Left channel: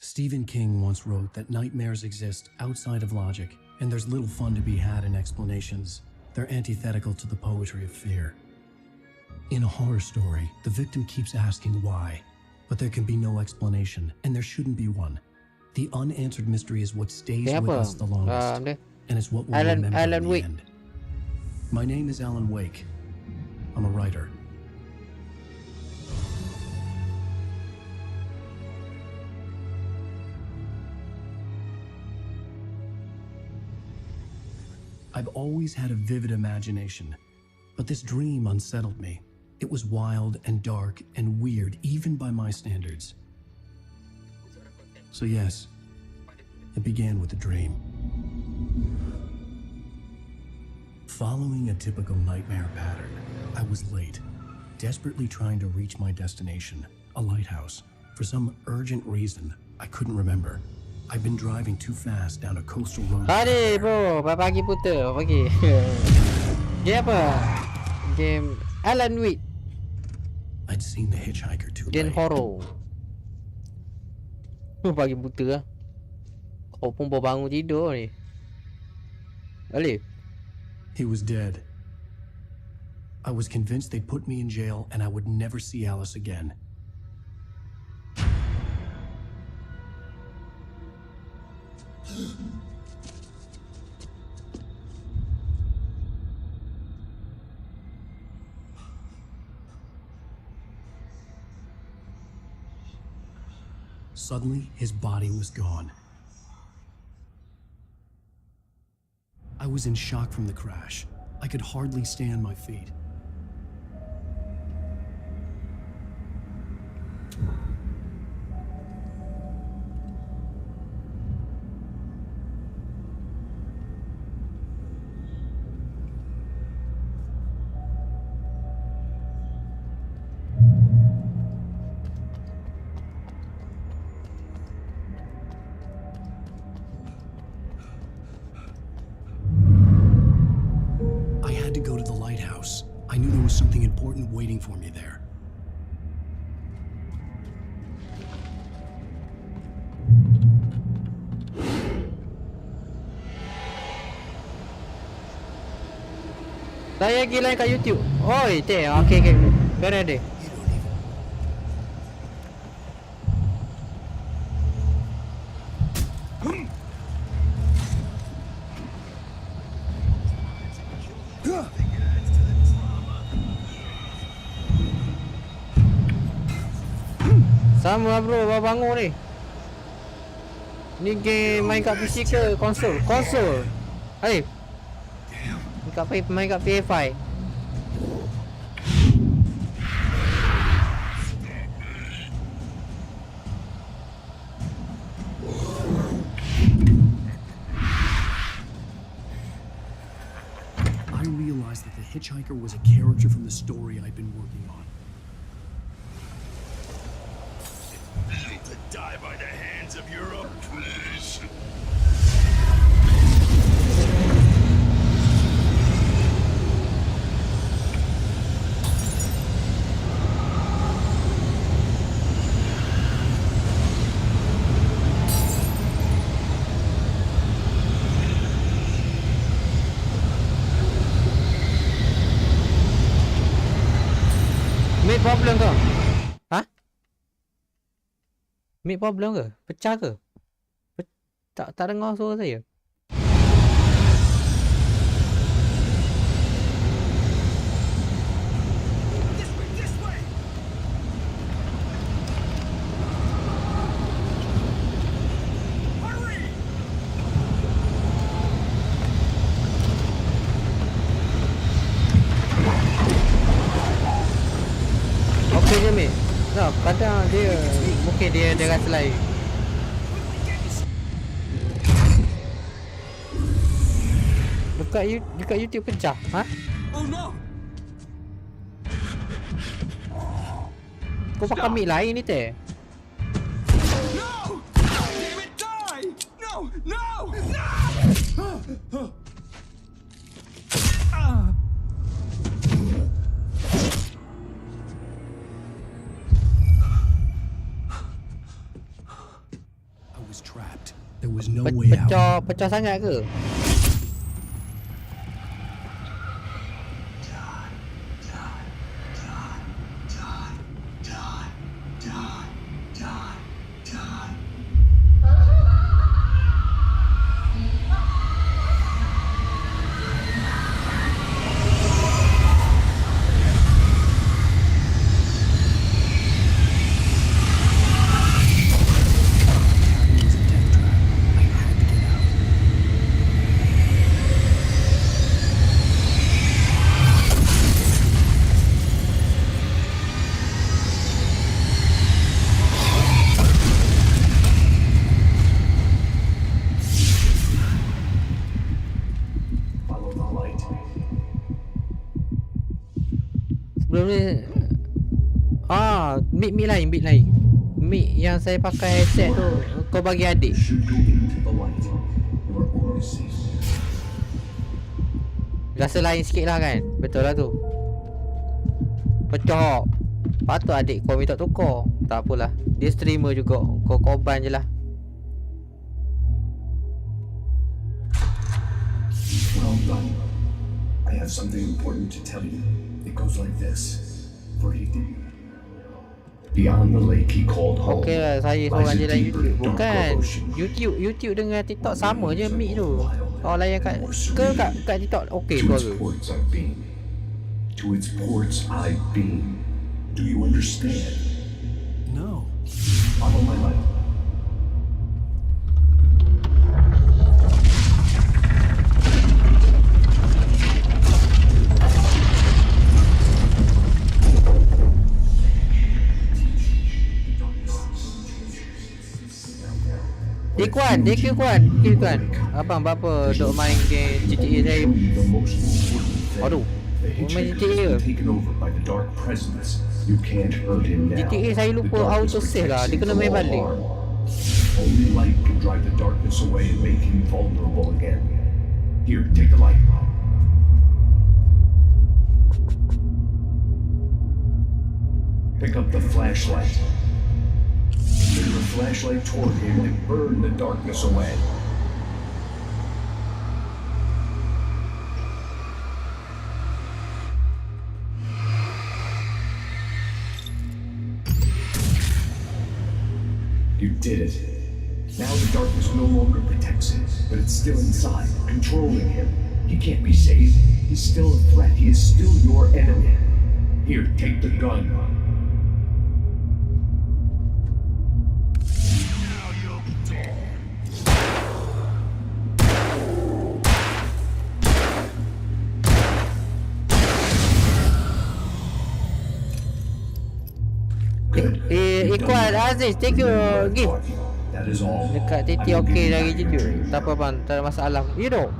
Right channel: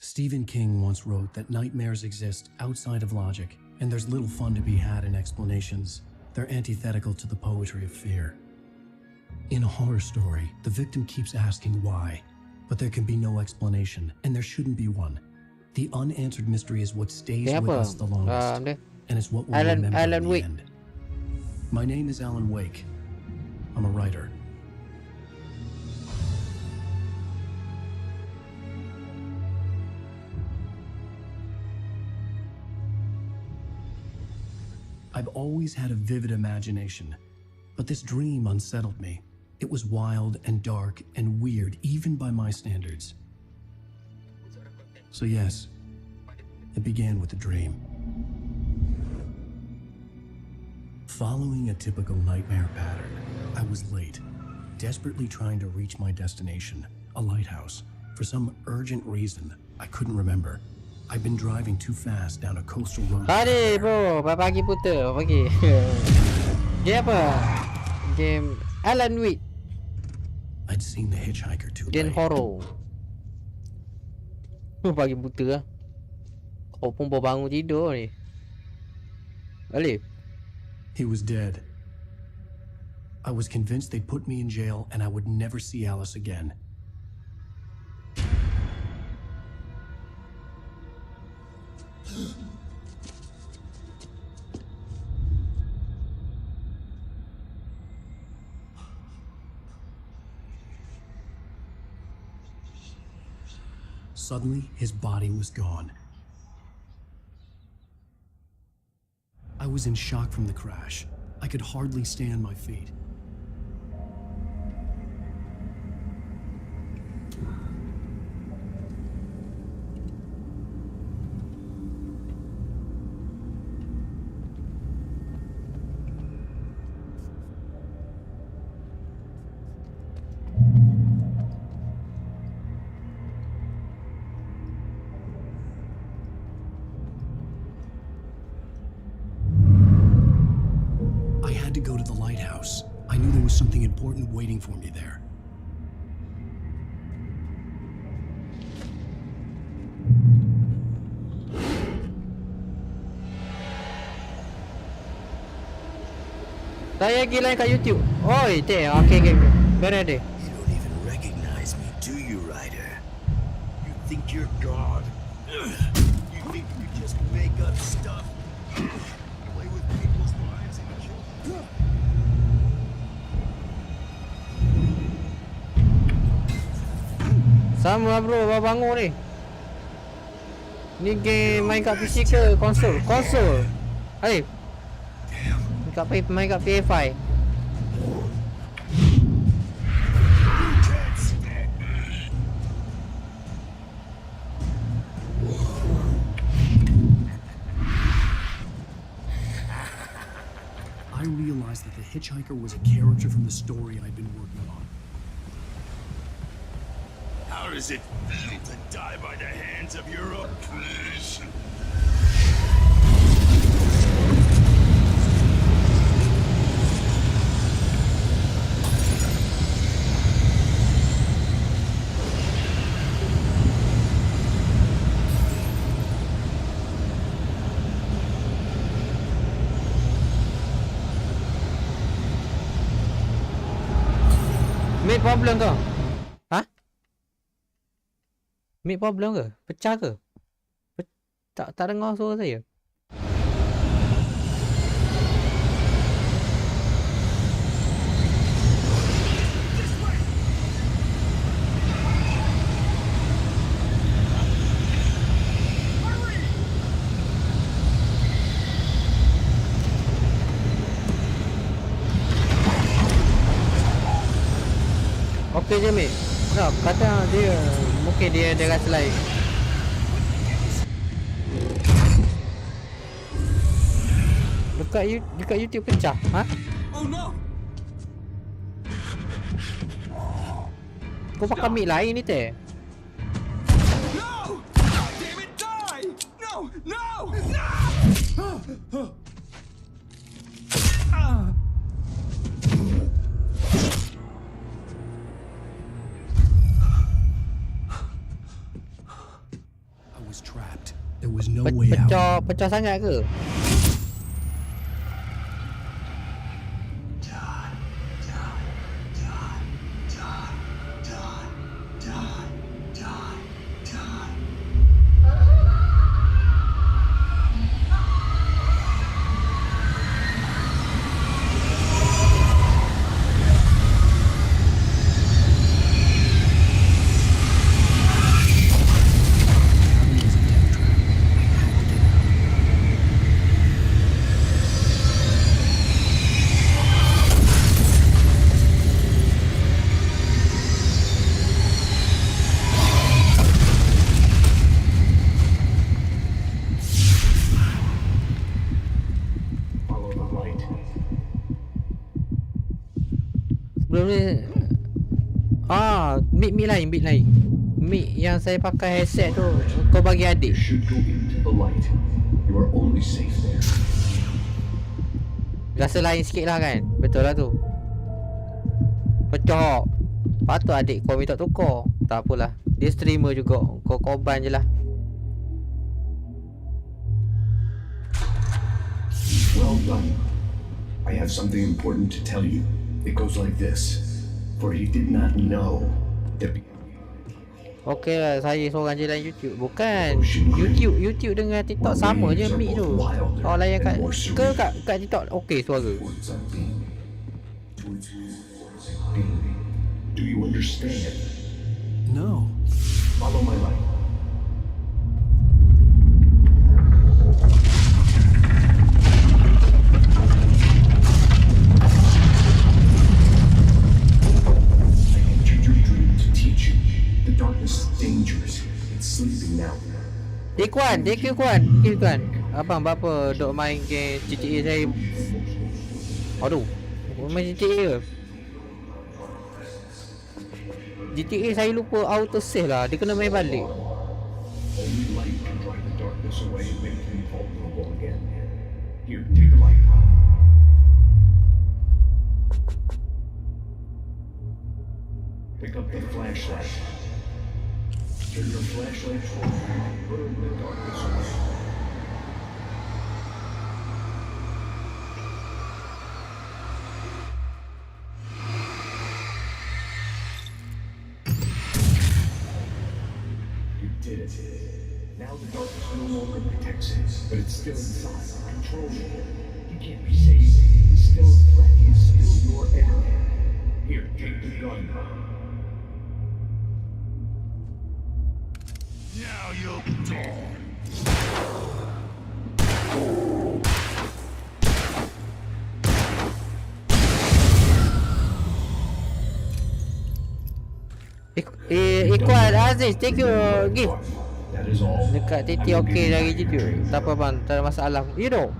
Stephen King once wrote that nightmares exist outside of logic, and there's little fun to be had in explanations. They're antithetical to the poetry of fear. In a horror story, the victim keeps asking why, but there can be no explanation, and there shouldn't be one. The unanswered mystery is what stays with us the longest, and it's what we'll remember in the end. My name is Alan Wake. I'm a writer. I've always had a vivid imagination, but this dream unsettled me. It was wild and dark and weird, even by my standards. So yes, it began with a dream. Following a typical nightmare pattern, I was late, desperately trying to reach my destination, a lighthouse. For some urgent reason, I couldn't remember. I've been driving too fast down a coastal road. Hari bro, pagi puter, pagi. Game apa? Game Alan Wake. I'd seen the hitchhiker too Game late. horror. Pagi puter. Kau pun baru bangun tidur ni. Alif. He was dead. I was convinced they'd put me in jail and I would never see Alice again. Suddenly, his body was gone. I was in shock from the crash. I could hardly stand my feet. I knew there was something important waiting for me there. Saya lagi lain kat YouTube. Oi, teh. Okay. Benar deh. You don't even recognize me, do you, Ryder? You think you're God? You think you just make up stuff? Play with people's lives and kill them? Think it adds to the drama? Sama bro, baru bangun ni. Ni game main kat PC ke konsol? Konsol. Hai. Main kat ps5. I realized that the hitchhiker was a character from the story I'd been working on. How does it feel to die by the hands of your own? Please. Mid problem ke? Hah? Mid problem ke? Pecah ke? Tak dengar suara saya. suka je mate. No, kadang dia mungkin dia rasa lain. Dekat YouTube pecah. Ha? Oh no! Kau pakai mic lain ni teh. No! Damn it, die! No! No! No! I was trapped. There was no way out. Pecah sangat ke? Cabin was a death trap. I had to get out. Follow the light. Sebelum ni mic lain. Mic yang saya pakai headset tu kau bagi adik. You should go into the light. You are only safe there. Rasa lain sikit lah kan. Betul lah tu. Pecah. Patut adik kau minta tukar. Tak apalah. Dia streamer juga. Kau korban je lah. Well done. I have something important to tell you. It goes like this. For he did not know that beyond the lake he called home. Okey lah, saya seorang je dalam YouTube. Bukan. YouTube dengan TikTok sama je mic tu. Orang layan kat TikTok okey To its suara. ports I've been. To its ports I've been. Do you understand? No. Follow my light. Kuan. Abang berapa dok main game GTA saya. Aduh. Main GTA ke? GTA saya lupa auto save lah. Dia kena main balik. Only light can drive the darkness away and make him vulnerable again. Here, take the light. Pick up the flashlight. Turn your flashlight toward him and burn the darkness away. You did it. Now the darkness no longer protects him, but it's still inside, controlling him. He can't be saved. He's still a threat. He is still your enemy. Here, take the gun. Now you'll die. Kuan Aziz, take your gift. That is all. Dekat TT okey lagi YouTube. Tak apa bang, tak ada masalah. You know.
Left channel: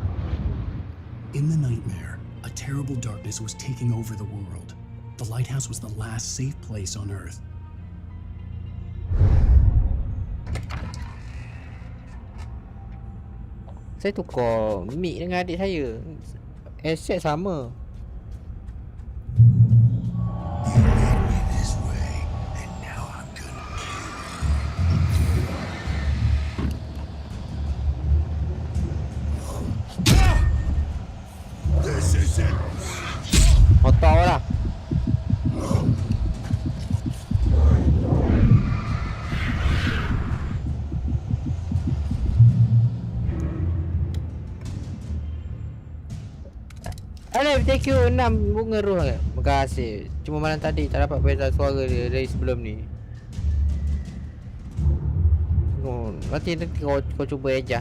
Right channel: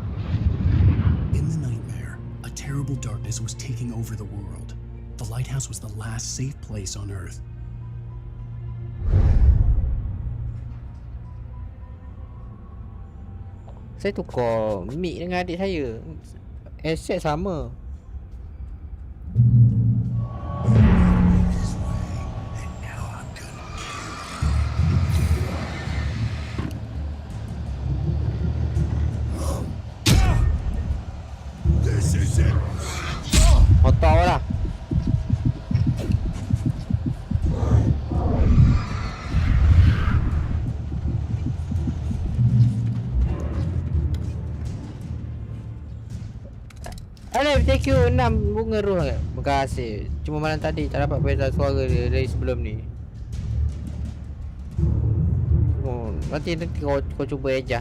In the nightmare, a terrible darkness was taking over the world. The lighthouse was the last safe place on Earth. Saya tukar mic dengan adik saya. Headset sama. This is it. Otak lah. Alif, thank you 6 bunga roh. Terima kasih. Cuma malam tadi tak dapat beza suara dia dari sebelum ni. Oh, nanti kau cuba aja.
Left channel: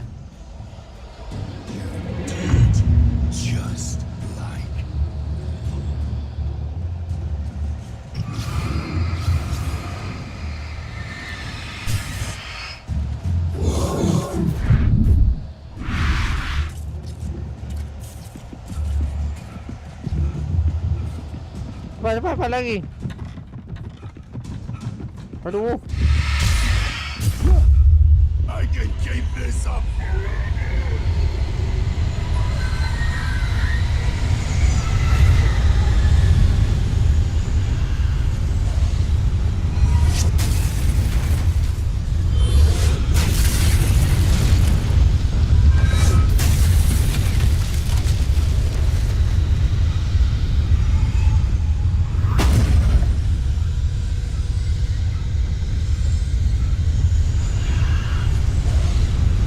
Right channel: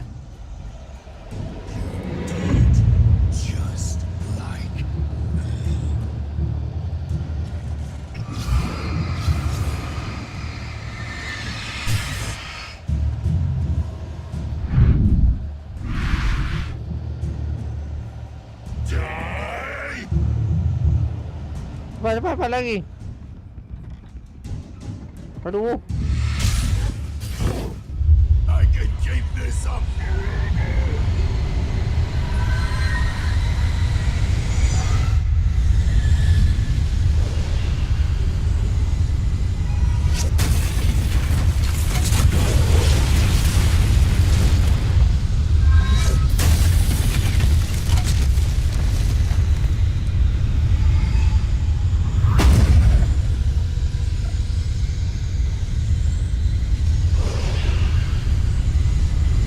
Just like Cepat lagi. Aduh. I can keep this up forever.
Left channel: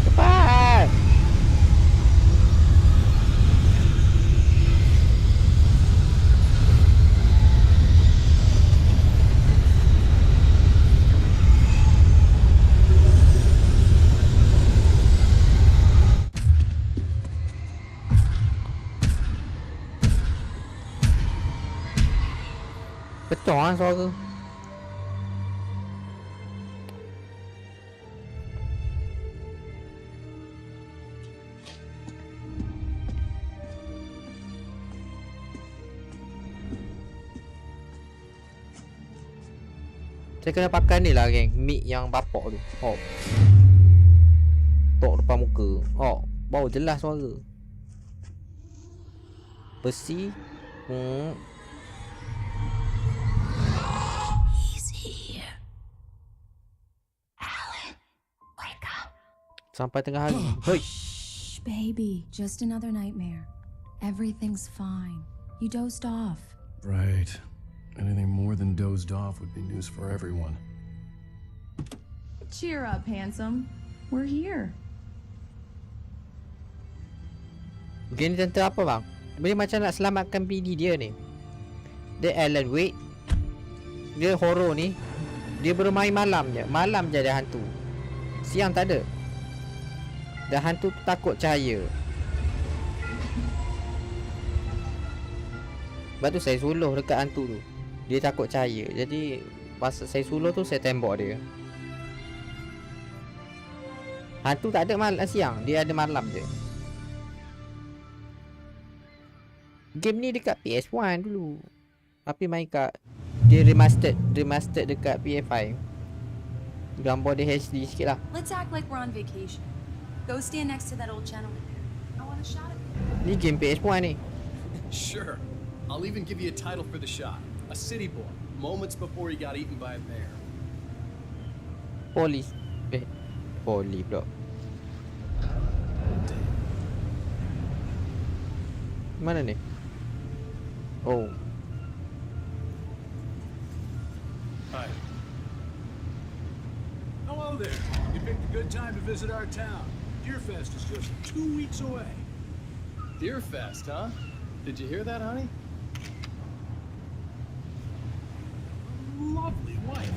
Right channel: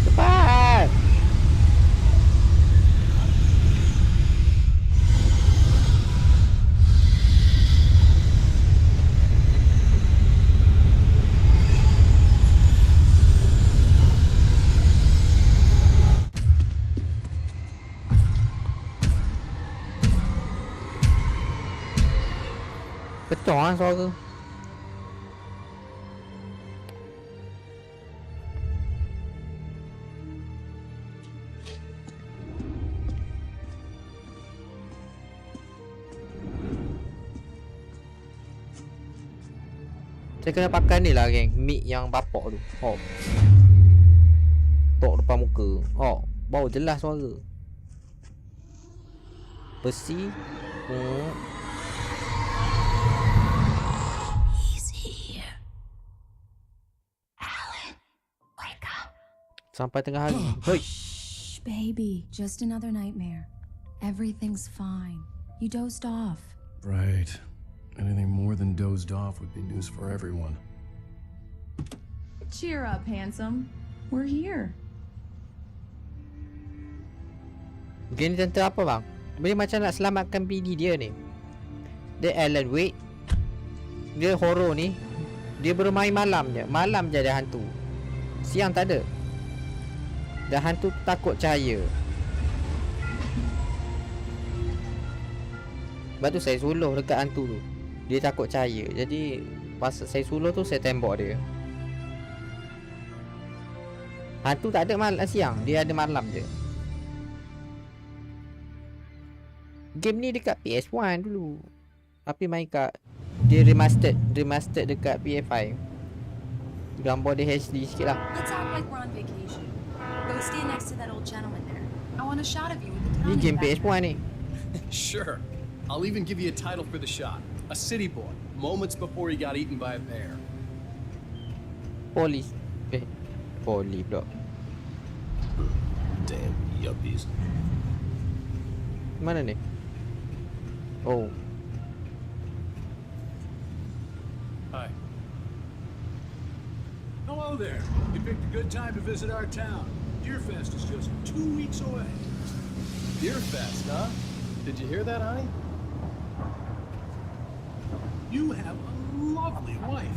Cepat. Pecah lah suara. Saya kena pakai ni lah geng, mic yang bapak tu. Oh. Tok depan muka. Oh, bau jelas suara. Besi. He's here. Alan, wake up. Sampai tengah hari. Hoi. Shh, baby. Just another nightmare. Everything's fine. You dozed off. Right. Anything more than dozed off would be news for everyone. Cheer up, handsome. We're here. Game ni tentang apa bang? Dia macam nak selamatkan bini dia ni. Dia Alan Wake. Dia horror ni. Dia bermain malam je. Malam je ada hantu. Siang tak ada. Dan hantu takut cahaya. Sebab tu saya suluh dekat hantu tu. Dia takut cahaya. Jadi masa saya suluh tu saya tembak dia. Hantu tak ada malam siang. Dia ada malam je. Game ni dekat PS1 dulu. Tapi main kat dia remastered dekat PS5. Gambar dia HD sikit lah. Let's act like we're on vacation. Go stand next to that old gentleman there. I want a shot of you. Ni game PS1 ni. Sure. I'll even give you a title for the shot. A city boy, moments before he got eaten by a bear. Polis. Poli pula. Damn, yuppies. Mana ni? Oh. Hi. Hello there. You picked a good time to visit our town. Deerfest is just 2 weeks away. Deerfest, huh? Did you hear that, honey? You have a lovely wife.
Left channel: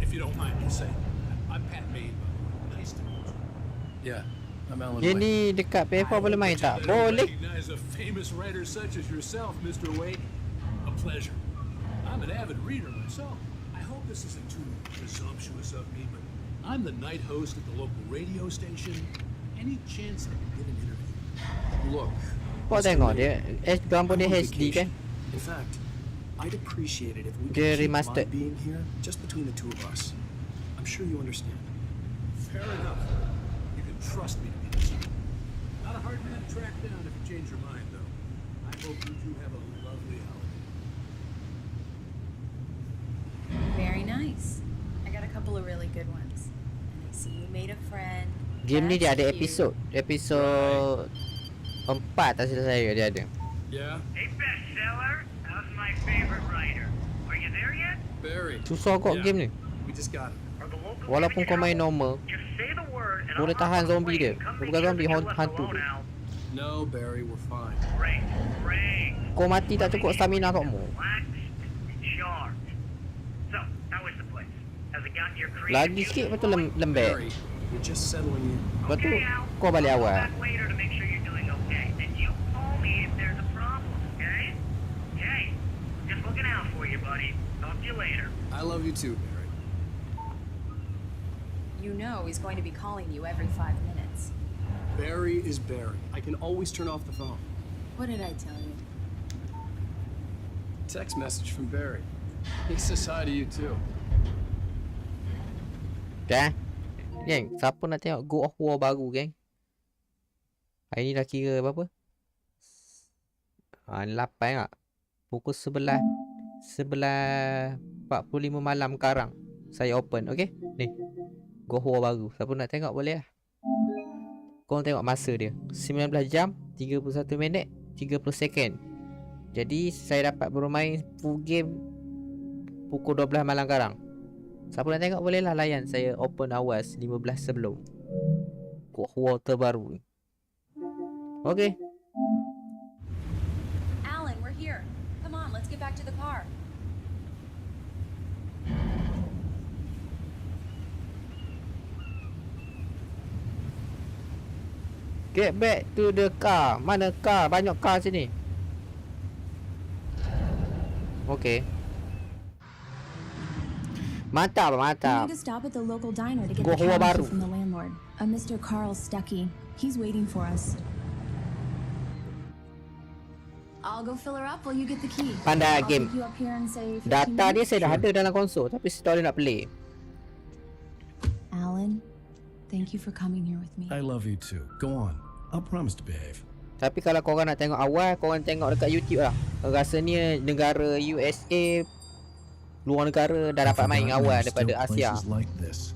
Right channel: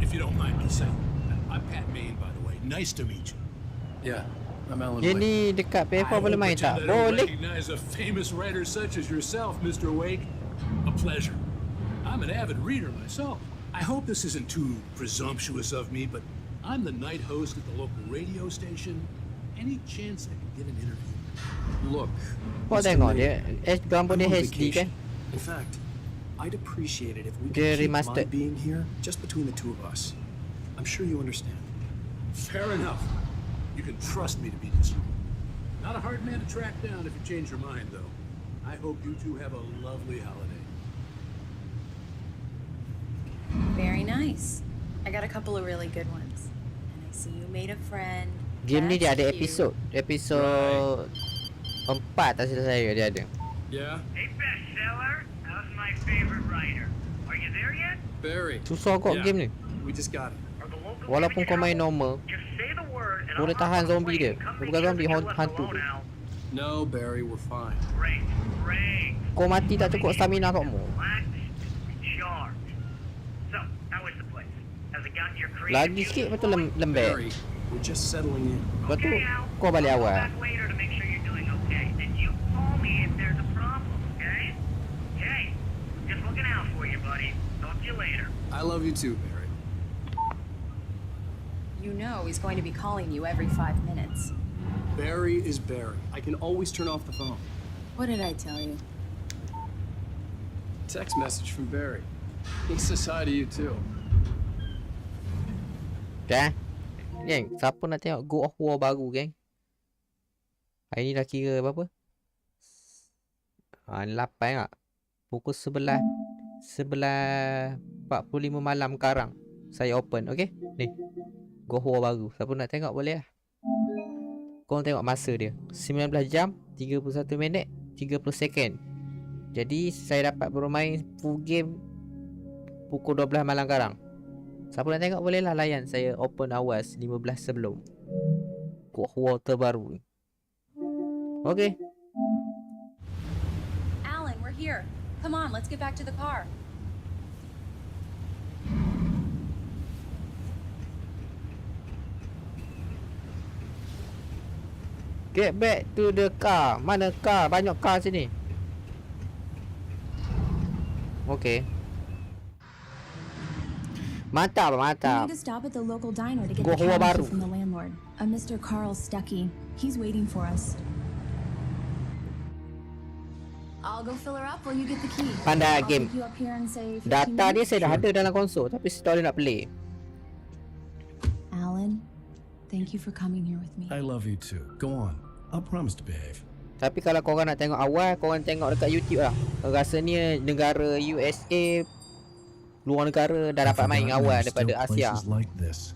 If you don't mind me saying. I'm Pat Maine, by the way. Nice to meet you. Yeah, I'm Alan Dia Wake. ni dekat PS4 boleh main tak? I don't Boleh. recognize a famous writer such as yourself, Mr. Wake. A pleasure. I'm an avid reader myself. I hope this isn't too presumptuous of me, but I'm the night host at the local radio station. Any chance I could get an interview? Look, Kau Mr. tengok Maine, dia gambar I'm dia on HD kan? vacation. In fact, I'd appreciate it if we Dia could keep my remastered. being here just between the two of us. I'm sure you understand. Fair enough. You can trust me to be discreet. Not a hard man to track down if you change your mind, though. I hope you two have a lovely holiday. Very nice. I got a couple of really good ones. And I see you made a friend. Game ni dia That's ada cute. episod 4 tak silap saya dia ada. Yeah? Hey, bestseller, how's my favorite writer? Are you there yet? Barry, Susah kok Yeah. game ni. we just got it. Are the locals Walaupun kau giving you main trouble? normal, Just say the word and boleh I'll tahan hop on a zombie plane dia. and come Bukan meet you zombie, if you're left hantu alone, tu. Al. No, Barry, we're fine. Great, great. Kau mati tak cukup stamina kau mu. Relax, recharge. So, how is the place? Has it gotten your creative Lagi juices sikit betul flowing? lembek. Barry, we're just settling in. Lepas tu Okay, Al. kau balik I'll awal. call back later to make sure you're doing okay. And you call me if there's a problem, okay? Okay. Just looking out for you, buddy. Talk to you later. I love you too, Barry. You know he's going to be calling you every 5 minutes. Barry is Barry. I can always turn off the phone. What did I tell you? Text message from Barry. He says hi to you too. Dah. Geng, siapa nak tengok God of War baru, geng? Hari ni dah kira berapa? 8 tak? Pukul 11:45 malam sekarang. Saya open, okay? Ni. God of War baru. Siapa nak tengok boleh lah. Korang tengok masa dia. 19 jam, 31 minit, 30 second. Jadi, saya dapat bermain full game pukul 12 malam sekarang. Siapa nak tengok boleh lah layan. Saya open awas 15 sebelum. God of War terbaru. Okay. Alan, we're here. Come on, let's get back to the car. Get back to the car. Mana car? Banyak car sini. Okay. Mantap, We mantap. need to stop at the local diner to get Gua the Hua cab baru. key from the landlord, a Mr. Carl Stuckey. He's waiting for us. I'll go fill her up while you get the key. Pandai I'll game. pick you up here and say 15 Data dia minutes. saya dah ada dalam konsol, tapi store dia nak play. Alan, thank you for coming here with me. I love you too. Go on. I'll promise to behave. Tapi kalau korang nak tengok awal, korang tengok dekat YouTube lah. Rasanya negara USA, luar negara dah dapat main awal daripada Asia. Places like this.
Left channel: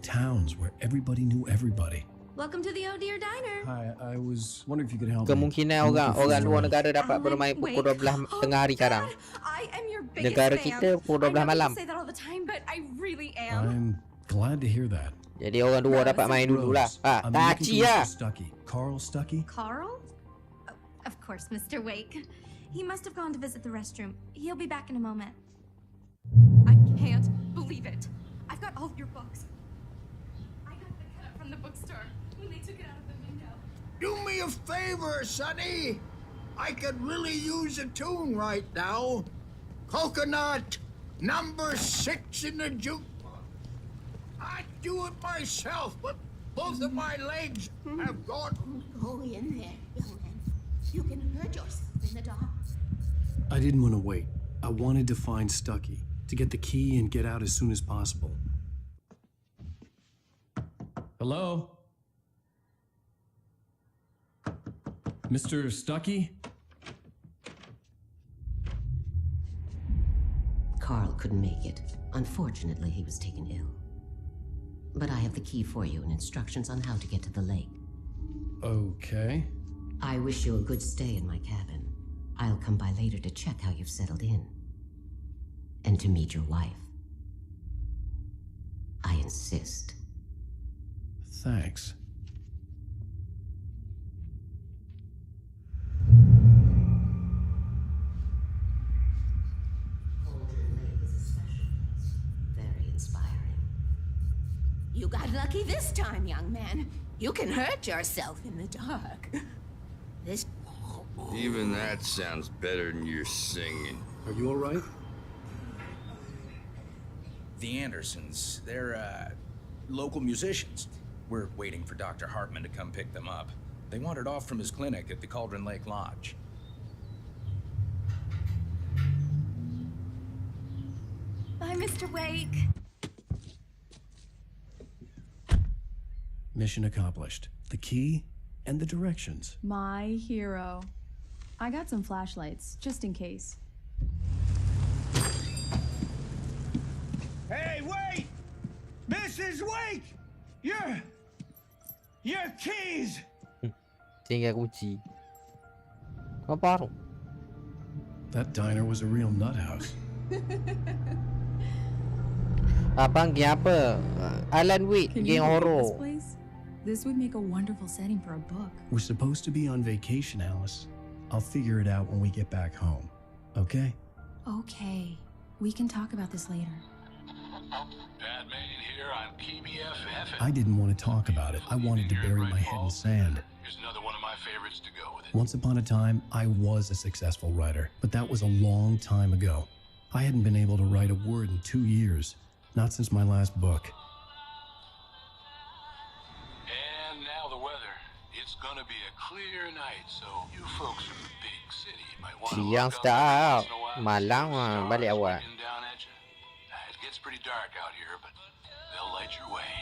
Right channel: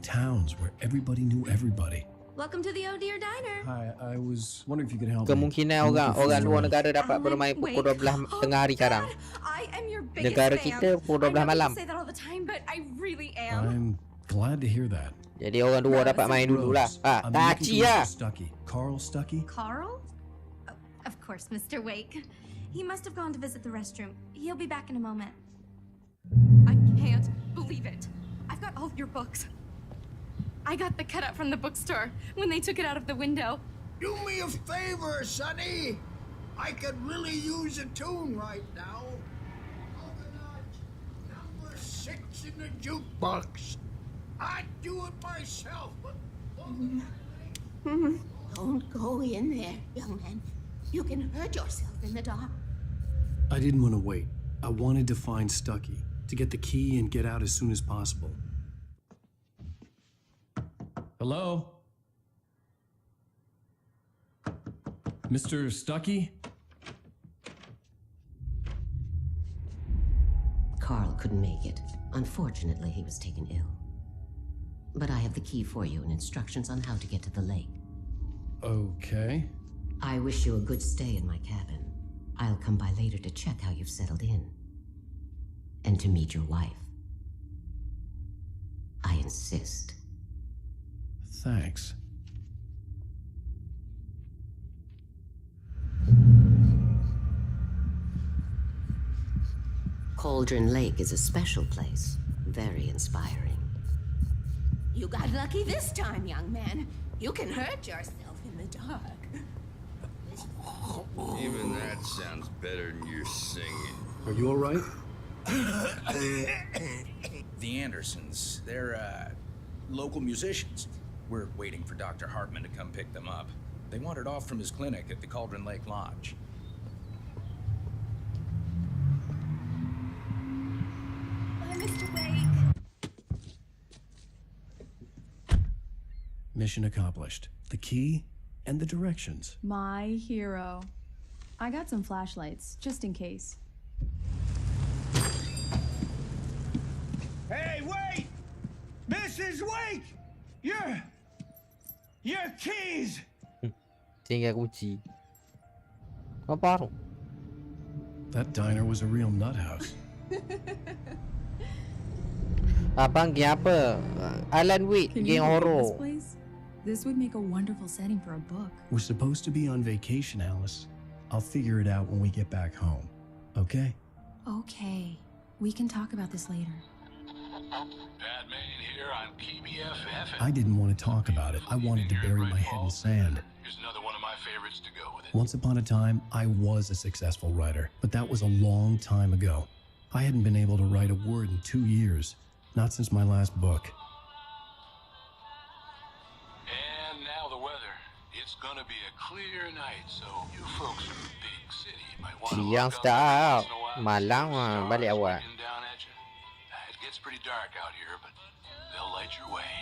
Towns where everybody knew everybody. Welcome to the Oh Dear Diner. Hi, I was wondering if you could help me. Kemungkinan I'm looking for orang luar Zoe. negara dapat bermain pukul 12 tengah hari sekarang. I am your biggest Negara fan. kita pukul 12 I know malam. you say that all the time, but I really am. I'm glad to hear that. Jadi orang luar dapat main dululah. Rose, I'm Tak looking aci for lah. Mr. Stuckey. Carl Stuckey? Carl? Oh, of course, Mr. Wake. He must have gone to visit the restroom. He'll be back in a moment. I can't believe it. I've got all of your books. I got the cut up from the bookstore when they took it out of the window. Do me a favor, Sonny. I could really use a tune right now. Coconut, number 6 in the jukebox. I'd do it myself, but both of my legs have gone. Don't go in there, young man. You can hurt yourself in the dark. I didn't want to wait. I wanted to find Stuckey, to get the key and get out as soon as possible. Hello? Mr. Stuckey? Carl couldn't make it. Unfortunately, he was taken ill. But I have the key for you and instructions on how to get to the lake. Okay. I wish you a good stay in my cabin. I'll come by later to check how you've settled in. And to meet your wife. I insist. Thanks. Cauldron Lake is a special place. Very inspiring. You got lucky this time, young man. You can hurt yourself in the dark. This Even that sounds better than your singing. Are you all right? The Andersons, they're, local musicians. We're waiting for Dr. Hartman to come pick them up. They wandered off from his clinic at the Cauldron Lake Lodge. Bye, Mr. Wake. Mission accomplished. The key and the directions. My hero. I got some flashlights, just in case. Hey, wait! Mrs. Wake! Your keys! Tinggal kunci. Kau baru. That diner was a real nut house. Abang game apa? Alan Wake, Can game you look at horror. this place? This would make a wonderful setting for a book. We're supposed to be on vacation, Alice. I'll figure it out when we get back home. Okay? Okay, we can talk about this later. Batman here on ps5. I didn't want to talk about it. I wanted to bury my head in sand. Here's another one of my favorites to go with it. Once upon a time, I was a successful writer, but that was a long time ago. I hadn't been able to write a word in 2 years, not since my last book. And now the weather. It's gonna be a clear night, so you folks from the big city might want to Siang look up start. every once in a while, Malam see those balik stars awal. looking down at you. It gets pretty dark out here, but they'll light your way.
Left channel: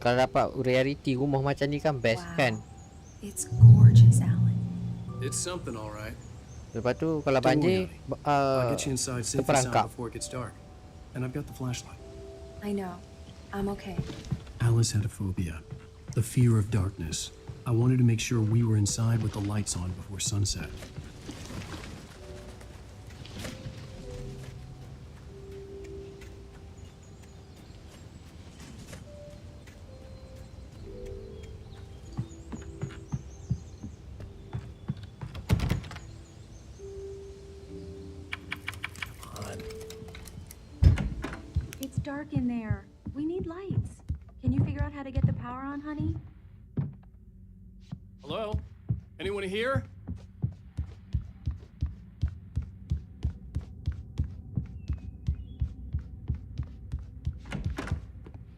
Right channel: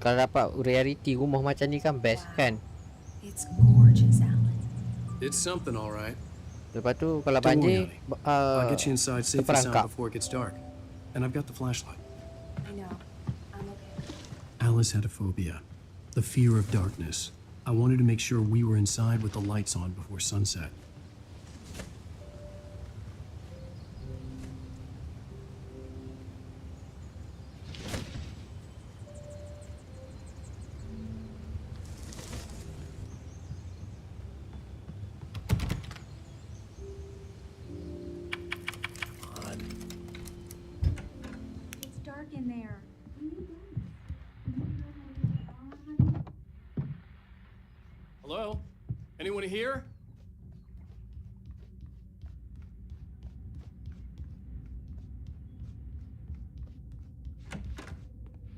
Kalau dapat reality rumah macam ni kan best kan. It's gorgeous, Alan. It's something, all right. Lepas tu kalau Don't worry, banjir honey. I'll get you inside safe and sound terperangkap. before it gets dark. And I've got the flashlight. I know. I'm okay. Alice had a phobia, the fear of darkness. I wanted to make sure we were inside with the lights on before sunset. It's dark in there. We need lights. Can you figure out how to get the power on, honey? Hello? Anyone here?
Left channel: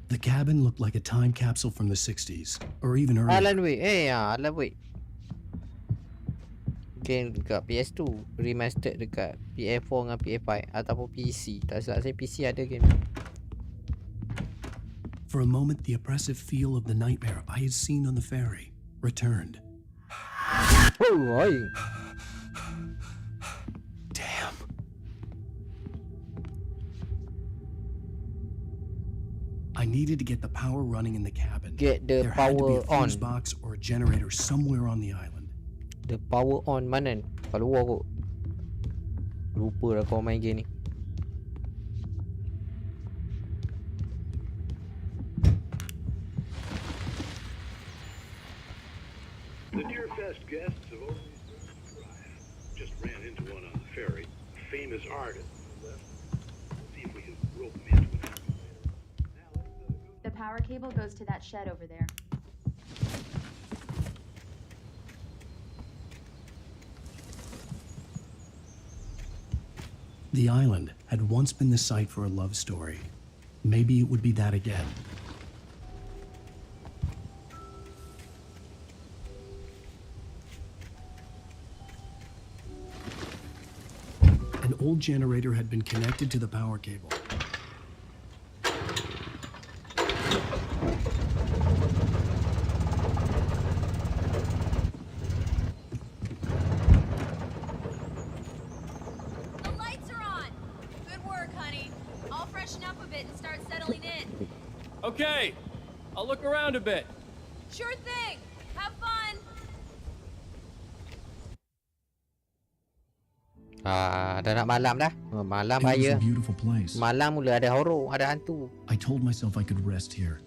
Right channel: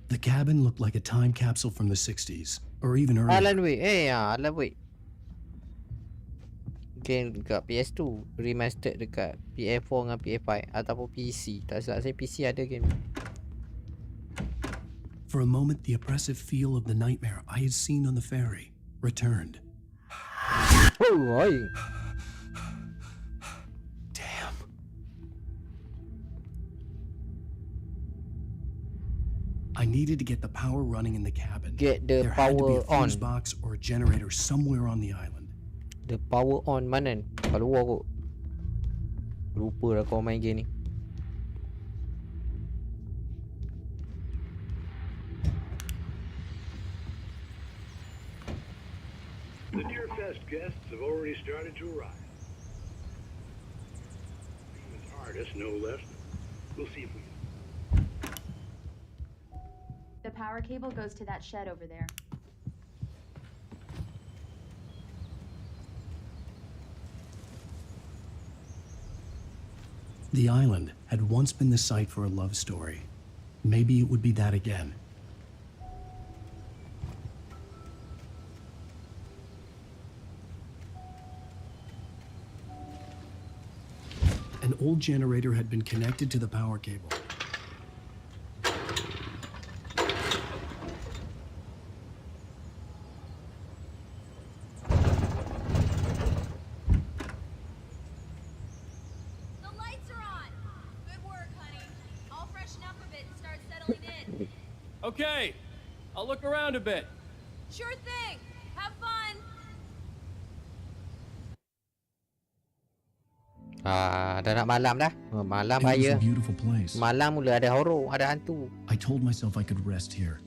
The cabin looked like a time capsule from the 60s, or even earlier. Alan Wake. Alan Wake. Game dekat PS2, remastered dekat PS4 dengan PS5 ataupun PC. Tak silap saya PC ada game. For a moment, the oppressive feel of the nightmare I had seen on the ferry returned. Oh, oi. Damn. I needed to get the power running in the cabin. Get the There had to be a power on. fuse box or a generator somewhere on the island. The power on mana? Kat luar kot. Lupa dah kau main game ni. The Deerfest guests have already started to arrive. Just ran into one on the ferry. Famous artist, no less. We'll see if we can rope him into it. The power cable goes to that shed over there. The island had once been the site for a love story. Maybe it would be that again. An old generator had been connected to the power cable. The lights are on. Good work, honey. I'll freshen up a bit and start settling in. Okay, I'll look around a bit. Sure thing. Have fun. Dah nak malam dah. Malam It was bahaya. a beautiful place. Malam mula ada horror, ada hantu. I told myself I could rest here,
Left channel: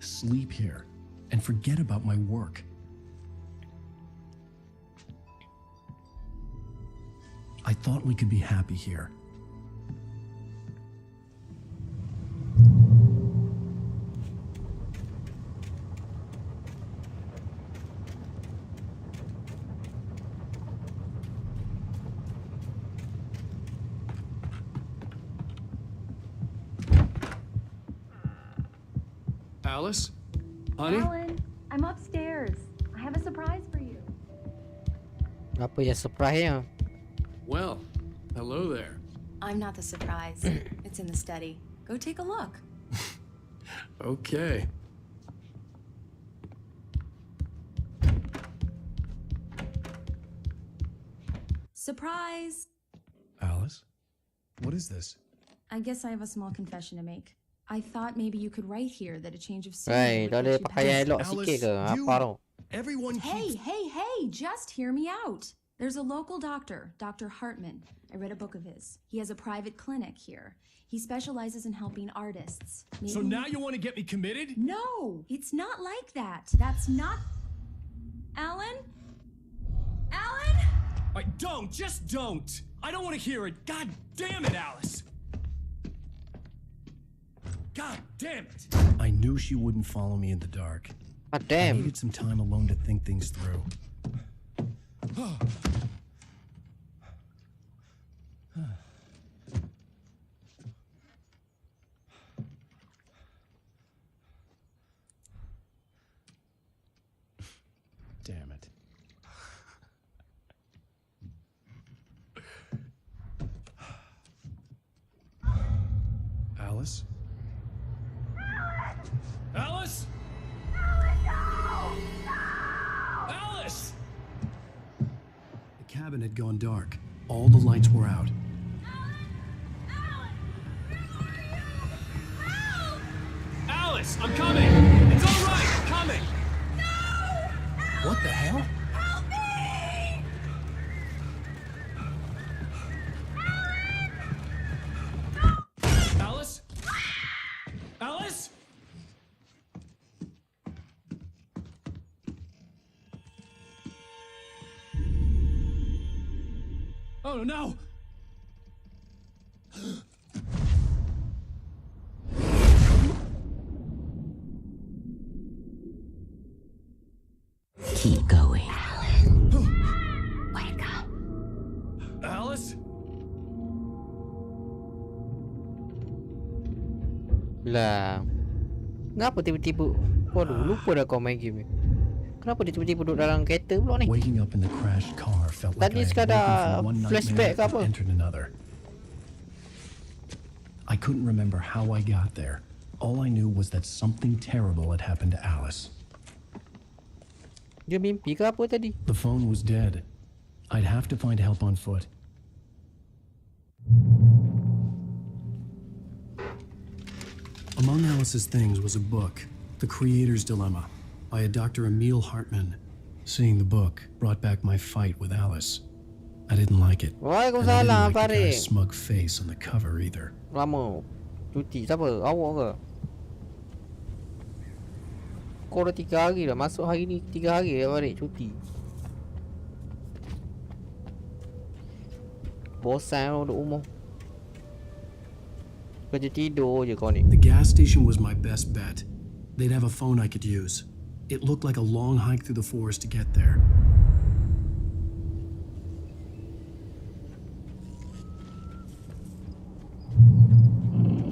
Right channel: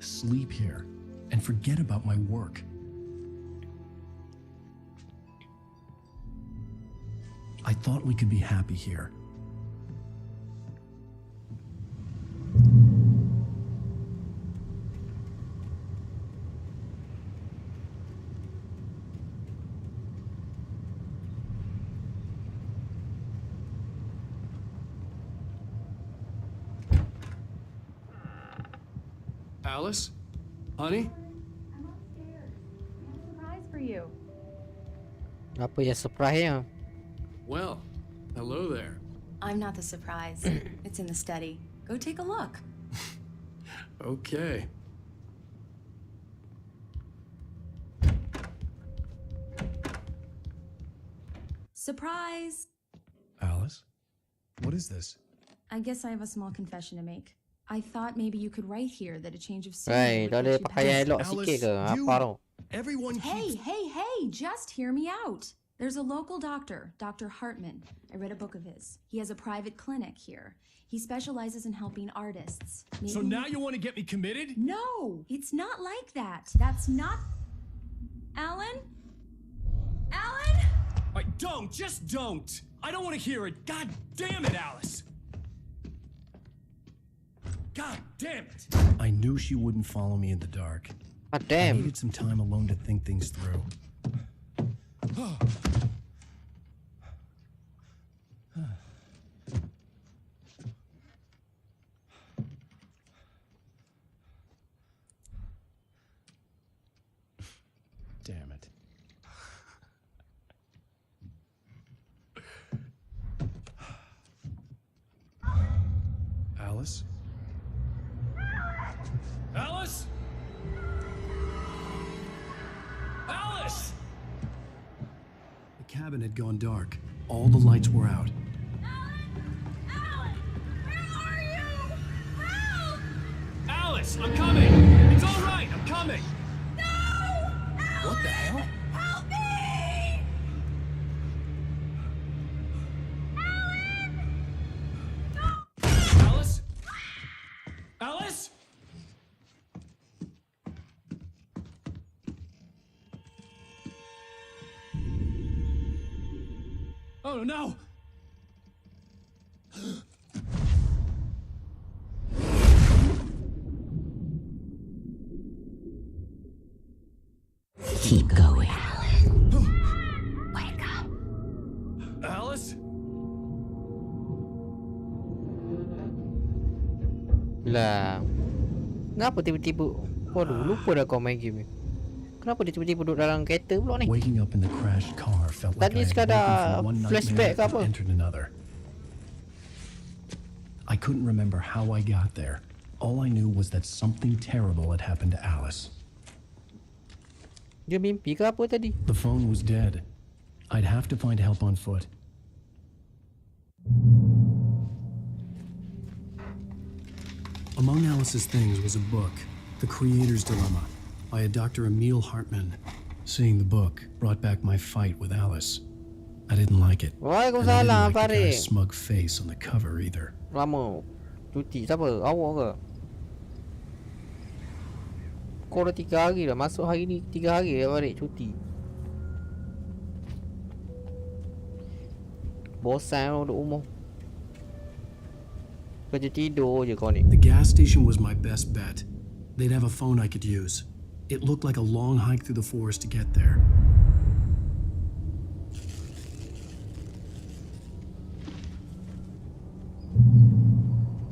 sleep here, and forget about my work. I thought we could be happy here. Alice? Honey? Alan, I'm upstairs. I have a surprise for you. Apa yang surprise nya? Well, hello there. I'm not the surprise. It's in the study. Go take a look. Okay. Surprise! Alice? What is this? I guess I have a small confession to make. I thought maybe you could write here that a change of Right, scenery dah would ada get you pakaian past- elok sikit ke? Apa tu? Everyone Hey, just hear me out. There's a local doctor, Dr. Hartman. I read a book of his. He has a private clinic here. He specializes in helping artists. So Maybe- now you want to get me committed? No, it's not like that. That's not... Alan? Alan? Just don't. I don't want to hear it. God damn it, Alice. God damn it. I knew she wouldn't follow me in the dark. God I damn. needed some time alone to think things through. Damn it. Alice? Alice? Alice! The cabin had gone dark. All the lights were out. Alice, I'm coming! It's all right, I'm coming! What the hell? Help me! Alice? Alice? Oh no! Keep going. Wake up. Alice? Lah. Kenapa tiba-tiba? Waduh, lupa dah kau main game ni. Kenapa dia tiba-tiba duduk dalam kereta pula ni? Waking up in the crashed car felt like Tadi I had sekadar woken from one flashback nightmare ke apa? and entered another. I couldn't remember how I got there. All I knew was that something terrible had happened to Alice. Dia mimpi ke apa tadi? The phone was dead. I'd have to find help on foot. Among Alice's things was a book, The Creator's Dilemma, by a Dr. Emil Hartman. Seeing the book brought back my fight with Alice. I didn't like it. And I didn't Waalaikumsalam, like the guy's Farid. smug face on the cover either. Lama. Cuti siapa? Awak ke? Kau dah 3 hari dah. Masuk hari ni 3 hari dah balik cuti. Bosan duduk rumah. Kerja tidur je kau ni. The gas station was my best bet. They'd have a phone I could use. It looked like a long hike through the forest to get there.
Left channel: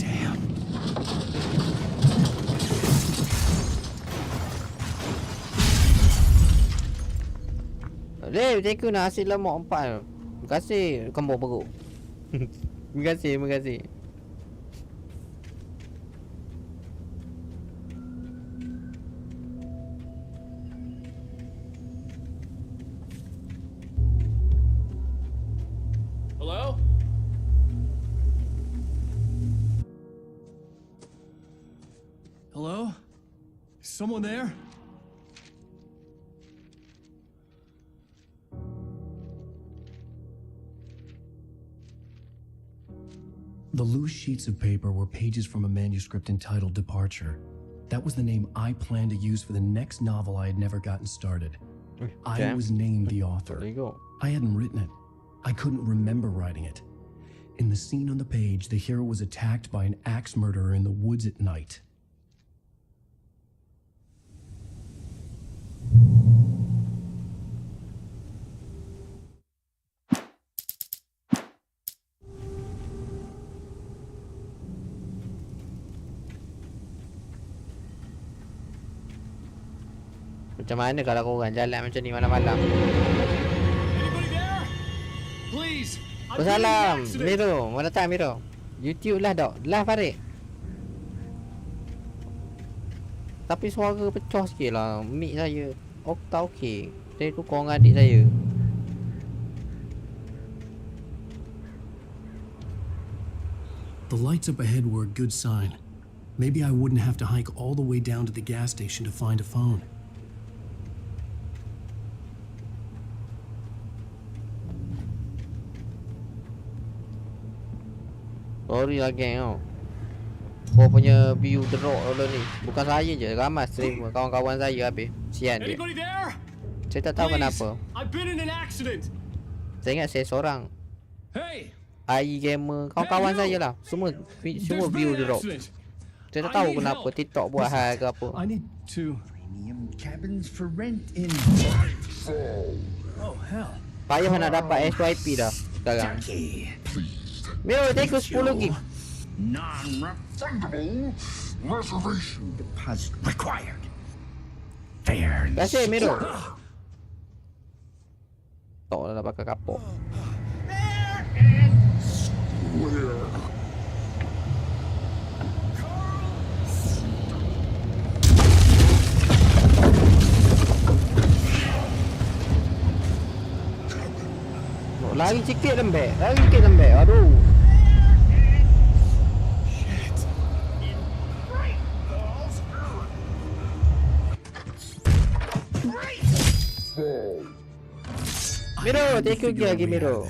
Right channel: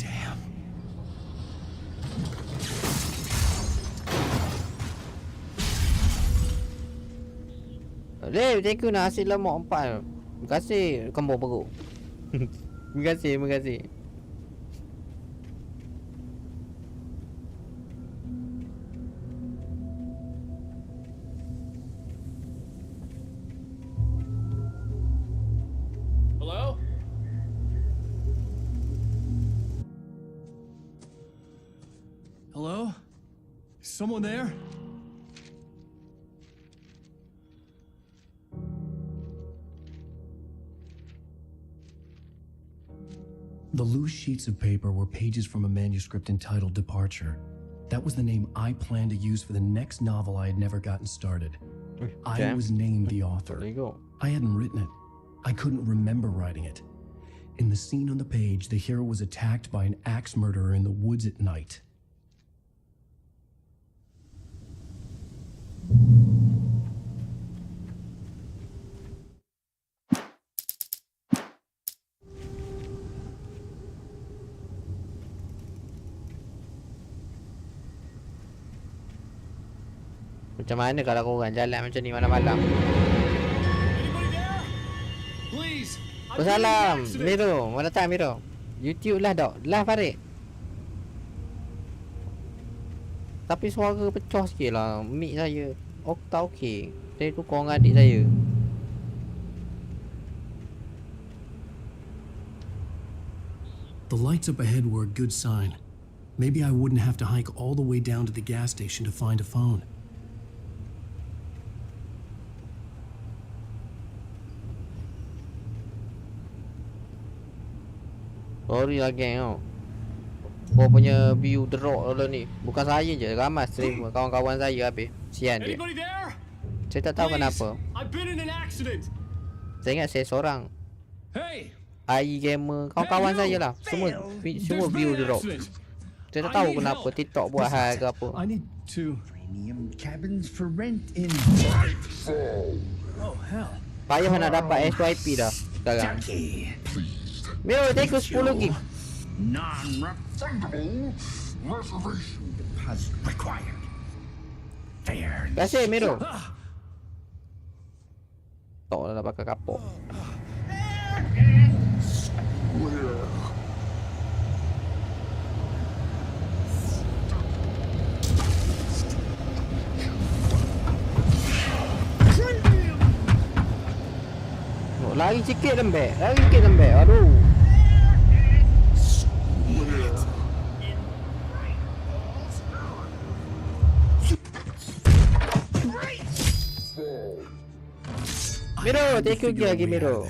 Damn. Leh, thank you nasi lemak 4. Terima kasih kembang perut. Terima kasih, terima kasih. Hello? Hello? Is someone there? The loose sheets of paper were pages from a manuscript entitled Departure. That was the name I planned to use for the next novel I had never gotten started. I was named the author. There you go. I hadn't written it. I couldn't remember writing it. In the scene on the page, the hero was attacked by an axe murderer in the woods at night. Macam mana kalau korang jalan macam ni malam-malam? Anybody there? Please. Wassalam, Miro. Mana datang Miro? YouTube lah dok. Lah Farid. Tapi suara pecah sikit lah. Mic saya. Okta okey. Saya tukar dengan adik saya. The lights up ahead were a good sign. Maybe I wouldn't have to hike all the way down to the gas station to find a phone. Sorry lah geng tau. Kau punya view drop dulu ni. Bukan saya je, ramai stream kawan-kawan saya habis. Sian dia. Anybody there? Saya tak tahu kenapa. I've been in an accident. Saya ingat saya seorang. Hey. AI gamer, kawan-kawan saya lah. Semua view drop. Saya tak tahu kenapa TikTok buat hal ke apa. I need to titanium cabins for rent in Oh, hell. Payah nak dapat SYP dah sekarang. Miro, take 10 gig. Non-refundable reservation deposit required. Fair. Kasih Miro. Tak lah pakai kapok. Lari sikit lembek. Aduh. Miro, take you lagi Miro.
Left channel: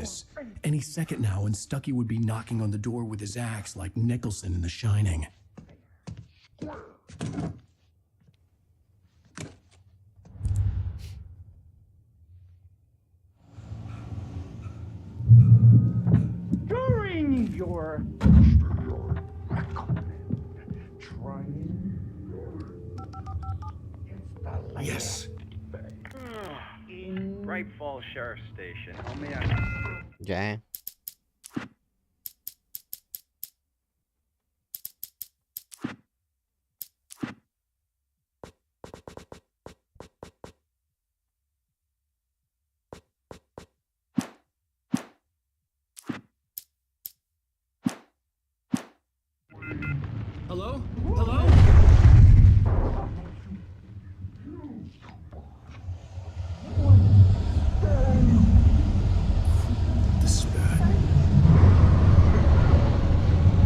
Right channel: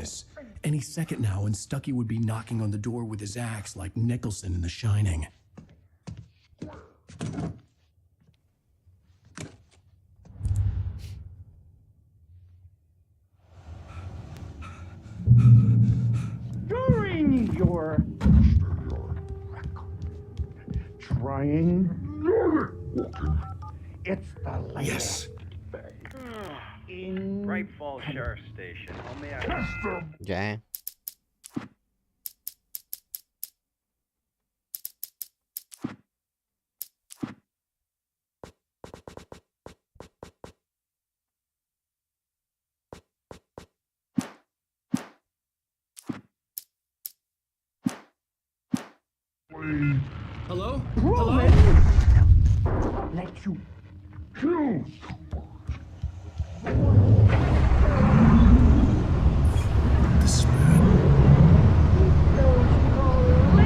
Any second now, and Stucky would be knocking on the door with his axe like Nicholson in The Shining. During your trying, it's the latest. In Bright Falls Sheriff Station. How may I? Jangan. Hello? Hello? Let you choose. This is bad. I wasn't about to open the door as long as I was liable to catch an axe with my forehead.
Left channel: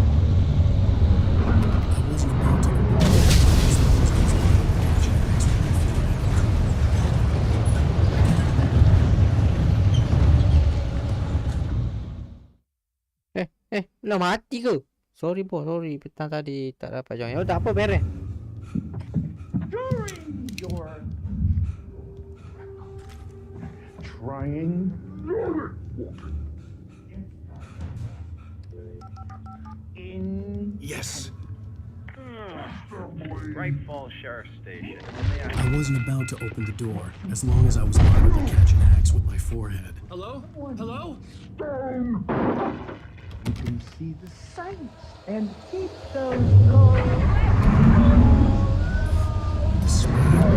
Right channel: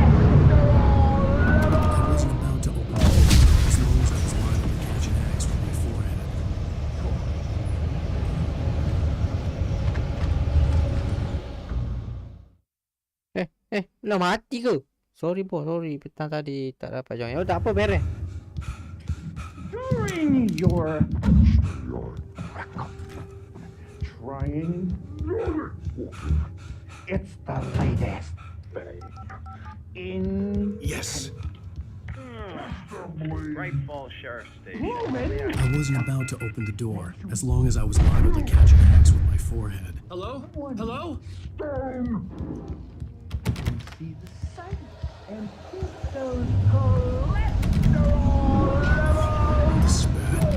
Lah mati ke? Sorry bos, sorry. Petang tadi tak dapat join. Oh, tak apa, beres. During your trying, it's the latest in. Yes. Bright Falls Sheriff Station. I wasn't about to open the door as long as I was liable to catch an axe with my forehead. Hello? Hello? You can see the sights and keep those cholesterol levels. This is bad.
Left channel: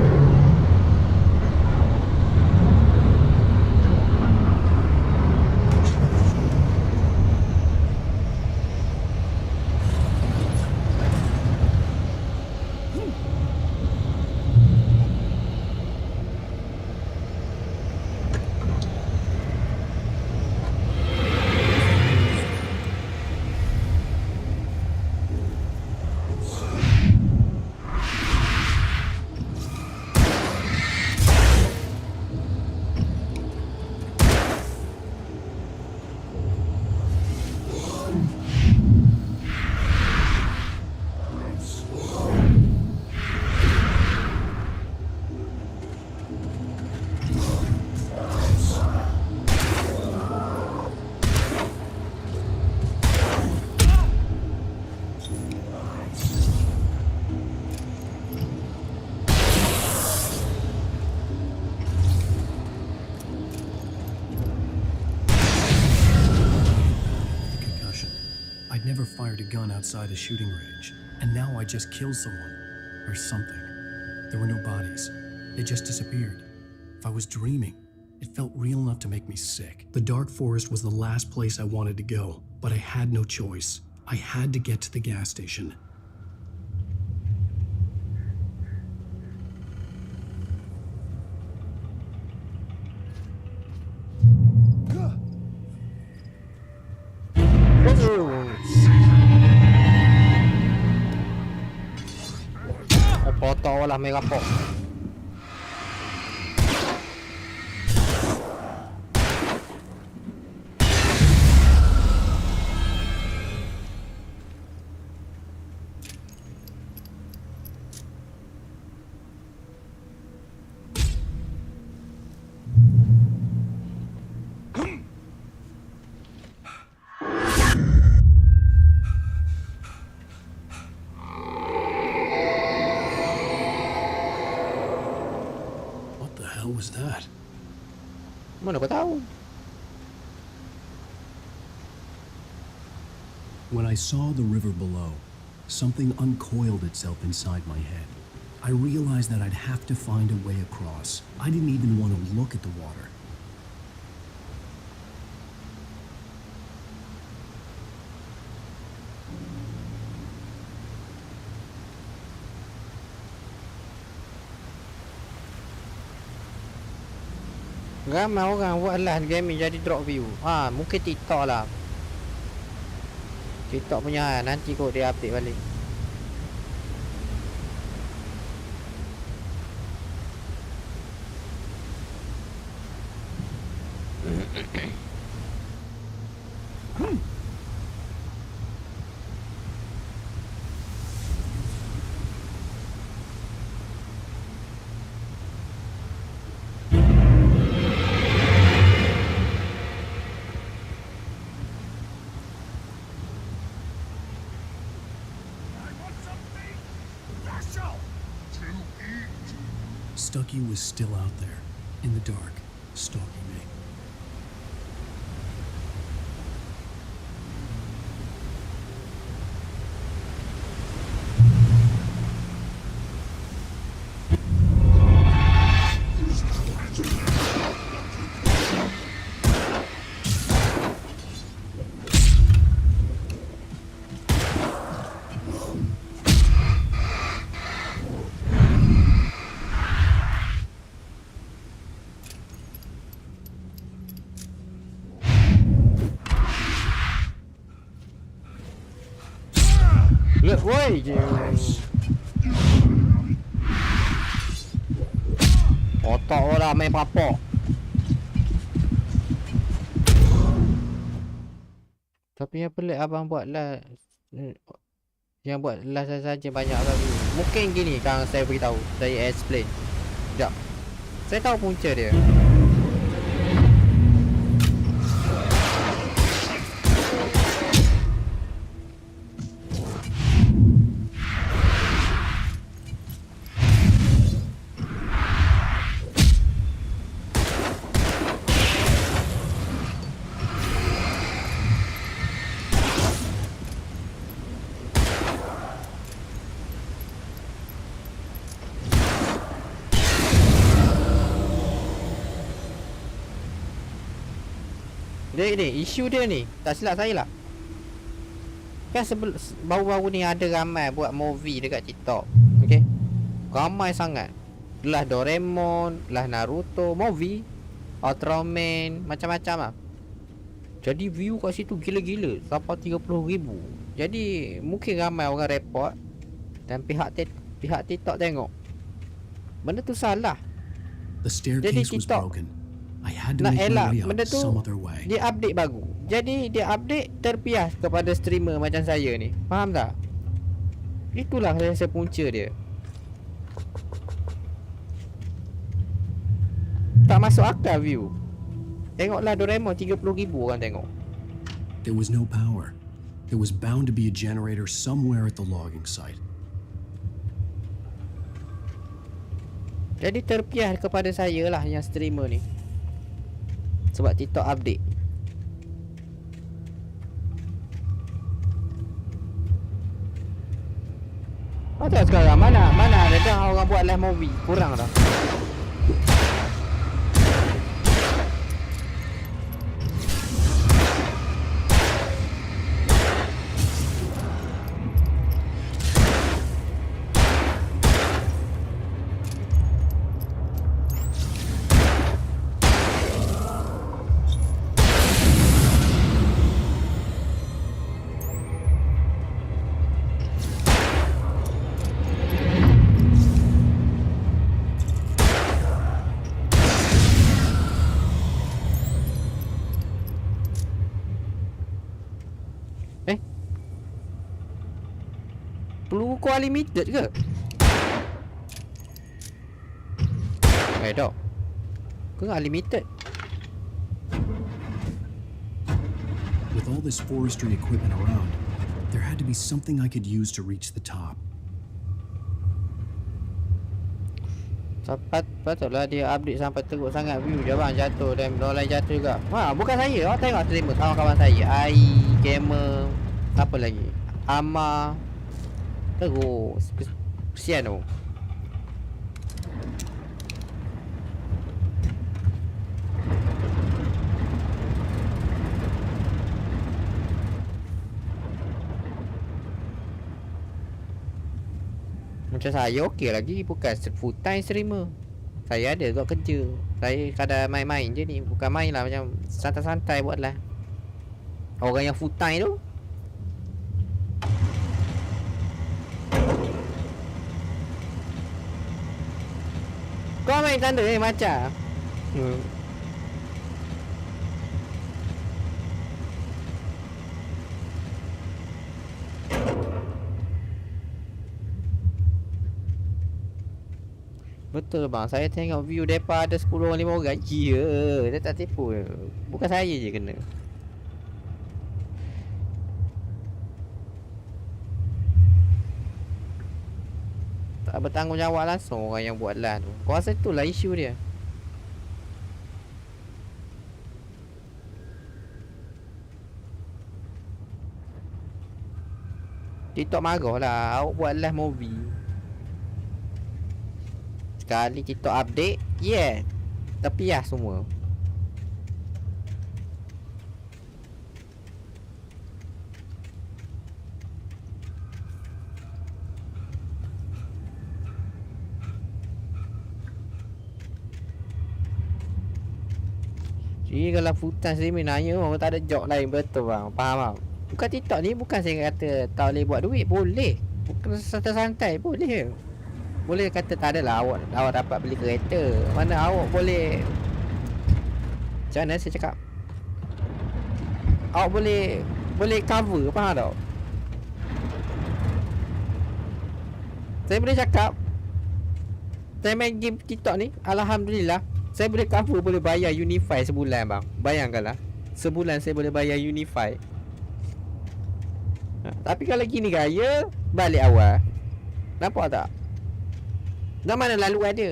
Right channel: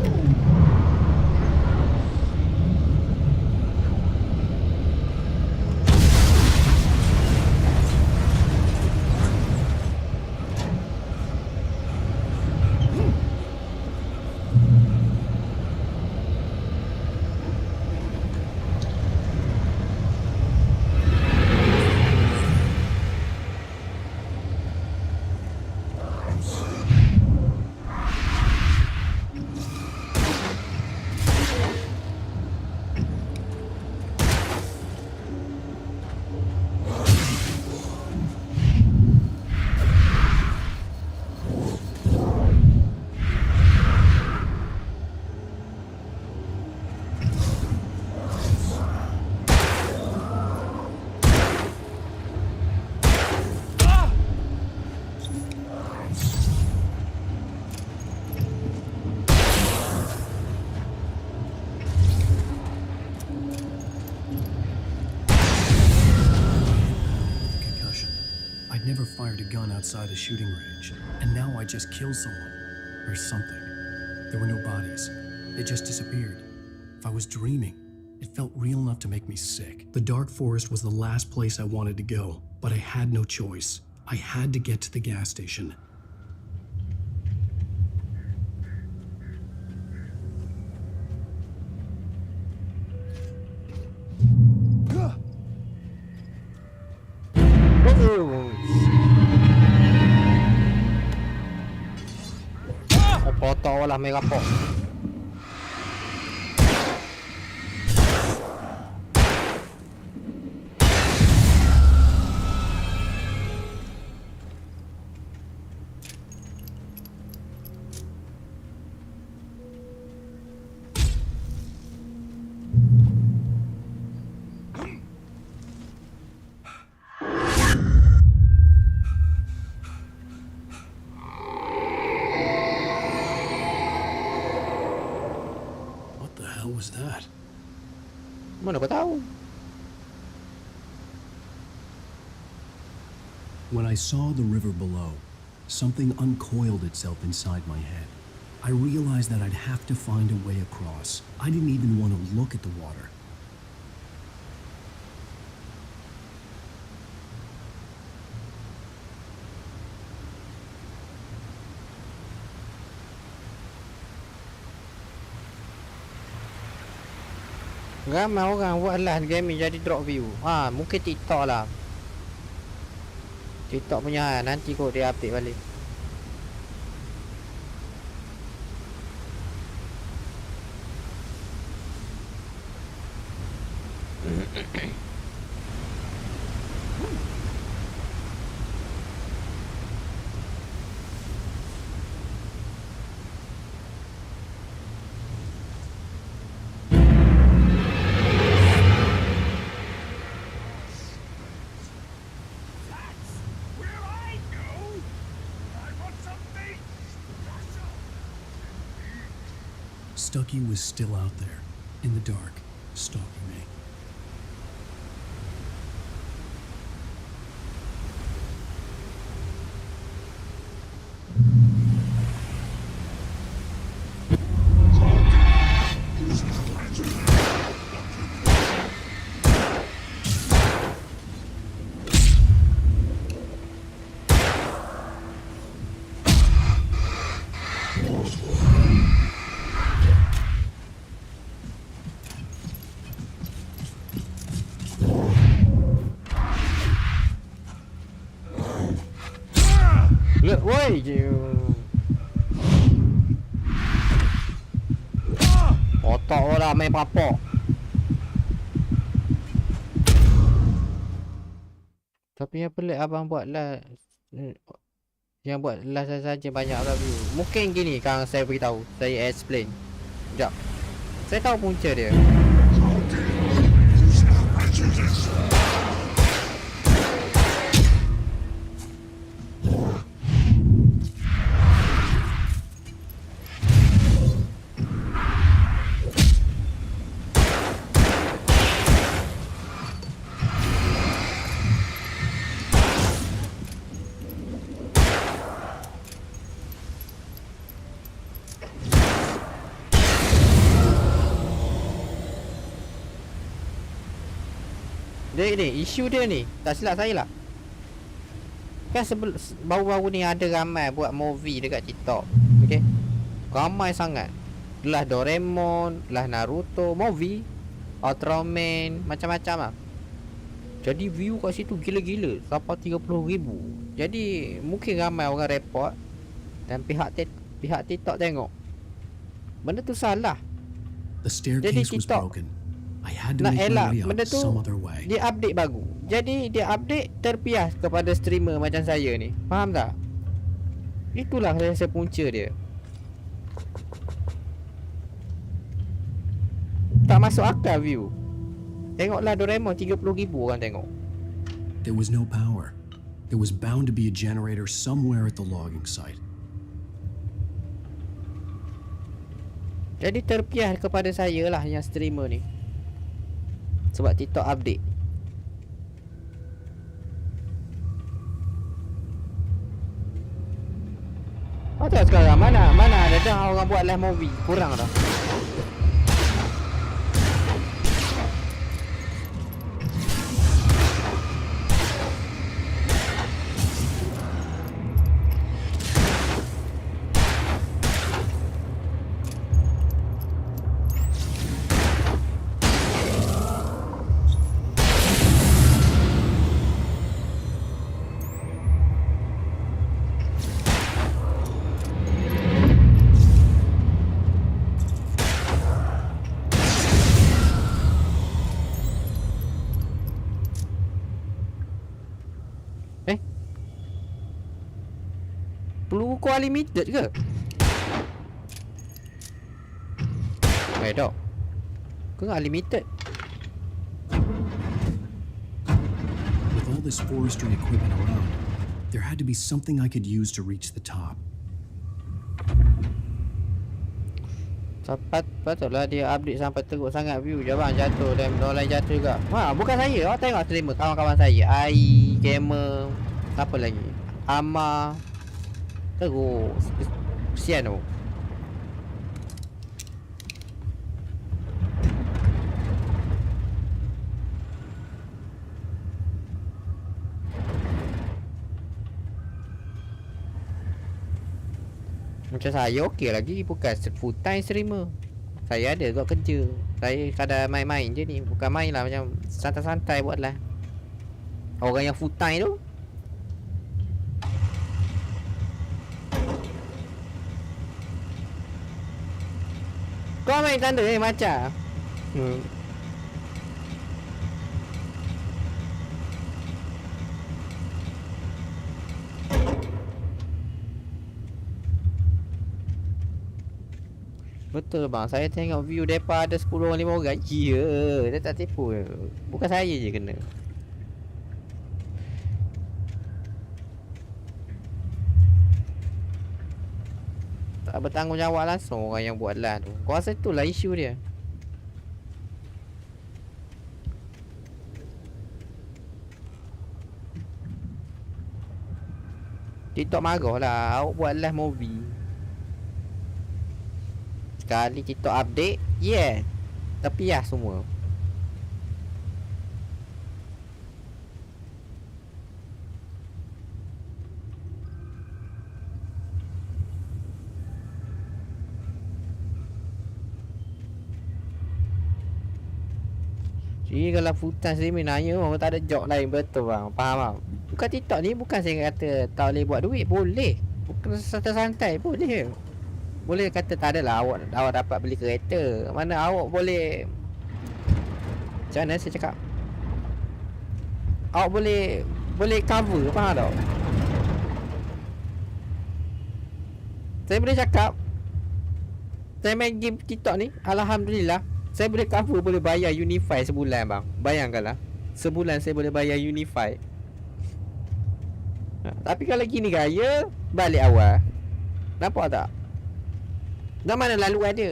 Never fired a gun outside a shooting range, and now I just killed someone. Or something. There were no bodies. They just disappeared. If I was dreaming, it felt real enough to make me sick. The dark forest was the last place I wanted to go, but I had no choice. I had to get to the gas station. Potong lah merah pok. was that? Mana kau tahu? When I saw the river below, something uncoiled itself inside my head. I realized that I'd have to find a way across. I didn't even want to look at the water. Ramai orang buat live gaming jadi drop view. Mungkin TikTok lah. TikTok punya nanti kot dia update balik. Stucky was still out there, in the dark, stalking me. Look, woi je. Otak orang main papak. Tapi yang pelik abang buat lah, yang buat lah saja banyak review. Mungkin gini kan saya beritahu, saya explain. Sekejap. Saya tahu punca dia. Dia ni, isu dia ni, tak silap saya lah. Kan baru-baru ni ada ramai buat movie dekat TikTok. Okay, ramai sangat. Lah Doraemon, lah Naruto, movie Ultraman, macam-macam lah. Jadi view kat situ gila-gila, sampai 30,000. Jadi mungkin ramai orang report. Dan pihak TikTok tengok benda tu salah. The staircase was broken. I had to make my way out some other way. Dia update baru. Jadi dia update terpias kepada streamer macam saya ni. Faham tak? Itulah rasa punca dia. Tak masuk akal view. Tengoklah Doraemon 30,000 orang tengok. There was no power. There was bound to be a generator somewhere at the logging site. Jadi terpias kepada saya lah yang streamer ni. Sebab TikTok update. Macam sekarang mana ada dah orang buat live movie. Kurang dah. Peluru kau unlimited ke? Tak. Kau unlimited. With all this forestry equipment around, there had to be something I could use to reach the top. Patutlah dia update sampai teruk sangat view je bang, jatuh dan orang lain jatuh juga. Bukan saya, awak tengok streamer kawan-kawan saya. Ai, gamer, siapa lagi? Ama. Teruk. Kesian tu. Macam saya okey lagi, bukan full time streamer. Saya ada kat kerja. Saya kadang main-main je ni. Bukan main lah, macam santai-santai buat lah. Orang yang full time tu kau main tanda macam betul bang, saya tengok view depa ada 10 orang 5 orang. Ya, dia tak tipu. Bukan saya je kena. Tak bertanggungjawab langsung orang yang buat lah tu. Kau rasa itulah isu dia. TikTok marah lah, awak buat live movie. Sekali TikTok update, yeah, tapi ya semua. Jadi kalau full-time streaming nanya orang tak ada job lain, betul bang, faham bang. Bukan TikTok ni, bukan saya kata tak boleh buat duit, boleh. Bukan santai-santai, boleh. Boleh kata tak adalah awak dapat beli kereta. Mana awak boleh, macam mana saya cakap, awak boleh cover, faham tak? Saya boleh cakap, saya main game TikTok ni, alhamdulillah, saya boleh cover, boleh bayar Unify sebulan bang. Bayangkanlah, sebulan saya boleh bayar Unify. Tapi kalau gini gaya, balik awal. Nampak tak? Dah mana lalu ada.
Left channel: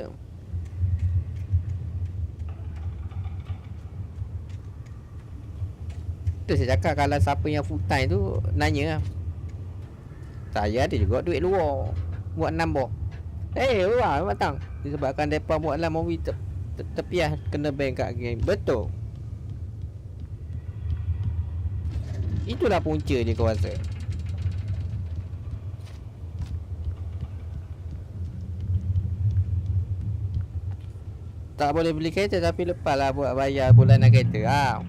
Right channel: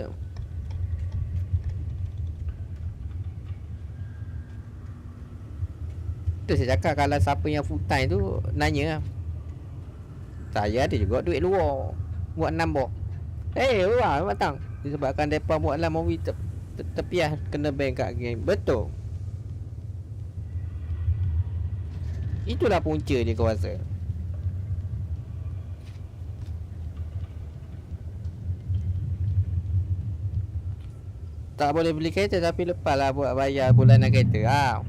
Tu saya cakap, kalau siapa yang full time tu nanya, saya ada juga duit luar buat nambah. Wah, matang. Disebabkan depa buat lah movie tepiah kena ban kat game. Betul. Itulah punca dia kau rasa. Tak boleh beli kereta tapi lepas lah buat bayar bulanan kereta.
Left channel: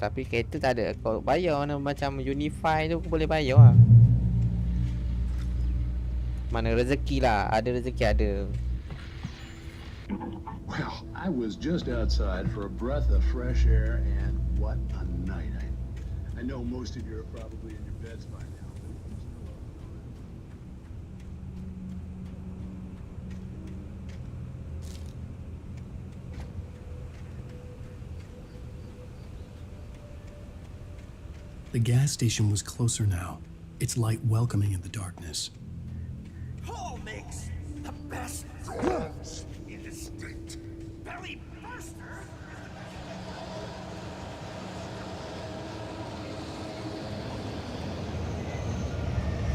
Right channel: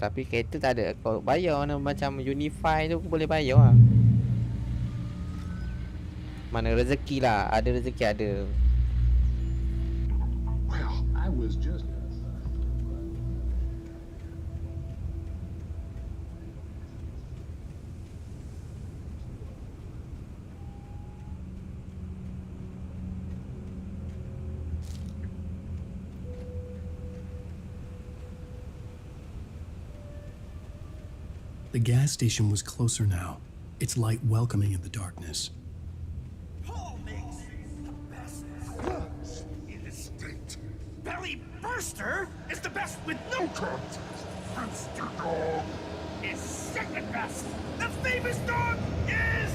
Tapi kereta tak ada. Kau bayar mana macam Unify tu boleh bayar lah. Mana rezeki lah. Ada rezeki ada. Well, I was just outside for a breath of fresh air, and what a night. I know most of you are probably in your beds by now, but I'm still up. The gas station was closer now, its light welcoming in the darkness. Paul makes the best rolls in the state. Belly Burster is the best with no contest. Monster Dog is second best. The famous dog is...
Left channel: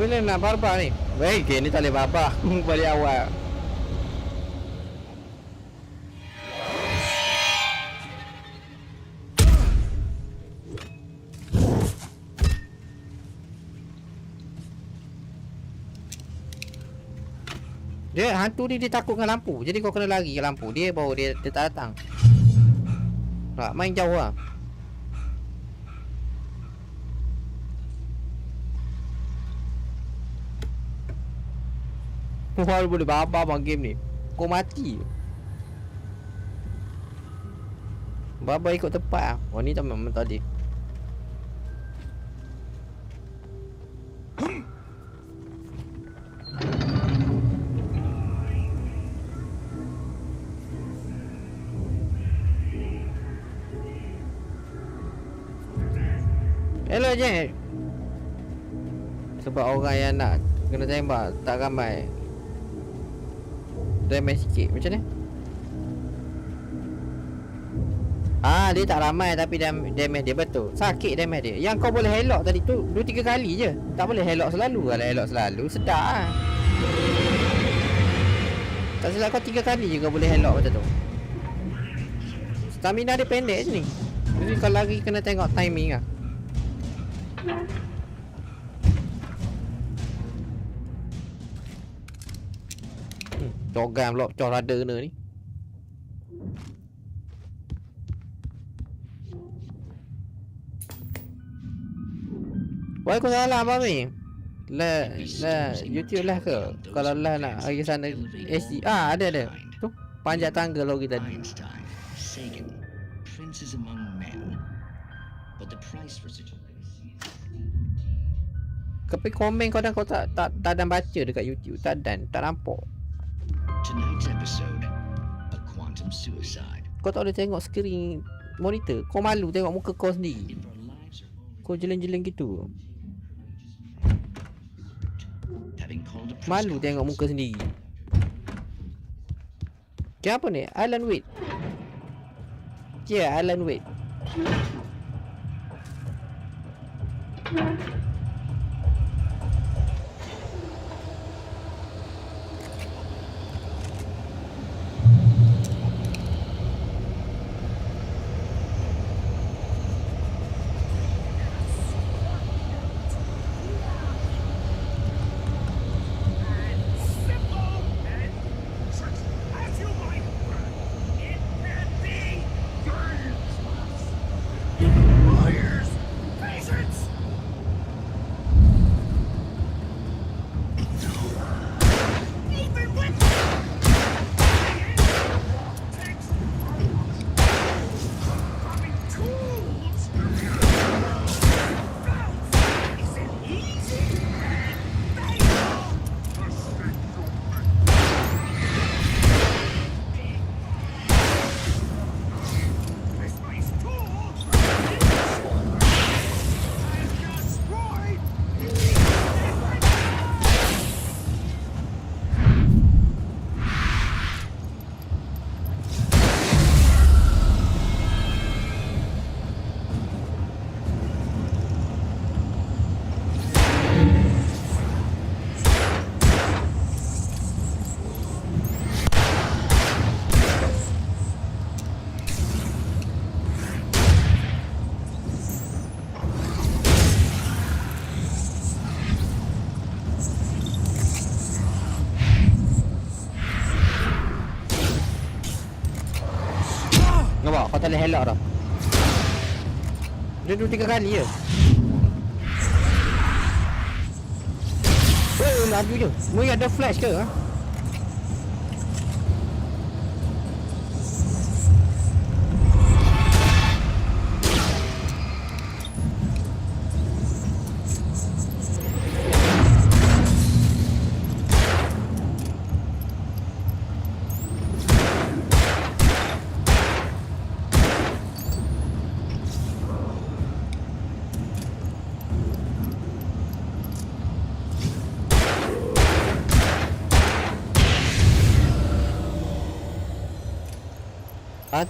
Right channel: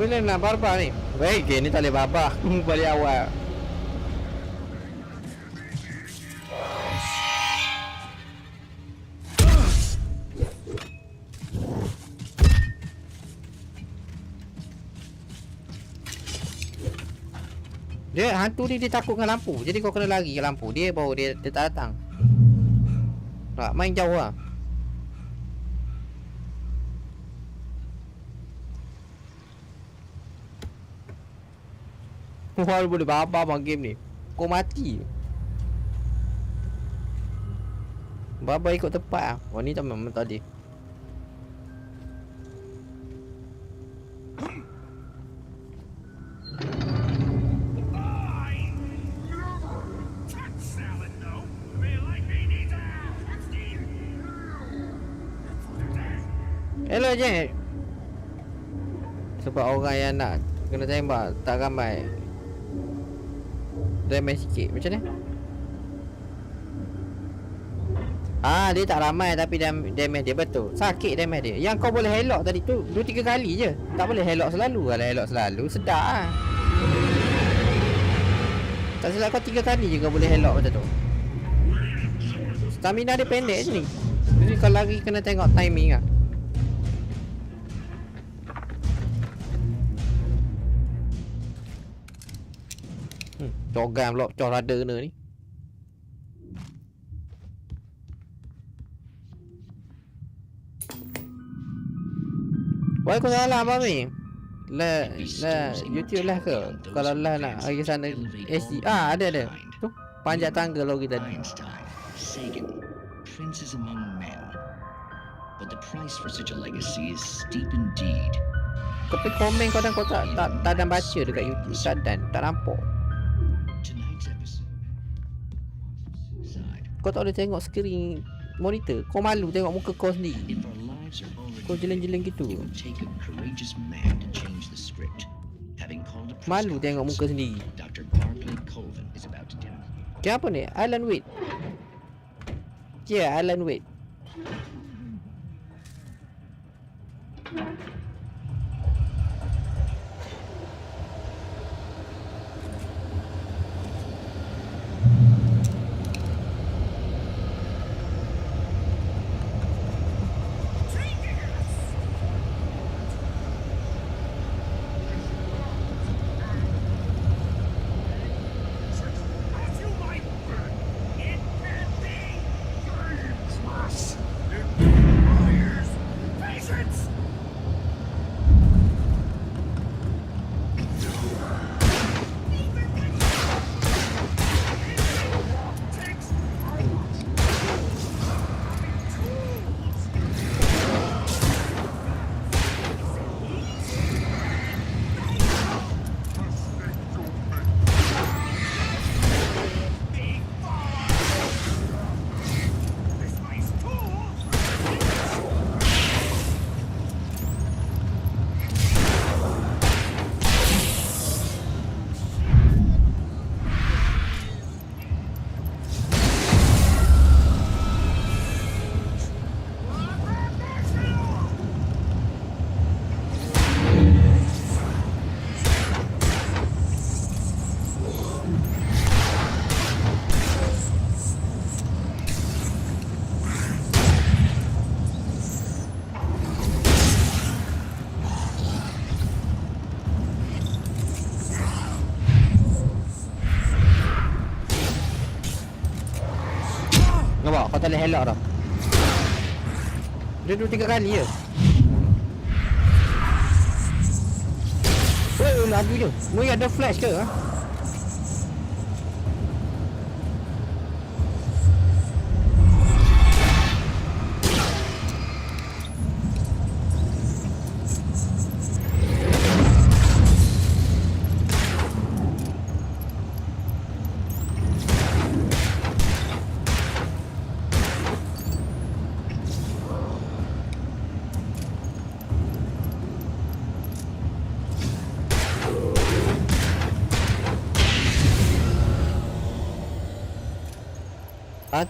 Bila nak barbar ni? Baik, ni tak boleh barbar. Balik awal. Dia hantu ni dia takut dengan lampu. Jadi kau kena lari ke lampu. Dia baru dia tak datang. Tak main jauh lah. Wah, boleh babar bang game ni. Kau mati. Babar ikut tepat ah. Oh ni tak memang tadi. Hello je. Sebab orang yang nak kena tembak tak ramai. Damage sikit macam ni. Ah, dia tak ramai tapi damage dia betul. Sakit damage dia. Yang kau boleh helok tadi tu 2-3 kali je. Tak boleh helok selalu. Kalau helok selalu sedap ah. Tak silap kau 3 kali je kau boleh helok macam tu. Stamina dia pendek je ni. Jadi kalau lagi kena tengok timing ah. Cogan pula pecah rada kena ni. Waalaikumsalam Mami. Lah YouTube lah ke? Kalau lah nak pergi sana SD. Ah ada. Tu panjat tangga lagi tadi. Sagan, princes among men. But the price for such a legacy is steep indeed. Tapi komen kau tak ada baca dekat YouTube. Tak nampak. Tonight's episode, a quantum suicide. Kau tak boleh tengok skrin monitor. Kau malu tengok muka kau sendiri. Kau jeleng-jeleng gitu. Malu tengok muka sendiri. Kenapa ni? Alan Wade. Yeah, Alan Wade. Nampak? Kau tak boleh helak dah. Dia 2-3 kali je. Weh, laju je. Mui ada flash ke? Ha?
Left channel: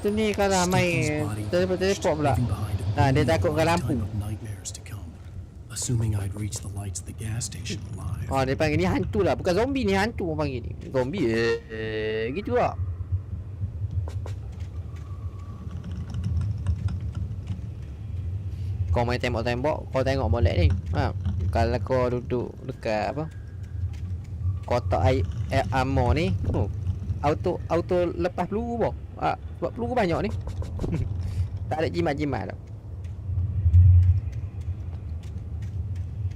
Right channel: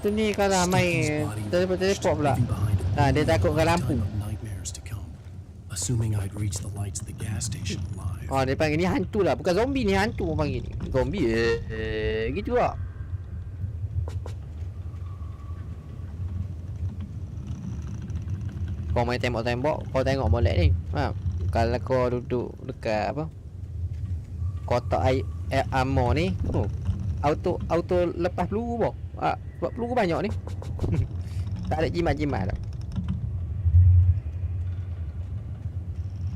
Tu ni kalau ramai teleport pula. Dia takutkan lampu. Assuming I'd reach the lights of the gas station alive. Oh, dia panggil ni hantu lah. Bukan zombie ni, hantu orang panggil ni. Zombie gitu lah. Kau main tembok-tembok, kau tengok molek ni. Kalau kau duduk dekat apa? Kotak air ammo ni. Auto lepas peluru boh. Sebab peluru banyak ni. Tak ada jimat-jimat dah.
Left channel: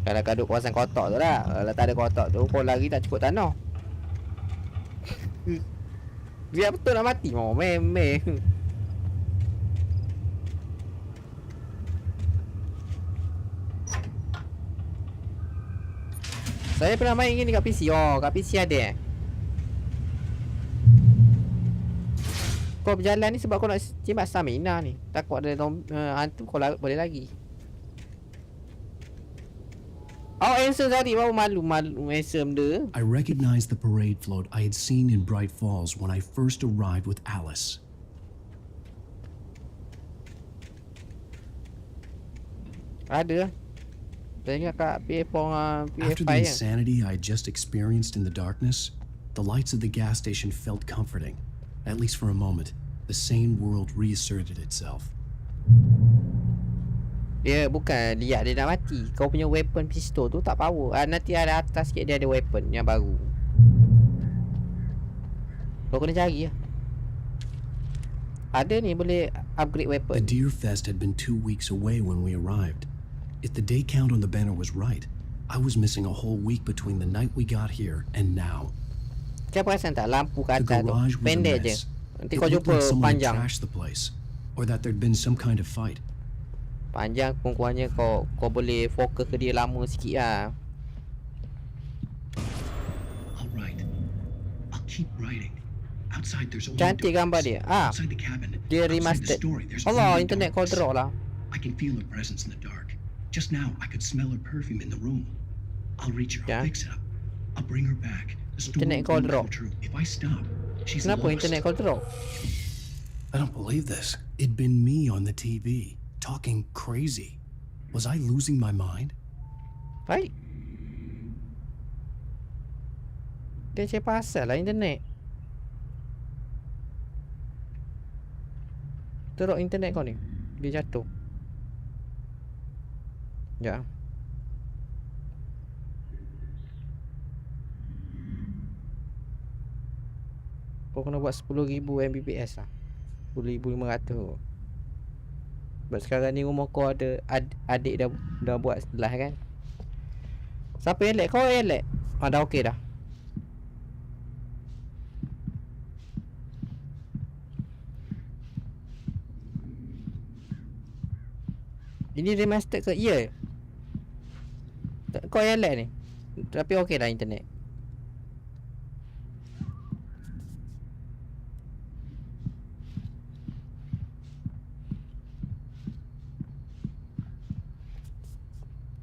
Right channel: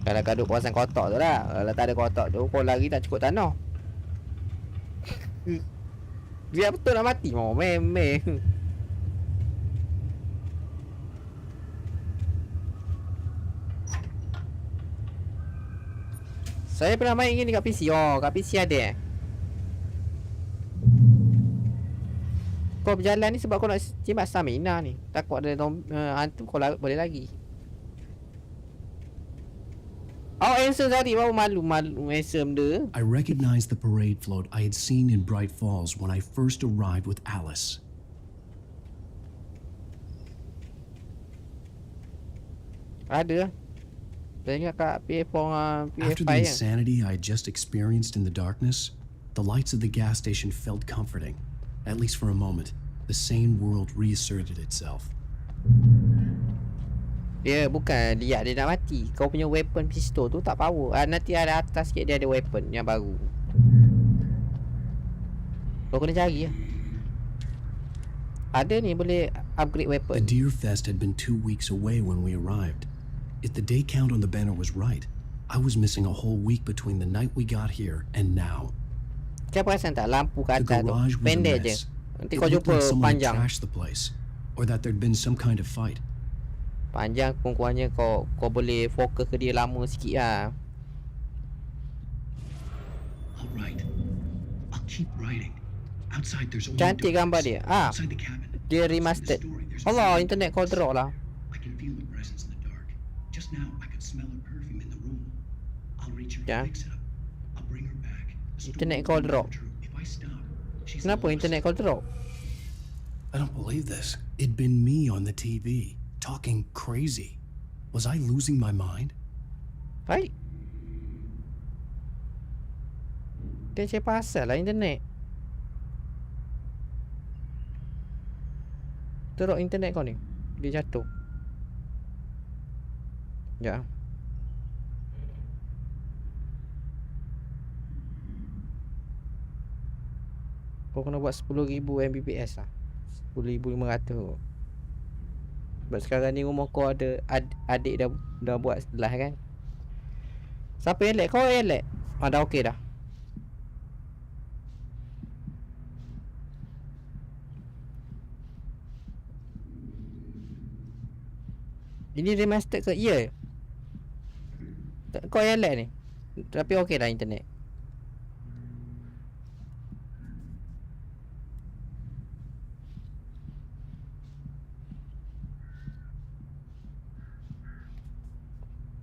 Kalau kau duduk kawasan kotak tu lah. Kalau tak ada kotak tu, kau lari tak cukup tanah. Biar betul nak mati. Oh, memang. Saya pernah main gini kat PC. Oh, kat PC ada. Kau berjalan ni sebab kau nak jimat stamina ni. Takut ada hantu kau boleh lagi. Oh, handsome tadi. Baru malu handsome dia. I recognized the parade float I had seen in Bright Falls when I first arrived with Alice. Ada. Saya ingat kat ps5 After the insanity I had just experienced in the darkness, the lights of the gas station felt comforting. At least for a moment, the sane world reasserted itself. Dia bukan lihat dia nak mati. Kau punya weapon pistol tu tak power. Nanti ada atas sikit dia ada weapon yang baru. Kau kena cari lah. Ada ni boleh upgrade weapon. The Deer Fest had been 2 weeks away when we arrived. If the day count on the banner was right, I was missing a whole week between the night we got here and now. Kau perasan tak lampu kat The atas tu garage was a pendek je. mess. Nanti It kau looked jumpa like someone had panjang. trashed the place, or that there'd been some kind of fight. Panjang kurang-kurangnya kau boleh fokus ke dia lama sikit lah. All right, I'll keep writing. Outside there's only Cantik gambar dia. outside the cabin. Dia outside the remastered. story, there's Allah, only internet kau darkness. drop lah. I can feel her presence in the dark. Just now, I could smell her perfume in the room. I'll reach her. Yeah. I'll fix it up. I'll bring her back. The story Internet will kau come drop. true. If I stop, she's Kenapa lost. internet kau drop? I don't believe this. It'd been me on the TV, talking crazy. Was I losing my mind? Baik. Dia cakap pasal lah internet. Teruk internet kau ni. Dia jatuh. Ya. Kau kena buat 10,000 Mbps lah. 10,500. Sebab sekarang ni rumah kau ada adik dah buat sebelah kan. Siapa yang lag? Kau yang lag? Dah okey dah. Ini remastered ke? Ya. Kau yang lag ni. Tapi okey dah internet.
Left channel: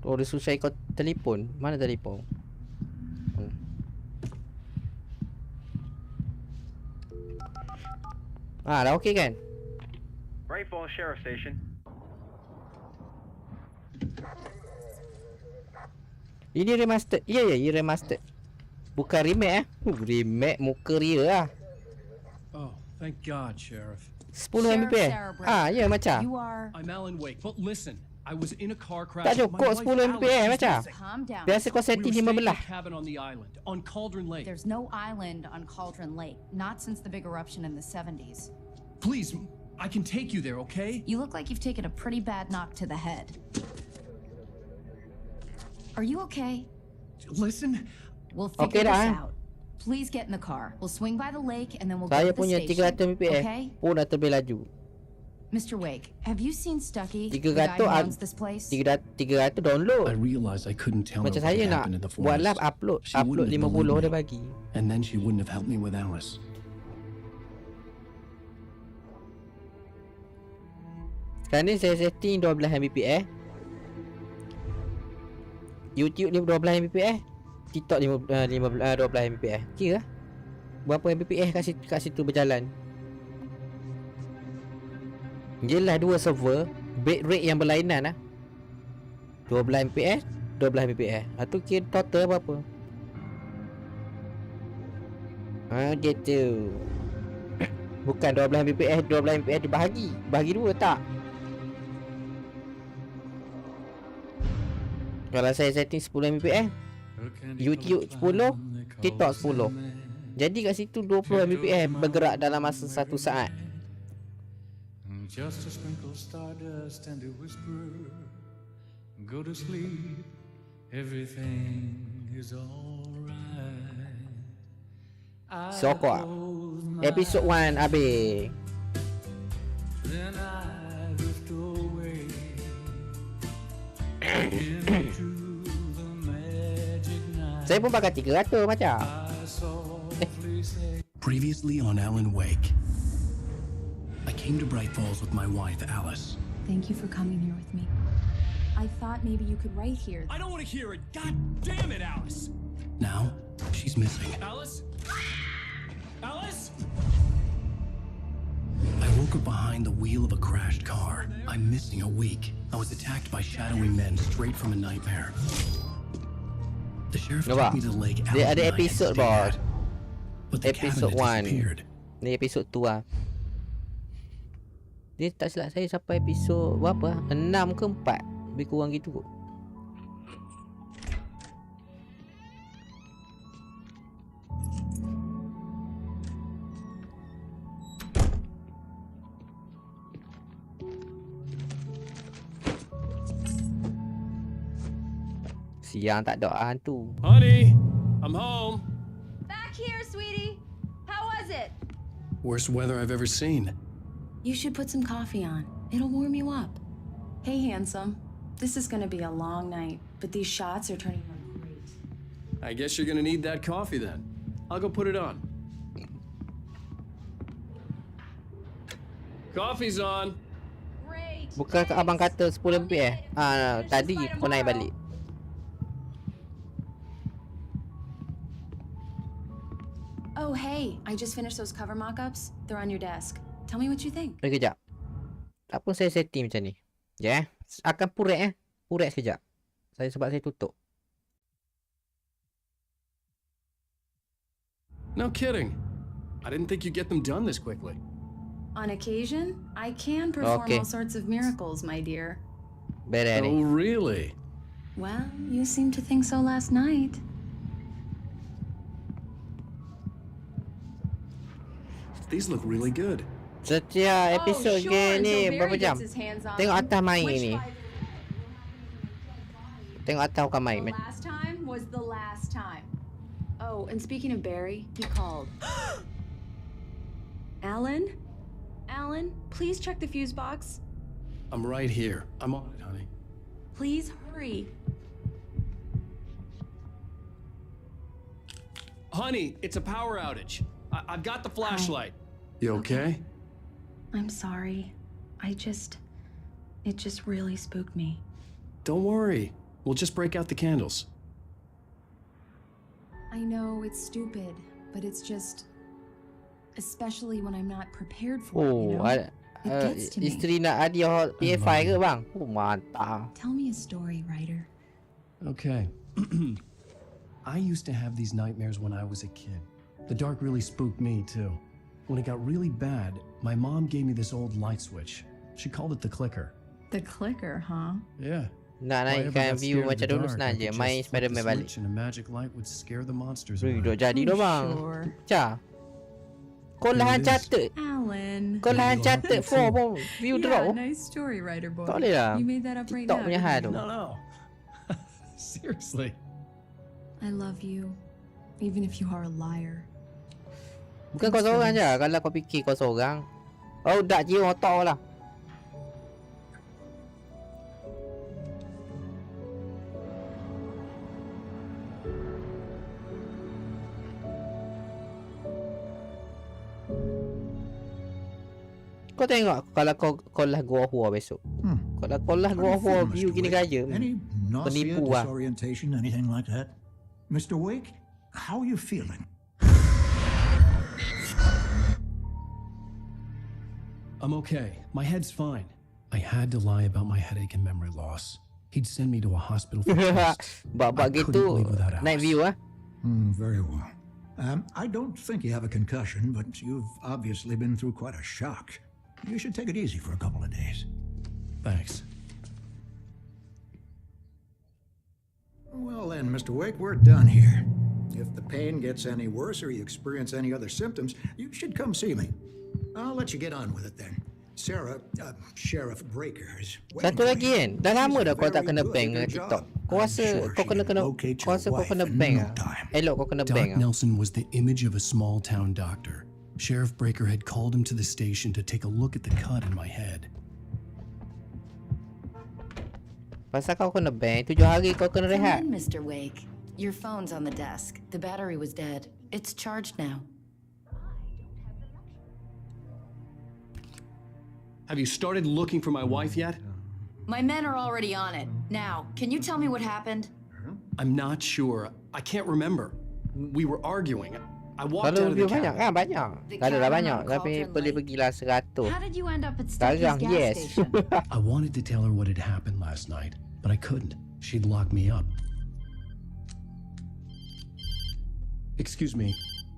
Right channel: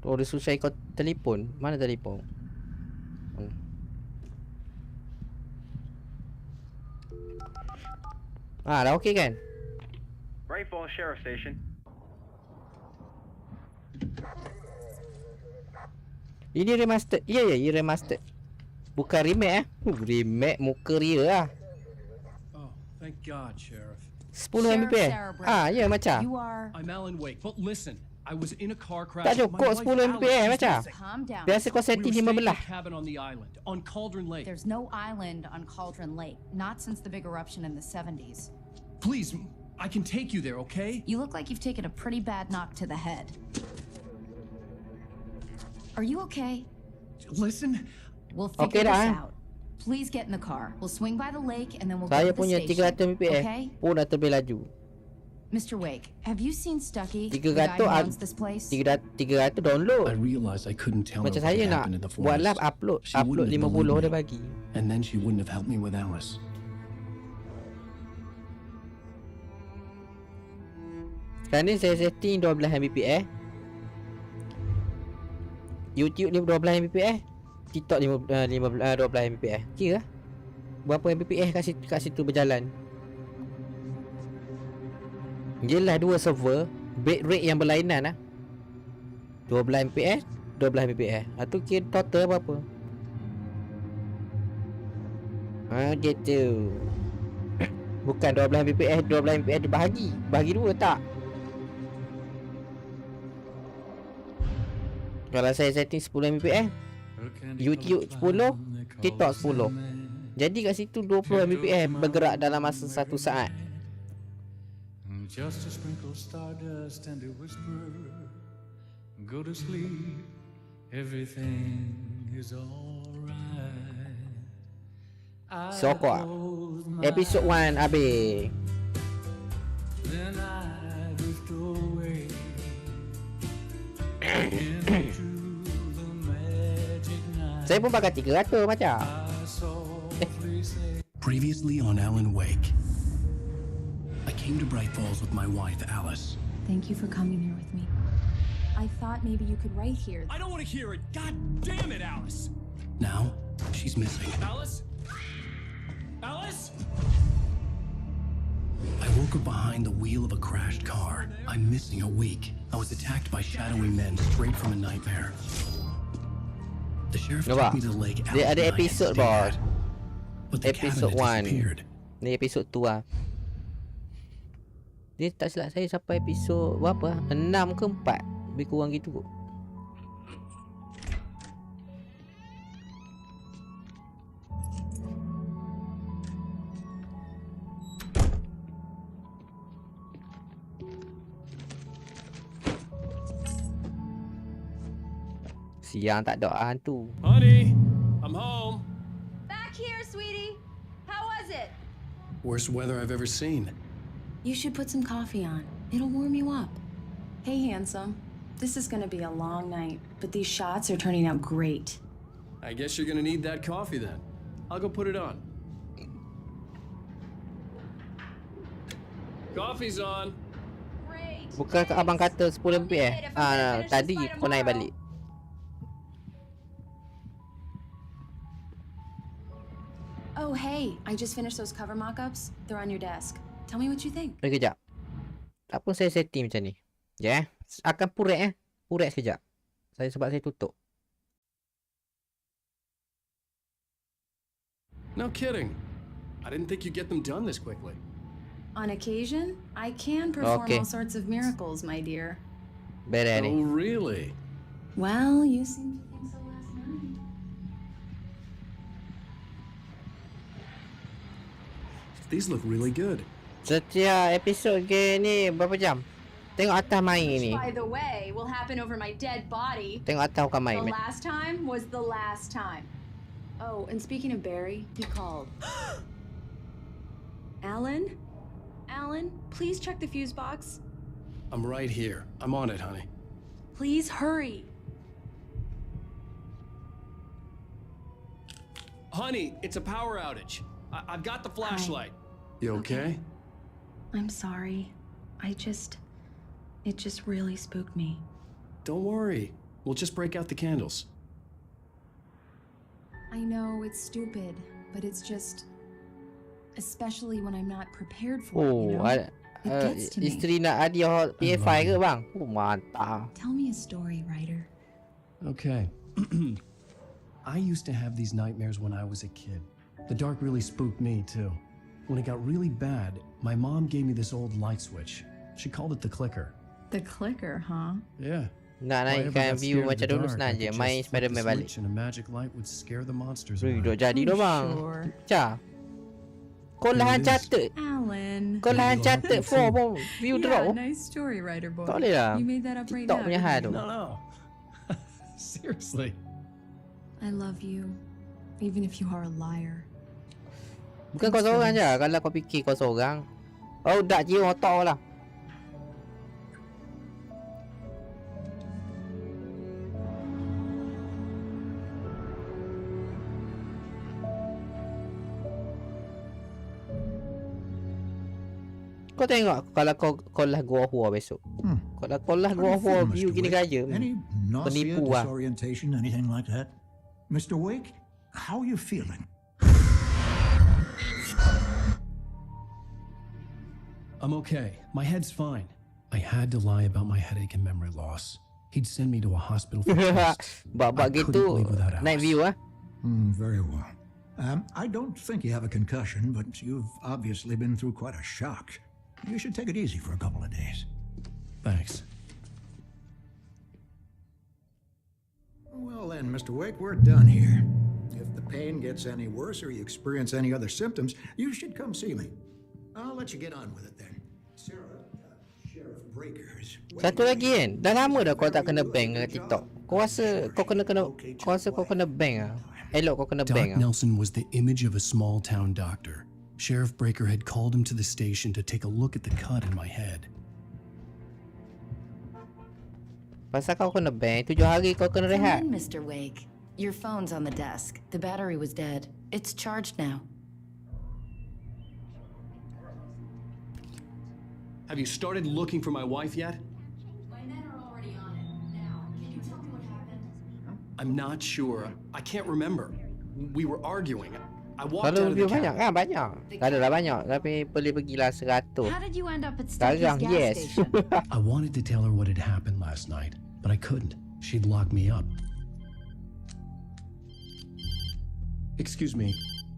Oh, dia susah kau telefon. Mana telefon? Dah okey kan? Bright Falls Sheriff Station. Ini remastered. Ya, ini remastered. Bukan remake remake muka dia lah. Oh, thank God, Sheriff. 10 Mbps. Ya macam. I'm Alan Wake, but listen. I was in a car crash. Tak cukup 10 Mbps macam. Calm down. Biasa kau setting 15. Cabin on the island, on Cauldron Lake. There's no island on Cauldron Lake, not since the big eruption in the 70s. Please, I can take you there, okay? You look like you've taken a pretty bad knock to the head. Are you okay? Listen. We'll figure Okay this dah. out. Please get in the car. We'll swing by the lake and then we'll Saya go to the punya station. 300 Mbps Okay? pun dah terlebih laju. Mr. Wake, have you seen Stucky? 300 the guy who owns this place? 300 download. I realized I couldn't tell her Macam what saya had nak happened in the buat forest. live upload She wouldn't have 50 believed dia me. bagi. And then she wouldn't have helped me with Alice. Sekarang ni saya setting 12 Mbps. YouTube 12 Mbps. TikTok 12 Mbps. Kira lah. Berapa Mbps kat situ berjalan. Yelah dua server, bit rate yang berlainan lah. 12 Mbps, 12 Mbps. Tu kira total berapa? Gitu. Bukan 12 Mbps, 12 Mbps dibahagi. Bahagi dua tak? Kalau saya setting 10 Mbps, YouTube 10, TikTok 10. Jadi kat situ 20 Mbps bergerak dalam masa 1 saat. Just a sprinkle stardust and a whisper. Go to sleep, everything is alright. So kuat. Episode 1 habis. Then I drift away into the magic night. Saya pun pakai 300 macam. Previously on Alan Wake, I came to Bright Falls with my wife, Alice. Thank you for coming here with me. I thought maybe you could write here. I don't want to hear it. God damn it, Alice. Now, she's missing. Alice? Alice? I woke up behind the wheel of a crashed car. I'm missing a week. I was attacked by shadowy men straight from a nightmare. The sheriff took me to the lake. Dia ada episode bos. But the Episode cabinet 1. disappeared. Ni episode 2 lah. Dia tak silap saya sampai episod berapa? 6 ke 4? Lebih kurang gitu kot. Siang tak ada hantu. Honey, I'm home. Back here, sweetie. How was it? Worst weather I've ever seen. You should put some coffee on. It'll warm you up. Hey, handsome. This is gonna be a long night, but these shots are turning out great. I guess you're gonna need that coffee then. I'll go put it on. Coffee's on. Bukan abang kata 10 lebih tadi kau naik balik. Oh, hey, I just finished those cover mock-ups. They're on your desk. Tell me what you think. Kejap. Tak pun saya setting macam ni. Ya, akan purek Purek sekejap. Sebab saya tutup. No kidding. I didn't think you'd get them done this quickly. On occasion, I can perform all sorts of miracles, my dear. Oh, really? Well, you seemed to think so last night. These look really good. Setiap episod game ni berapa jam? Tengok atas main ni. Tengok atas bukan main. The last time was the last time. Oh, and speaking of Barry, he called. Alan? Alan, please check the fuse box. I'm right here. I'm on it, honey. Please hurry. Honey, it's a power outage. I've got the flashlight. You okay? I'm sorry. It just really spooked me. Don't worry. We'll just break out the candles. I know it's stupid, but it's just, especially when I'm not prepared for it, you know? It gets to me. Isteri nak hadiah ps5 ke bang? Mantap. Tell me a story, writer. Okay. I used to have these nightmares when I was a kid. The dark really spooked me, too. When it got really bad, my mom gave me this old light switch. She called it the clicker. The clicker, huh? Yeah. Nak naikkan view macam dulu senang je. Main Spider-Man balik. And a magic light would scare the monsters away. away. Duk jadi dah bang. Cah. Kau lah catat. Alan. Kau lah catat 4 pun view drop. Nice story, writer boy. Tak boleh lah. You made that up right TikTok now. punya hal tu. No. Seriously. I love you, even if you are a liar. Bukan kau seorang je. Kalau kau fikir kau seorang. Oh, dak je otak lah. Kau tengok kalau kau lah gua hua besok. Kalau kau lah gua hua view gini gaya. Any nausea, Penipu lah. disorientation, anything like that? Mr. Wake, how are you feeling? I'm okay. My head's fine. I had to lie about my headache and memory loss. He'd send me to a hospital for tests. Bab gitu. Night view ah. Very well. I don't think you have a concussion, but you've obviously been through quite a shock. You should take it easy for a couple of days. Thanks. Well then, Mr. Wake, we're done here. If the pain gets any worse or you experience any other symptoms, you should come see me. I'll let you get on with it then. Sarah, Sheriff Breakers. Satu lagi kan, dah lama dah kau tak kena bank dengan TikTok. Kau rasa kau kena bank ah? Elok kau kena bank Doc ah? Nelson was the image of a small town doctor. Sheriff Breaker had called him to the station to take a look at the cut in my head. Pasal kau kena bank, 7 hari kau kena Come rehat. in, Mr. Wake. Your phone's on the desk. The battery was dead. It's charged now. Have you started looking for my wife yet? My men are already on it. Now, can you tell me what happened? I'm not sure. I can't remember. We were arguing. I walked Kalau out of the review banyak cabin. kan? Banyak. Tak ada lah banyak. Tapi pergilah 100. How did you end up at Sekarang Stucky's gas yes. station? I wanted to tell her what had happened last night, but I couldn't. She'd lock me up. Excuse me,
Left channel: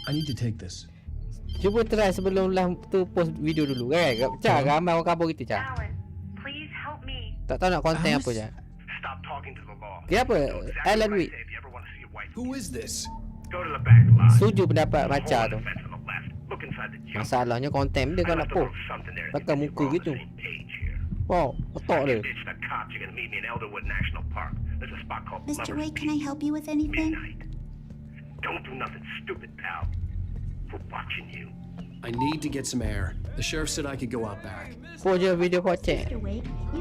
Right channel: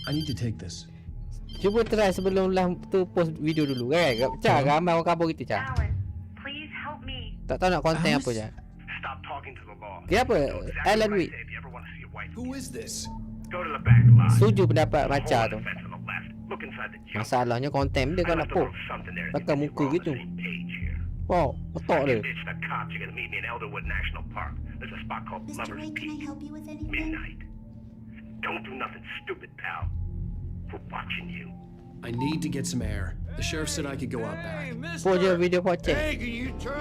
I need to take this. Cuba try sebelum lah tu post video dulu kan. Cak, ramai orang kabur gitu, Cak. Alan, please help me. Tak tahu nak konten apa, Cak. Stop talking to the law. Kenapa? Do exactly Alan what I Wake say if you ever want to see your wife. Who is this? Go to the back lot. setuju pendapat There's a Maca hole in tu. the fence on the left. Look inside the junk. Masalahnya konten dia kau nak post. Pakai muka gitu. Wow, otak dia. Bitch, the cops are gonna meet me in Elderwood National Park. There's a spot called Mr. Lover's Wake, can I help you with anything? Midnight. Don't do nothing stupid, pal. We're watching you. I need to get some air. The sheriff said I could go out back. Post je video pocek.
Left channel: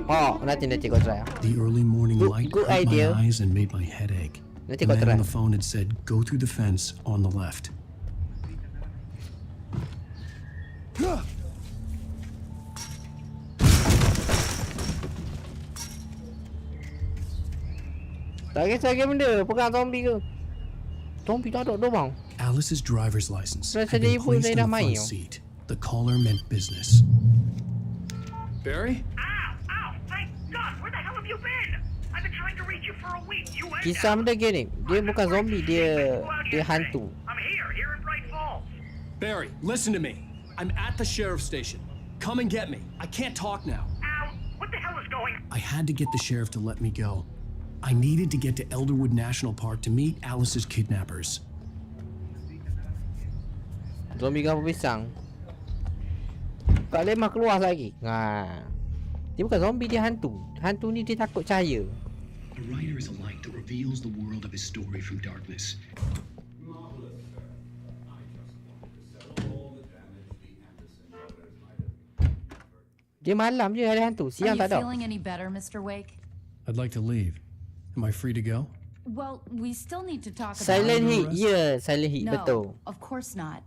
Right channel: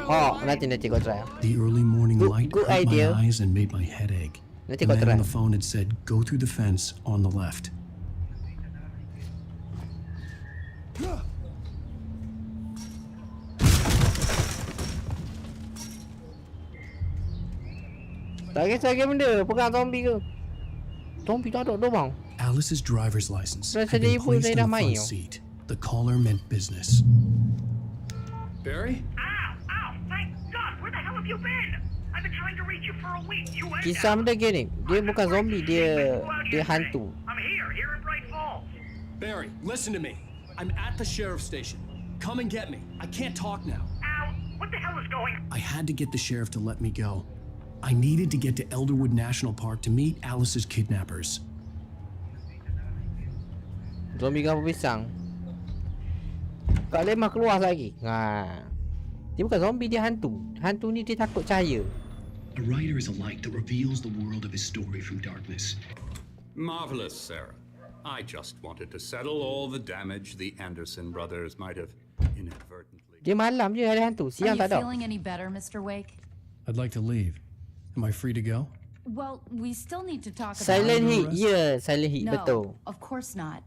Oh, nanti kau try. The early morning light good hurt idea. my eyes and made my head ache. Nanti The kau man try. on the phone had said, "Go through the fence on the left." Tak kisah lagi benda, pegang zombie ke. Zombie tak ada bang. Alice's driver's license Rasa had dia been ibu placed saya in dah the main front tau. seat. The caller meant business. Barry? Ow! Thank God! Where the hell have you been? I've been trying to reach you for a week. You ain't Kisah benda gini, dia bukan zombie, dia hantu. I'm here in Bright Falls. Barry, listen to me. I'm at the sheriff's station. Come and get me. I can't talk now. Ow! What the hell is going on? I had to get the sheriff to let me go. I needed to get to Elderwood National Park to meet Alice's kidnappers. Zombie gambar pisang. Kak Lemah keluar lagi. Dia bukan zombie, dia hantu. Hantu ni dia takut cahaya. A writer is a light that reveals the world of his story from darkness. Marvelous, Sarah. I just wanted to settle all the damage the Anderson brothers might have inadvertently. Dia malam je ada hantu, Are siang you tak ada. feeling any better, Mr. Wake? I'd like to leave. Am I free to go? Well, we still need to talk about Silent Heat, ya, Silent Heat, No, betul. of course not.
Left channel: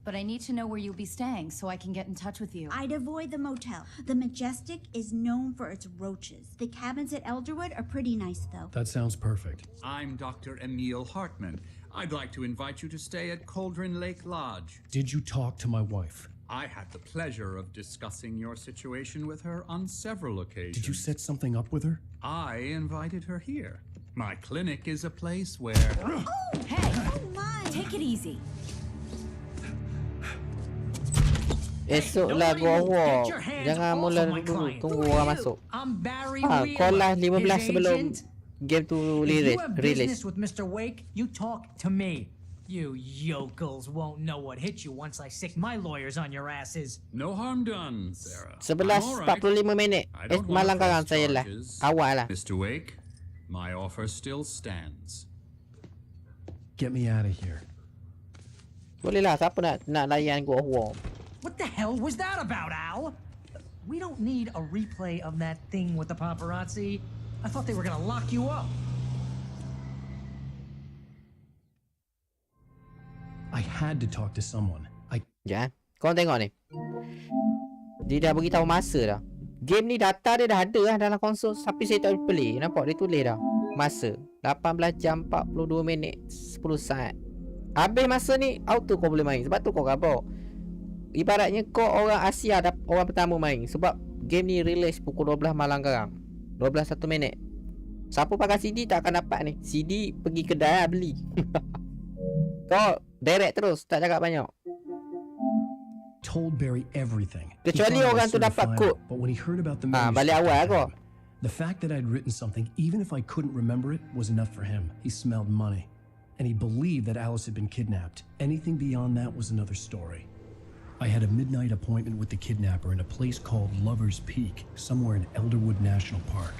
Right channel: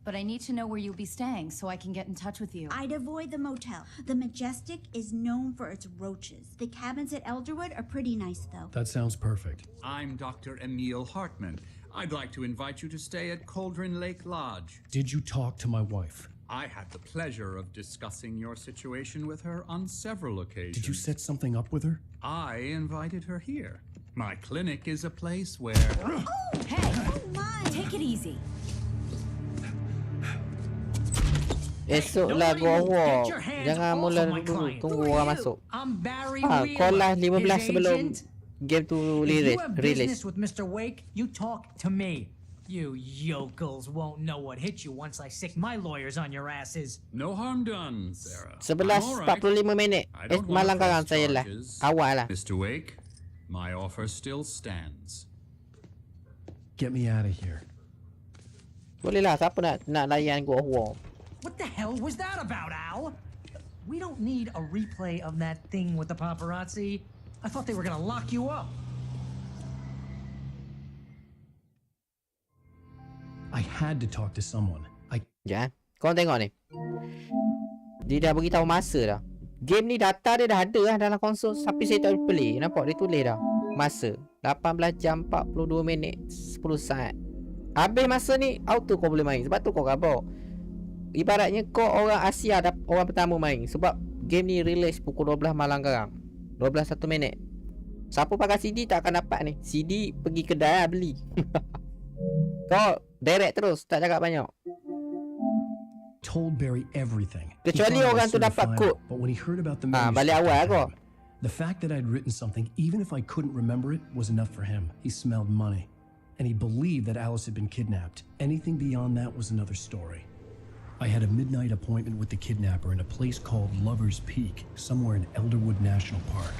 But I need to know where you'll be staying so I can get in touch with you. I'd avoid the motel. The Majestic is known for its roaches. The cabins at Elderwood are pretty nice, though. That sounds perfect. I'm Dr. Emil Hartman. I'd like to invite you to stay at Cauldron Lake Lodge. Did you talk to my wife? I had the pleasure of discussing your situation with her on several occasions. Did you set something up with her? I invited her here. My clinic is a place where... Hey! Oh my! Take it easy. Esoklah gua war. Jangan mula dulu, tunggu orang masuk. Call lah 15 sebelum game tu If you have release. business with Mr. Wake, you talk to me. You yokels won't know what hit you once I sick my lawyers on your asses. No harm done, Sarah. 11:45 minit. Malam sekarang saya lah. Awal lah. Mr. Wake, my offer still stands. Get me out of here. Boleh lah, siapa nak layan gua war. What the hell was that about, Al? We don't need a replay of that thing with the paparazzi. I thought they were gonna lock you up. I had to talk to someone. Ya, kau tengok ni. Dia dah beritahu masa dah. Game ni data dia dah ada lah dalam konsol. Tapi saya tak play. Nampak dia tulis dah. Masa 18 jam 42 minit 10 saat. Habis masa ni auto kau boleh main. Sebab tu kau kabur. Ibaratnya kau orang Asia orang pertama main. Sebab game ni release pukul 12 malam sekarang. 12 1 minit. Siapa pakai CD tak akan dapat ni. CD pergi kedai lah beli. Kau direct terus, tak cakap banyak. Told Barry everything. Kecuali He thought I orang was tu dapat certified, kod. But when he heard about the Balik manuscript, awal kau. the fact that I'd written something, even if I couldn't remember it, was enough for him. He smelled money, and he believed that Alice had been kidnapped. Anything beyond that was another story. I had a midnight appointment with the kidnapper in a place called Lover's Peak, somewhere in Elderwood National Park.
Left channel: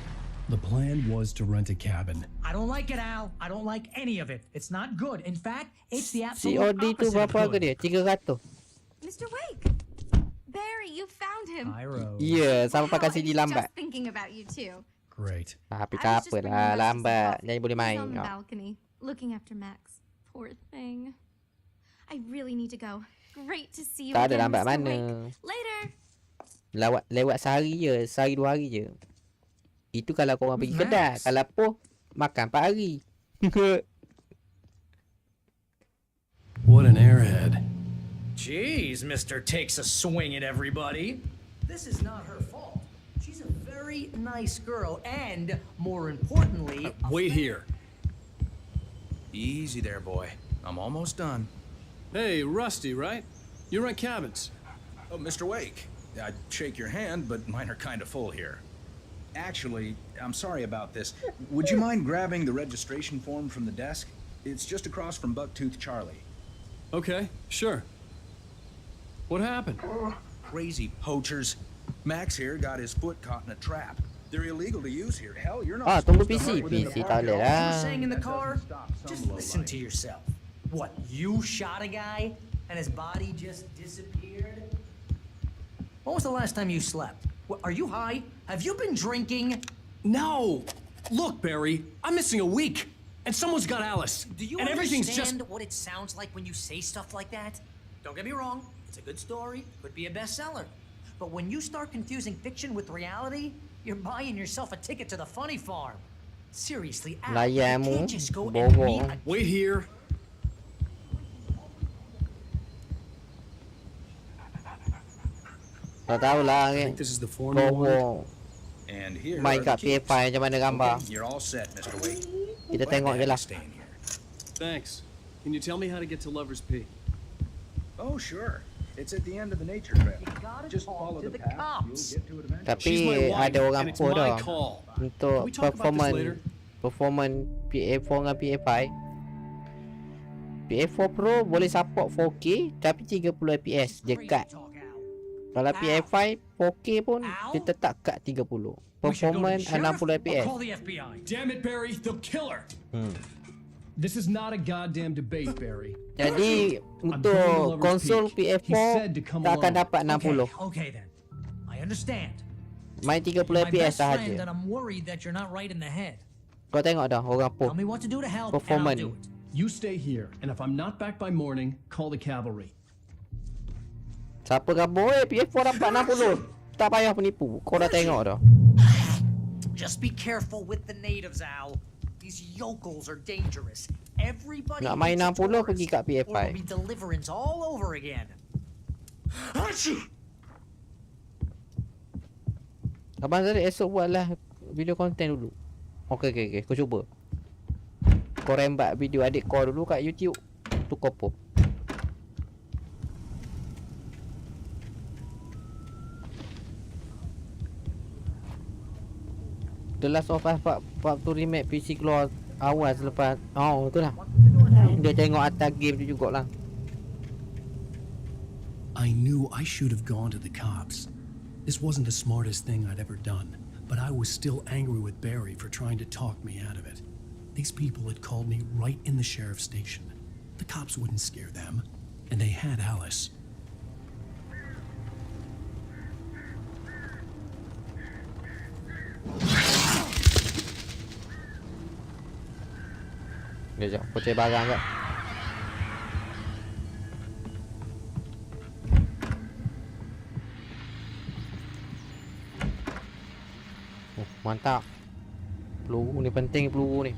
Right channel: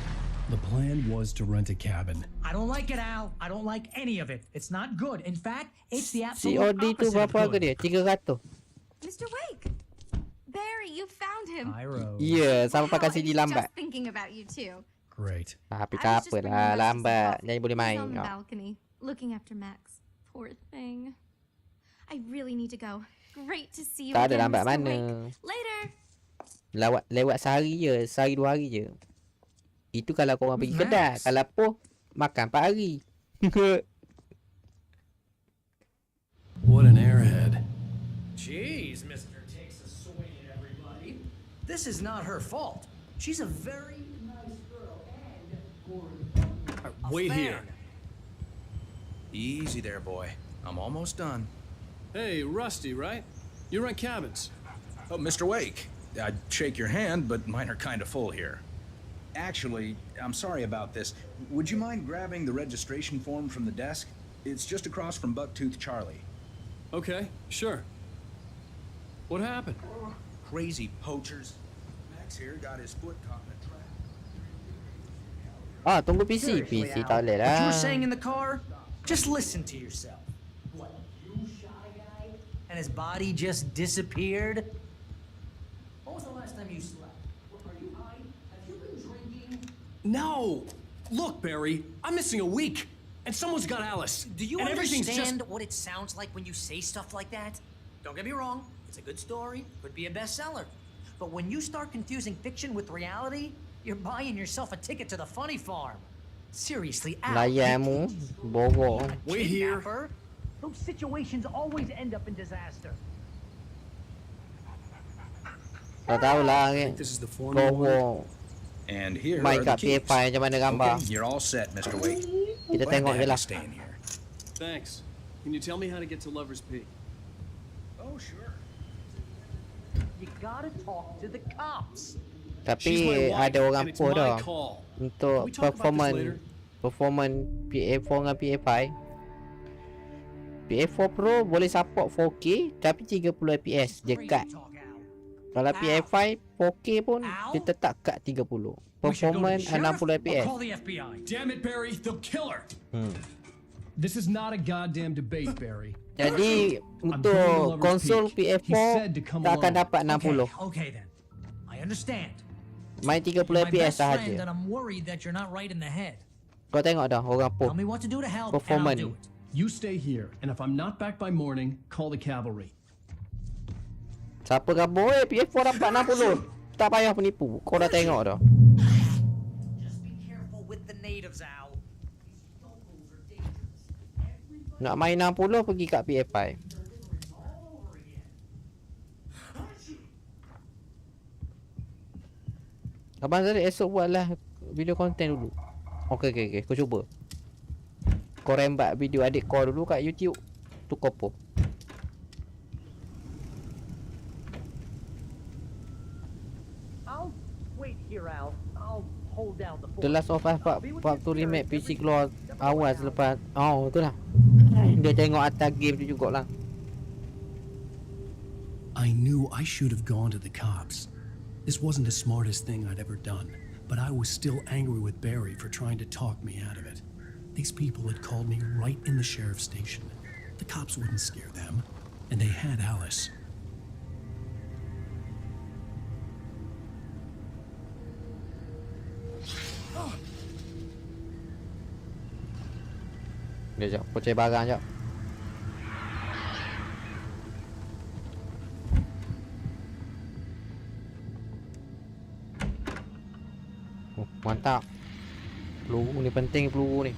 The plan was to rent a cabin. I don't like it, Al. I don't like any of it. It's not good. In fact, it's the Si absolute Odi tu opposite of berapa harga good. dia? 300. Mr. Wake! Barry, you found him. Ya, sama pakai Wow, CD I was lambat. just thinking about you too. Great. Tapi I was tak just bringing apalah, Rusty some lambat. coffee. Jadi boleh He's main. on the Oh. balcony, looking after Max. Poor thing. I really need to go. Great to see you Tak ada again, lambat Mr. mana. Wake. Later. Lewat sehari je, sehari 2 hari je. Itu kalau korang pergi kedai. Kalau poh, makan 4 hari. What an airhead. Jeez, Mr. Takes a swing at everybody. This is not her fault. She's a very nice girl and, more importantly, a Wait fan. here. Easy there, boy. I'm almost done. Hey, Rusty, right? You rent cabins. Oh, Mr. Wake. I'd shake your hand, but mine are kind of full here. Actually, I'm sorry about this. Would you mind grabbing the registration form from the desk? It's just across from Bucktooth Charlie. Okay, sure. What happened? Crazy poachers. Max here got his foot caught in a trap. They're illegal to use here. Hell, you're not. Ah, tunggu PC. PC tak boleh You lah. were saying in the car? Just listen to yourself. What, you shot a guy and his body just disappeared? When was the last time you slept? What, are you high? Have you been drinking? No! Look, Barry, I'm missing a week, and someone's got Alice. Do you and everything's understand just... what it sounds like when you say stuff like that? Don't get me wrong, it's a good story, could be a bestseller. But when you start confusing fiction with reality, you're buying yourself a ticket to the funny farm. Seriously, Al, you Layanmu, can't just go and bobo. meet a Wait here. kidnapper. Those situations always end up in disaster. Tak tahulah. This is the form you wanted? Bobo. And here Main are the kat keys. ps5 macam mana gambar. Okay, you're all set, Mr. Wake. Kita Glad tengok to je have lah. you staying here. Thanks. Can you tell me how to get to Lover's Peak? Oh, sure. It's at the end of the nature trail. You gotta Just talk follow to the cops. You'll get to it eventually. Tapi She's my wife, ada orang and it's post my dah. call. Untuk Can we talk about this later? performance PA4 dengan PA5. PA4 Pro boleh support 4K tapi 30 fps je cut. Kalau PA5 4K pun dia tetap cut 30. Performance 60 fps. Call the FBI. Damn it, Barry, they'll kill her. This is not a goddamn debate, Barry. Jadi untuk konsol PA4 tak akan dapat 60. Okay then. I understand. Main 30 You're my fps best friend sahaja. and I'm worried that you're not right in the head. Kau tengok dah orang post Tell me what to do to help and I'll performance. do it. You stay here, and if I'm not back by morning, call the cavalry. Siapa gabung PA4 dapat 60. Tak payah penipu. Kau dah tengok dah. Just be careful with the natives, Al. These yokels are dangerous. Everybody Nak main 60 pergi kat PA5. or it'll be deliverance all over again. Abang Zari esok buatlah video konten dulu. Okey. Kau cuba. Kau rembat video adik kau dulu kat YouTube. Tu kopo. I'll wait here, Al. I'll hold down the The Last of Us Part 2 remake PC keluar awal selepas. Oh, itulah. Dia tengok atas game tu jugalah. I knew I should have gone to the cops. This wasn't the smartest thing I'd ever done, but I was still angry with Barry for trying to talk me out of it. These people had called me right in the sheriff's station. The cops wouldn't scare them, and they had Alice. Dia jap, poceh barang jap. Oh, mantap. Peluru ni penting, peluru ni.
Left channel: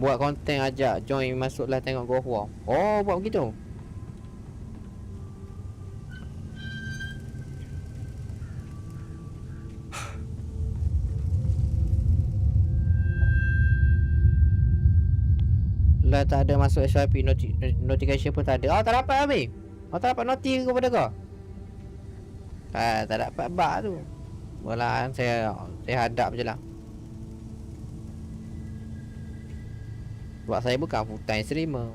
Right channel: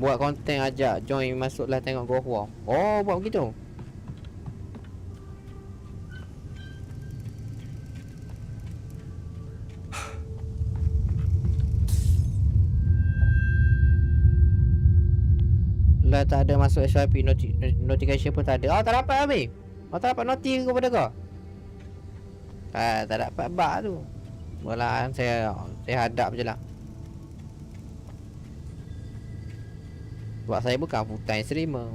Buat konten ajak join masuklah tengok Go War. Oh, buat begitu. Lah tak ada masuk SYP notification pun tak ada. Oh, tak dapat habis. Oh, tak dapat noti kepada kau. Tak dapat bug tu. Walah, saya hadap je lah. Sebab saya bukan full time streamer.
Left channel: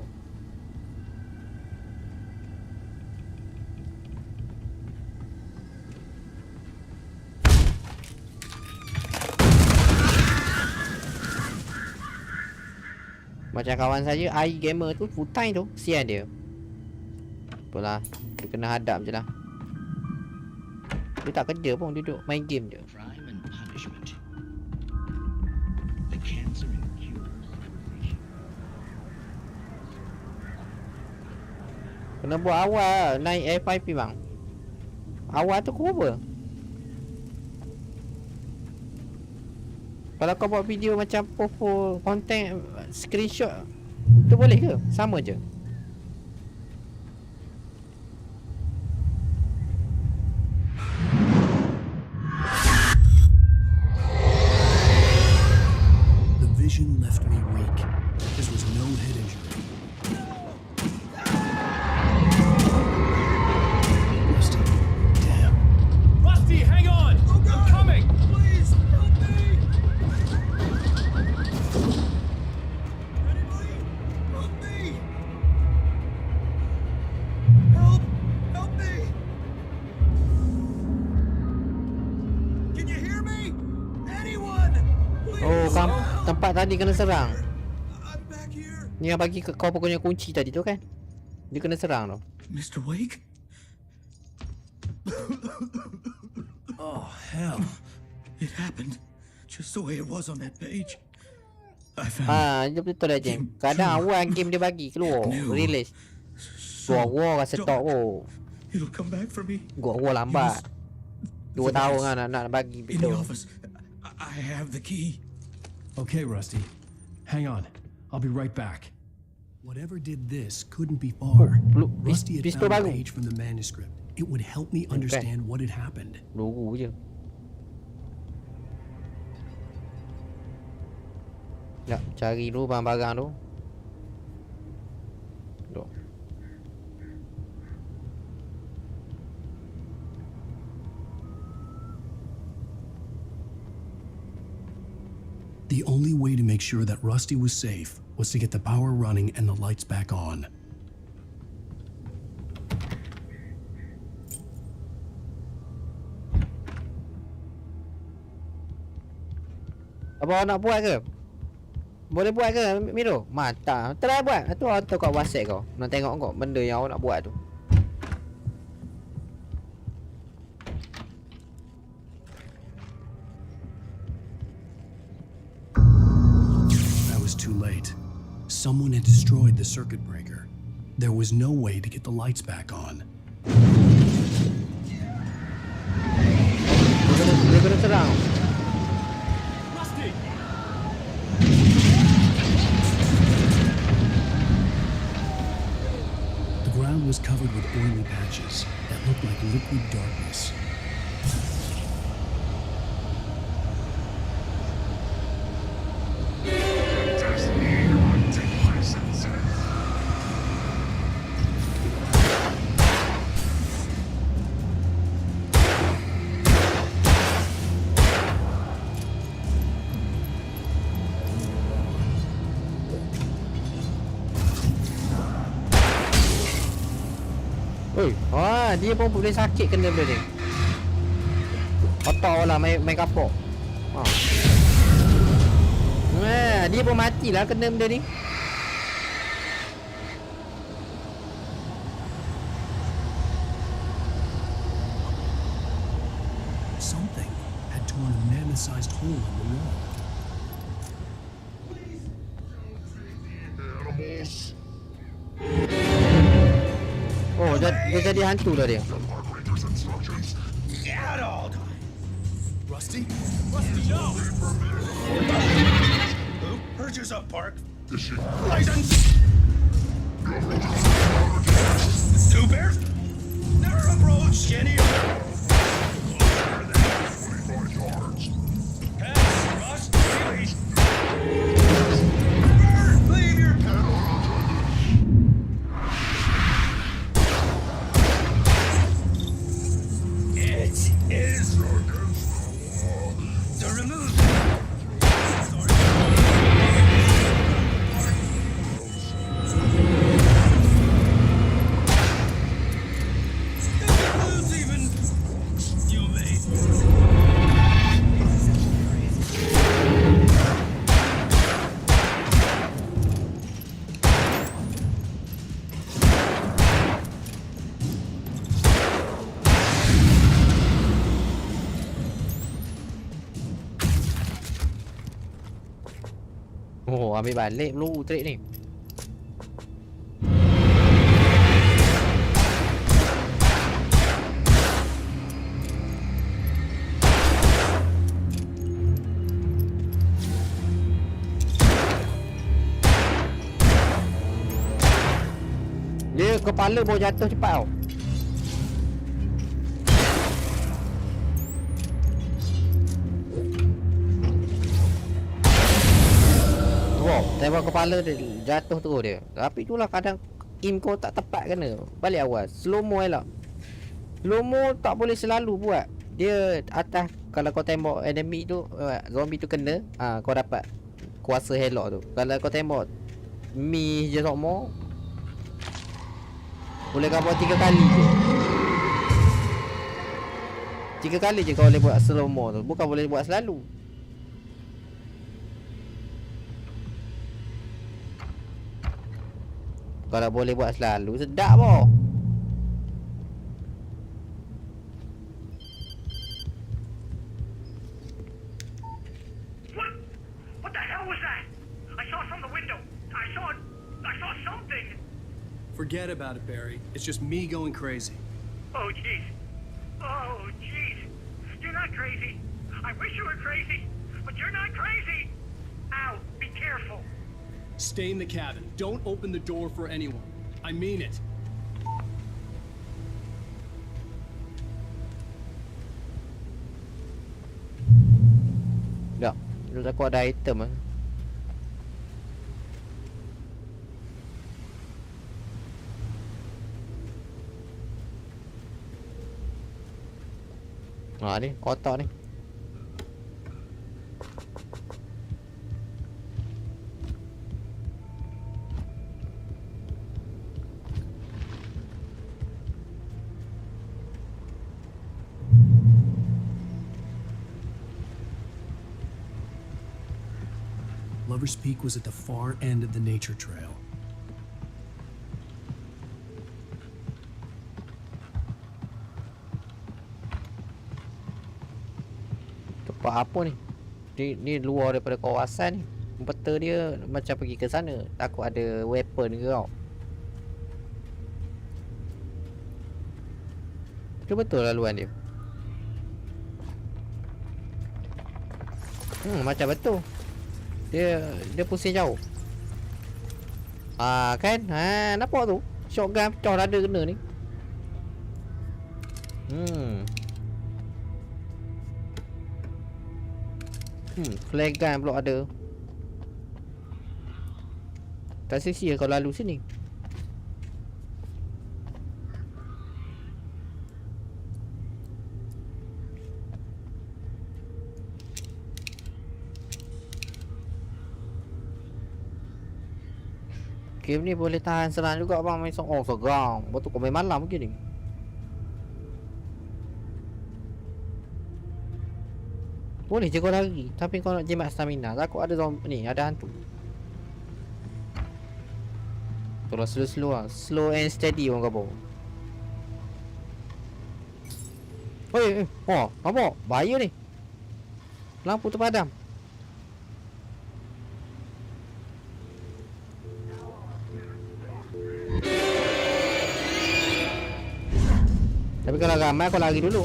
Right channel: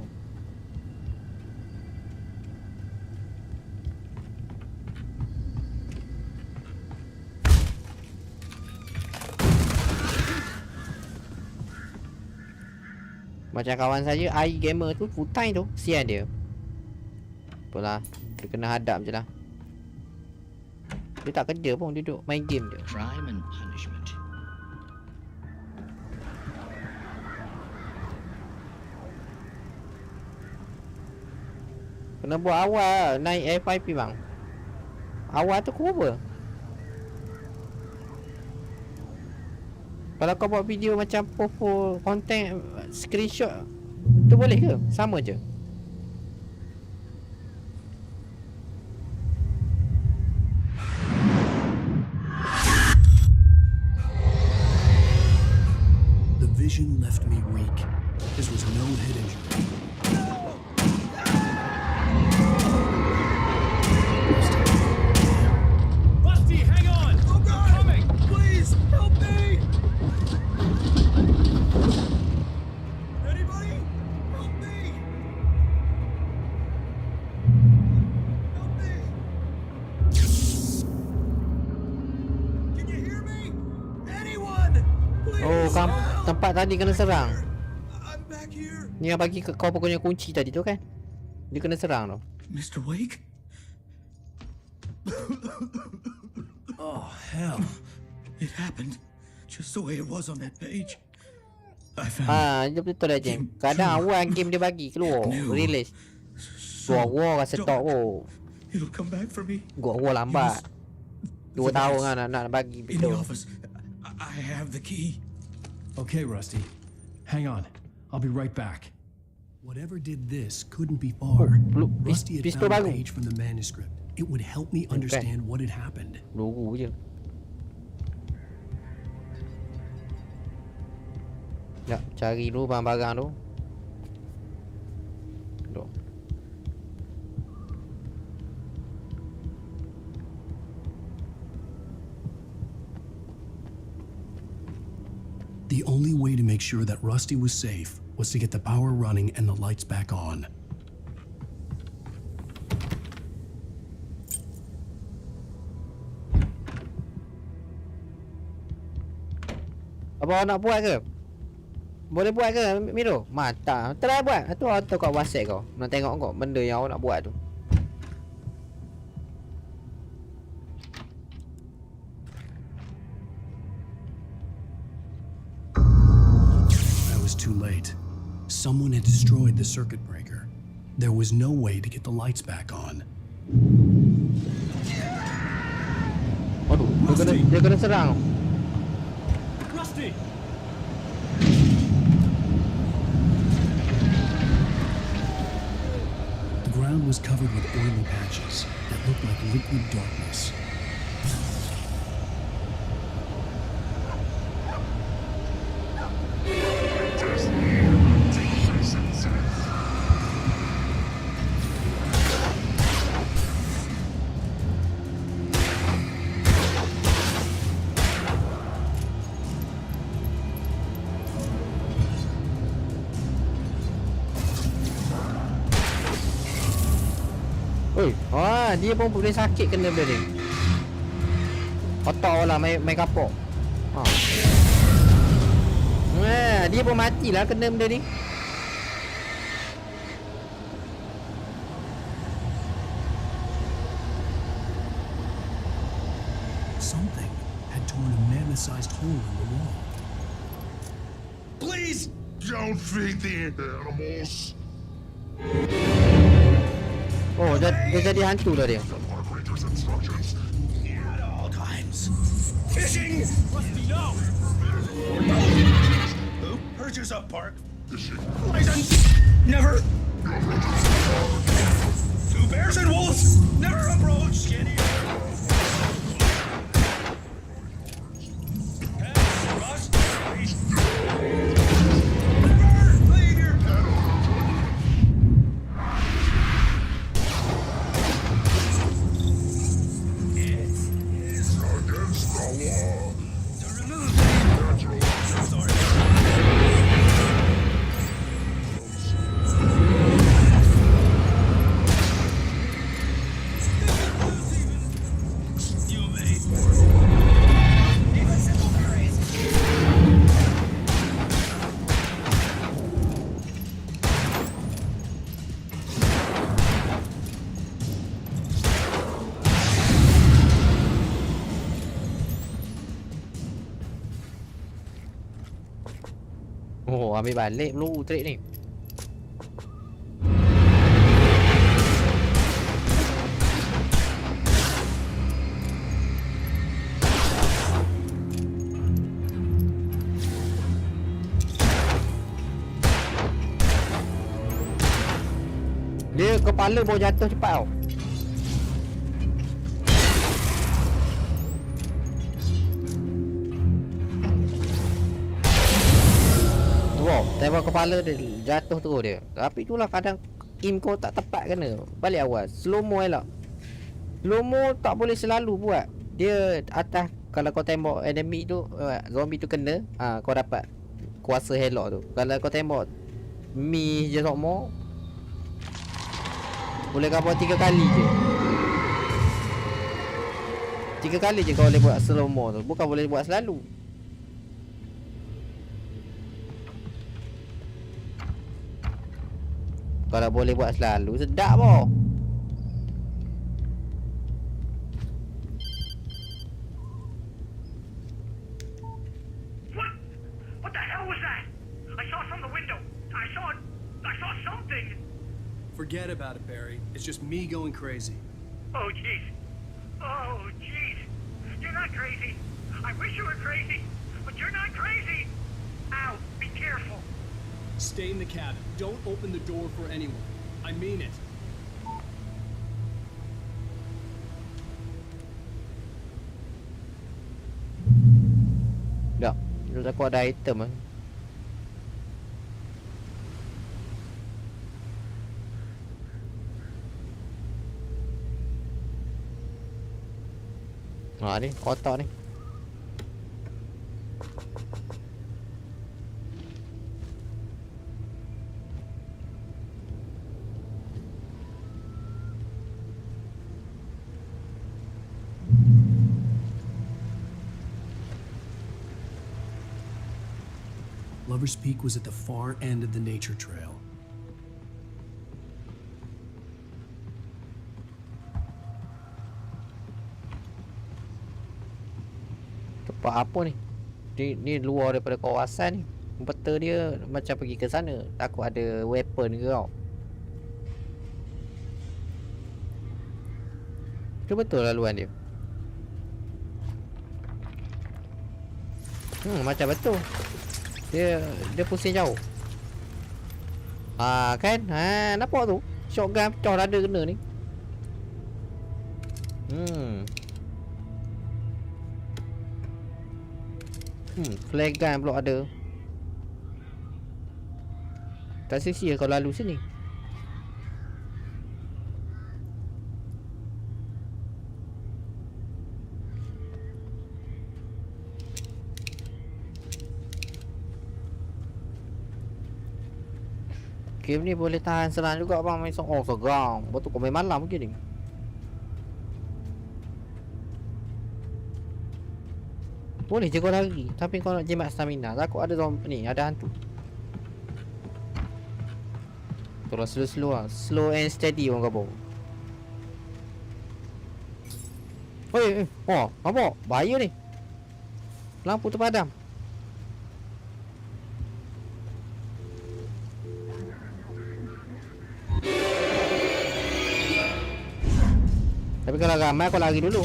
Macam kawan saya AI gamer tu full time tu, sian dia. Apalah, dia kena hadap je lah. Dia tak kerja pun, duduk main game je. Crime and punishment. Kena buat awal naik FIP bang. Awal tu kau apa? Kalau kau buat video macam popo konten screenshot tu boleh ke? Sama je. The vision left me weak. This was no head injury. Rusty, hang on! Oh God! I'm coming! Please, help me! Anybody? Help me! Help me! Can you hear me? Anyone? Please! Oh, tempat tadi kena serang. Ni yang bagi kau punya kunci tadi tu kan? Dia kena serang tu. Mr. Wake? Oh, hell. It happened just the way it was on that page. I found Dia betul dah Jam. Kadang awal game dia bagi keluar, release. Gua rasa tok oh. It'll come back for me. Gua lambat. 2 tahun kan nak bagi In the betul. office. I have the key. Okay, Rusty. Hang on. I'll be right back. Whatever did this couldn't be far. Rusty had found a page from the manuscript. It would help me understand what had happened. Logo je. Nak cari dulu barang-barang tu. Duk. The only way to make sure that Rusty was safe was to get the power running and the lights back on. Apa nak buat ke? Boleh buat ke Miro? Mantap. Try buat. Tu auto kat WhatsApp kau. Nak tengok kau benda yang awak nak buat tu. I was too late. Someone had destroyed the circuit breaker. There was no way to get the lights back on. Dia kena serang. Rusty! The ground was covered with oily patches that looked like liquid darkness. Dia pun boleh sakit kena benda dia. Otak lah main kapok. Dia pun matilah kena benda ni. Something had torn a mammoth-sized hole in the wall. Please don't feed the animals. Oh, dia jadi hantu dah dia. At all times. Fishing. Rusty, no! Who? Purchase up park. License. Never. 2 bears and wolves. Never approach any other. Pets must be released. Never leave your pet unattended. It is against the law to remove Oh, ambil balik peluru trik ni. Dia kepala baru jatuh cepat tau. Wow, tembak kepala dia jatuh terus dia. Tapi itulah kadang aim kau tak tepat kena. Balik awal. Slow mo elok. Slow mo tak boleh selalu buat. Dia atas kalau kau tembak enemy tu, zombie tu kena, kau dapat kuasa helok tu. Kalau kau tembak mi je sokmo, boleh kau buat 3 kali je. 3 kali je kau boleh buat slow mo tu. Bukan boleh buat selalu. Kalau boleh buat selalu sedap boh. What the hell was that? I saw from the window. I saw something. Forget about it, Barry. It's just me going crazy. Oh jeez. Oh jeez. You're not crazy. I wish you were crazy, but you're not crazy. Ow, be careful. Stay in the cabin. Don't open the door for anyone. I mean it. Dah, aku ada item kan. Ni, otak ni. Lover's Peak was at the far end of the nature trail. Tempat apa ni? Ni luar daripada kawasan ni. Peta dia macam pergi ke sana. Takut ada weapon ke tau. Itu betul laluan dia. Macam betul. Dia pusing jauh. Kan? Nampak tu? Shotgun pecah dada kena ni. Flare gun pula ada. Tak sia-sia kau lalu sini. Game ni boleh tahan serang juga bang. Main segang. Betul kau main malam mungkin ni. Boleh je kau lari. Tapi kau nak jimat stamina. Takut ada zombie ni. Ada hantu. Tolong slow-slow lah. Slow and steady orang kau. Oi, nampak? Bahaya ni. Lampu terpadam. Tapi kalau ramai kau lari dulu.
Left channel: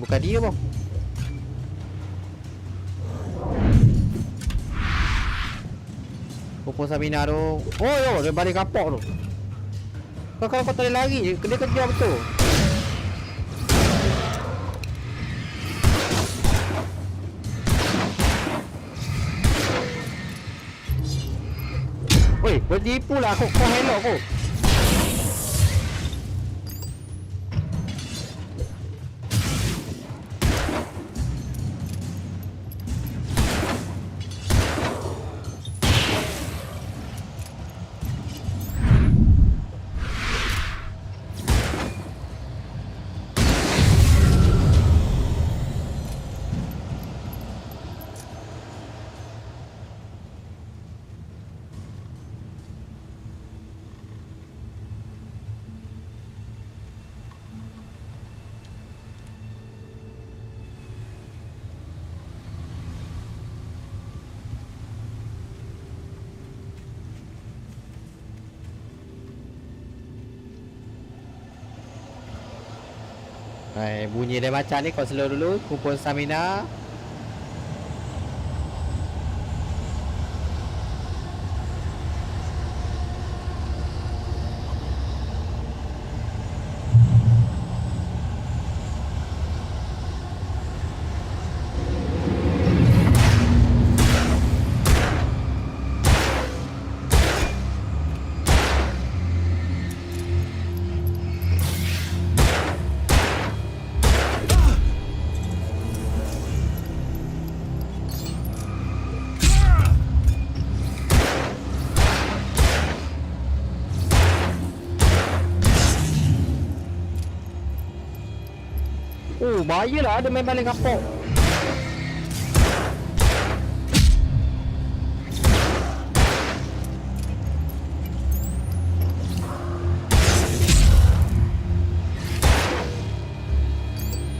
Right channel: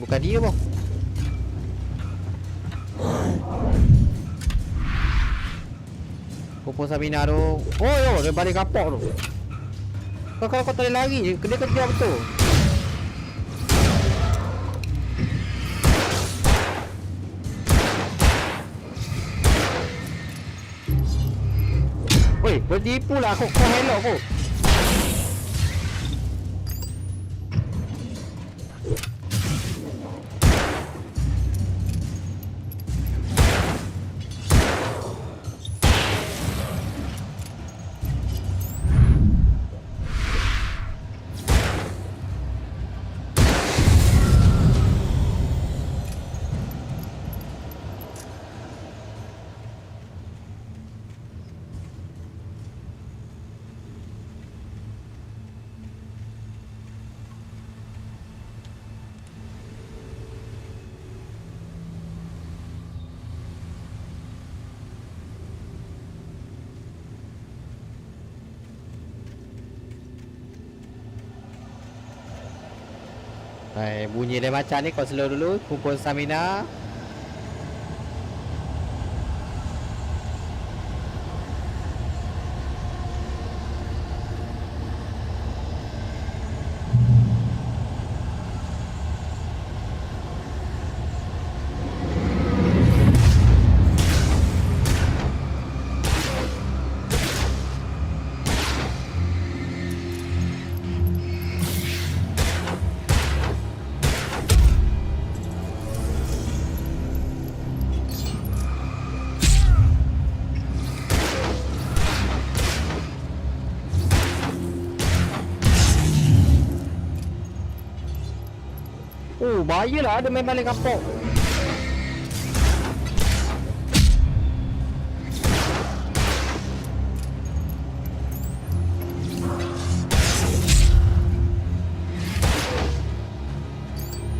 Bukan dia boh. Pupus Sabina tu. Dia balik kapok tu. Kalau kau tak boleh lari, dia kejar betul. Oi, bertipu lah kau helok kau. Bunyi dia macam ni, kau slow dulu, kumpul stamina. Oh, bahayalah ada main balik kapok.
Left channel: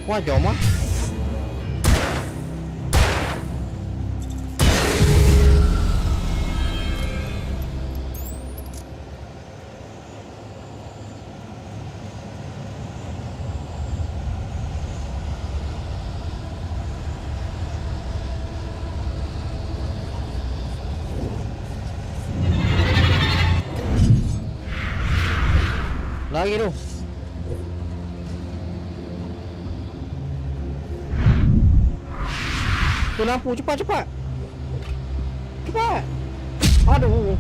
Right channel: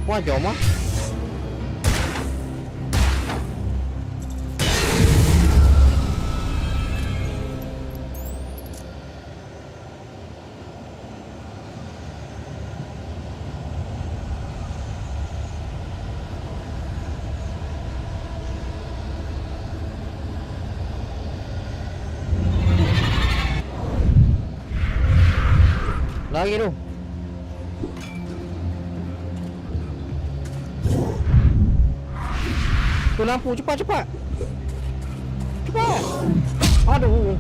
Wah, jom ah. Lagi tu. Tu lampu, cepat cepat. Cepat. Aduh.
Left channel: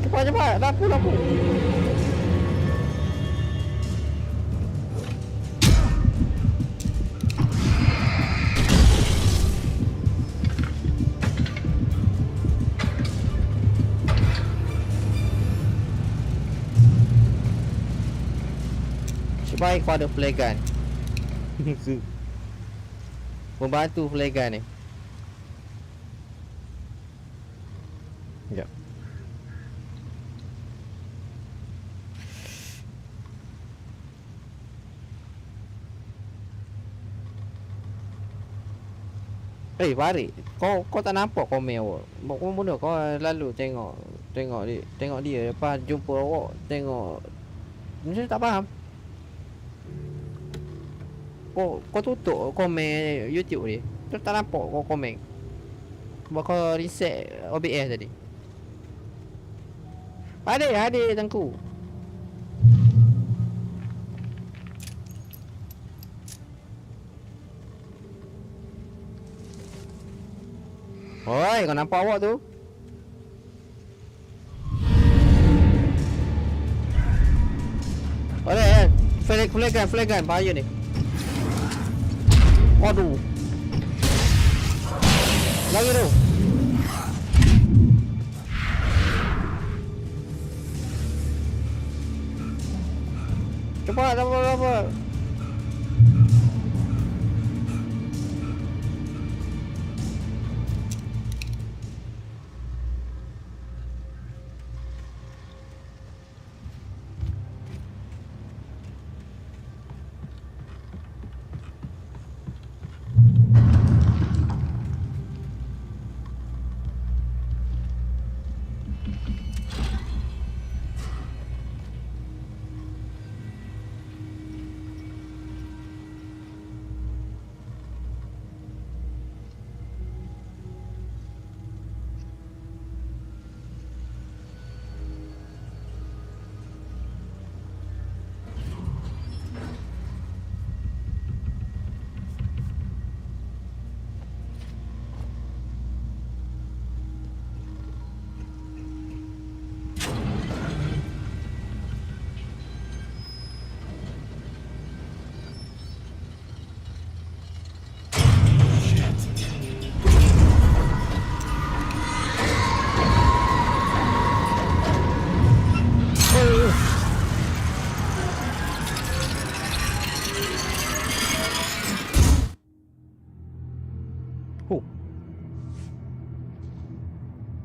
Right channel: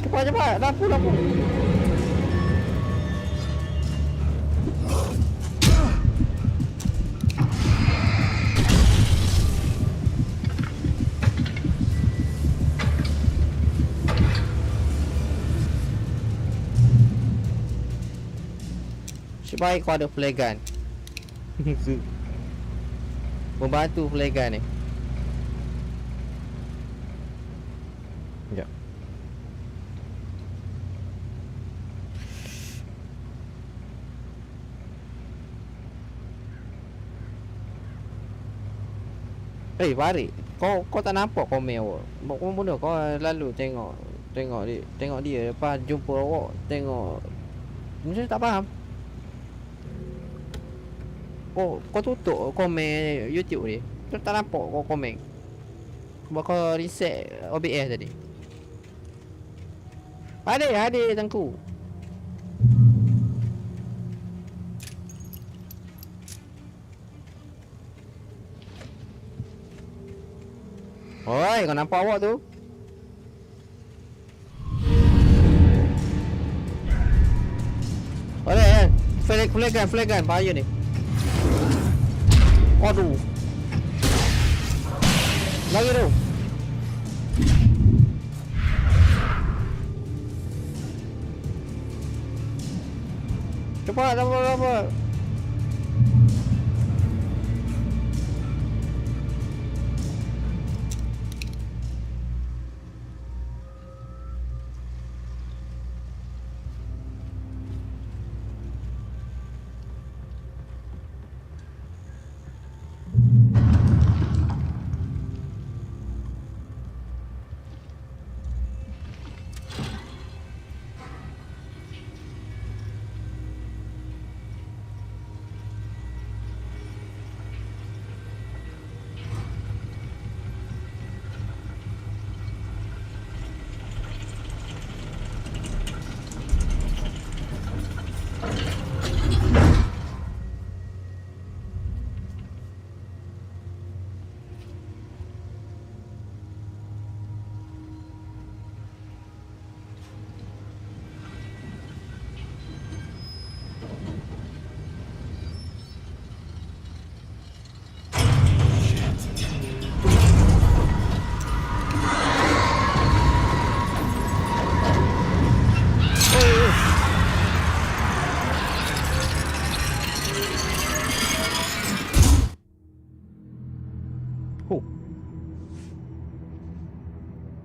Cepat cepat, lampu lampu. Baik kau ada flare gun. Membantu flare gun ni. Sekejap. Barik. Kau tak nampak komen awak. Kau benda kau lalu tengok dia lepas jumpa awak tengok. Macam tak faham. Kau tutup komen YouTube ni. Kau tak nampak kau komen. Sebab kau reset OBS tadi. Ada tengku. Oi, kau nampak awak tu? Boleh kan? Flare gun, bahaya ni. Aduh. Lagi tu. Cepat.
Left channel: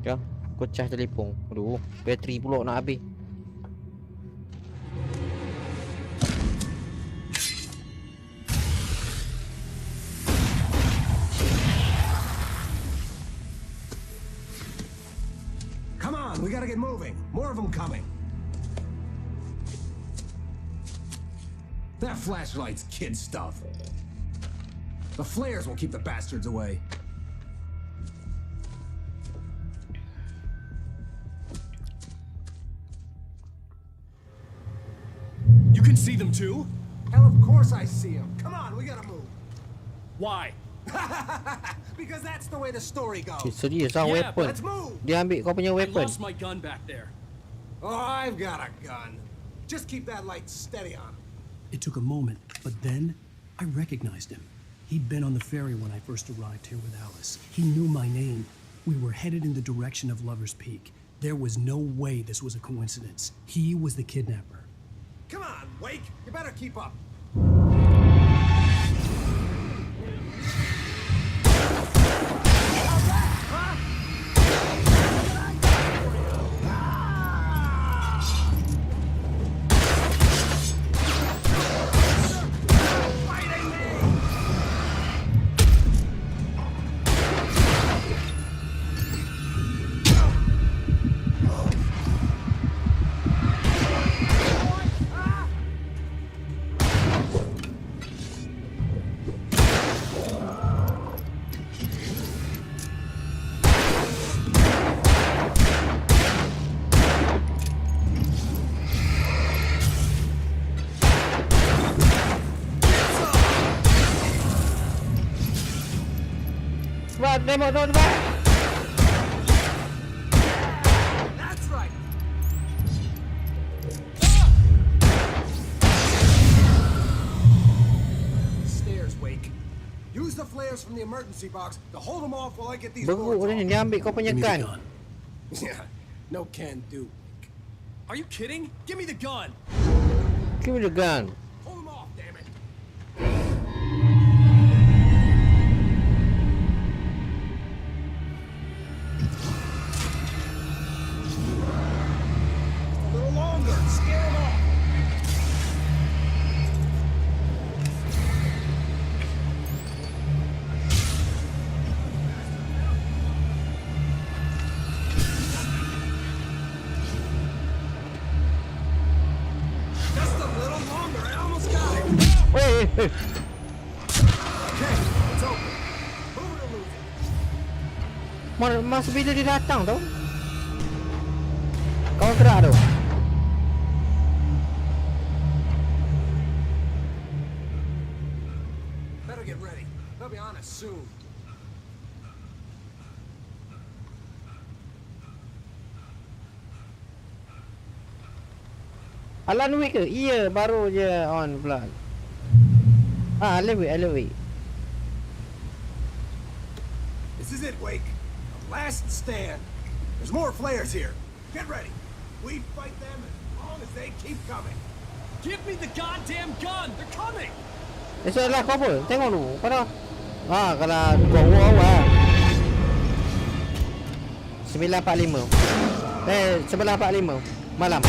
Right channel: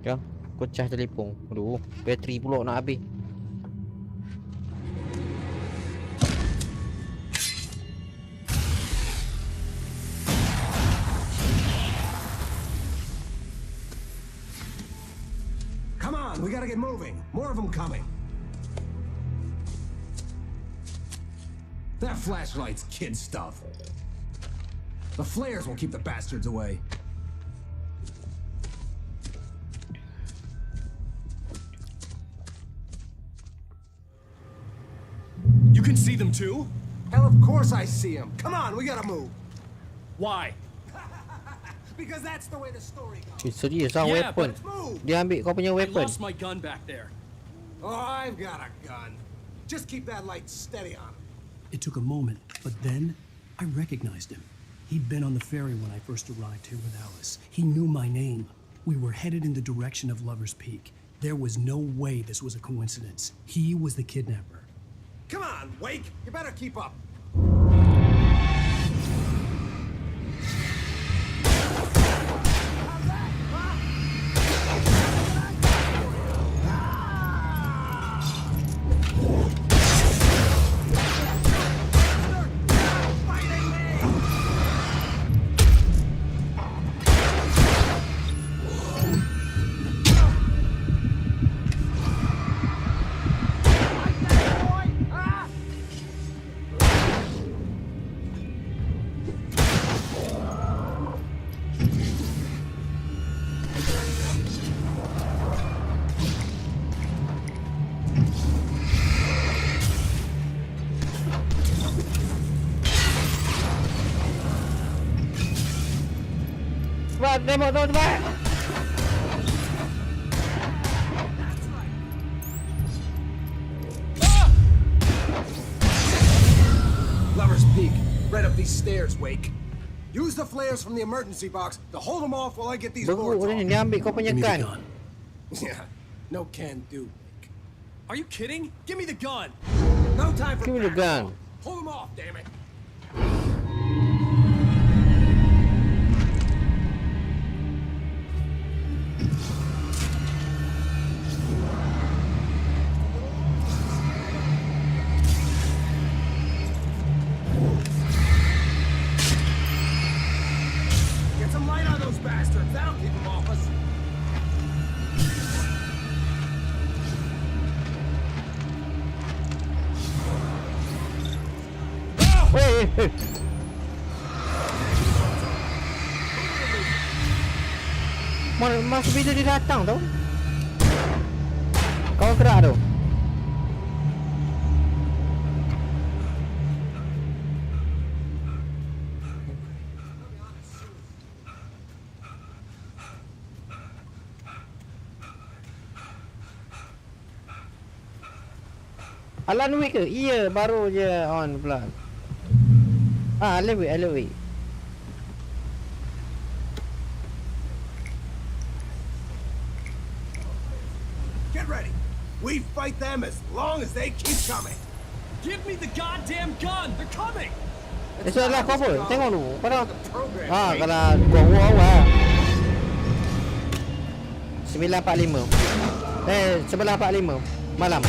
Ya, aku cas telefon. Aduh, bateri pula nak habis. We gotta get moving. More of them coming. That flashlight's kid stuff. The flares will keep the bastards away. You can see them too? Hell, of course I see them. Come on, we gotta move. Why? Because that's the way the story goes. So dia seorang weapon. Dia ambil kau punya I weapon. lost my gun back there. Oh, I've got a gun. Just keep that light steady on him. It took a moment, but then I recognized him. He'd been on the ferry when I first arrived here with Alice. He knew my name. We were headed in the direction of Lover's Peak. There was no way this was a coincidence. He was the kidnapper. Come on, Wake. You better keep up. Tembak, tembak. That's right. Lover's Peak. Right up these stairs, Wake. Use the flares from the emergency box to hold them off while I get these boards off. Dia ambil kau punya gun. Yeah, no can do, Wake. Are you kidding? Give me the gun. No time for Give me the gun. Hold them off, damn it. Weh. Masa bila dia datang tau? Kawan kerak tu. Better get ready. They'll be on us soon. Alan Wake ke? Iya, baru je on pula. Alan Wake. This is it, Wake. Last stand. There's more flares here. Get ready. We fight them as long as they keep coming. Give me the goddamn gun. They're coming. Esok lah kau apa? Tengok dulu. Kau dah. Kalau gua awal. 9.45. 11.45 malam.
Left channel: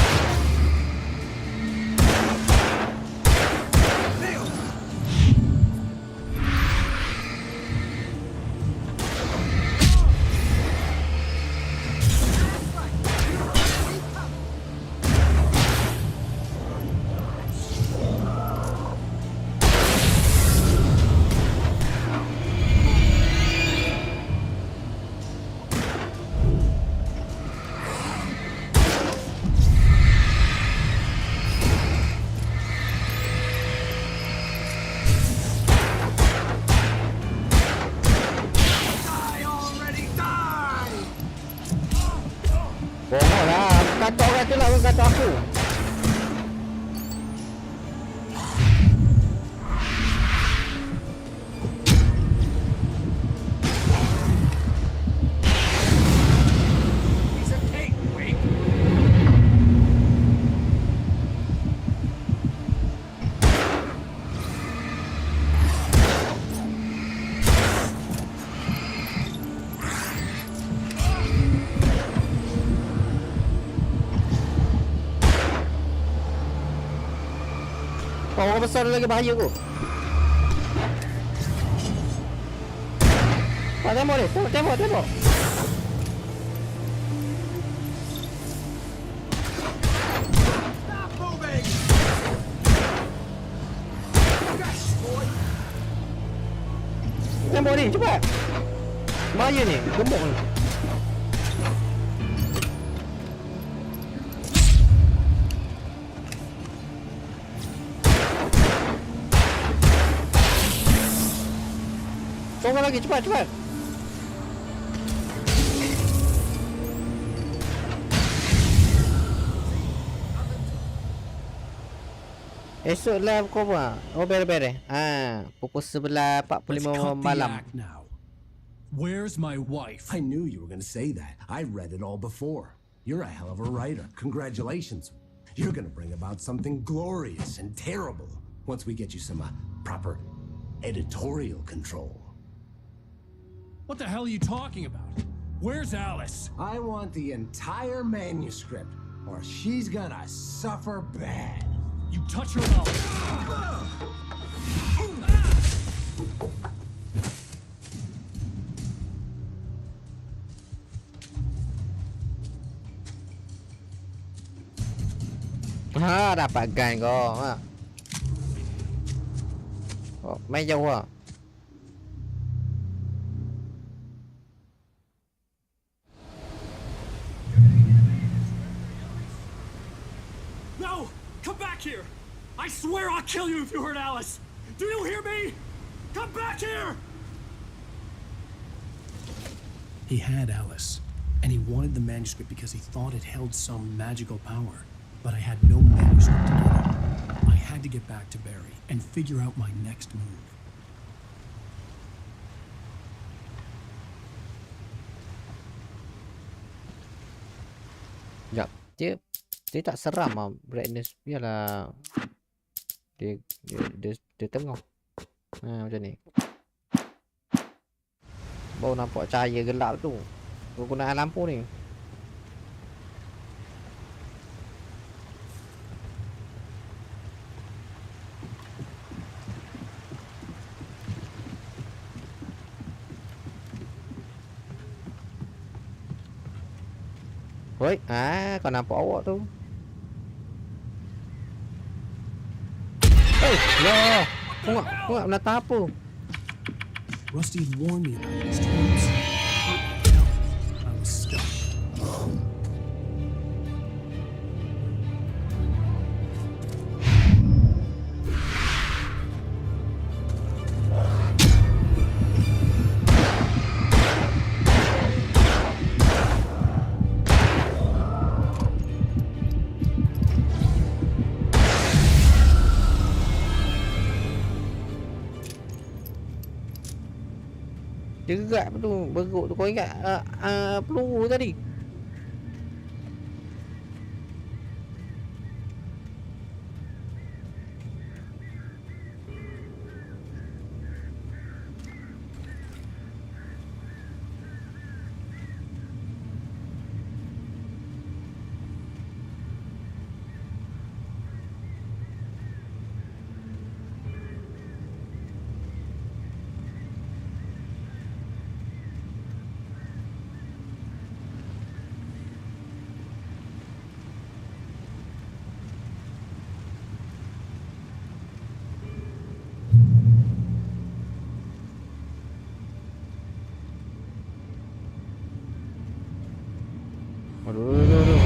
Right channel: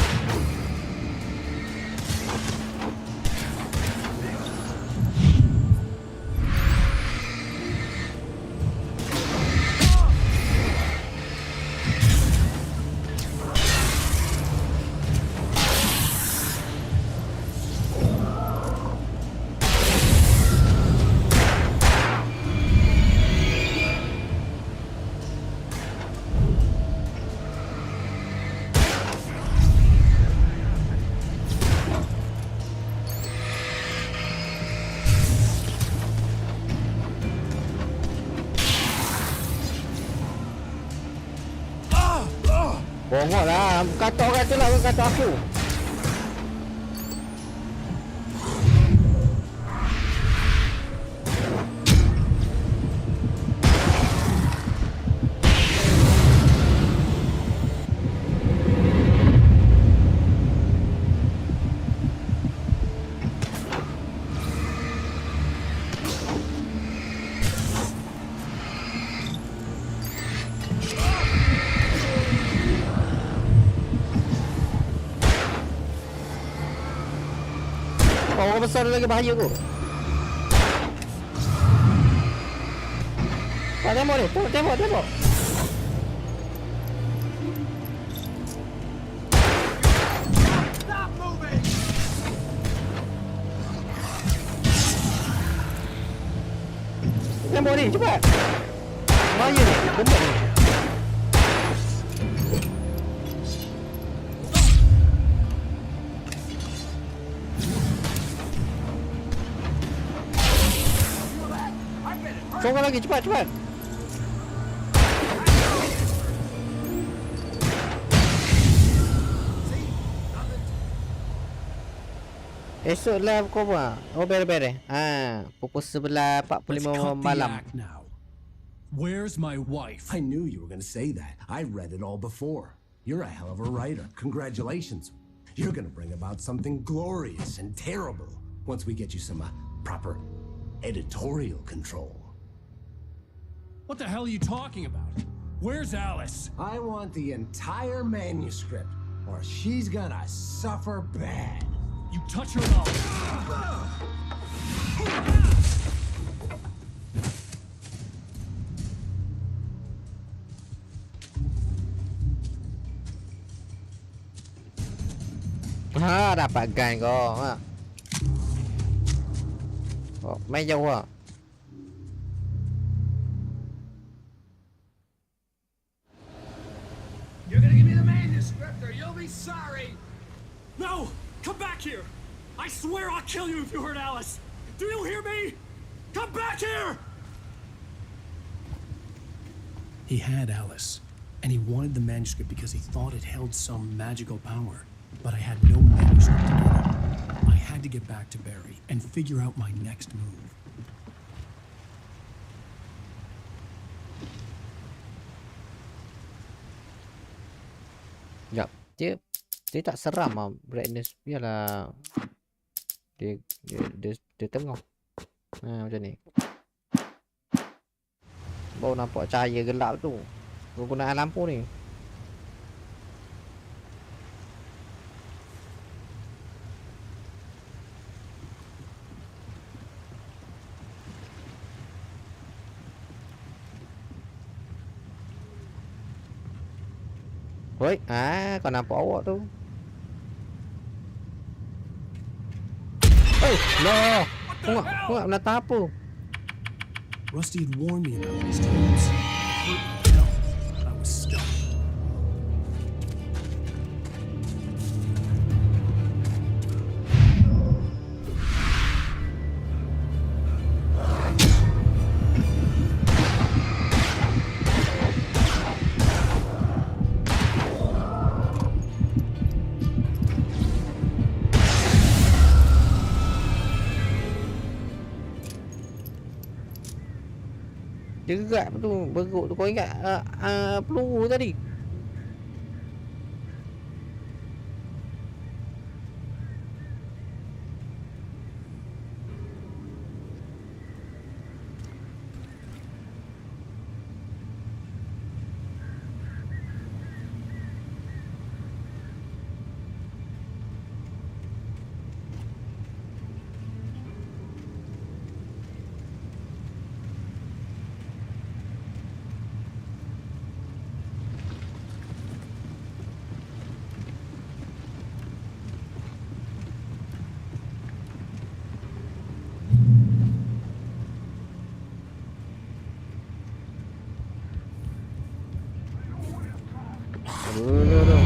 Bongok lah. Kata orang tu lah, kata aku. Orang besar lagi bahaya kot. Tembak ni. Tembak. nyamuk ni, cepat. Bahaya ni, gemuk ni. Tunggu lagi, cepat, cepat. Esoklah pukul apa? Oh, beres-beres. Pukul 11.45 malam. Now. Where's my wife? I knew you were going to say that. I read it all before. You're a hell of a writer. Congratulations. You're going to bring about something glorious and terrible once we get you some proper editorial control. What the hell are you talking about? Where's Alice? I want the entire manuscript, or she's gonna suffer bad. You touch her mouth. Dapat gun kau. Oh, main jauh ah. You're gonna give me the manuscript or you'll be sorry. No! Come back here! I swear I'll kill you if you hurt Alice! Do you hear me? Come back here! He had Alice, and he wanted the manuscript because he thought it held some magical power. But I had no manuscript to get him. I had to get back to Barry and figure out my next move. Sekejap. Dia tak seram lah. Brightness biarlah. Dia tengah. Macam ni. Baru nampak cahaya gelap tu. Kegunaan lampu ni. Oi, kau nampak awak tu. No. Kau nak menatap apa? Rusty had warned me about these tubes. It hurt like hell. I was stuck. Dia gerak tu, bergeruk tu. Kau ingat peluru tadi? Aduh.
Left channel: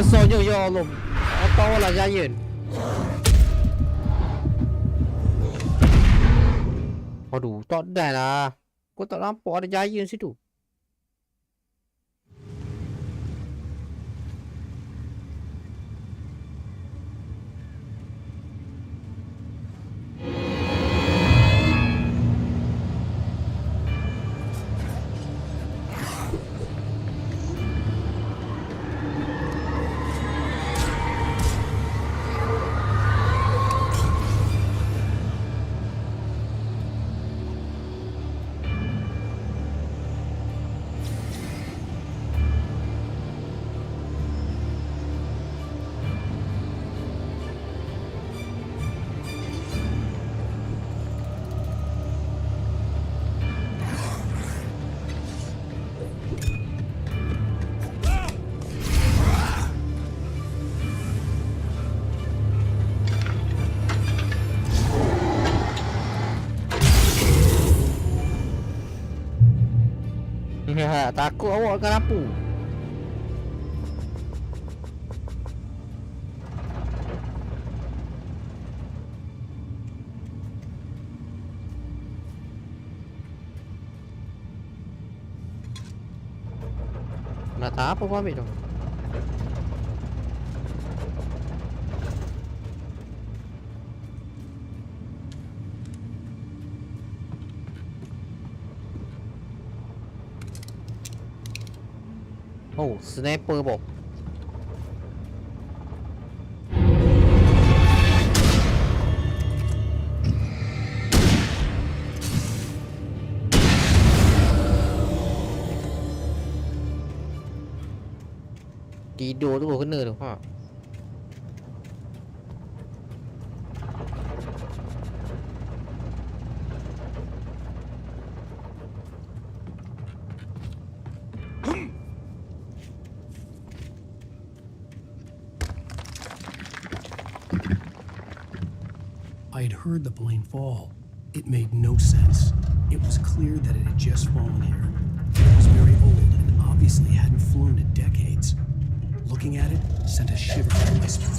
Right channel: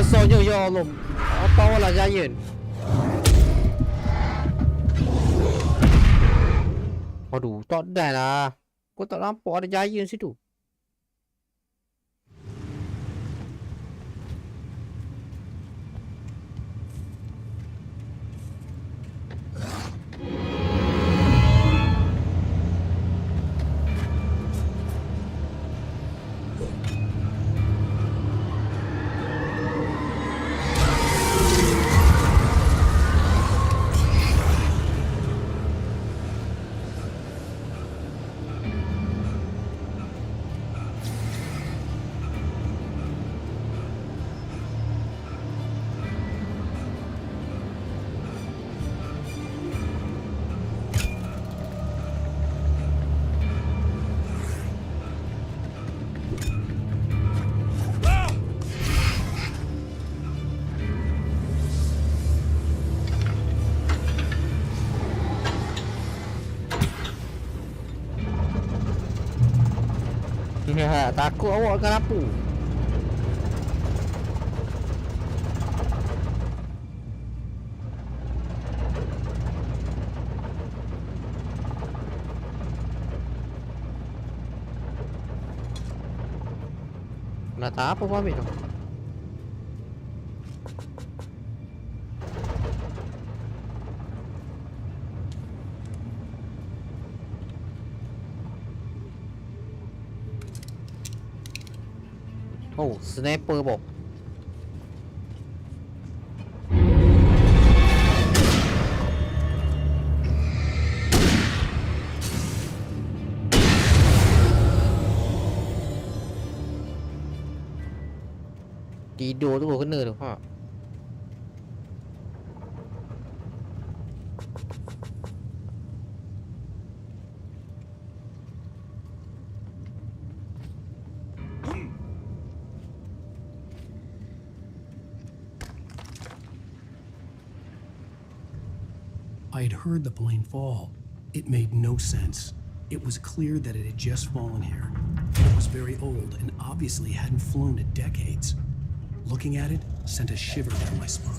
besarnya ya Allah. Apa lah giant. Aduh, tak dah lah. Kau tak nampak ada giant situ. Takut awak akan lampu. Nak tak apa pun ambil tu. Oh, sniper po. Tidur tu kena tu. Ha. I'd heard the plane fall. It made no sense. It was clear that it had just fallen here. It was very old and obviously hadn't flown in decades. Looking at it sent a shiver down my spine.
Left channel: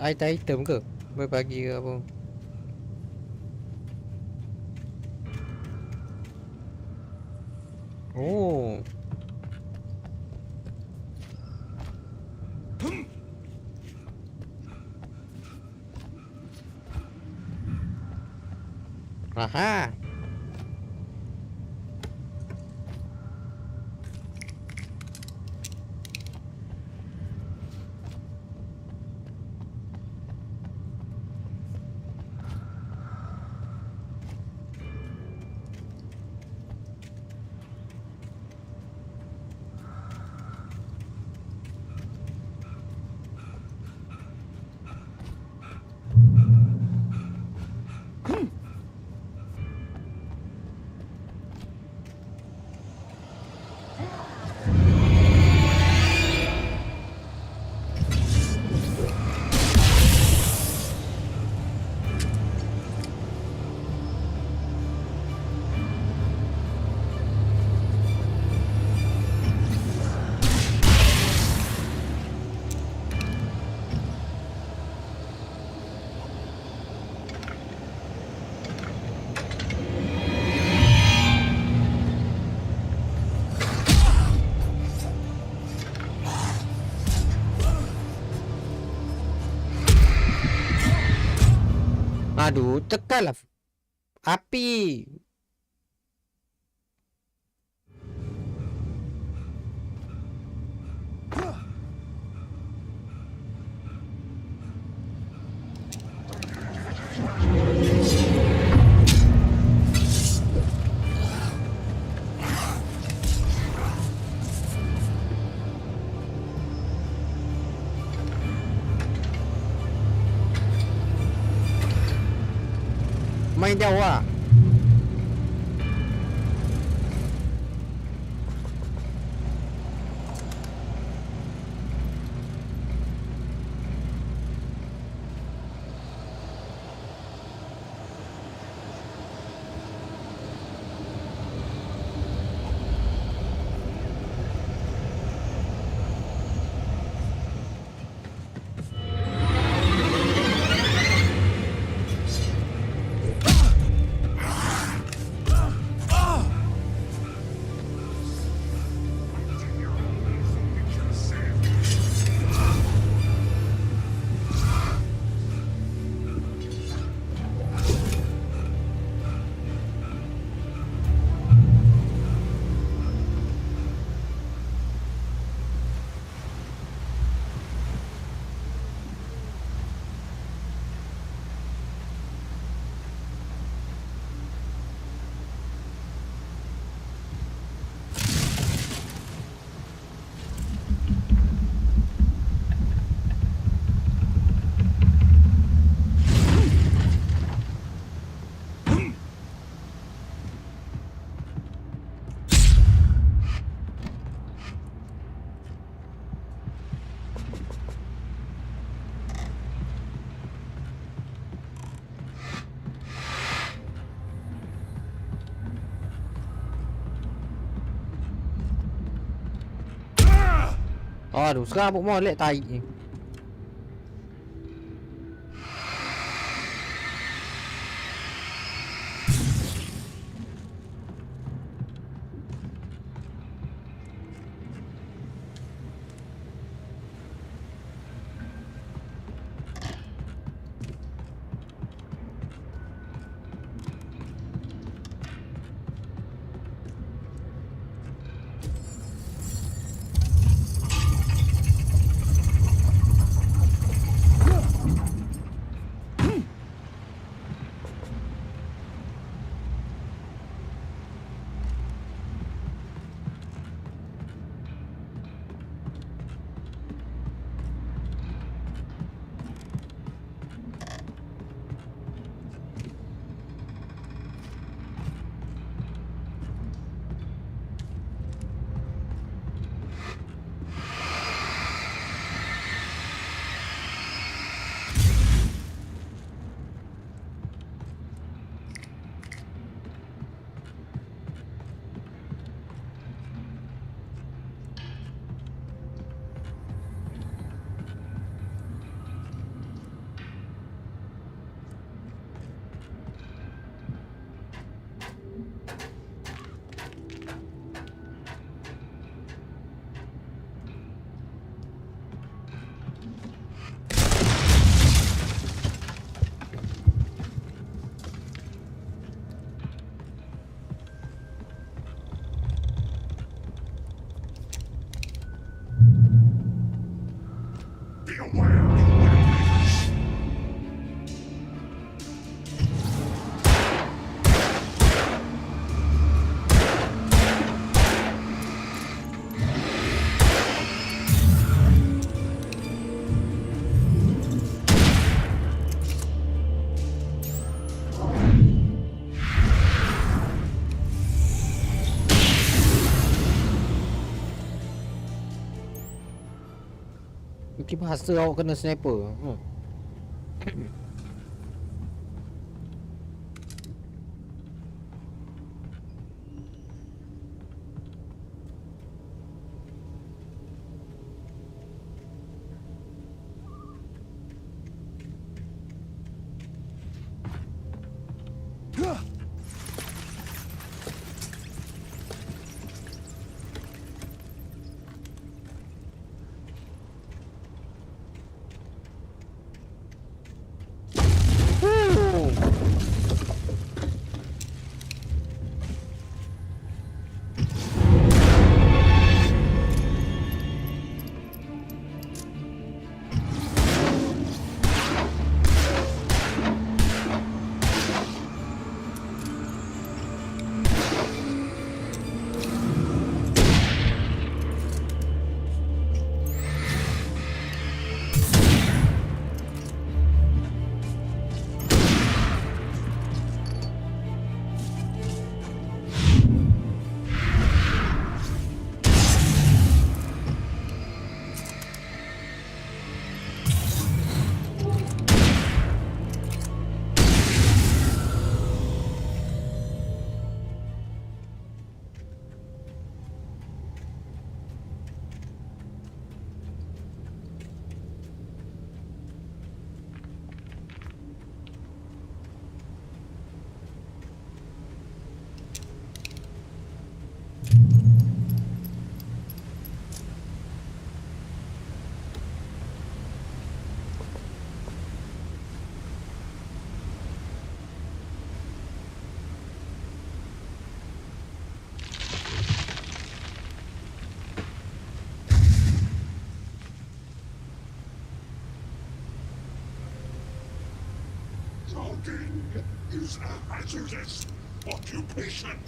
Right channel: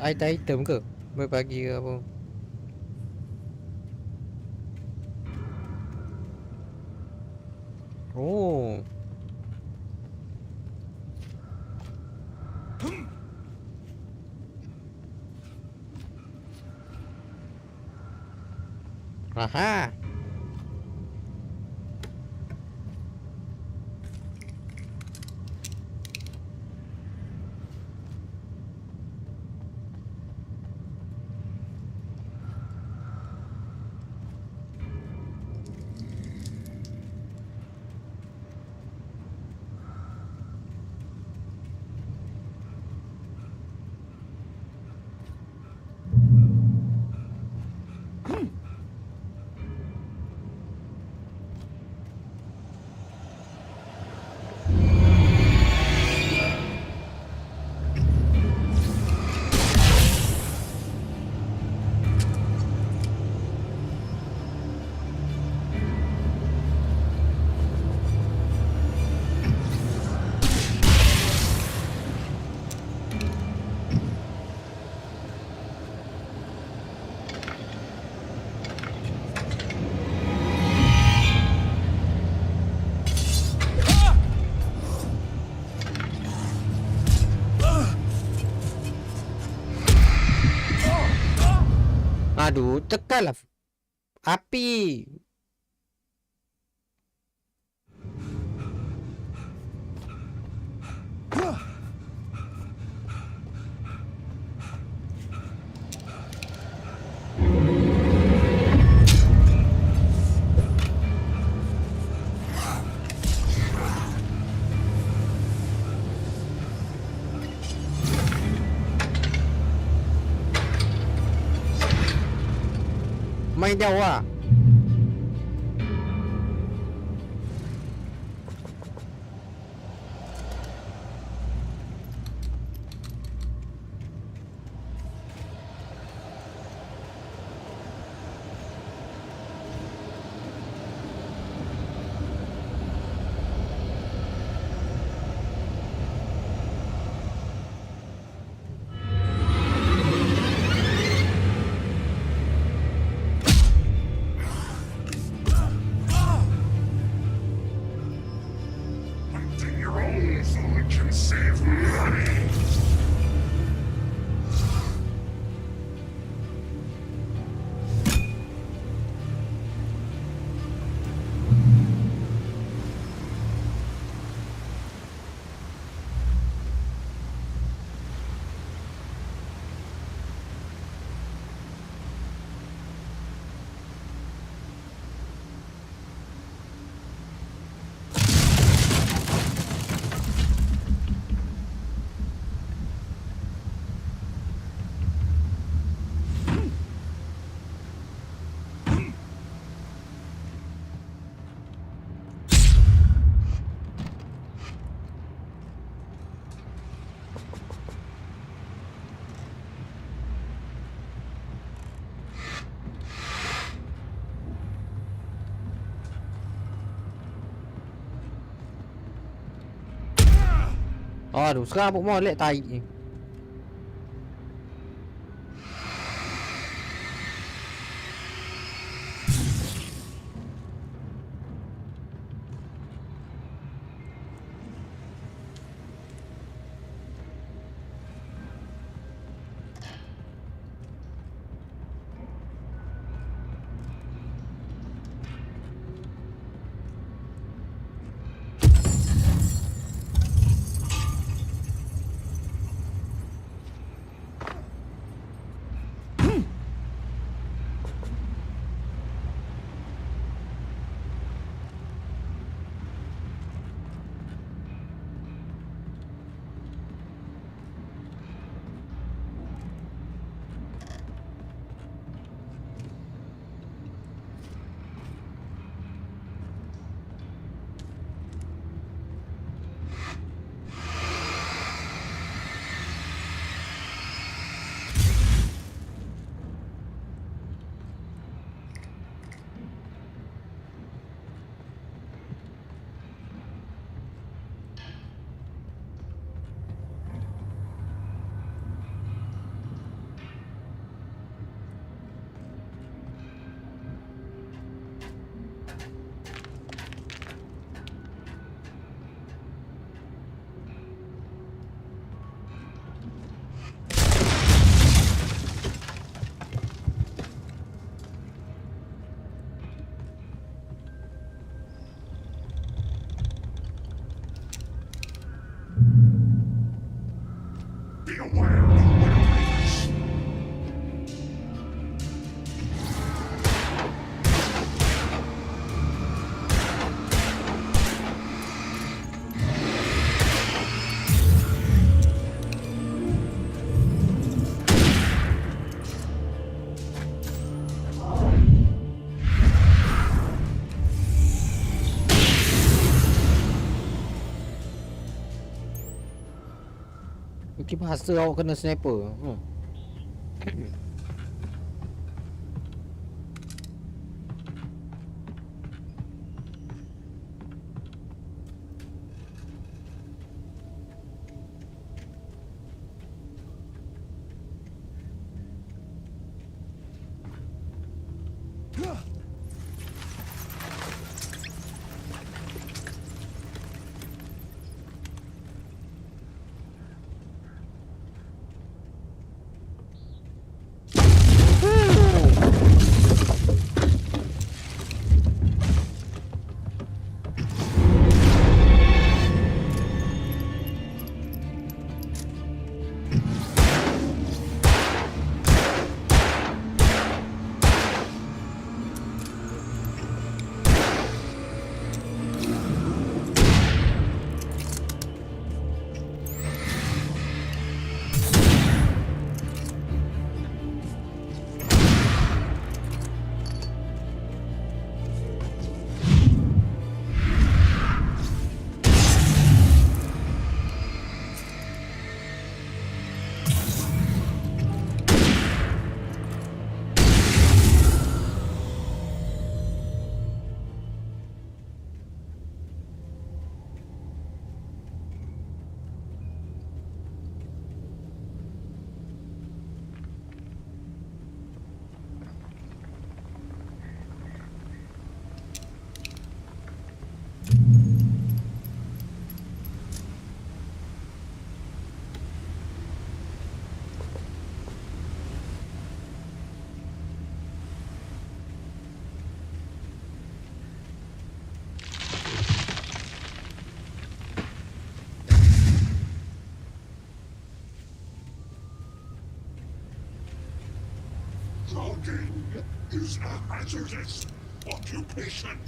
Item ke? Berbagi ke apa? Oh. Aha. Aduh, tekanlah api. Main jauh lah. Aduh, sekarang abuk molek tahi ni. Mungkin bahasa awak kena sniper. Working is a hazardous occupation.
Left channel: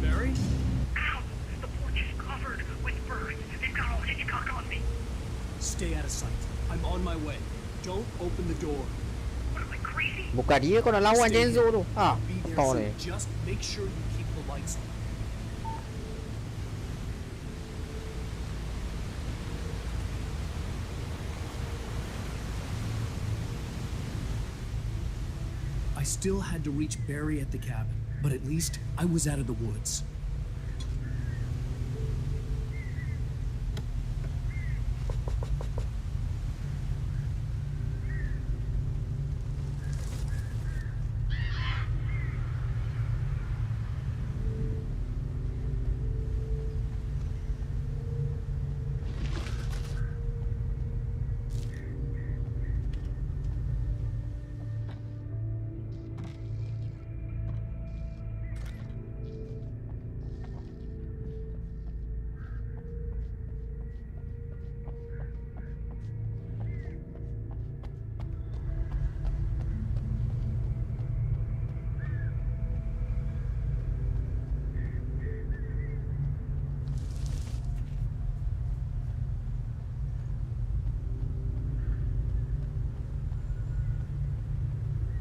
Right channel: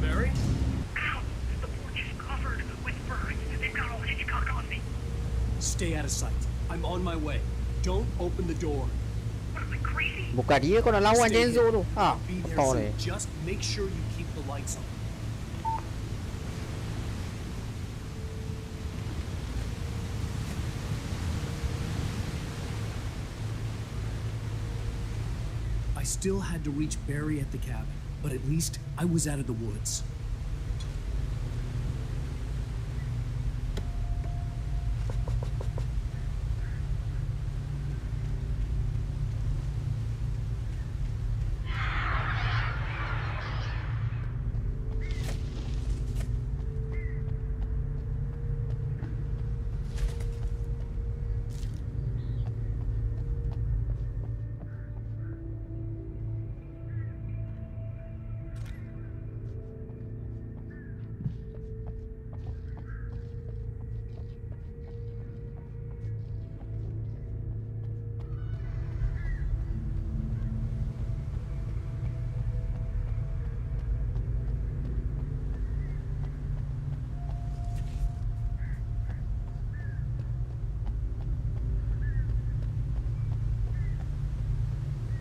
Barry? Ow! The porch is covered with birds. They've got all Hitchcock on me. Stay out of sight. I'm on my way. Don't open the door. What am I, crazy? Buka dia kau nak lawan Stay Genzo here. tu. Ha, I'll be there kau soon. ni. Just make sure you keep the lights on. I still had to reach Barry at the cabin, but at least I was out of the woods.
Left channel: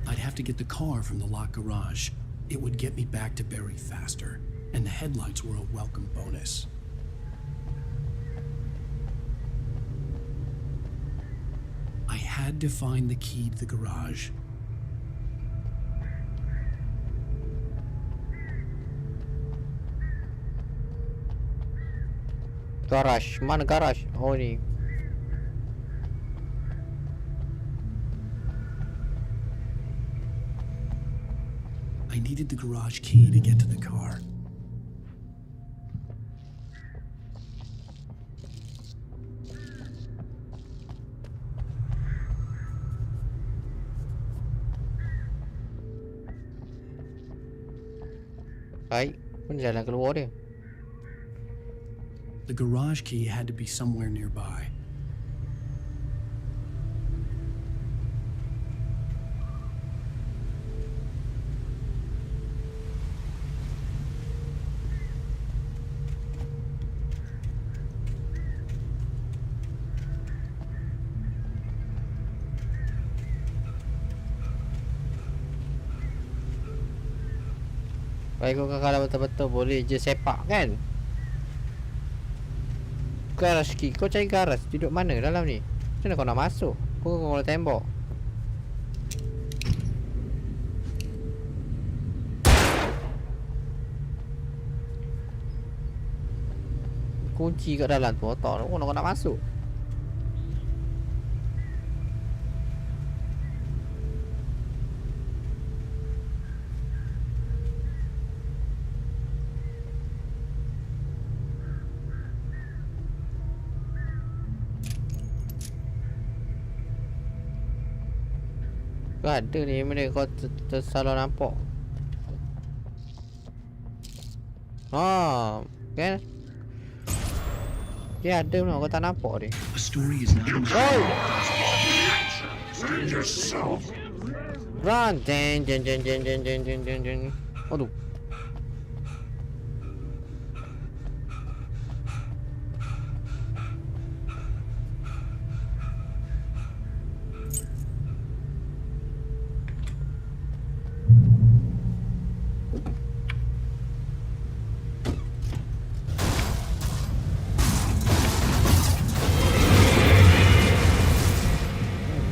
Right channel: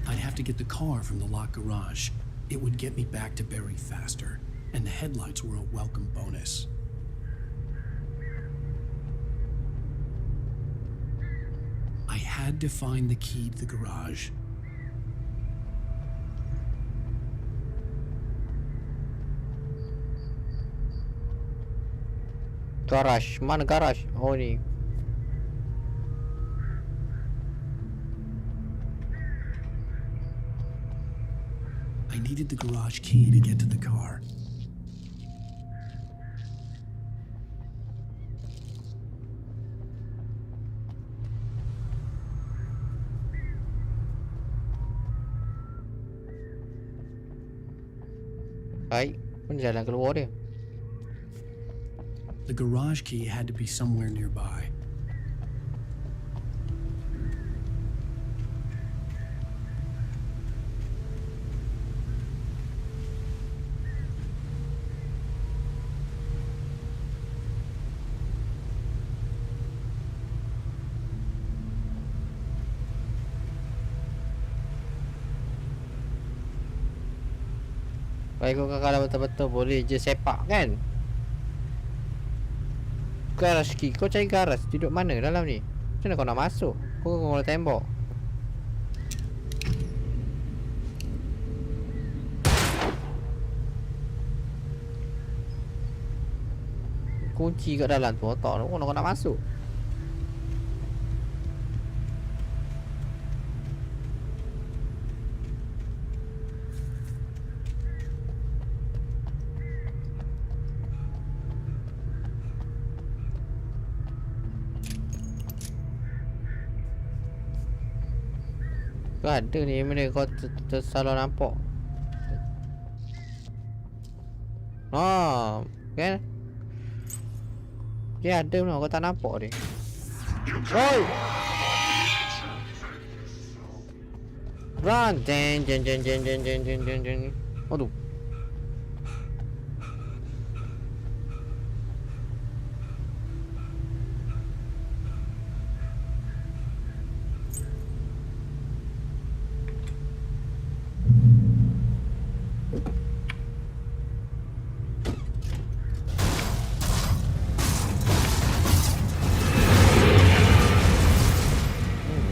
I'd have to get the car from the locked garage. It would get me back to Barry faster, and the headlights were a welcome bonus. I had to find the key to the garage. Garage. Mana garage? Oh ni. I needed the garage key to get to the car. Baik. Mana jalan keluar dia? The garage key had to be somewhere nearby. Baik kau kalau betul-betul boleh je sepak kan? Garage key. Kau cari garage. Duduk mana dalam ni? Macam mana kau nak masuk? Kau kena tembok. Kunci kat dalam tu otak tu. Kau nak masuk. Kau ada ni mana kau tersalah nampak. Ah, kan? Dia ada mana kau tak nampak ni. Oi! Run! Jeng jeng jeng jeng jeng jeng jeng jeng jeng. Aduh.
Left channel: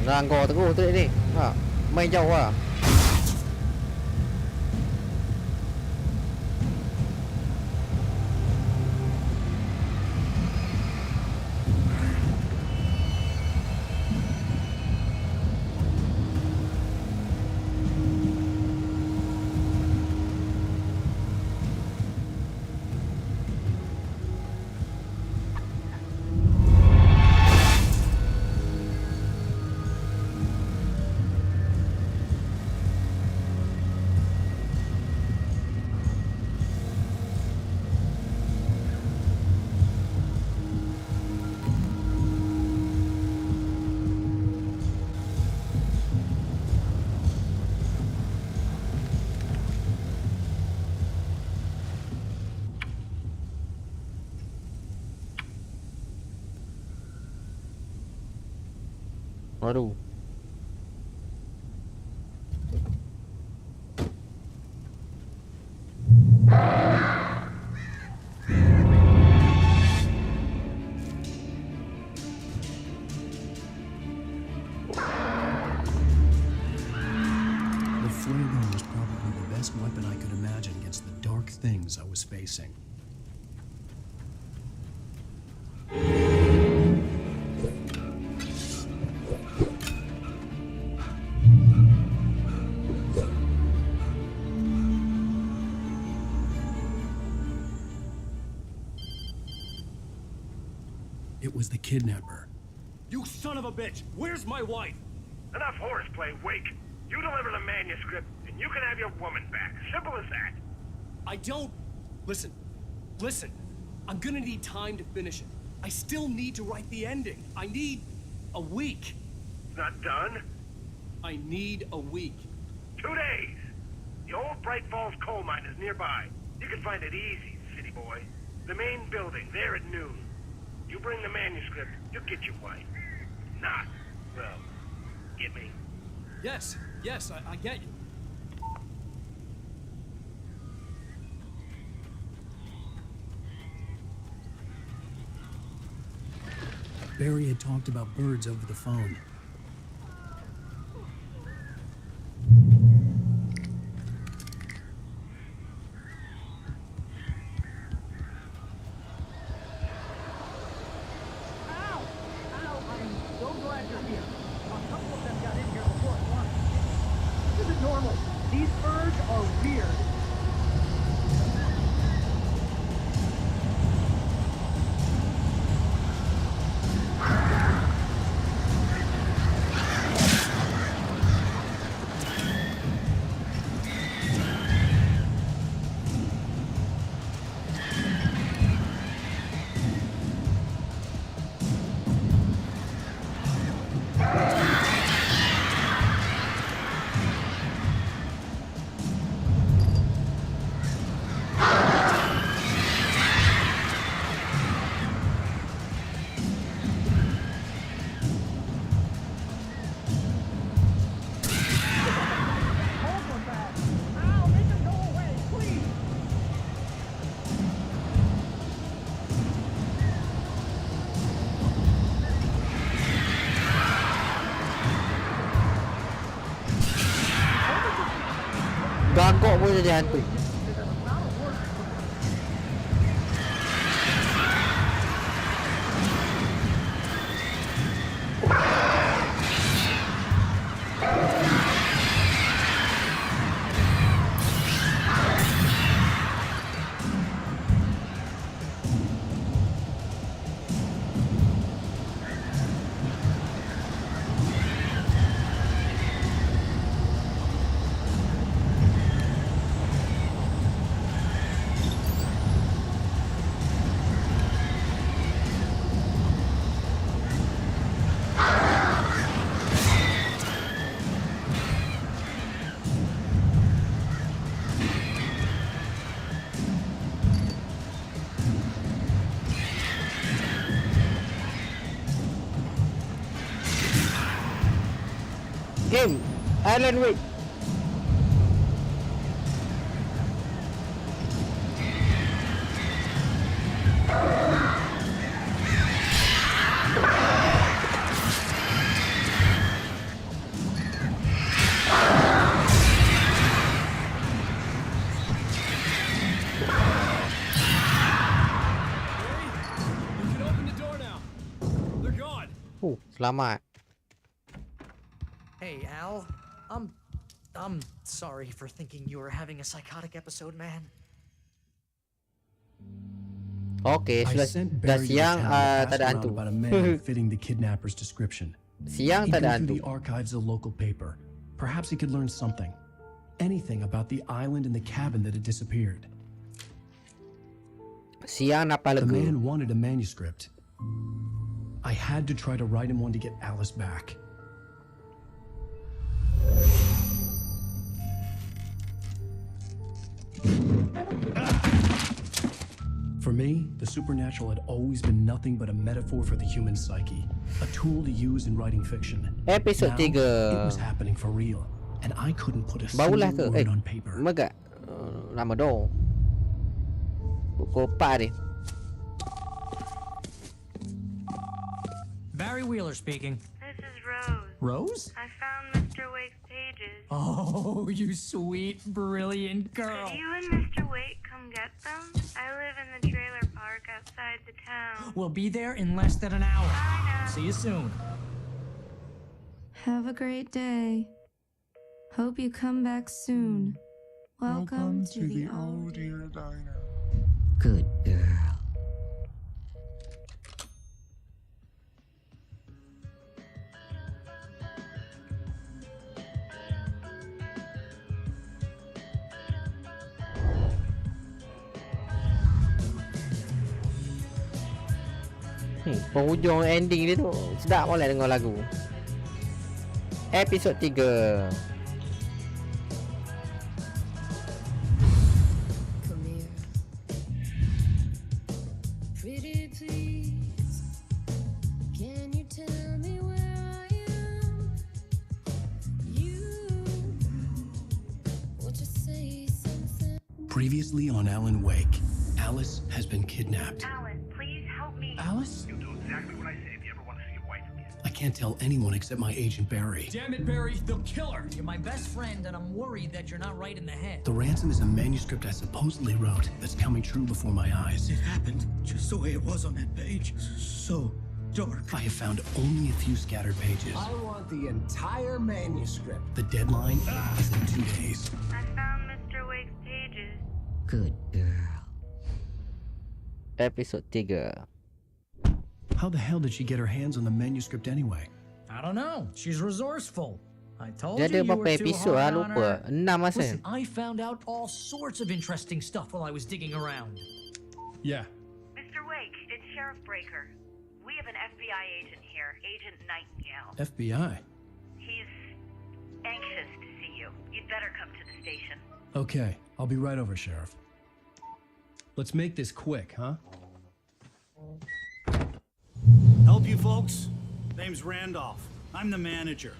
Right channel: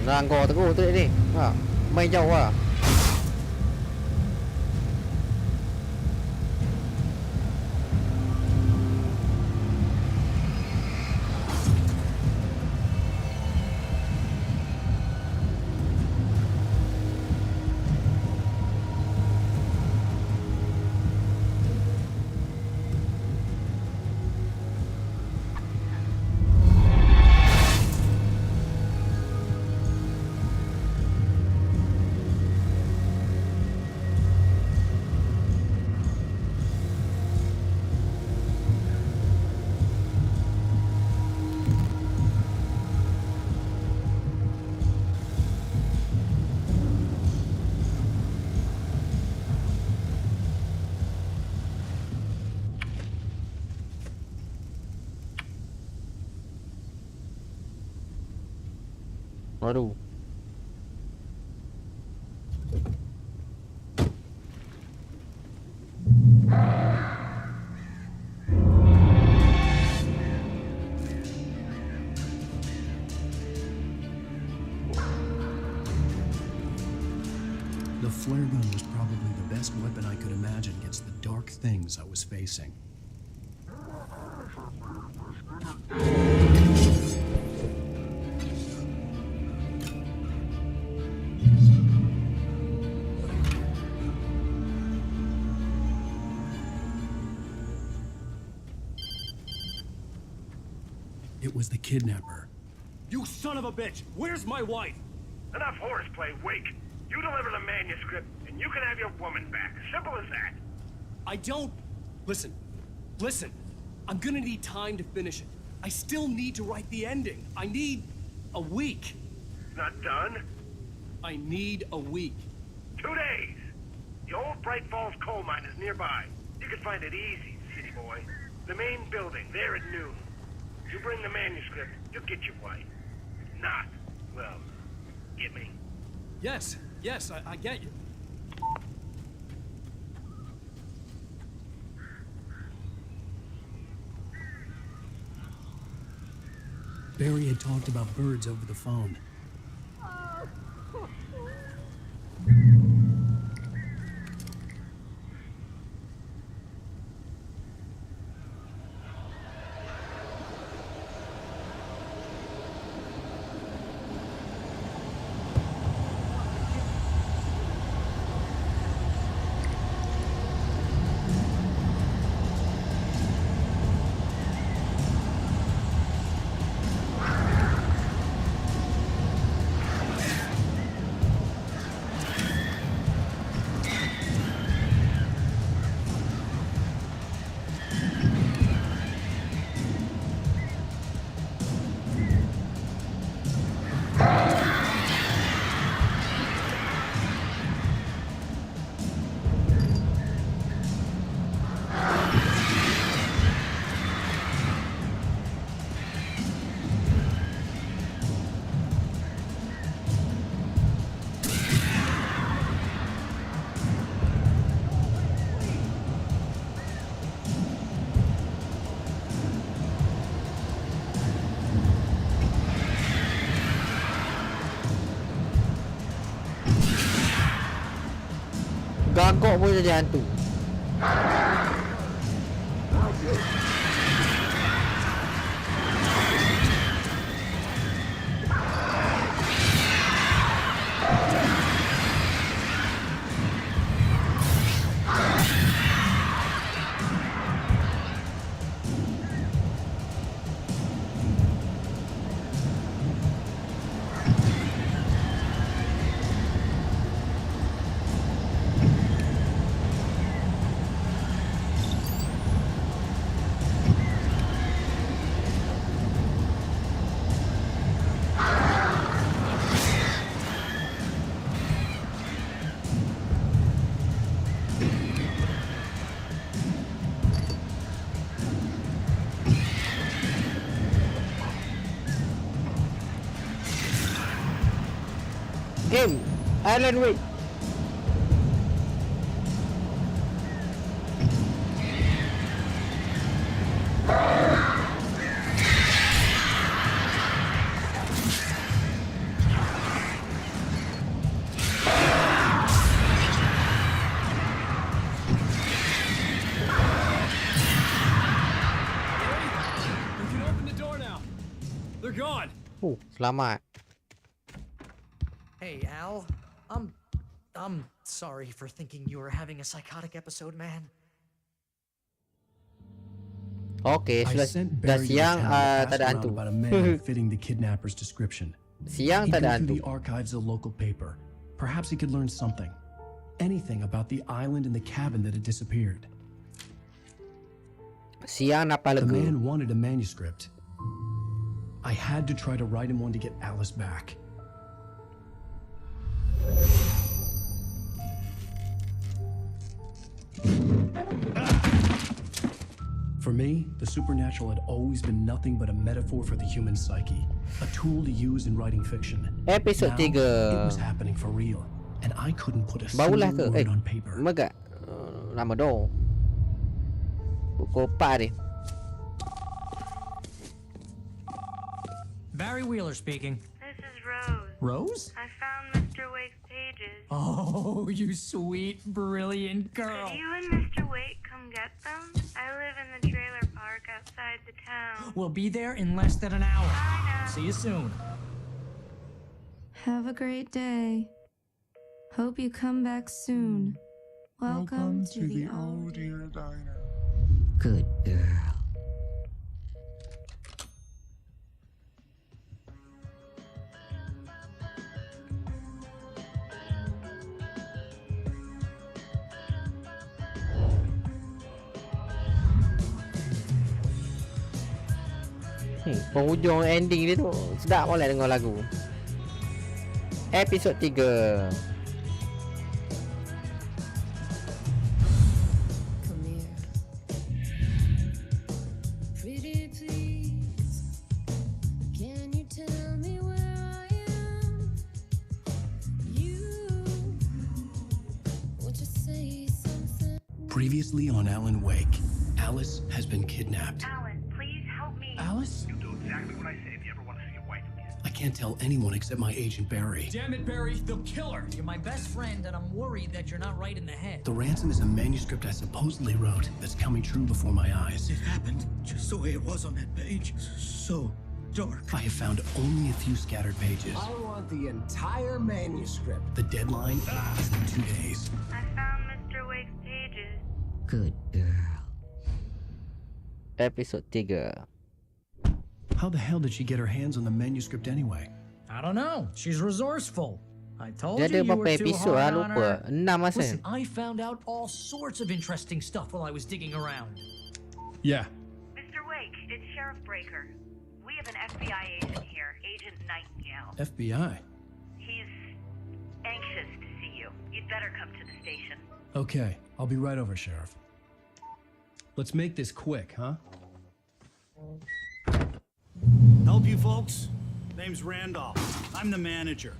Ranggo teguh tu ni. Ha, main jauh lah. Waduh. The flare gun was probably the best weapon I could imagine against the dark things I was facing. It was the kidnapper. You son of a bitch! Where's my wife? Enough horseplay, Wake. You deliver the manuscript, and you can have your woman back. Simple as that. I don't... Listen. I'm gonna need time to finish it. I still need to write the ending. I need a week. It's not done? I need a week. 2 days. The old Bright Falls coal mine is nearby. You can find it easy, city boy. The main building, there at noon. You bring the manuscript, you'll get your wife. If not, well, get me? Yes, I get you. Barry had talked about birds over the phone. Gagok pun jadi hantu. Game Alan Wake. You can open the door now. They're gone. Selamat. Hey, Al. I'm sorry for thinking you were having a psychotic episode, man. Okay, I sudah sent dah Barry siang to town to tak ada ask hantu. around about a man fitting the kidnapper's description. Siang He'd tak go ada through hantu. the archives of the local paper. Perhaps he could learn something. Anything about the island and the cabin that had disappeared. Siang napa The legu. man wanted a manuscript. I had to try to write him one to get Alice back. For me, the supernatural had always been nothing but a metaphor for the human psyche, a tool to use in writing fiction. Episode Now, 3. it was happening for real, and I couldn't put a Barulah single ke? word on paper. Maga. Lama dong. Pukul 4 ni. Barry Wheeler speaking. This is Rose. Rose? I found Mr. Wake's pages. Oh, you sweet, brilliant girl. Could you and Mr. Wake come get them? I live in the trailer park outside the town. We'll be there in less than an hour. Bye now. See you soon. Have a great day. Hope you come back soon. Welcome to the old dear diner. Good girl. Penghujung ending dia tu sedap boleh dengar lagu. Episod 3. Previously on Alan Wake, Alice has been kidnapped. Alan, please help me. Alice? You'll do exactly what I say if you ever want to see your wife again. I can't tell anyone except my agent Barry. Damn it, Barry, they'll kill her. You're my best friend, and I'm worried that you're not right in the head. The ransom is a manuscript I supposedly wrote that's coming true before my eyes. It happened just the way it was on that page. So dark. I have found only a few scattered pages. I want the entire manuscript. The deadline is in 2 days. I found Mr. Wake's pages. Good girl. Episod 3. How the hell did she get her hands on the manuscript anyway? I don't know. She's resourceful. I told Dia ada you you berapa were too episod hard lah, on lupa. her. 6 masa. Listen, I found out all sorts of interesting stuff while I was digging around. Yeah. Mr. Wake, it's Sheriff Breaker. We have an FBI agent here, Agent Nightingale. FBI? He's anxious to see you. You'd better come to the station. Okay, I'll be right over, Sheriff. Let's make this quick, huh? Help you folks? Name's Randolph. I'm the manager.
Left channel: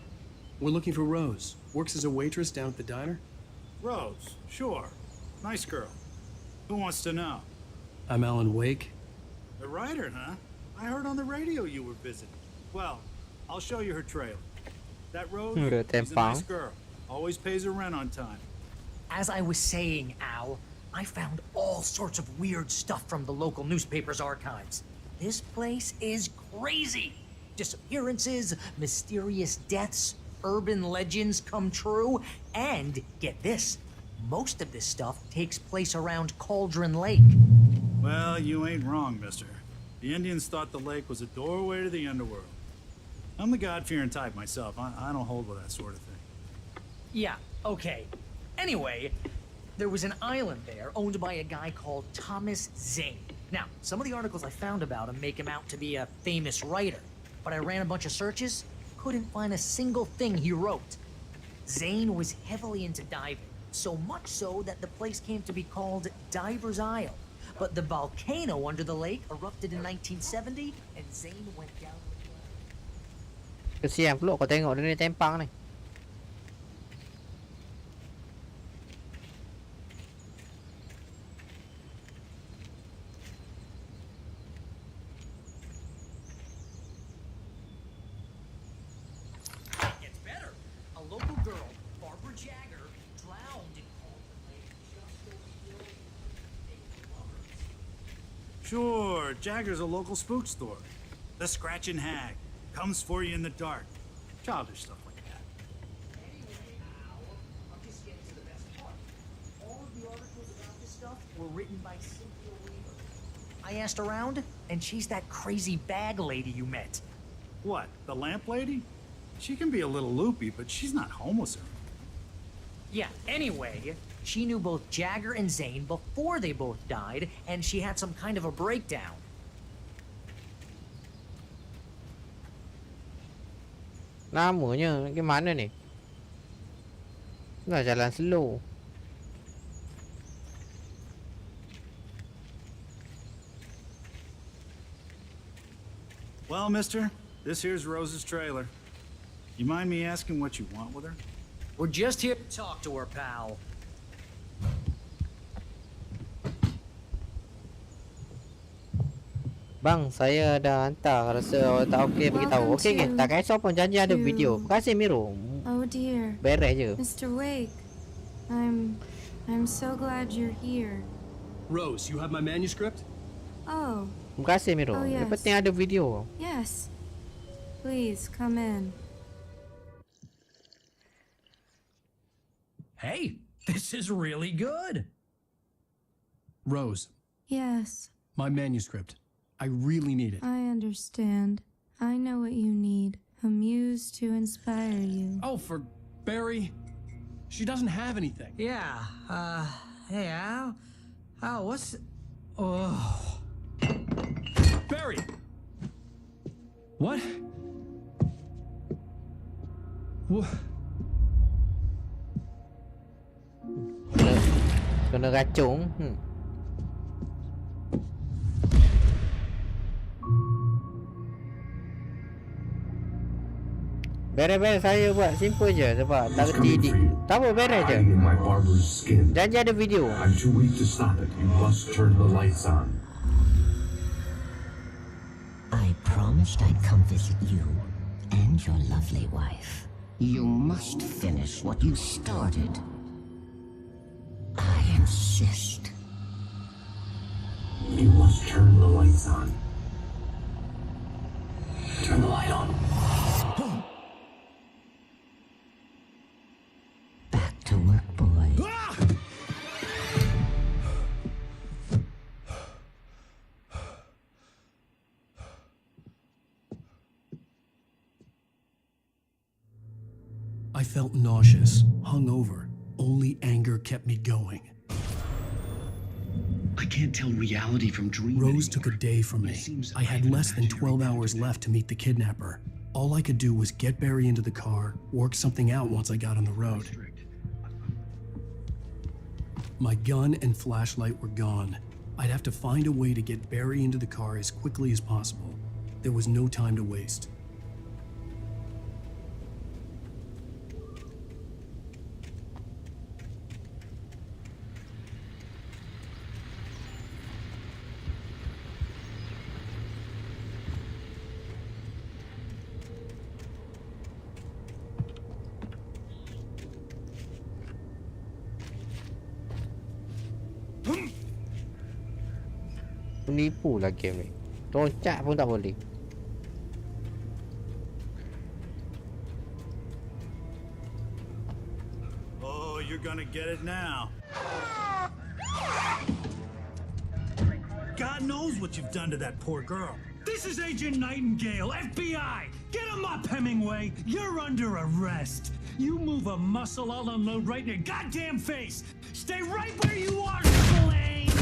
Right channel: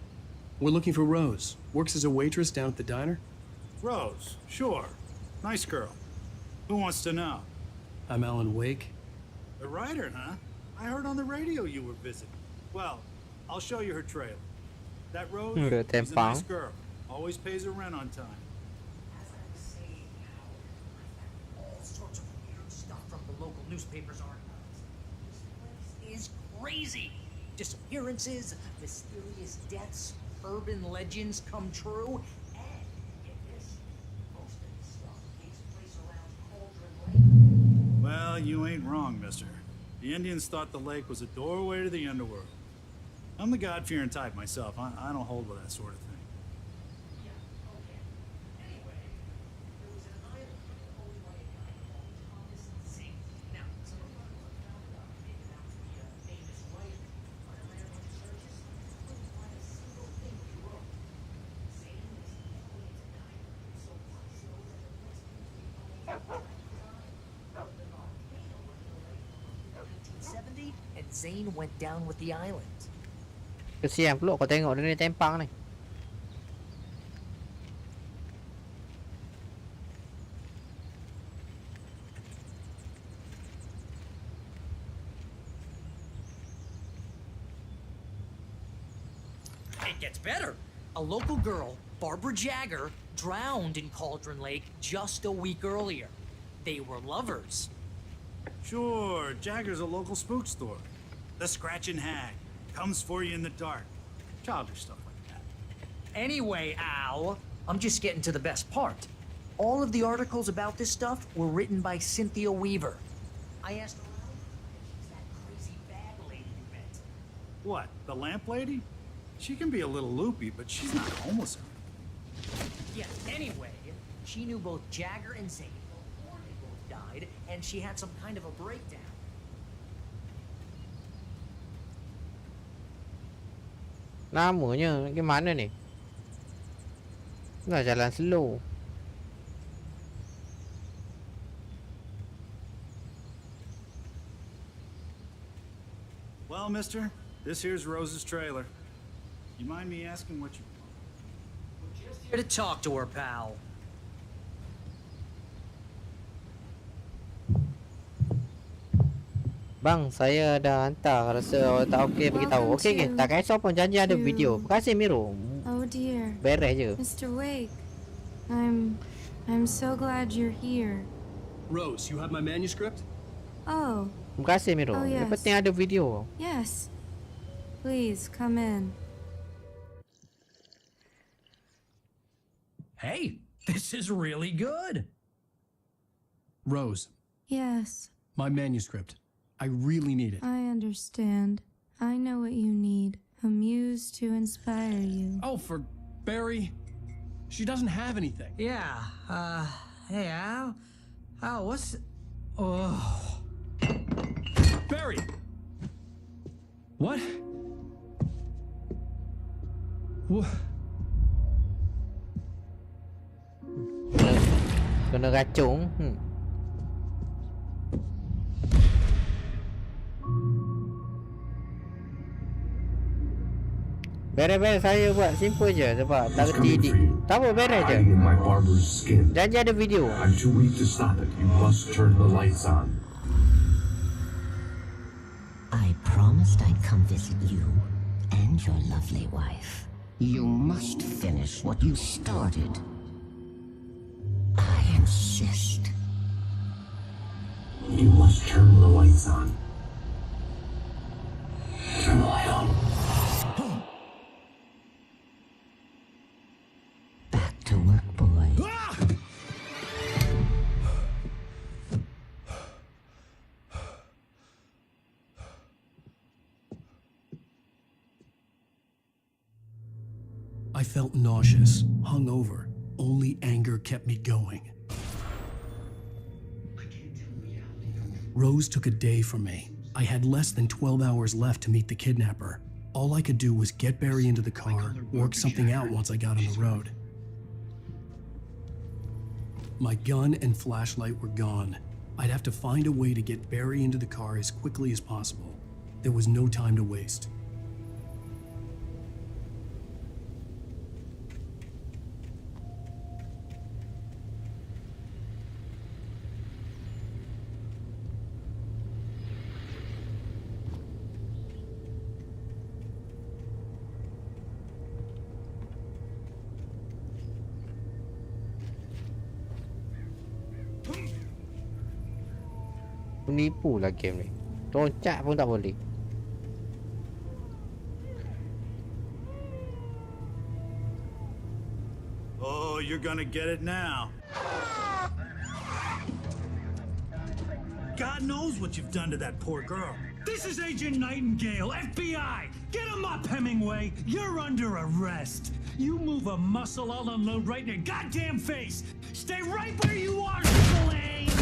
We're looking for Rose. Works as a waitress down at the diner. Rose, sure. Nice girl. Who wants to know? I'm Alan Wake. The writer, huh? I heard on the radio you were visiting. Well, I'll show you her trailer. That Rose, she's a nice girl. Always pays her rent on time. As I was saying, Al, I found all sorts of weird stuff from the local newspaper's archives. This place is crazy. Disappearances, mysterious deaths, urban legends come true, and get this, most of this stuff takes place around Cauldron Lake. Well, you ain't wrong, mister. The Indians thought the lake was a doorway to the underworld. I'm the God-fearing type myself. I don't hold with that sort of thing. Yeah, okay. Anyway, there was an island there owned by a guy called Thomas Zane. Now, some of the articles I found about him make him out to be a famous writer, but I ran a bunch of searches, couldn't find a single thing he wrote. Zane was heavily into diving, so much so that the place came to be called Diver's Isle. But the volcano under the lake erupted in 1970, and Zane went down with the island. Kesian pula kau tengok dia ni tempang ni. It gets better. A local girl, Barbara Jagger, drowned in Cauldron Lake just a week earlier. They were lovers. Sure, Jagger's a local spook story. The Scratching Hag comes for you in the dark. Childish stuff like that. Anyway, Al, I'm just getting to the best part. All of the articles about this stuff were written by Cynthia Weaver. I asked around, and she's that crazy bag lady you met. What, the lamp lady? She can be a little loopy, but she's not homeless or anything. Yeah, anyway, she knew both Jagger and Zane before they both died, and she had some kind of a breakdown. Namanya gimana ni? Nggak jalan slow. Well, mister, this here's Rose's trailer. You mind me asking what you want with her? We're just here to talk to her, pal. Bang, saya dah hantar. Rasa tak okey beritahu. Okey, tak kisah pun janji ada video. Terima kasih Miro. Oh dear. Beres je. Mr. Wake, I'm so glad you're here. Rose, you have my manuscript? Oh. Terima kasih Miro. Oh, Yang yes. penting ada video. Yes. Please come in. Hey, this is really good. Rose, Yes, my manuscript. I really need it. I understand. I know what you need. A muse to inspire you. Oh, for Barry? She doesn't have anything. Yeah, hey, Al? Al, what's... Oh... Barry! What? What? Kena racun. Beres-beres saya buat simple je sebab tak reti tak apa beres je. In my barber's skin. Janji ada video. I'm too weak to stop it. You must turn the lights on. I promised I'd come visit you and your lovely wife. You must finish what you started. I insist. You must turn the lights on. Turn the light on. Back to work, boy. I felt nauseous, hungover. Only anger kept me going. I can't tell reality from dream. Rose took a day from me. I had less than 12 hours left to meet the kidnapper. All I could do was get Barry into the car, work something out once I got on the road. My gun and flashlight were gone. I'd have to find a way to get Barry into the car as quickly as possible. There was no time to waste. Penipu lah game ni. Loncat pun tak boleh. Oh, you're gonna get it now. God knows what you've done to that poor girl. This is Agent Nightingale, FBI! Get him up, Hemingway! You're under arrest! You move a muscle, I'll unload right in your goddamn face! Stay right where you are, Spillane!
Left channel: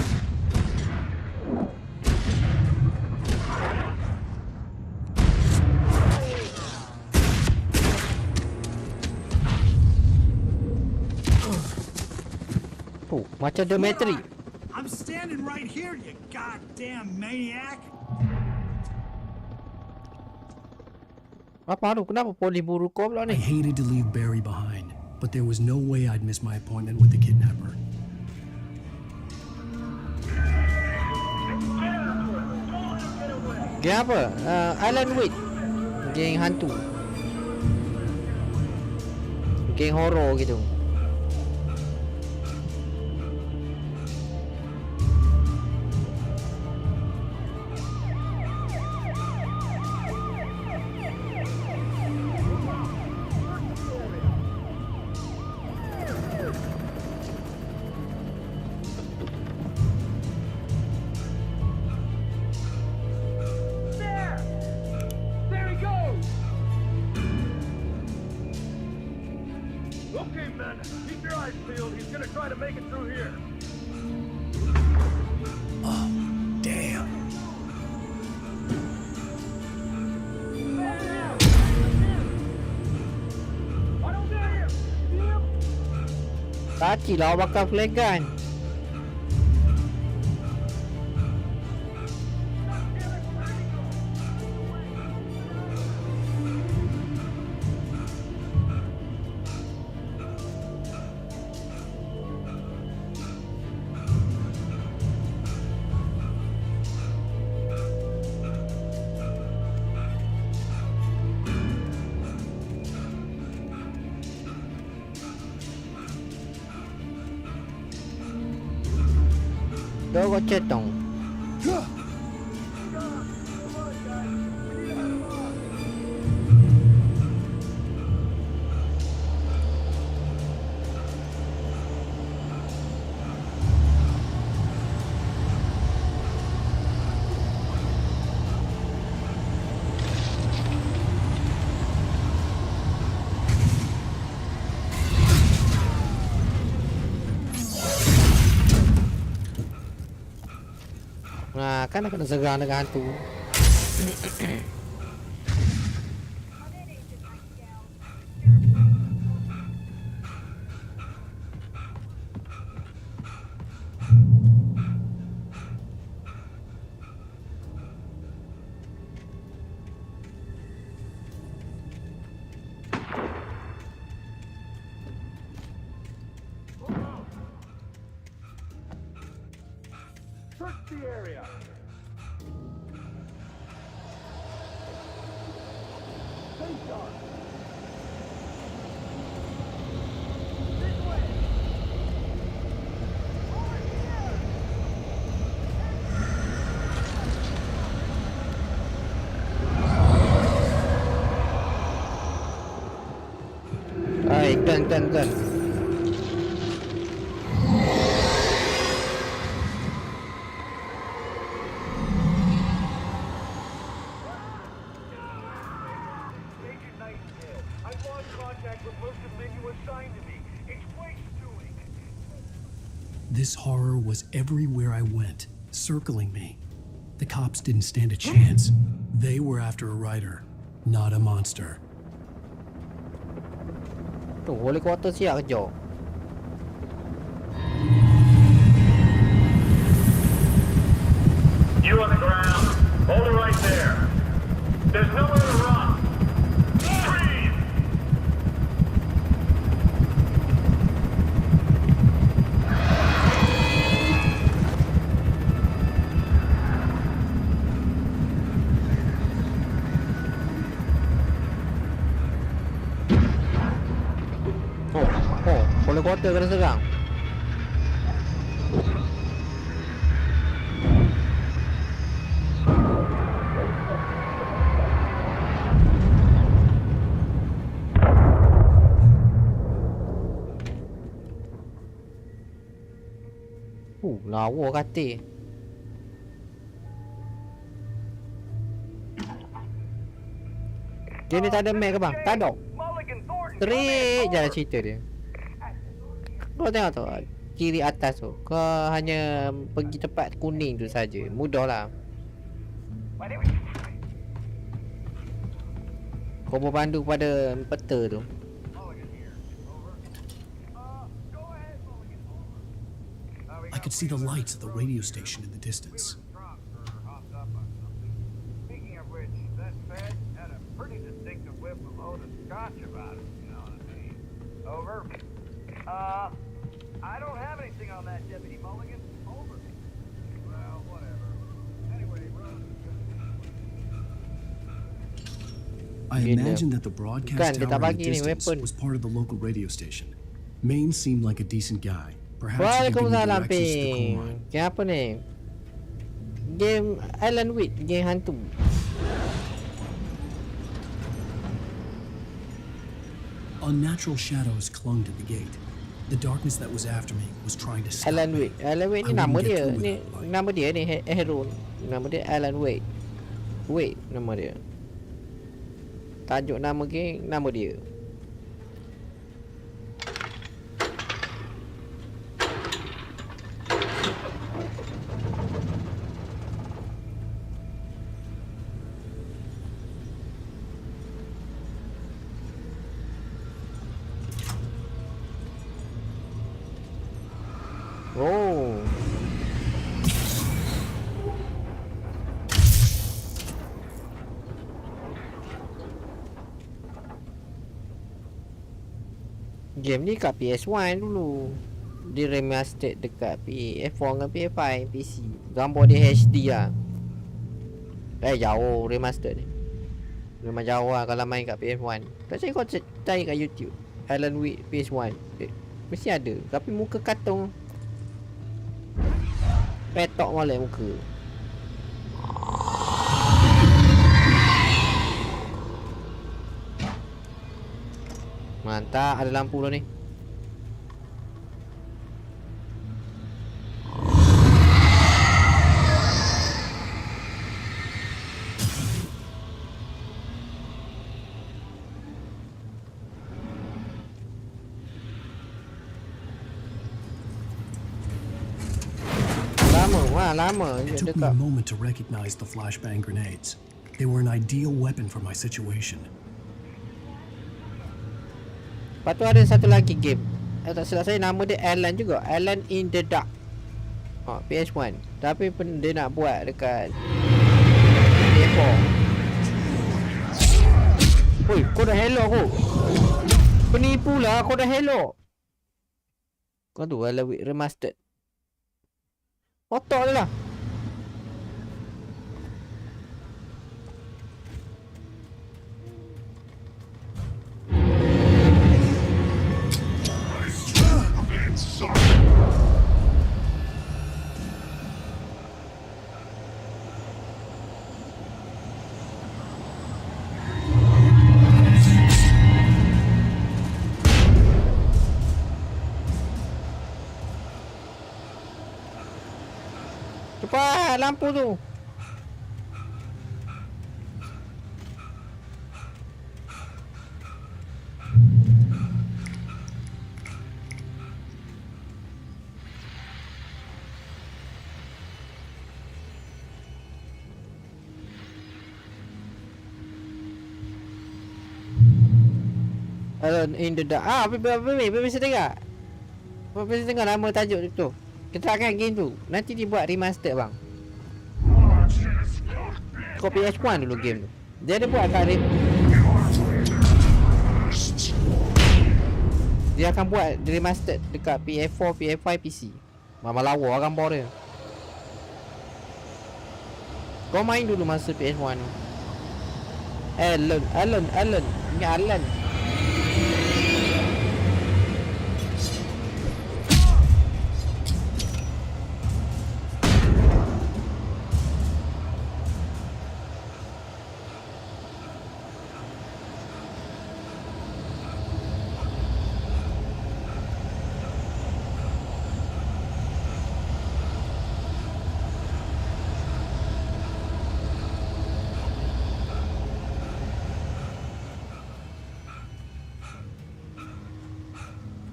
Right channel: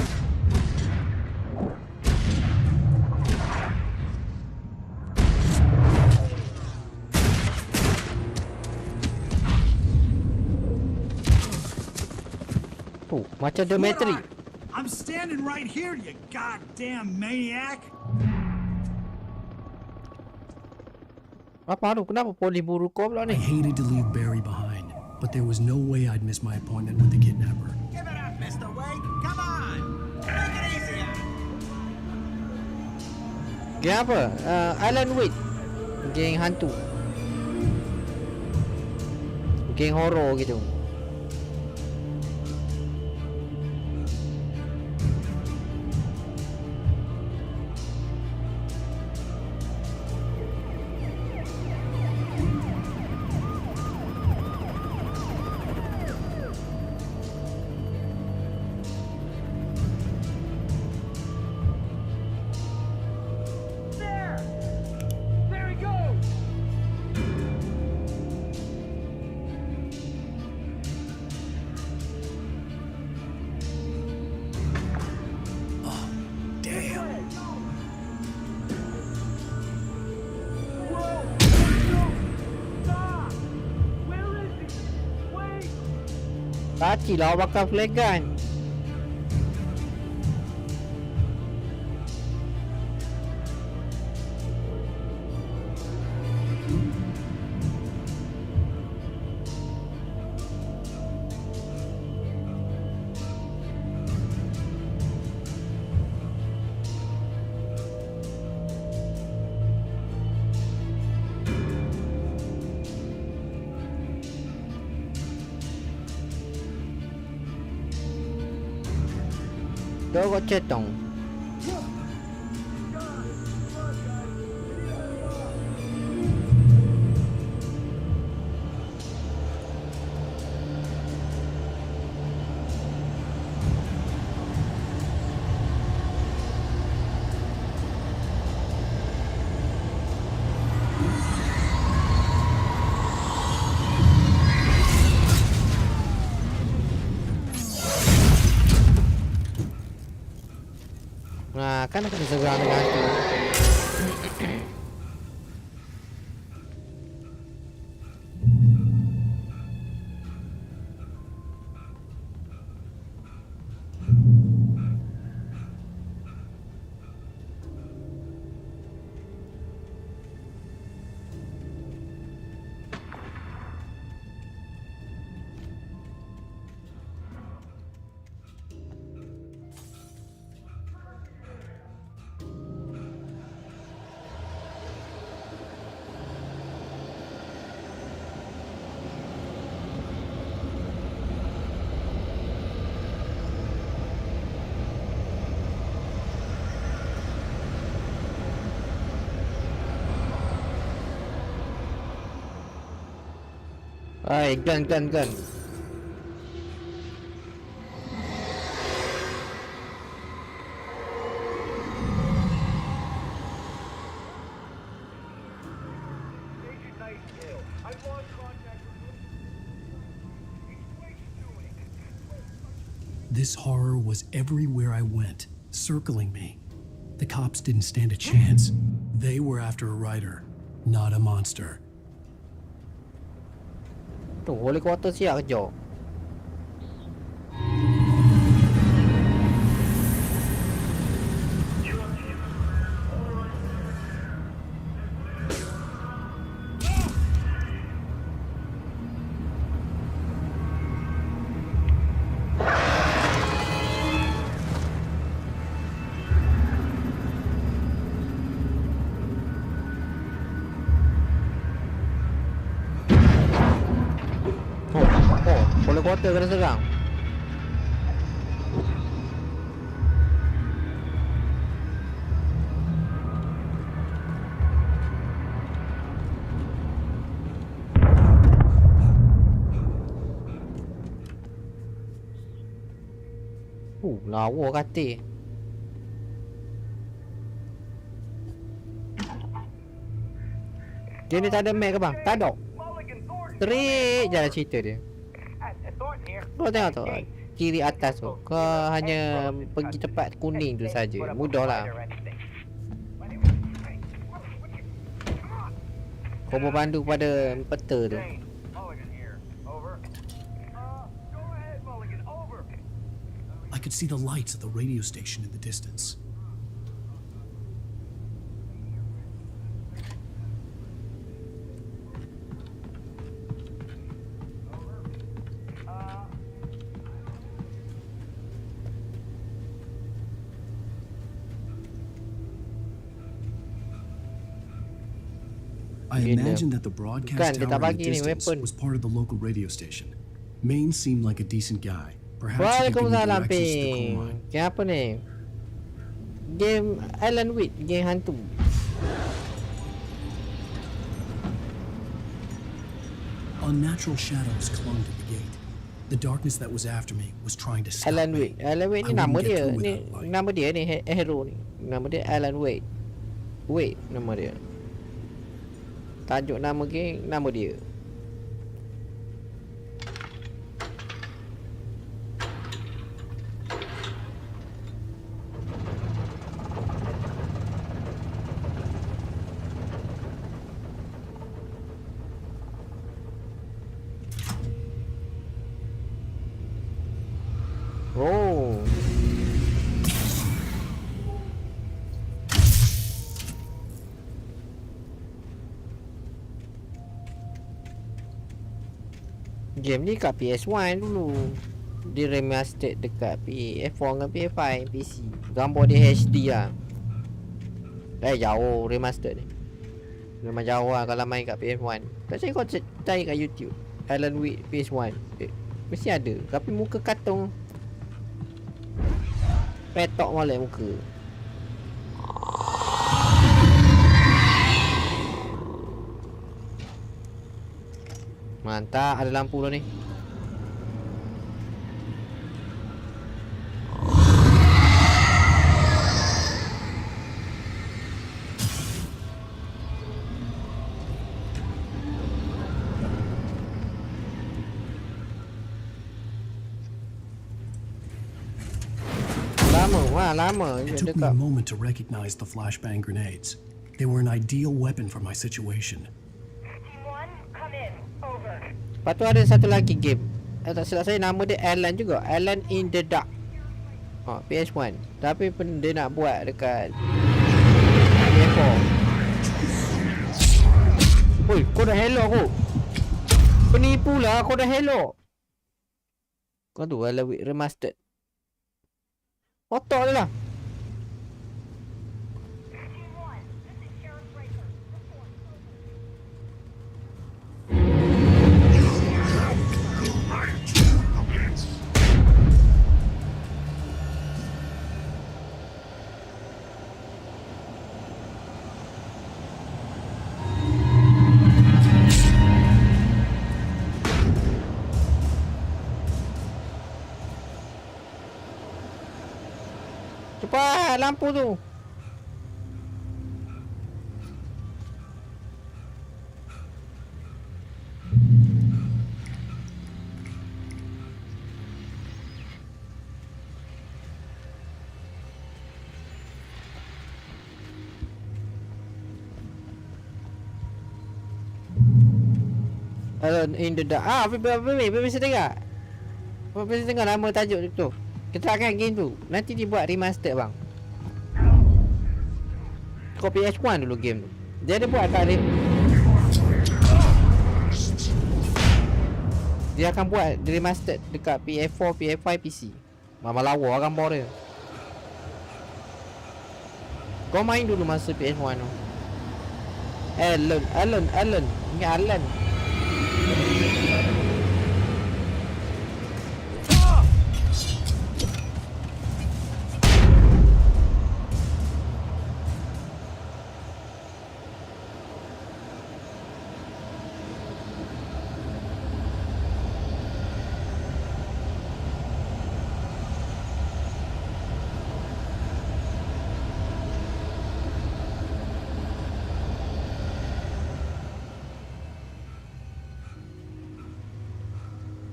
Oh, macam Demetri. I'm standing right here, you goddamn maniac! Apa tu? Kenapa polis buru kau pula I ni? hated to leave Barry behind, but there was no way I'd miss my appointment with the kidnapper. Geng apa? Alan Wake. Geng hantu. Geng horror gitu. There he goes! Okay, men, keep your eyes peeled. He's gonna try to make it through here. Oh, damn. Kaki lah bakal flare gun. Dogo cetong. Nah, kan kena serang dengan hantu. Hai, gun. This horror was everywhere I went, circling me. The cops didn't stand a chance. They were after a writer, not a monster. Tu, holy quarter siap kerja. You on the ground. Hold it right there. There's nowhere to run. Freeze! Holy quarter kena serang. Lawa kata. Dia ni tak ada map ke bang? Tak ada. Straight jalan cerita dia. Kau tengok tu, kiri atas tu. Kau hanya pergi tempat kuning tu saja. Mudah lah. Kau berpandu pada peta tu. I could see the lights of the radio station in the distance. I don't have anything on that, Deputy Mulligan. Over. Well, whatever. Anyway, I imagined that the broadcast tower in the distance was part of the local radio station. Maine seemed like a decent guy. Perhaps he could give me directions to the coal mine. Game apa ni? Game Alan Wake, game hantu. Unnatural shadows clung to the gate. The darkness that was after me was trying to stop Alan me. Wake. Alan Wake ni nama dia. Ni nama dia ni hero ni. Nama dia Alan Wake. Wake nama dia. Tajuk nama game nama dia. Oh. Game ni kat PS1 dulu. Dia remastered dekat PS4 dengan PS5 PC. Gambar dia HD lah. Jauh remastered ni. Memang jauh lah kalau main kat PS1. Tak cari kau cari kat YouTube Alan Wake PS1. Mesti ada. Tapi muka kartun. Petok molek muka. Mantap, ada lampu dah ni. Lama. It took me a moment to recognize the flashbang grenades. They were an ideal weapon for my situation. Lepas tu ada satu lagi game. Tak silap saya nama dia Alan juga. Alan in the Dark. PS1. Tapi dia nak buat dekat PS4. Oi, kau dah hello aku. Penipu lah, kau dah hello. Kau tu Alan Wake Remastered. Otak dia lah. Cepat lampu tu. Alone in the Dark. Bisa dengar. Bisa dengar nama tajuk tu. Kita akan game tu. Nanti dia buat remaster bang. Kau PS1 dulu game tu. Dia ada buat kat dia akan buat remaster dekat PS4, PS5, PC. Mama lawa gambar dia. Kau main dulu masa PS1 tu. Alan. Ingat Alan.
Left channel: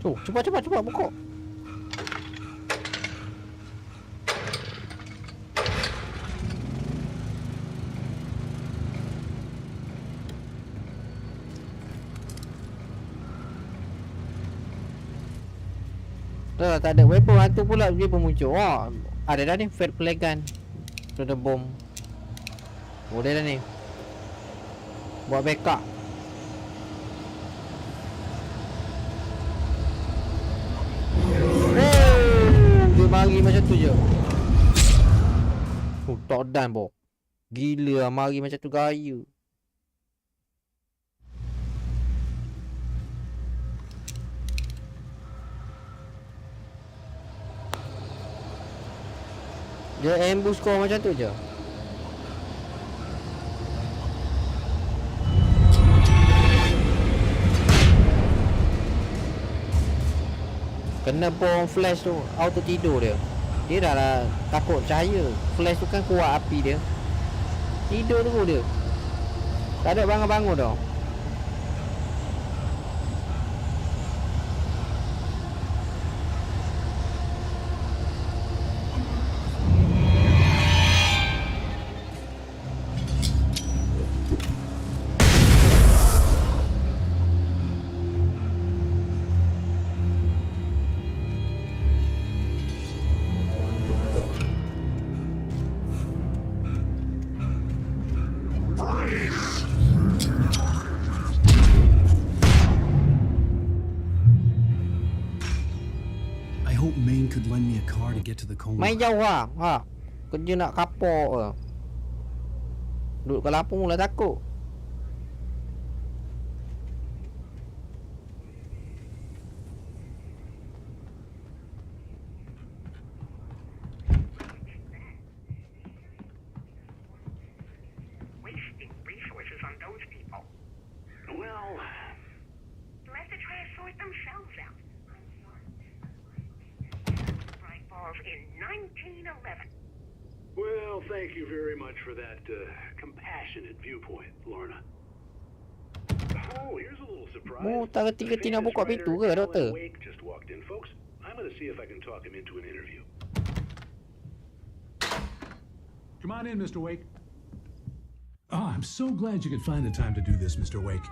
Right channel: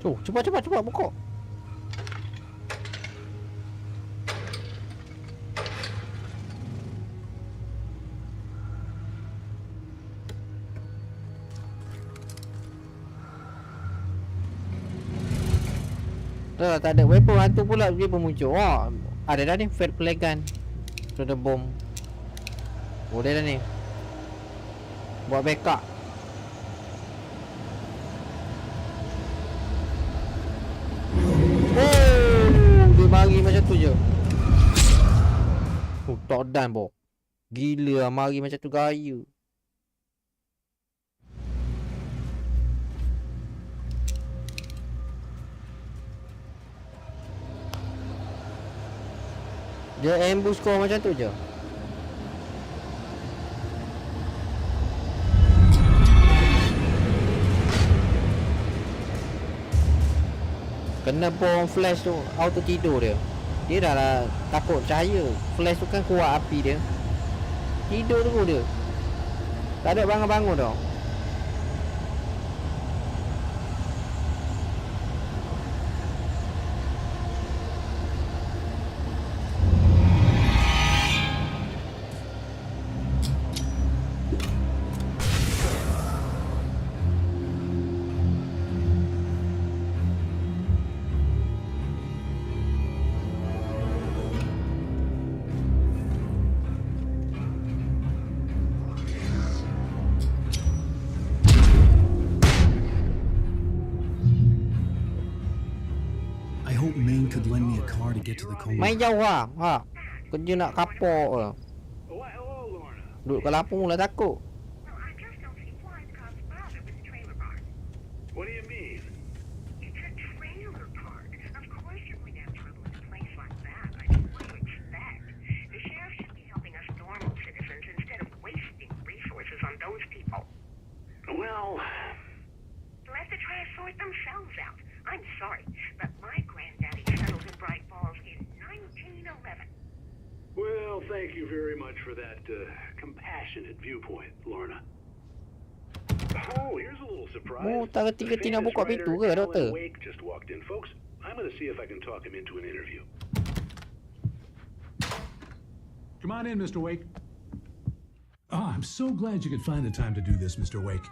Tu, cepat buka. Tak ada weapon hantu pula dia pun muncul. Ada dah ni fair play gun. Ada bom. Boleh dah ni. Buat backup. Dia mari macam tu je. Tak dan bo. Gila mari macam tu gaya. Dia ambush kau macam tu je. Kena bom flash tu auto tidur dia. Dia dah lah takut cahaya. Flash tu kan kuat api dia. Tidur tu dia. Tak ada bangun-bangun dah. Could lend me a car to get to the coal. Main jauh lah. Kerja nak kapok ke. Duduk kat Lampung lah takut. phone's out. I'm sorry, but my granddaddy settled in Bright Falls in 1911. Well, thank you very much for that compassionate viewpoint, Lorna. Oh, here's a little surprise. Mu tak reti ke nak buka pintu ke, Alan doktor? Wake just walked in, folks. I'm going to see if I can talk him into an interview. Come on in, Mr. Wake. Oh, I'm so glad you could find the time to do this, Mr. Wake.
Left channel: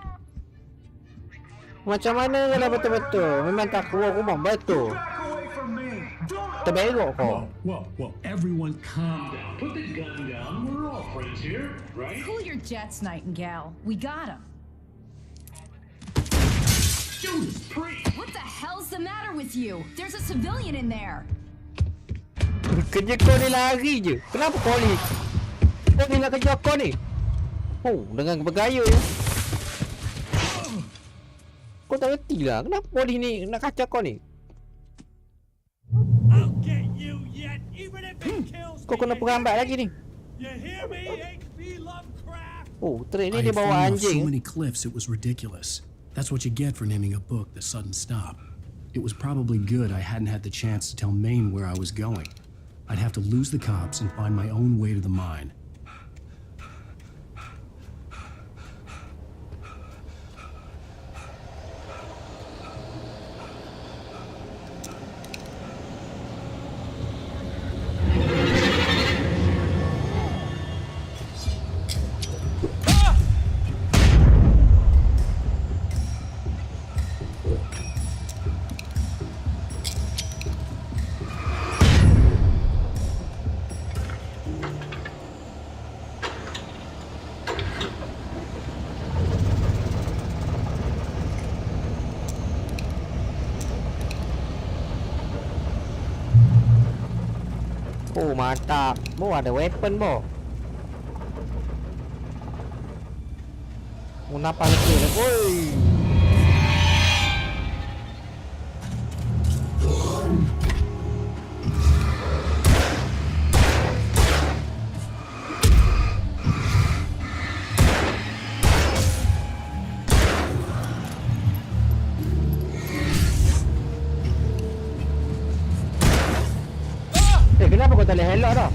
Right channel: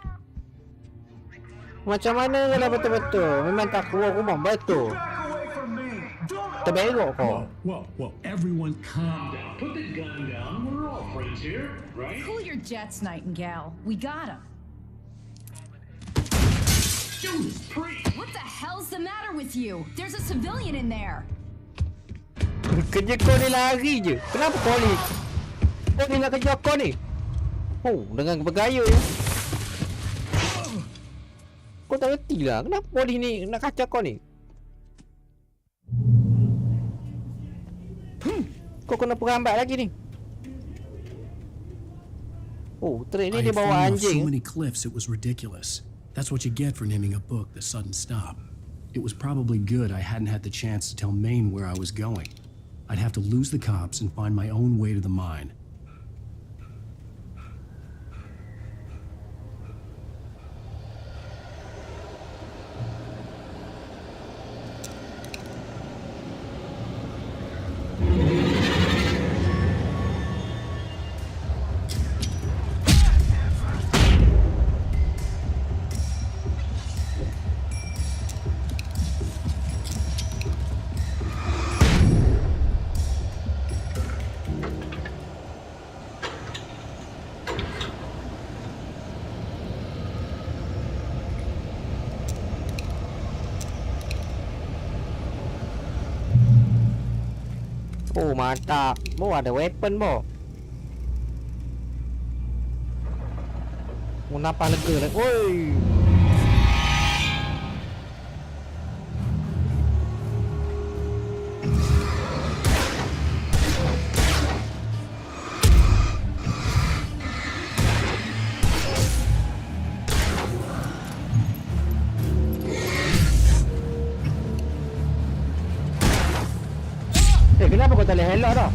Macam mana kalau betul-betul? Memang tak keluar rumah betul. Terbelok kau. Whoa, everyone calm down. Put the gun down. We're all friends here, right? Cool your jets, Nightingale. We got him. Judas Priest! What the hell's the matter with you? There's a civilian in there. Kerja kau ni lari je. Kenapa kau ni? Kau ni nak kerja kau ni? Oh, dengan bergaya ya. Kau tak reti lah. Kenapa polis ni nak kacau kau ni? Kau kena perambat lagi ni. Oh, trek ni dia bawa anjing. So many cliffs it was ridiculous. That's what you get for naming a book The Sudden Stop. It was probably good I hadn't had the chance to tell Maine where I was going. I'd have to lose the cops and find my own way to the mine. Oh, mantap. Bo ada weapon bo. Mau nampak lega lah. Oi. Kenapa kau tak boleh helak dah?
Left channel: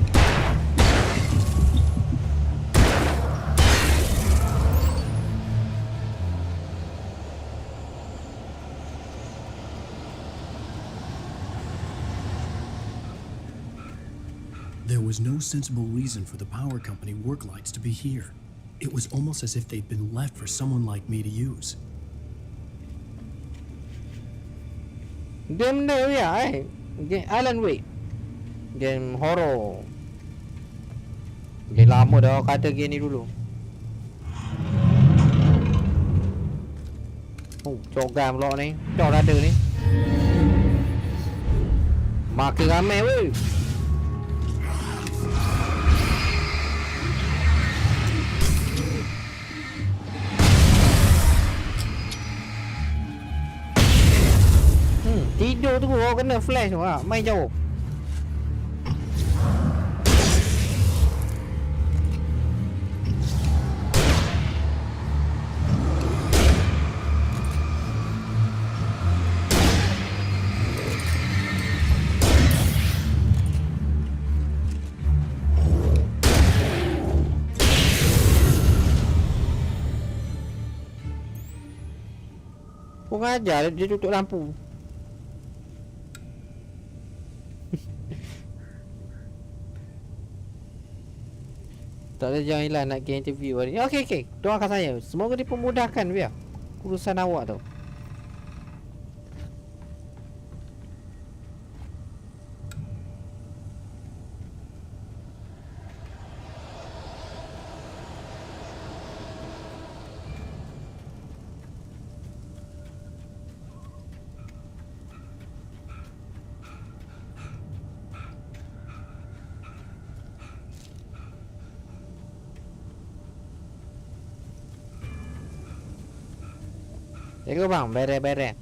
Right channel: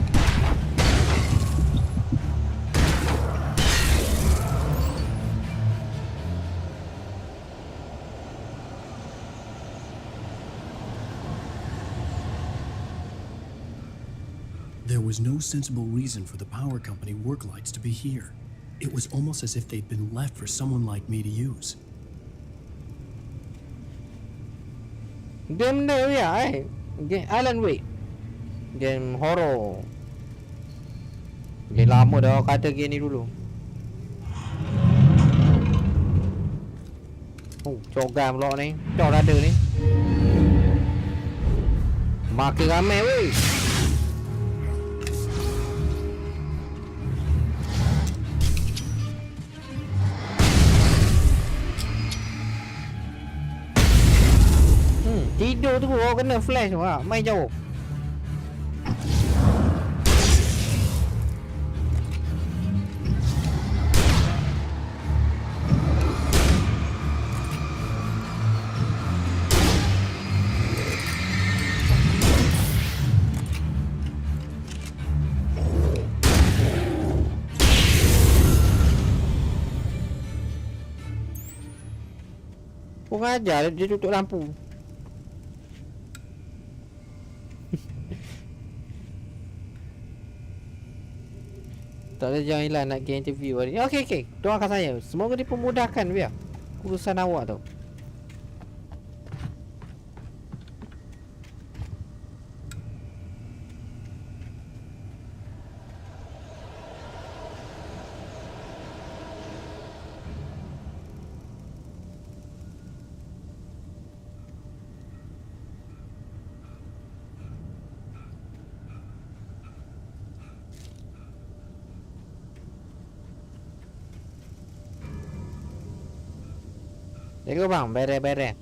There was no sensible reason for the power company work lights to be here. It was almost as if they'd been left for someone like me to use. Game ni ya, Alan Wake. Game horror. Game lama dah kata game ni dulu. Oh, cogam pula ni. Cok rada ni. Makin ramai weh. Tidur tu kau kena flash tu lah. Main jauh. Kau ngajar dia tutup lampu. Tak ada jangan hilang nak ke interview hari ni. Okey. Doakan saya. Semoga dipermudahkan biar urusan awak tu. Jaga bang, beres-beres.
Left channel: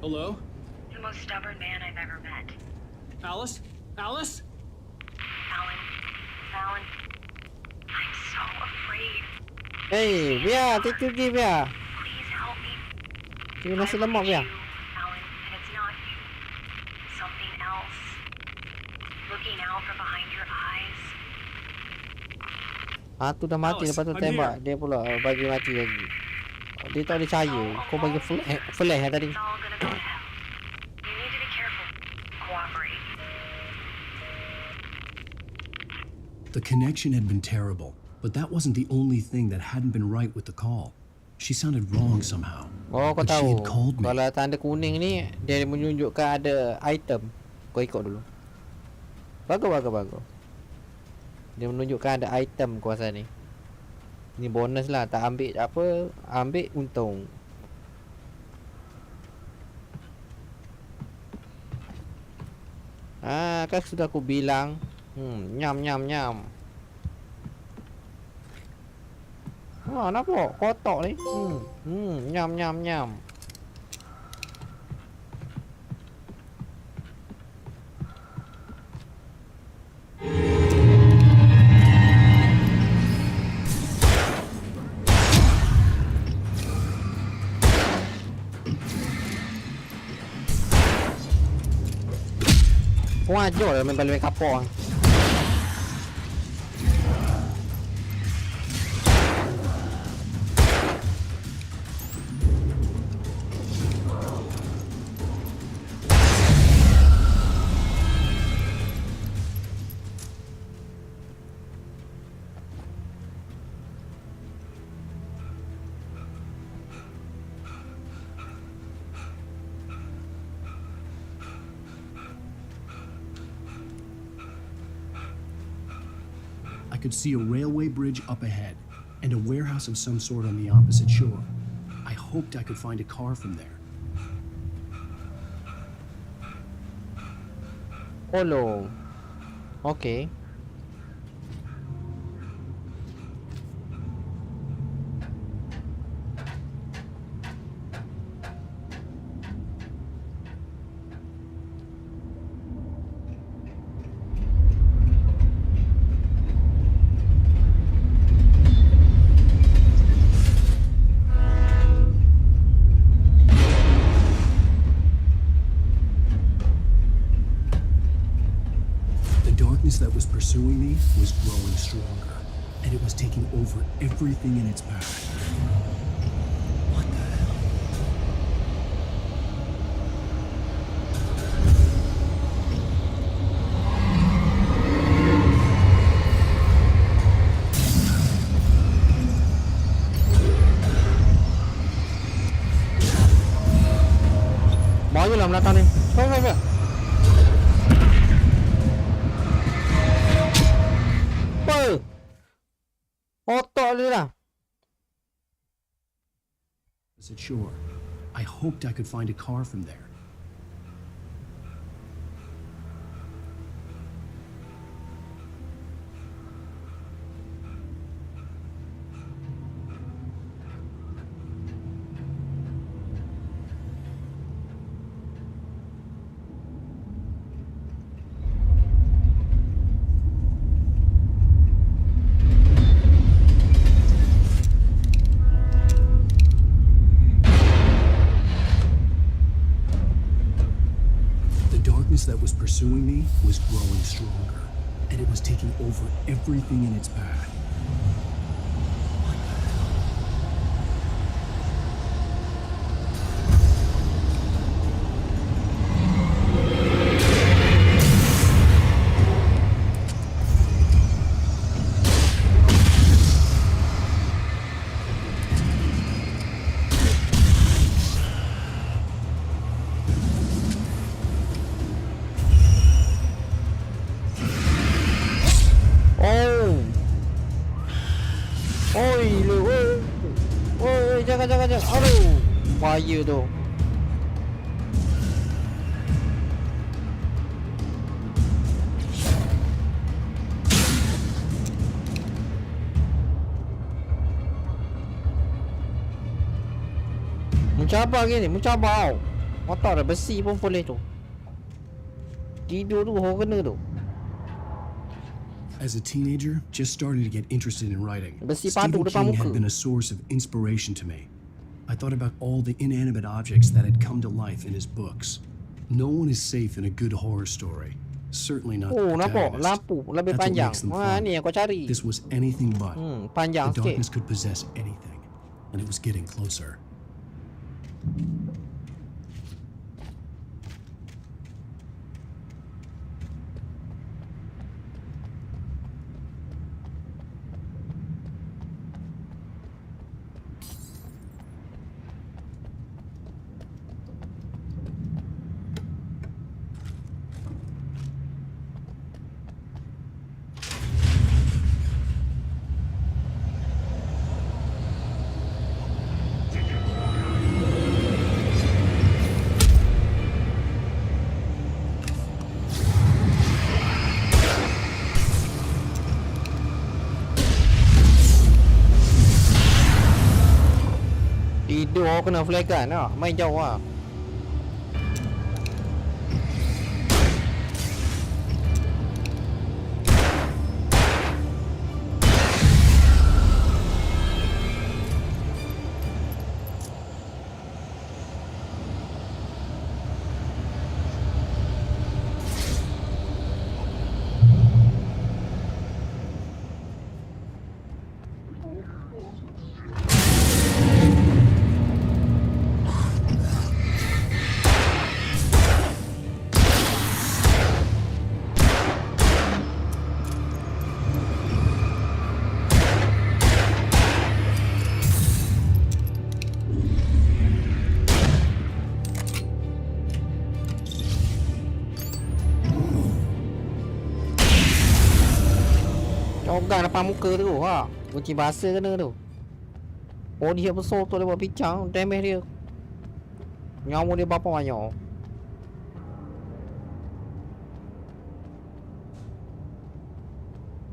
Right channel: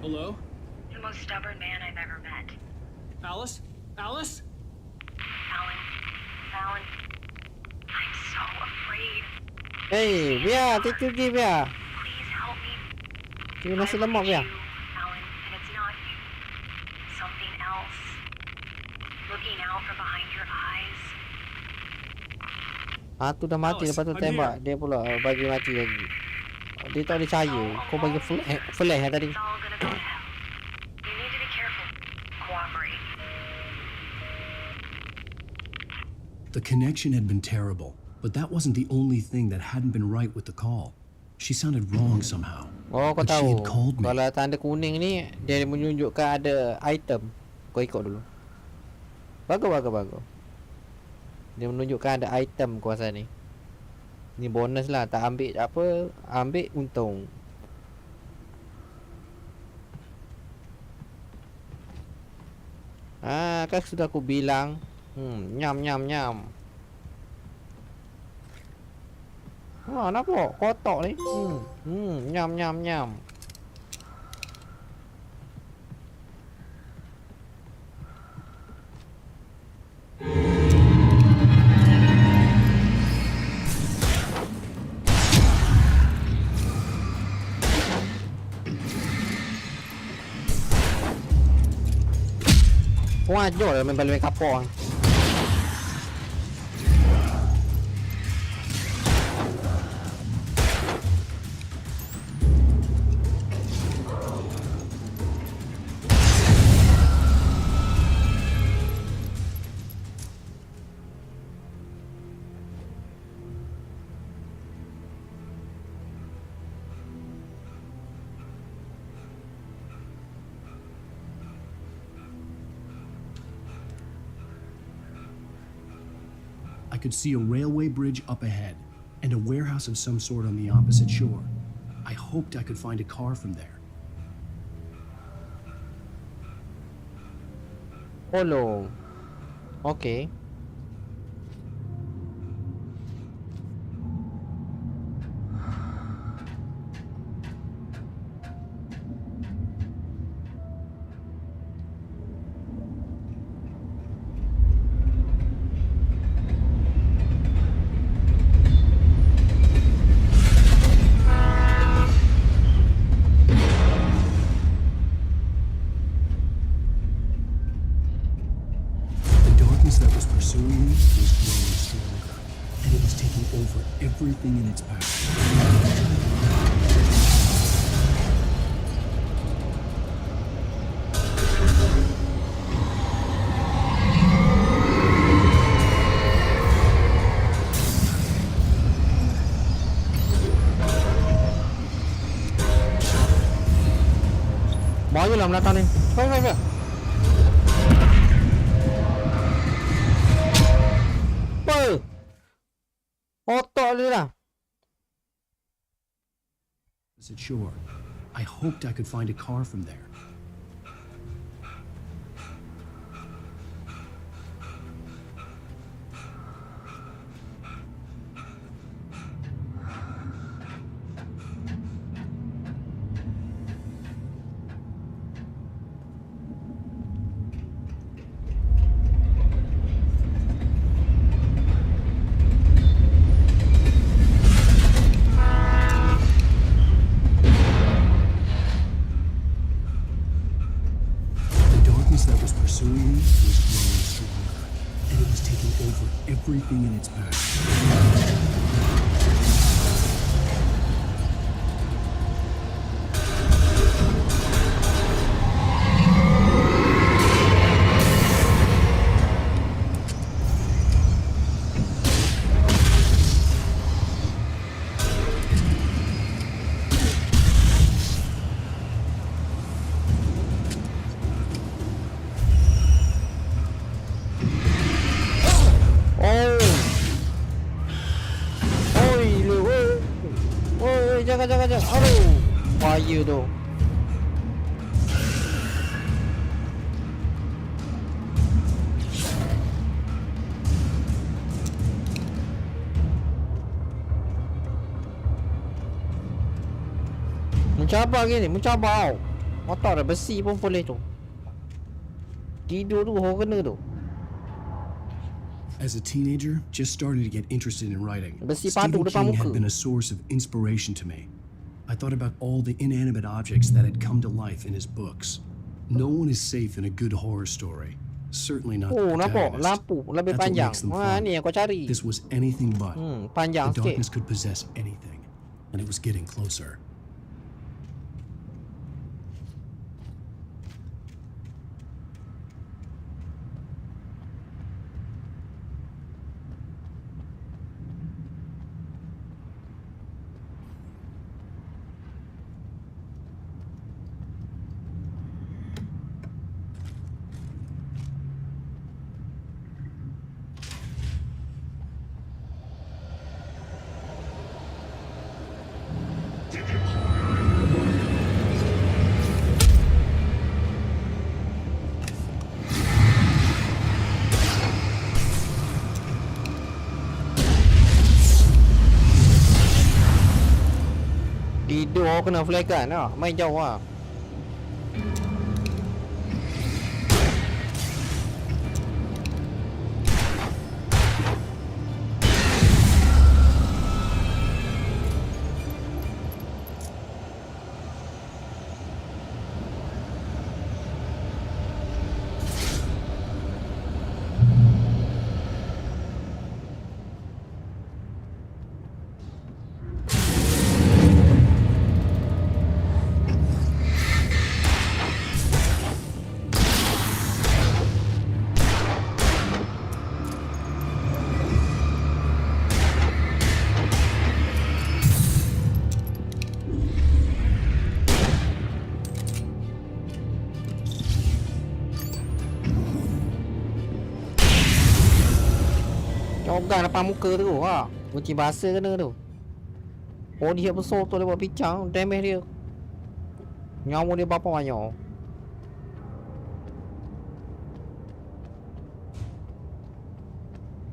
Hello? The most stubborn man I've ever met. Alice? Alice? Alan, I'm so afraid. Hey, biar tidur je biar. Please help me. Dia masih lemah biar. Alan, and it's not you. Something else. Looking out from behind your eyes. Tu dah mati, lepas tu tembak dia pula bagi mati lagi. Dia tak boleh percaya. Kau bagi flash tadi. It's all gonna go to hell. You need to be careful. Cooperate. The connection had been terrible, but that wasn't the only thing that hadn't been right with the call. She sounded wrong somehow. Oh, kau But she tahu. had called me. Kalau tanda kuning ni, dia menunjukkan ada item. Kau ikut dulu. Bagus. Dia menunjukkan ada item kuasa ni. Ni bonus lah. Tak ambil apa, ambil untung. Kan sudah aku bilang. Nyam. Nampak? Kotak ni. Nyam. Kau ajar lah main balik kapal. I could see a railway bridge up ahead and a warehouse of some sort on the opposite shore. I hoped I could find a car from there. Hello. Okay. That was pursuing me was growing stronger, and it was taking over everything in its path. Maju lah belakang ni. Cepat. Otak dia lah. Is it sure? I hoped I could find a car from there. That was pursuing me was growing stronger, and it was taking over everything in its path. Jangan. Aduh. Bahaya tu. Mencabar gini, mencabar. Motor dah besi pun boleh tu. Tidur tu horror kena tu. As a teenager, just starting to get interested in writing, Besi Stephen padu depan King had muka. been a source of inspiration to me. I thought about all the inanimate objects that had come to life in his books. No one is safe in a good horror story. Certainly not the Oh, nampak protagonist. lampu lebih That's what panjang. makes them Wah, fun. ni yang kau cari. This was anything but. Panjang The sikit. darkness could possess anything, and it was getting closer. Tidur kena flag kan lah. Main jauh lah. Cogang depan muka tu ha. Kunci bahasa kena tu. Oh dia besar tu dia buat pincang. Damage dia. Nyawa dia berapa banyak.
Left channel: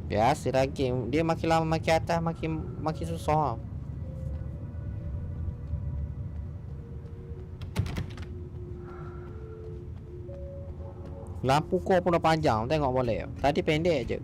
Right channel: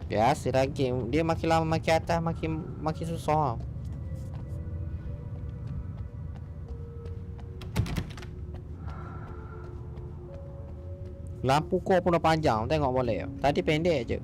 Biasa lah game. Dia makin lama makin atas makin susah. Lampu kau pun dah panjang. Tengok boleh. Tadi pendek je.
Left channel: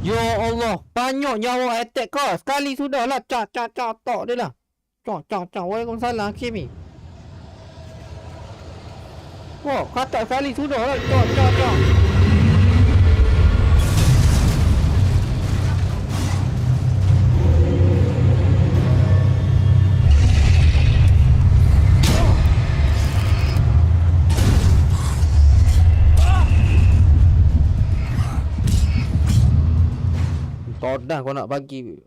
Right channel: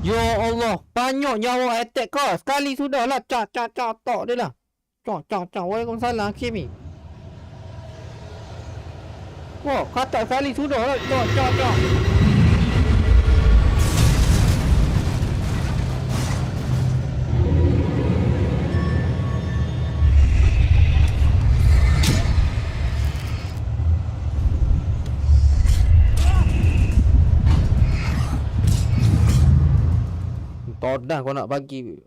Ya Allah, banyak nyawa attack kau. Sekali sudah lah. Cak tok dia lah. Cak. Waalaikumsalam Hakim ni. Wah, kata sekali sudah lah. Cak. Todah kau nak bagi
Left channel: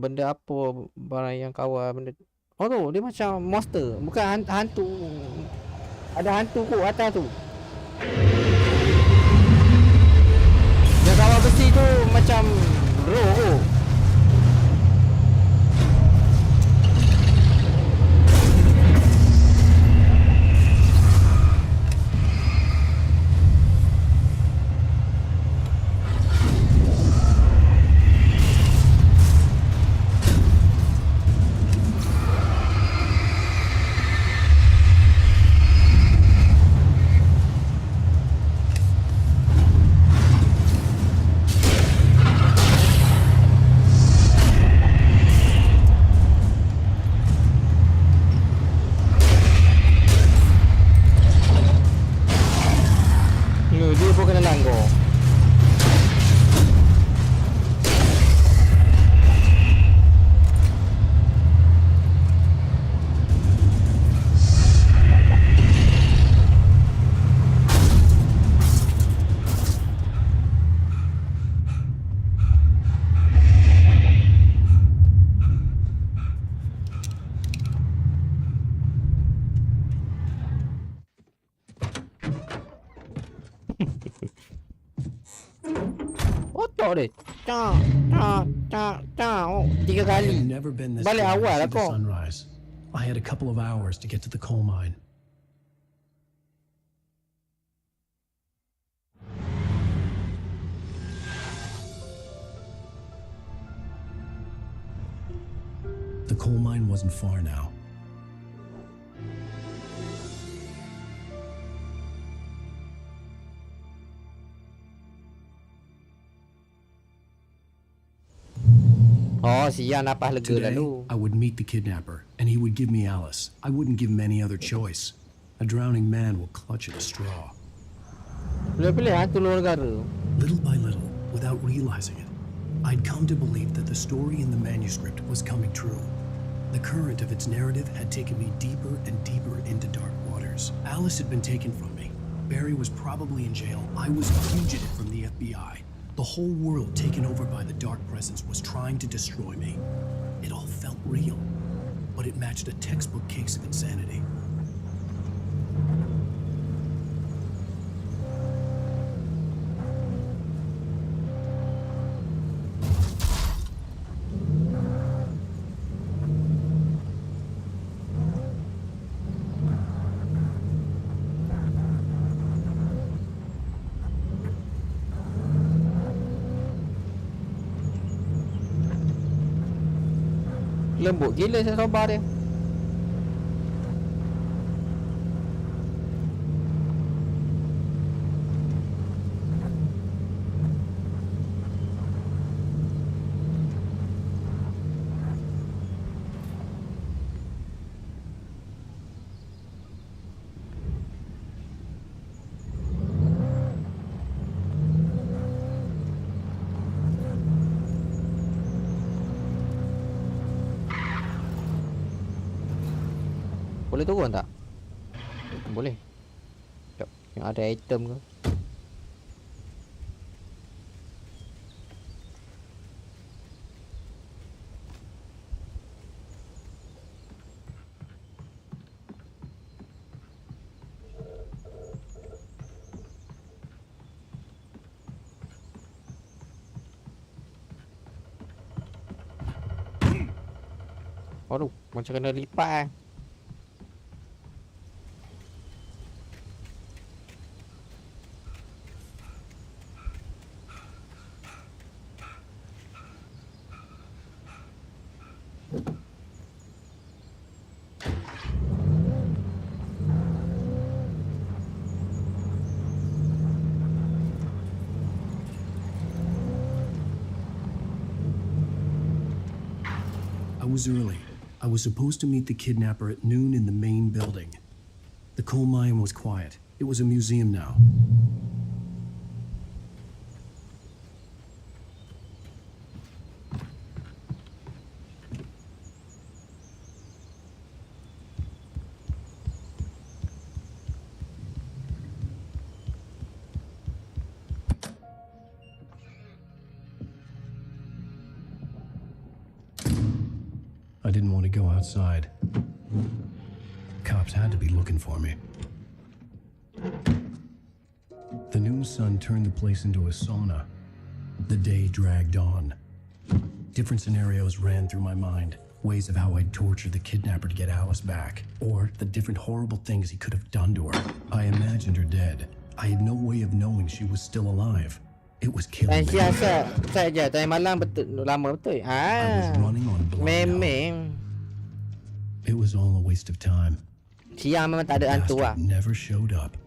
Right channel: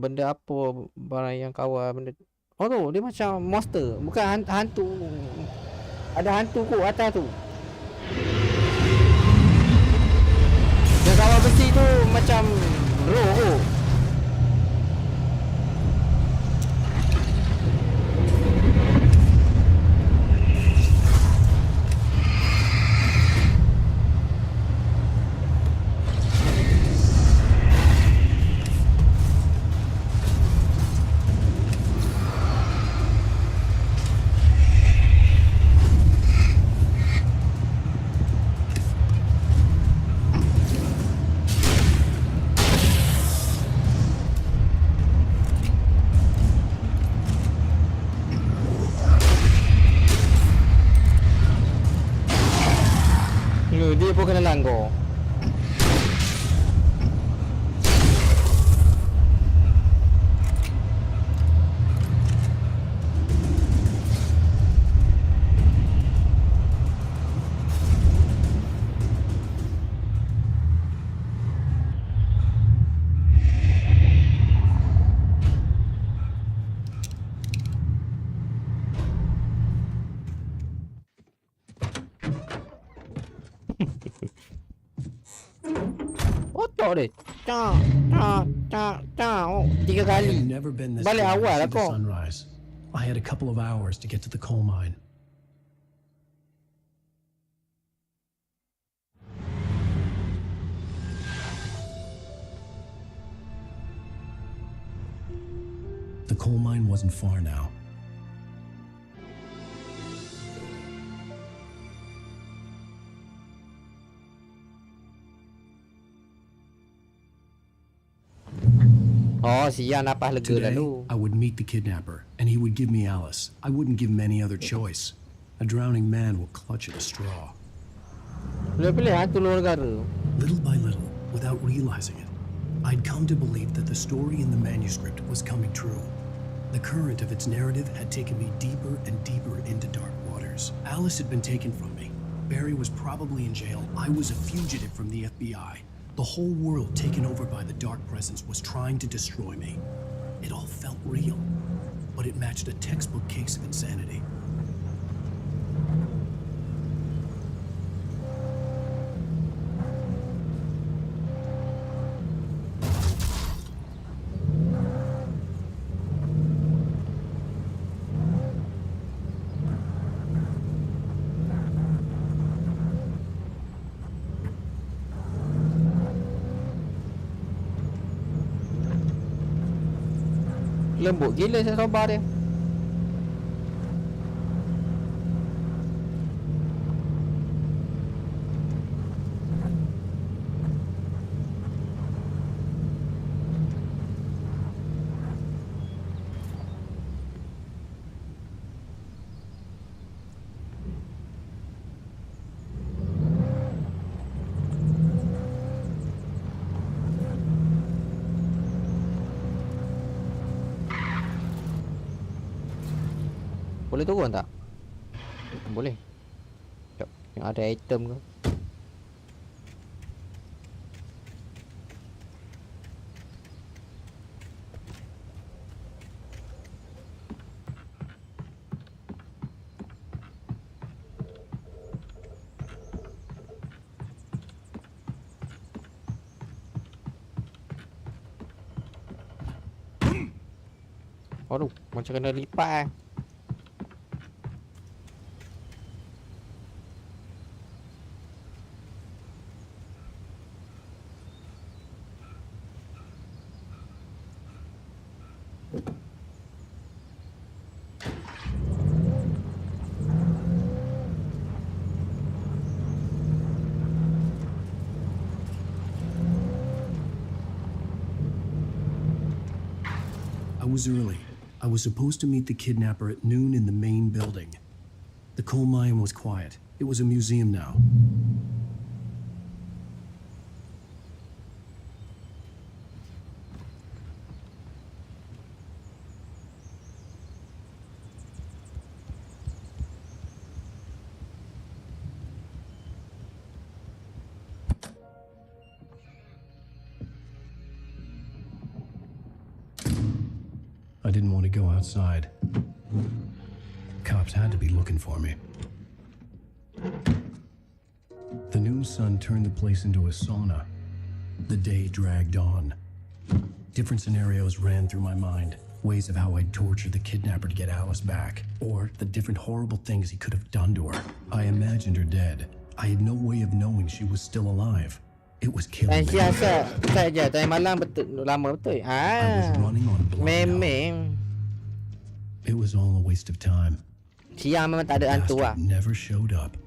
benda apa barang yang kawal benda Oh tu, dia macam monster. Bukan hantu. Ada hantu kot atas tu. Yang kawal besi tu macam roh tu. Dia pun kena langgar. Otak dia. Oh, 3 kali. Balik awal lah kau. I had a couple of hours to get to the coal mine. The coal mine wasn't far now. Oh, siang napas lega Today, lalu. I would meet the kidnapper, and he would give me Alice. I wouldn't give him any other choice. A drowning man will clutch at a straw. Little by little, without realizing it, I'd come to believe that the story in the manuscript was coming true. The current of its narrative had taken me deeper and deeper into dark waters. Alice had been taken from me. Barry was probably in jail. I was a fugitive from the FBI. The whole world taken over by the dark presence was trying to destroy me. It all felt real, but it matched a textbook case of insanity. Lembut gila saya sobar dia. Boleh turun tak? Boleh. Sekejap. Yang ada item ke? Aduh, macam kena lipat I was early. I was supposed to meet the kidnapper at noon in the main building. The coal mine was quiet. It was a museum now. I didn't want to go outside. cops had to be looking for me. The noon sun turned the place into a sauna. The day dragged on. Different scenarios ran through my mind. Ways of how I'd torture the kidnapper to get Alice back. Or the different horrible things he could have done to her. I imagined her dead. I had no way of knowing she was still alive. It was killing me. Saja tadi malam betul lama betul. I was running on memang. It was all a waste of time. Siang memang tak ada hantu lah. Never showed up.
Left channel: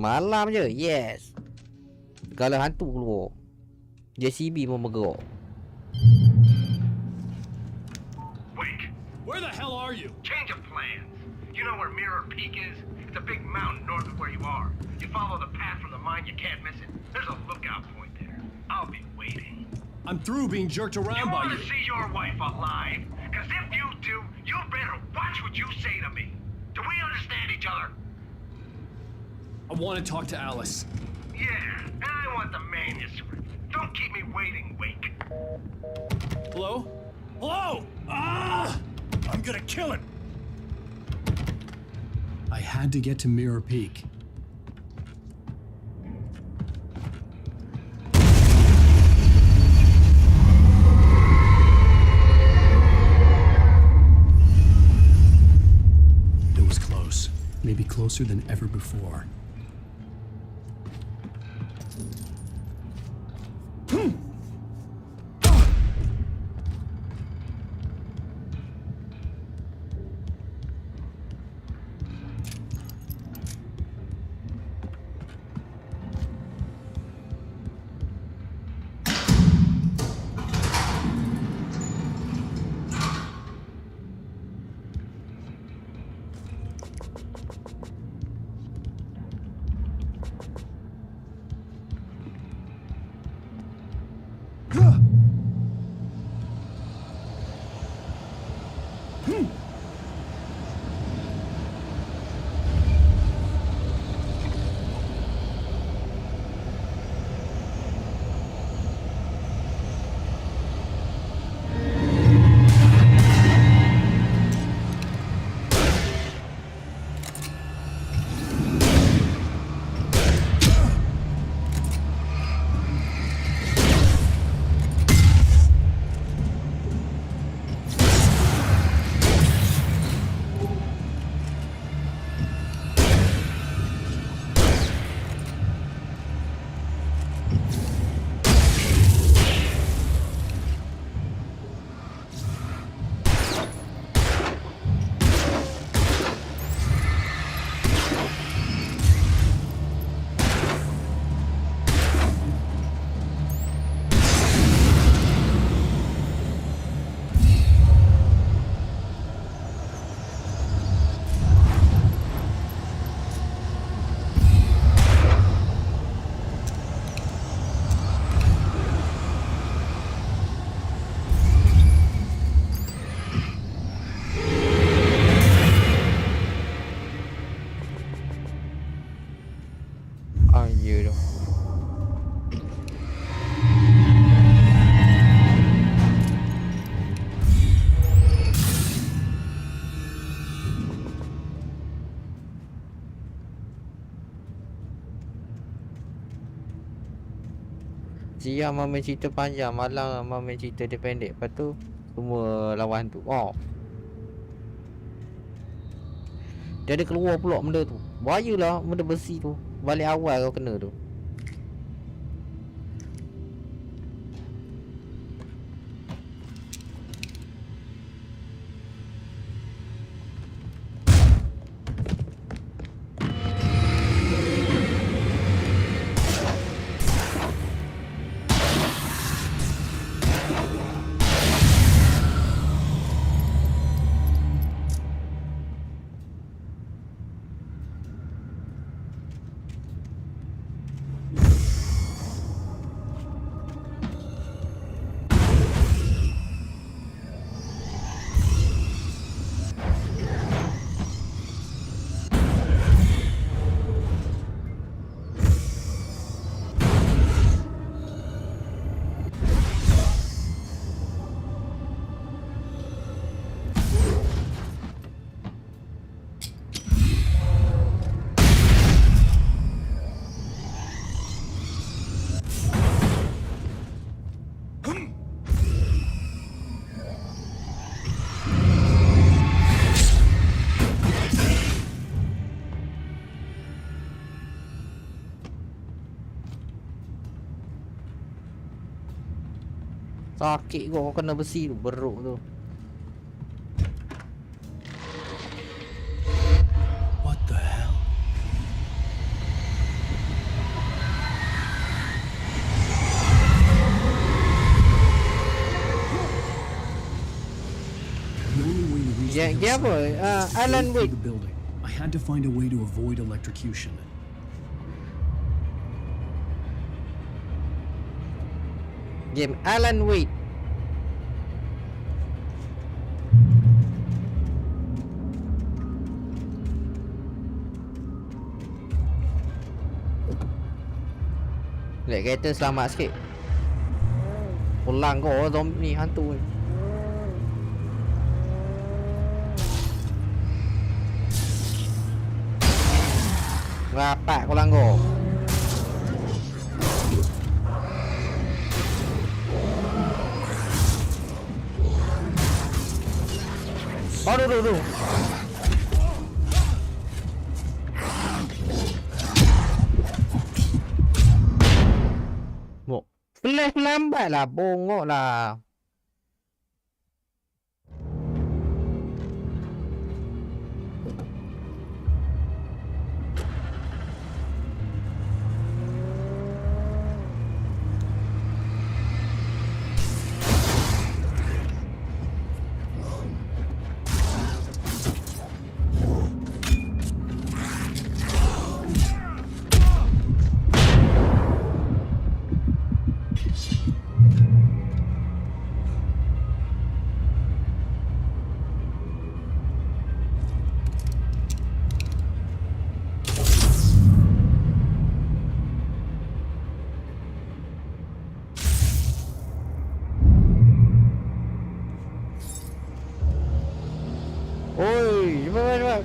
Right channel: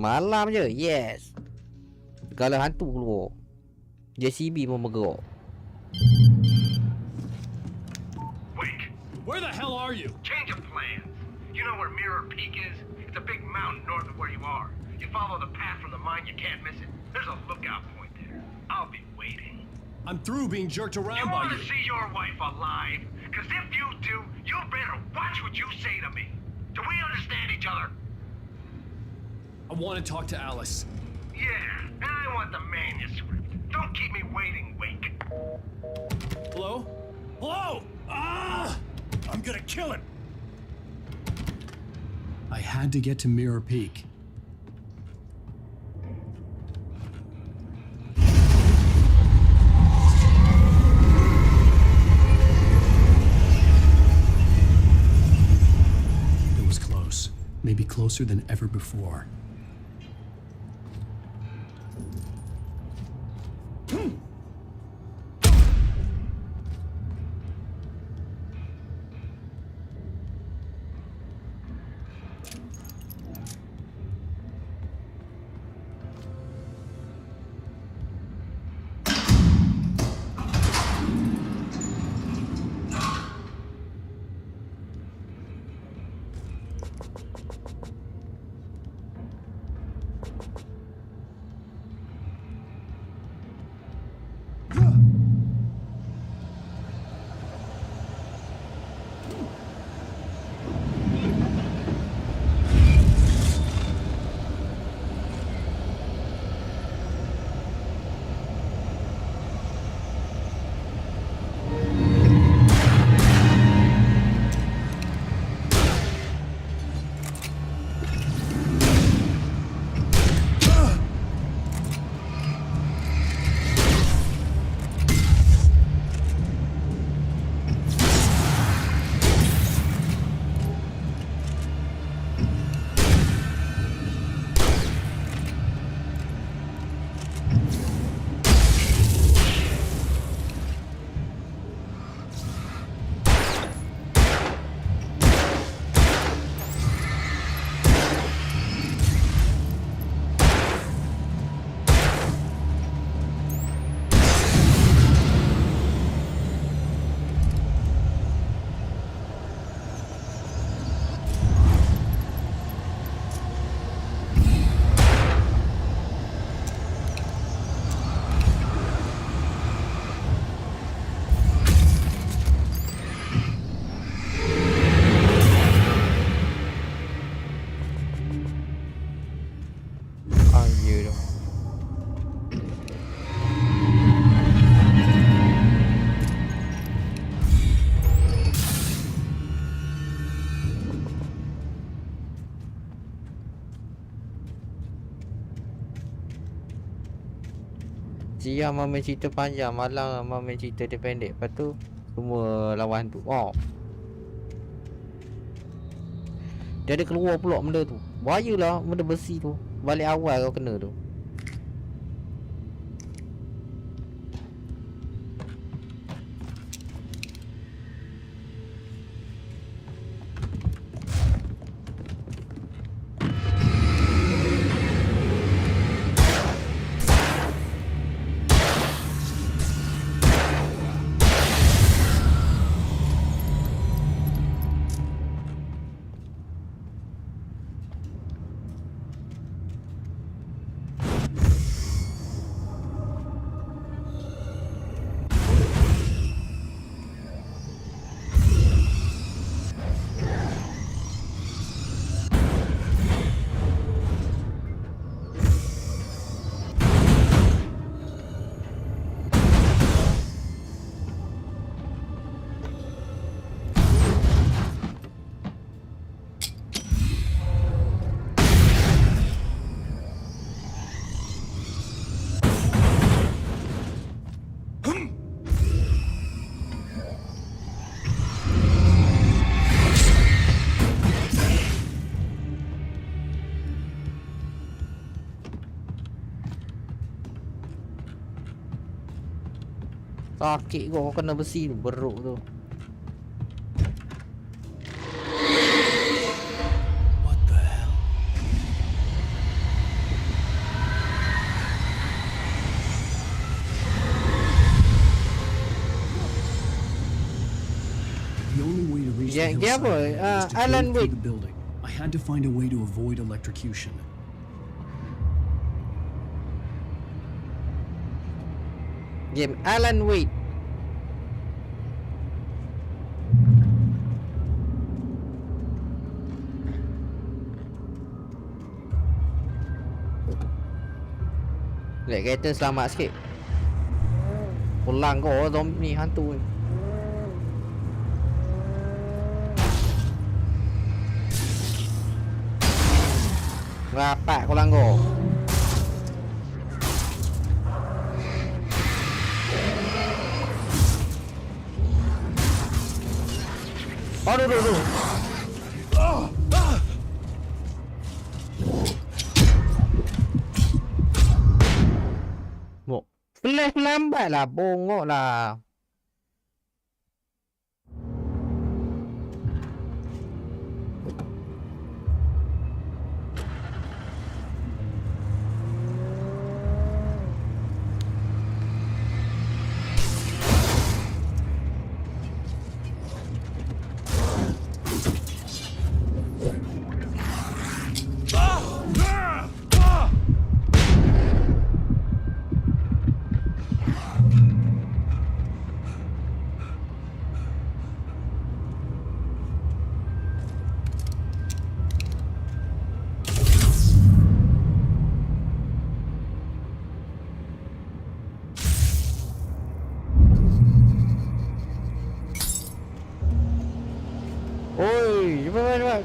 Malam je, yes. Kalau hantu keluar, JCB pun bergerak. Wait, where the hell are you? Change of plans. You know where Mirror Peak is? It's a big mountain north of where you are. You follow the path from the mine, you can't miss it. There's a lookout point there. I'll be waiting. I'm through being jerked around by you. You want to see your wife alive? Because if you do, you better watch what you say to me. Do we understand each other? I want to talk to Alice. Yeah, and I want the manuscript. Don't keep me waiting, Wake. Hello? Hello? Ah! I'm gonna kill him. I had to get to Mirror Peak. It was close. Maybe closer than ever before. Siang main cerita panjang, malam main cerita dia pendek. Lepas tu semua lawan tu. Oh. Dia ada keluar pula benda tu. Bahayalah benda besi tu. Balik awal kau kena tu. Sakit kau kena besi tu, beruk tu. What the hell? The only way to reach the Dia apa? hillside is to Alan go through Wake. the building. I had to find a way to avoid electrocution. Game Alan Wake. Lihat kereta selamat sikit. Pulang kau zombie ni, hantu ni. Rapat kau langgar. Aduh. Mok, flash lambat lah, bongok lah. Oi, cepat.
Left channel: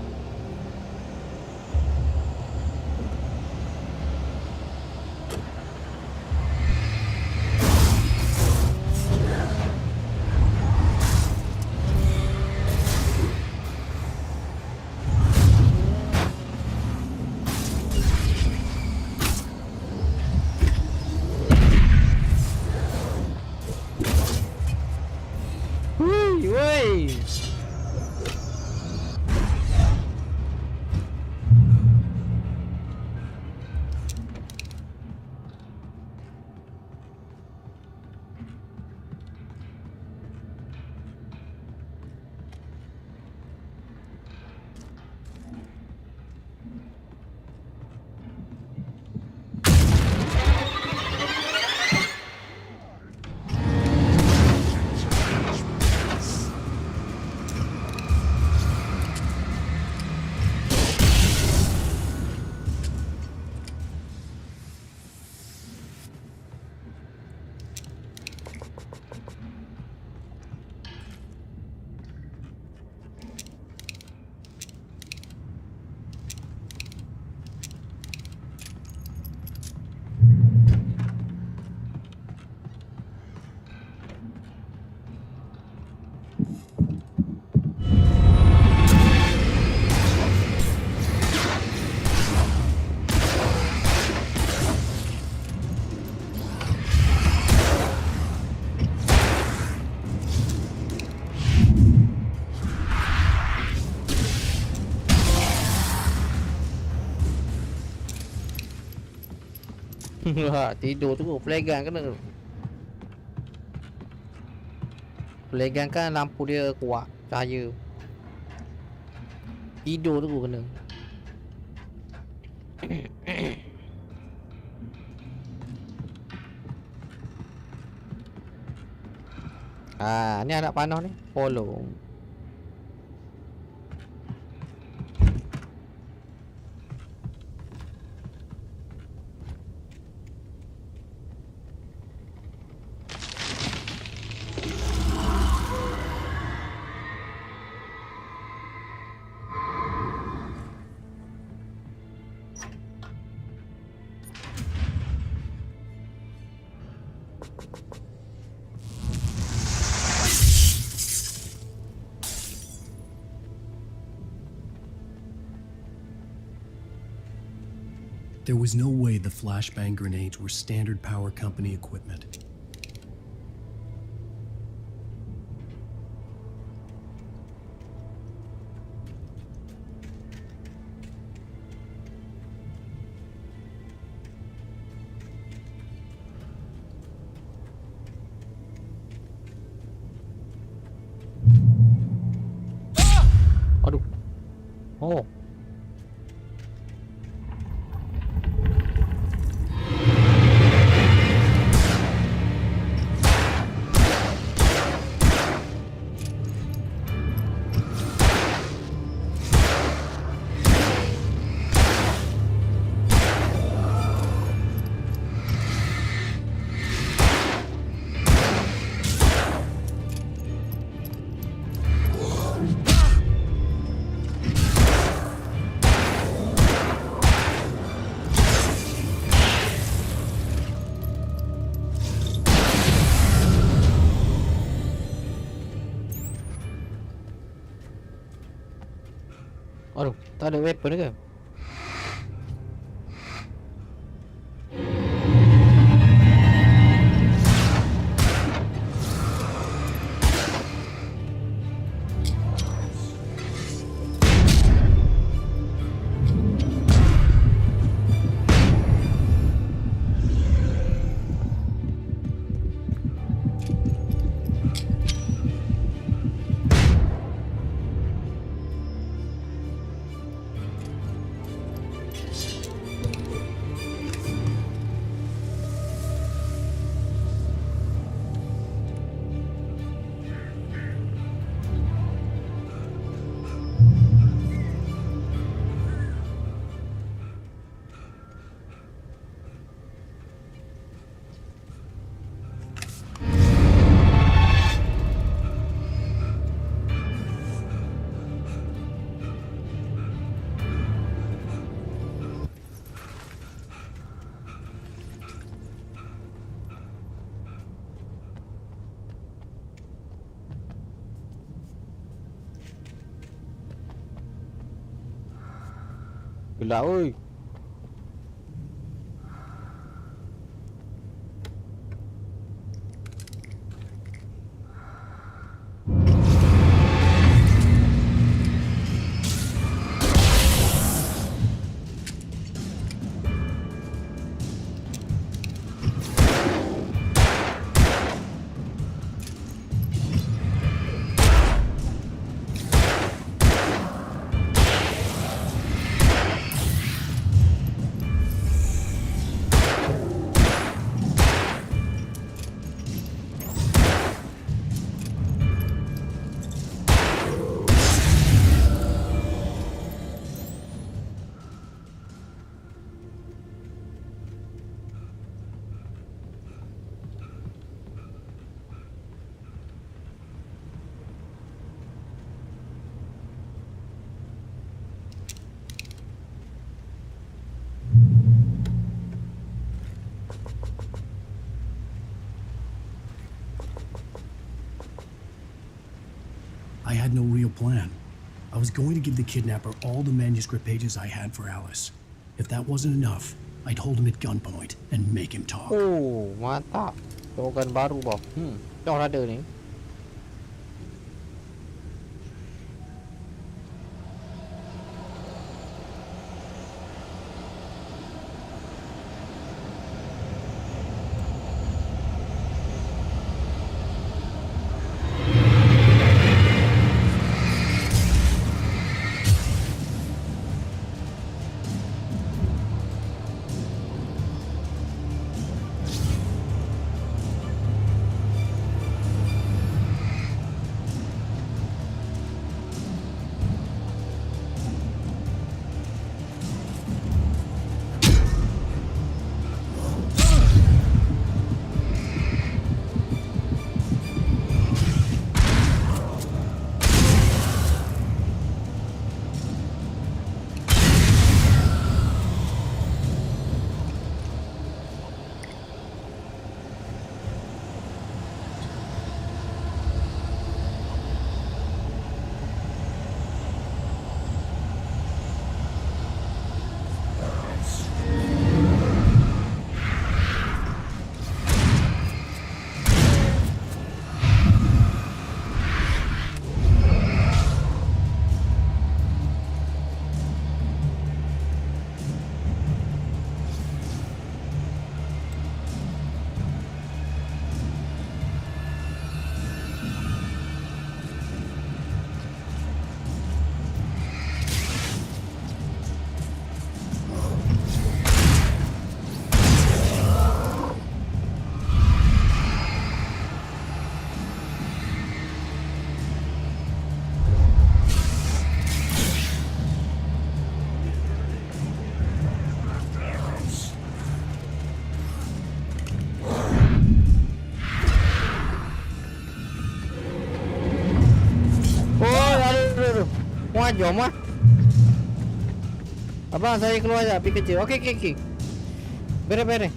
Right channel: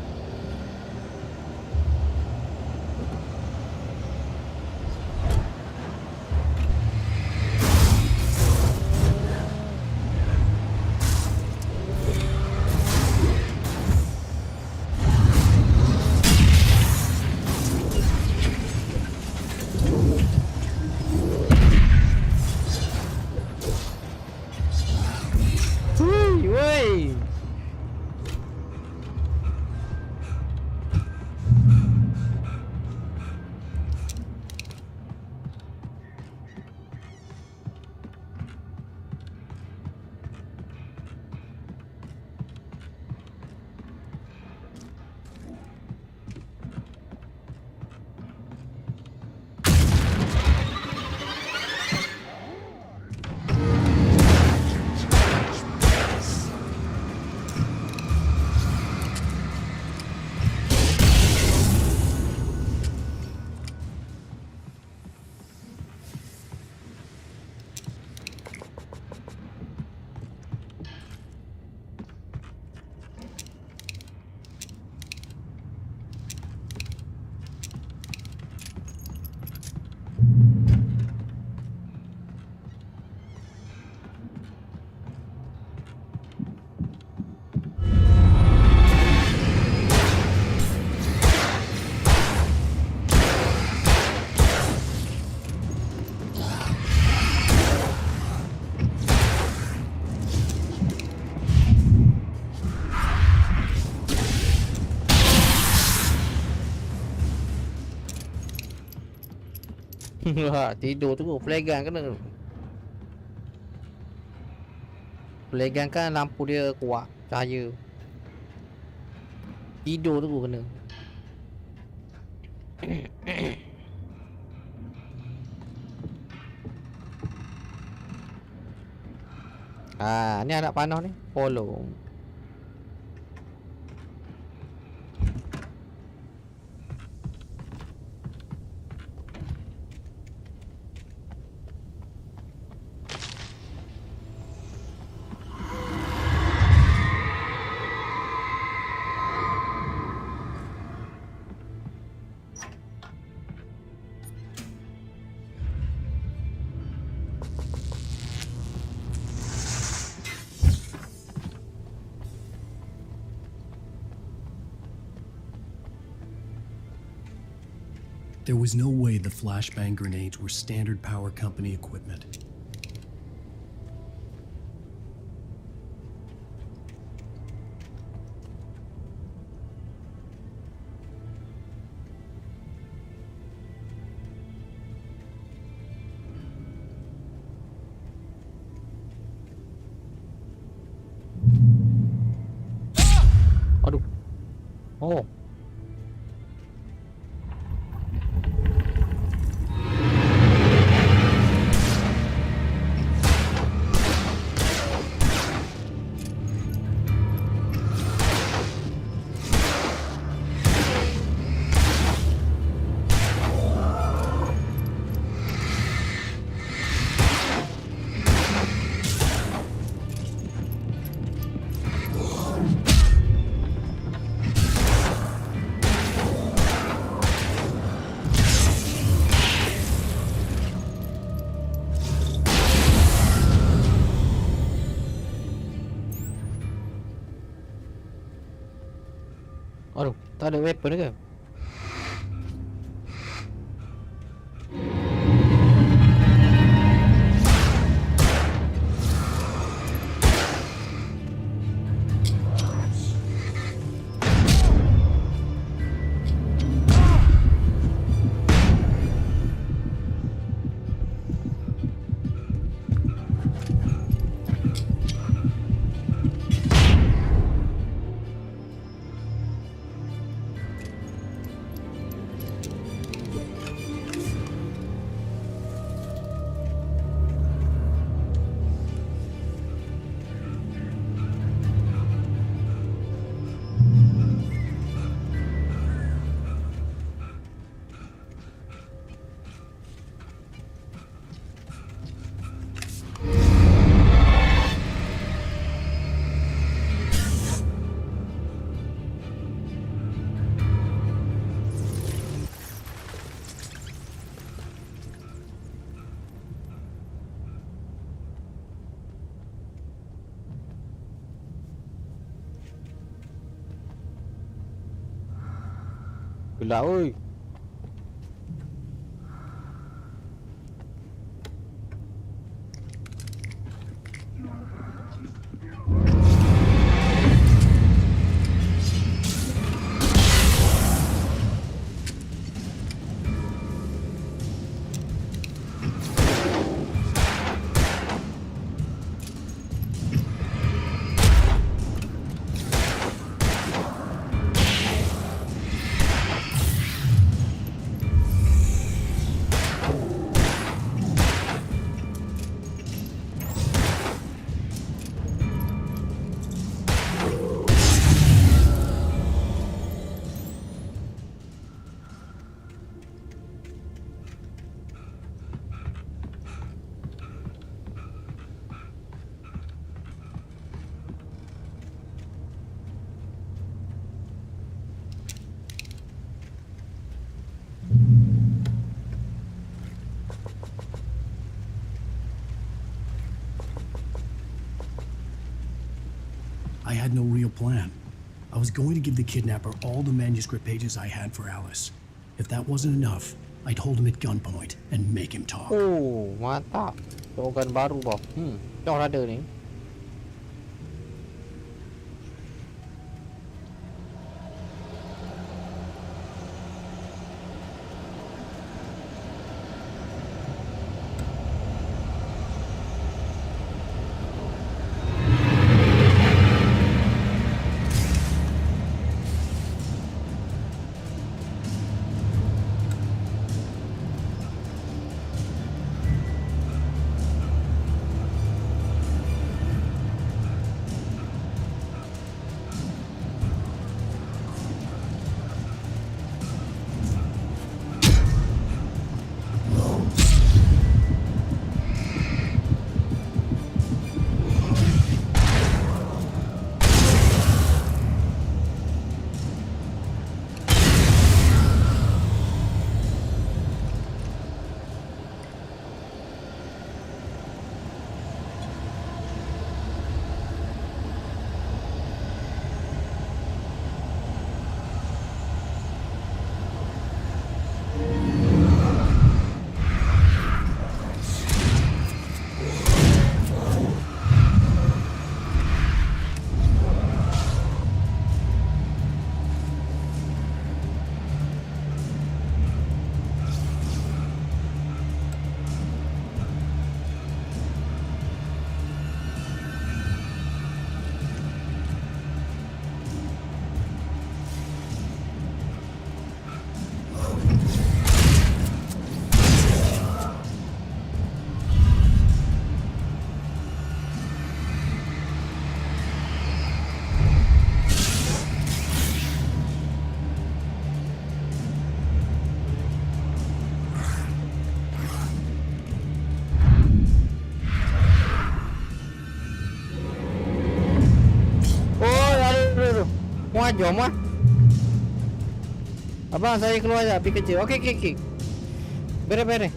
Woi. Tidur tu flagan kena tu. Flagan kan lampu dia kuat cahaya. Tidur tu kena. Ni anak panah ni. Follow. There was no way the flashbang grenades were standard power company equipment. Aduh. Oh. Aduh, tak ada weapon ke? Gelap oi. I had no real plan. I was going to give the kidnapper all the manuscript pages I had for Alice. If that wasn't enough, I'd hold him at gunpoint and make him talk. Oh, mantap. Slogan baru bos. Dah ada ni. Muat jom lah. Abang saya keluar dah pergi kerja. Okey. Beres.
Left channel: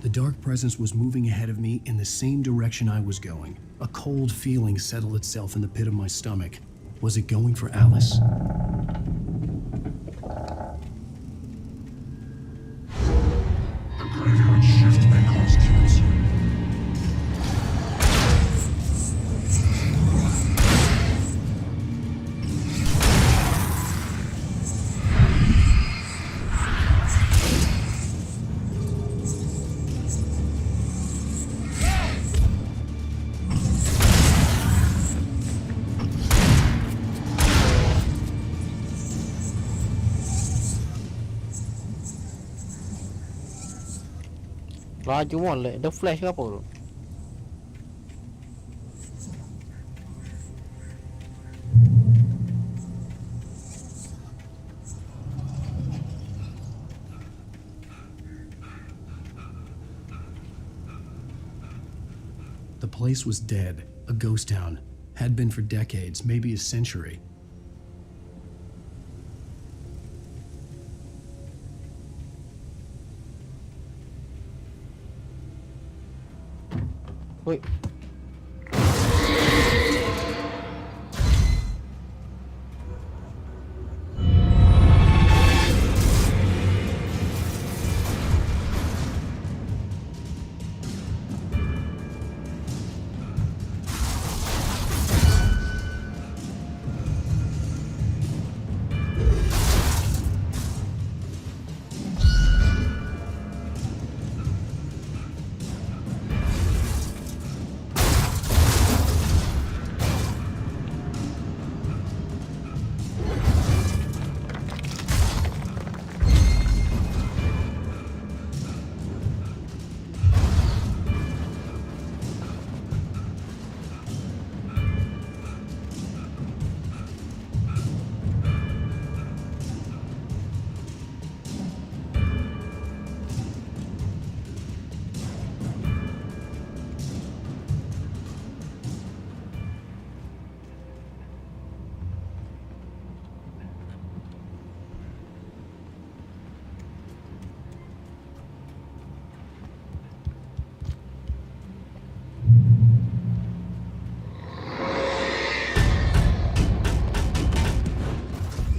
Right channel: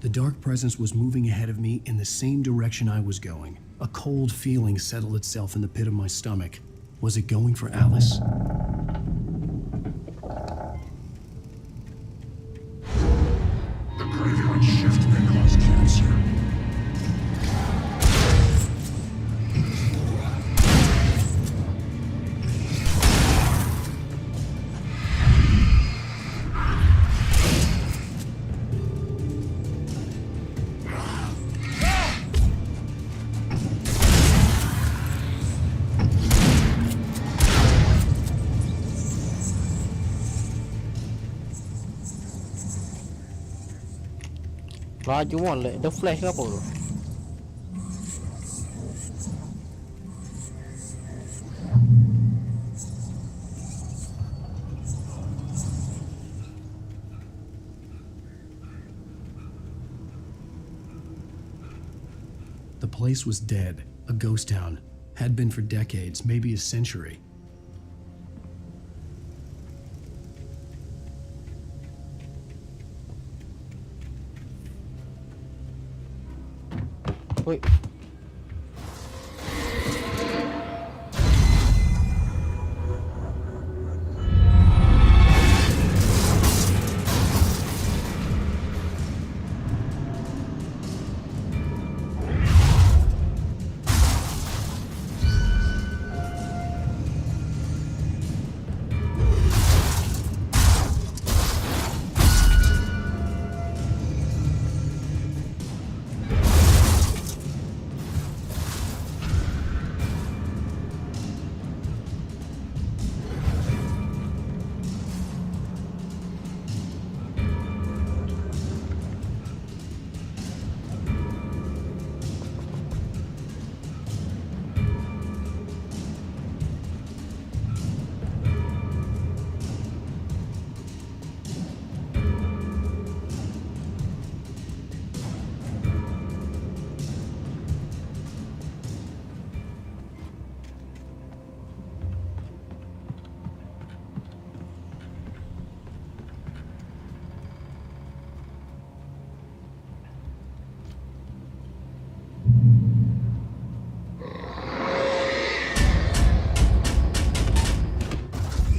The dark presence was moving ahead of me in the same direction I was going. A cold feeling settled itself in the pit of my stomach. Was it going for Alice? The graveyard shift may cause cancer. Laju molek. Ada flash ke apa tu? The place was dead, a ghost town. Had been for decades, maybe a century. Wait.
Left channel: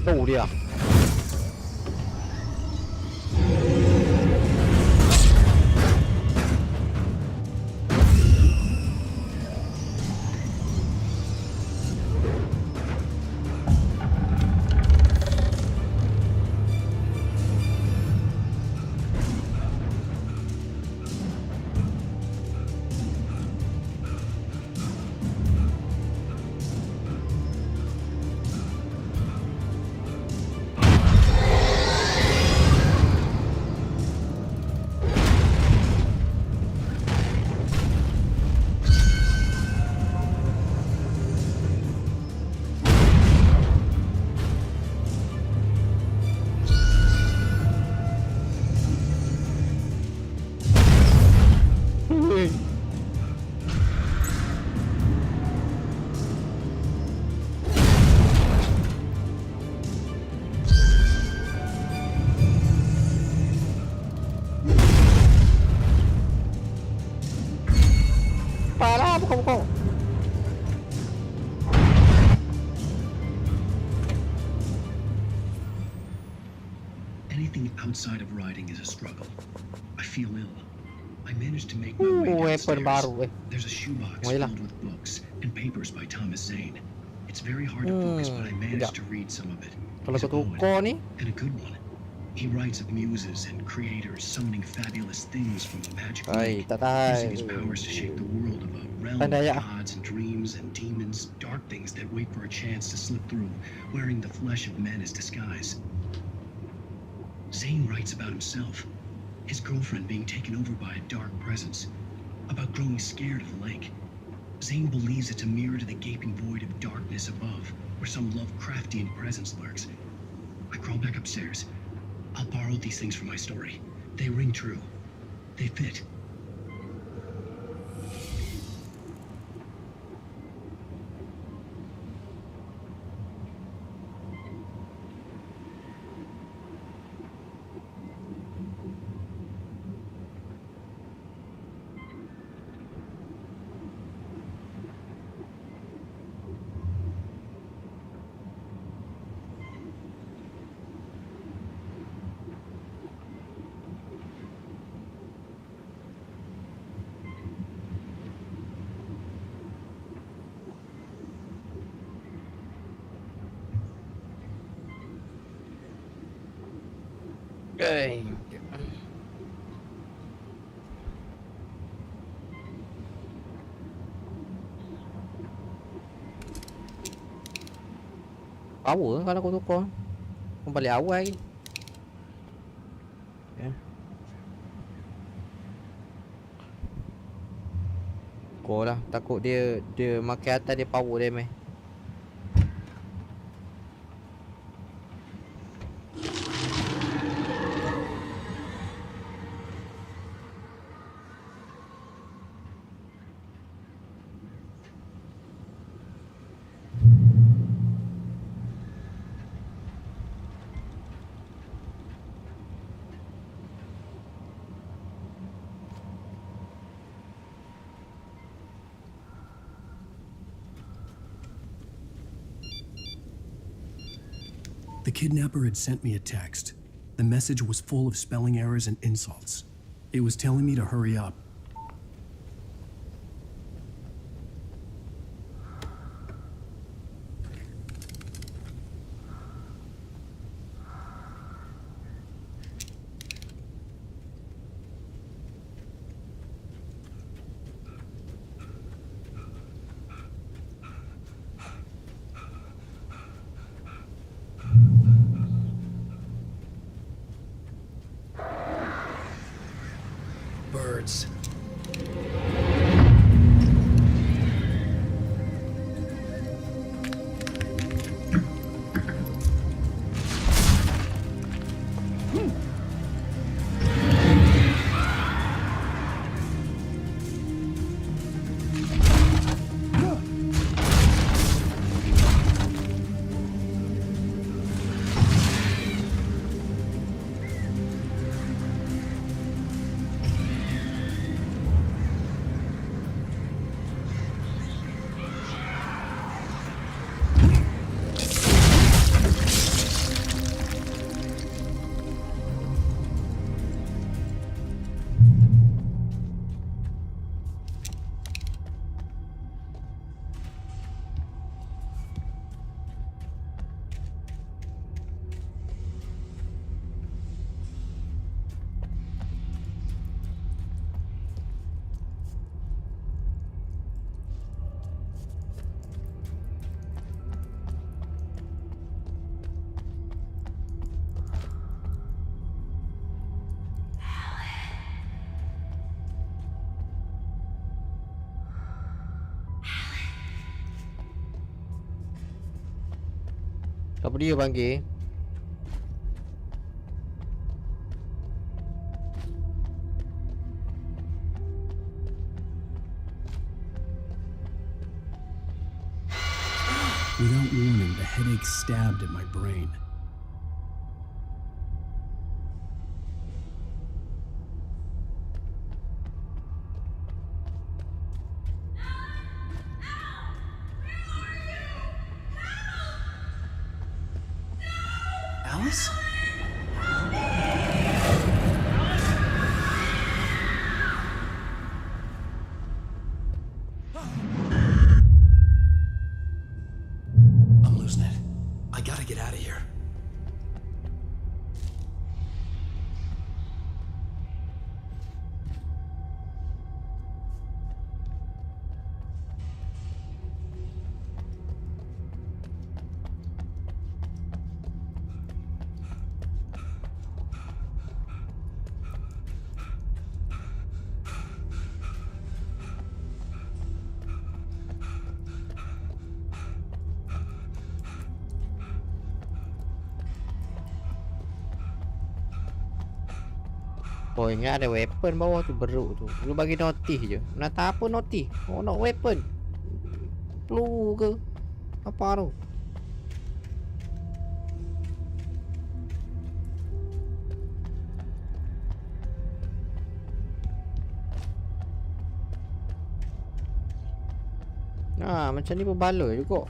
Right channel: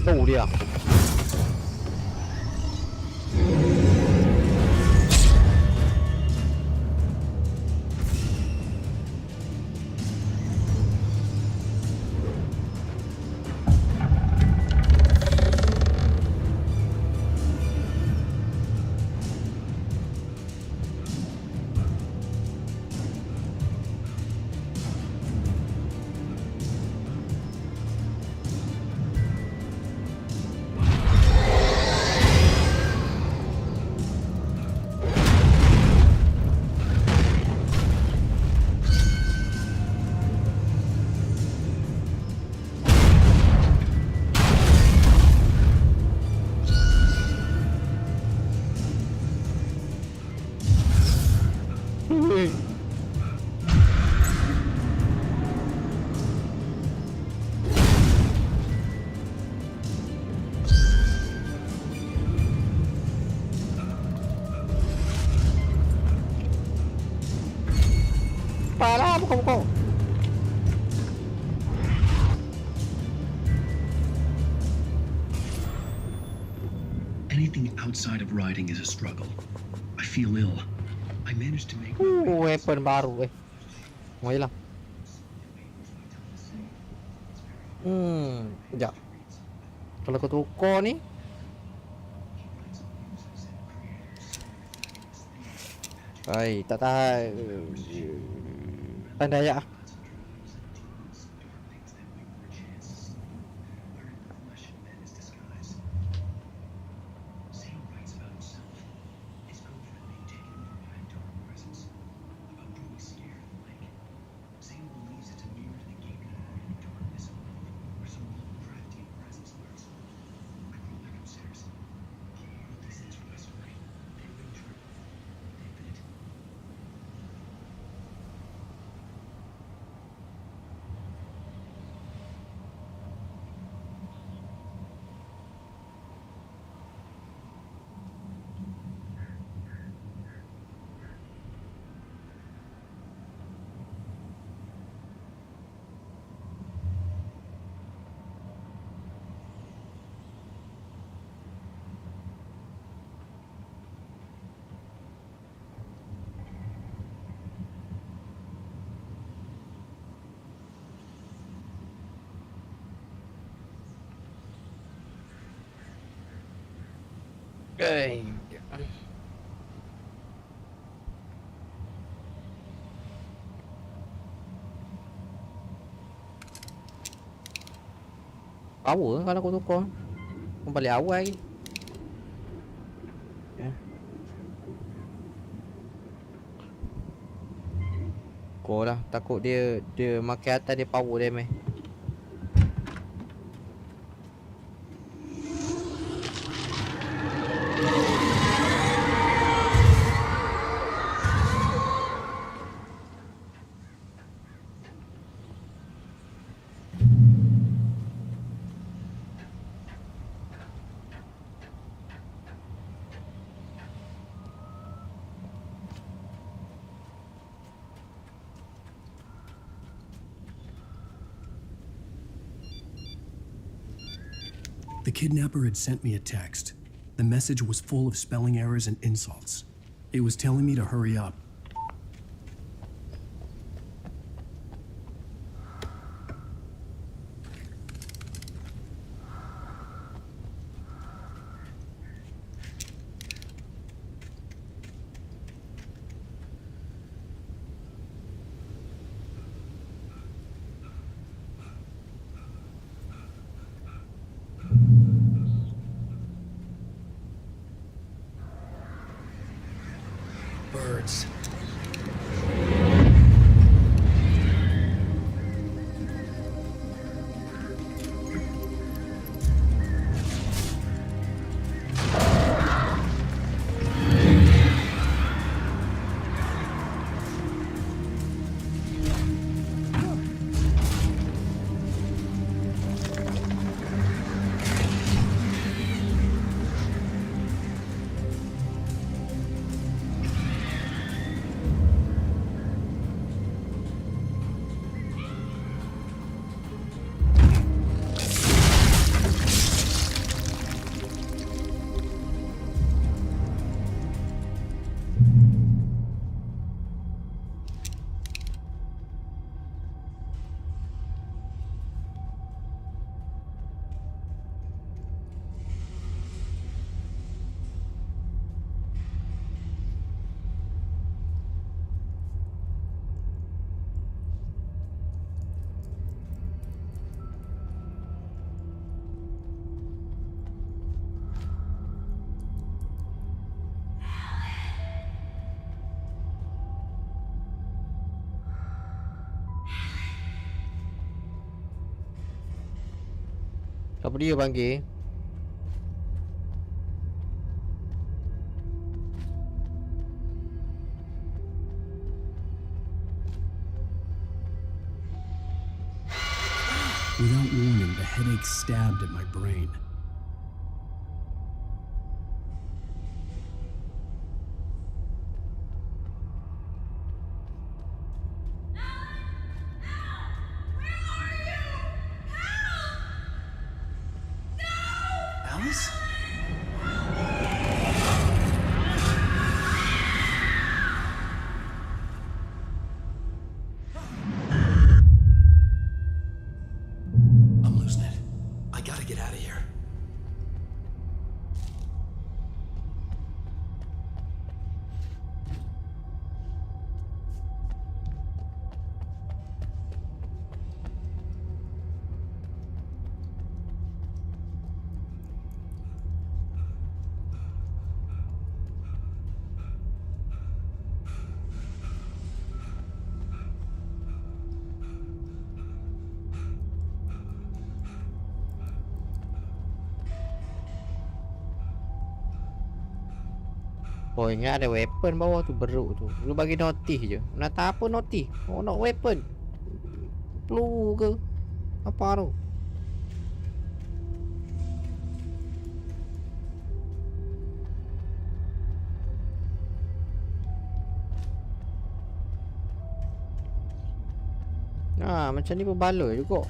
Đâu đi à? Parah, buka. Anything outside of riding is a struggle. I feel ill. I managed to make my way weapon baru There's a shoebox filled with books and papers by Thomas Zane. It's very hard to focus, but I managed to read some of it. Kalau kau tukar ni, and a good one. He writes of muses and creators summoning fabulous things from the magic world, using his powers to shape the world of a realm of gods and dreams and demons, dark things that wait for a chance to slip through, wearing the flesh of men as disguise. Zane writes about himself, his girlfriend being taken over by a dark presence, about growing scared of the lake. Zane believes it's a mirror to the gaping void of darkness above, where some Lovecraftian presence lurks. I crawl back upstairs. I'll borrow these things for my story. They ring true. They fit. Okay. Power kalau aku tukar. Kembali awal lagi. Okay. Kau lah, takut dia makan atas dia power dia meh. The kidnapper had sent me a text. The message was full of spelling errors and insults. It was telling me to hurry up. Birds. Apa dia panggil? Without warning, the headache stabbed at my brain. Alice? I'm losing it. I gotta get out of here. Oh ingat ada weapon bawah tu beruk tu. Lu bagi notif je. Nak tak apa notif? Oh nak weapon. Peluru ke? Apa tu? Macam ni pun bala juga.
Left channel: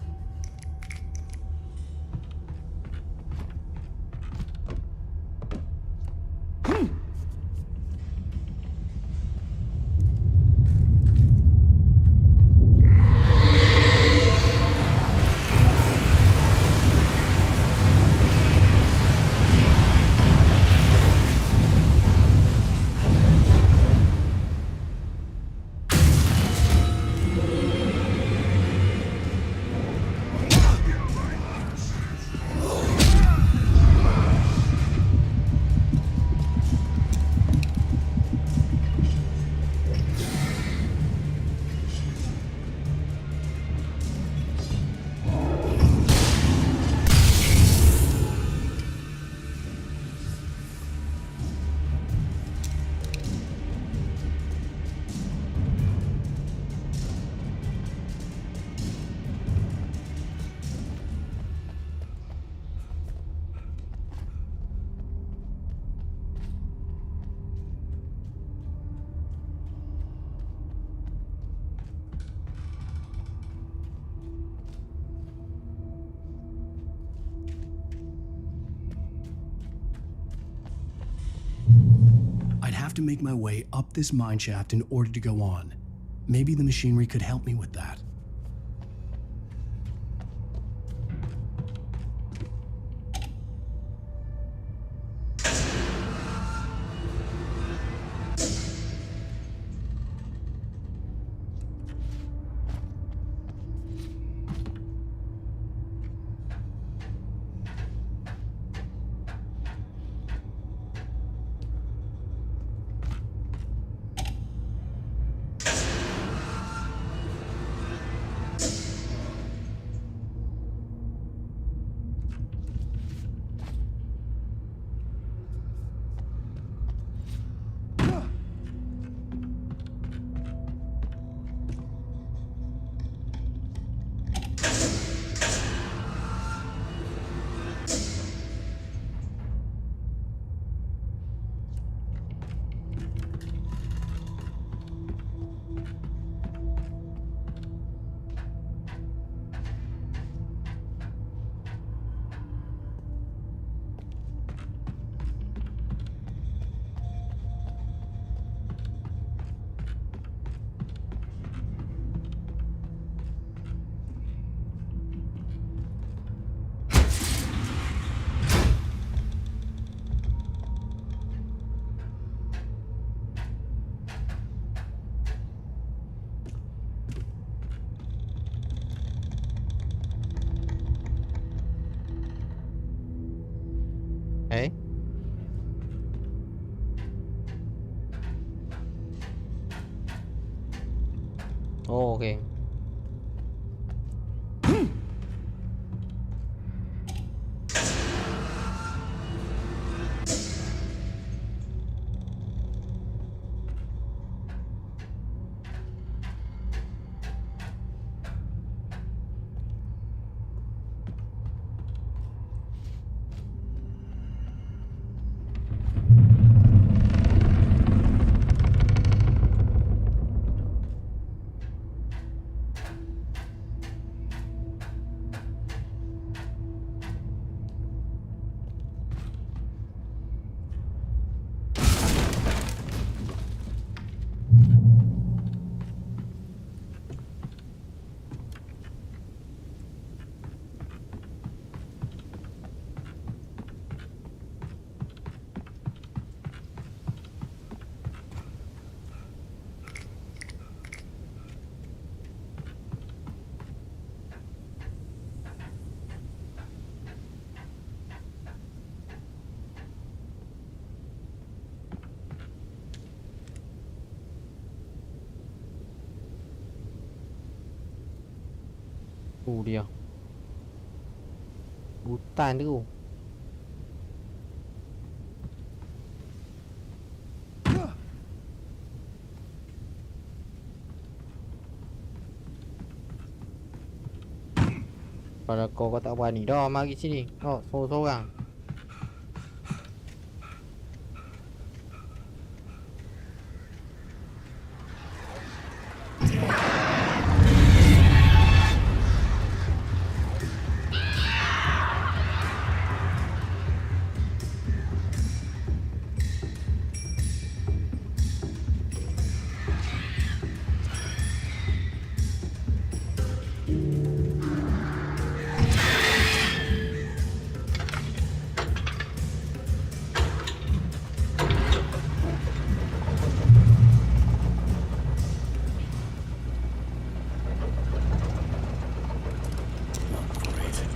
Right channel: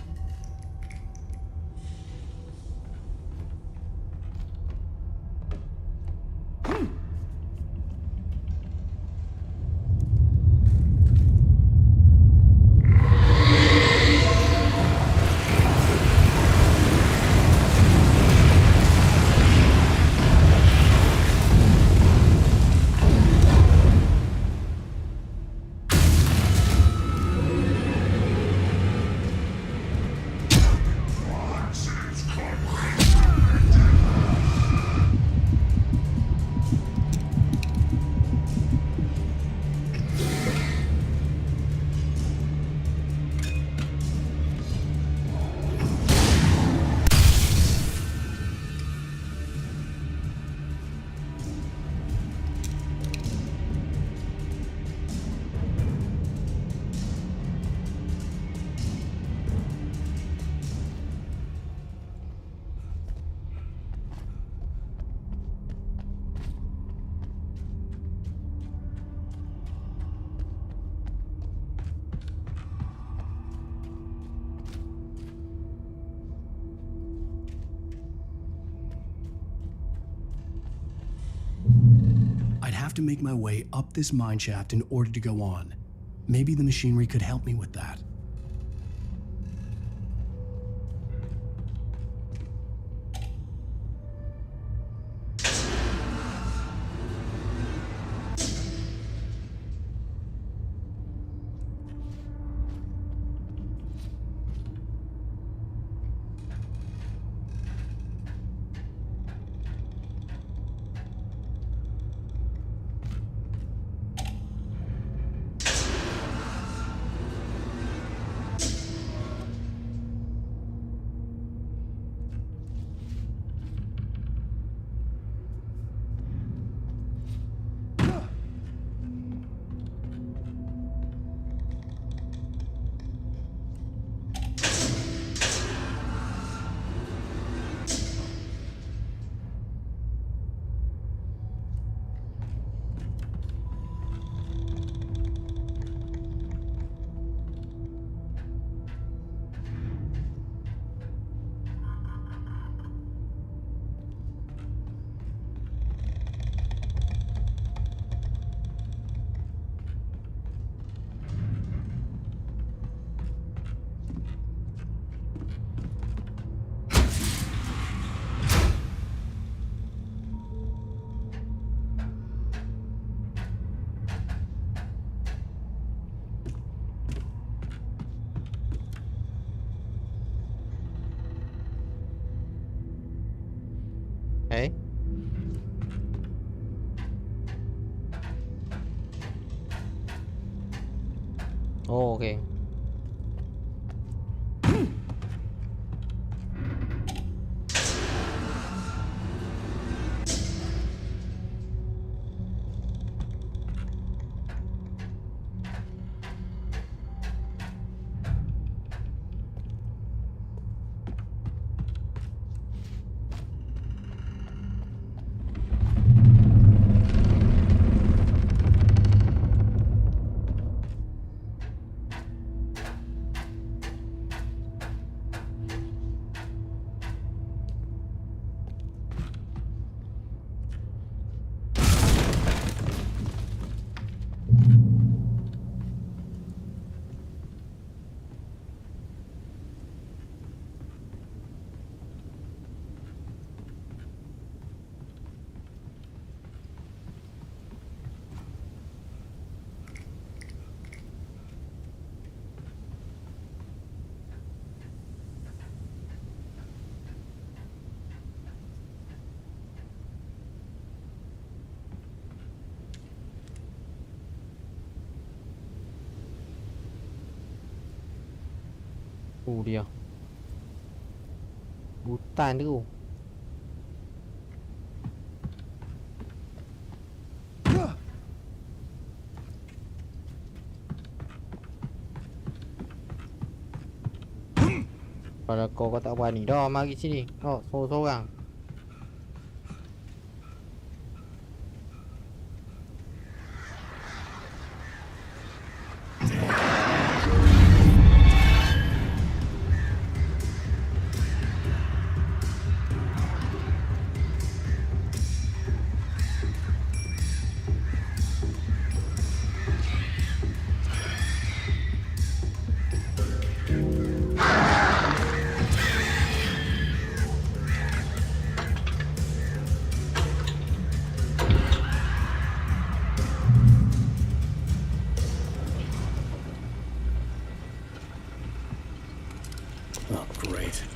I'd have to make my way up this mine shaft in order to go on. Maybe the machinery could help me with that. Eh? Oh, okay. Dia hutan tu. Kalau kau tak berani dah mari sini. Oh, sorang-sorang.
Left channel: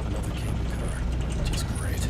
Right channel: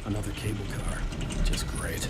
Another cable car. Just great.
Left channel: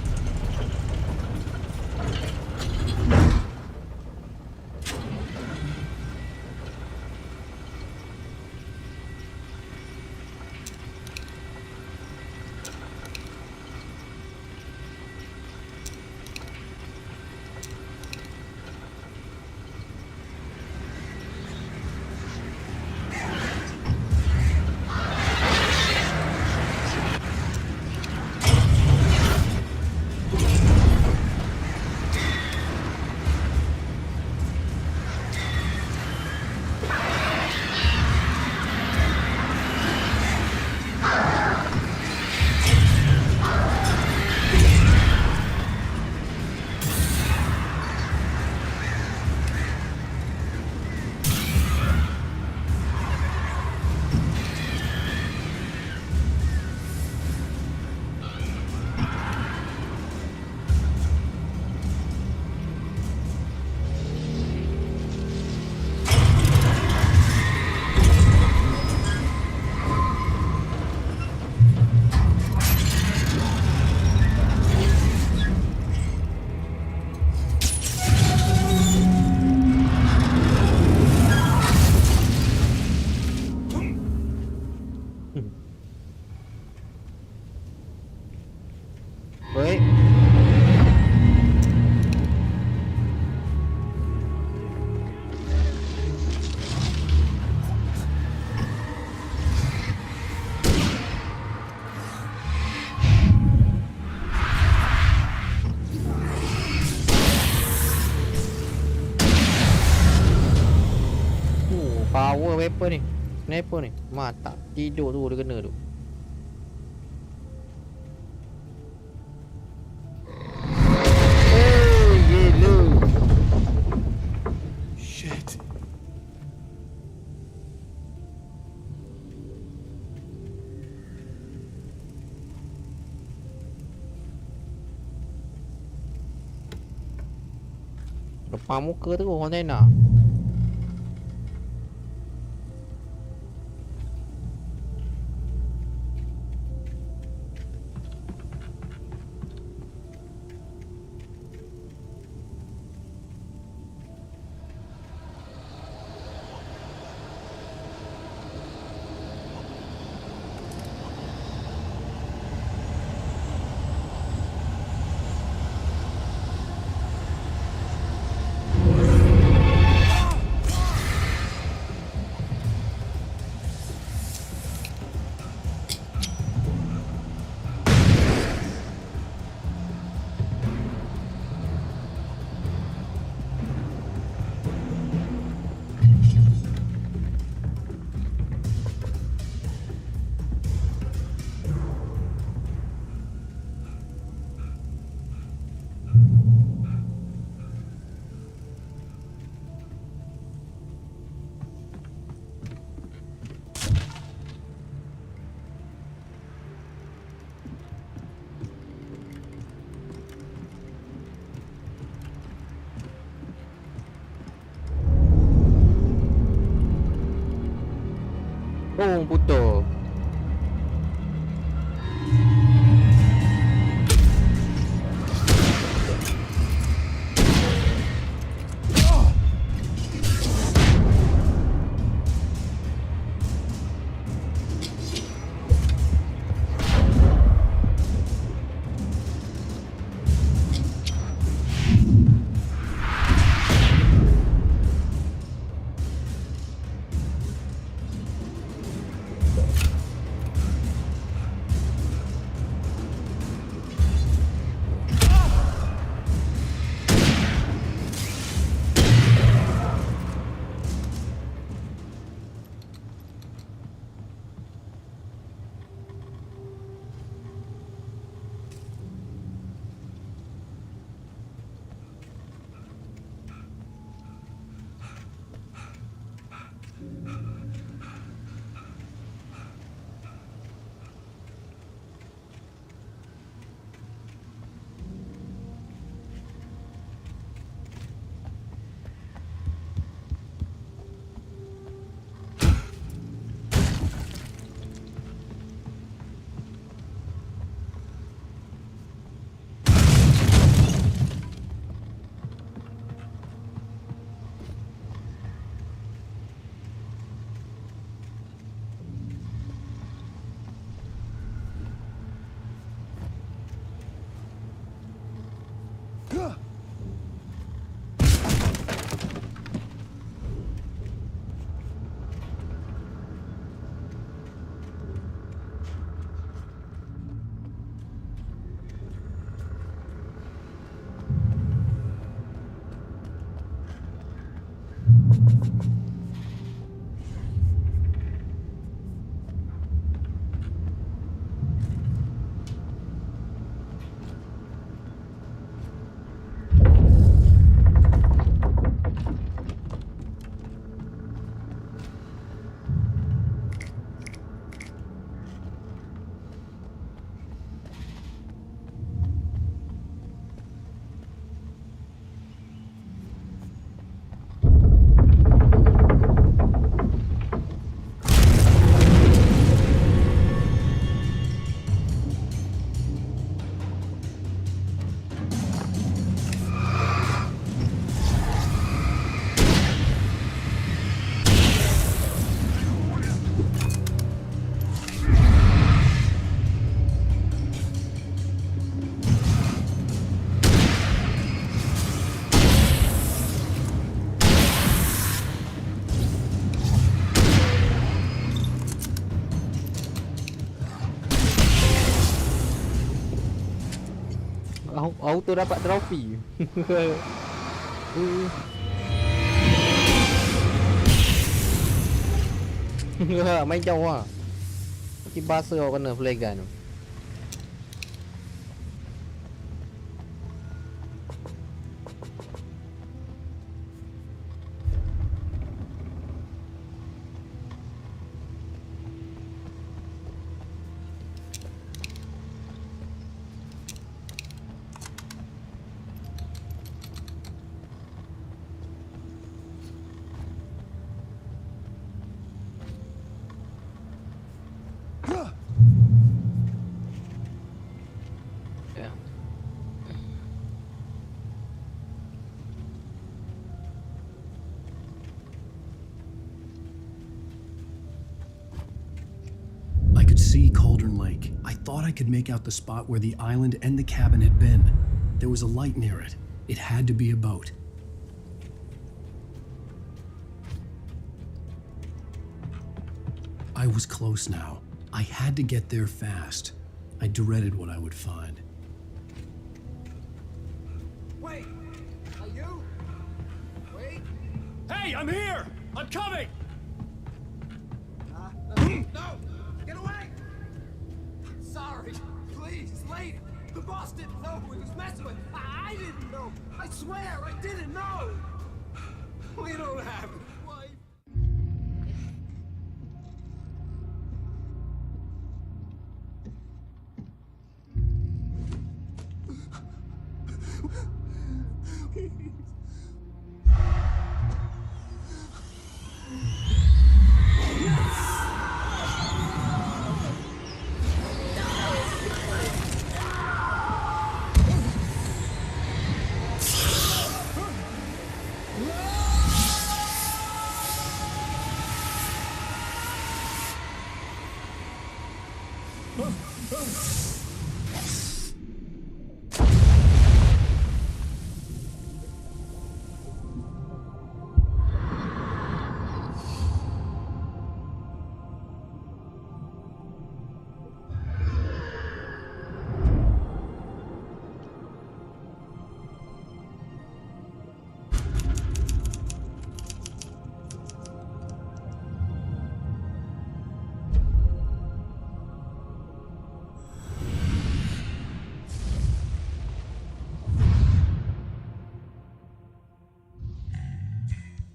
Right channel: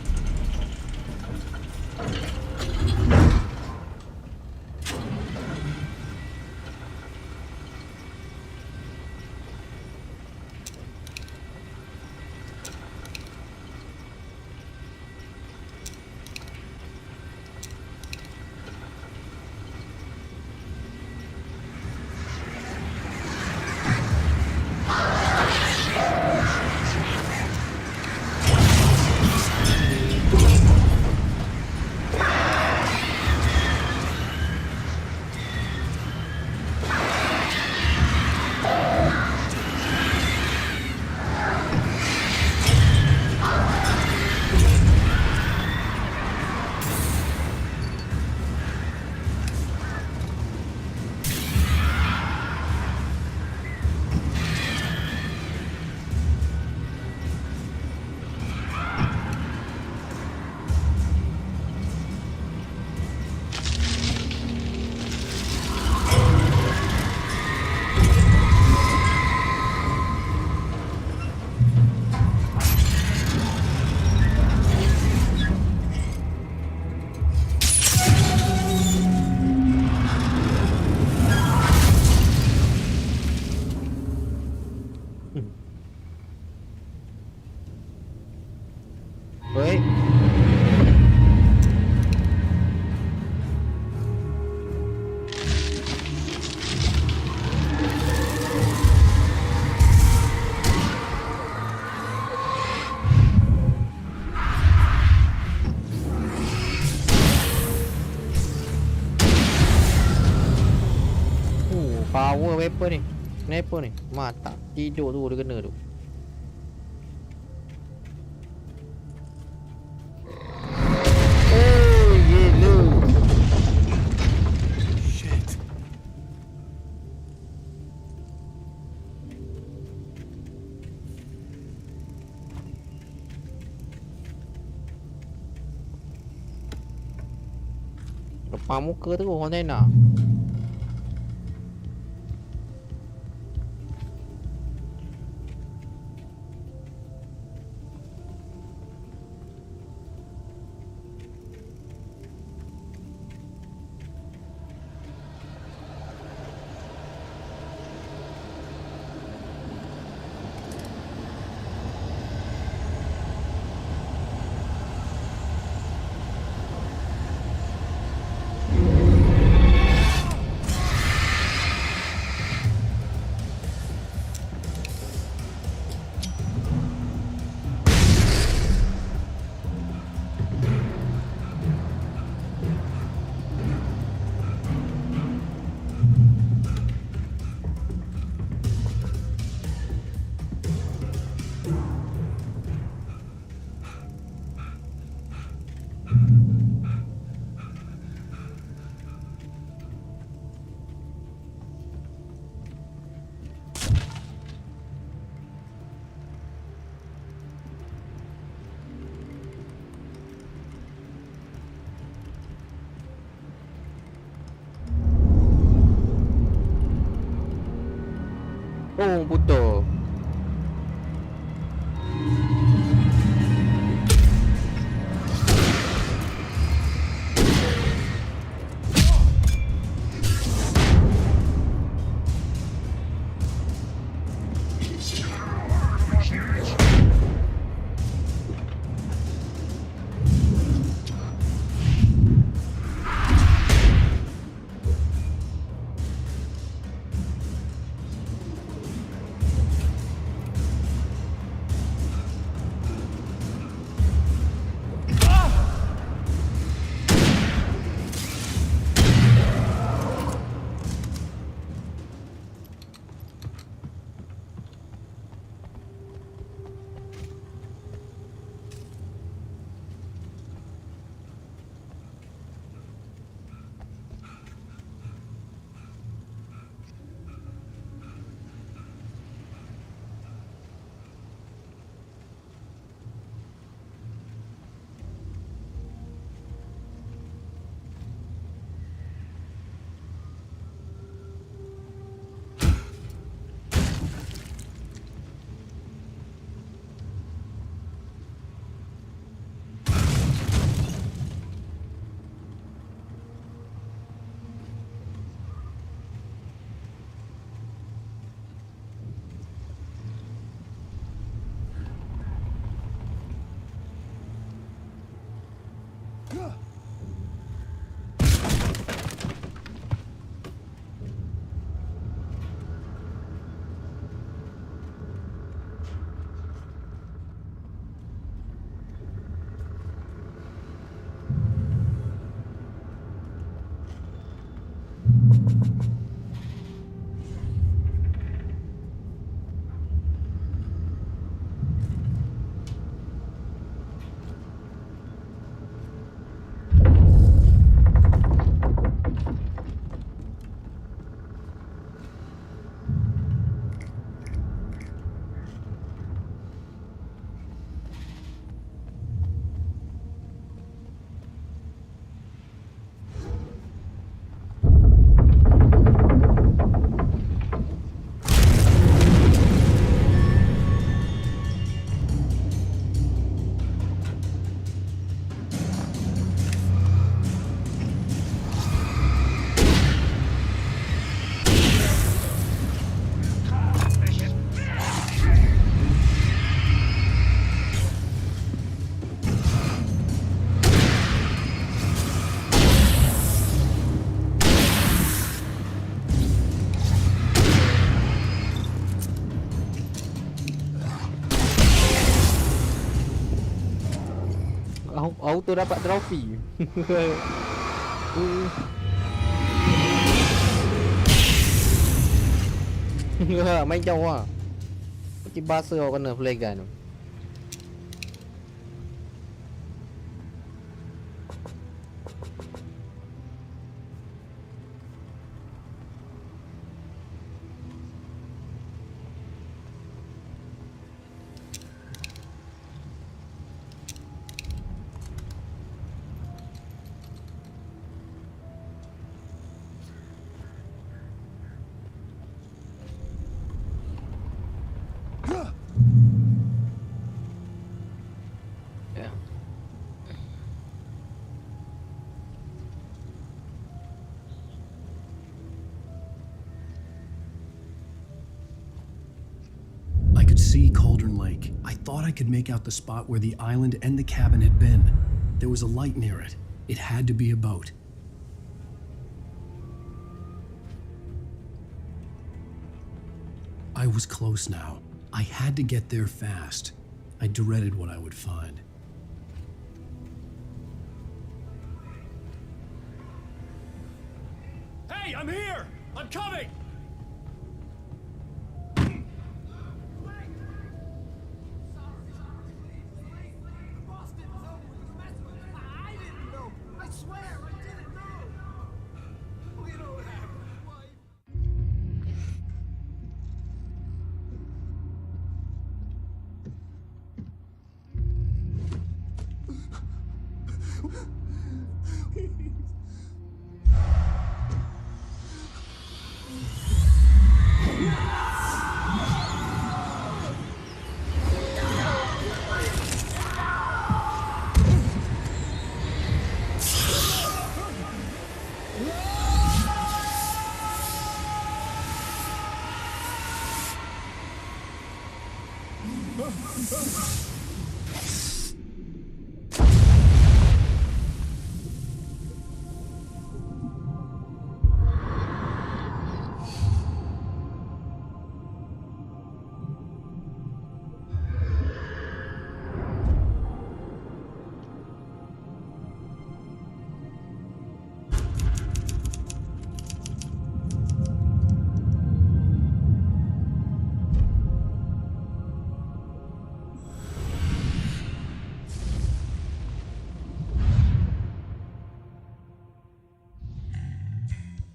Wait. Power weapon ni. Sniper ni. Mata tidur tu dia kena tu. Depan muka terus kontainer. Oh, putus. Auto dapat trofi. Main jauh ah. Macam bahasa kau kena flare gun tu. I could see Cauldron Lake. I thought I could make out the spot where the island and the cabin had been. There was a light near it. It had to be a boat. I was close now. I had to get there fast. I dreaded what I would find. Wait! Are you? Wait! Hey, I'm here! I'm coming! No! Get away! Sorry. Please, lady. The boss didn't know who he was messing with. I didn't know. I swear, I didn't know. We don't have his wife.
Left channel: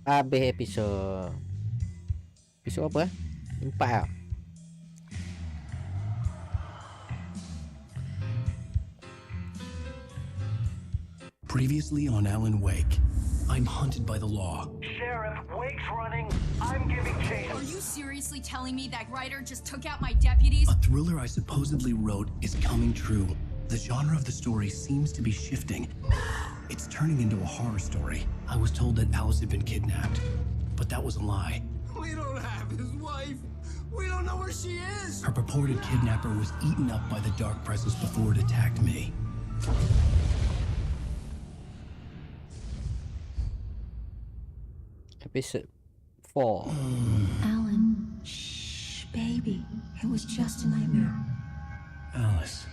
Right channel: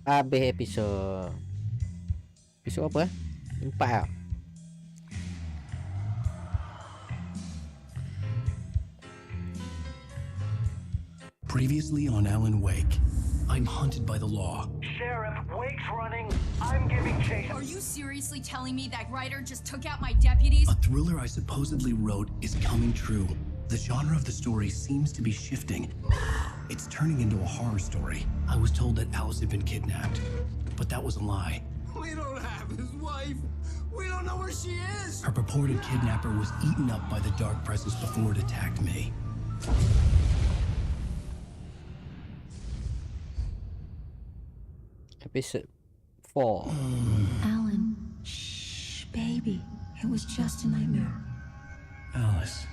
Habis episod. Episod apa? 4 ah. Previously on Alan Wake, I'm hunted by the law. Sheriff, Wake's running. I'm giving chase. Are you seriously telling me that writer just took out my deputies? A thriller I supposedly wrote is coming true. The genre of the story seems to be shifting. It's turning into a horror story. I was told that Alice had been kidnapped, but that was a lie. We don't have his wife. We don't know where she is. Her purported kidnapper was eaten up by the dark presence before it attacked me. Episode 4. Alan, shh, baby. It was just a nightmare. Alice.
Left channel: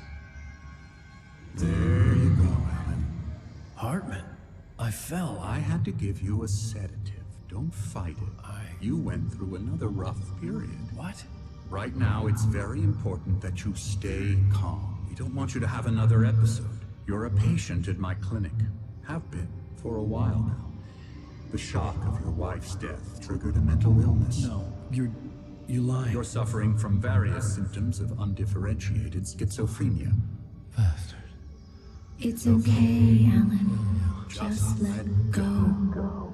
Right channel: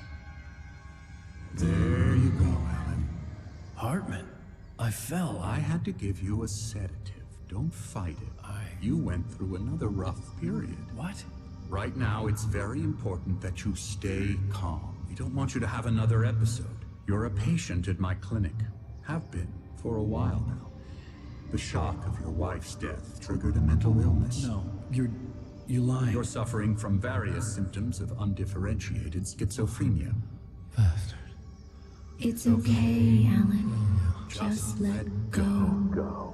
There you go, Alan. Hartman. I fell. I had to give you a sedative Don't fight it. You went through another rough period. What? Right now, it's very important that you stay calm. We don't want you to have another episode. You're a patient at my clinic. Have been for a while now. The shock of your wife's death triggered a mental illness. No, you're lying. You're suffering from various symptoms of undifferentiated schizophrenia. Bastard. It's okay, Alan. Just let go.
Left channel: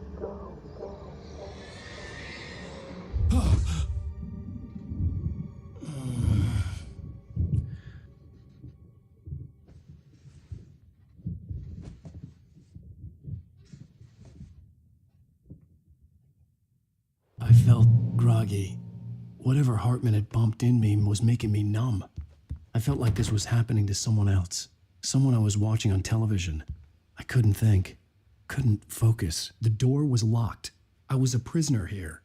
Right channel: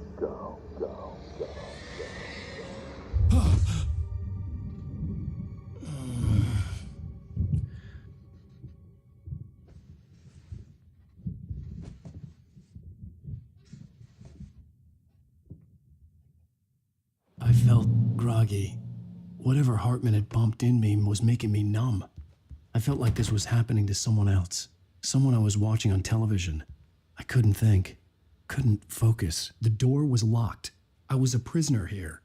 I felt groggy. Whatever Hartman had pumped in me was making me numb. I felt like this was happening to someone else. Someone I was watching on television. I couldn't think. Couldn't focus. The door was locked. I was a prisoner here.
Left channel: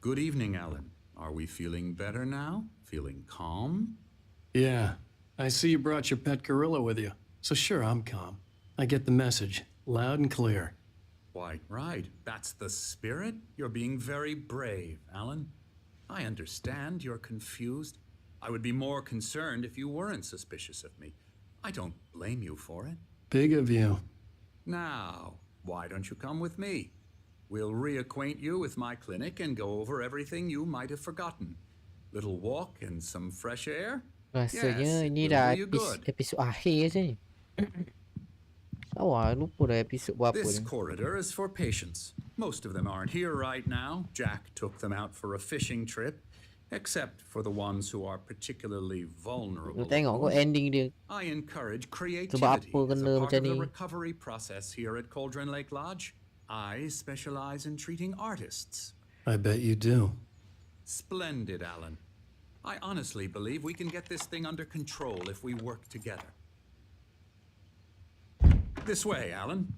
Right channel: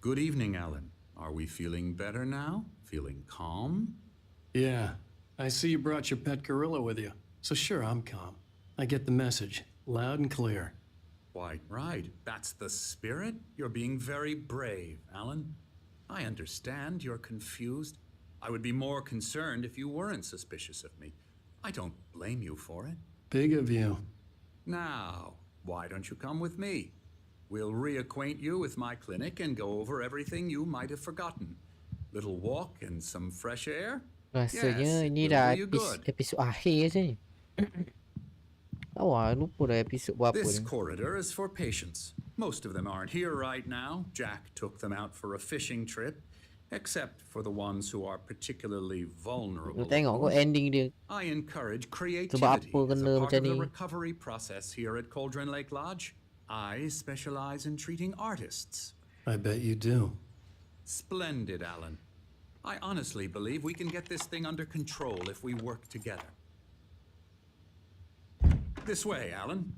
Good evening, Alan. Are we feeling better now? Feeling calm? Yeah. I see you brought your pet gorilla with you. So sure, I'm calm. I get the message. Loud and clear. Why, right. That's the spirit. You're being very brave, Alan. I understand you're confused. I would be more concerned if you weren't suspicious of me. I don't blame you for it. Big of you. Now, why don't you come with me? We'll reacquaint you with my clinic and go over everything you might have forgotten. Little walk and some fresh air? Rasanya ini dah episod akhir je ni. Lupa dah episod berapa This ni. corridor is for patients. Most of them aren't here right now. Jack took them out for a fishing trip, except for the ones who are particularly vulnerable. Tengok kau ending dia. I encourage creativity Sebab apa as kena a part macam of the ni? recovery process here at Cauldron Lake Lodge. I specialize in treating artists. I bet you do. Splendid, Alan. I honestly believe we can get this thing under control if we work together. This way, Alan.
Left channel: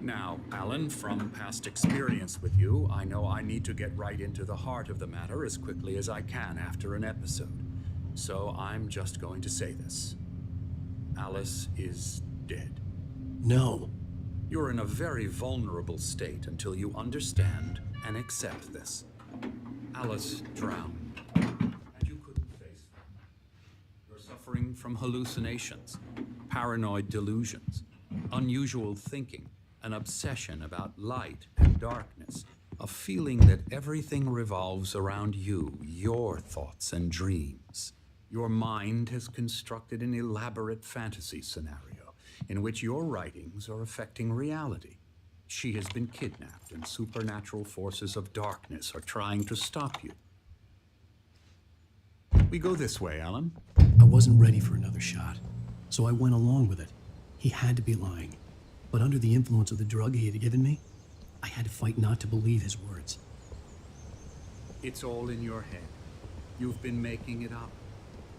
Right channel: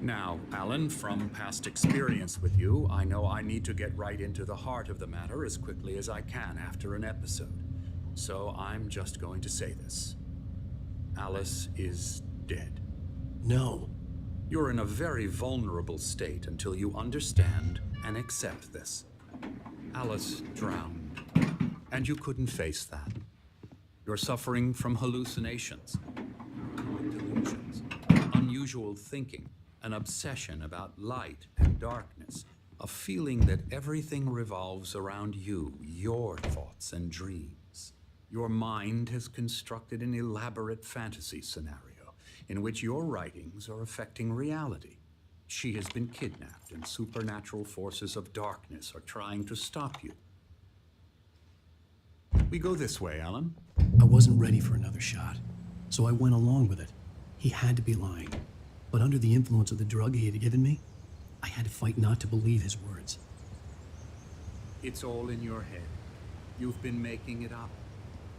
Now, Alan, from past experience with you, I know I need to get right into the heart of the matter as quickly as I can after an episode. So I'm just going to say this. Alice is dead. No. You're in a very vulnerable state until you understand and accept this. Alice drowned, and you couldn't face that. You're suffering from hallucinations, paranoid delusions, unusual thinking, an obsession about light and darkness, a feeling that everything revolves around you, your thoughts and dreams. Your mind has constructed an elaborate fantasy scenario in which your writings are affecting reality. She has been kidnapped, and supernatural forces of darkness are trying to stop you. We go this way, Alan. I wasn't ready for another shot, so I went along with it. He had to be lying. But under the influence of the drug he had given me, I had to fight not to believe his words. It's all in your head. You've been making it up.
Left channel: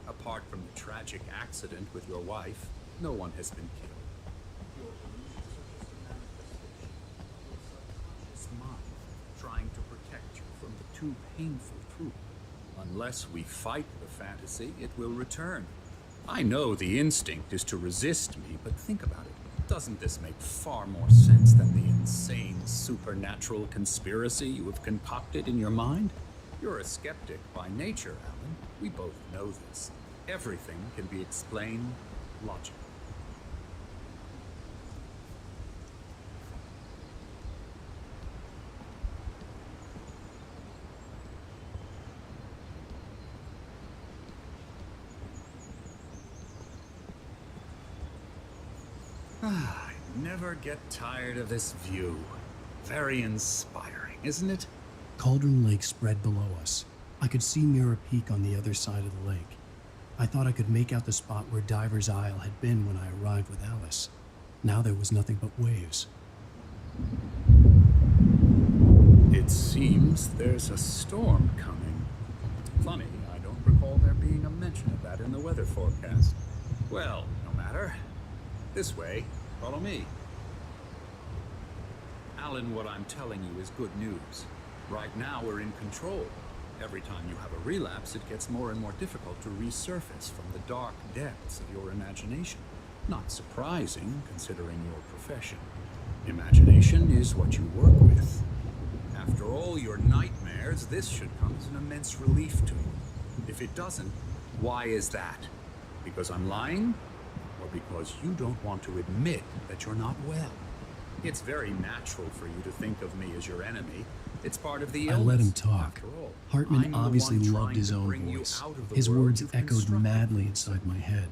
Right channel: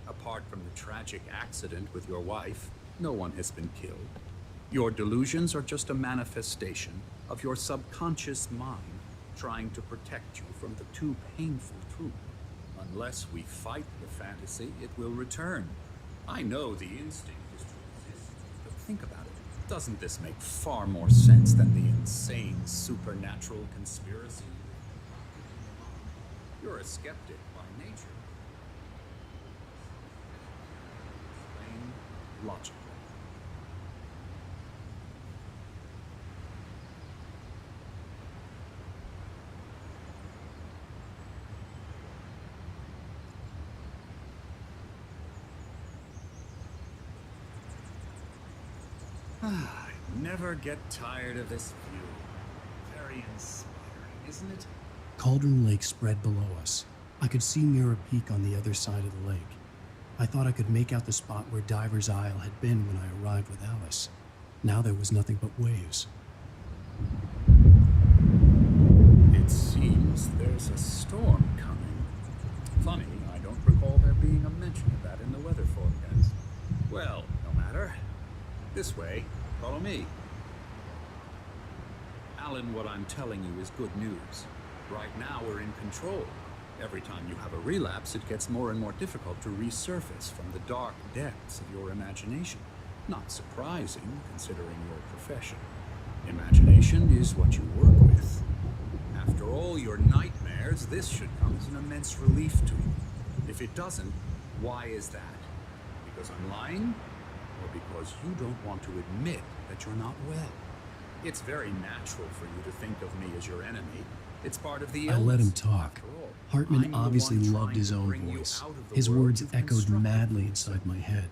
Apart from the tragic accident with your wife, no one has been killed. Your delusions are just a manifestation of your subconscious mind trying to protect you from the too painful truth. Unless we fight the fantasy, it will return. I know the instinct is to resist me, but think about it. Doesn't this make far more sense than the insane supernatural conspiracy you have concocted in your mind? You're a skeptic by nature, Alan. We both know this. Everything can be explained logically. I never get tired of this view. Very inspiring, isn't it? Cauldron Lake spread below us. I could see Mirror Peak on the other side of the lake. I thought I could make out the spot where Diver's Isle had been when I arrived with Alice. Now there was nothing but waves. It seems there's a storm coming. Funny, I don't recall there being a mention of that in the weather forecast. Well, no matter. This way, follow me. Alan, what I'm telling you is good news. Right now, we're in control. Every time you have a relapse, it gets more and more difficult to resurface from the dark depths of your imagination. Not surprising, considering your profession. Imagination is what you work with. After all your nightmares, this should come as an immense relief to you. If it doesn't, why is that? Because I'm lying? Or because you don't want to admit that you're not well? It's very natural for you to think of me as your enemy. It's part of the illness. I let him talk. Hartman obviously loved his own voice. His words echoed madly inside my head.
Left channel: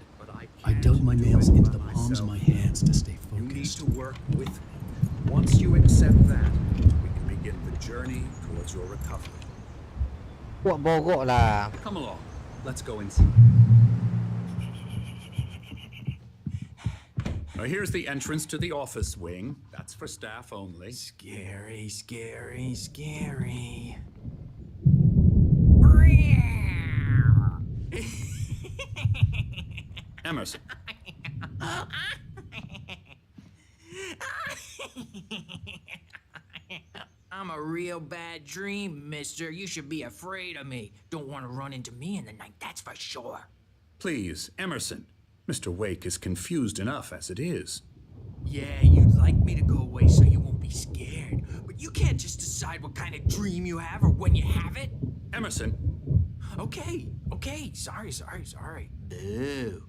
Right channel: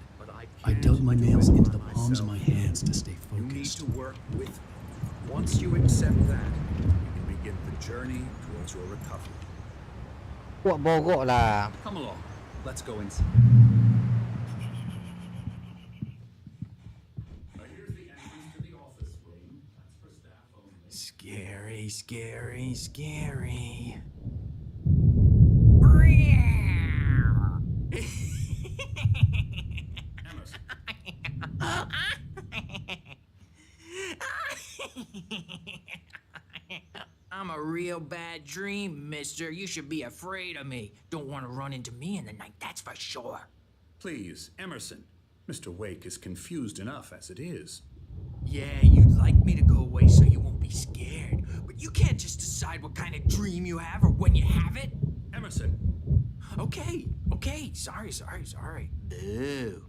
I dug my nails into the palms of my hands to stay focused. You need to work with me. Once you accept that, we can begin the journey towards your recovery. Buat bogok lah. Come along. Let's go inside. Now here's the entrance to the office wing. That's for staff only. Scary, scary, scary. Emerson. I'm a real bad dream, mister. You should be afraid of me. Don't want to run into me in the night, that's for sure. Please, Emerson. Mr. Wake is confused enough as it is. Yeah, you'd like me to go away so you won't be scared. But you can't just decide what kind of dream you have or when you have it. Emerson. Okay. Sorry. Boo.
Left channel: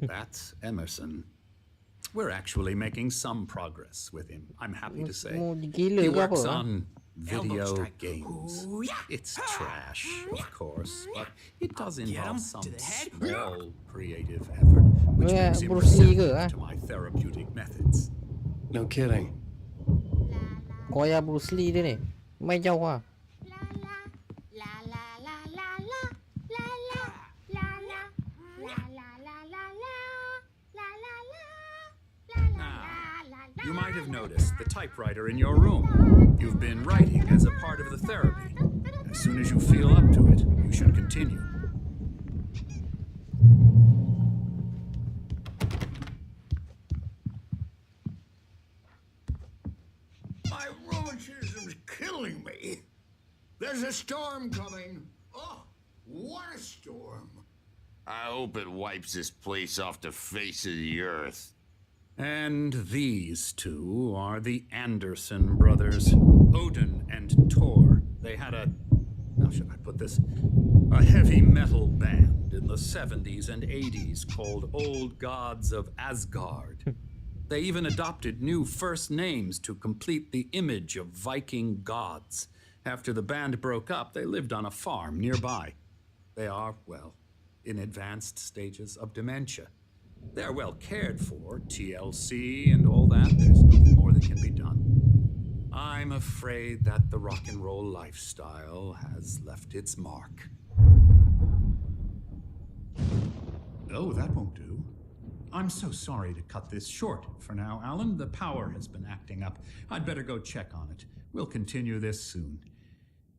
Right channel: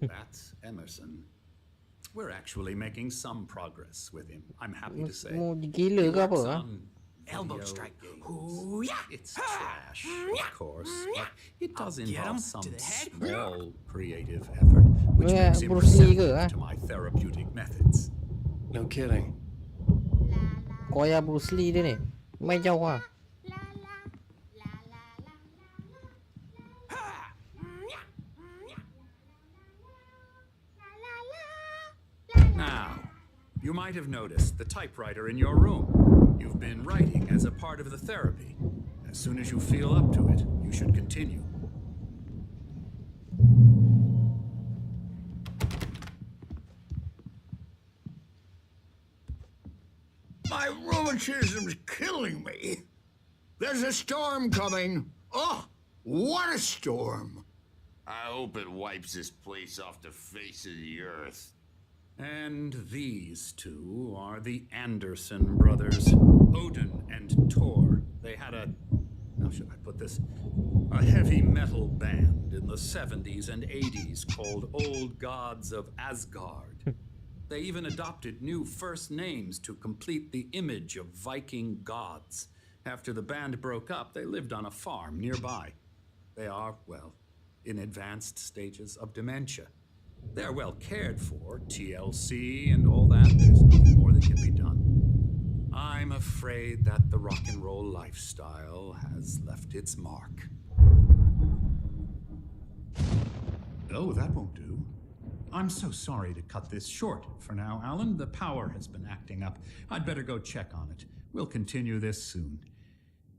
That's Emerson. We're actually making some progress with him, I'm happy to say. He works on video games. It's trash, of course, but it does involve some small creative effort, which makes him receptive to my therapeutic methods. No kidding. Koya Bruce Lee dia ni. Main jauh ah. Now, you might have noticed the typewriter in your room. You've been writing as a part of the therapy. As soon as you feel up to it, you should continue. My rheumatism's killing me. There's a storm coming. Oh, what a storm. I hope it wipes this place off the face of the earth. And these two are the Anderson brothers, Odin and Tor. They had how should I put this? A heavy metal band in the 70s and 80s called Old Gods of Asgard. They even adopted new first names to complete the image of Viking gods. After the band broke up, they lived on a farm nearby. They are, well, in advanced stages of dementia. They're well cared for, TLC and all that. There's nothing more that can be done. I'm afraid that the rock and roll lifestyle has left its mark. Oh, that won't do. I'm so sorry to cut this short for now, Alan. The power has been acting up. I'd better go check on it. We'll continue this soon.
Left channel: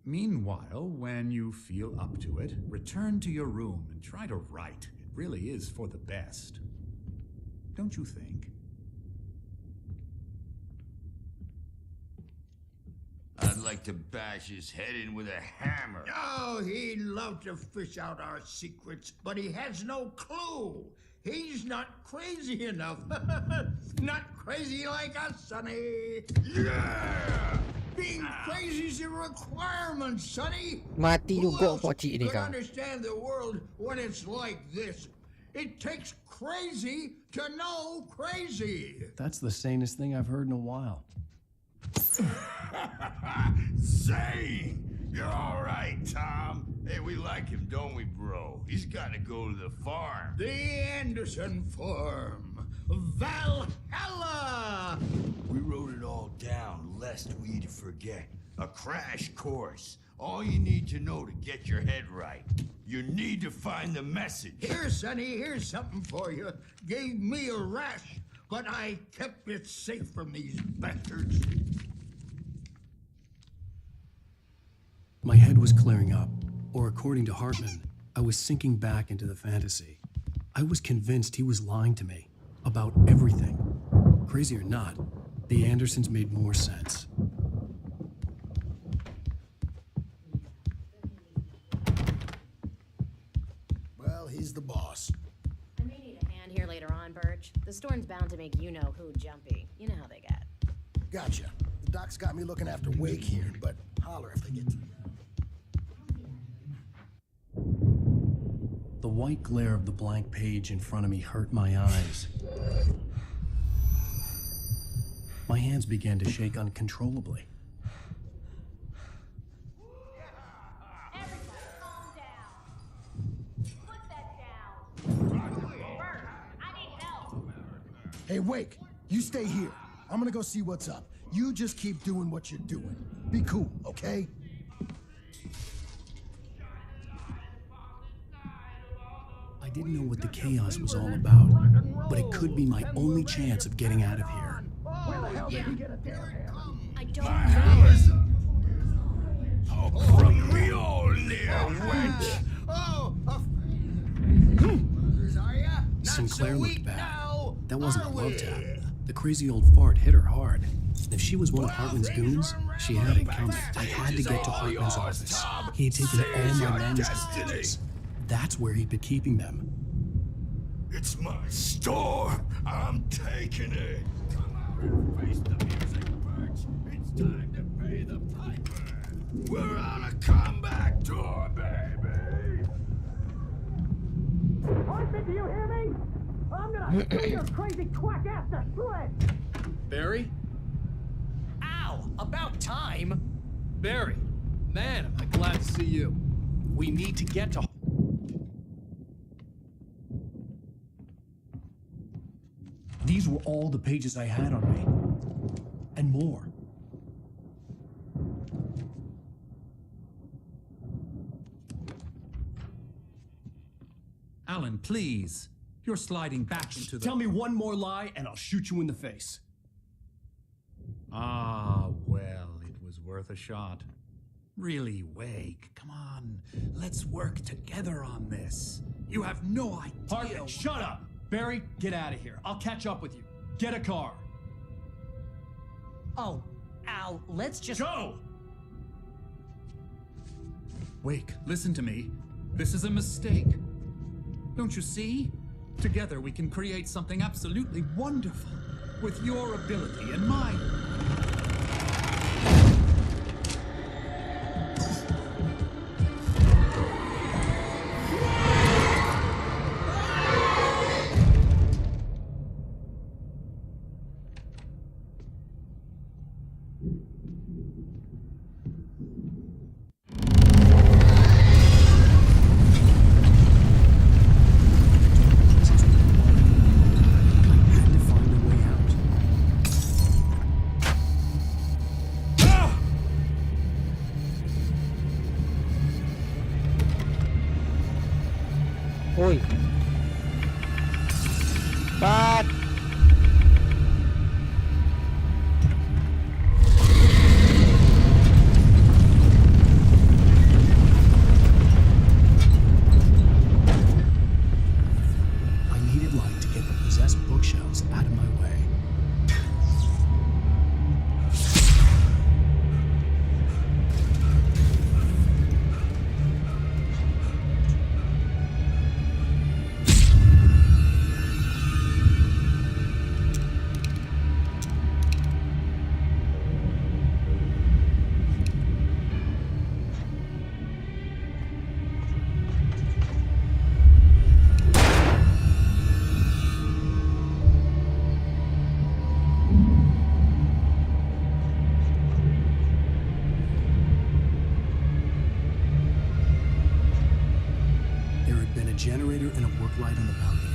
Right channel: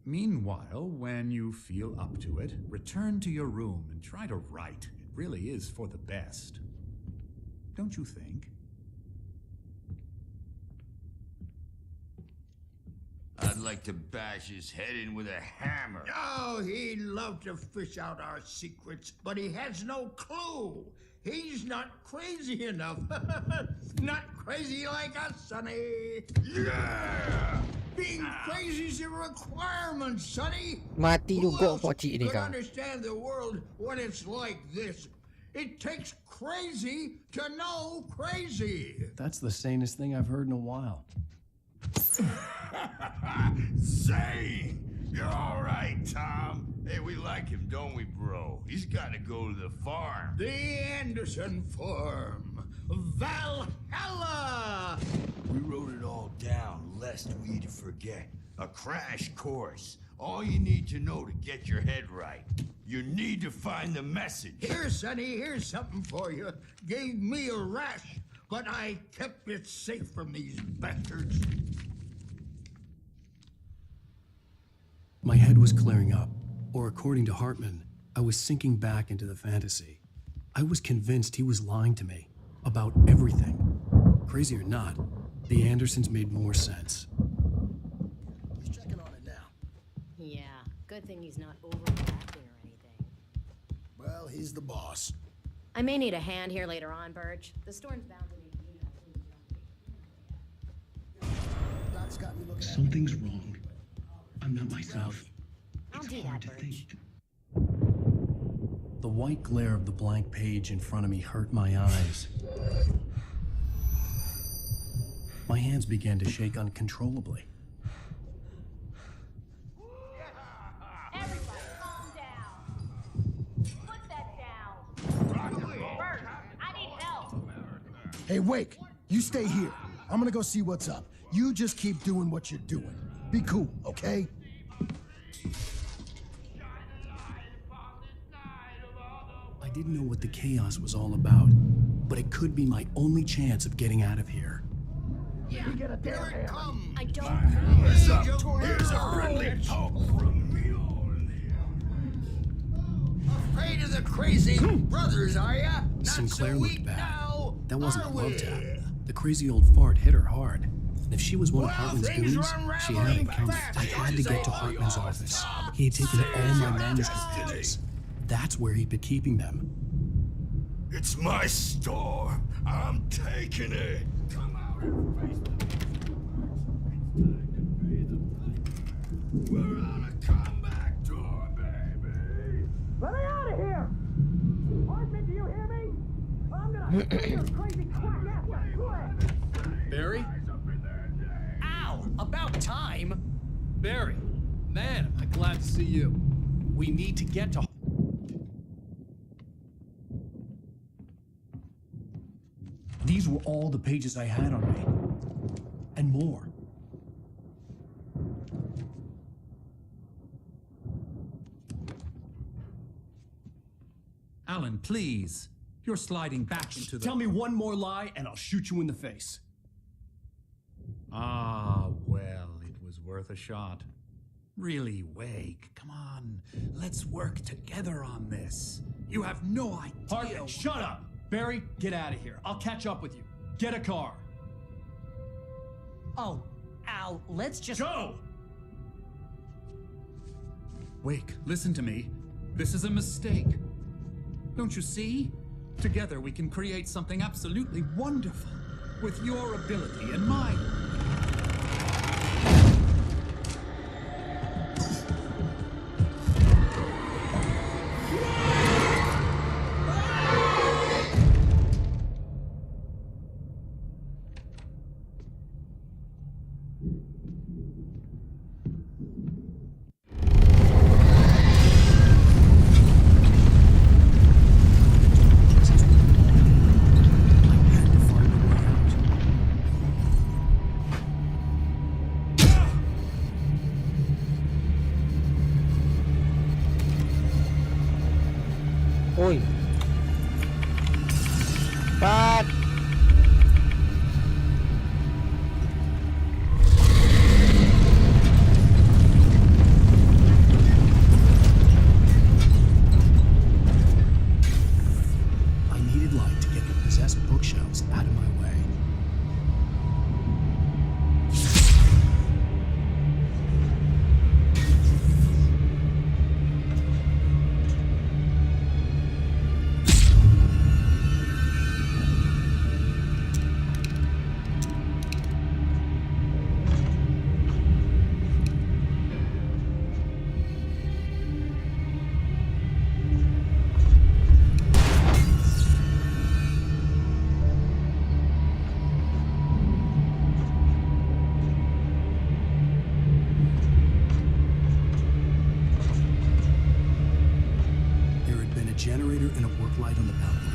Meanwhile, when you feel up to it, return to your room and try to write. It really is for the best. Don't you think? I'd like to bash his head in with a hammer. Oh, he'd love to fish out our secrets, but he has no clue. He's not crazy enough. Not crazy like us, Sonny. Yeah! Being crazy's a requirement, Sonny. Mati juga pocik ni Who else kau. could understand the world when it's like this? It takes crazy to know crazy. That's the sanest thing I've heard in a while. Zane! You're all right, Tom. Hey, we like him, don't we, bro? He's got to go to the farm. The Anderson Farm. Valhalla! We wrote it all down, lest we forget. A crash course. All you need to know to get your head right. You need to find the message. Here, Sonny, here's something for you. Gave me a rash, but I kept it safe from these bastards. My head was clearing up, or according to Hartman, I was sinking back into the fantasy. I was convinced he was lying to me about everything. Crazy or not, the Andersons made more sense. Yeah, good thing he's not overreacting or anything. Well, he's the boss. I may need a hand here later on, Birch. The storm's bound to make you-know-who jumpy. You know how they get. Gotcha. Doc's got me looking after Wake here, but holler if I need myself. I'll do that, Birch. The white glare of the blank page in front of me hurt my eyes. My hands began to shake uncontrollably. Everybody, calm down. Put that down. Birch, I need help. Hey, Wake, you stay here. I'm gonna go see what's up. You just keep doing what you're doing. Be cool, okay? I didn't know what the chaos was all about, but it could be my only chance of getting out of here. Yeah. I don't Here's know. here's a friendly poke from me old near wench. Oh, afraid of the crazy brothers, are ya? Not Sinclair so looked weak bad. now, That wasn't a are love we? tap. The crazy old fart hit her hard. If she was one of Hartman's goons, she had it coming. I had to get to Hartman's office. He had taken all my manuscript pages. That's where he'd been keeping them. It's my store. I'm taking it. Come out and face the music, Birch. It's time to pay the piper. We're on a comeback tour, baby. Let me out of here! Hartman, do you hear me? I'm gonna kill your crazy quack ass to shreds! Barry? Ow! About time! Barry, man, am I glad to see you. We need to get to... These were all the pages I had on me. And more. Alan, please. You're sliding back into the... Tell me one more lie and I'll shoot you in the face. Ah, well, it was worth a shot. Really, Wake, come on. Let's work together on this. You have no idea... Hartman, shut up! Barry, get out of here. I'll catch up with you. Get a car. Oh, Al, let's just... Go! Wake, listen to me. This is a mistake. Don't you see? Together we can create something absolutely wonderful. With your ability and mine. Oi. But I needed light to get the possessed bookshelves out of my way. Generator and a work light on the balcony.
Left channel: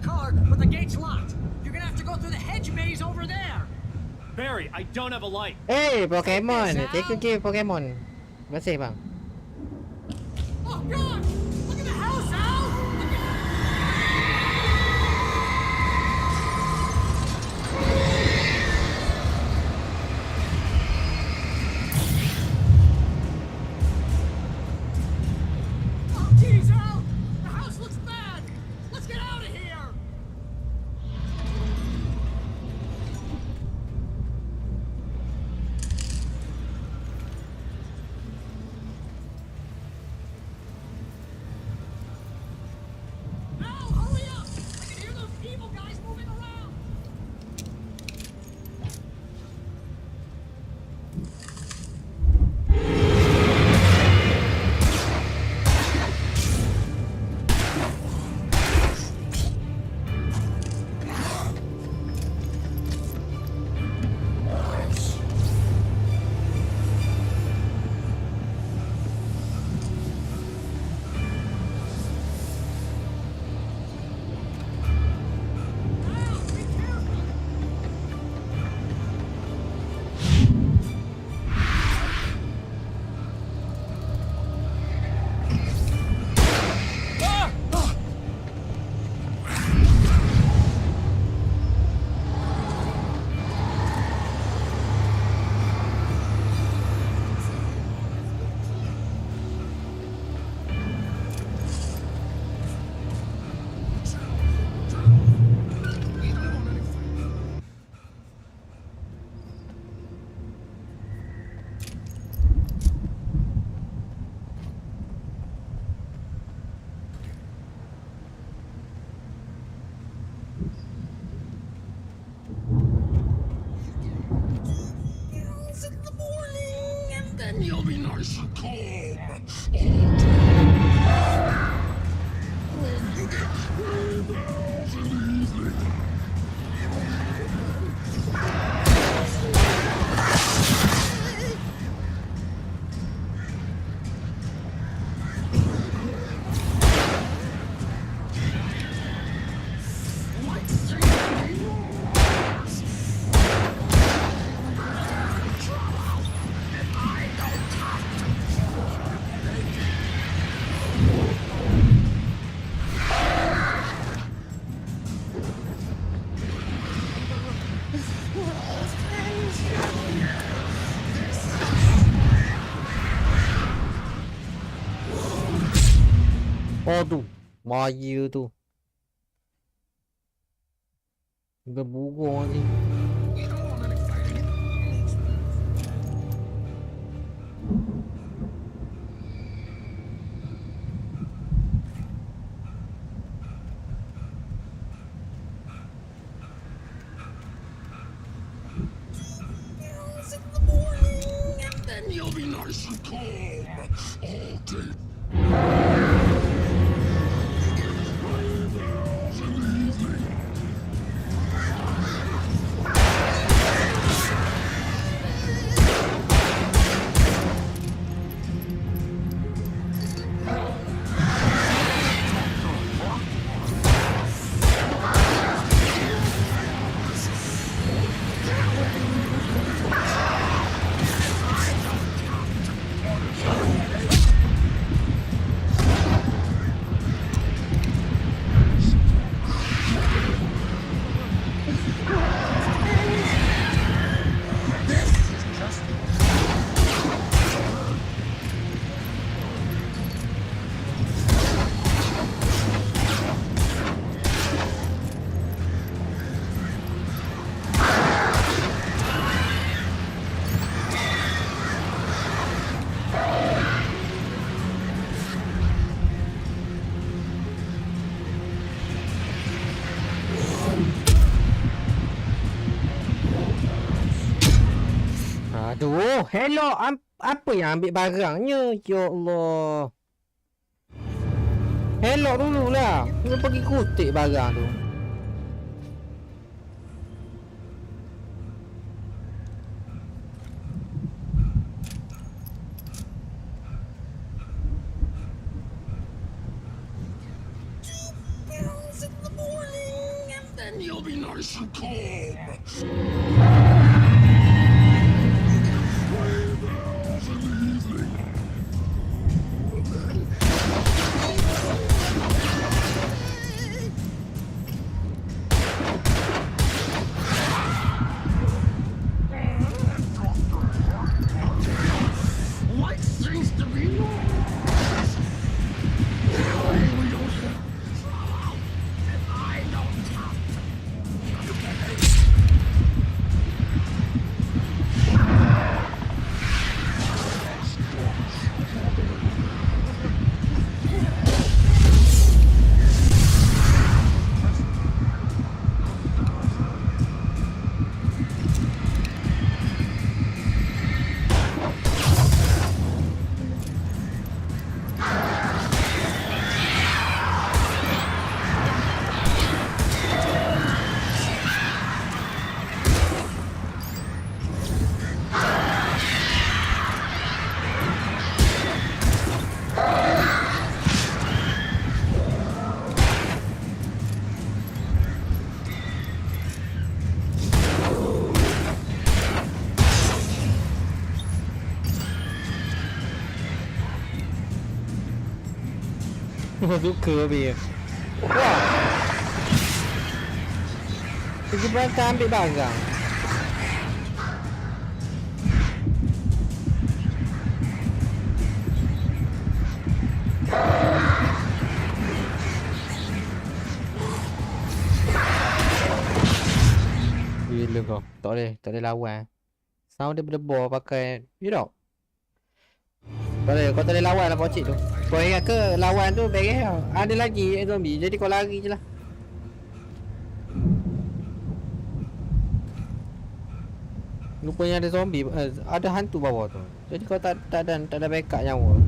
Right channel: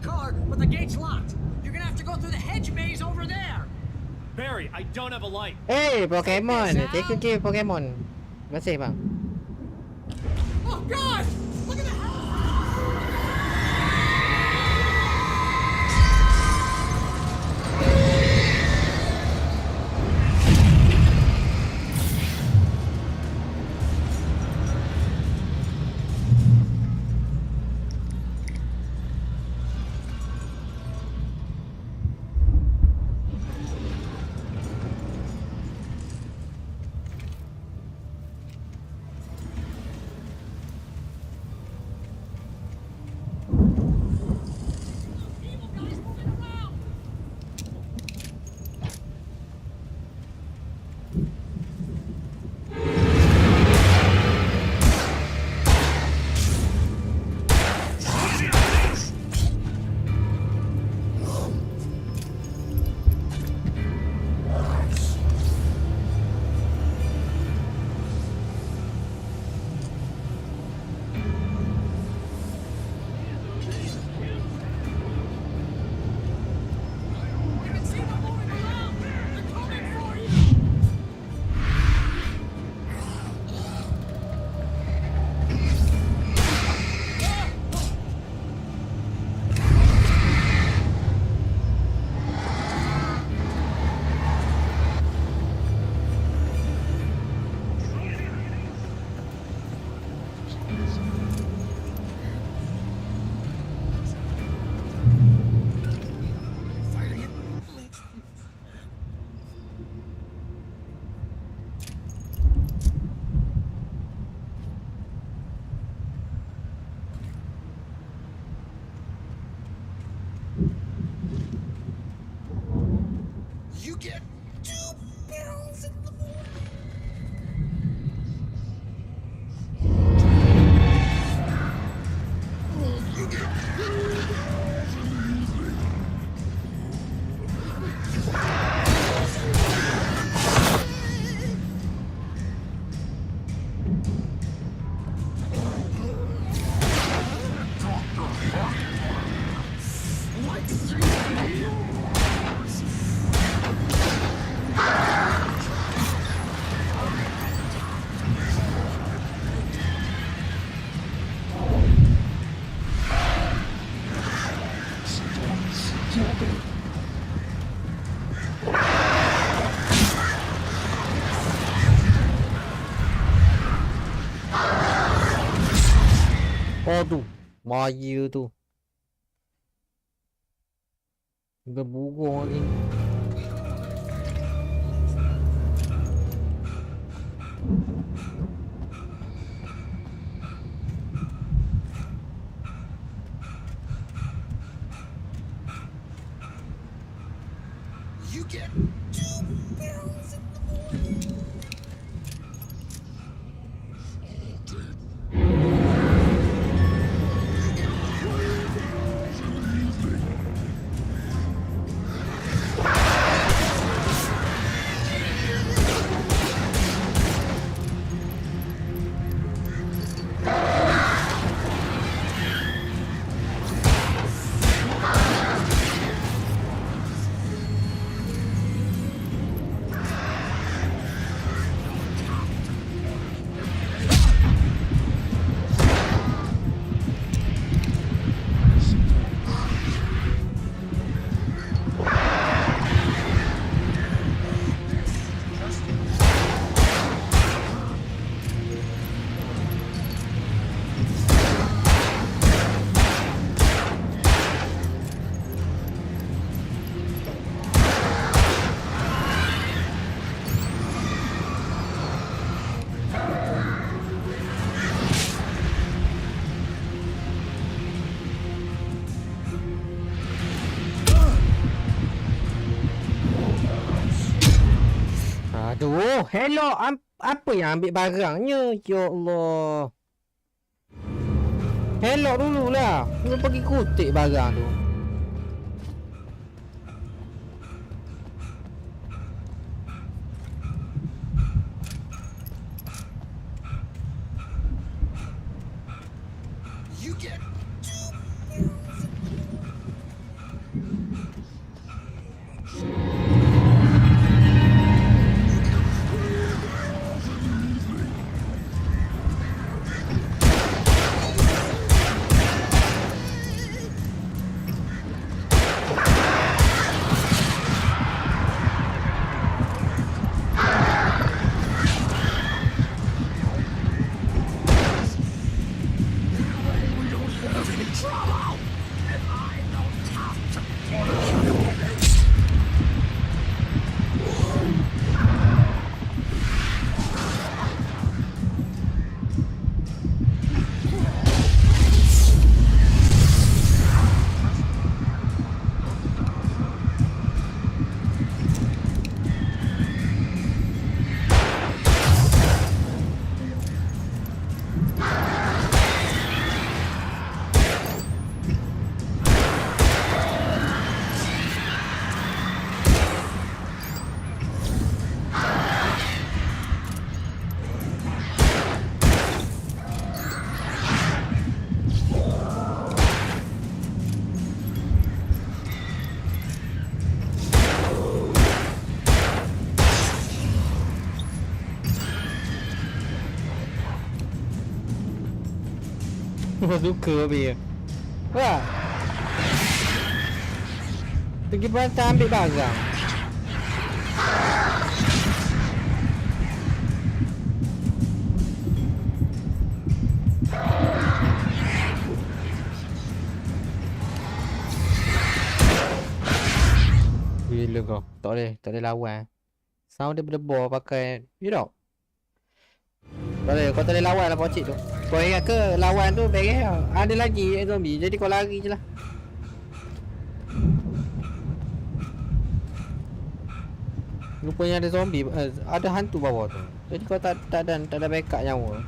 car, but the gate's locked. You're gonna have to go through the hedge maze over there. Barry, I don't have a light. Hey, Pokemon. Take a game, Pokemon. Masih bang. Oh God! Look at the house, Al! Oh, geez, Al! The house looks bad. Let's get out of here. You get 2 pills in the morning, and then you'll be nice and calm all day. And you get 3 pills in the evening. Aduh, bahaya tu. Udah burung lagi. You get 2 pills in the morning, and then you'll be nice and calm all day. You get 3 pills in the evening. Aduh, hello, apa yang ambil barangnya? Ya Allah. Hello dululah. Dia pergi kutip barang tu. You get 2 pills in the morning, nice and calm. Suka be. Wah. Pergi berantai ambil barang. Gila kau. Tak boleh lawan. Sound dia berdebar pakai. You know. Tak boleh, kau tak boleh lawan lah pocik tu. Kau ingat ke lawan tu beres tau. Ada lagi zombie. Jadi kau lari je lah. Rupanya ada zombie. Ada hantu bawah tu. Jadi kau tak ada backup nyawa.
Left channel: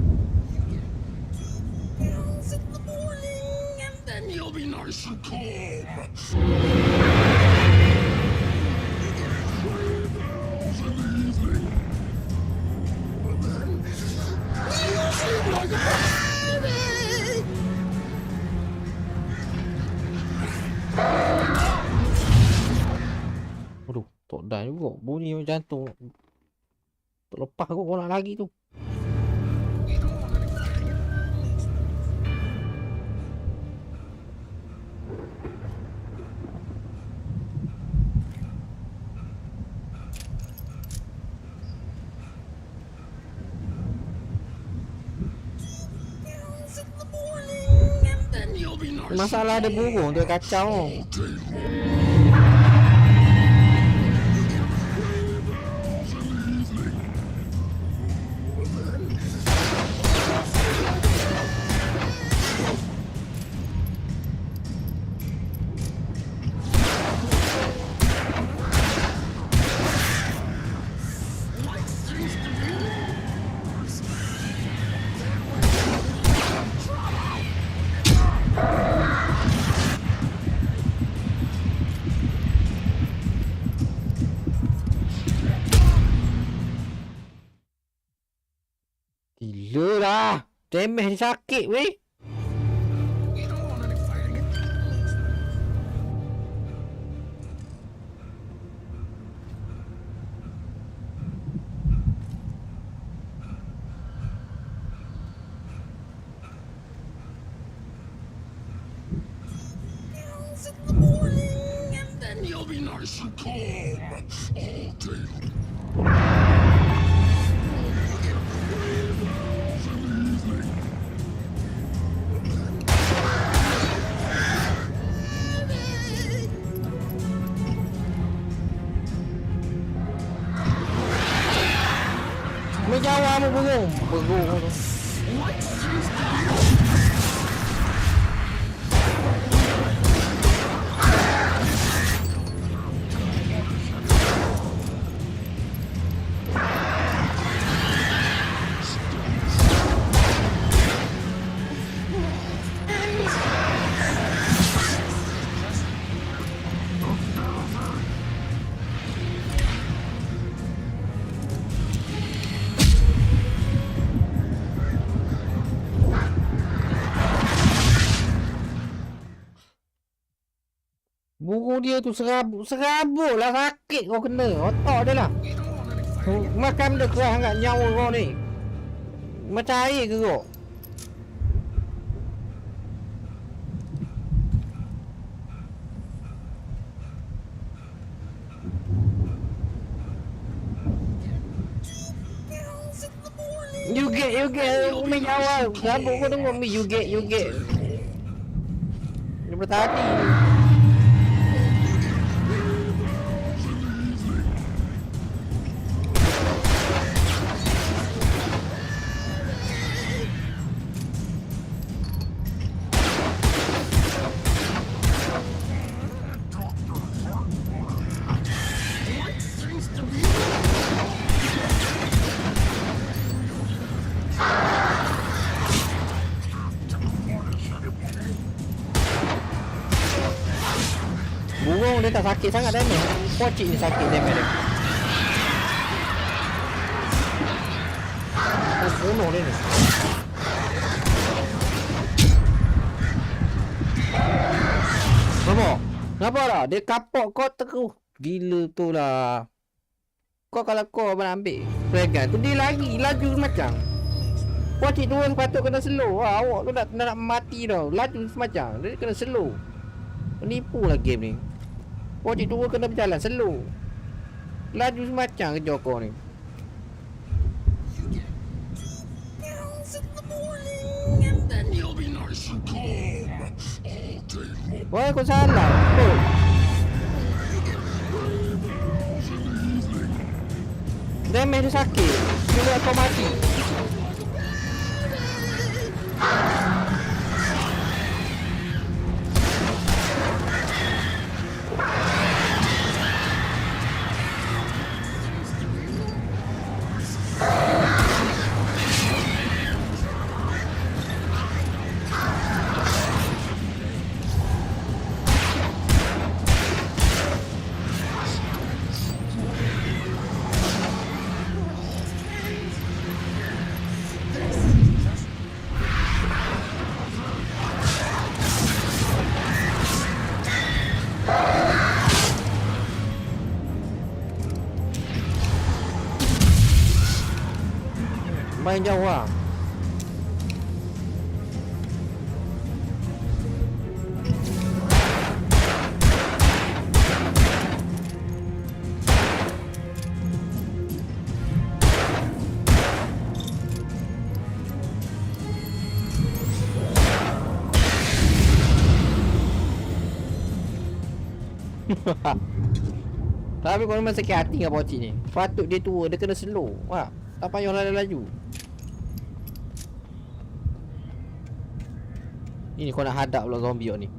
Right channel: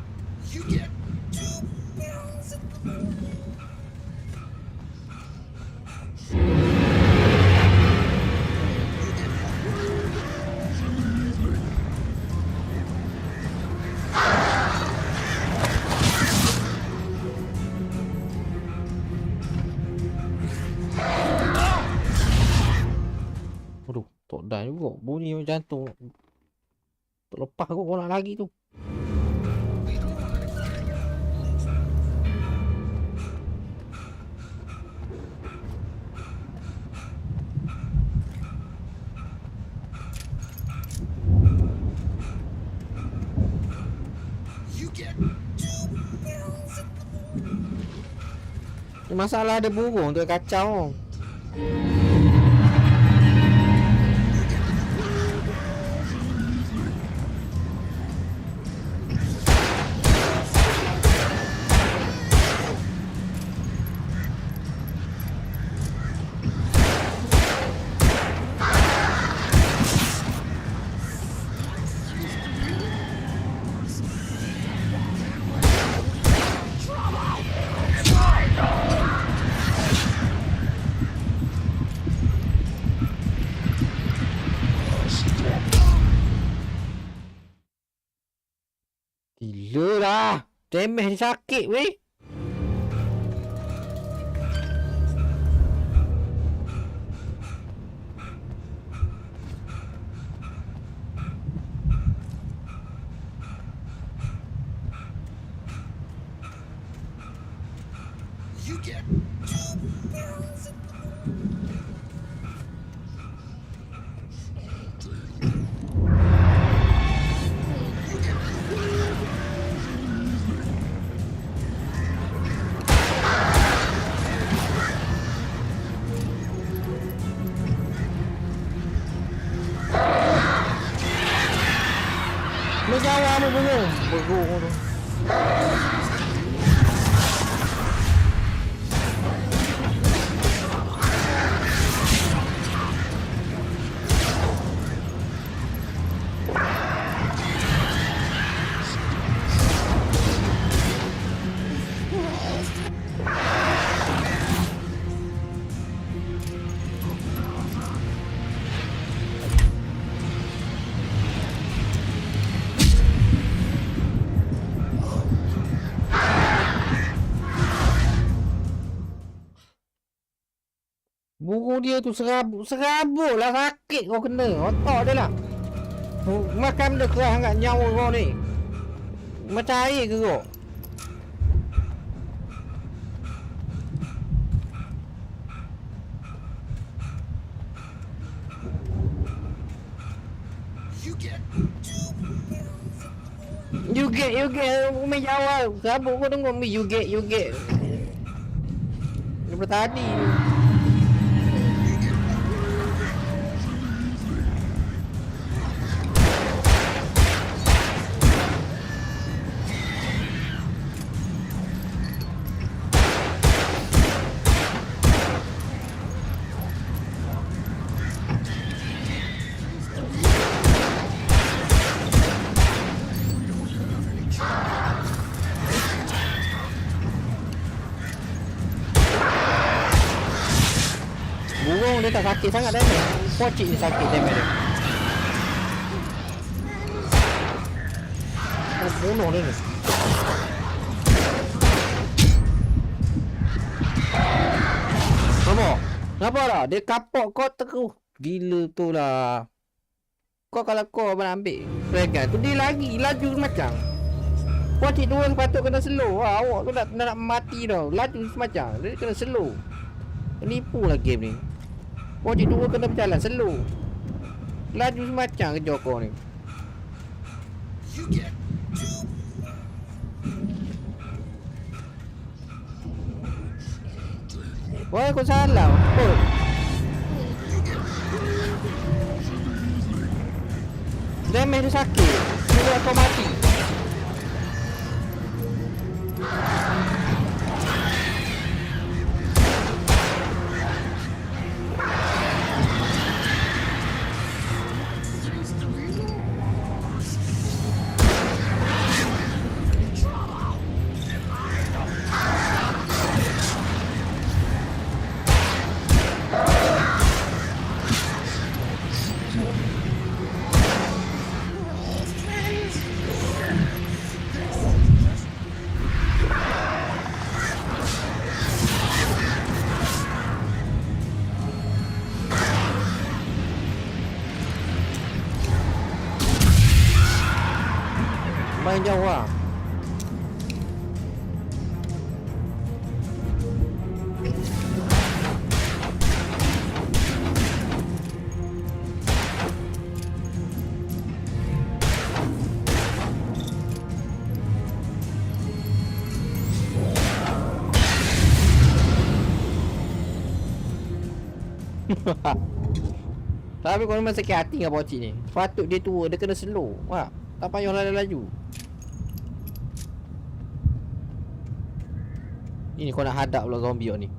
Aduh, tak dah juga. Bunyi macam jantung. Tak lepas kot kau nak lagi tu. Masalah ada burung tu kacau. Gila lah. Damage ni sakit weh. Menjawab apa burung? Burung tu. Burung dia tu serabut lah, sakit kau kena. Otak dia lah. Makan dia keras sangat nyawa kau ni. Macam air ke kau? You get Umi jawab. Sabuk kau tengok Umi, you get daripada tadi. Burung dia tak sakit sangat damage. Pocik ni sakit damage dia. Oh, bunuh dia ni. Nampak tak? Dia kapok kau terus. Gila tu lah. Kau kalau kau nak ambil fregan tu, dia laju semacam. Pocik tu sepatut kena slow. Awak tu nak mati tau. Laju semacam. Dia kena slow. Penipu lah game ni. Pocik dua kena berjalan slow. Laju semacam ke Joko ni. Wah, kau salah. Oh. Damage dia sakit. Dia kau mati. Main jauh lah. Tapi kau memang sakit hati dengan pocik ni. Patut dia tua, dia kena slow. Wah, tak payah laju. Ini kau nak hadap pula zombie ni.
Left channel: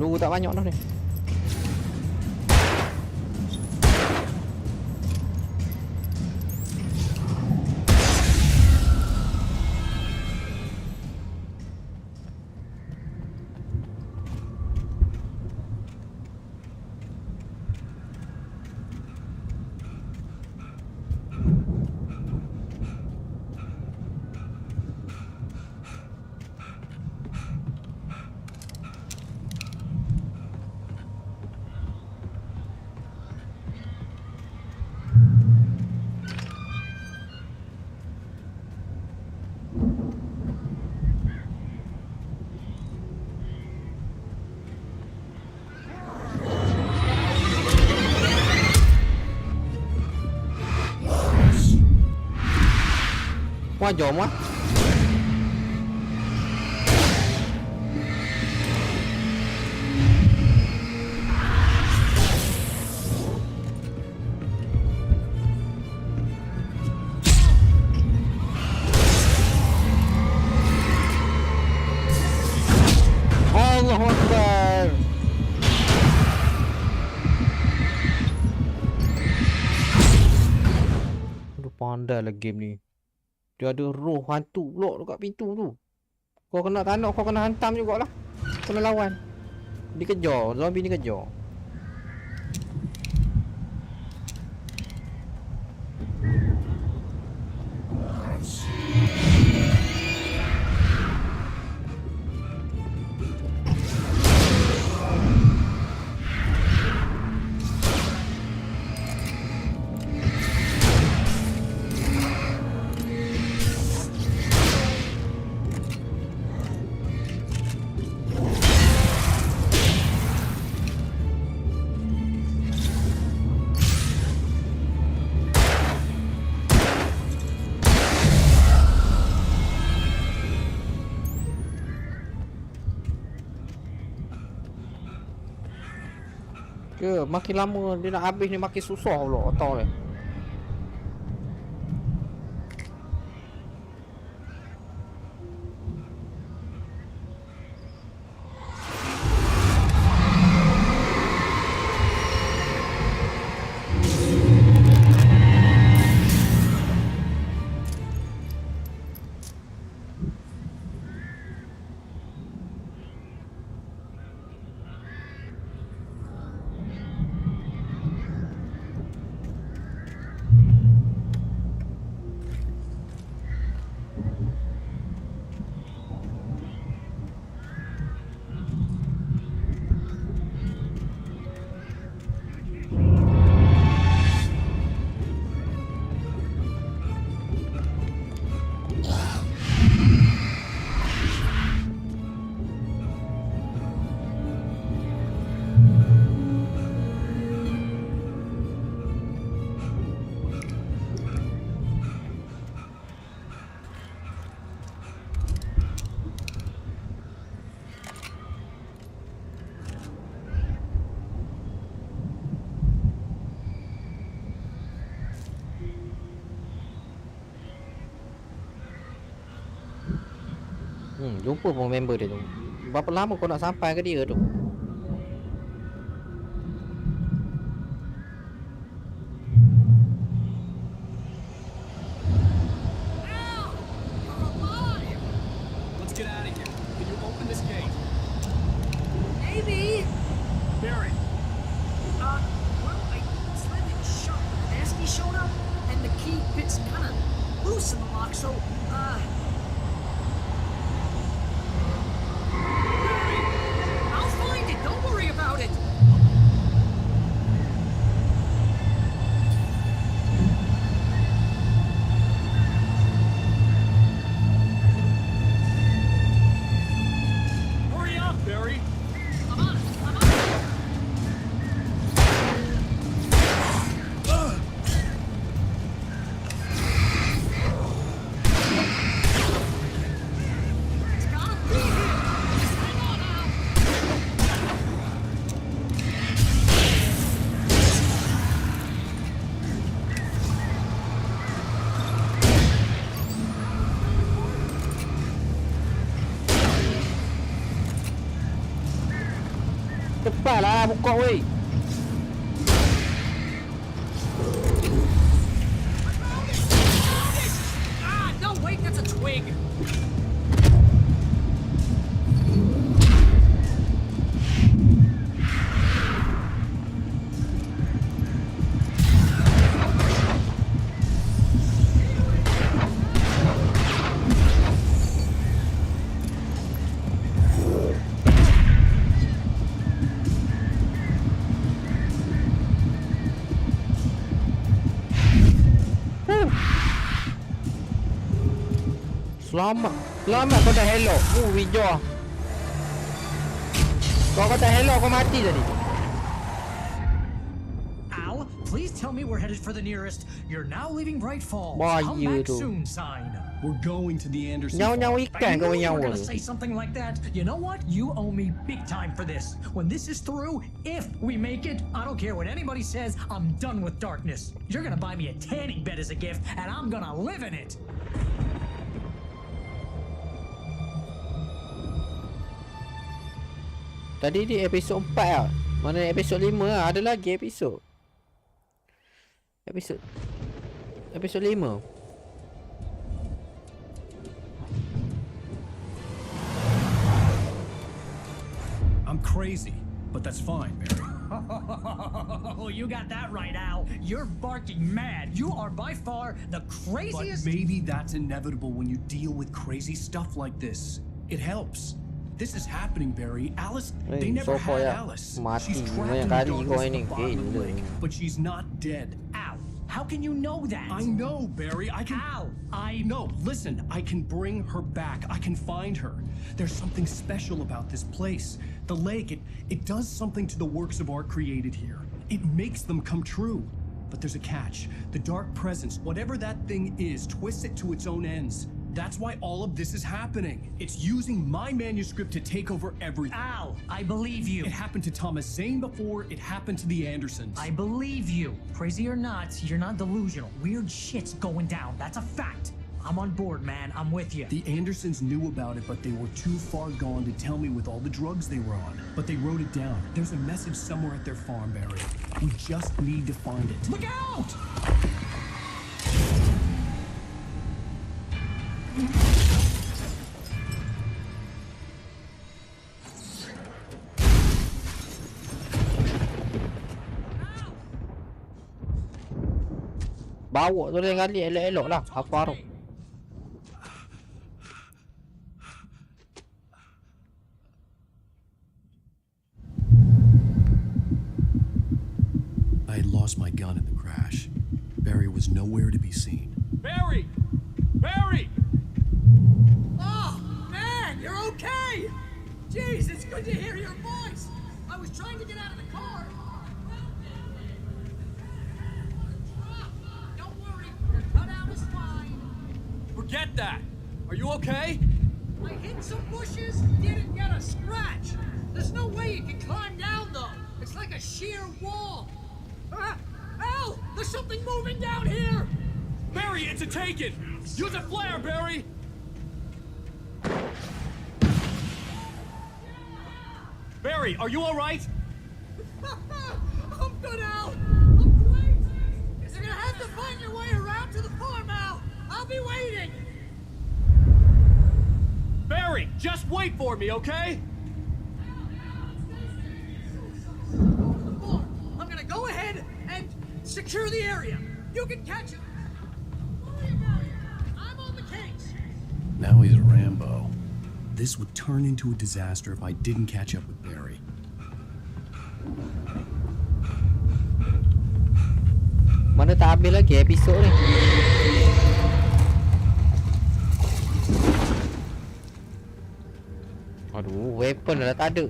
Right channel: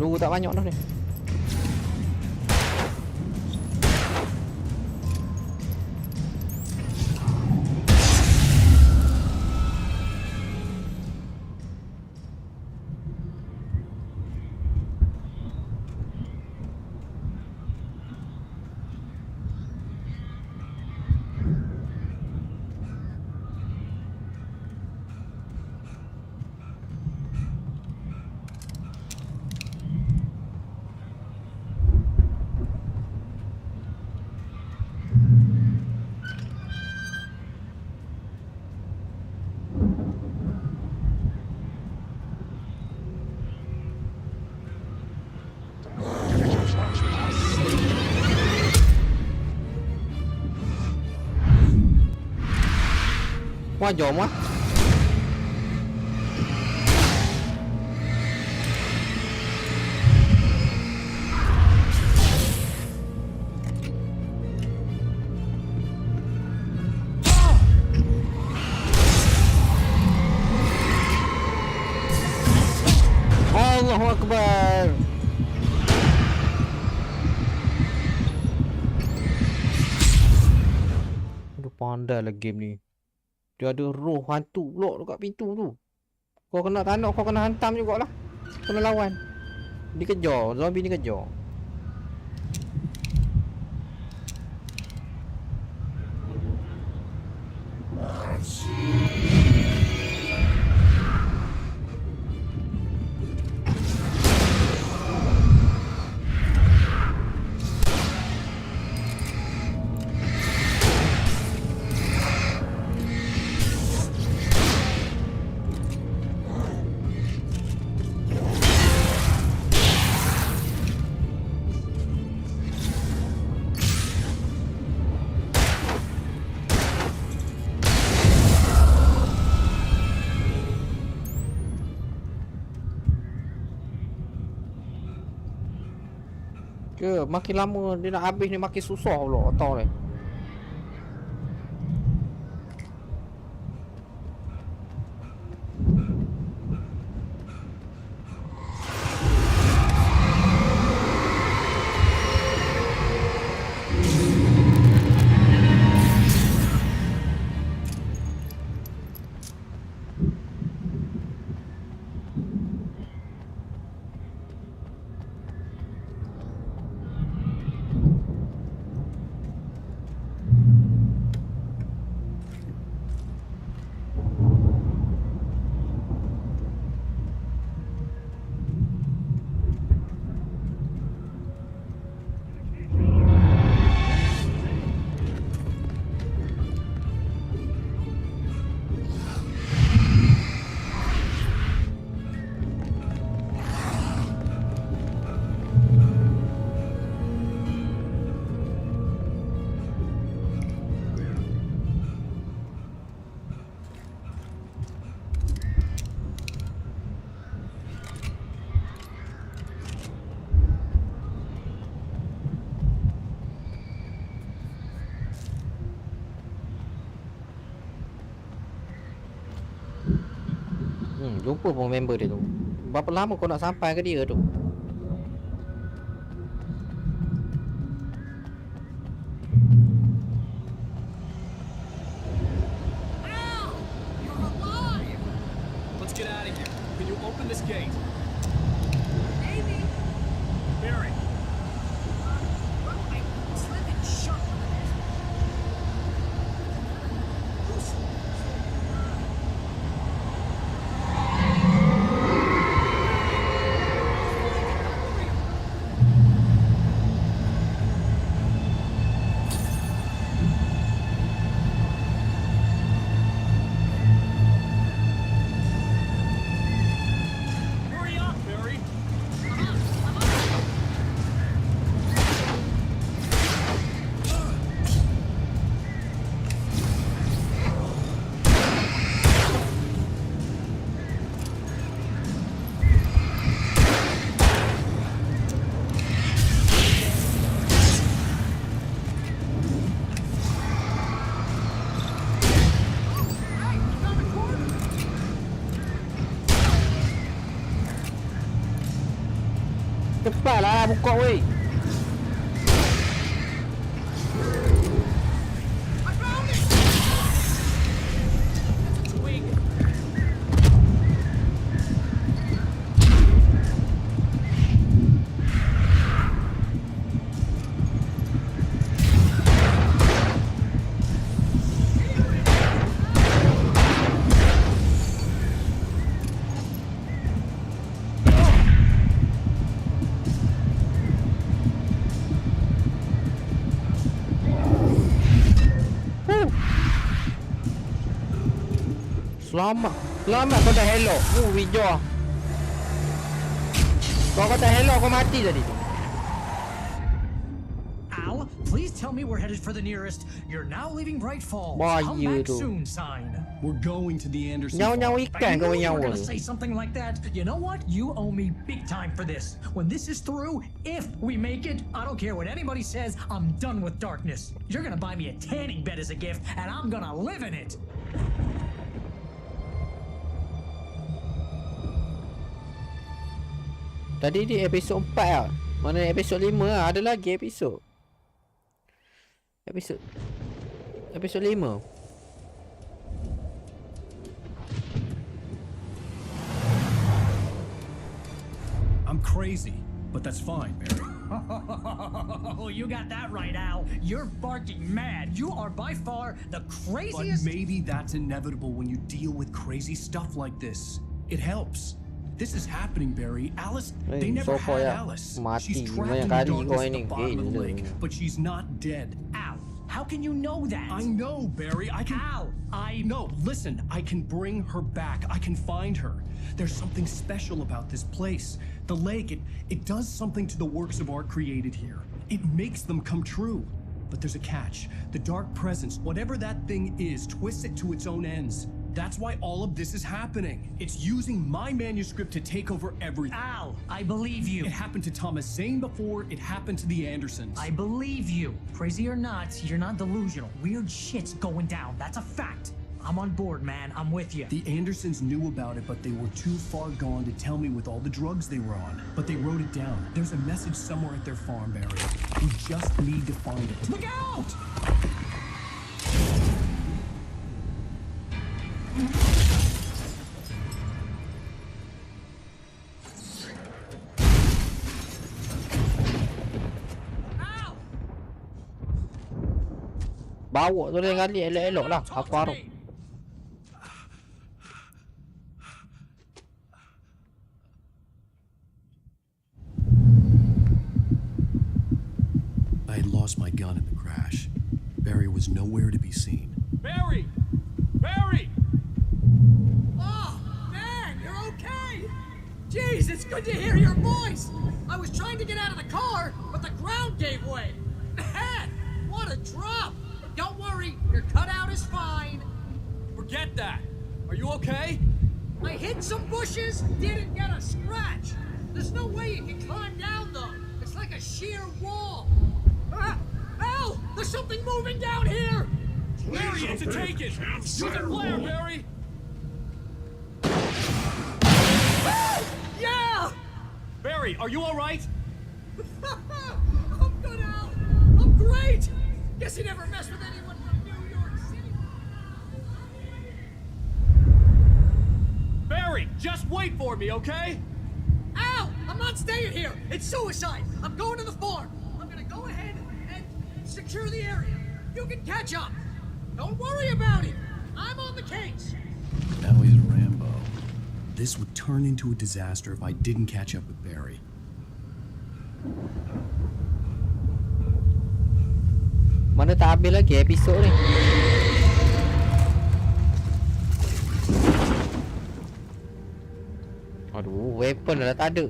Lu tak banyak dah ni. Wah, jom lah. Allahu Akbar. Aduh, pandai lah game ni. Dia ada roh hantu pula dekat pintu tu. Kau kena tak nak, kau kena hantam jugalah. Kena lawan. Dikejar, zombie ni kejar. Ke makin lama dia nak habis ni makin susah pula otak ni. Jumpa pun member dia tu. Berapa lama kau nak sampai ke dia tu? Al! You're alive! Let's get out of here. Can you open this gate? Maybe. Barry. Well, I slammed it shut when the nasty showed up, and the key fits kind of loose in the lock, so, I'll find it. Don't worry about it. Hurry up, Barry. I'm on. Cepatlah buka weh. No, wait, that's a twig. Selamat. Selamat kau dah hello. Hijau. Kau kata hello, kau mati tadi. Al, please tell me we're headed for the nearest "You're now leaving Bright Falls. Come Bahaya back tu. soon" sign. We're going to the Anderson Nyawa-nyawa farm. ikan kau You nyawa were gonna tu. say something like that. You know what? You owe me big time for this. When this is through, if we make it, I don't care what anybody says, I'm done with darkness. You're gonna buy me a tanning bed as a gift, and I'm gonna live in it. Tadi di episod 4 lah. Mana episod 5 lah. Ada lagi episod. Episod 5. I'm crazy, but that's fine, Barry. Oh, you got that right, Al. You're barking mad. You are by far the craziest. But maybe that's inevitable when you deal with crazy stuff like this. It helps. This is happening, Barry. Alice, they never had Alice. She's trapped in the darkness at the bottom of the lake, but she's not dead. Al, how can you know that? I know, Barry. I can. Al, No, listen. I can bring her back. I can find her. There's something special about this place. The lake, it does something to the works of art created here. It makes them come true. But there's a catch. The dark presence, whatever that thing is, twists it to its own ends. That's why all of this is happening. It's using my manuscript to take over everything. Al, I believe you. It happened to Thomas Zane before, it happened to the Andersons. I believe you. Crazy or not, you're not delusional. Weird shit's going down. That's a fact. I'm on board, man. I'm with you. The Andersons knew about it, but they were too far gone to tell me with all the drugs they were on. But they wrote it down. There's a message somewhere at their farm, Barry. We just need to find it. Look out! Bawa tu lain kali elok-elok lah. Aku harap. I had lost my gun in the crash. Barry was nowhere to be seen. Barry! Barry! Oh, man, you're okay! Jeez, it's good to hear your voice! I was trying to get out of the car, but the ground gave way. Man, what a drop! Don't worry, your cutout is fine. Forget that. Are you okay? I hit some bushes, didn't get a scratch. There's no way you can climb down, though. It's like a sheer wall. Al! There's something moving down here! Barry, it's a take-it! Use a flare, Barry! Yeah! Barry, are you all right? I'm good, Al. I'm great. Guess you never have to find your way around to the farm, Al. I'll be waiting. Barry, just wait for me, okay? Al, I'm not staying here. It's suicide. I'm going to the farm. I'm gonna go ahead and secure the area. You can catch up. Don't worry about it. I'm on the case. Now he's Rambo. This would turn into a disaster if I didn't catch up with Barry. Mana tak habis lagi episod ni. Aduh, weapon dah tak ada.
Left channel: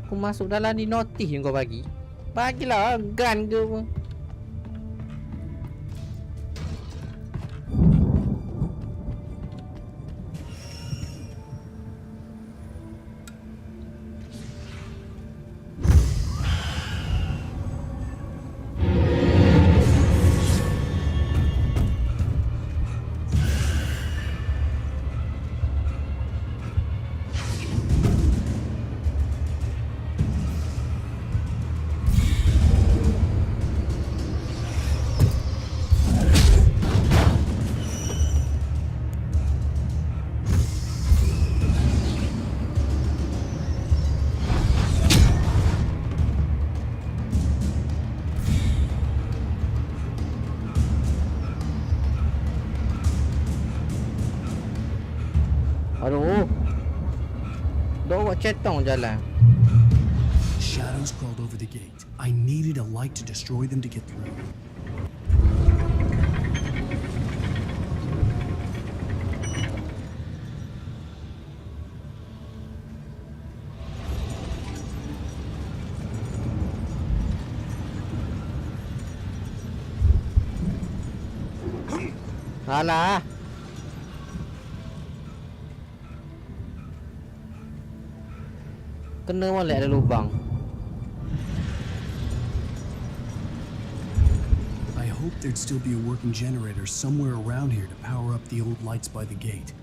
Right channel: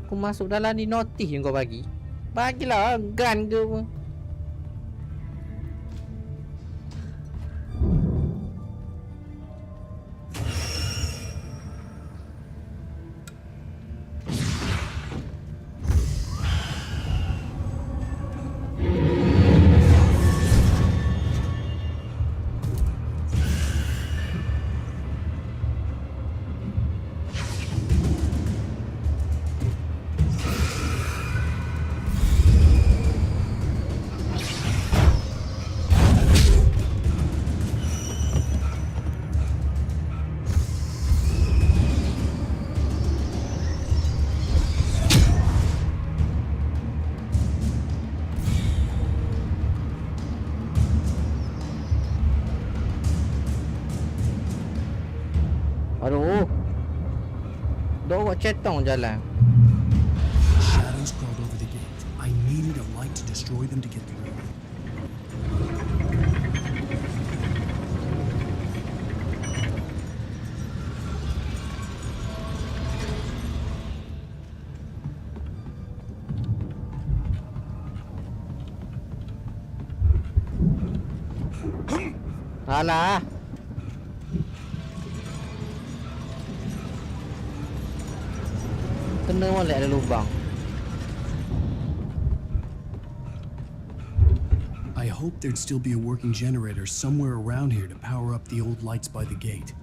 Aku masuk dalam ni notis yang kau bagi. Bagilah gun ke apa. Aduh. Bawa cetong jalan. Shadows crawled over the gate. I needed a light to destroy them to get through. Alah. Kena molek ada lubang. I hoped there'd still be a working generator somewhere around here to power up the old lights by the gate.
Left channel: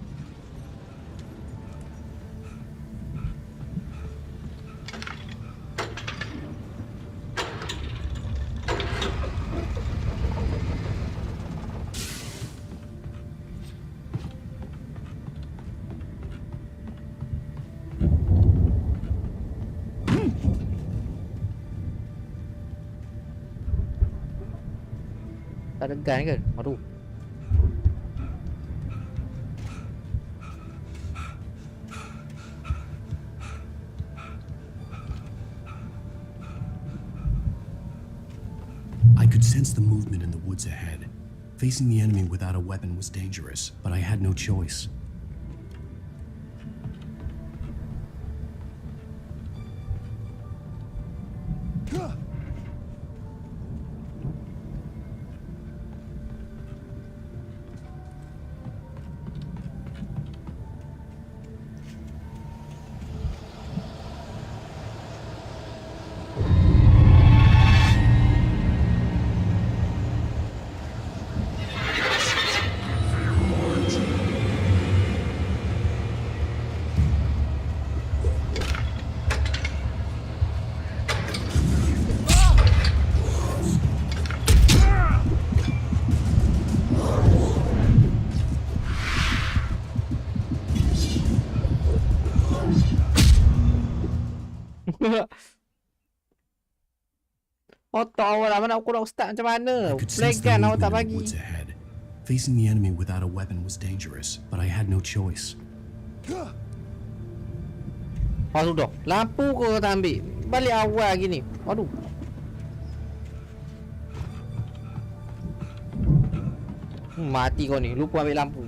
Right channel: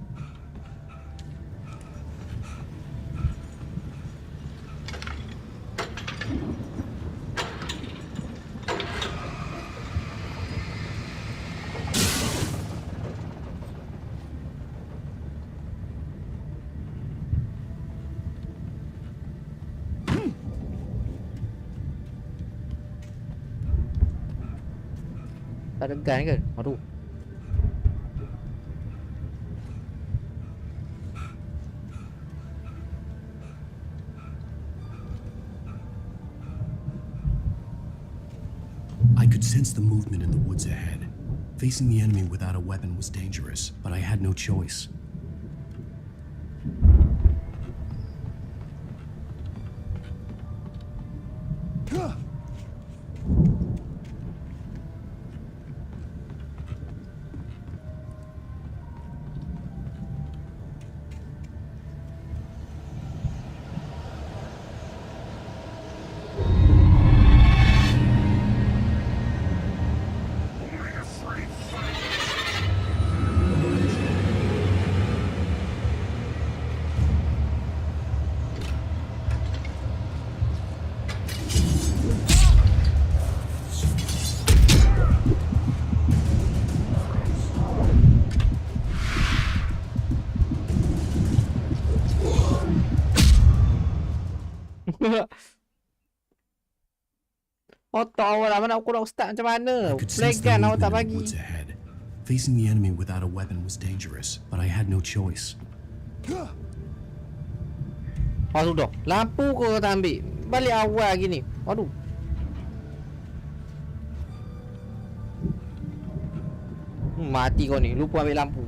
Tak ada gun ke? Aduh. I could sense the movement in the woods ahead. Facing the enemy without a weapon was dangerous, but I had no choice. Otak awak lah, mana aku nak start macam mana? I could sense the Flag gun awak tak movement in the bagi. woods ahead. Facing the enemy without a weapon was dangerous, but I had no choice. Oh sudah, lampu kau tak ambil. Balik awal gini. Aduh. Mati kau ni, lupa ambil lampu.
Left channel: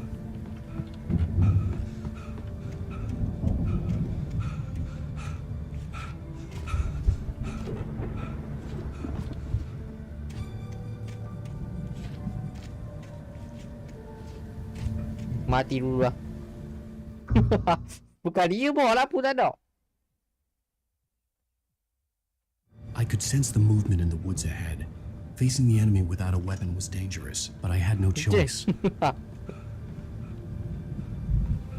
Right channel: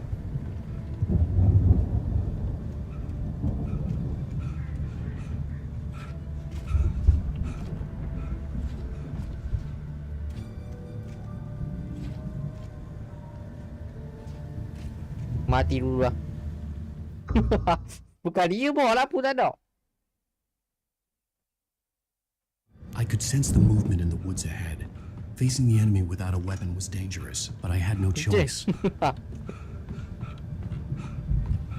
Mati dulu lah. Bukan dia bawa lampu tak ada. I could sense the movement in the woods ahead. Facing the enemy without a weapon was dangerous, but I had no choice.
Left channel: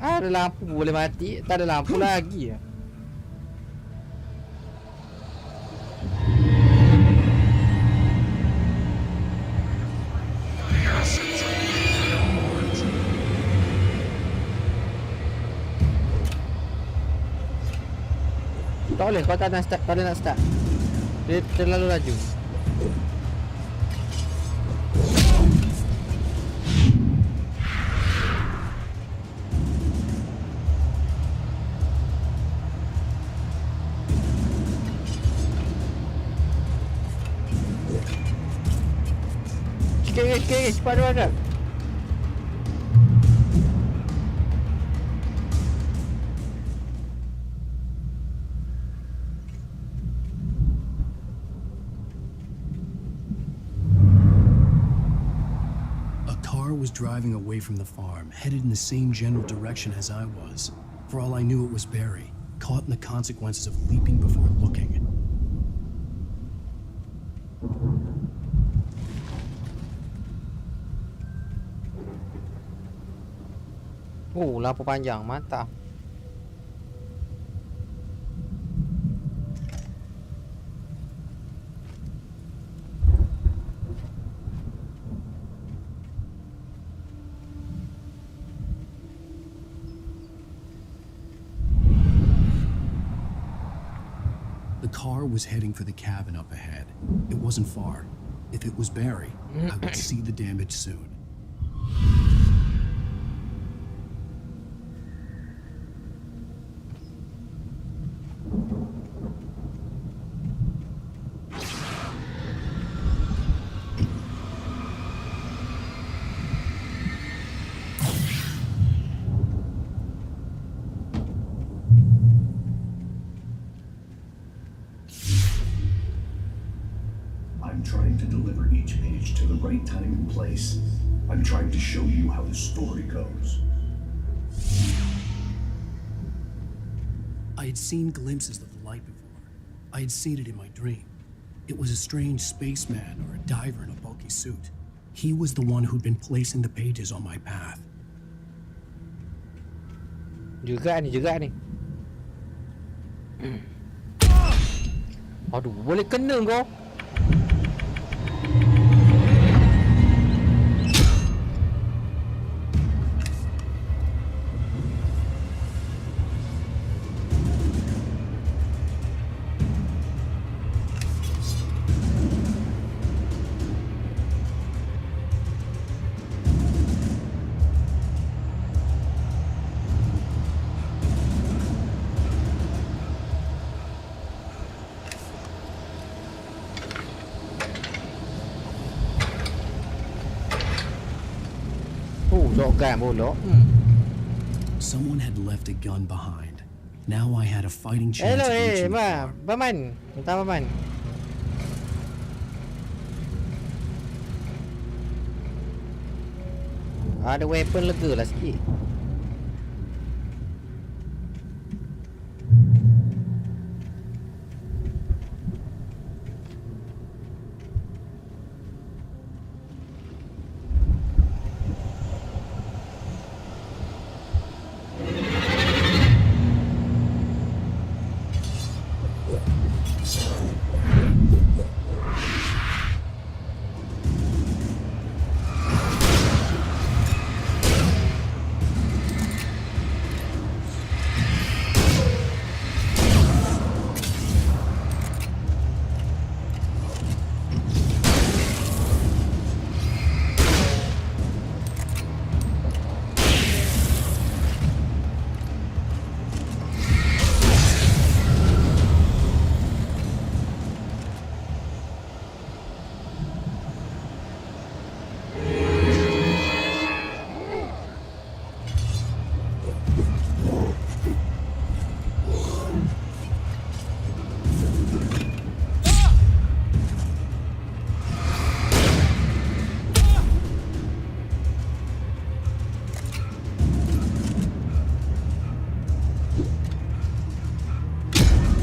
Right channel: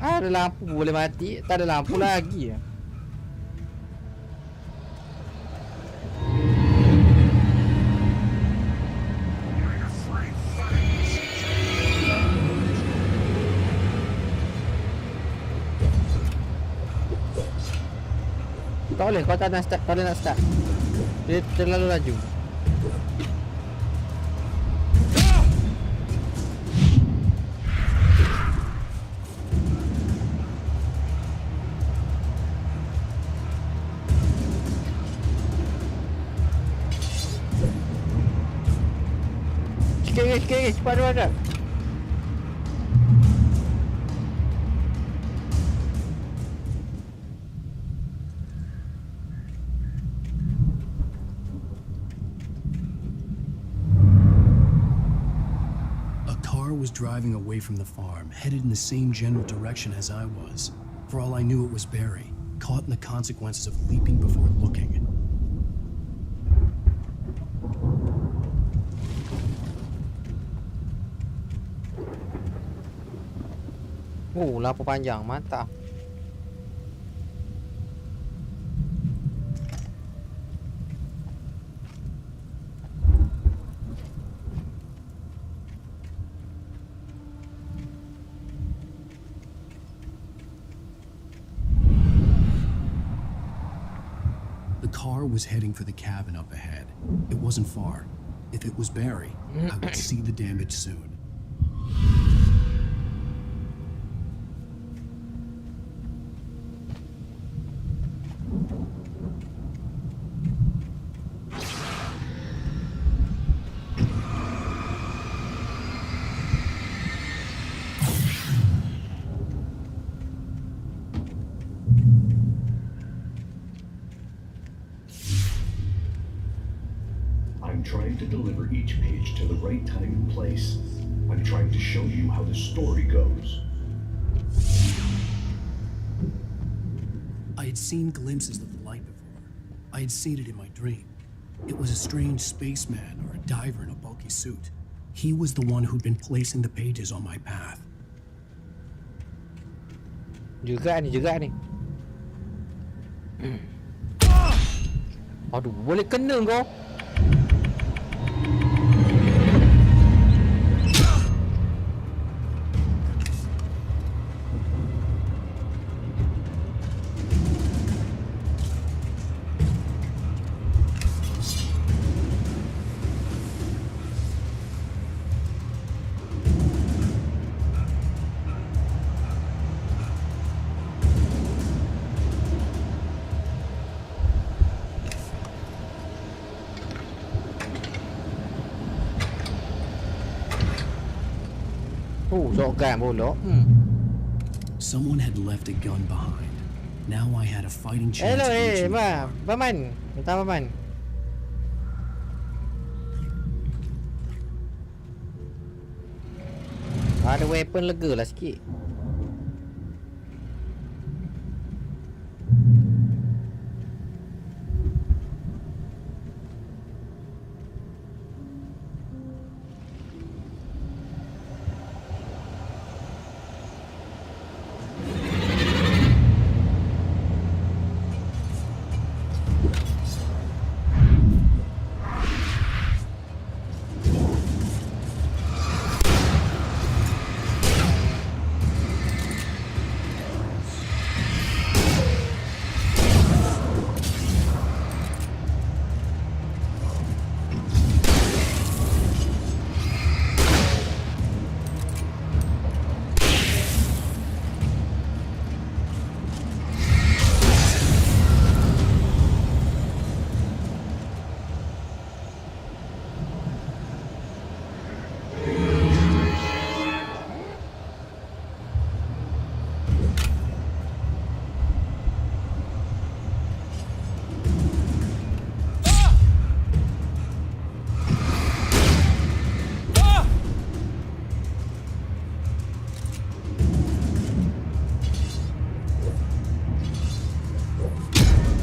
Ada lampu boleh mati, tak ada lampu lagi. Tak boleh, kau tak nak start, tak boleh nak start. Dia terlalu laju. Sikit, cepat. Was driving away from the farm, headed in the same general direction as I was. For all I knew, it was Barry, caught in the consequences of leaping before looking. Oh, lampu panjang, mantap. The car was heading for the cabin up ahead. It wasn't far. If it was Barry, I would see the damage soon. I'm trying to deliver each page to the right time and place. I'm trying to show you how the story goes. I had seen glimpses of the light before. I had seen it in my dream. It was a strange spaceman or a diver in a bulky suit. He was the one who'd been placing the pages on my path. Juga ni. Aduh, boleh kena kau. Someone had left a gun behind. Now I had a fighting chance Hello, of reaching the car. Paman. Minta paman. Ada weapon lega lah sikit.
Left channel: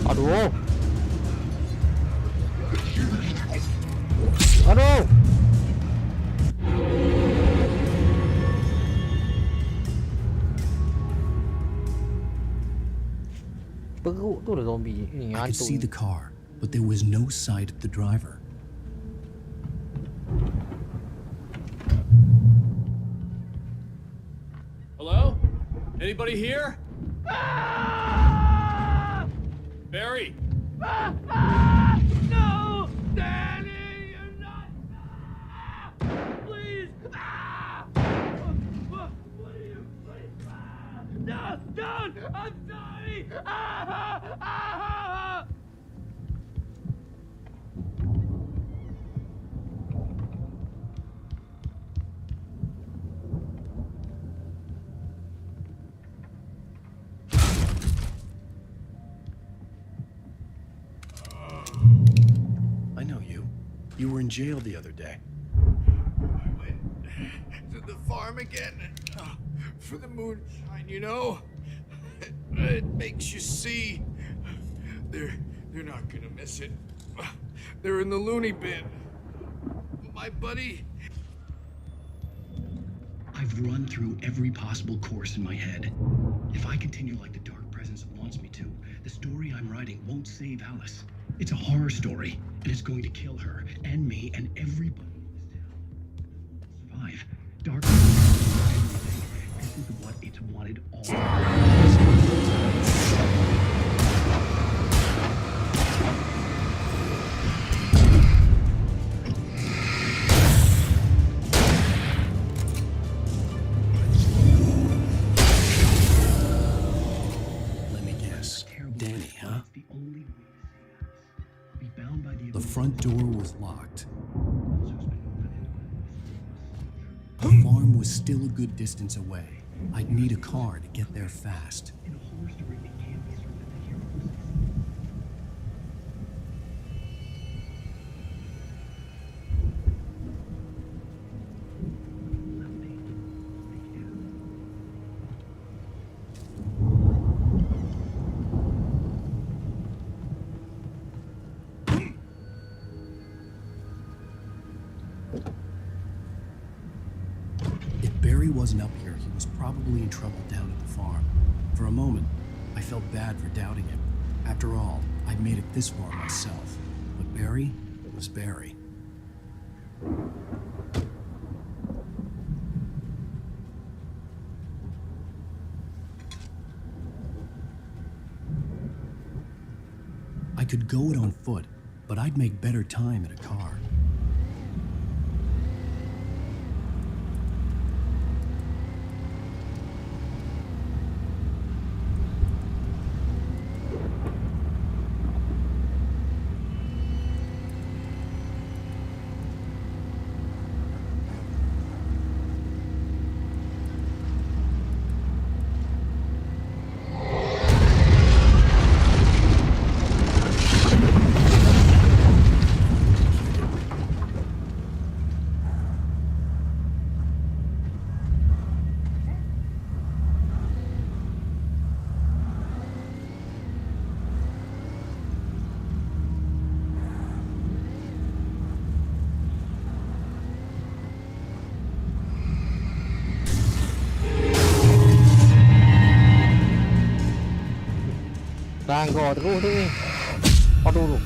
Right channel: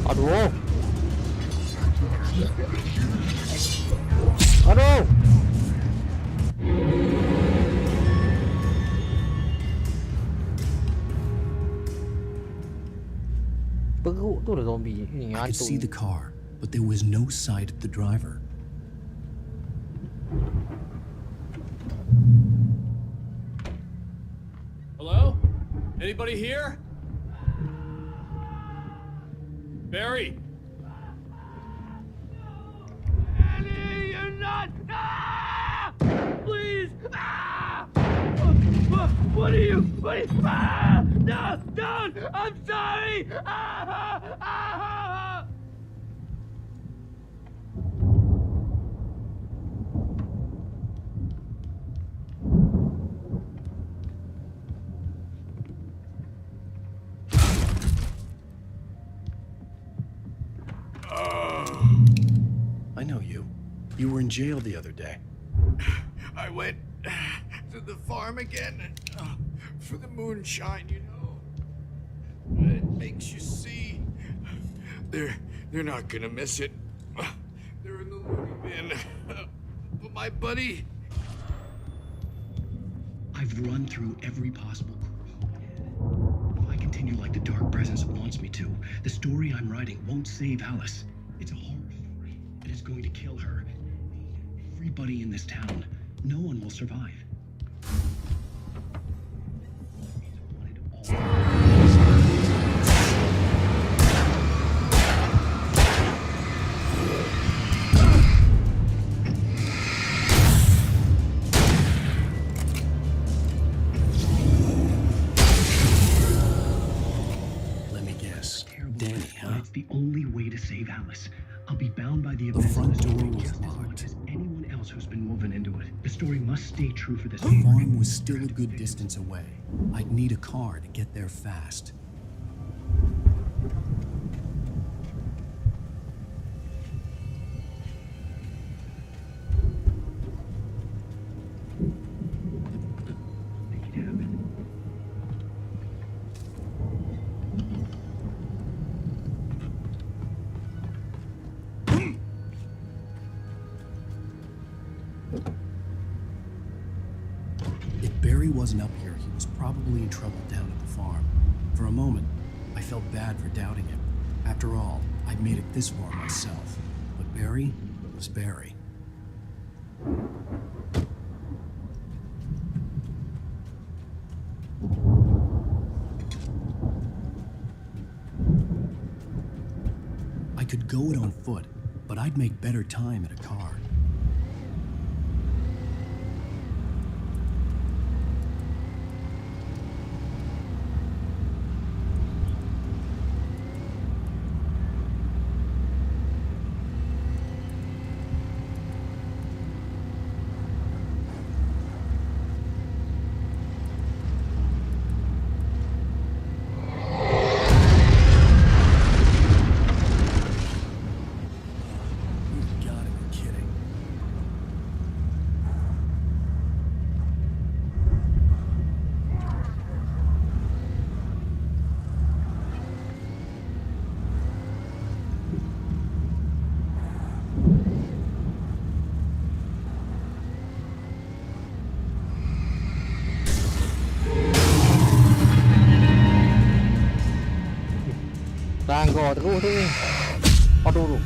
Aduh. Aduh. Perut tu lah zombie ni. I could see the car, but there was no sight of the driver. Hello? Anybody here? Barry! No! Danny, you're not! Please! What are you? No! Don't! I'm sorry! I know you. You were in jail the other day. I went to the farm again for the moonshine, you know? It makes you see. They're not gonna miss it. They're in the loony bin. But my buddy... I've run through every possible course in my head. If I continue like the Dark Presence wants me to, the story I'm writing won't save Alice. It's a horror story, and it's going to kill her, and me, and everybody in this town. No one will survive. Dark Presence is what it's wanted all. Danny, huh? It's the only way to save Alice. I'll be bound by the front door was locked. Anyone else who's been woven into it. The story must stay true for this. The farm was still a good distance away. I'd need a car to get there fast. If Barry wasn't up here, he was probably in trouble down at the farm. For a moment, I felt bad for doubting him. After all, I'd made it this far myself. But Barry was Barry. I could go it on foot, but I'd make better time in a car. Ranggo terus tu ni. Aduh.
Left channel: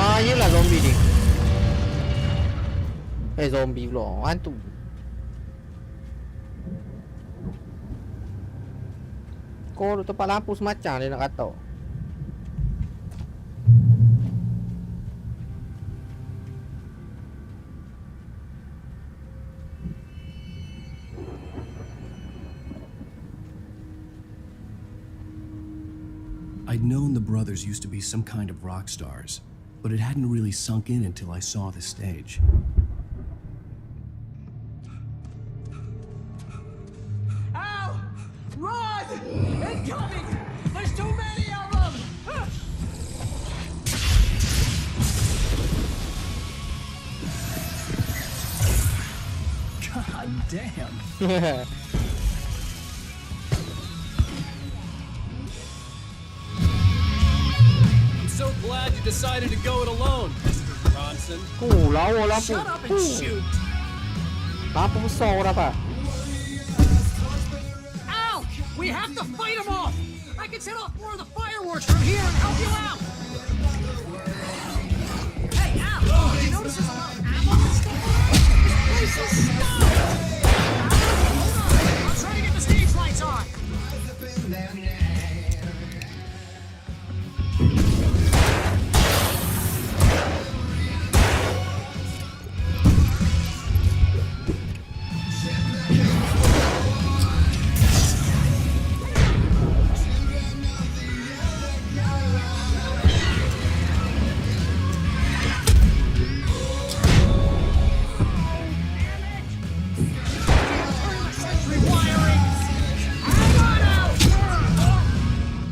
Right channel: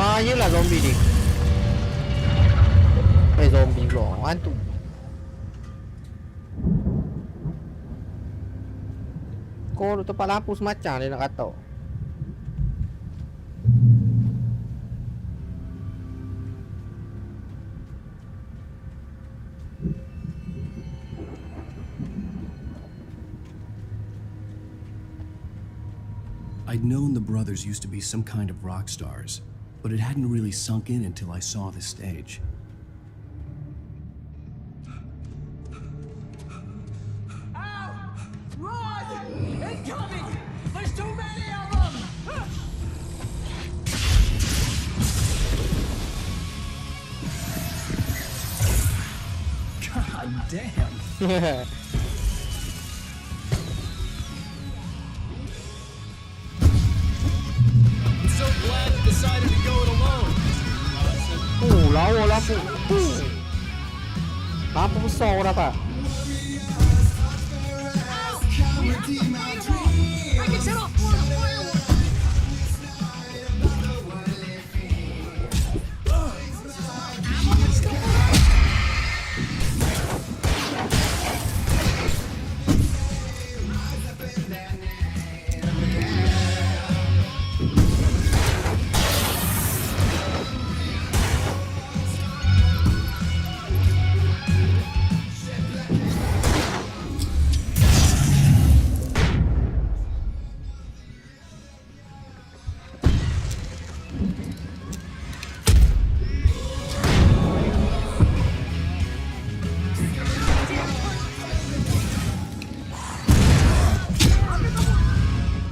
Bahayalah zombie ni. Zombie pula, hantu. Kau duduk tempat lampu semacam dia nak kata. I'd known the brothers used to be some kind of rock stars, but it hadn't really sunk in until I saw this stage. Ow! Run! Incoming! There's too many of them! God damn. So glad you decided to go it alone, Mr. Bronson. Lawa lampu. Lampu besar apa? Ow! We have to fight them all! I can set off more of the fireworks from here and help you out! Hey, Al! You notice there's a lot of ammo and stuff around? Try to get the stage lights on!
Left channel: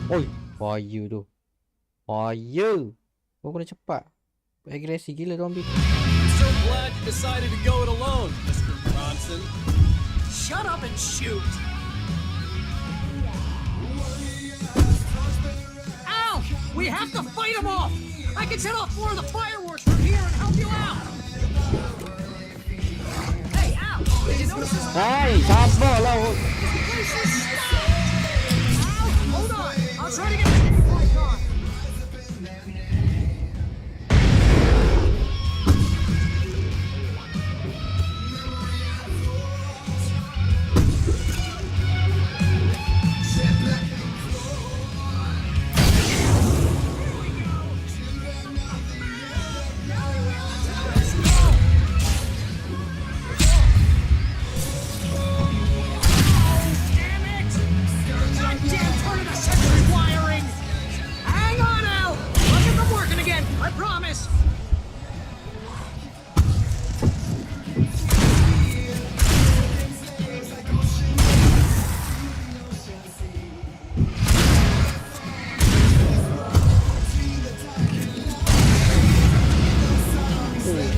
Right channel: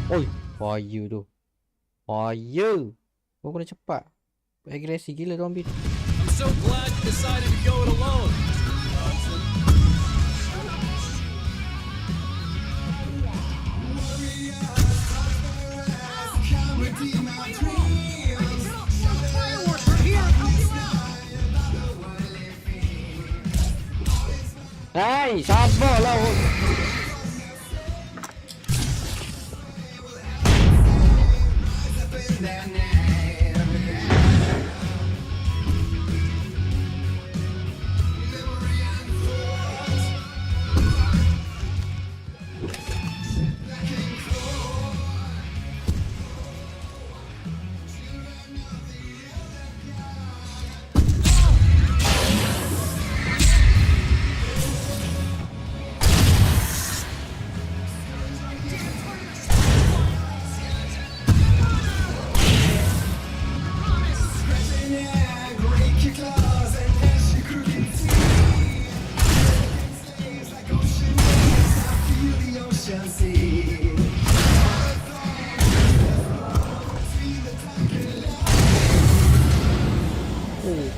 Oi, fire tu. Fire. Kau kena cepat. Agresi gila zombie. I'm so glad you decided to go it alone, Mr. Bronson. Shut up and shoot! have to fight them all! I can set off more of the fireworks from here and help you out! Hey, ow! Did you notice this? Hey, sabar lah. Hold on! I'll try to get...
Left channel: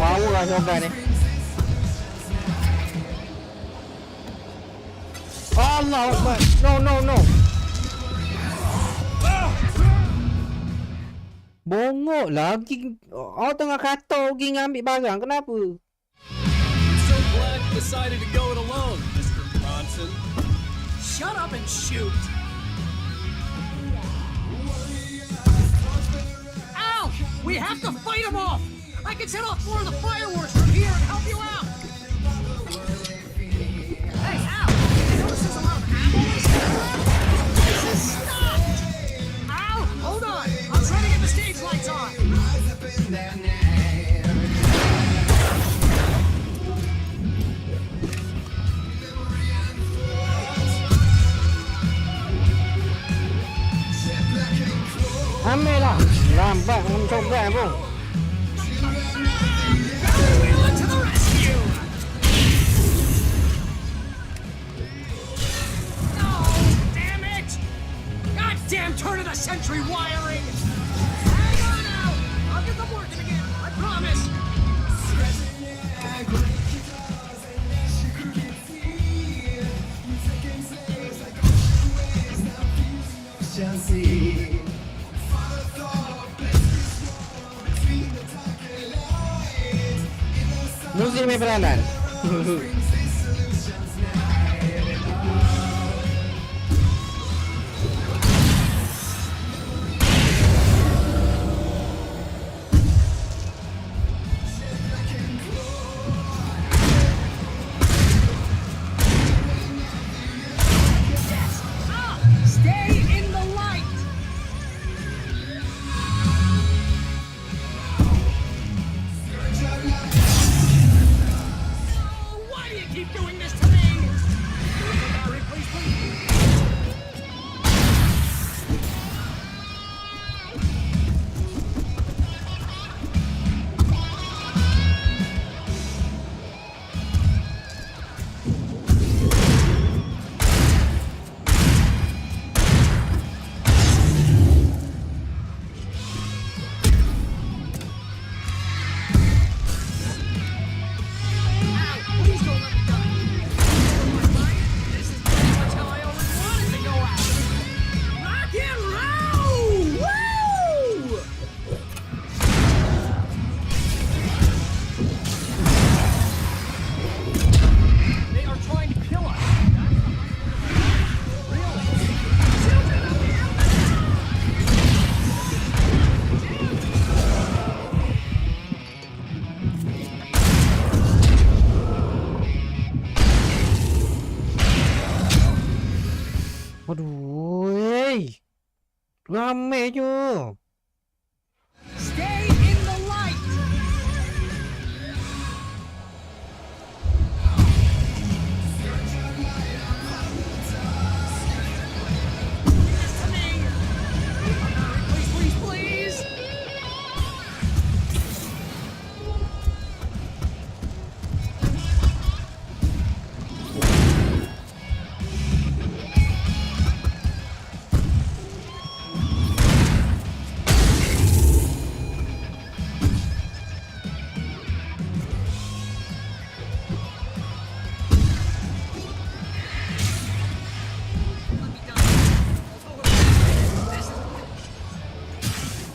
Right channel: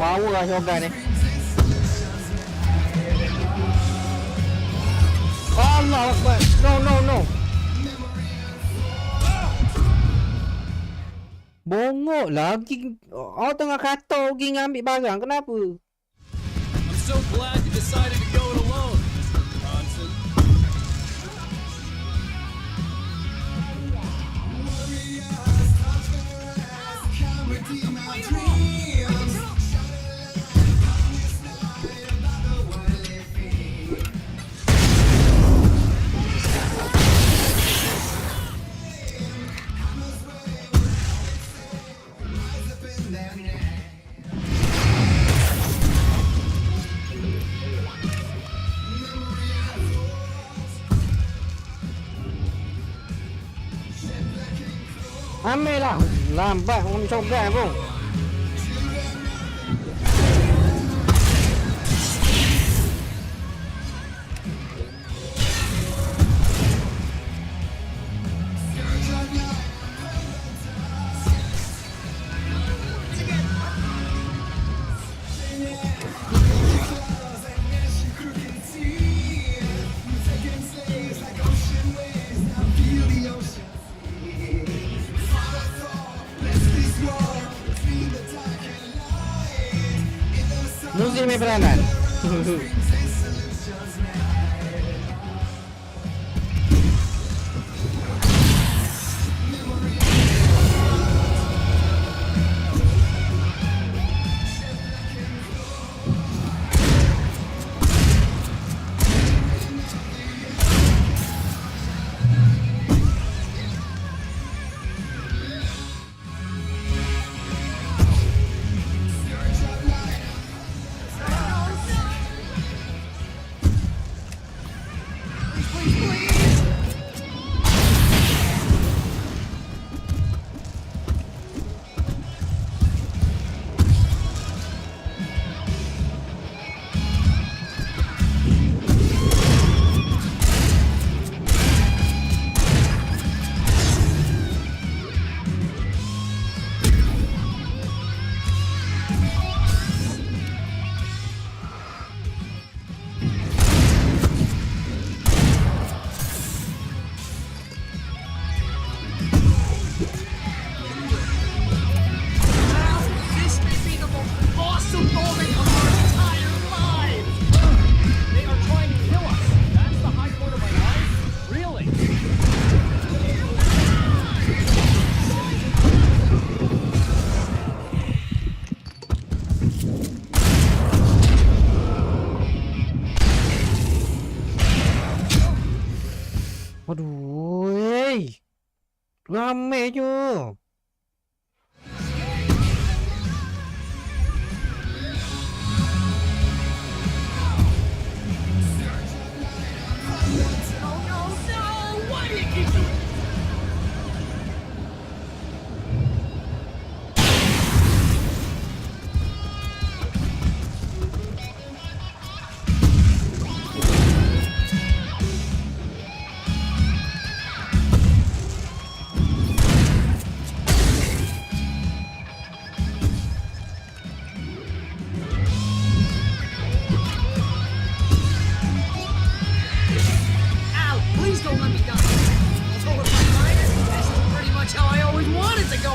Power lah shotgun ni. Allah Akbar. No. Bongok lagi. Awak tengah kata pergi ngambil barang. Kenapa? I'm so glad you decided to go it alone, Mr. Bronson. Shut up and shoot! Ow! We have to fight them all! I can set off more of the fireworks from here and help you out! Hey, ow! Stop! Ow! Hold on! I'm trying to get the stage lights on! Ambil lah. Lambat orang shotgun pun. Goddamn turn of the century wiring! I'll get them working again, I promise! Muzik main peranan. Stay in the light! Why do you keep doing this to me? Please, please, please! They are trying to kill us. That's the high point of my life? Really? Aduh. Ramai je. Stay in the light! Why do you keep doing this to me? Please, please, please! Ow! Please don't let me die! Although if I'm honest, this is pretty much how I always wanted to go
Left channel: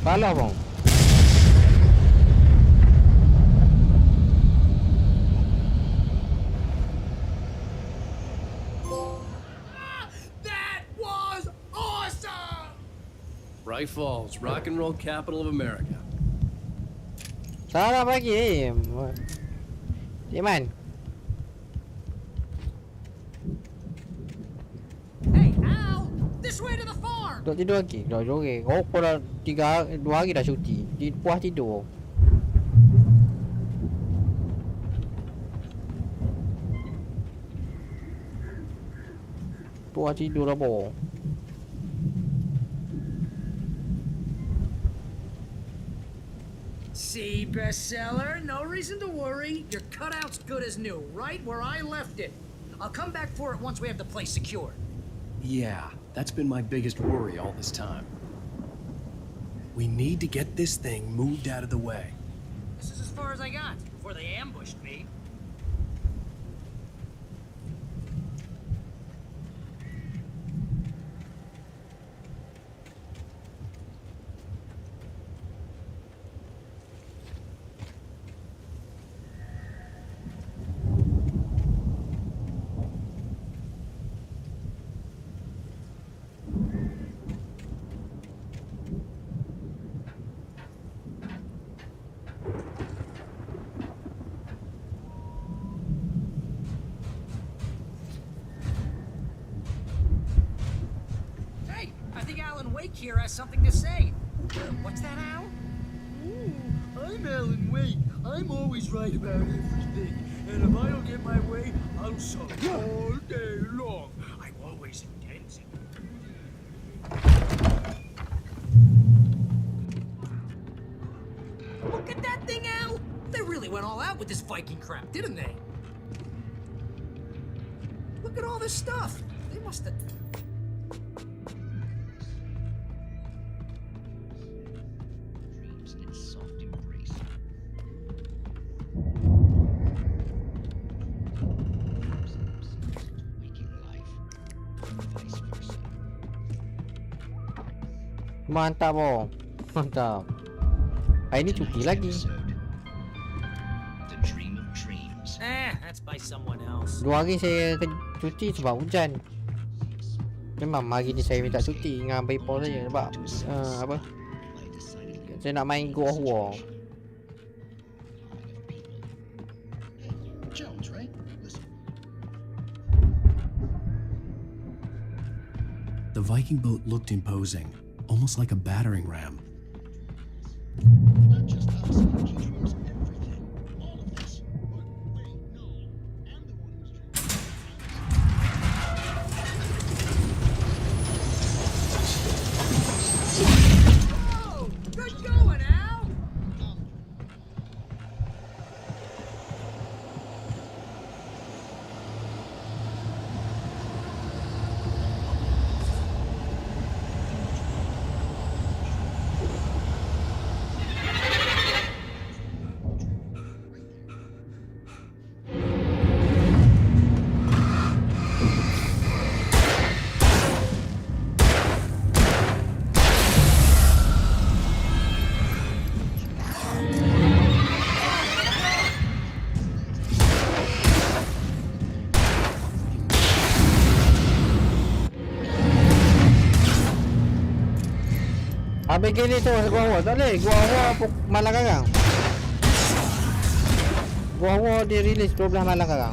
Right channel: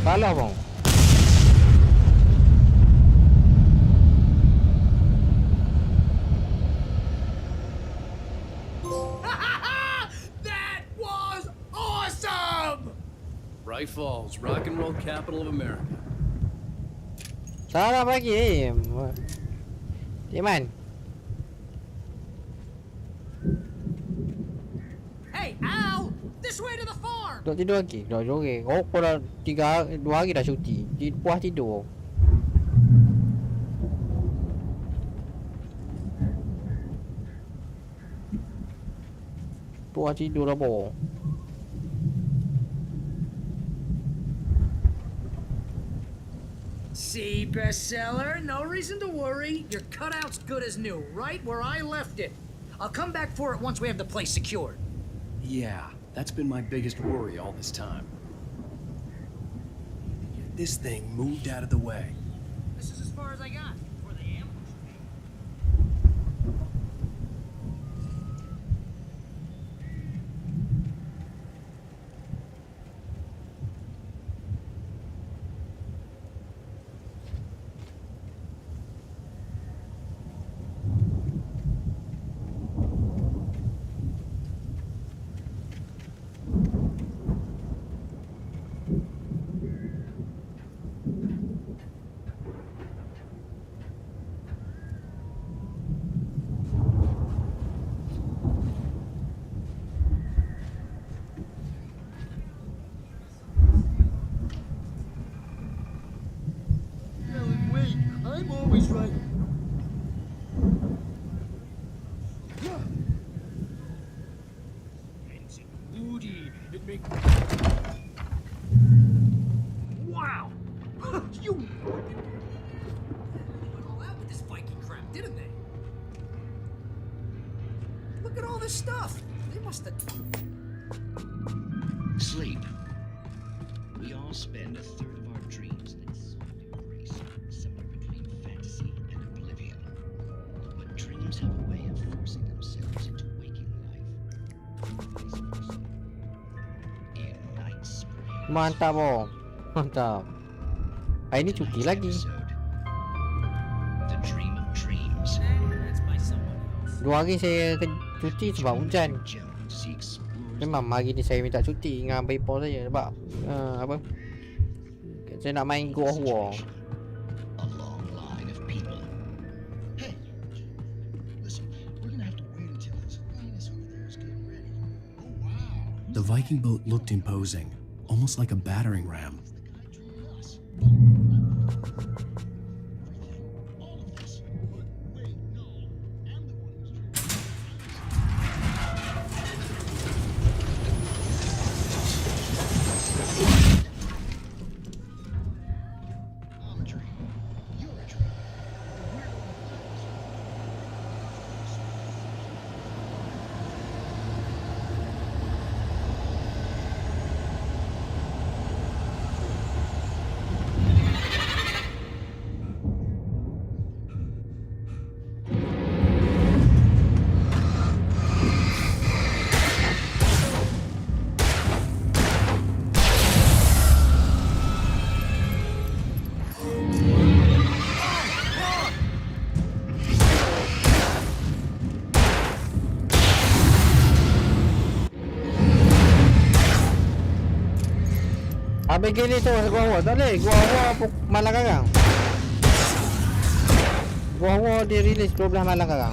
Salah bang. That was awesome! Bright Falls, rock and roll capital of America. Salah bagi. Di man? Hey, Al! This way to the farm! Duduk tidur lagi. Dah joget. Oh, kau dah 2 hari dah cuti. Puas tidur. Puas tidur dah boh. See, bestseller, no reason to worry. Your cutout's good as new, right where I left it. I'll come back for it once we have the place secured. Yeah, that's been my biggest worry all this time. We need to get this thing moved out of the way. This is as far as I got before they ambushed me. Hey, I think Alan Wake here has something to say. What's that, Al? I'm Alan Wake. I'm always right about everything. And if I don't get my way, I'll sulk all day long. I'm always intense and moody. It makes Wow! You look at that thing, Al! They really went all out with this Viking crap, didn't they? Look at all this stuff. They must have... Sleep. We all spend a third of our dreams in its soft embrace, somewhere between fantasy and oblivion. But dreams have a way of forcing themselves into waking life, and vice versa. In Night Spring. Mantap boh. Mantap. Hari ni cuti lagi. The dream of dreams. That's by someone else. 2 hari saya cuti sebab hujan. Memang hari ni saya minta cuti dengan Baypol saja sebab apa? Saya nak main God of War. The Viking boat looked imposing, almost like a battering ram. Habis gini tu gua awal tak boleh. Gua awal malam karang. Gua awal dia release 12 malam karang.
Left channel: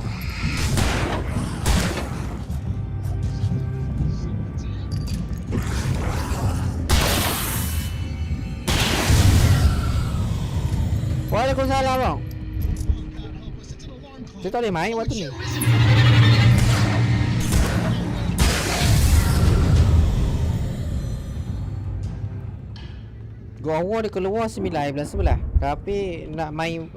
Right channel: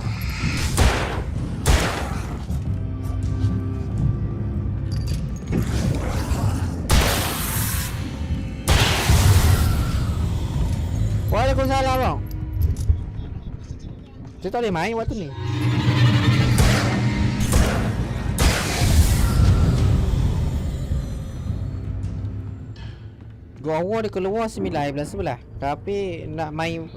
Waalaikumsalam bang. Saya tak boleh main waktu ni. Gua awal dia keluar 9 bulan 11. Tapi nak main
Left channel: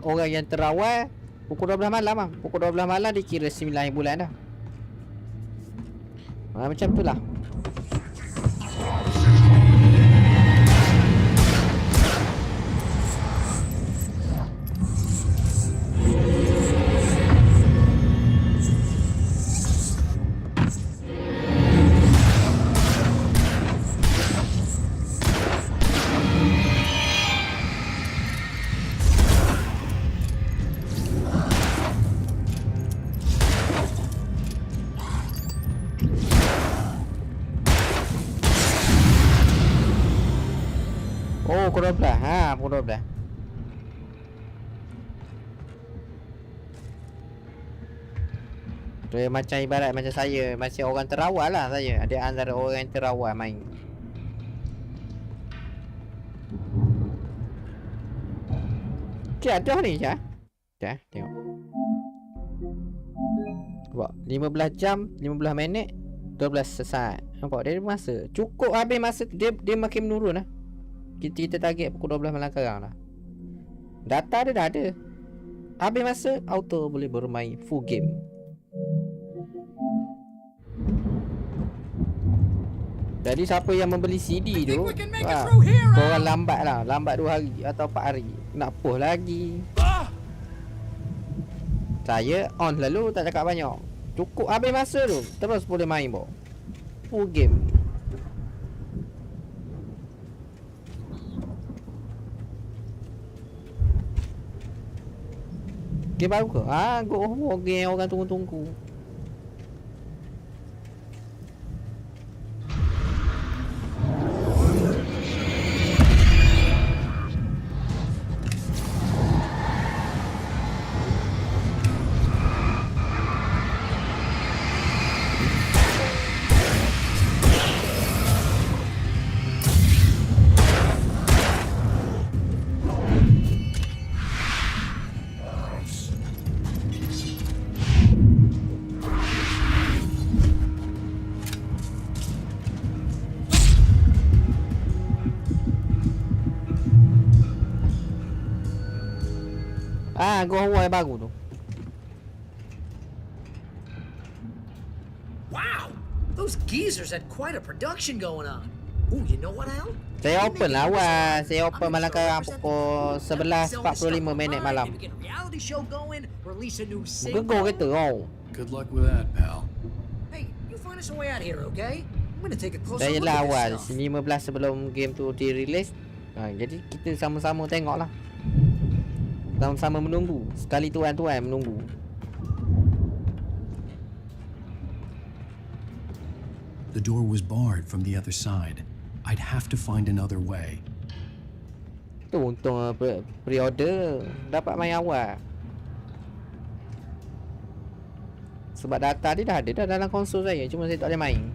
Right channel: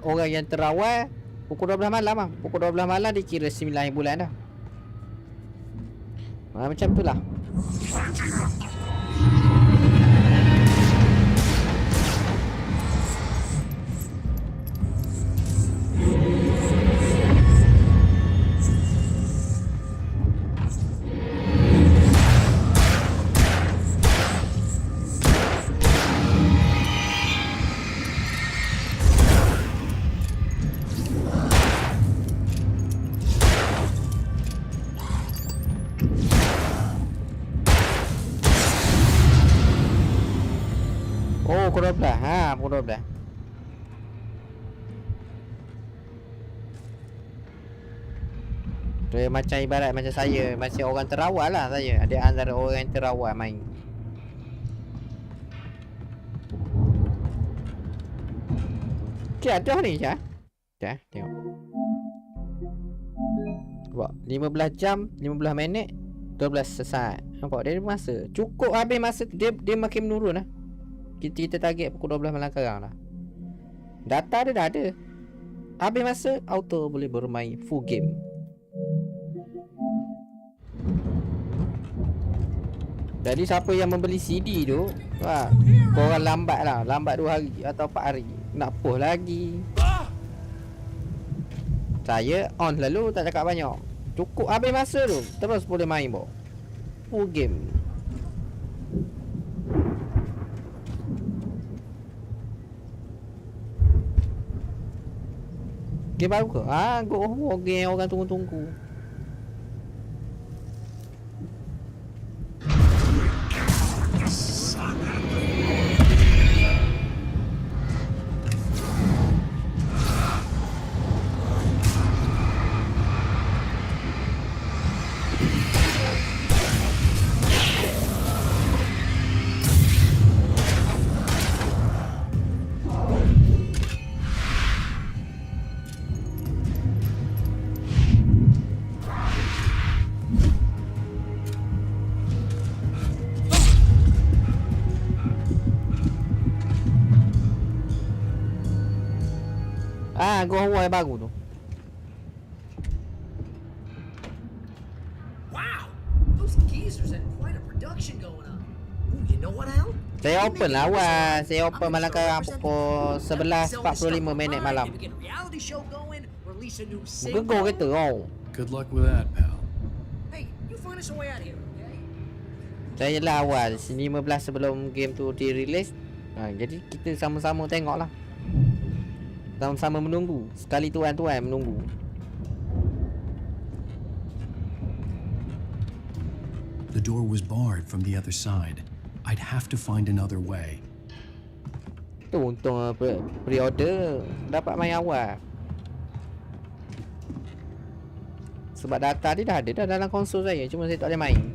orang yang terawal pukul 12 malam bang. Pukul 12 malam dikira 9 bulan dah. Macam tu lah. Oh, pukul 12. Ha, pukul 12. Dia macam ibarat macam saya, masih orang terawal lah saya. Dia antara orang yang terawal main. Okay, ada ni Syah. Syah, tengok. Nampak, 15 jam, 15 minit, 12 saat. Nampak, dia ada masa. Cukup habis masa, dia makin menurun lah. Kita target pukul 12 malam sekarang lah. Data dia dah ada. Habis masa, auto boleh bermain full game. Jadi siapa yang membeli CD tu, korang lambat lah. Lambat 2 hari atau 4 hari. Nak push lagi. Saya on lalu, tak cakap banyak. Cukup habis masa tu, terus boleh main bo. Full game. Game baru ke? Ha, game orang tunggu-tunggu. Ah, gua horror yang baru tu. Wow, those geezers had quite a production going on. Ooh, you know what, Al? Saya open lah awal. Saya open malam sekarang pukul 11.45 minit malam. Reality show going, release a new Muka kau kata oh. Good luck with that, pal. Hey, you find us a way out here, okay? I'm gonna take a closer Saya look lah at awal this stuff. 15 sebelum game tu di-release. Jadi kita sama-sama tengok lah. Sama-sama menunggu. Sekali tuan-tuan menunggu. The door was barred from the other side. I'd have to find another way. Tu untung pre-order dapat main awal. Sebab data dia dah ada dah dalam konsol saya, cuma saya tak boleh main.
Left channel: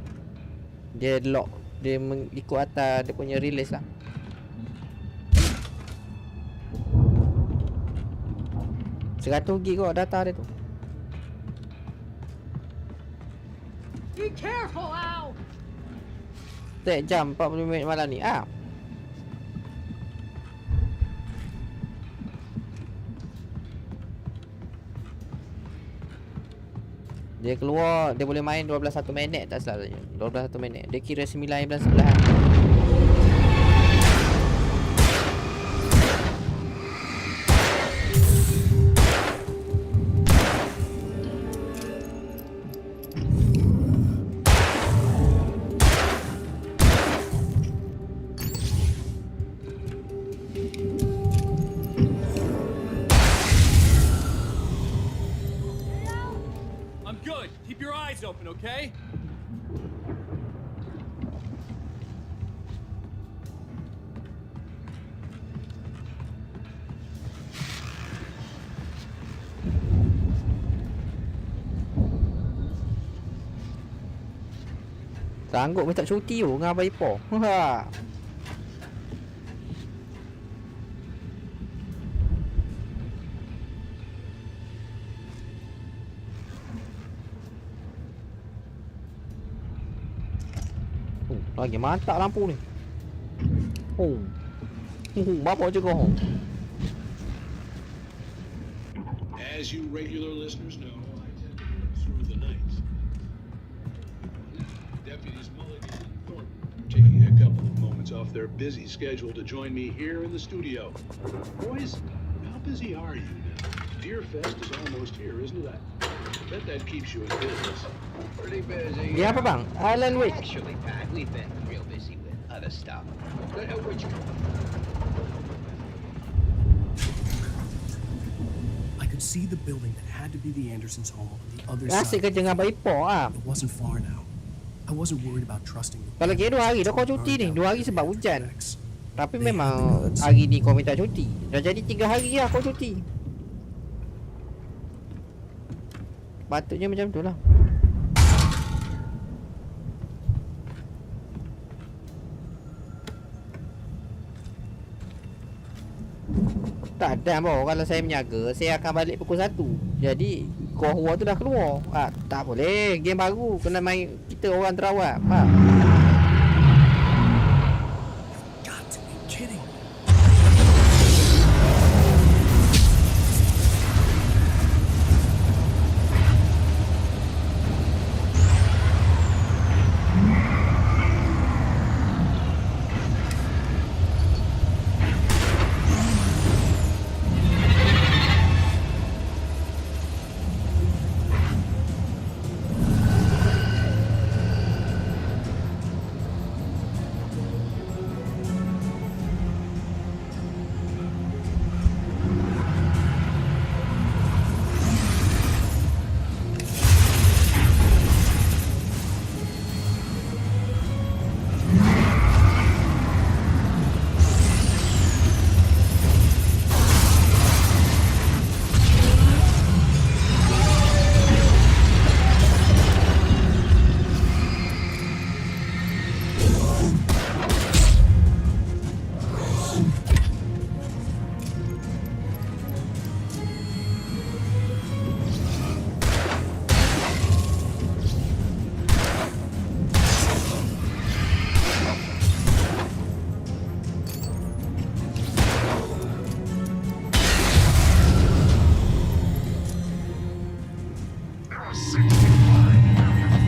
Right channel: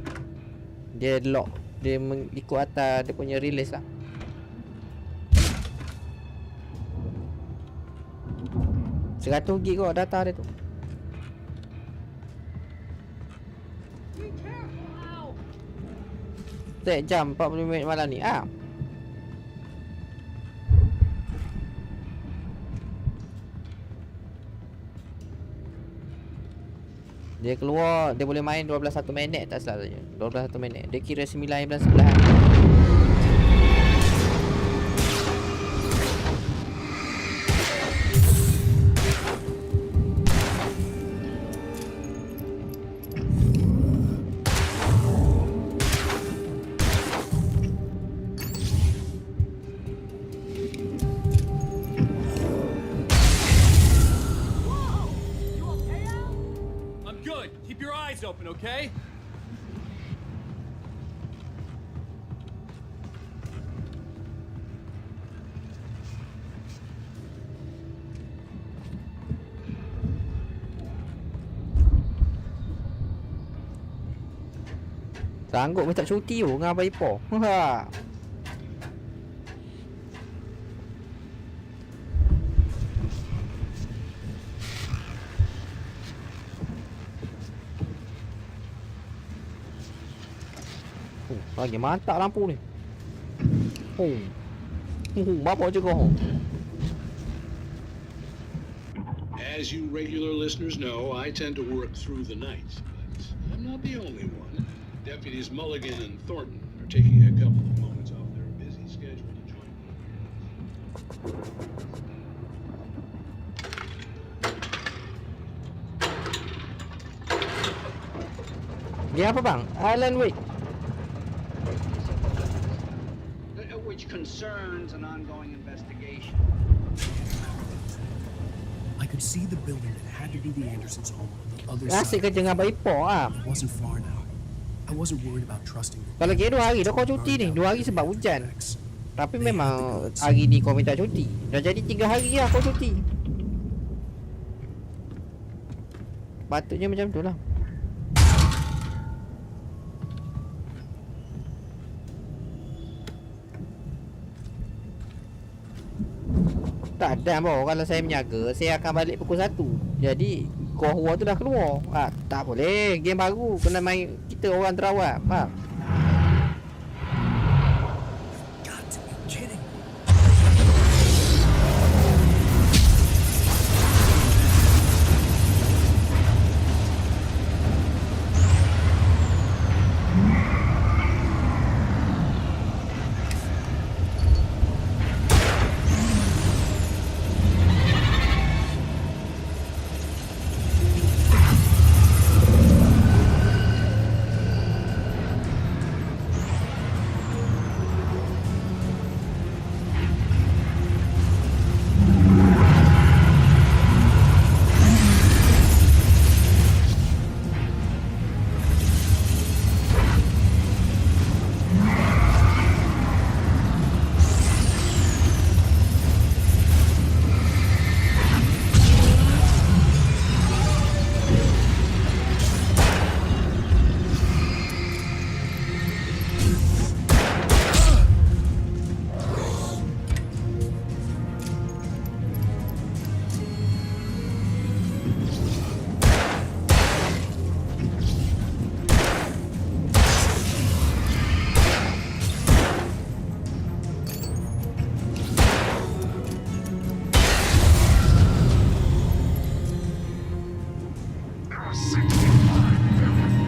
Dia lock, dia ikut atas dia punya release lah. Seratus gig kau data dia tu. Be careful, Al. Set jam 40 minit malam ni. Ah. Dia keluar, dia boleh main 12 minit tak salah saya. 12 minit. Dia kira 9 11. Open, okay? Sanggup minta cuti tu dengan Abang Ipoh. Ha. Lagi mantap lampu ni. Bapak je kau. As you regular listeners know, I tend to work through the night, but I'm not the only one. Deputies Mulligan and Thornton are taking a couple of moments off their busy schedule to join me here in the studio. Boys, how busy are you? Dear Fest is almost here, isn't it? I bet that keeps you pretty busy. Dia apa bang? Alan Wake. We've been real busy with other stuff, which concerns an ongoing investigation. I could see the building that had to be the Andersons' home on the other side. Asyik kerja dengan Abang Ipoh ah. It wasn't far now. I wasn't worried about trusting them. Kalau kira 2 hari dah kau cuti ni. 2 hari sebab hujan. Tapi memang hari ni kau minta cuti. Dah jadi 3 hari lah kau cuti. Patutnya macam tu lah. Tak ada bro, kalau saya menjaga, saya akan balik pukul 1. Jadi core war tu dah keluar. Tak boleh, game baru kena main kita orang terawat. Faham?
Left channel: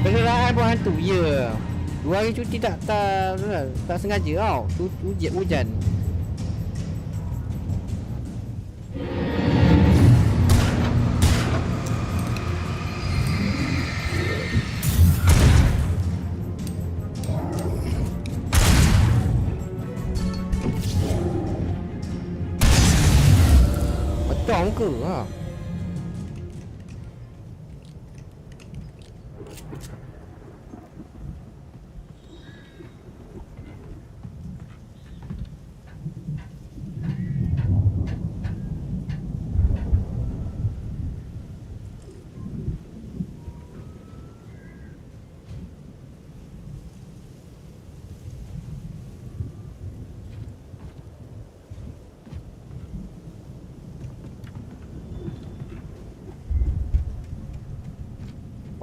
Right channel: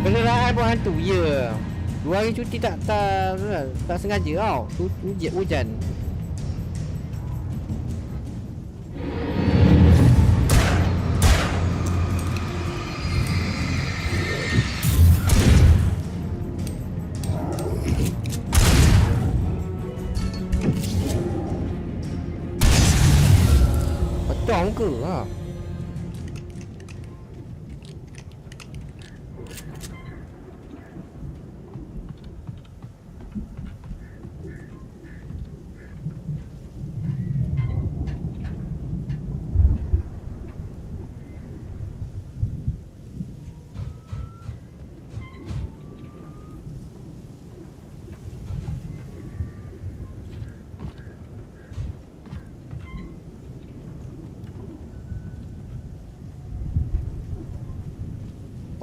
Kenderaan pun hantu, ya. 2 hari cuti tak sengaja tau. Hujan. Pecah muka ha.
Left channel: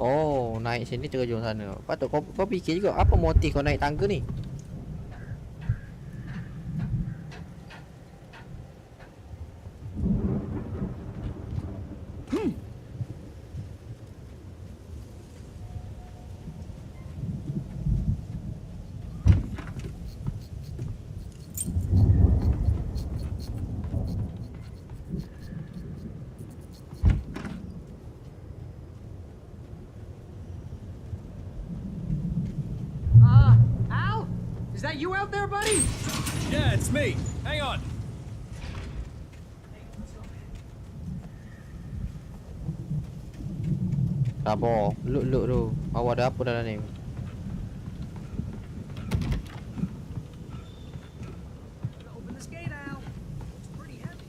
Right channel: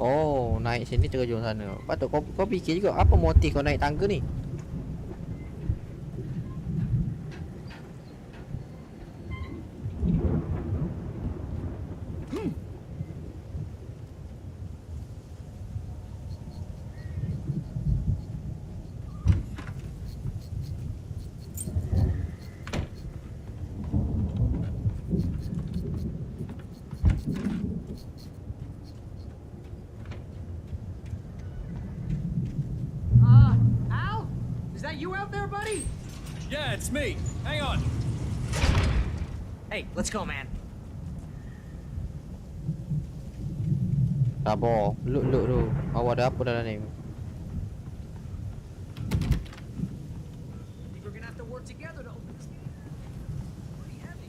Oh, naik sini terjun sana. Patut kau fikir juga apa motif kau naik tangga ni? Al? Is that you out there, buddy? Yeah, it's me. Hang on. Hey, let's go, man. Sabar, look tu. Awak ada apa dalam ni? We're gonna have to work together to open this gate, Al. It's pretty heavy.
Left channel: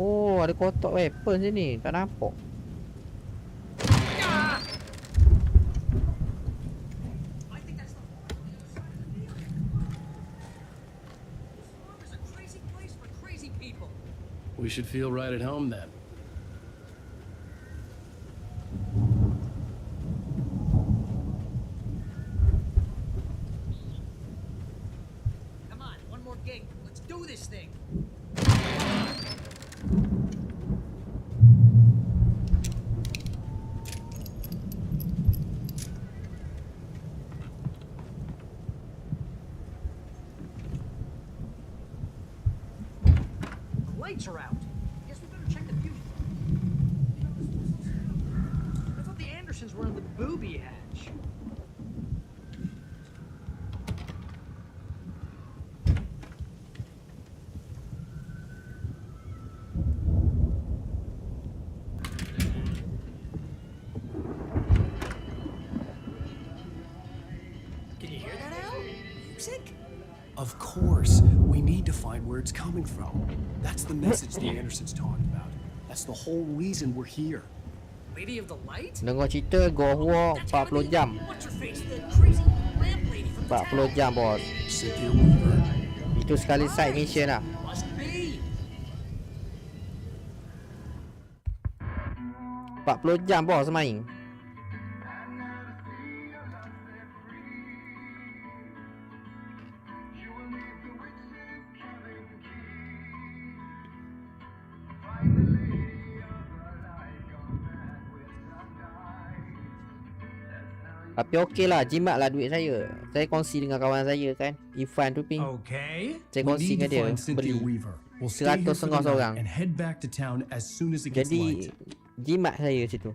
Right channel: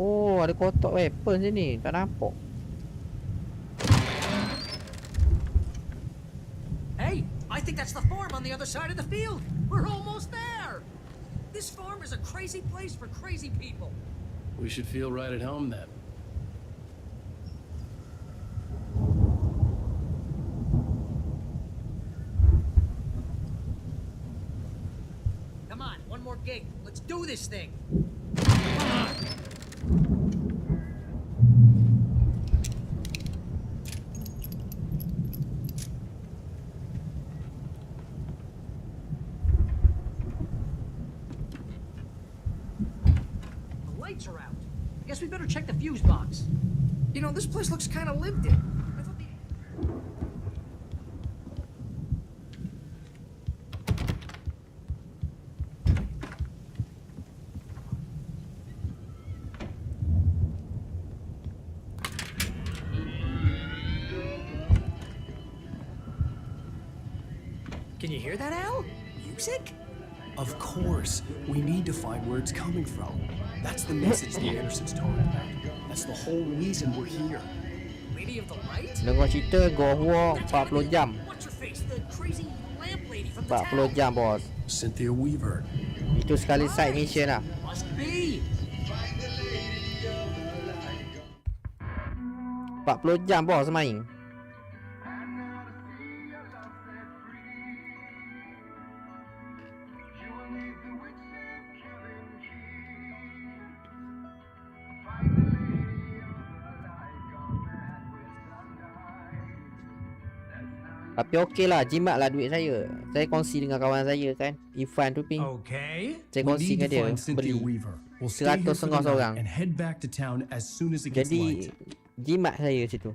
Oh, ada kotak weapon sini. Tak nampak. Hey, I think that's the farm on the other side of the field. We're almost there. This farm is a crazy place for crazy people. We should feel right at home then. Come on, one more gate. Let's do this thing. Lights are out. I guess we better check the fuse box. You know, this place looks kind of lived in. I thought the Andersons were on the booby hatch. Can you hear that, Al? Music? Of course. We need to find where it's coming from. That's the message the Andersons talked about. That's the whole reason we're here. Lady of the Light? Dengar cerita Gua Hua 40 jam. What's her face? The crazy lamp lady from the 40 jam, bos. Cynthia Weaver. Itu sekali side mission lah. Must be. 40 jam, bos, main. Tapi okey lah, jimat lah duit saya. Saya kongsi dengan kawan saya kan, Ifan tu ping. Okay. Saya kongsi dengan dia, beli 100 setengah seorang. Jadi jimat saya situ.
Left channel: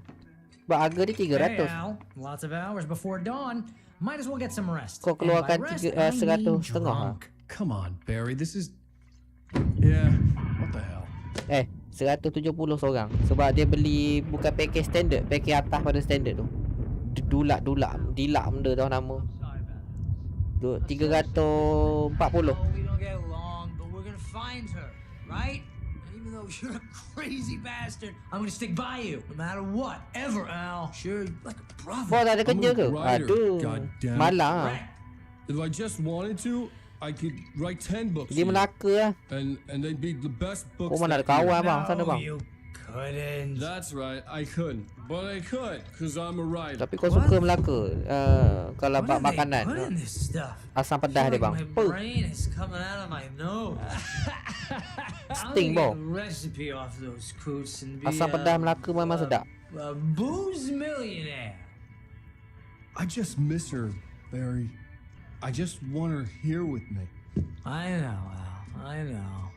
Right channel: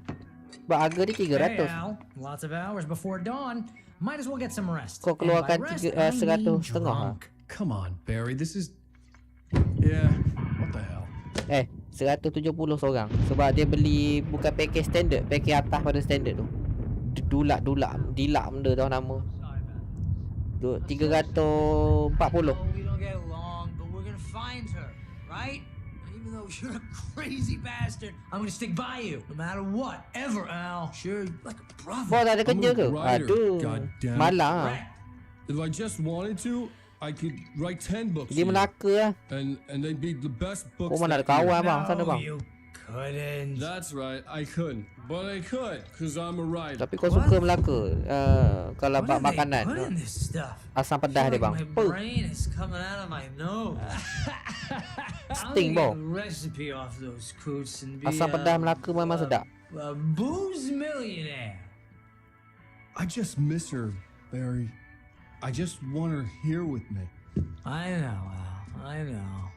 Sebab harga dia 300. Hey, Al. Lots of hours before dawn. Might as well get some rest. Kau keluarkan 100 setengah. Come on, Barry. This is... Yeah, what the hell? 170 seorang. Sebab dia beli bukan package standard, package atas pada standard tu. Dilak benda tau nama. 340. We don't get along, but we're gonna find her, right? Even though you're a crazy bastard, I'm gonna stick by you, no matter what, ever, Al. Sure, like a brother. Bos ada kerja ke? Aduh, malah. If I just wanted to, I could write 10 books. Dia melaka lah. And they'd be the best books. Mana ada kawan bang, sana bang. You couldn't. That's right, I couldn't. But I could, cause I'm a writer. Tapi kau suka melaka kalau bak makanan. Asam pedas dia bang. My brain is coming out of my nose. Sting bang. Recipe off those coots and be asam pedas Melaka memang sedap. A booze millionaire. I just miss her, Barry. I just want her here with me. I know, Al. I know.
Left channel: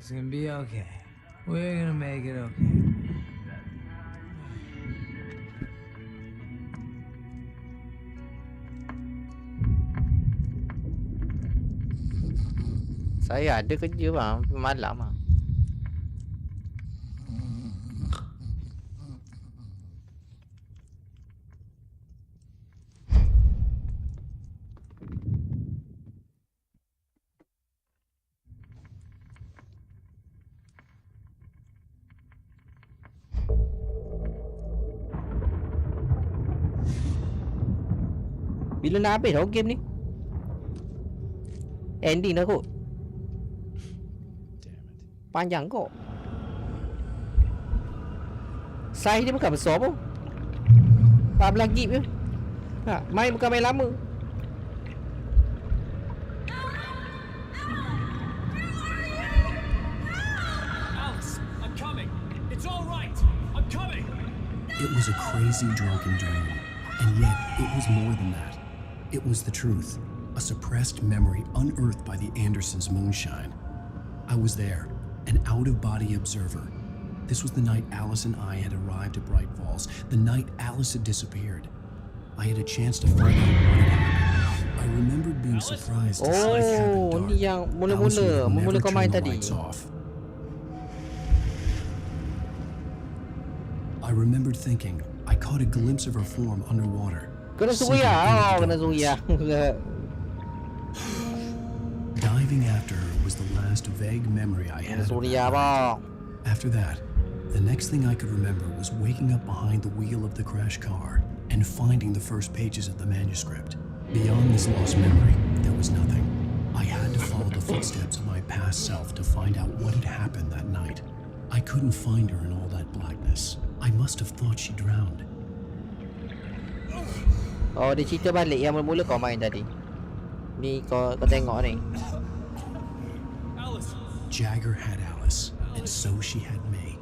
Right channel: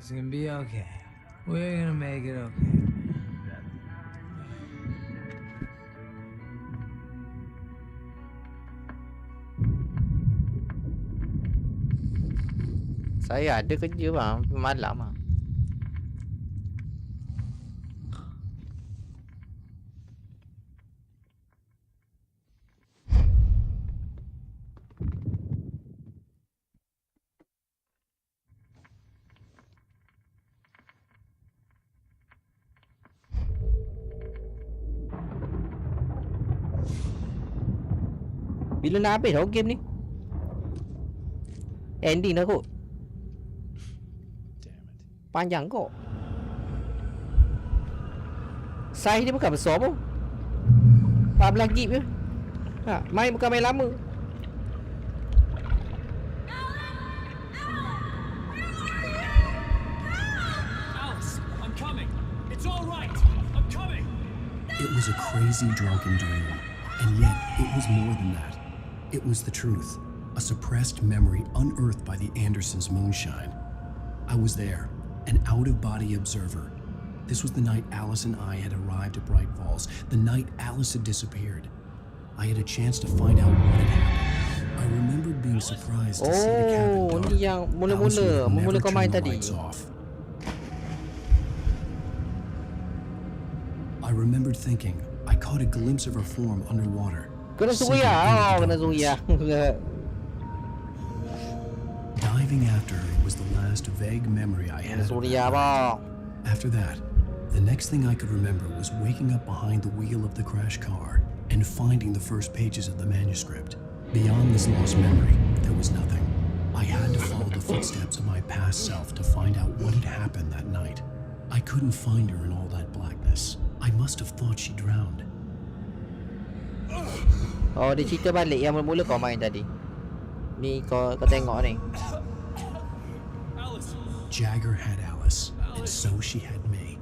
It's gonna be okay. We're gonna make it okay. Saya ada kerja bang, malam ah. Bila nak habis tau game ni? Ending dah kot. Panjang kok. Size dia bukan besar pun. 14 gig je. Main bukan main lama. Alice, I'm coming. It's all right. I'm coming. It was a crazy drunken dream, and yet it was more than that. It was the truth, a suppressed memory unearthed by the Andersons' moonshine. I was there, an out-of-body observer. This was the night Alice and I had arrived at Bright Falls, the night Alice had disappeared. I had a chance to find out what had happened. I remembered being surprised to see the cabin dark. Ni yang mula-mula kau main tadi. I remembered thinking I caught a glimpse of her form underwater. Kena suria. Kena suria. Diving after her was the last vague memory I had. After that, the next thing I could remember was waking up behind the wheel of the crash car and finding the first pages of the manuscript. Beyond this lost memory, there was nothing. I had to follow the footsteps of my past self to find out what had happened that night. I couldn't find her in all that blackness. I must have thought she drowned. Oh, dia cerita balik yang mula-mula kau main tadi. Ni kau tengok ni. Alice. Jagger had Alice, and so she had me.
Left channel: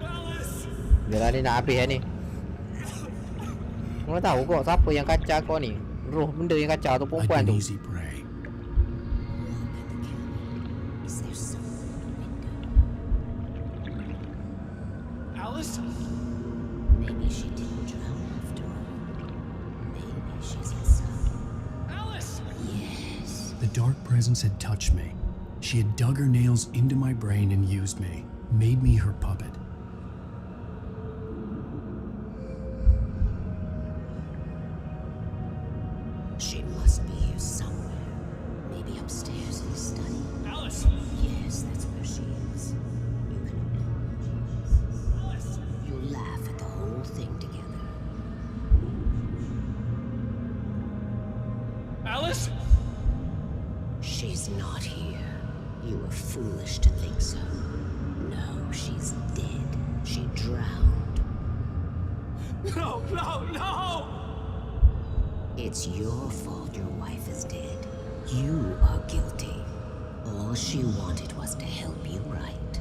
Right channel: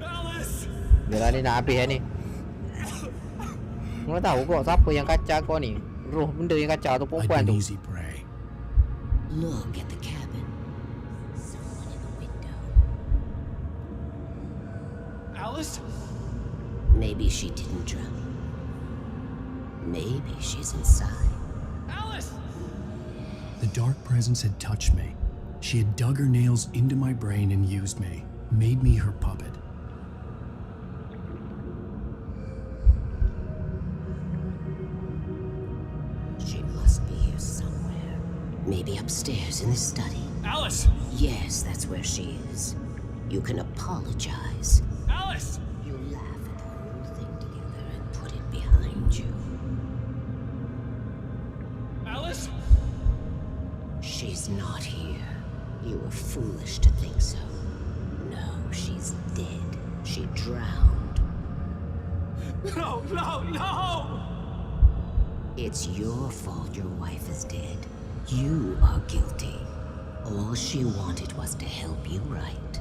Alice. Bila ni nak habis ni. Kau tahu kok siapa yang kacau kau ni? Roh benda yang kacau tu perempuan tu. Easy prey. Look at the cabin. Is there someone in a window? Alice? Maybe she didn't drown after all. Maybe she's inside. Alice! Yes. The dark presence had touched me. She had dug her nails into my brain and used me, made me her puppet. She must be here somewhere. Maybe upstairs in the study. Alice! Yes, that's where she is. You can apologize. Alice! You laugh at the whole thing together and put it behind you. Alice? She's not here. You were foolish to think so. No, she's dead. She drowned. No, no, no! It's your fault your wife is dead. You are guilty. All she wanted was to help you right.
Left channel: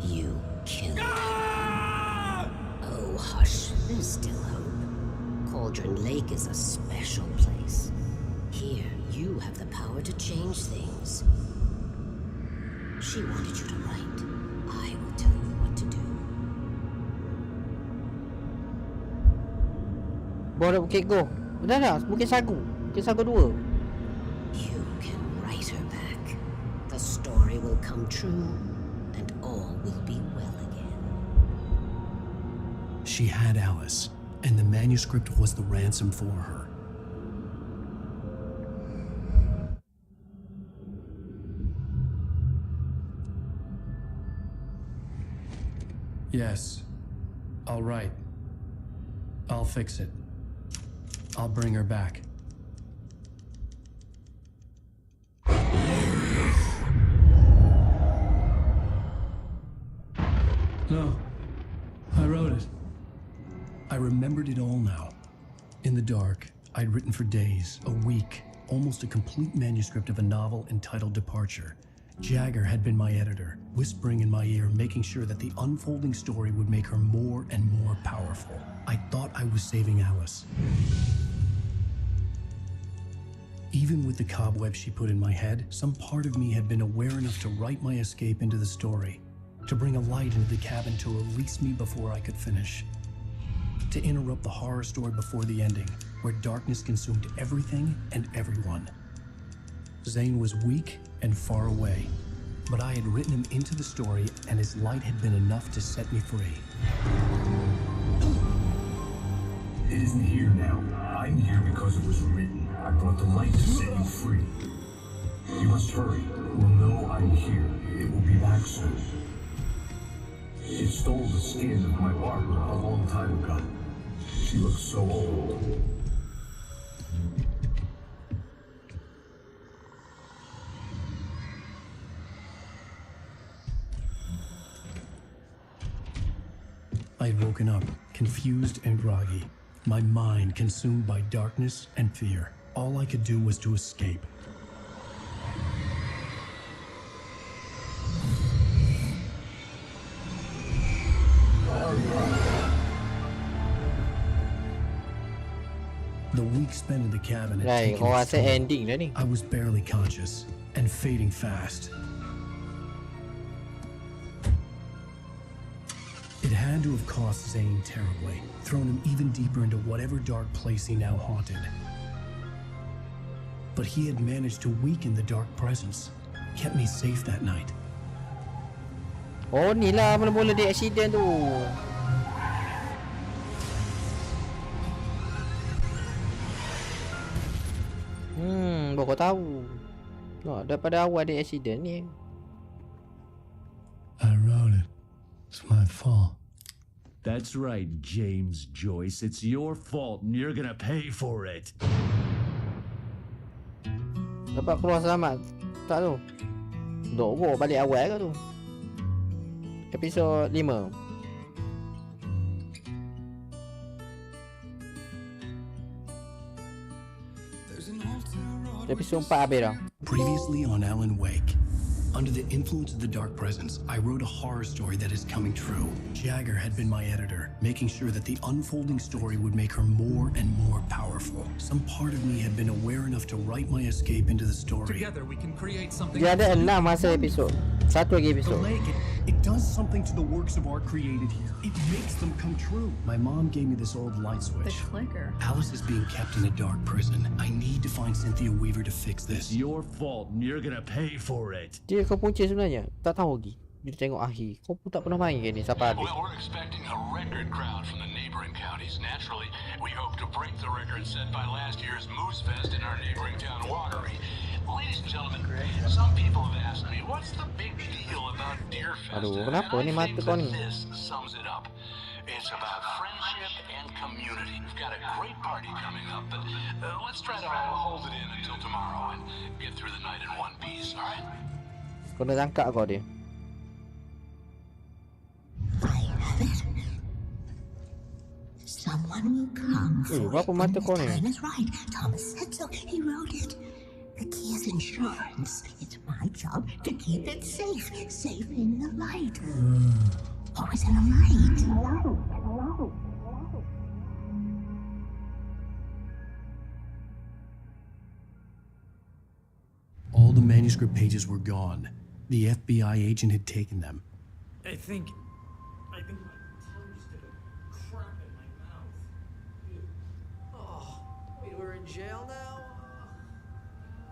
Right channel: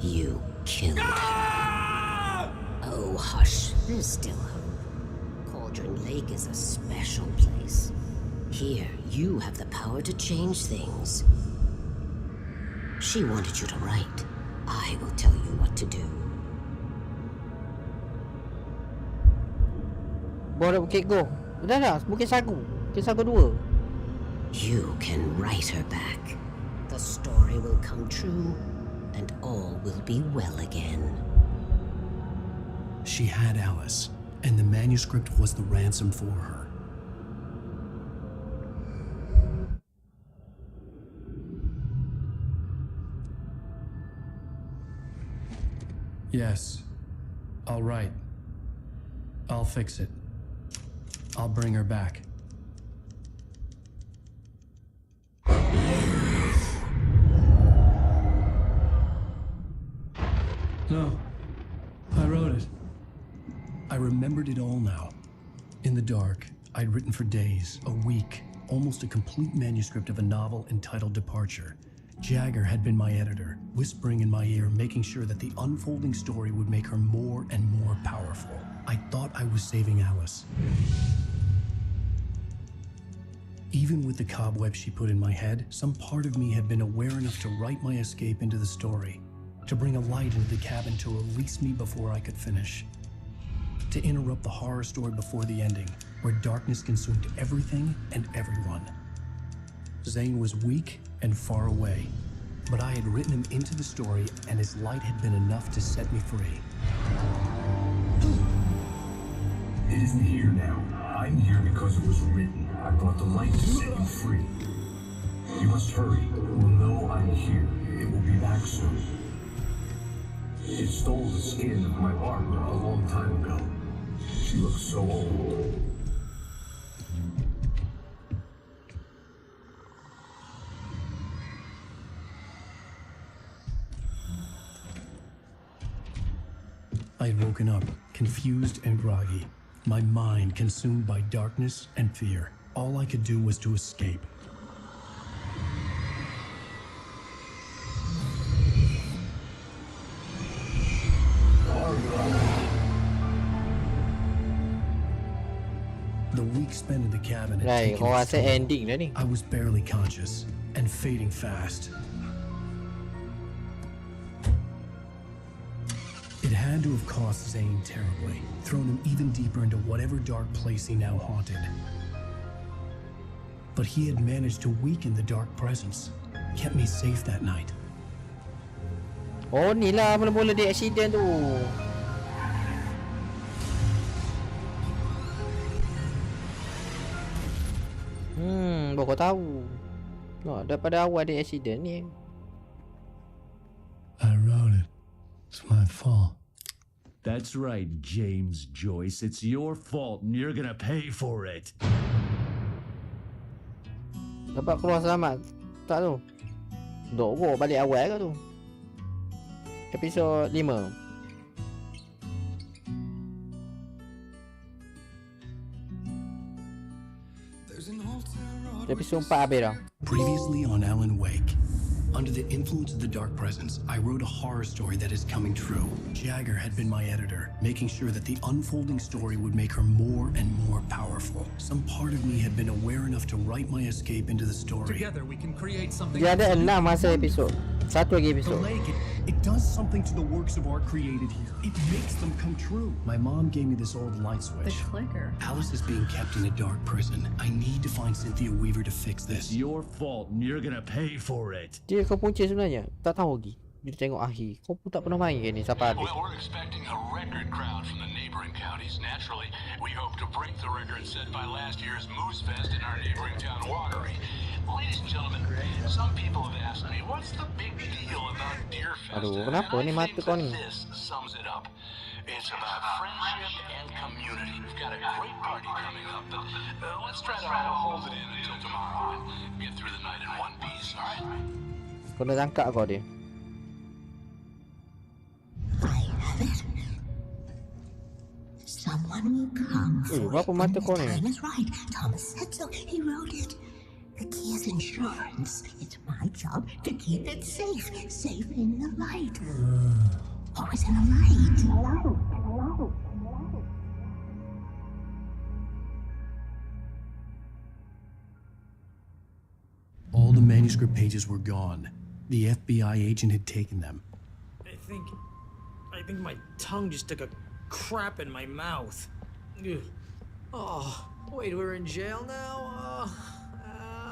You killed her. Oh, hush. There's still hope. Cauldron Lake is a special place. Here, you have the power to change things. She wanted you to write. I will tell you what to do. Bawa Bukit Go. Udah dah, Bukit Sagu. Bukit Sagu 2. You can write her back. The story will come true, and all will be well again. She had Alice, and the manuscript was the ransom for her. Yes, I'll write. I'll fix it. I'll bring her back. No, I wrote it. I remembered it all now. In the dark, I'd written for days, a week, almost a complete manuscript of a novel entitled Departure. Jagger had been my editor, whispering in my ear, making sure that the unfolding story would make her more and more powerful. I thought I was saving Alice. Even with the cobweb she put in my head, some part of me had been aware enough to write my escape into the story, to bring a light into the cabin to release me before I could finish, to interrupt the horror story before the ending, where darkness consumed everything and everyone. Zane was weak and far away, but I had written him into the story, and his light had been enough to set me free. It isn't here now. I'm here because it was written. I brought the light to set you free. You must hurry. It will know I'm here. It will be back soon. It stole the skin of my barber a long time ago. She looks so old. I had woken up, confused and groggy, my mind consumed by darkness and fear. All I could do was to escape. The week spent in the cabin had taken its toll. Ending dah ni. I was barely conscious and fading fast. It had to have cost Zane terribly, thrown him even deeper into whatever dark place he now haunted. But he had managed to weaken the dark presence, kept me safe that night. Oh, ni lah mula-mula dia accident tu. Baru kau tahu. Oh, daripada awal dia accident ni. I wrote it. It's my fault. That's right, James Joyce. It's your fault and you're gonna pay for it. Dapat keluar selamat. Tak tu. Dok balik awal ke tu. Episod 5. Episod 4 habis dah. Previously on Alan Wake. Under the influence of the dark presence, I wrote a horror story that is coming true. Jagger had been my editor, making sure that the unfolding story would make her more and more powerful. Some part of me had been aware enough to write my escape into the story. Together we can create something. Dia ada 6 masa episod. Satu lagi episod. The lake, it does something to the works of art created here. It makes them come true. My mom gave me this old light switch. The clicker. Alice is being kept in a dark prison. I need to find Cynthia Weaver to fix this. It's your fault and you're gonna pay for it. Dia kau punca sebenarnya. Tak tahu lagi. Dia tengok Ahi. Kau pun tak pernah main ke ni sampai habis? Well, we're expecting a record crowd from the neighboring counties. Naturally, we hope to break the record set by last year's Moose Fest in our neighboring town, Watery. Ladies and gentlemen, some people have asked me, what's the big deal about Deer Fest? Aduh, kenapa ni mata kau ni? This sums it up. It's about friendship and community. We've got a great party coming up, but let's try to hold it in until tomorrow and get through the night in one piece, all right? Kau dah tangkap kau dia. Someone will come for berapa mata kau ni? The time is right. Thomas said so. He wrote it. The key is insurance. It's my job to keep it safe. Safe in the light. Always in the light. All the manuscript pages were gone. The FBI agent had taken them. I think my tongue just took a crap in my mouth. Ugh. Oh, wait, we're in jail now?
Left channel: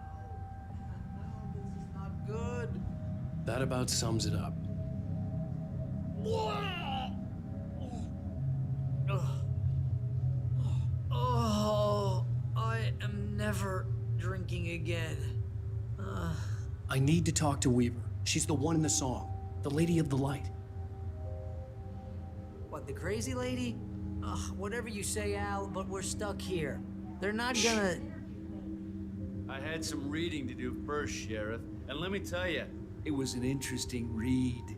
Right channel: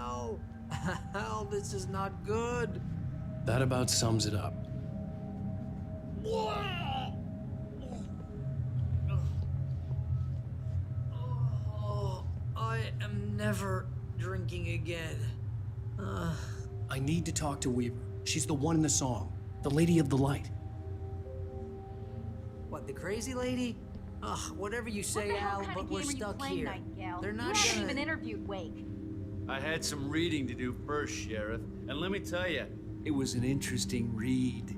Ow. Ow, this is not good. That about sums it up. Oh, I am never drinking again. I need to talk to Weaver. She's the one in the song. The Lady of the Light. What, the crazy lady? Ugh, whatever you say, Al, but we're stuck here. They're not gonna... interviewed Wake. I had some reading to do first, Sheriff, and let me tell you, it was an interesting read.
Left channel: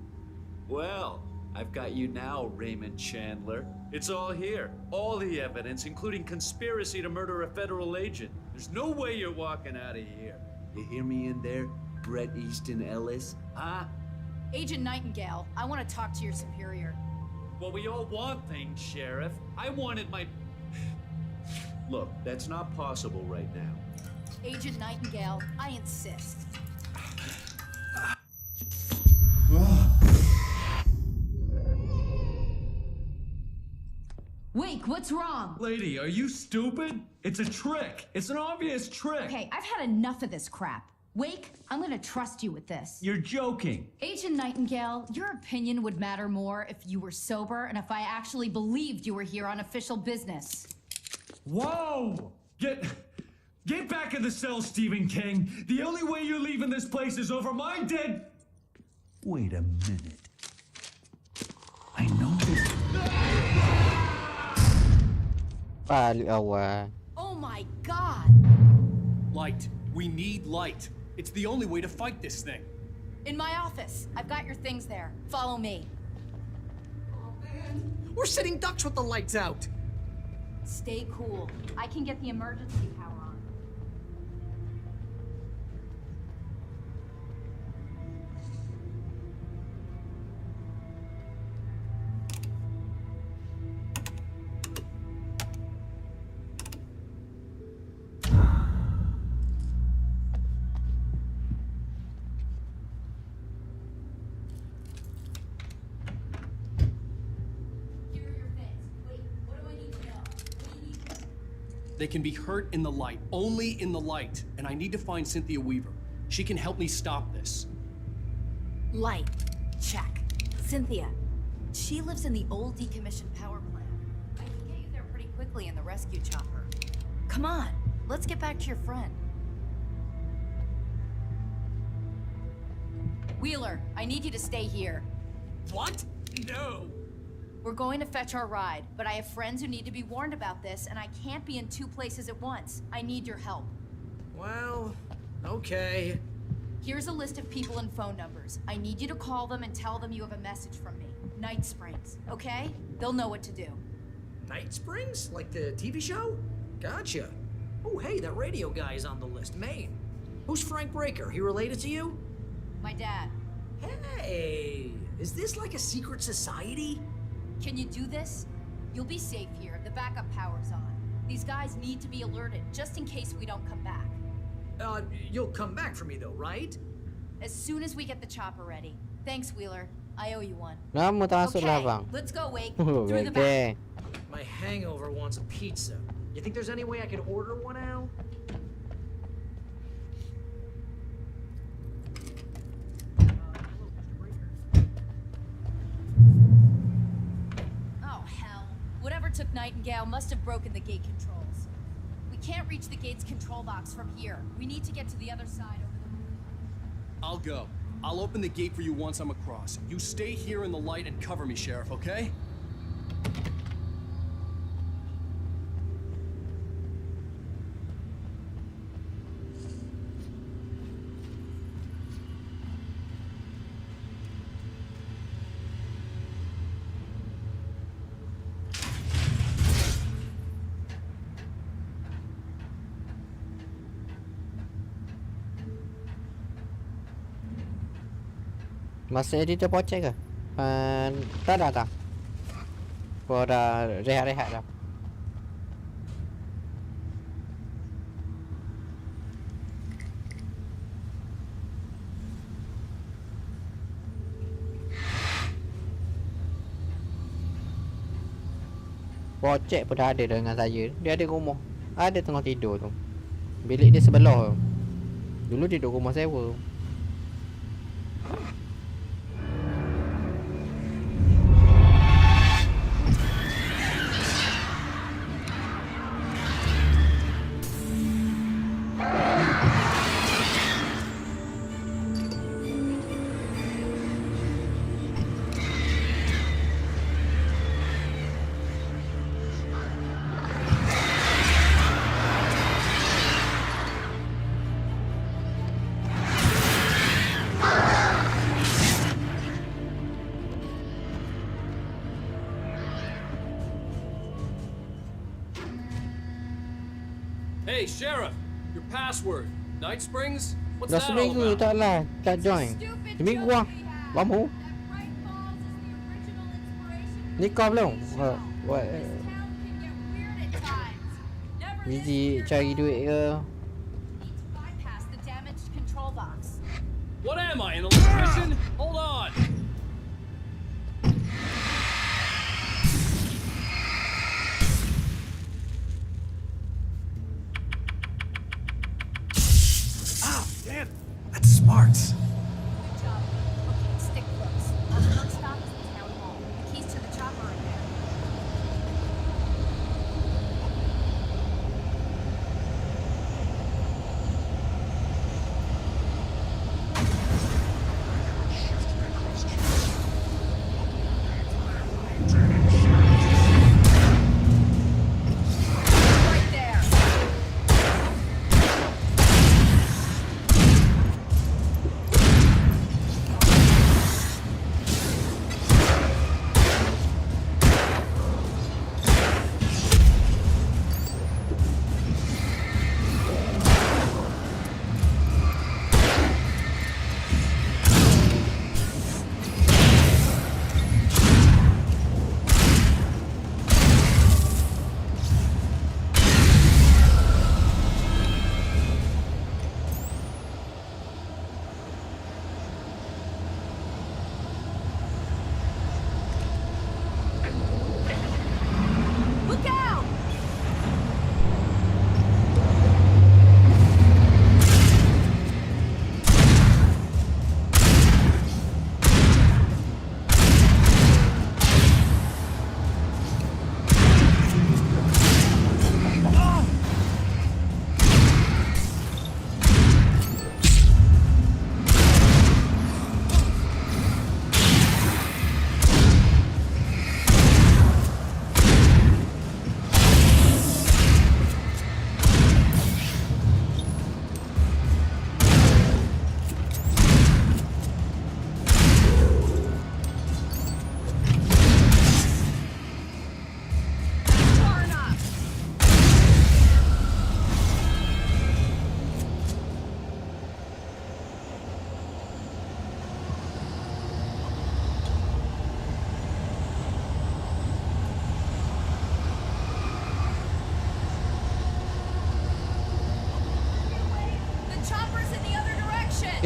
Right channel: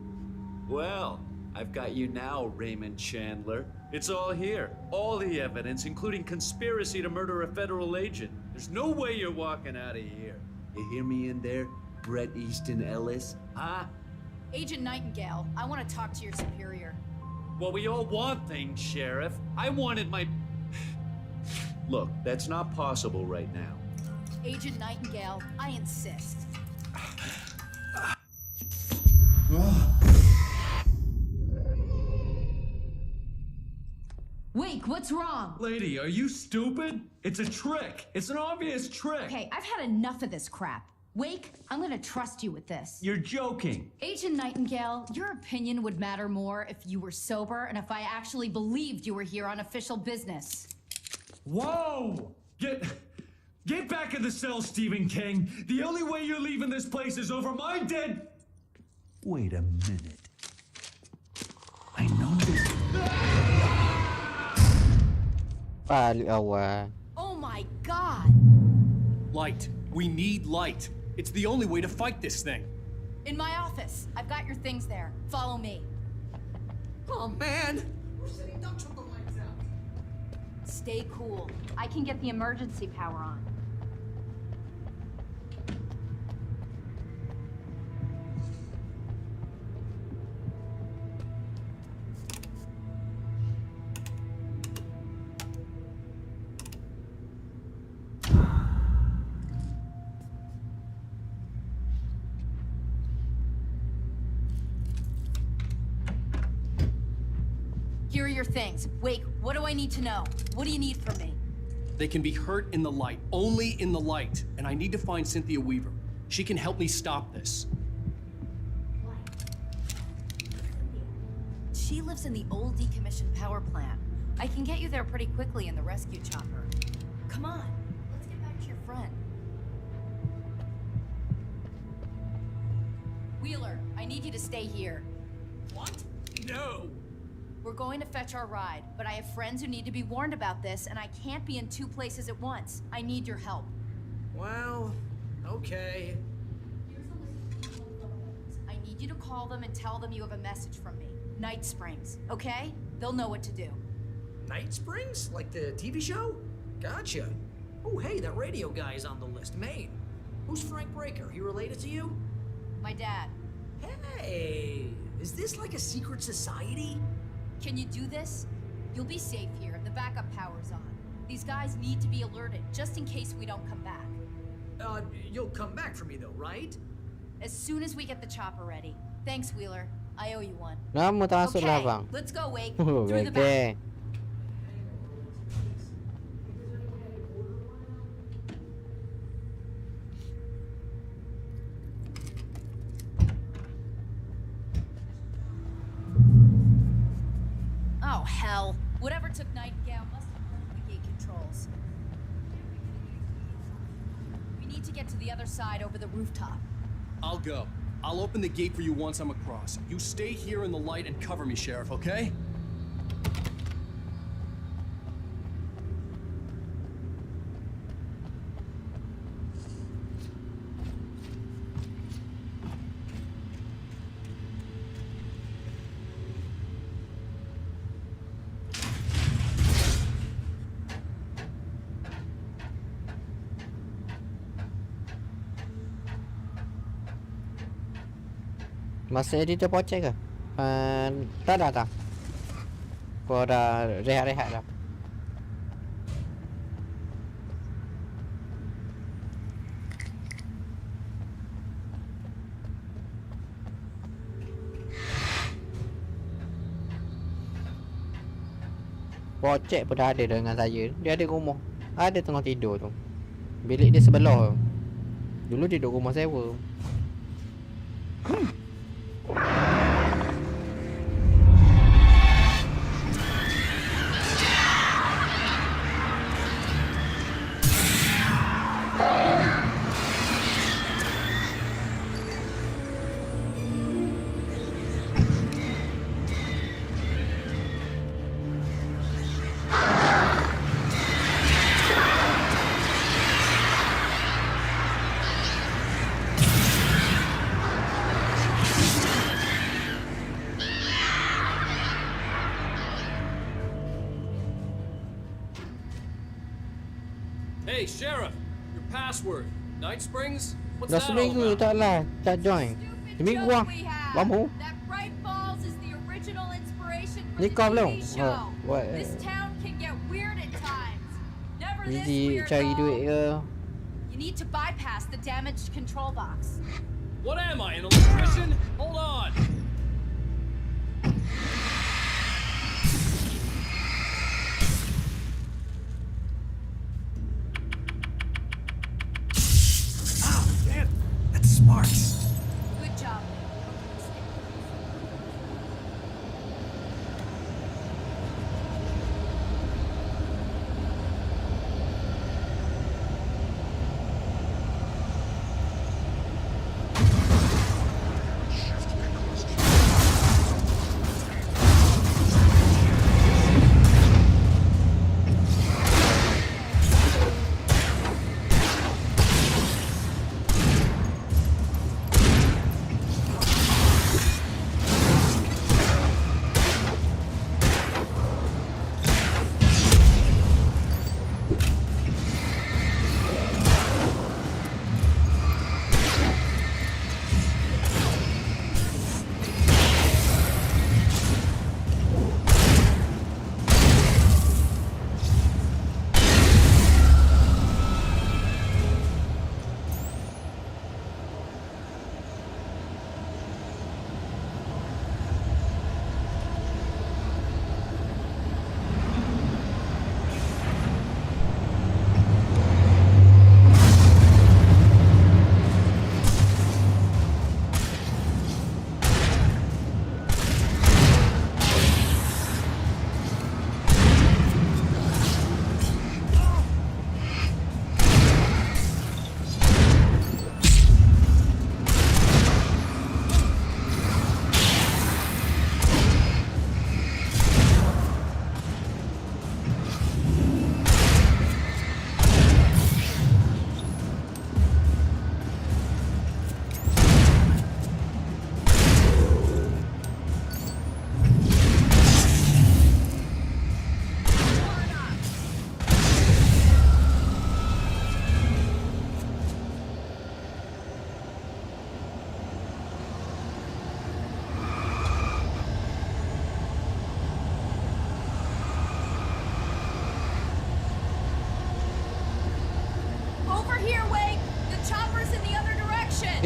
Well, I've got you now, Raymond Chandler. It's all here. All the evidence, including conspiracy to murder a federal agent. There's no way you're walking out of here. You hear me in there, Bret Easton Ellis? Huh? Agent Nightingale, I want to talk to your superior. Well, we all want things, Sheriff. I wanted my... Look, that's not possible right now. Agent Nightingale, I insist. Wake, what's wrong? Lady, are you stupid? It's a trick. It's an obvious trick. Okay, I've had enough of this crap. Wake, I'm gonna trust you with this. You're joking. Agent Nightingale, your opinion would matter more if you were sober and if I actually believed you were here on official business. Whoa! Get back in the cell, Stephen King. The only way you're leaving this place is over my dead... Wait a minute. I know this... Oh my God! Light. We need light. It's the only way to fight this thing. In my office. I've got your things there. Follow me. Oh man, we're sitting ducks with the lights out. Stay cool. I can get the emergency power on. Here are your things. Wait, what do I need to know? What do you need from me? They can be hurt in the light, only in the light. And I need to find Cynthia Weaver. She can help me stop this. Light. Check. Cynthia. She lives in the old decommissioned power plant. I can get you there pretty quickly in the rescue chopper. Come on, let's get back to your friend. Wheeler, I need you to stay here. What? No. We're going to fetch our ride, but I have friends who need to be warned about this, and I can't be in two places at once. I need your help. Well, okay. Here's a list of people and phone numbers. I need you to call them and tell them you have a message from me. Night Springs, okay? They'll know what to do. Night Springs? Like the TV show? Gotcha. Oh, hey, that radio guy is on the list. Maine. Who's Frank Breaker? He related to you? My dad. Hey, is this like a secret society? Can you do this? You'll be safe here. The backup power's on. These guys need to be alerted, just in case we don't come back. You'll come back for me though, right? As soon as we get the chopper ready. Thanks, Wheeler. I owe you one. Okay, let's go, Wake. Through the back. My hangover wants a pizza. You think there's any way I could order one out? must have broken the gate controls. We can't reach the gate's control box from here. We need to get to the other side over the rooftop. I'll go. I'll open the gate for you once I'm across. You stay here in the light and cover me, Sheriff, okay? Masih editor pocek ke? Tak dah. Kau dah rehat-rehat dah. Pocek pun dah ada dengan saya. Dia ada rumah. Ada tengah tidur tu. Bilik dia sebelah. Dulu dia duduk rumah sewa. Hey, Sheriff! Your password. Night Springs? What's Dah that all seminggu about? tak lah. Tak join. Seminggu lah. Lama. Ni kau belum? What? Busy cari duit ke? You need to bypass the damaged control box. What am I, an electrician? Hold on! Damn, that's smart. Good job, Lee. Okay, stick close. Our first stop is the town hall. The keys to the chopper are there.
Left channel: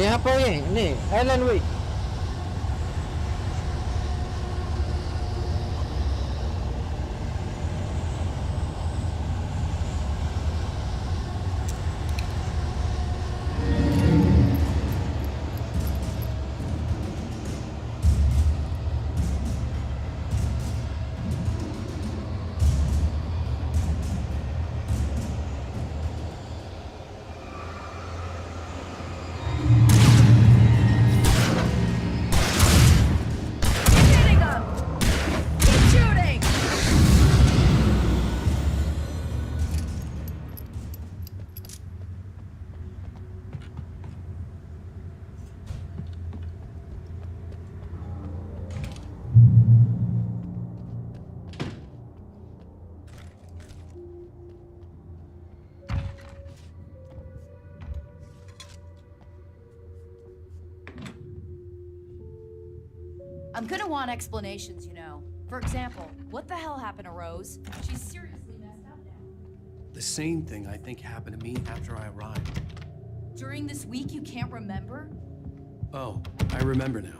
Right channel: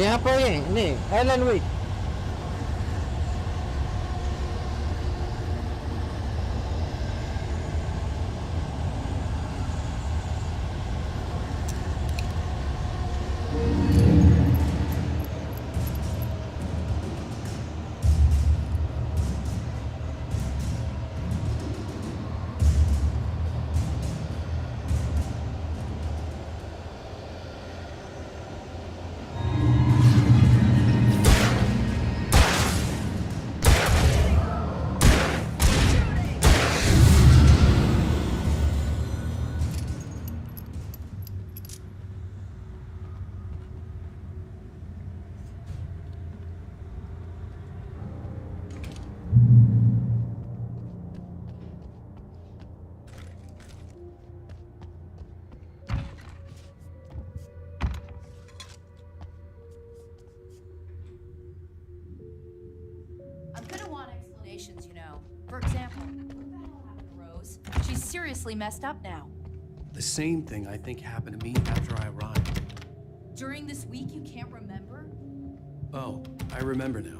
Ni apa ni? Ni, Alan Wake. I'm gonna want explanations, you know. For example, what the hell happened to Rose? She's seriously messed up now. The same thing I think happened to me after I arrived. During this week, you can't remember? Oh, I remember now.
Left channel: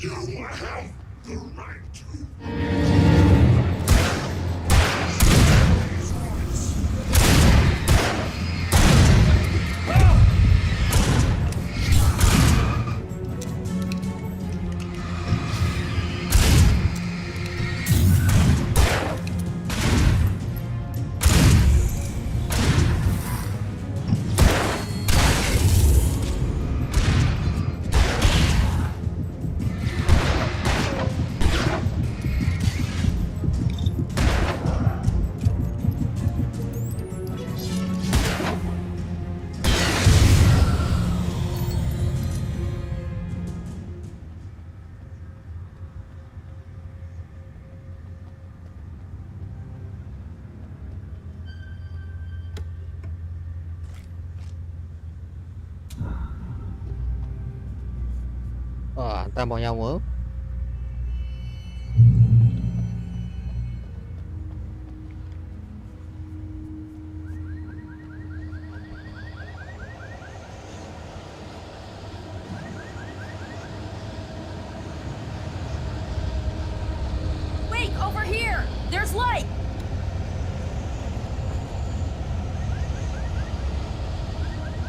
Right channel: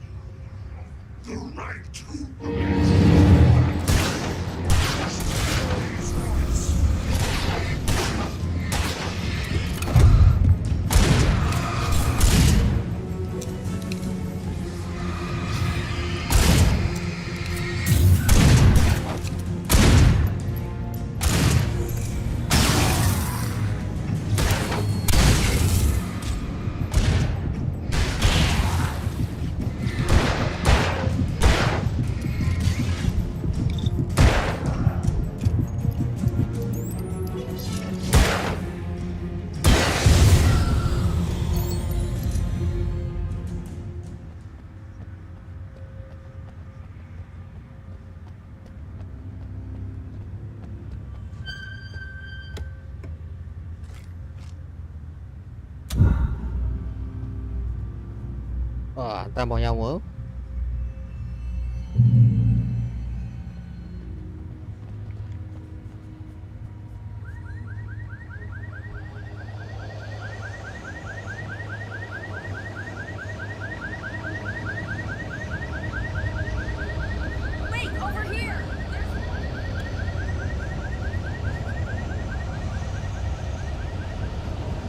You have the right to. Hantar bawah nyawa. Wait, over here! There's light!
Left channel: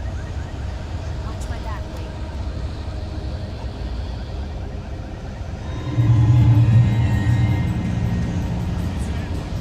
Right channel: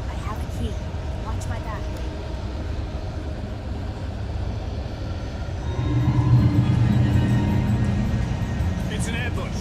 I have a key. Watch my back, Wade. It's an ambush.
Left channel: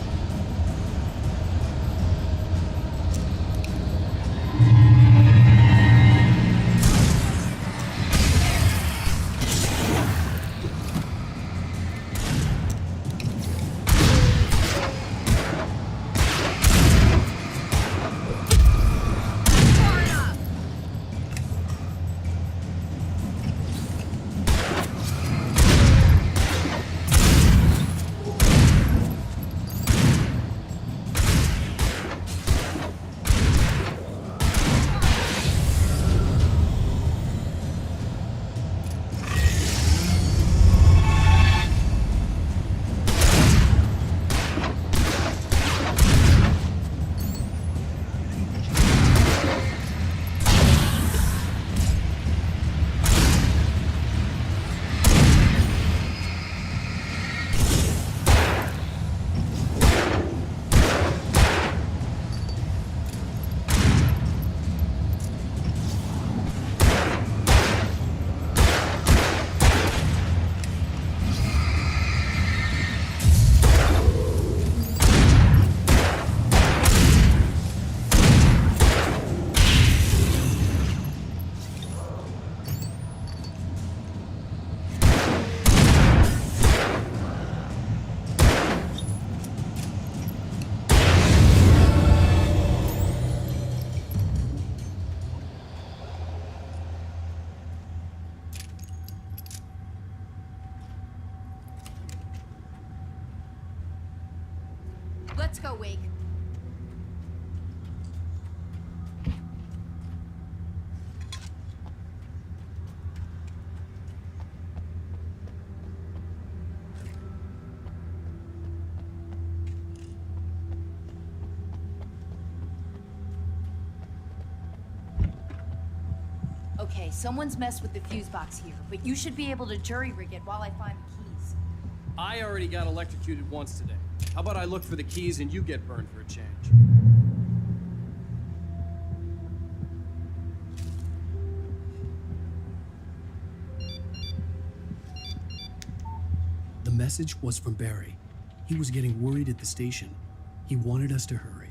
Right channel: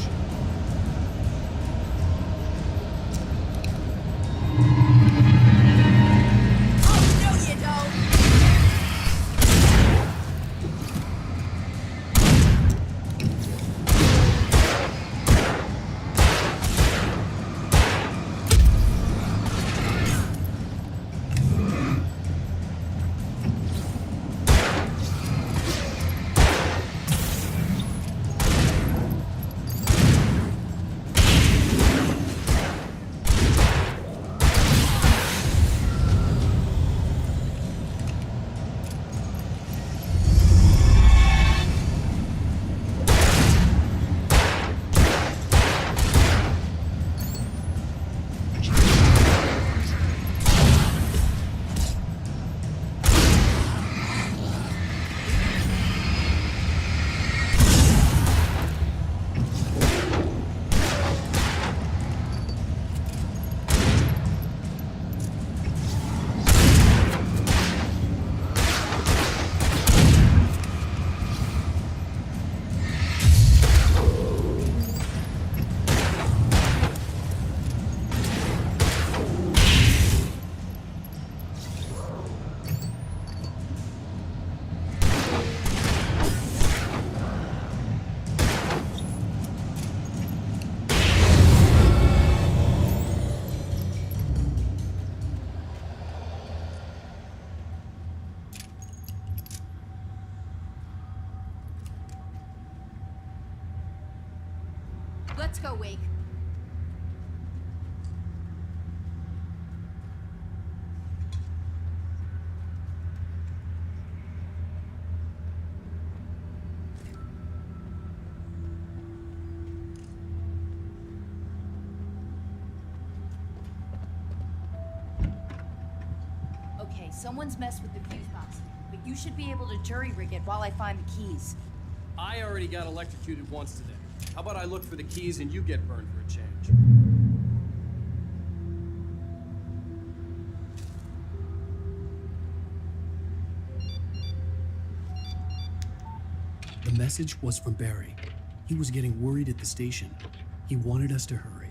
Let's go, Wake. Okay, someone's messed with the fuse box here, but you should be able to jury-rig it while I find the keys. I already got electrocuted 'once today. How about I look for the keys and you get burned for a change? message was from Barry. He was getting worried at the station. He wanted us to hurry.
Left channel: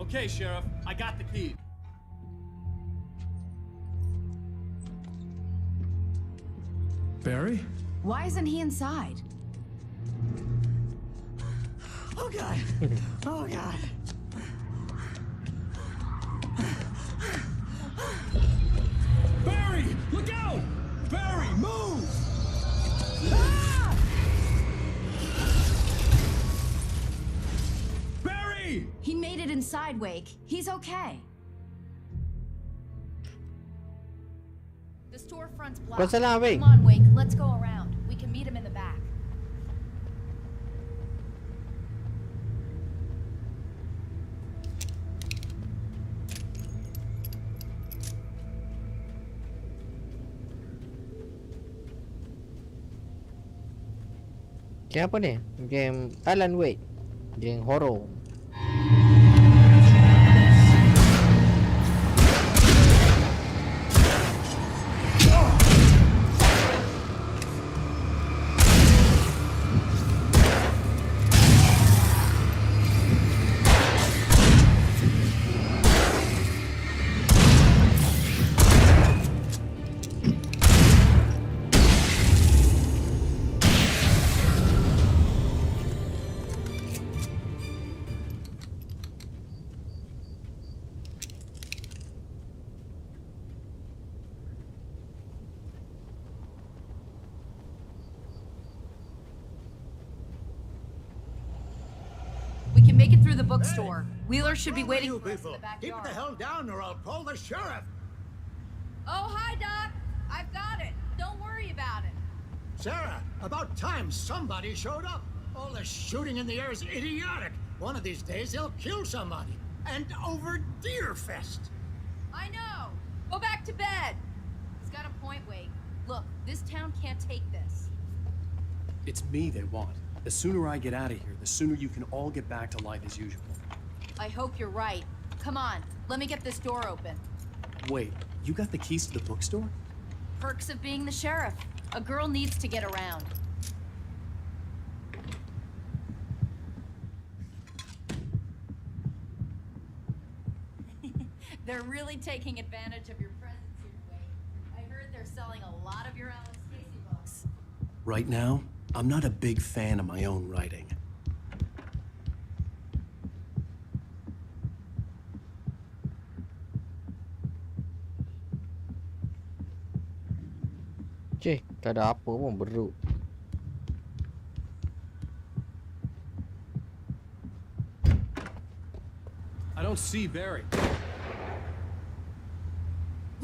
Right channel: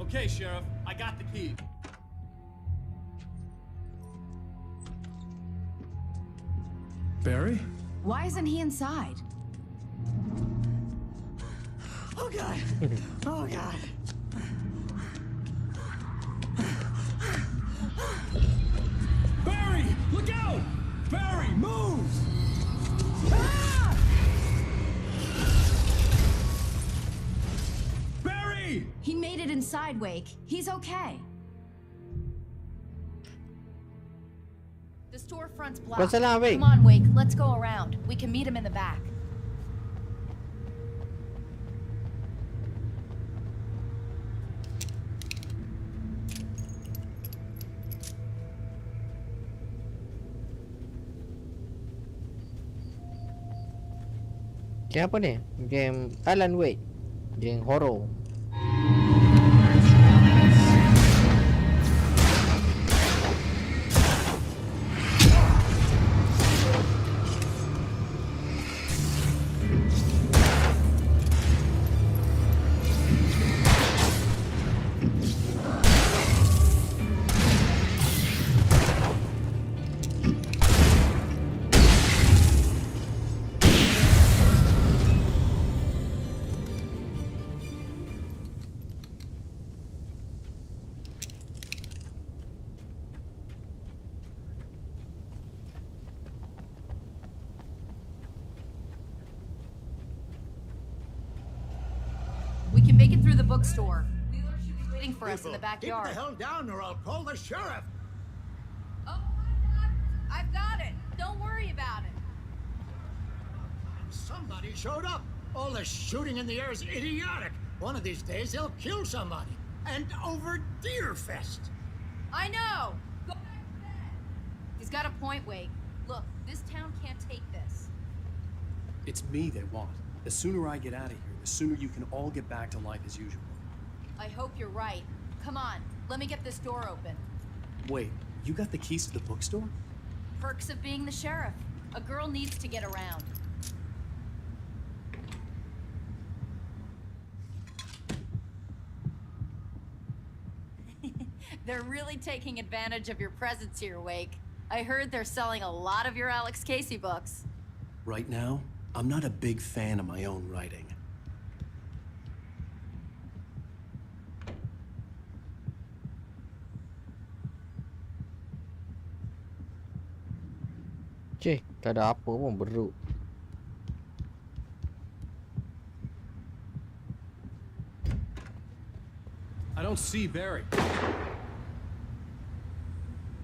Okay, Sheriff, I got the key. Barry? Why isn't he inside? Oh God! Oh God! Barry, look out! Barry, move! Ah! Barry! He made it inside, Wake. He's okay. The storefront's blocked. What's the line, Wake? Come on, Wake. Let's go around. We can meet him in the back. Game apa ni? Game Alan Wake. Game horror. We can make it through the bookstore. Wheeler should be waiting for us in the Keep backyard. the hell down or I'll call the sheriff. Oh, hi, Doc. I've got it. Don't worry about it. Sarah, about time somebody showed up. All the shooting in the air is idiotic. One of these days they'll kill somebody. And over Deerfest. I know. Go back to bed. He's got a point, Wake. Look, this town can't take this. It's me they want. The sooner I get out of here, the sooner you can all get back to life as usual. I hope you're right. Come on, let me get this door open. Wait, you got the keys to the bookstore? Perks of being the sheriff. A girl needs to get around. They're really taking advantage of your presence here, Wake. I heard they're selling a lot of your Alex Casey books. Right now, I'm not a big fan of my own writing. Cik, tak ada apa pun beruk. I don't see Barry.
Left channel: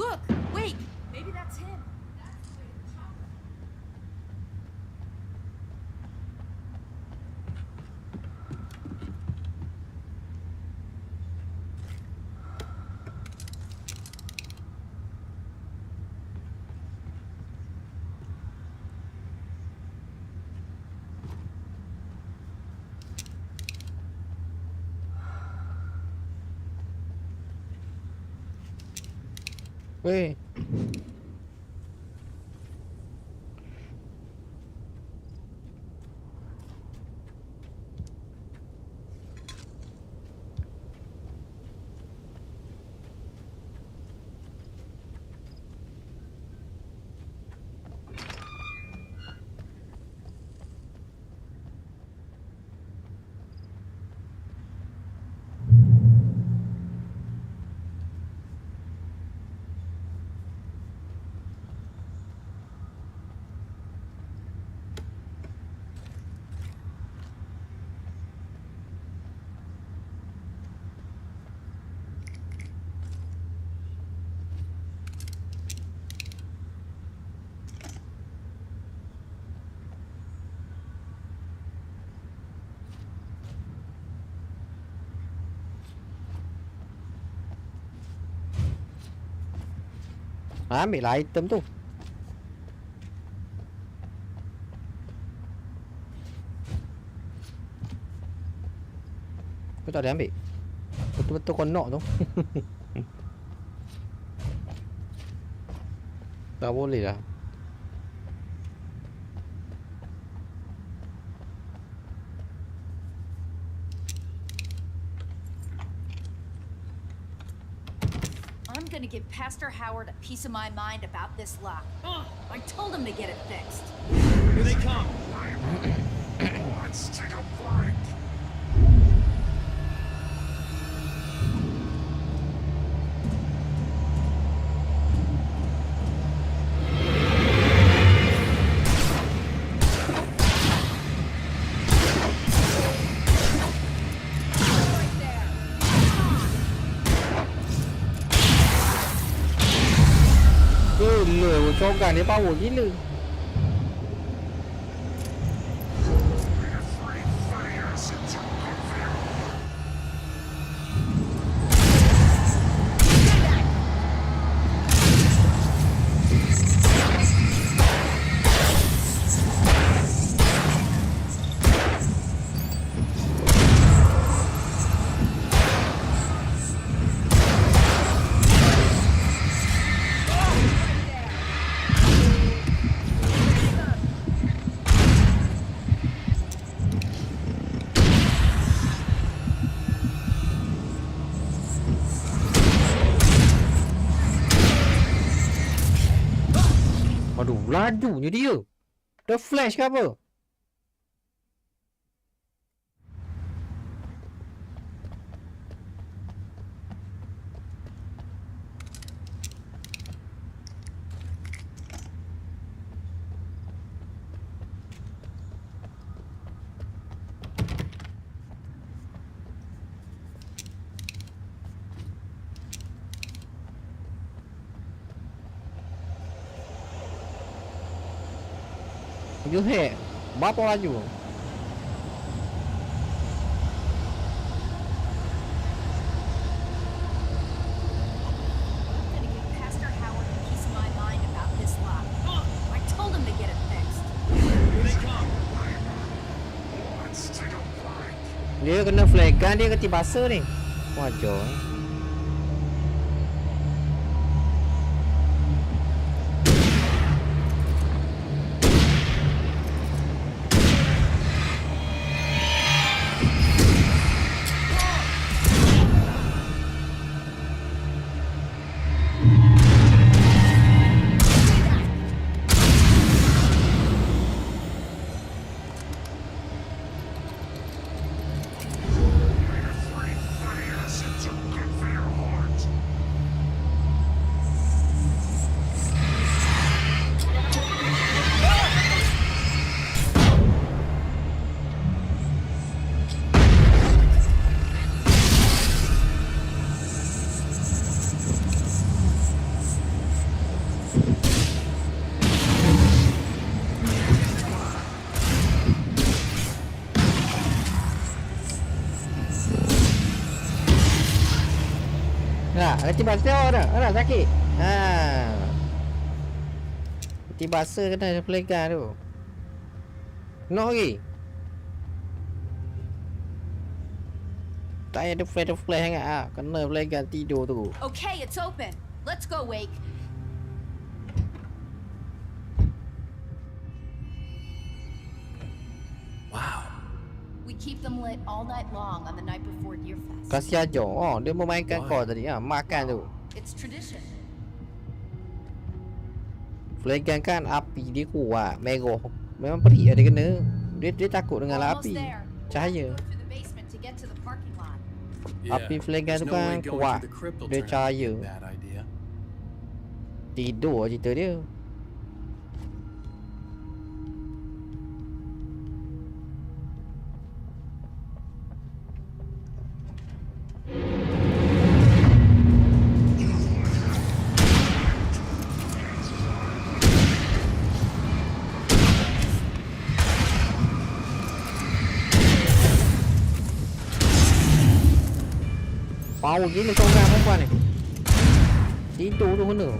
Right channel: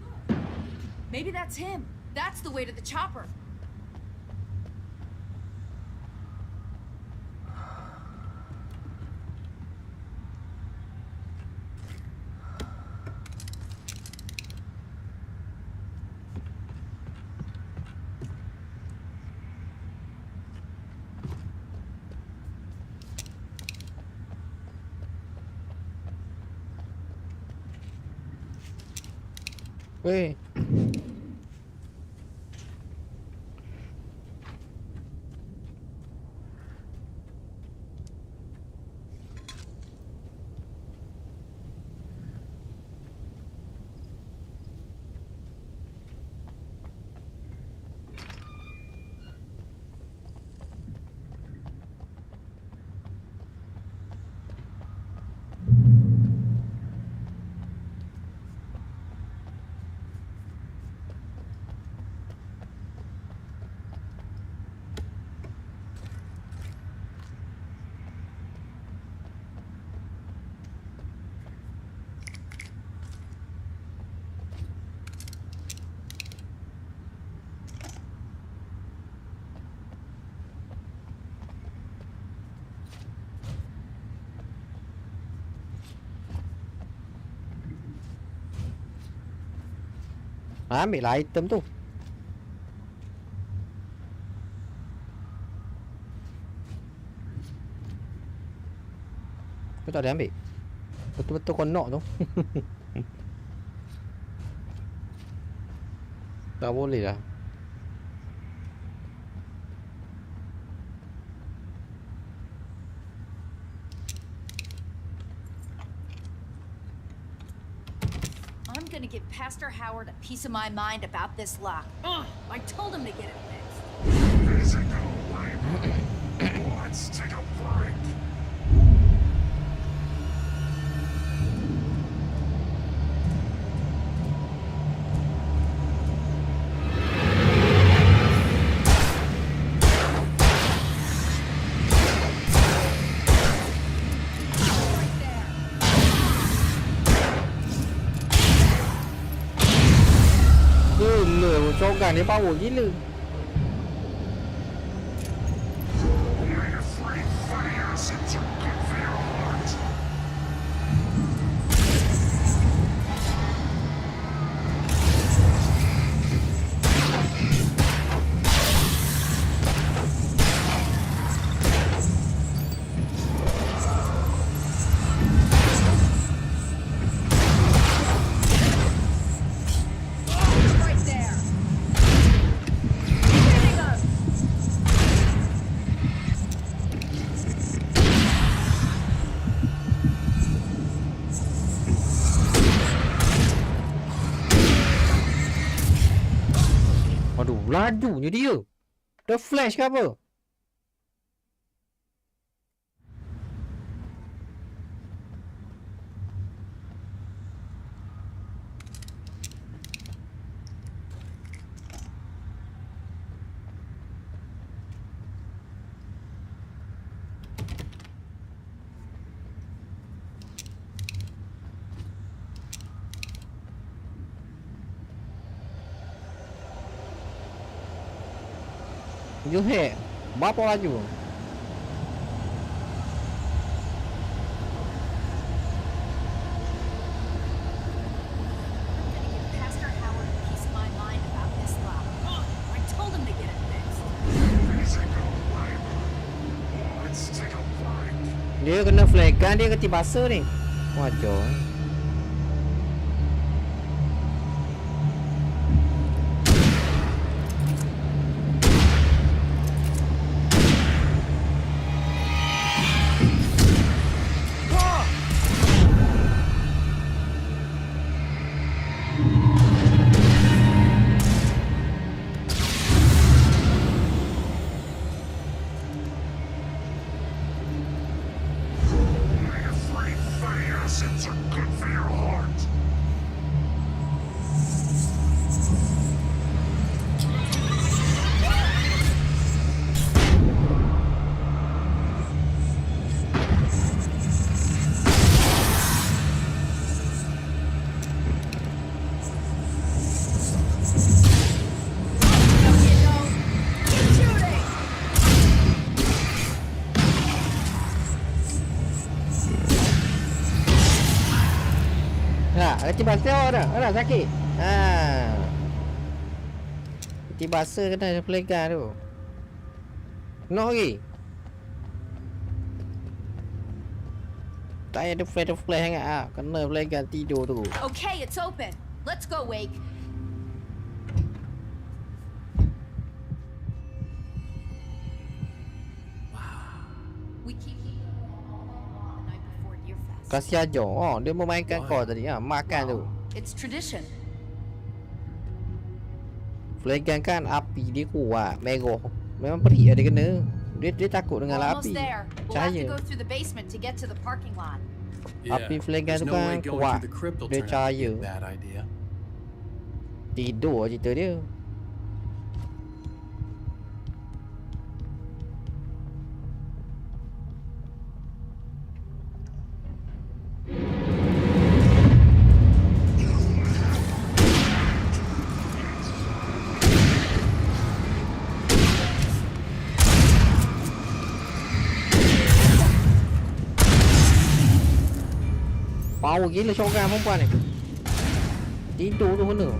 Look, Wake, maybe that's him. That's the way to the chopper. Weh. Ambil lah item tu. Kau tak ada ambil. Betul-betul kau knock tu. Tak boleh lah. I'm gonna give Pastor Howard a piece of my mind about this lock. Ugh, I told him to get it fixed. Here they come. Let's take a break. Gila, cogan dia power gila. Aduh, lajunya dia. Dah flash ke apa? You hit. Berapa laju? I'm gonna give Pastor Howard a piece of my mind about this lock. Ugh, I told him to get it fixed. Let's take a break. Dia kena flaggan, dia keti basah ni. Wajar. Acids are good for your heart. Nah, keti basah dah. Alah sakit. Keti basah kena flaggan tu. Knock lagi. Tak ada flash sangat ah. Kena flaggan tidur tu. Okay, it's open. Let's go, Wake. We keep them lit all night long on the night before Deer Fest. Kasih aja. Oh, dia memainkan kau tadi. Makan tu. It's tradition. Flagan kan api dia kuat. Merah. Memang perik dia kena. Dia takut dengan api. Cahaya. Api flagan tu kan kuat. Dia cahaya. Tidur cerita dia. Power gila seorang perempuan ni. Tidur tu kena.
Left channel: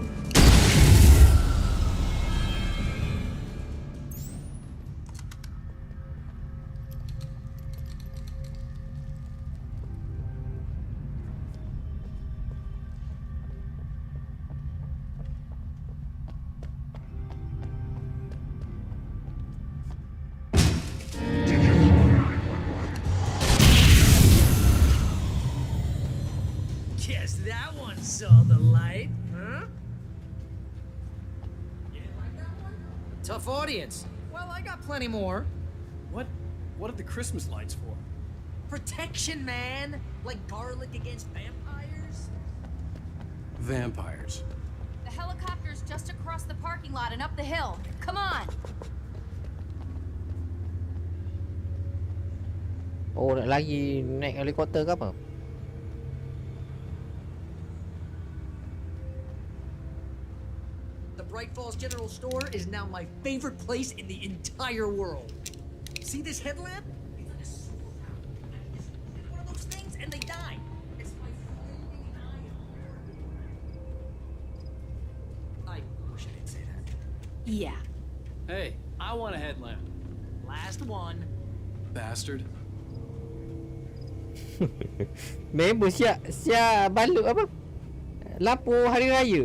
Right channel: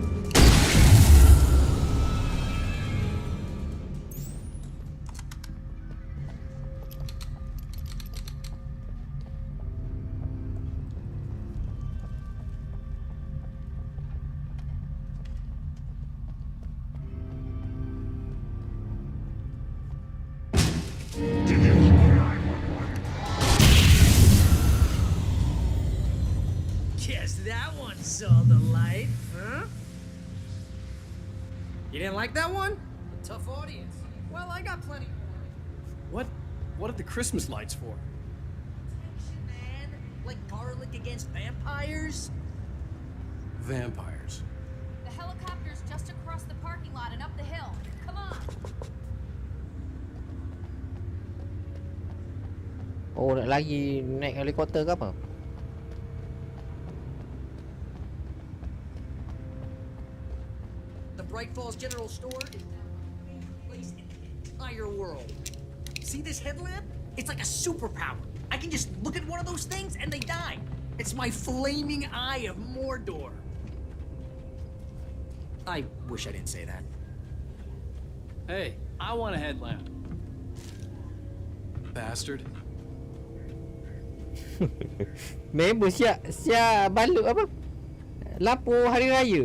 Guess that one saw the light, huh? You didn't like that one? A tough audience. Well, I got plenty more. What are the Christmas lights for? Protection, man. Like garlic against vampires. Vampires. The helicopter's just across the parking lot and up the hill. Come on. Oh, nak lagi naik helikopter ke apa? The Bright Falls General Store is now my favorite place in the entire world. See this headlamp? It's like a superpower. I can just look at one of those things and they die. It's my flaming eye of Mordor. I wish I didn't say that. Yeah. Hey, I want a headlamp. Last one. Bastard. Member siap balut apa? Lampu hari raya.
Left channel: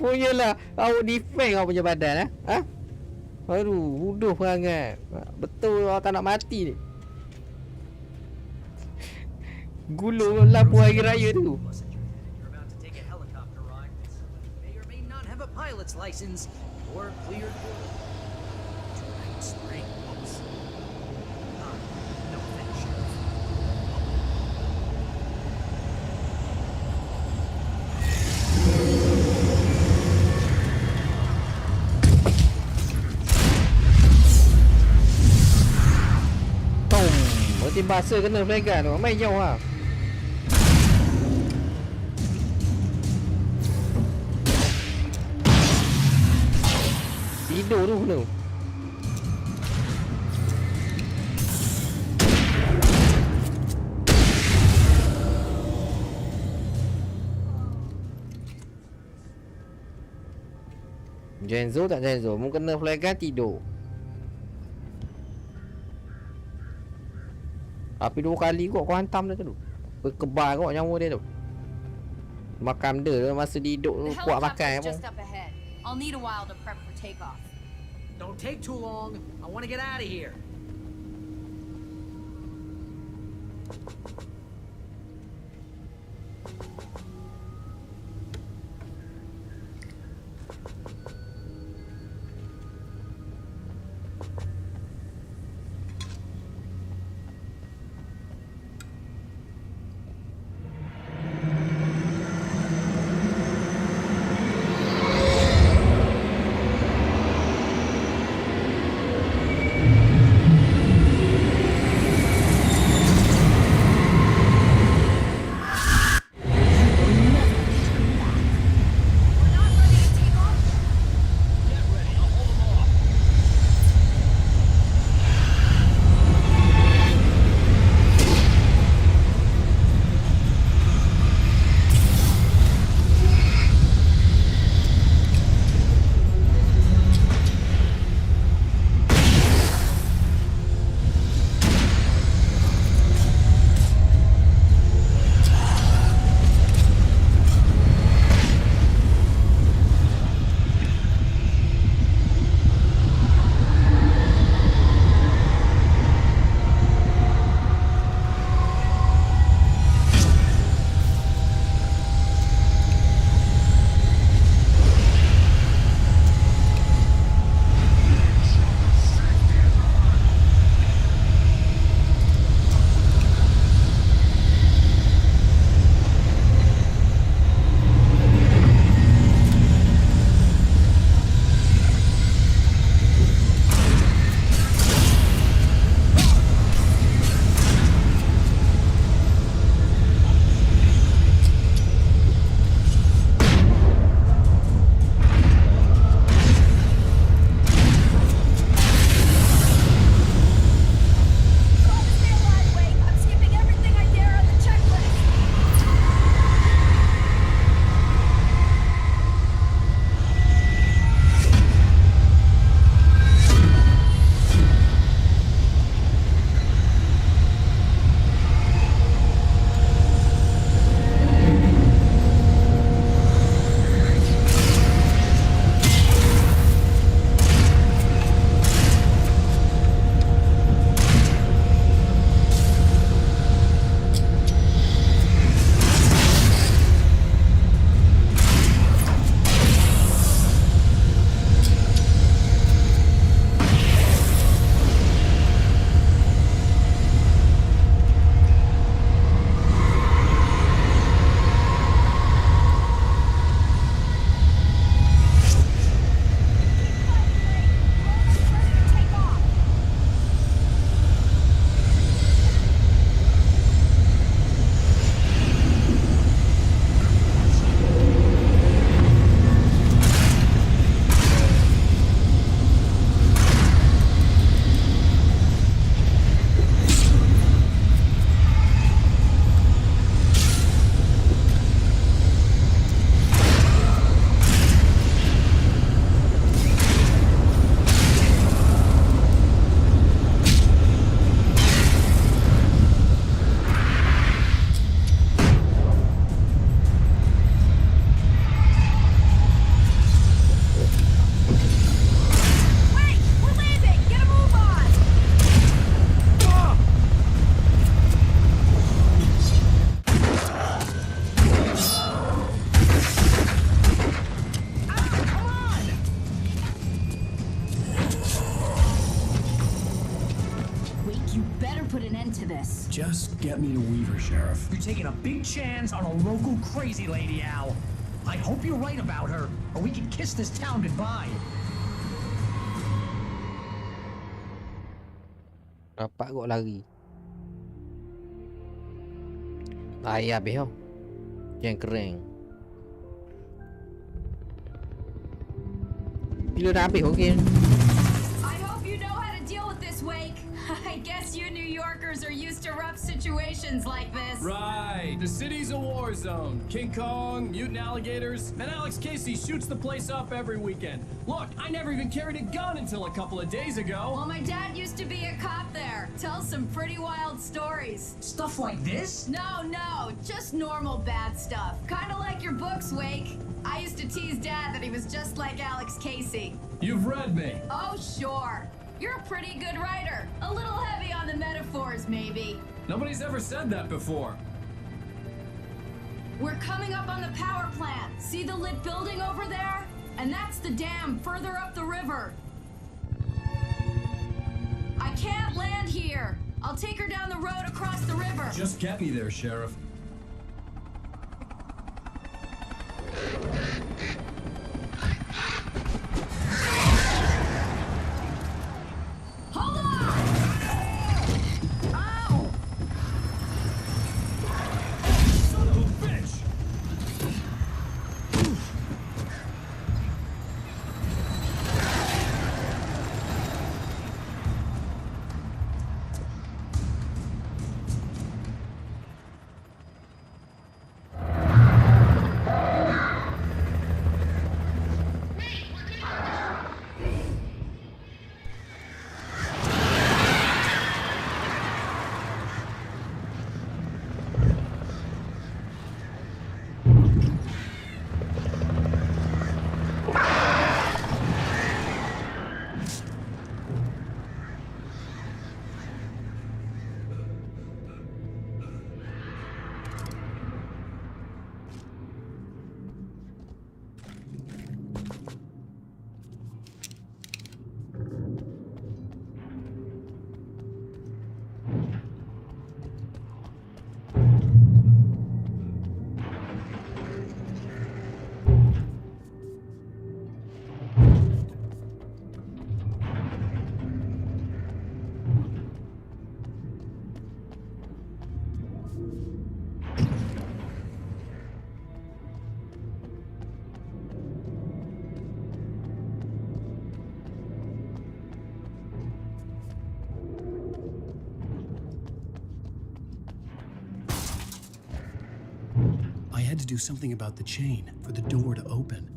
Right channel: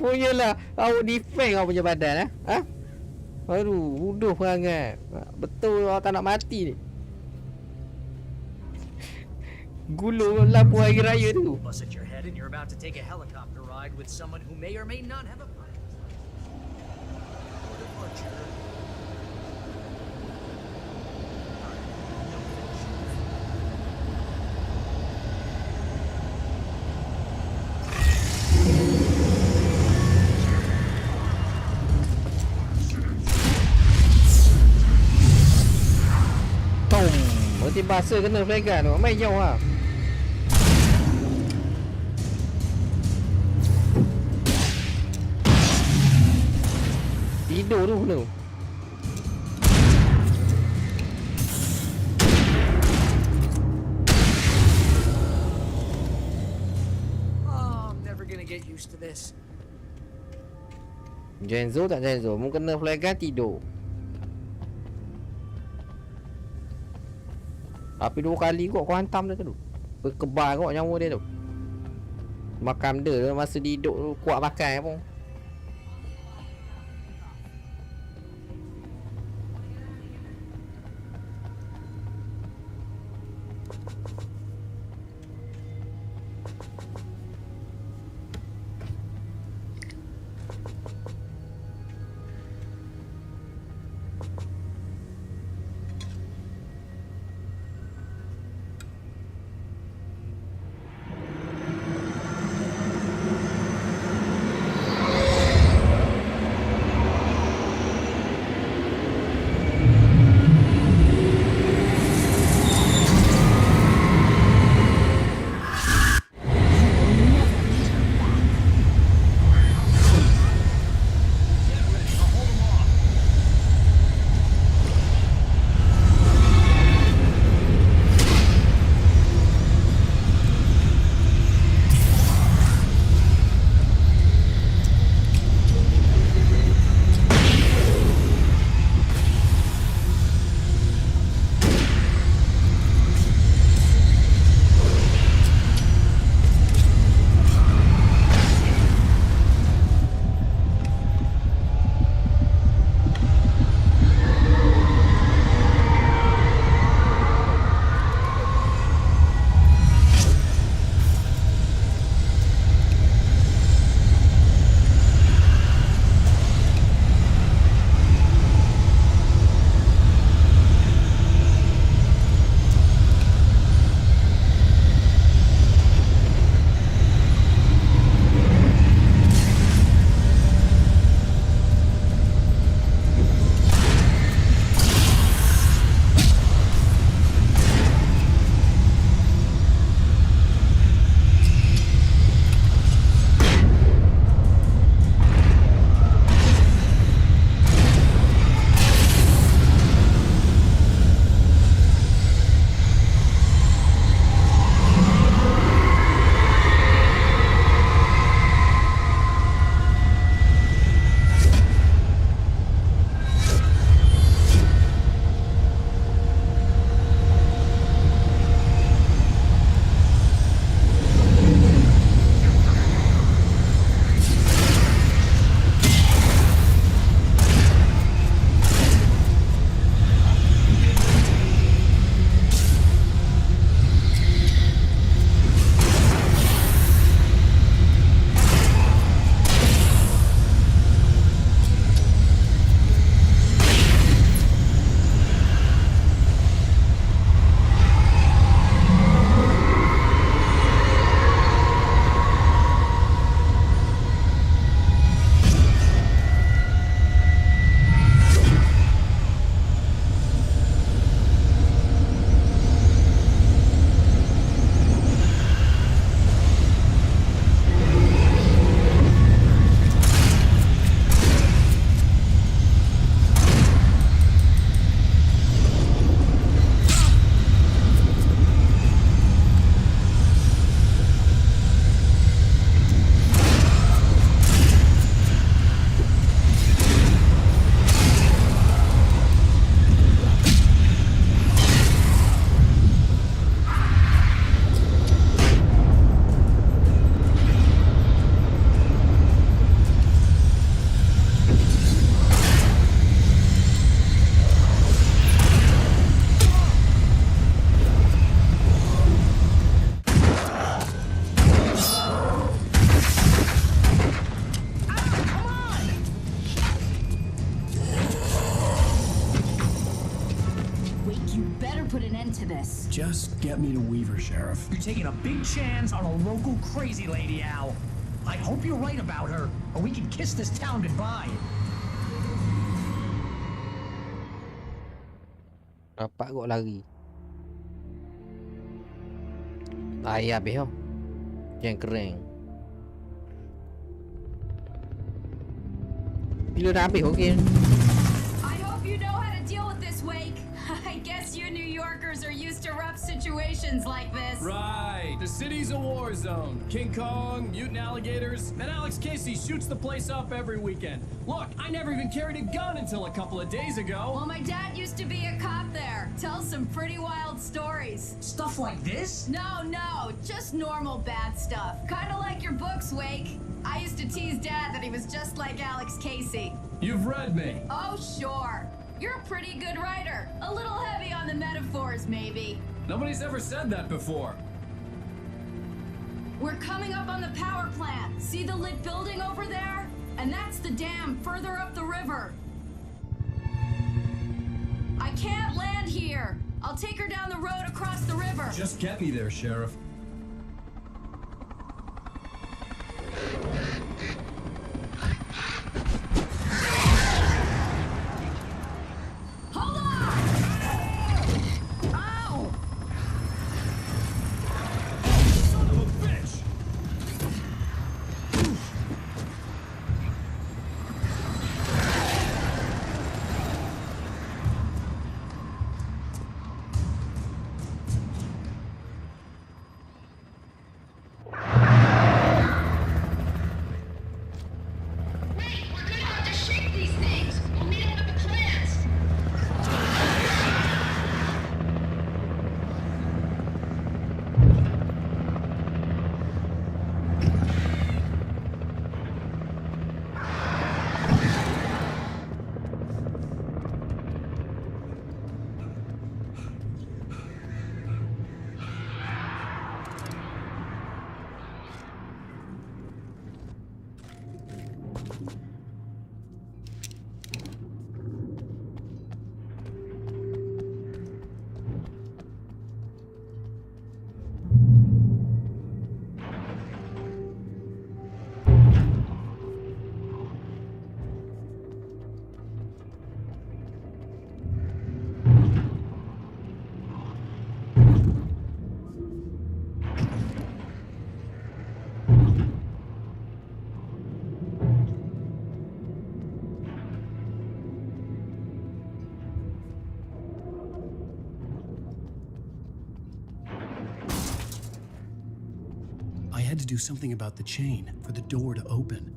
Punyalah awak defend kau punya badan ha? Aduh, bodoh perangai. Betul awak tak nak mati ni. Gulung lampu hari raya tu. Bust at your head and you're about to take a helicopter ride with someone who may or may not have a pilot's license or cleared for departure to Night Springs. No offense, Sheriff. Berarti bahasa kena flagan tu. Main jauh lah. Tidur tu kena. Genzo tak Genzo. Mu kena flagan tidur. Tapi 2 kali kot kau hantam dia tu. Berkebal kot nyawa dia tu. Makan dia masa dia hidup tu kuat makan pun. Don't take too long. I want to get out of here. get me to Weaver, Sheriff. You're taking a big chance on a local crazy lady, Al. I hope you're right about her, or we can kiss this town goodbye. Rapat kot lari. Lari habis tau. Yang kering. Bila dah habis mungkin. I hope you know how to deal with this, Wake. I guess you New Yorkers are used to rough situations like this. Right. The city's a war zone. King Kong, mutant alligators, and Alex Casey shoots the place up every weekend. Look, I never even carried a gun until a couple of days ago. Well, my dad used to be a cop there. Tells some pretty wild stories. Stuff like this? No, just normal bad stuff. Kind of like your books, Wake. I used to tease Dad that he was just like Alex Casey. You've read me. Oh, sure. You're a pretty good writer. A little heavy on the metaphors, maybe. Nobody's ever said that before. We're coming up on the power plant. See the lit building over there? And that's the dam further up the river. I can't land here. I'll take her down the road across the river. Just get me there, Sheriff. Hold on! Ow! Son of a bitch! I had to do something about the chain for the door to open.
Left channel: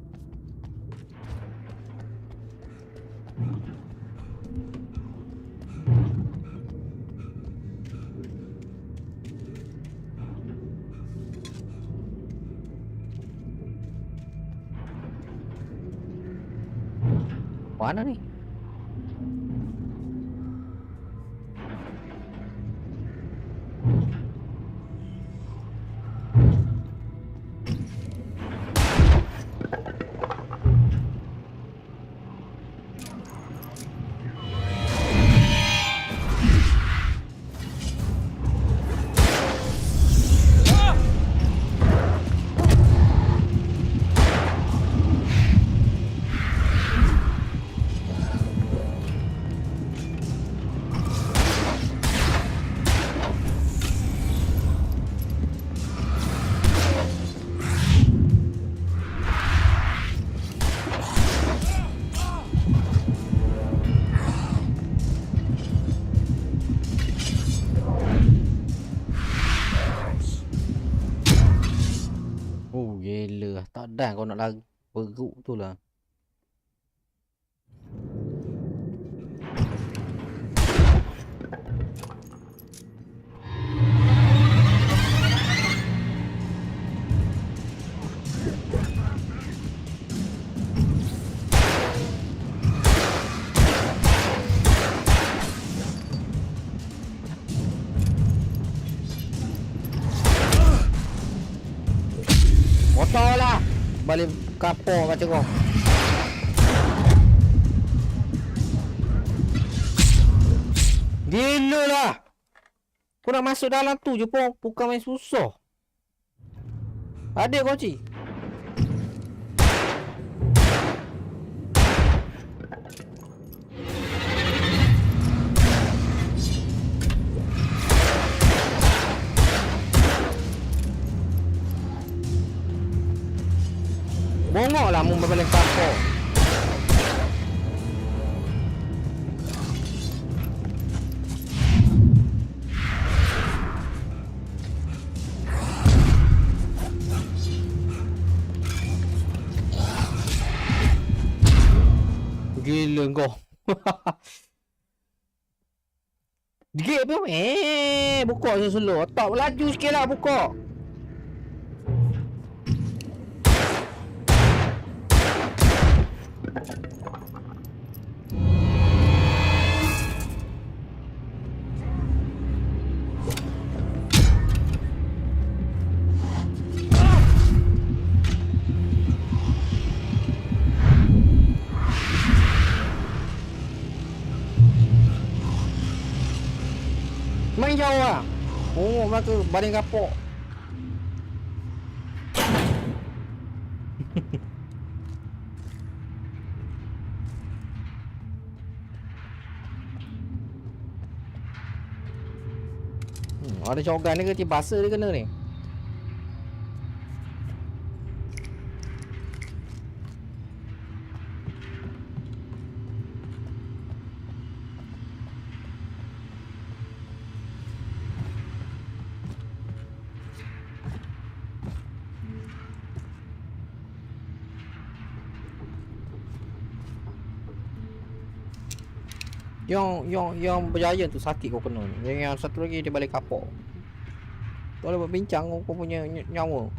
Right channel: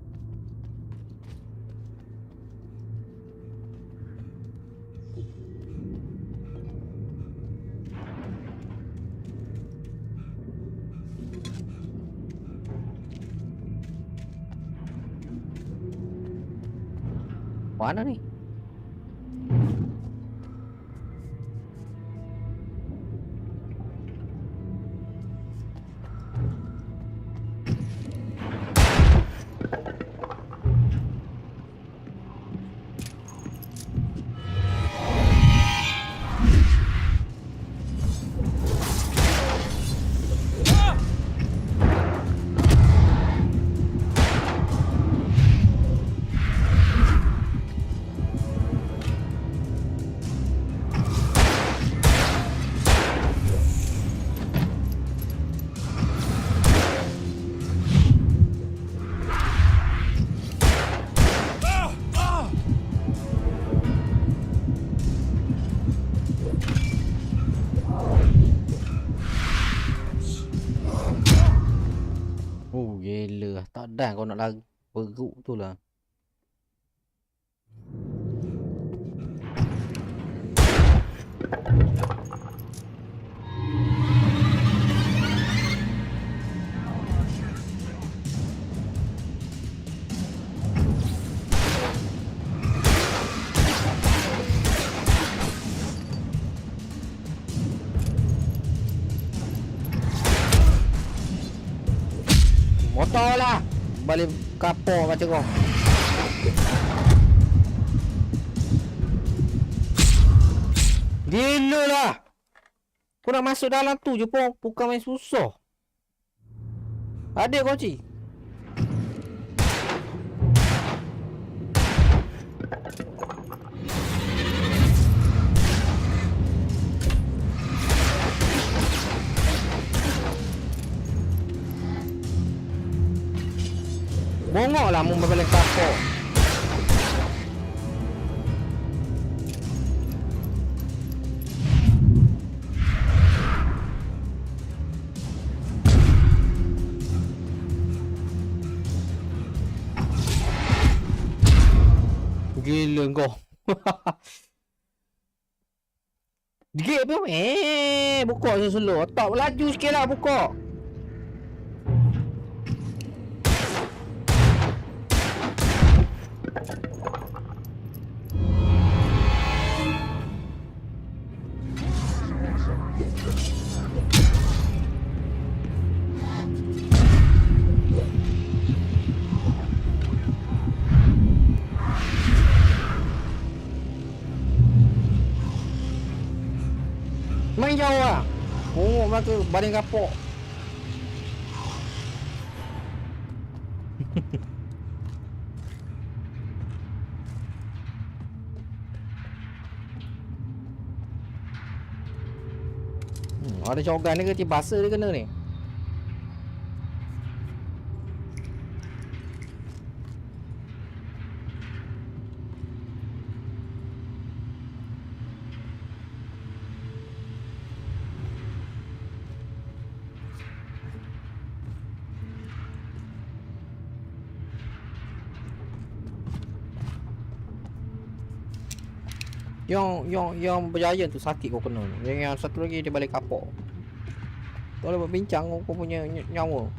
Mana ni? Oh gila, tak ada kau nak lari perut tu lah. Motor lah. Balik kapur macam kau. Gila lah. Kau nak masuk dalam tu je pun bukan main susah. Ada kunci. Bongok lah mu balik kapal. Gila kau. Gate apa? Buka slow. Tak laju sikit lah buka. Main jauh lah. Oh, mereka baling kapok. Ada cogan ni ke tiba basah dia kena ni. Yang berjaya tu sakit kau kena. Yang satu lagi dia balik kapok. Kau boleh berbincang kau punya nyawa.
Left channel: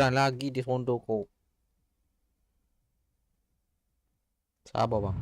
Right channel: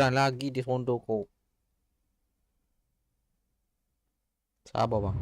Dan lagi di sondo kau. Sabar bang.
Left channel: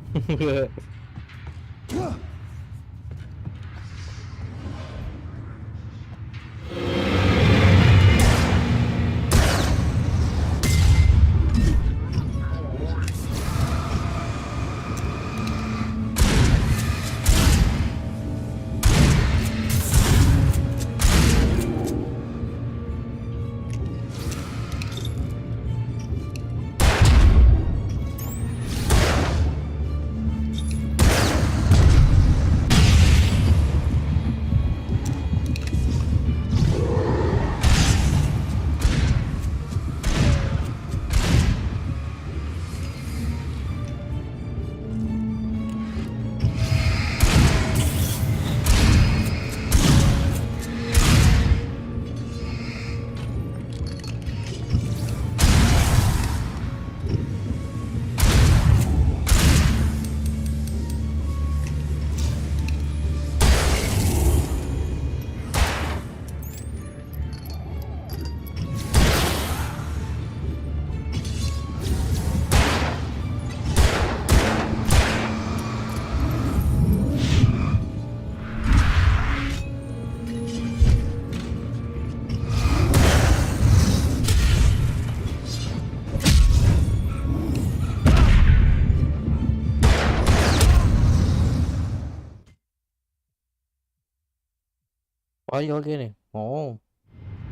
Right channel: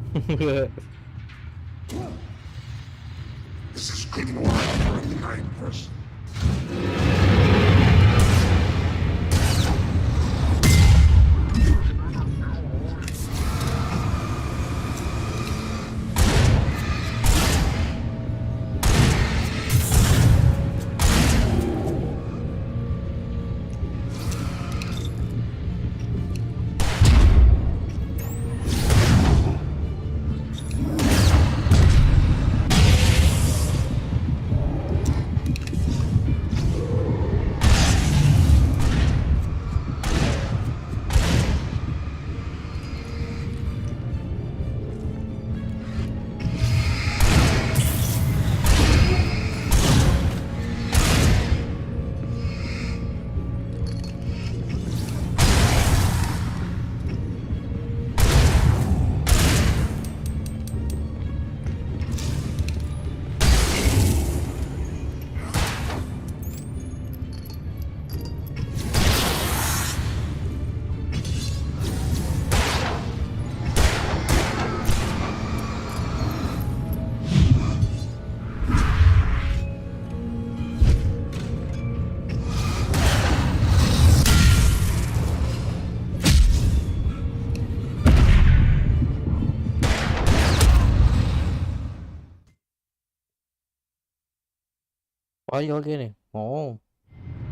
Payah lagi ni. Oh.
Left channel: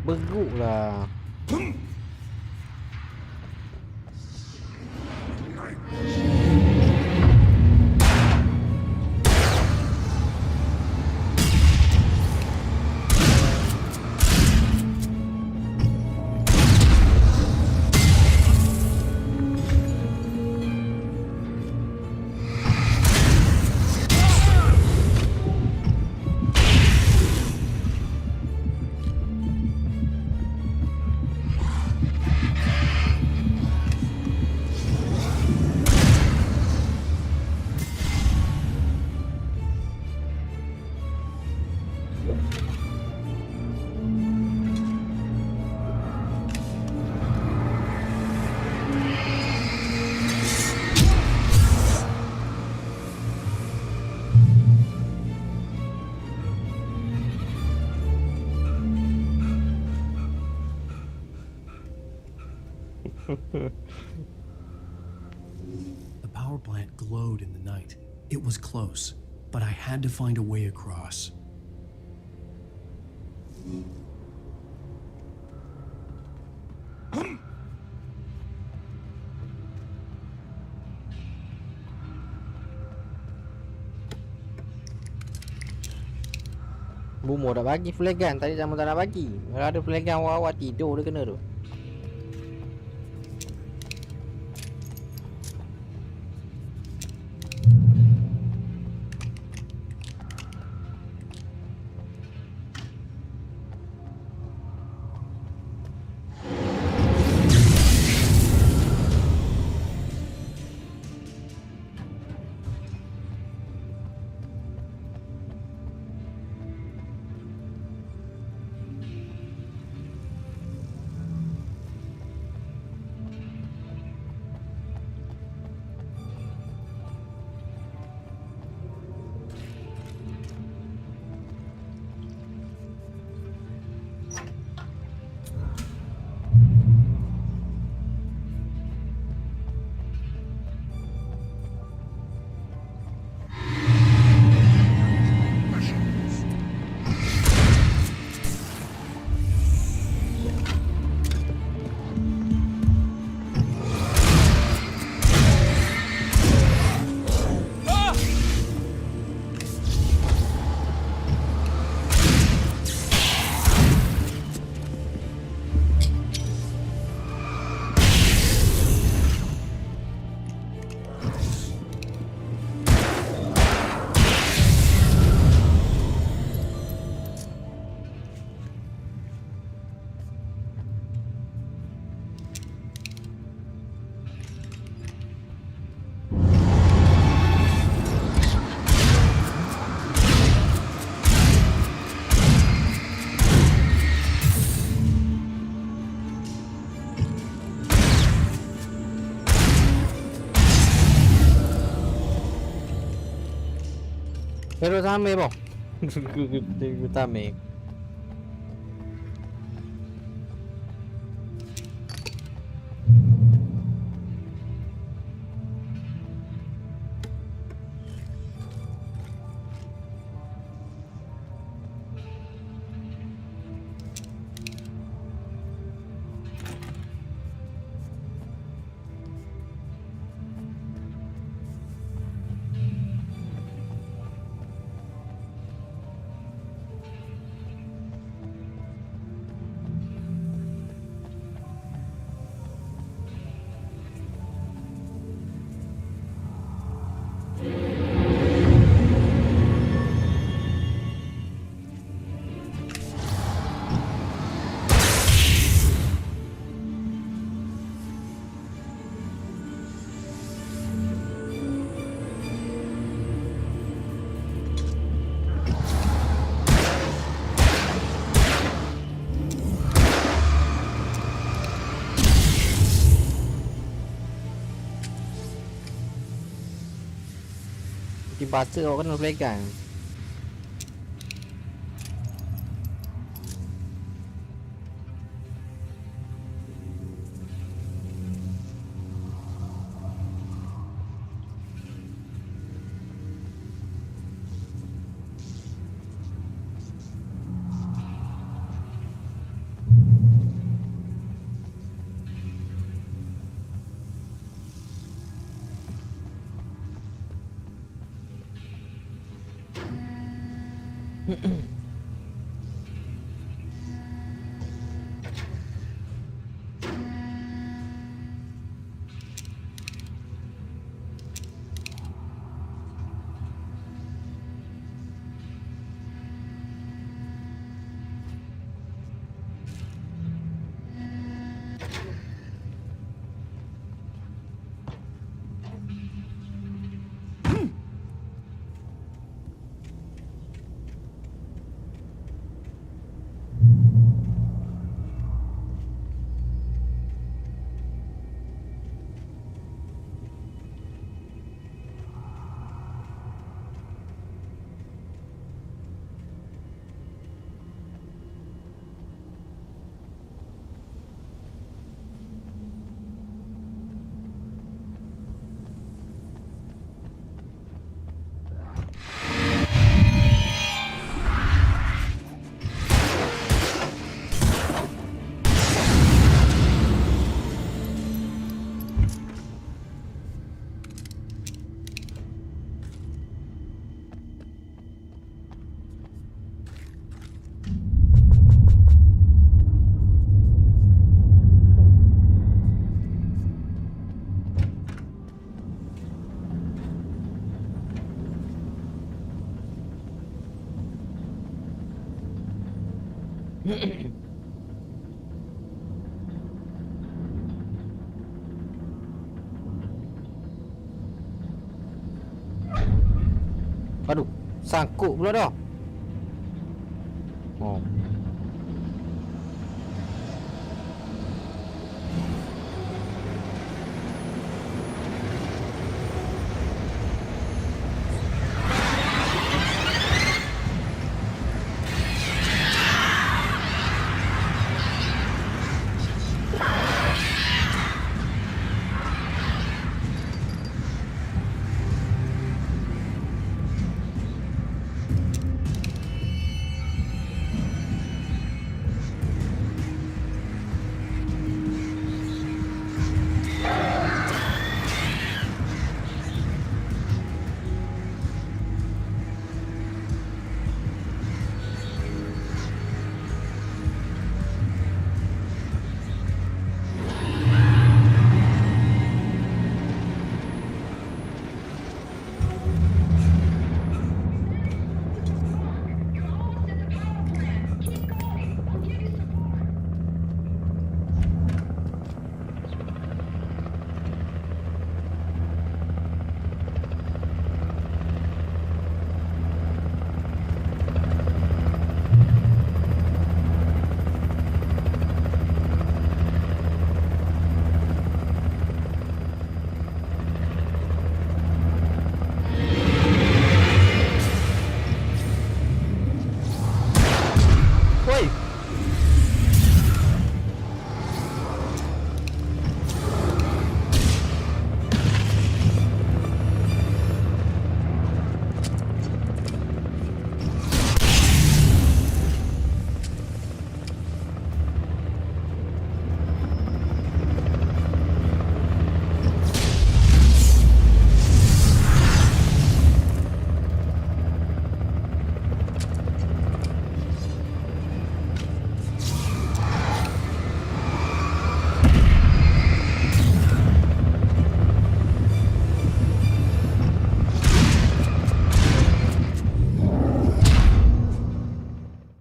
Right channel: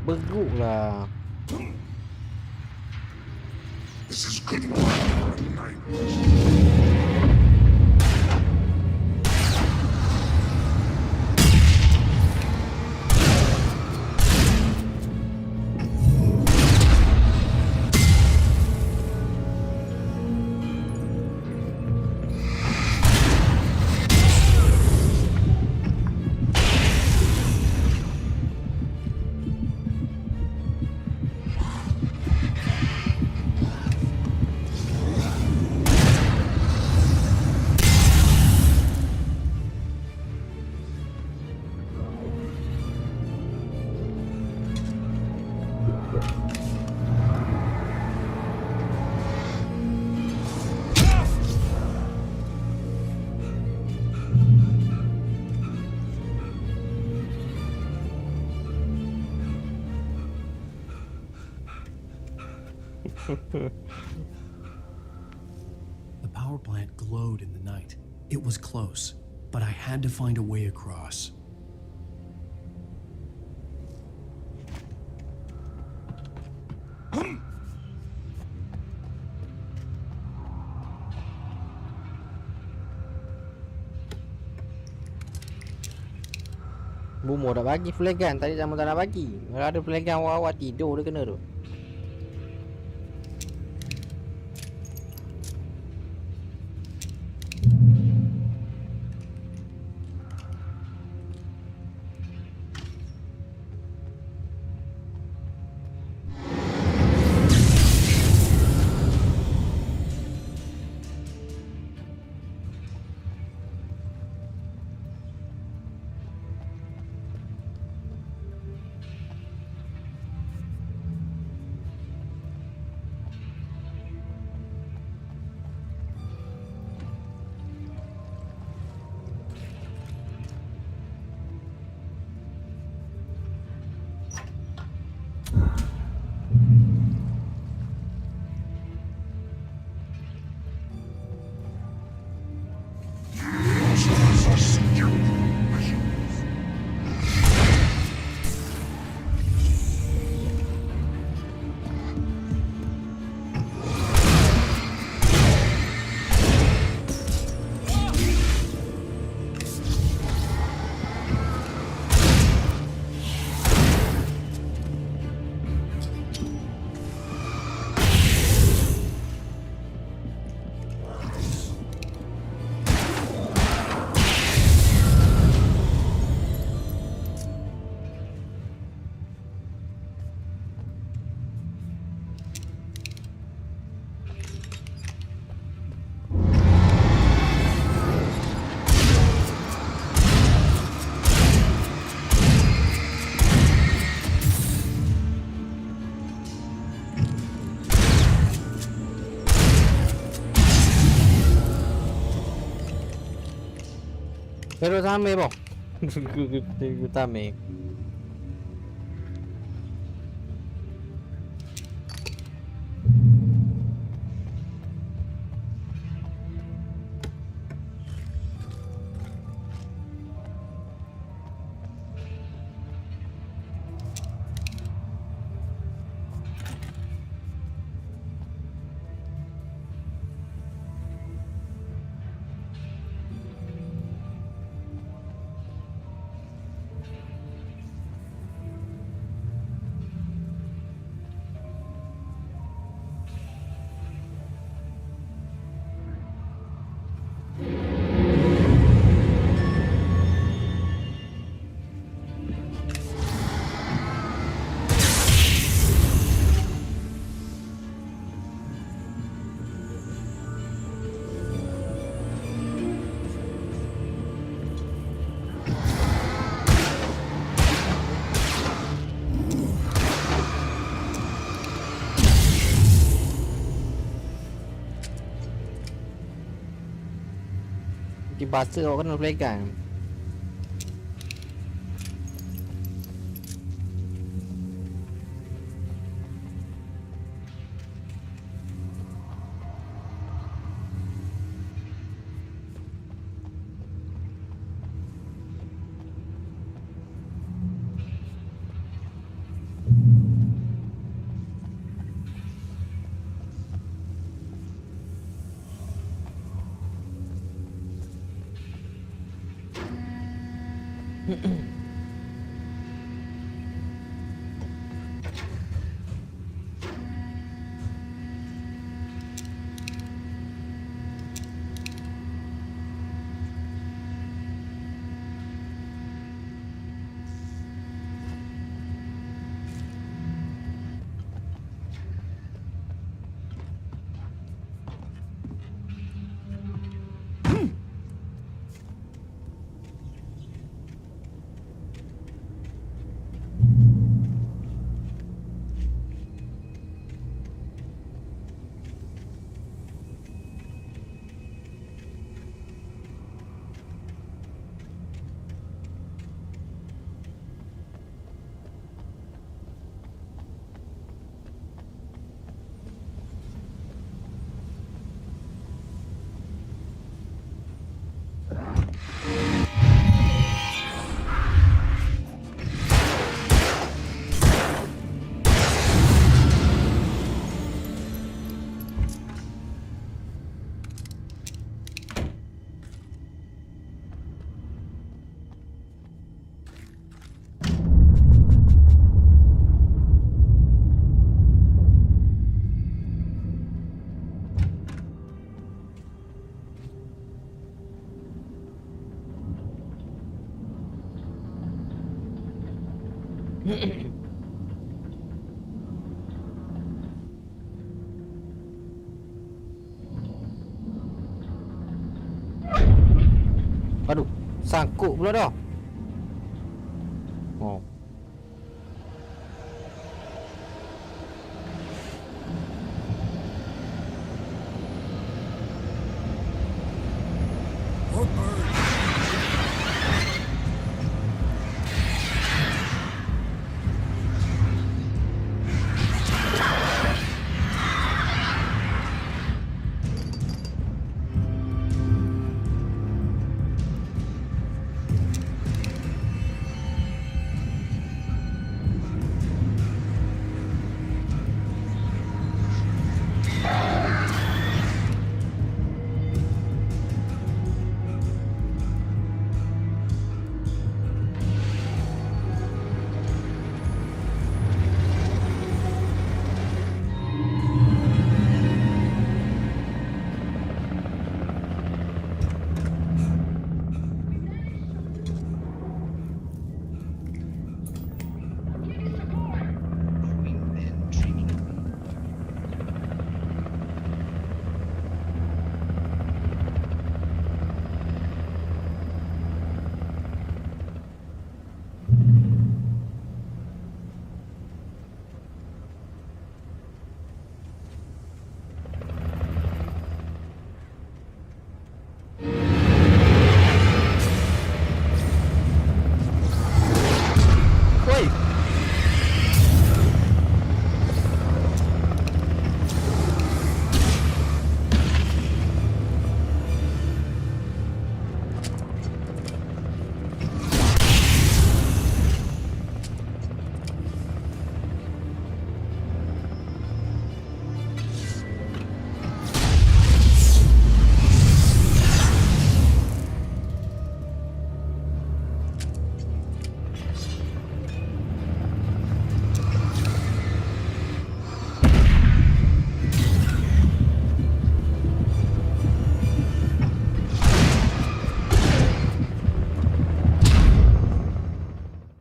Beruk lah. The power plant glowed in the night. It was close, but I had to find a way across. Bumo dah bagi flare gun, tadi sama tak nak bagi. Kalau ada flare gun awak tidur dia kena tu. Pero tama mo. Tama. Dibasa awak kena pegang. Aduh, sangkut pula dah. Oh.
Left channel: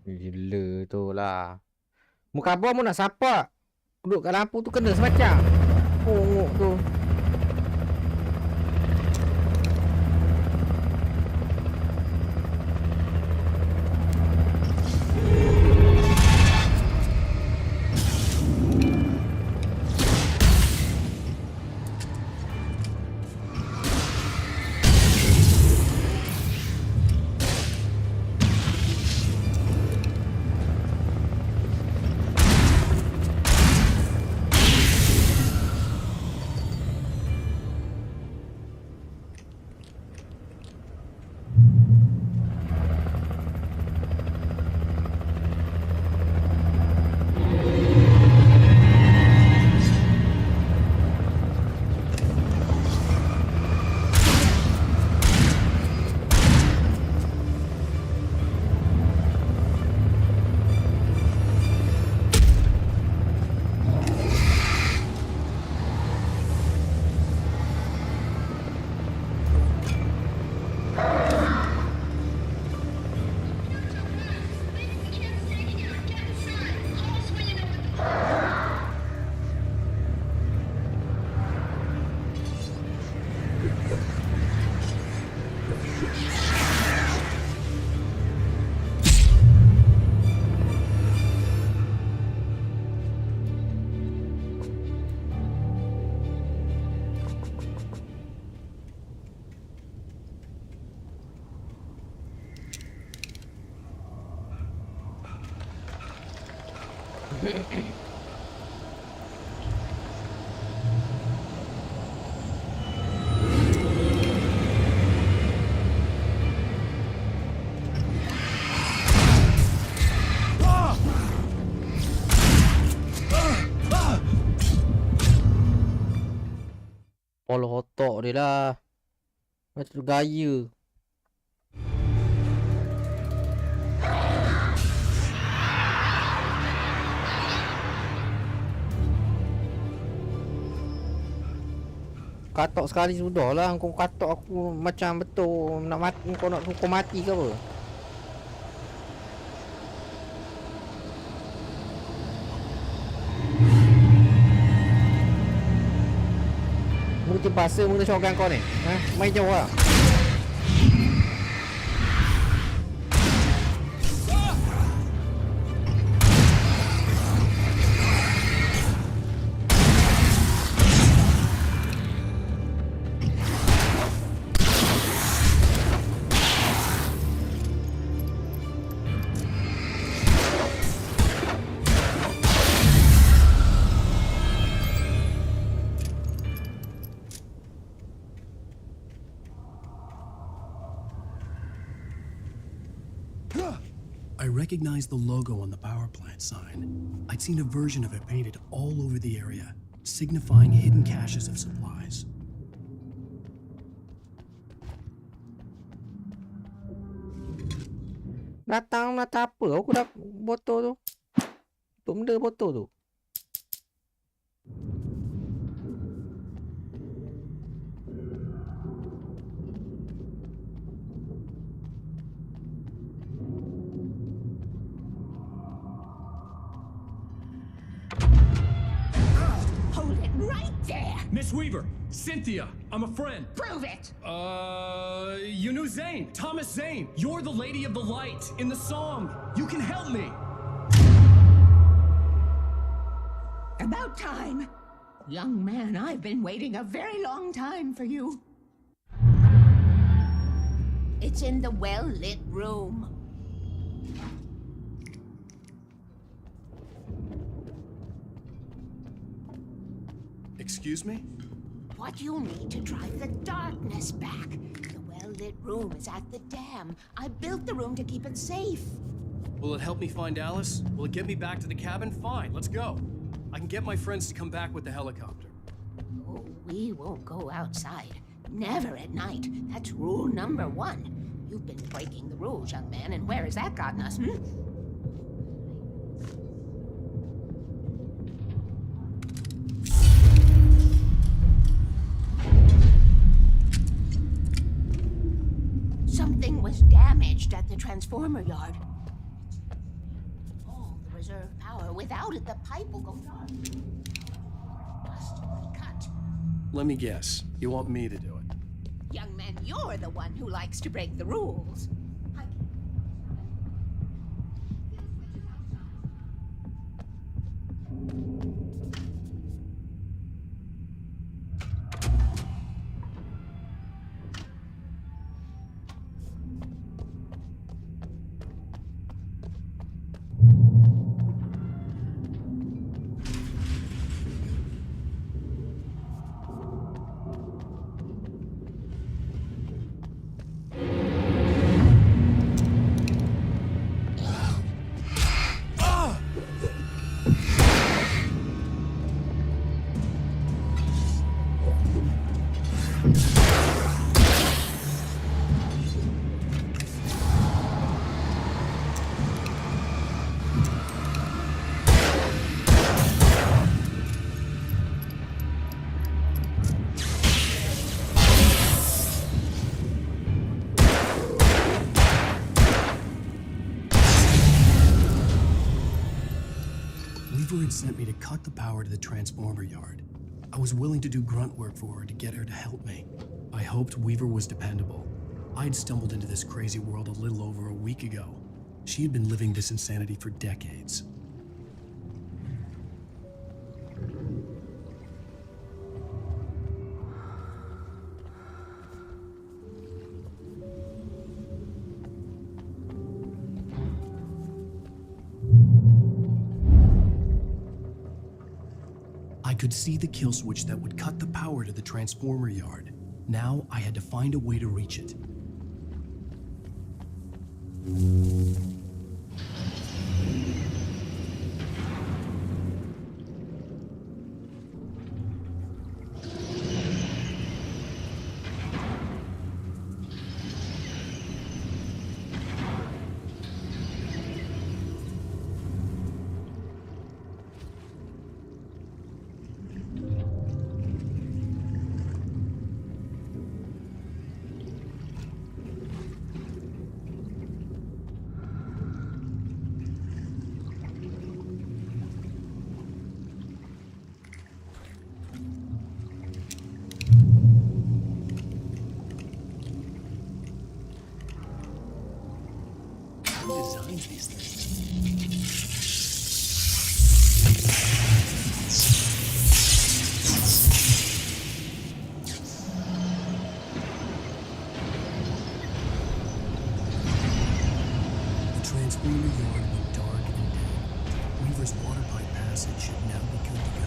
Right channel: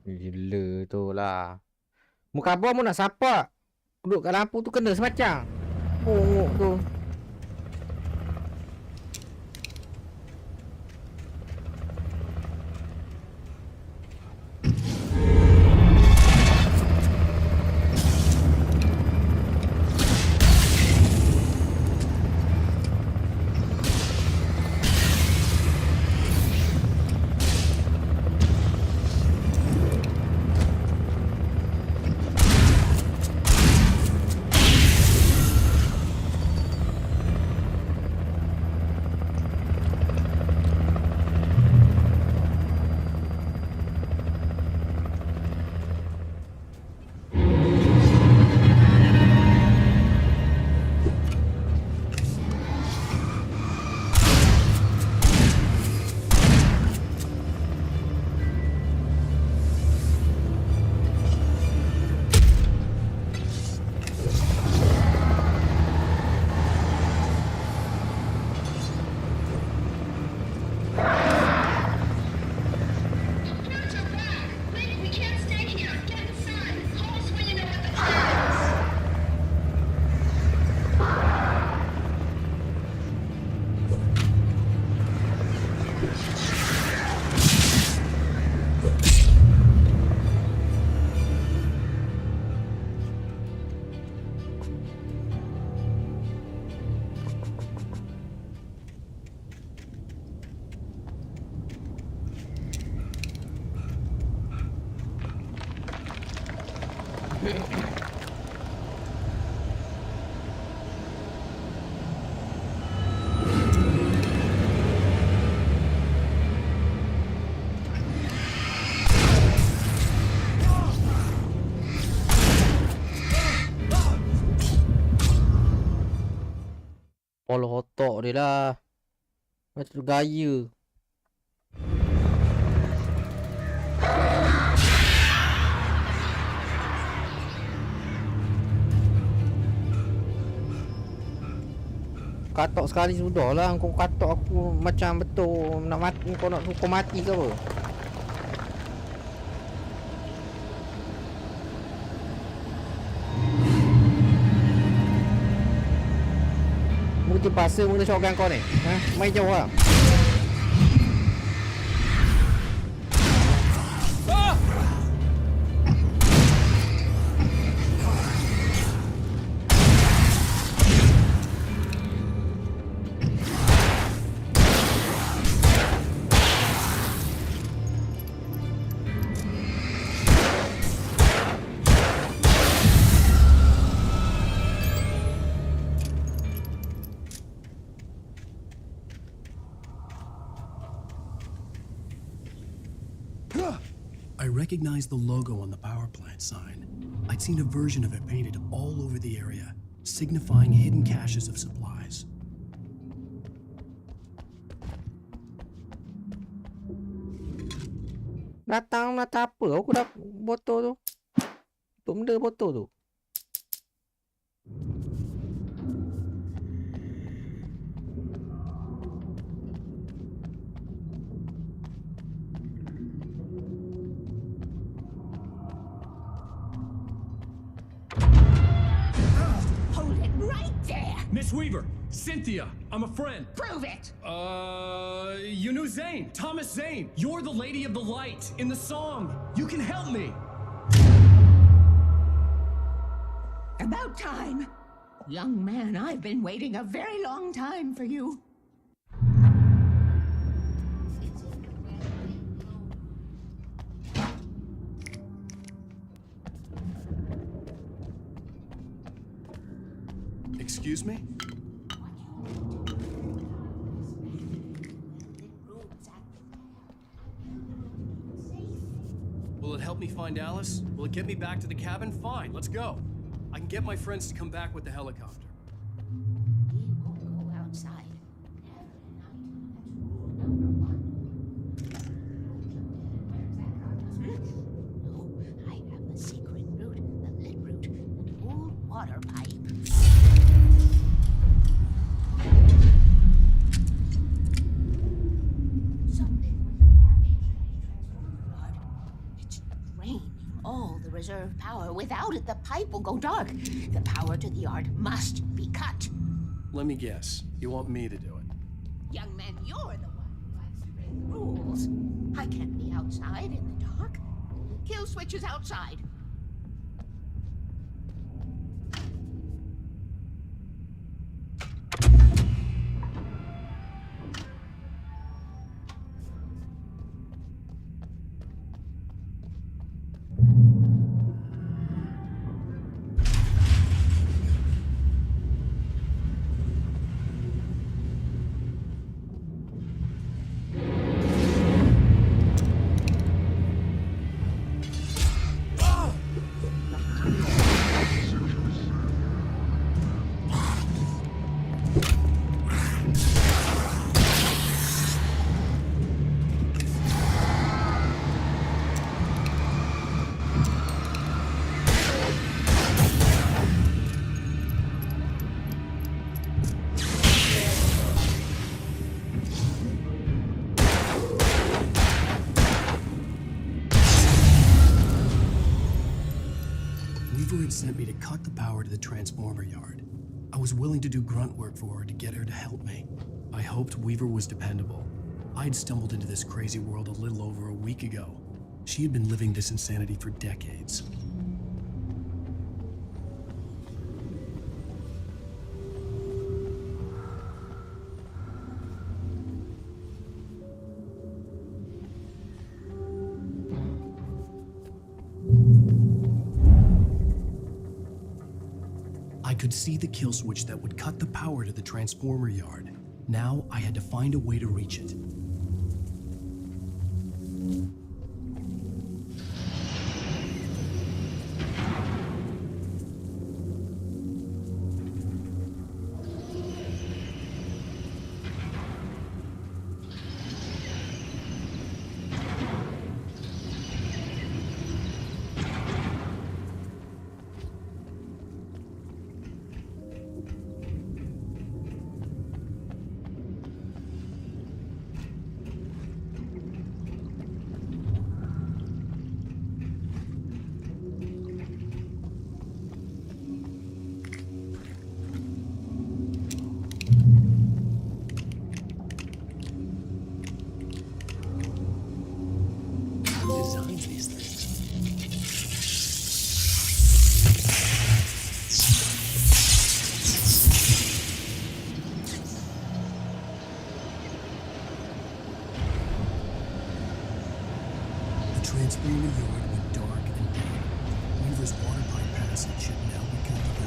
Gila tu lah. Muka abang mu nak sapak. Duduk kat lampu tu kena semacam. Punguk tu. Polo otak dia lah. Macam gaya. Katok sekali sudah lah. Kau katok aku macam betul nak mati. Kau nak hukum mati ke apa? Mu terpaksa guna shotgun kau ni. Ha? Main jauh lah. I recognized the logo on the power plant sign. I'd seen a version of it painted all over the area, signifying hidden caches of supplies. Datang apa? Aku dah botol tu. Tu benda botol tu. Hold it right there! Miss Weaver, Cynthia, I'm a friend. Prove it! You knew Zane, Thomas Zane. You're the Lady of the Light in the song. You can help me. About time. Young man, I've been waiting a very long time for you. It's in the well-lit room. Excuse me? What you'll need to drive the darkness back. The well-lit room is at the dam. I built the room to keep it safe. Will it help me find Alice? Will it get me back to the cabin? Fine, let's go. I can get my friends to come back with the helicopter. Oh, we won't go outside. Never at night. That's rule number 1. You've been breaking the rules, young man, and where has that gotten us, Oh, I have a secret route, a lit route, an old water pipe. Something was damaged at the transformer yard. It's drained all the reserve power. Without it, the pipe will go dark. The power to the yard must be cut. Let me guess. You want me to do it? Young man, you're the one who likes to break the rules. I can't be outside in the dark. Kill switch is outside. Weaver had sent me to cut the power to the transformer yard. I was willing to do grunt work for her to get her to help me. I hoped Weaver was dependable. I'd stumbled into this crazy world a little over a week ago. She had been living this insanity for decades. I could see the kill switch that would cut the power to the transformer yard. Now I had to find a way to reach it. designs these things? The transponder yard went dark and dead. Weaver's water pipe passage should now be good to go.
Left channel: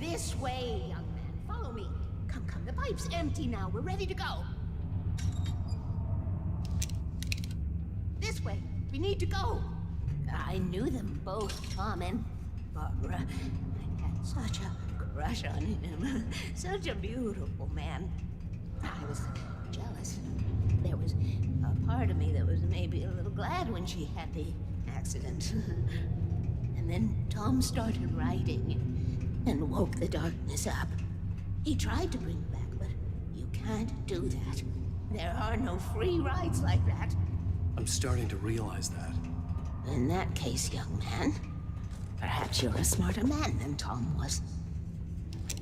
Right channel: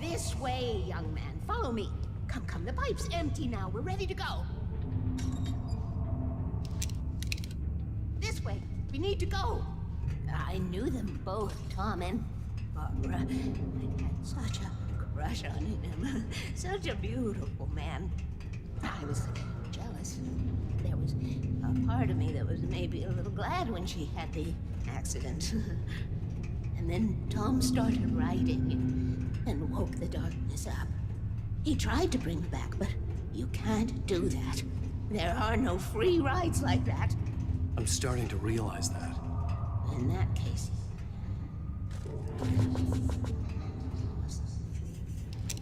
This way, young man. Follow me. Come, come. The pipe's empty now. We're ready to go. This way. We need to go. I knew them both, Tom and Barbara. I had such a crush on him. Such a beautiful man. I was jealous. There was a part of me that was maybe a little glad when she had the accident. And then Tom started writing and woke the darkness up. He tried to bring her back, but you can't do that. There are no free rides like that. I'm starting to realize that. In that case, young man, perhaps you're a smarter man than Tom was.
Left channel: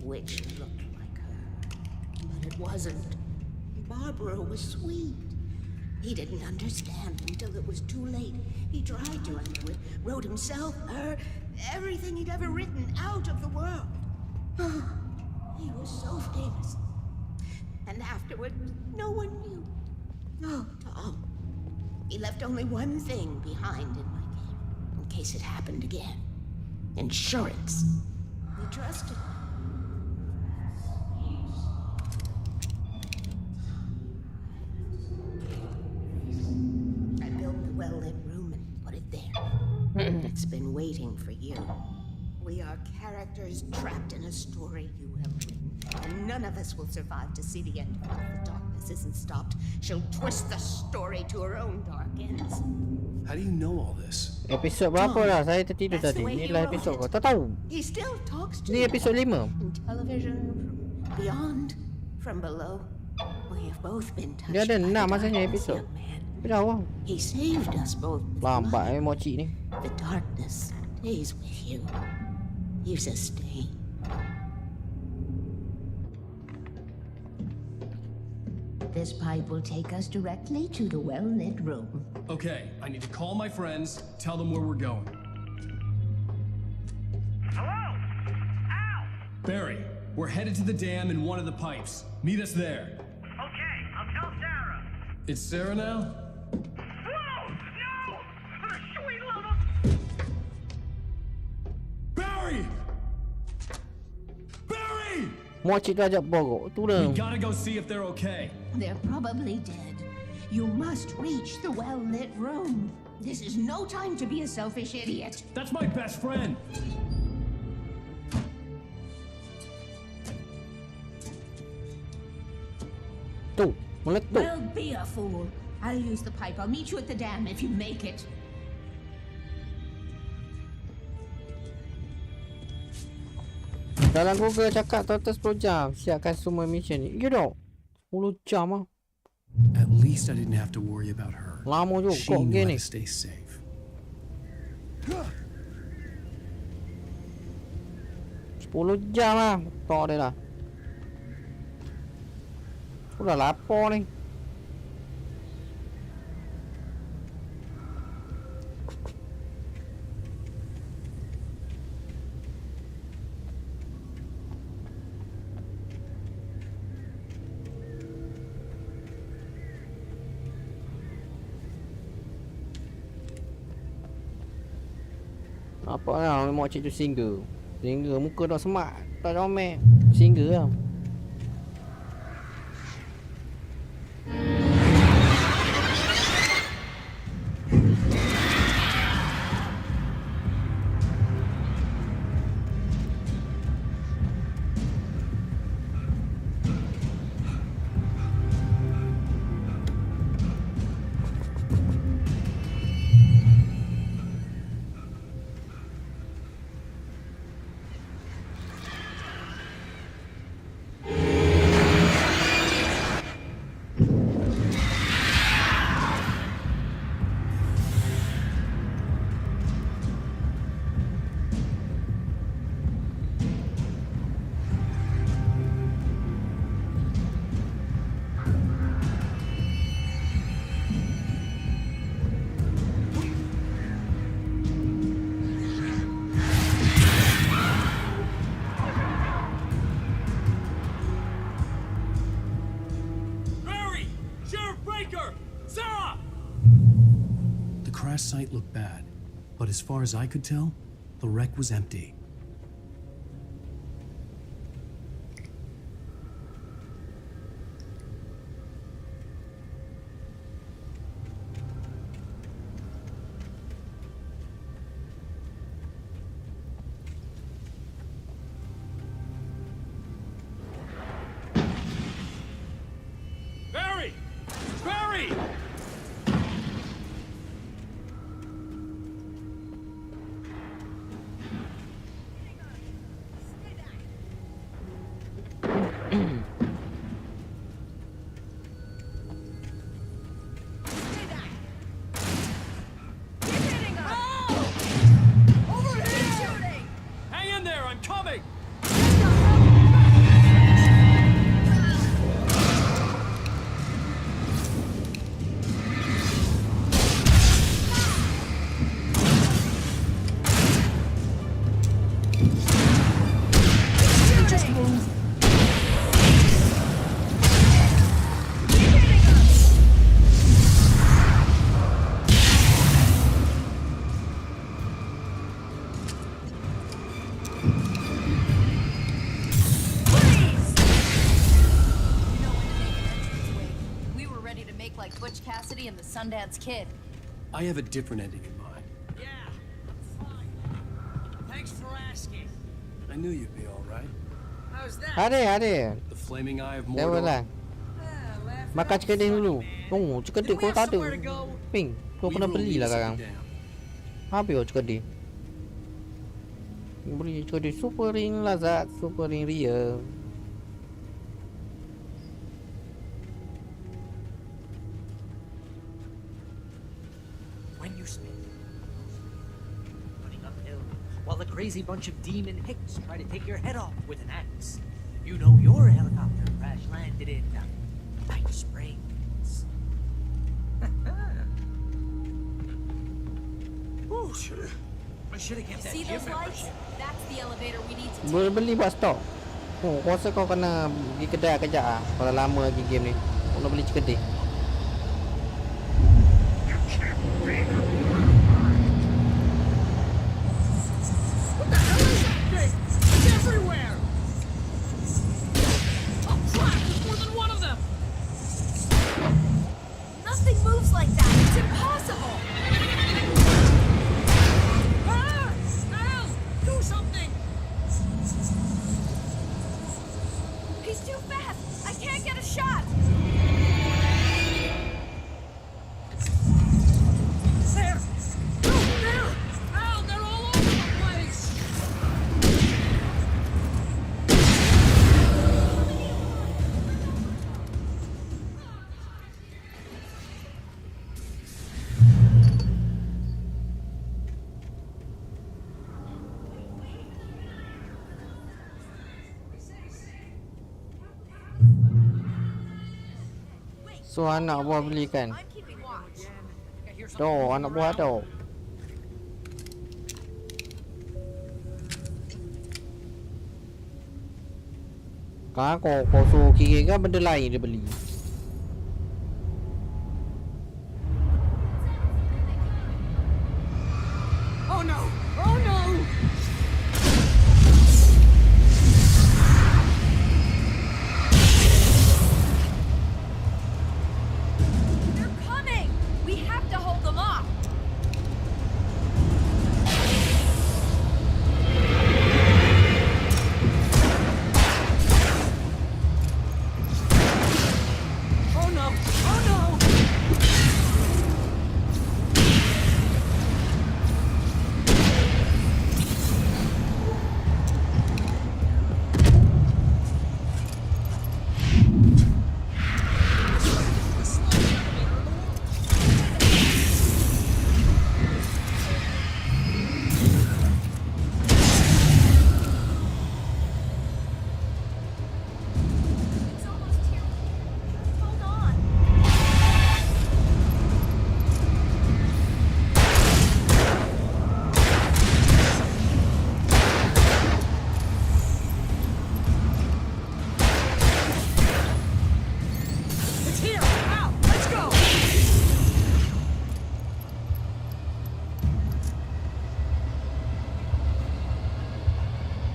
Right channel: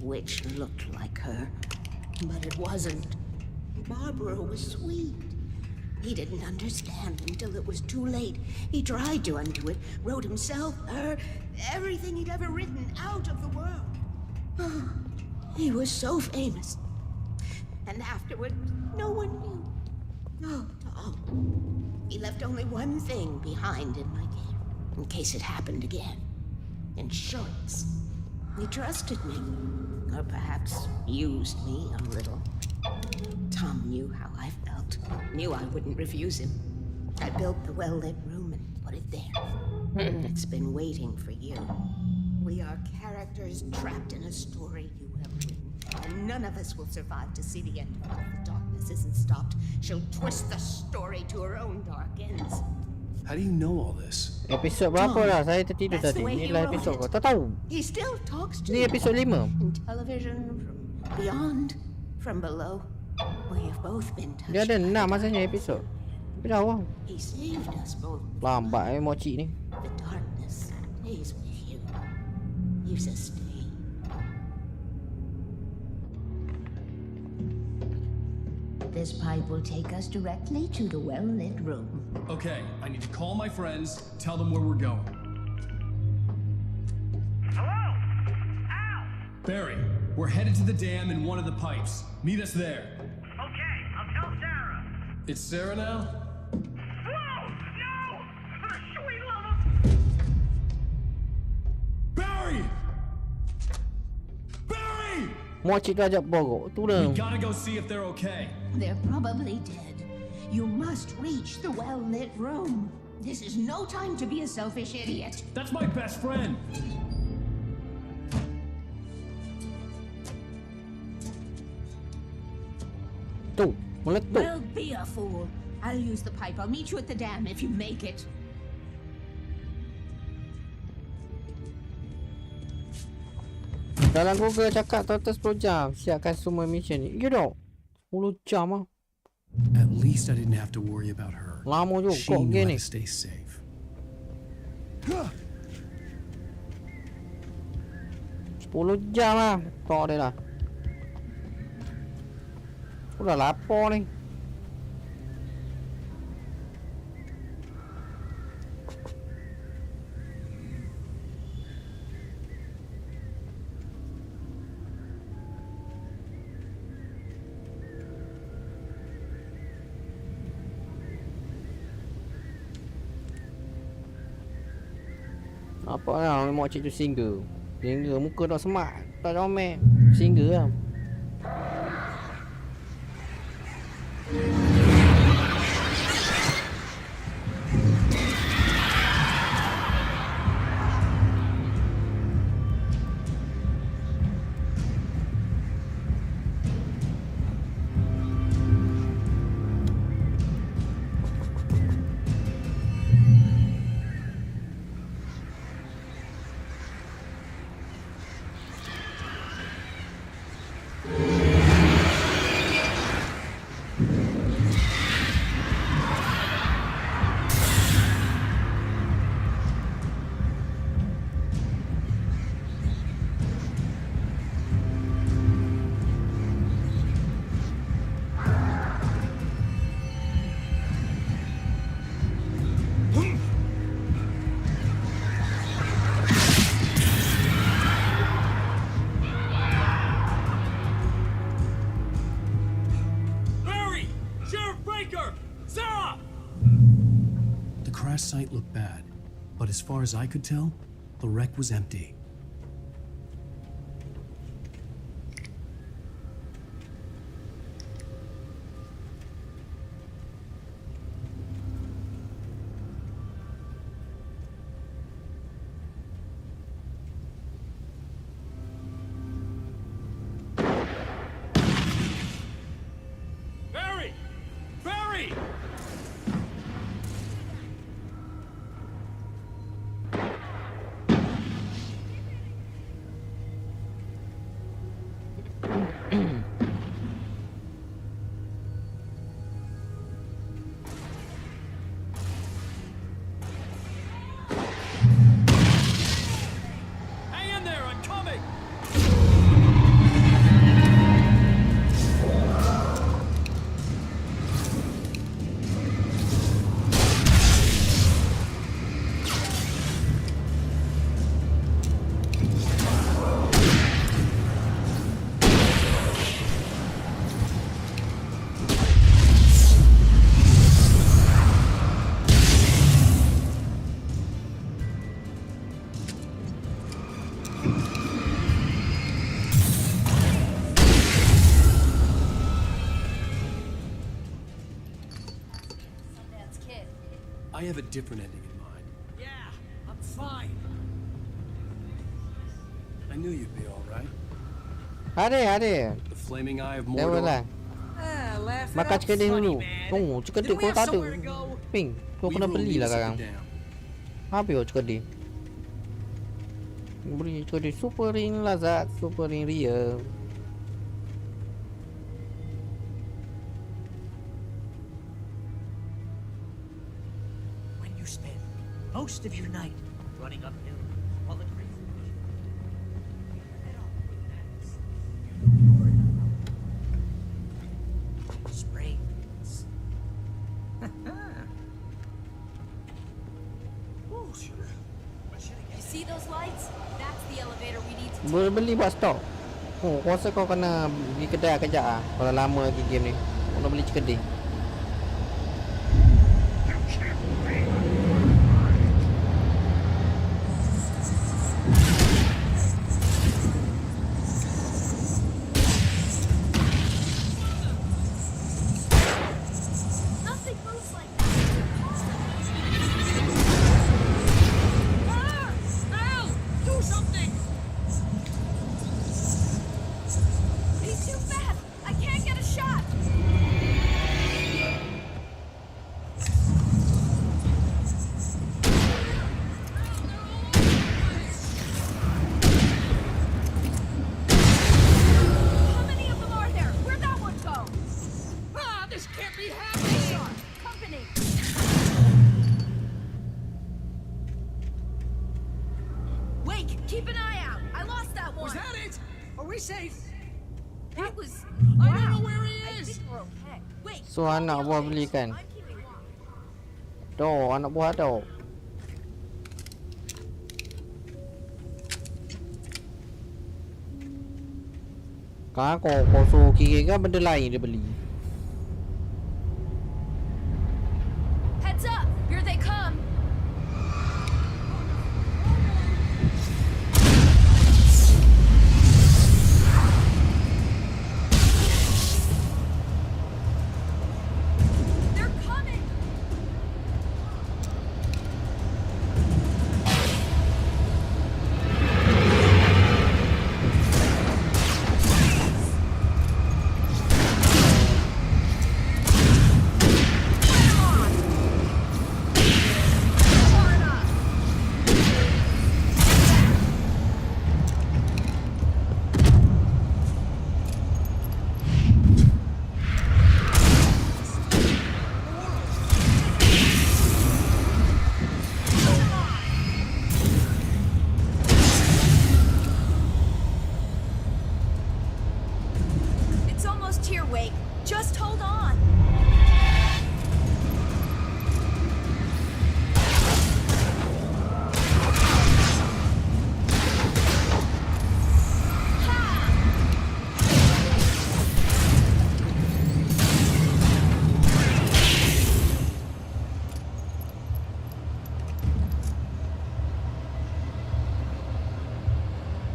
Which looked like her, but it wasn't. Barbara was sweet. He didn't understand until it was too late. He tried to undo it, wrote himself, her, everything he'd ever written out of the world. Oh, he was so famous. And afterward, no one knew. Oh, Tom. He left only one thing behind in my care, in case it happened again. Insurance. He trusted me. Or perhaps used me a little. Tom knew how I felt. Knew I wouldn't refuse him. I built the well-lit room and put it there. It's been waiting for you. We are characters trapped in a story you have written. And none of us will survive to see the end of it if the darkness isn't stopped. She'll twist the story to her own dark ends. How do you know all this? Episod berapa dah? Saya tertidur tadi. Ni lah episod kau. Tak tahu. He still talks to Ni episod 5. In television, from beyond, from below. We have both been touched. Dia ada 6 masanya episod. Tapi dah awal. He saved us both. Lambat mochi ni. The darkness stays with you. You sustain. This pipe will take us directly to the well-lit room. Okay, I need to call my friends, tell them where we're going. Hello? Al! Barry, we're headed to the dam in one of the pipes. Meet us there. Okay, I'll tell Sarah. It's Sarah now? Whoa! No! For the sweet love of... Barry! Barry! Mochi tu ajak borok. Tu dah. We gotta go see if they're okay. They're probably dead. You must reach the well-lit room. This is no time to be a selfish idiot. That's my best friend. Tu, meletup. Well, be a fool. I'll use the pipe. I'll meet you at the dam if you make it. Dalam Google cakap total 10 jam siapkan semua mission ni. Ya dok. 10 jam ah. At least I didn't have to worry about her. Lama juga She knew game how ni. to stay safe. 10 jam lah. Tak ada lah. Udah lapar ni. Apa lah makcik tu single. Single muka dah semak, tak comel. Single lah. crash site looked bad, but as far as I could tell, the wreck was empty. Barry! Barry! Hang in there, I'm coming! We were ready to make like Butch Cassidy and the Sundance Kid. I have a different ending in mind. Yeah, I'm fine. Thanks for asking. I knew you'd be all right. How's that? Ada. The flaming eye of Level lah. Mordor. Ah, laugh it Makan up cikedik funny, dulu. man. Oh, cikedik Didn't we kau have tak ada. somewhere to go? Ping, kau kena belilah sekarang. Habis cikedik. Beri cikedik super ring lazat, super ring ria. When you spend most of your night running uphill while a crazy bunch of demon hicks try to take your head off with an axe, you know your helicopter crash landed in Night Springs. Ooh, I should have You kept that see those gym lights? That's the elevator we need to take. Boleh beli buat stok. Oh, aku rasa kau kena pergi kedai kejap ah. Kalau lama lagi game ni. Kau nak beli cikedik. everywhere. One of them. Nothing moves like that. It's impossible. Ah! Al, do something. He's too fast. I can't get a shot. There. There. Al, they're all over the place. Keep an eye out. I lost that one. Was that it? Are we safe? That was. I don't know where he I is. think we're okay. Wait. So anak buah belikan. I'm keeping watch. Tu anak buah tu. Kau suruh kira kan benda lain dia beli. Heads up. Here they come. Oh no! Oh no! They're coming. We have to hold them off. Oh no! Oh no! It's almost here, Wake. Just hold on. Here, out! Let's go!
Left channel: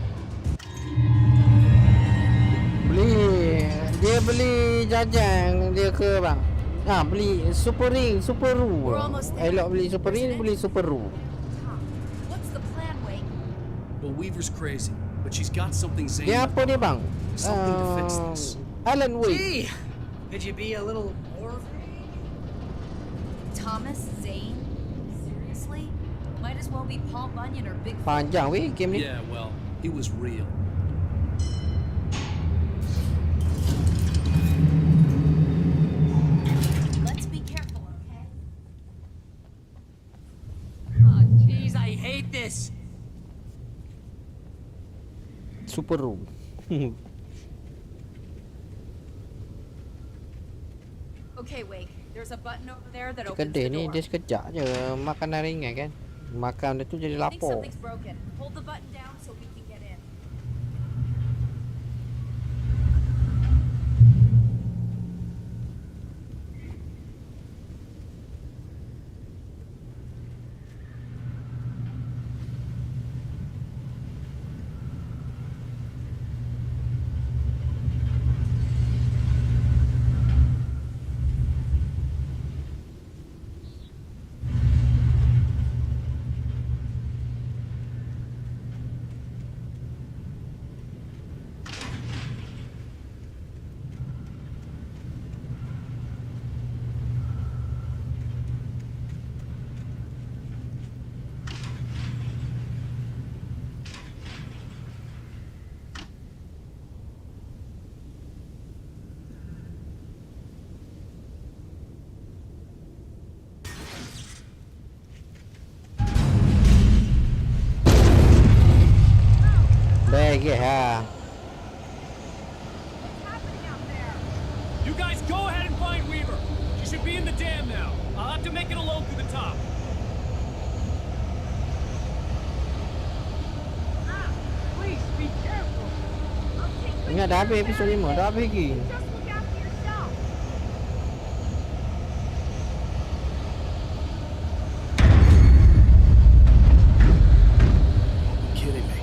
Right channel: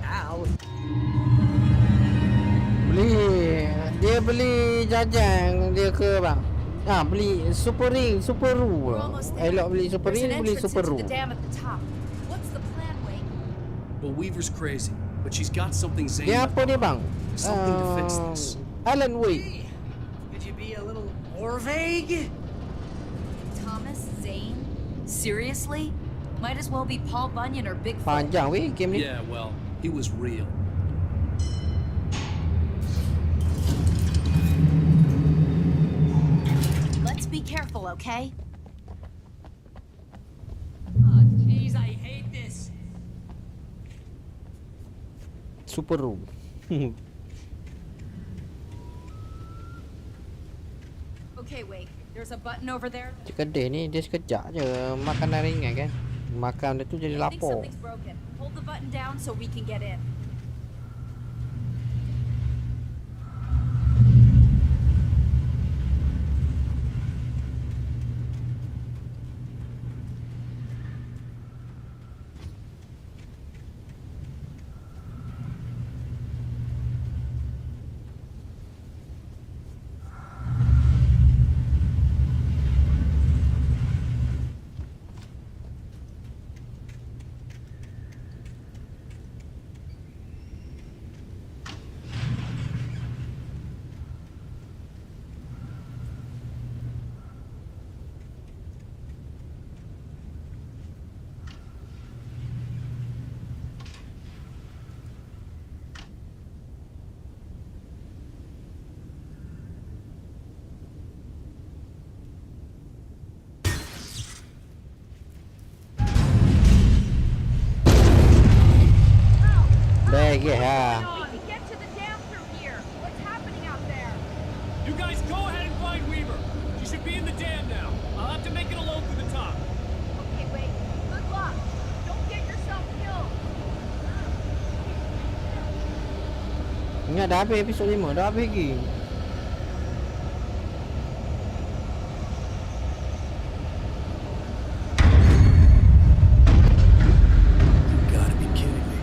Ow! Dia beli jajan dia ke bang? Beli super ring, super ru. We're almost there. Elok beli super There's ring, an beli entrance super into ru. the dam at the top. What's the plan, Wake? Well, Weaver's crazy, but she's got something Zane Dia left apa dia bang? Something to fix this. Alan Wake. Gee, could you be a little more vague? Thomas Zane? Seriously? Might as well be Paul Bunyan or Bigfoot. Panjang weh game ni. Yeah, well, he was real. Let's be careful, okay? Oh, jeez, I hate this. Super ru. Okay, Wake. There's a button over there that opens Kedai the ni door. dia sekejap je makanan ringan kan. Makan dia tu jadi I think lapar. something's broken. Hold the button down so we can get in. Baik ha. You guys go ahead and find Weaver. She should be in the dam now. I'll have to make it alone through the top. Okay, Wake. Good luck. Don't get yourself killed. Please be careful. Ingat dah habis episod 5, dah habis lagi. Gotta be kidding me.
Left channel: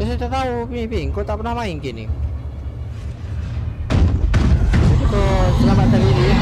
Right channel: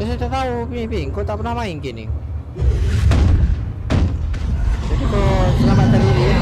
Saya tak tahu Ping, kau tak pernah main game ni. Jadi kau selamatkan diri ya.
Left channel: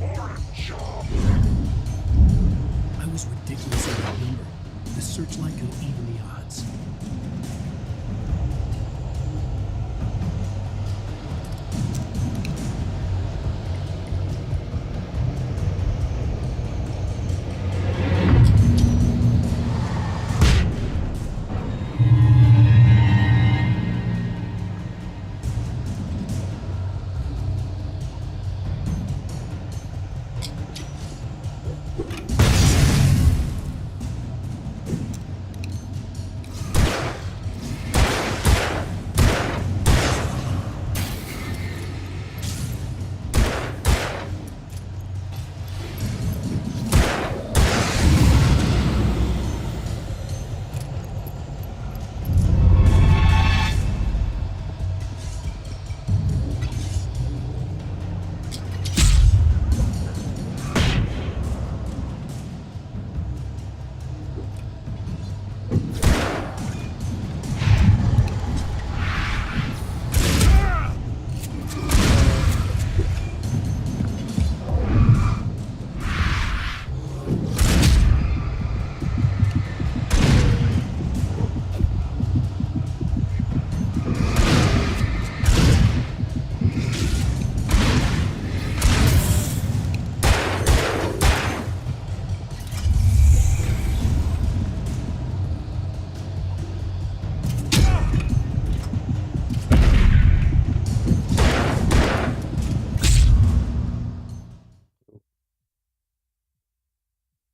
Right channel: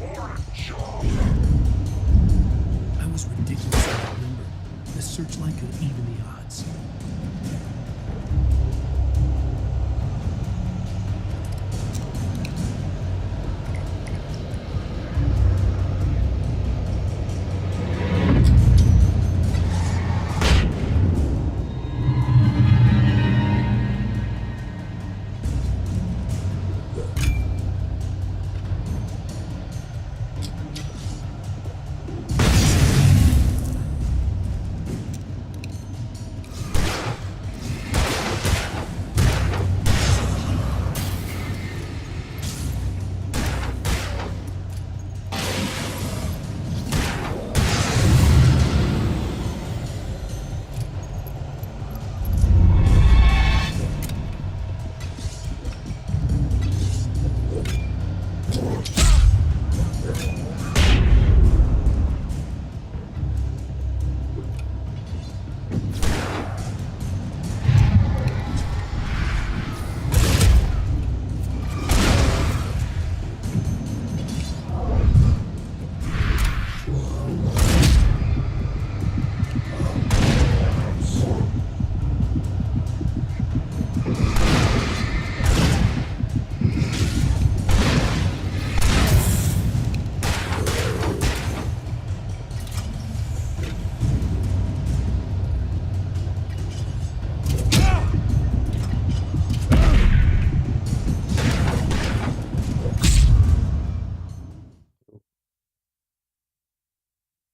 I was ridiculously outnumbered. The searchlight could even the odds.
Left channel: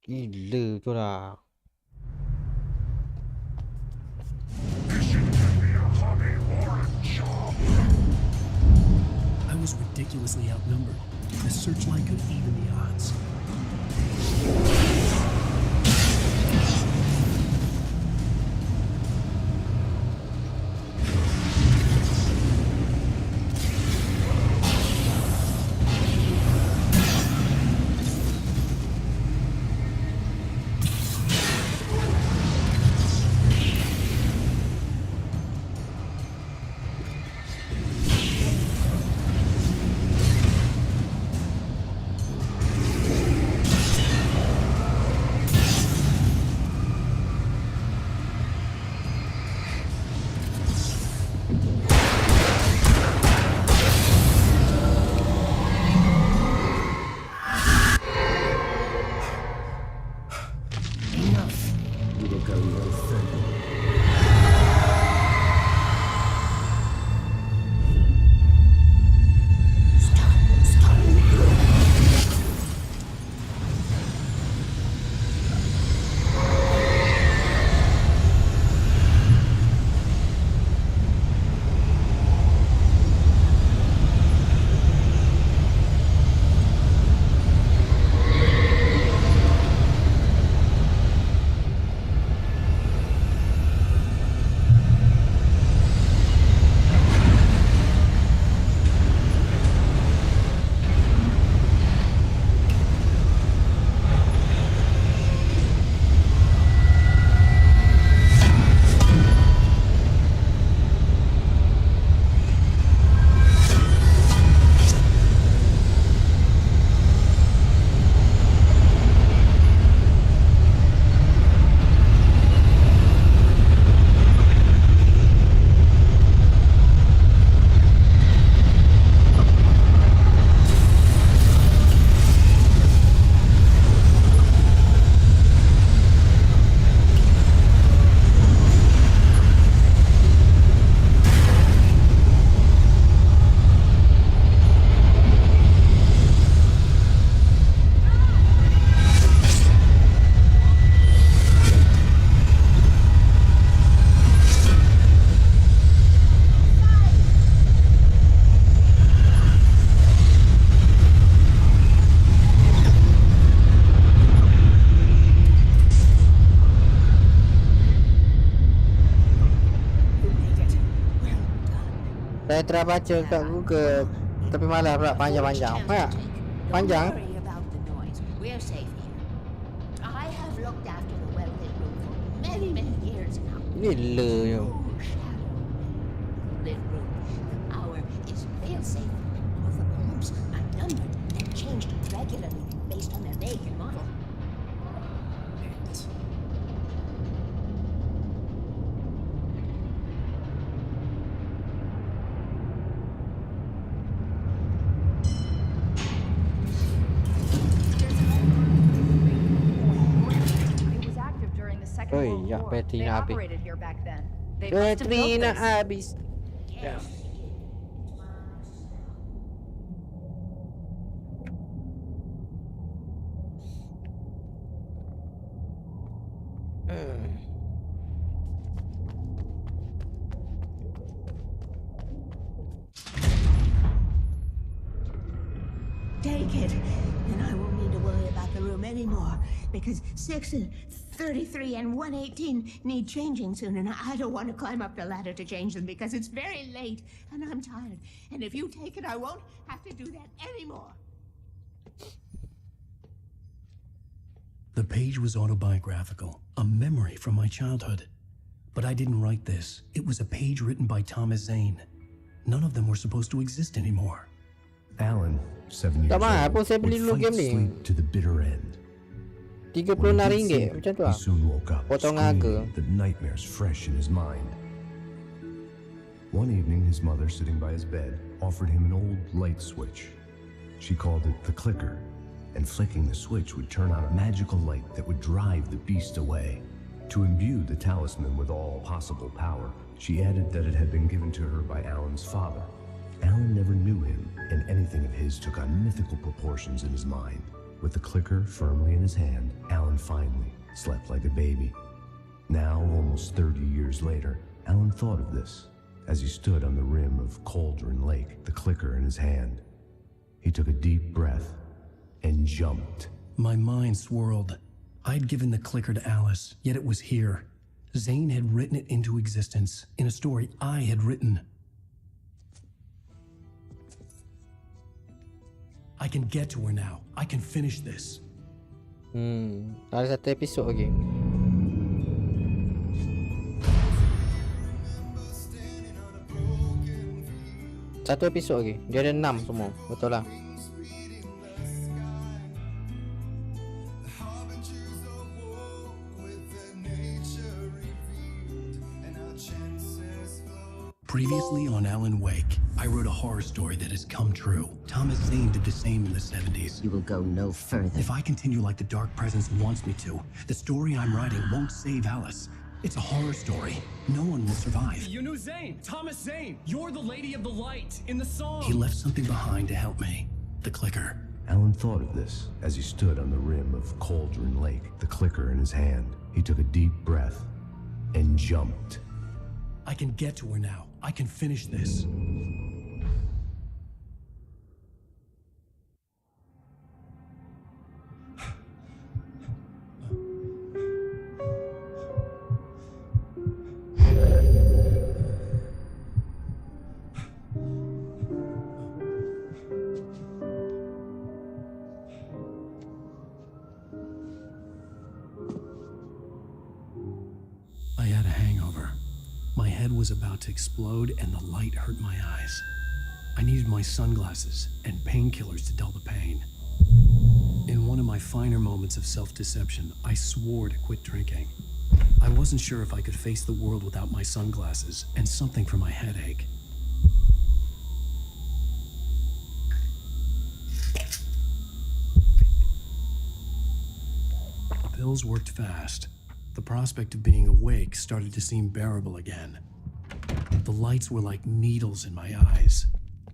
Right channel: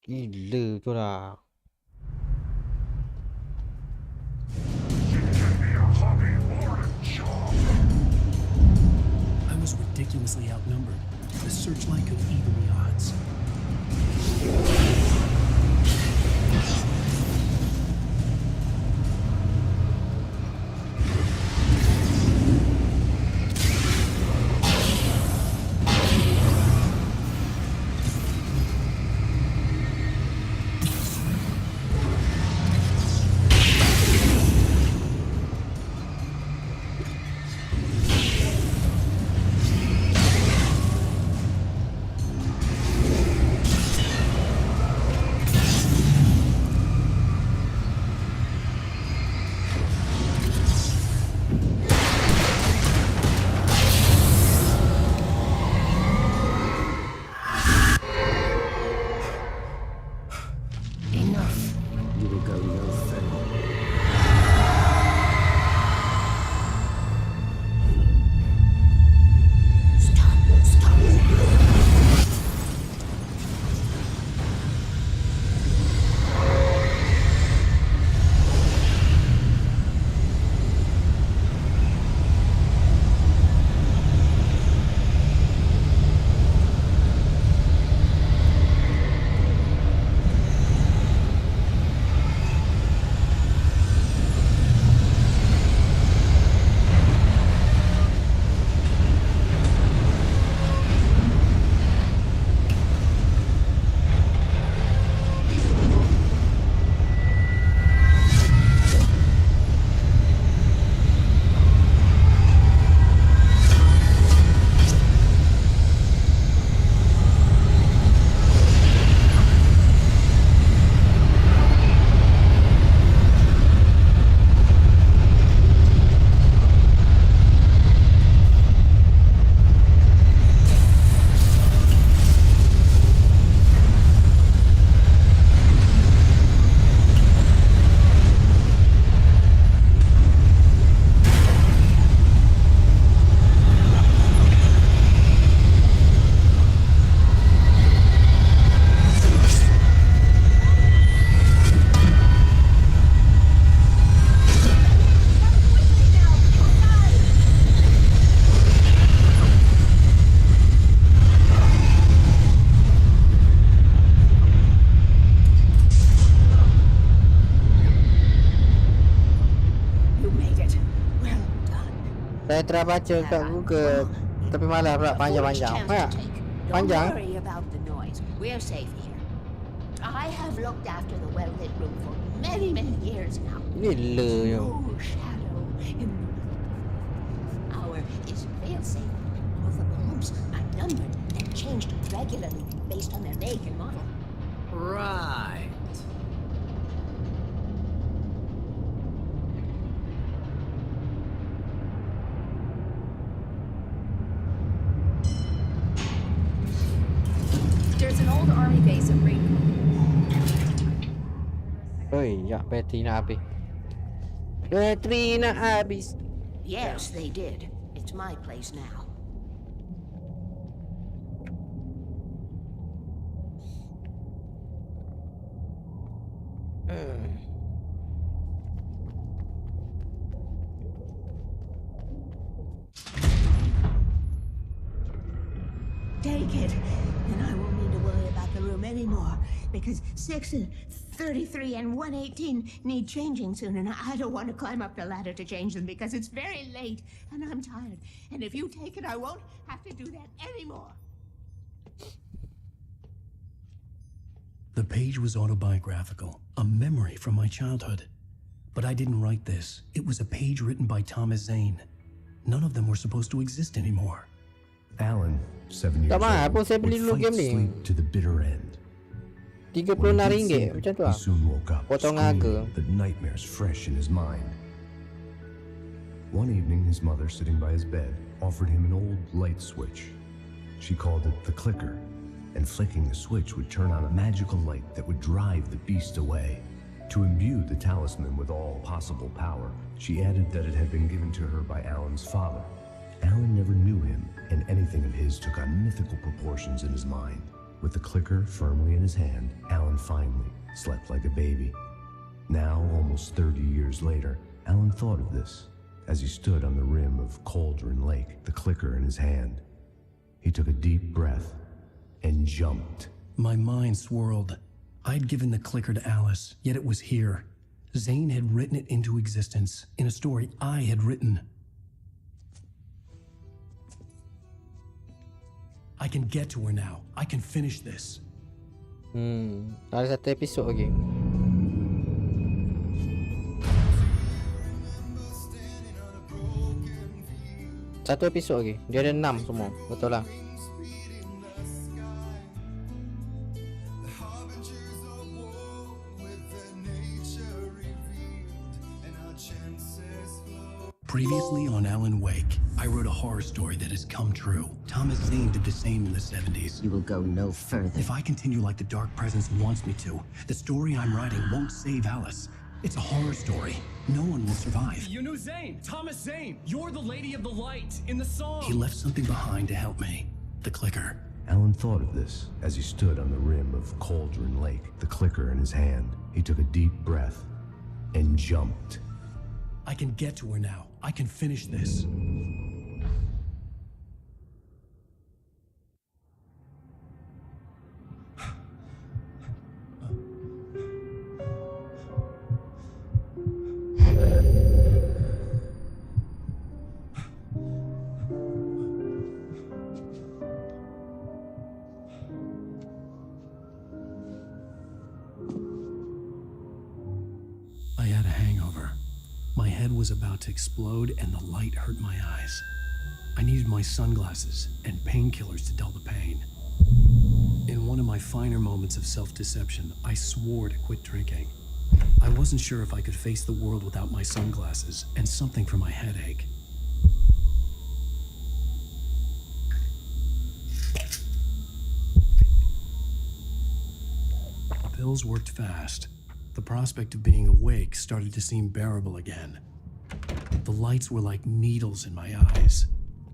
Gila tu lah. I was ridiculously outnumbered. The searchlight could even the odds. Enough. You will go no further. Stop now. Saya telah baca kat Google, tapi malah pula panjang-panjang. Ha? Panjang. Don't worry about the noise. We're safe here. I have looked after the well-lit room for many years now. Gila je. No shadow in the lit room. Our is fail-safe. All the bombs are numbered and changed red regularly based on their make and model. Right. There's an old army base in Raiden. It was active during the Second Oi, World ya War. bateri They nak habis. operated here back then. They must have Bateri built nak this. habis. Yes, they did. It's my place now. Take it, and I won't need to worry about the room anymore, because 6 and 33 and 118 need changing soon, and I don't want to climb up the ladder to change them because it's very late, and I'm tired. And if you take it, I won't have to do that anymore. The page was autobiographical, a memory from my childhood. But I didn't write this. It was a page written by Thomas Zane. None of them were supposed to exist anymore. Alan, 7 years Tak mahal pun old, saya beli would dulu fight game ni. sleep to the bitter end. RM36 When he did sleep, macam tu he lah. soon woke up, Potong harga. screaming, the nightmares fresh in his mind. One evening, his mother, sitting by his bed, offered him an old light switch. She called it the clicker, and flicking the switch would turn on a magical light that would drive the beast away. To imbue the talisman with all possible power, she added that it had been given to her by Alan's father. Alan never knew him, and anything of his took on mythical proportions in his mind. With the clicker firmly in his hand, Alan finally slept like a baby. Now, almost 30 years later, Alan thought of this as he stood on the rim of Cauldron Lake, the clicker in his hand. He took a deep breath and jumped. My mind swirled. I'd given the clicker to Alice, yet it was here. Zane had written it into existence in a story I had written. I can get to her now. I can finish this. Ada satu episod lagi. Satu episod lagi. Dia ada 6 semua. Betul lah. Previously on Alan Wake, I wrote a horror story that has come true. Thomas Zane did the same in the 70s. You will go no further. If I continue like the Dark Presence wants me to, the story I'm writing won't save Alice. It's a horror story. No one will survive. You knew Zane! Thomas Zane! You're the Lady of the Light in the song! He left something behind to help me. The clicker. Alan thought of this as he stood on the rim of Cauldron Lake, the clicker in his hand. He took a deep breath and jumped. I can get to her now. I can finish this. I had a hangover. My head was about to explode and the light hurt my eyes. I needed my sunglasses and painkillers to dull the pain. In one of my finer moments of self-deception, I swore to quit drinking. I wasn't sure if I could face the world without my sunglasses and something for my headache. The pills worked fast. The prospect of being awake started to seem bearable again. The lights were like needles in my eyes.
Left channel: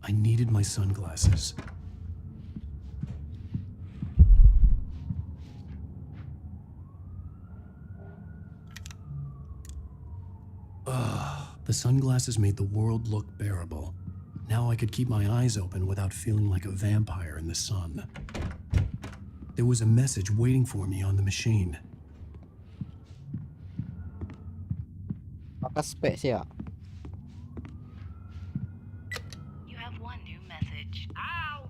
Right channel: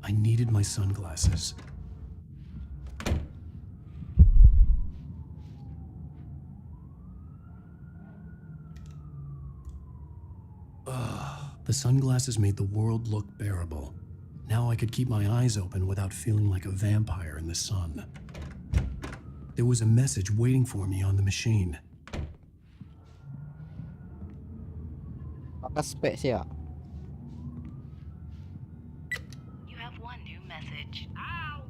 I needed my sunglasses. The sunglasses made the world look bearable. Now I could keep my eyes open without feeling like a vampire in the sun. There was a message waiting for me on the machine. Pakai spek siap. You have one new message. Ow!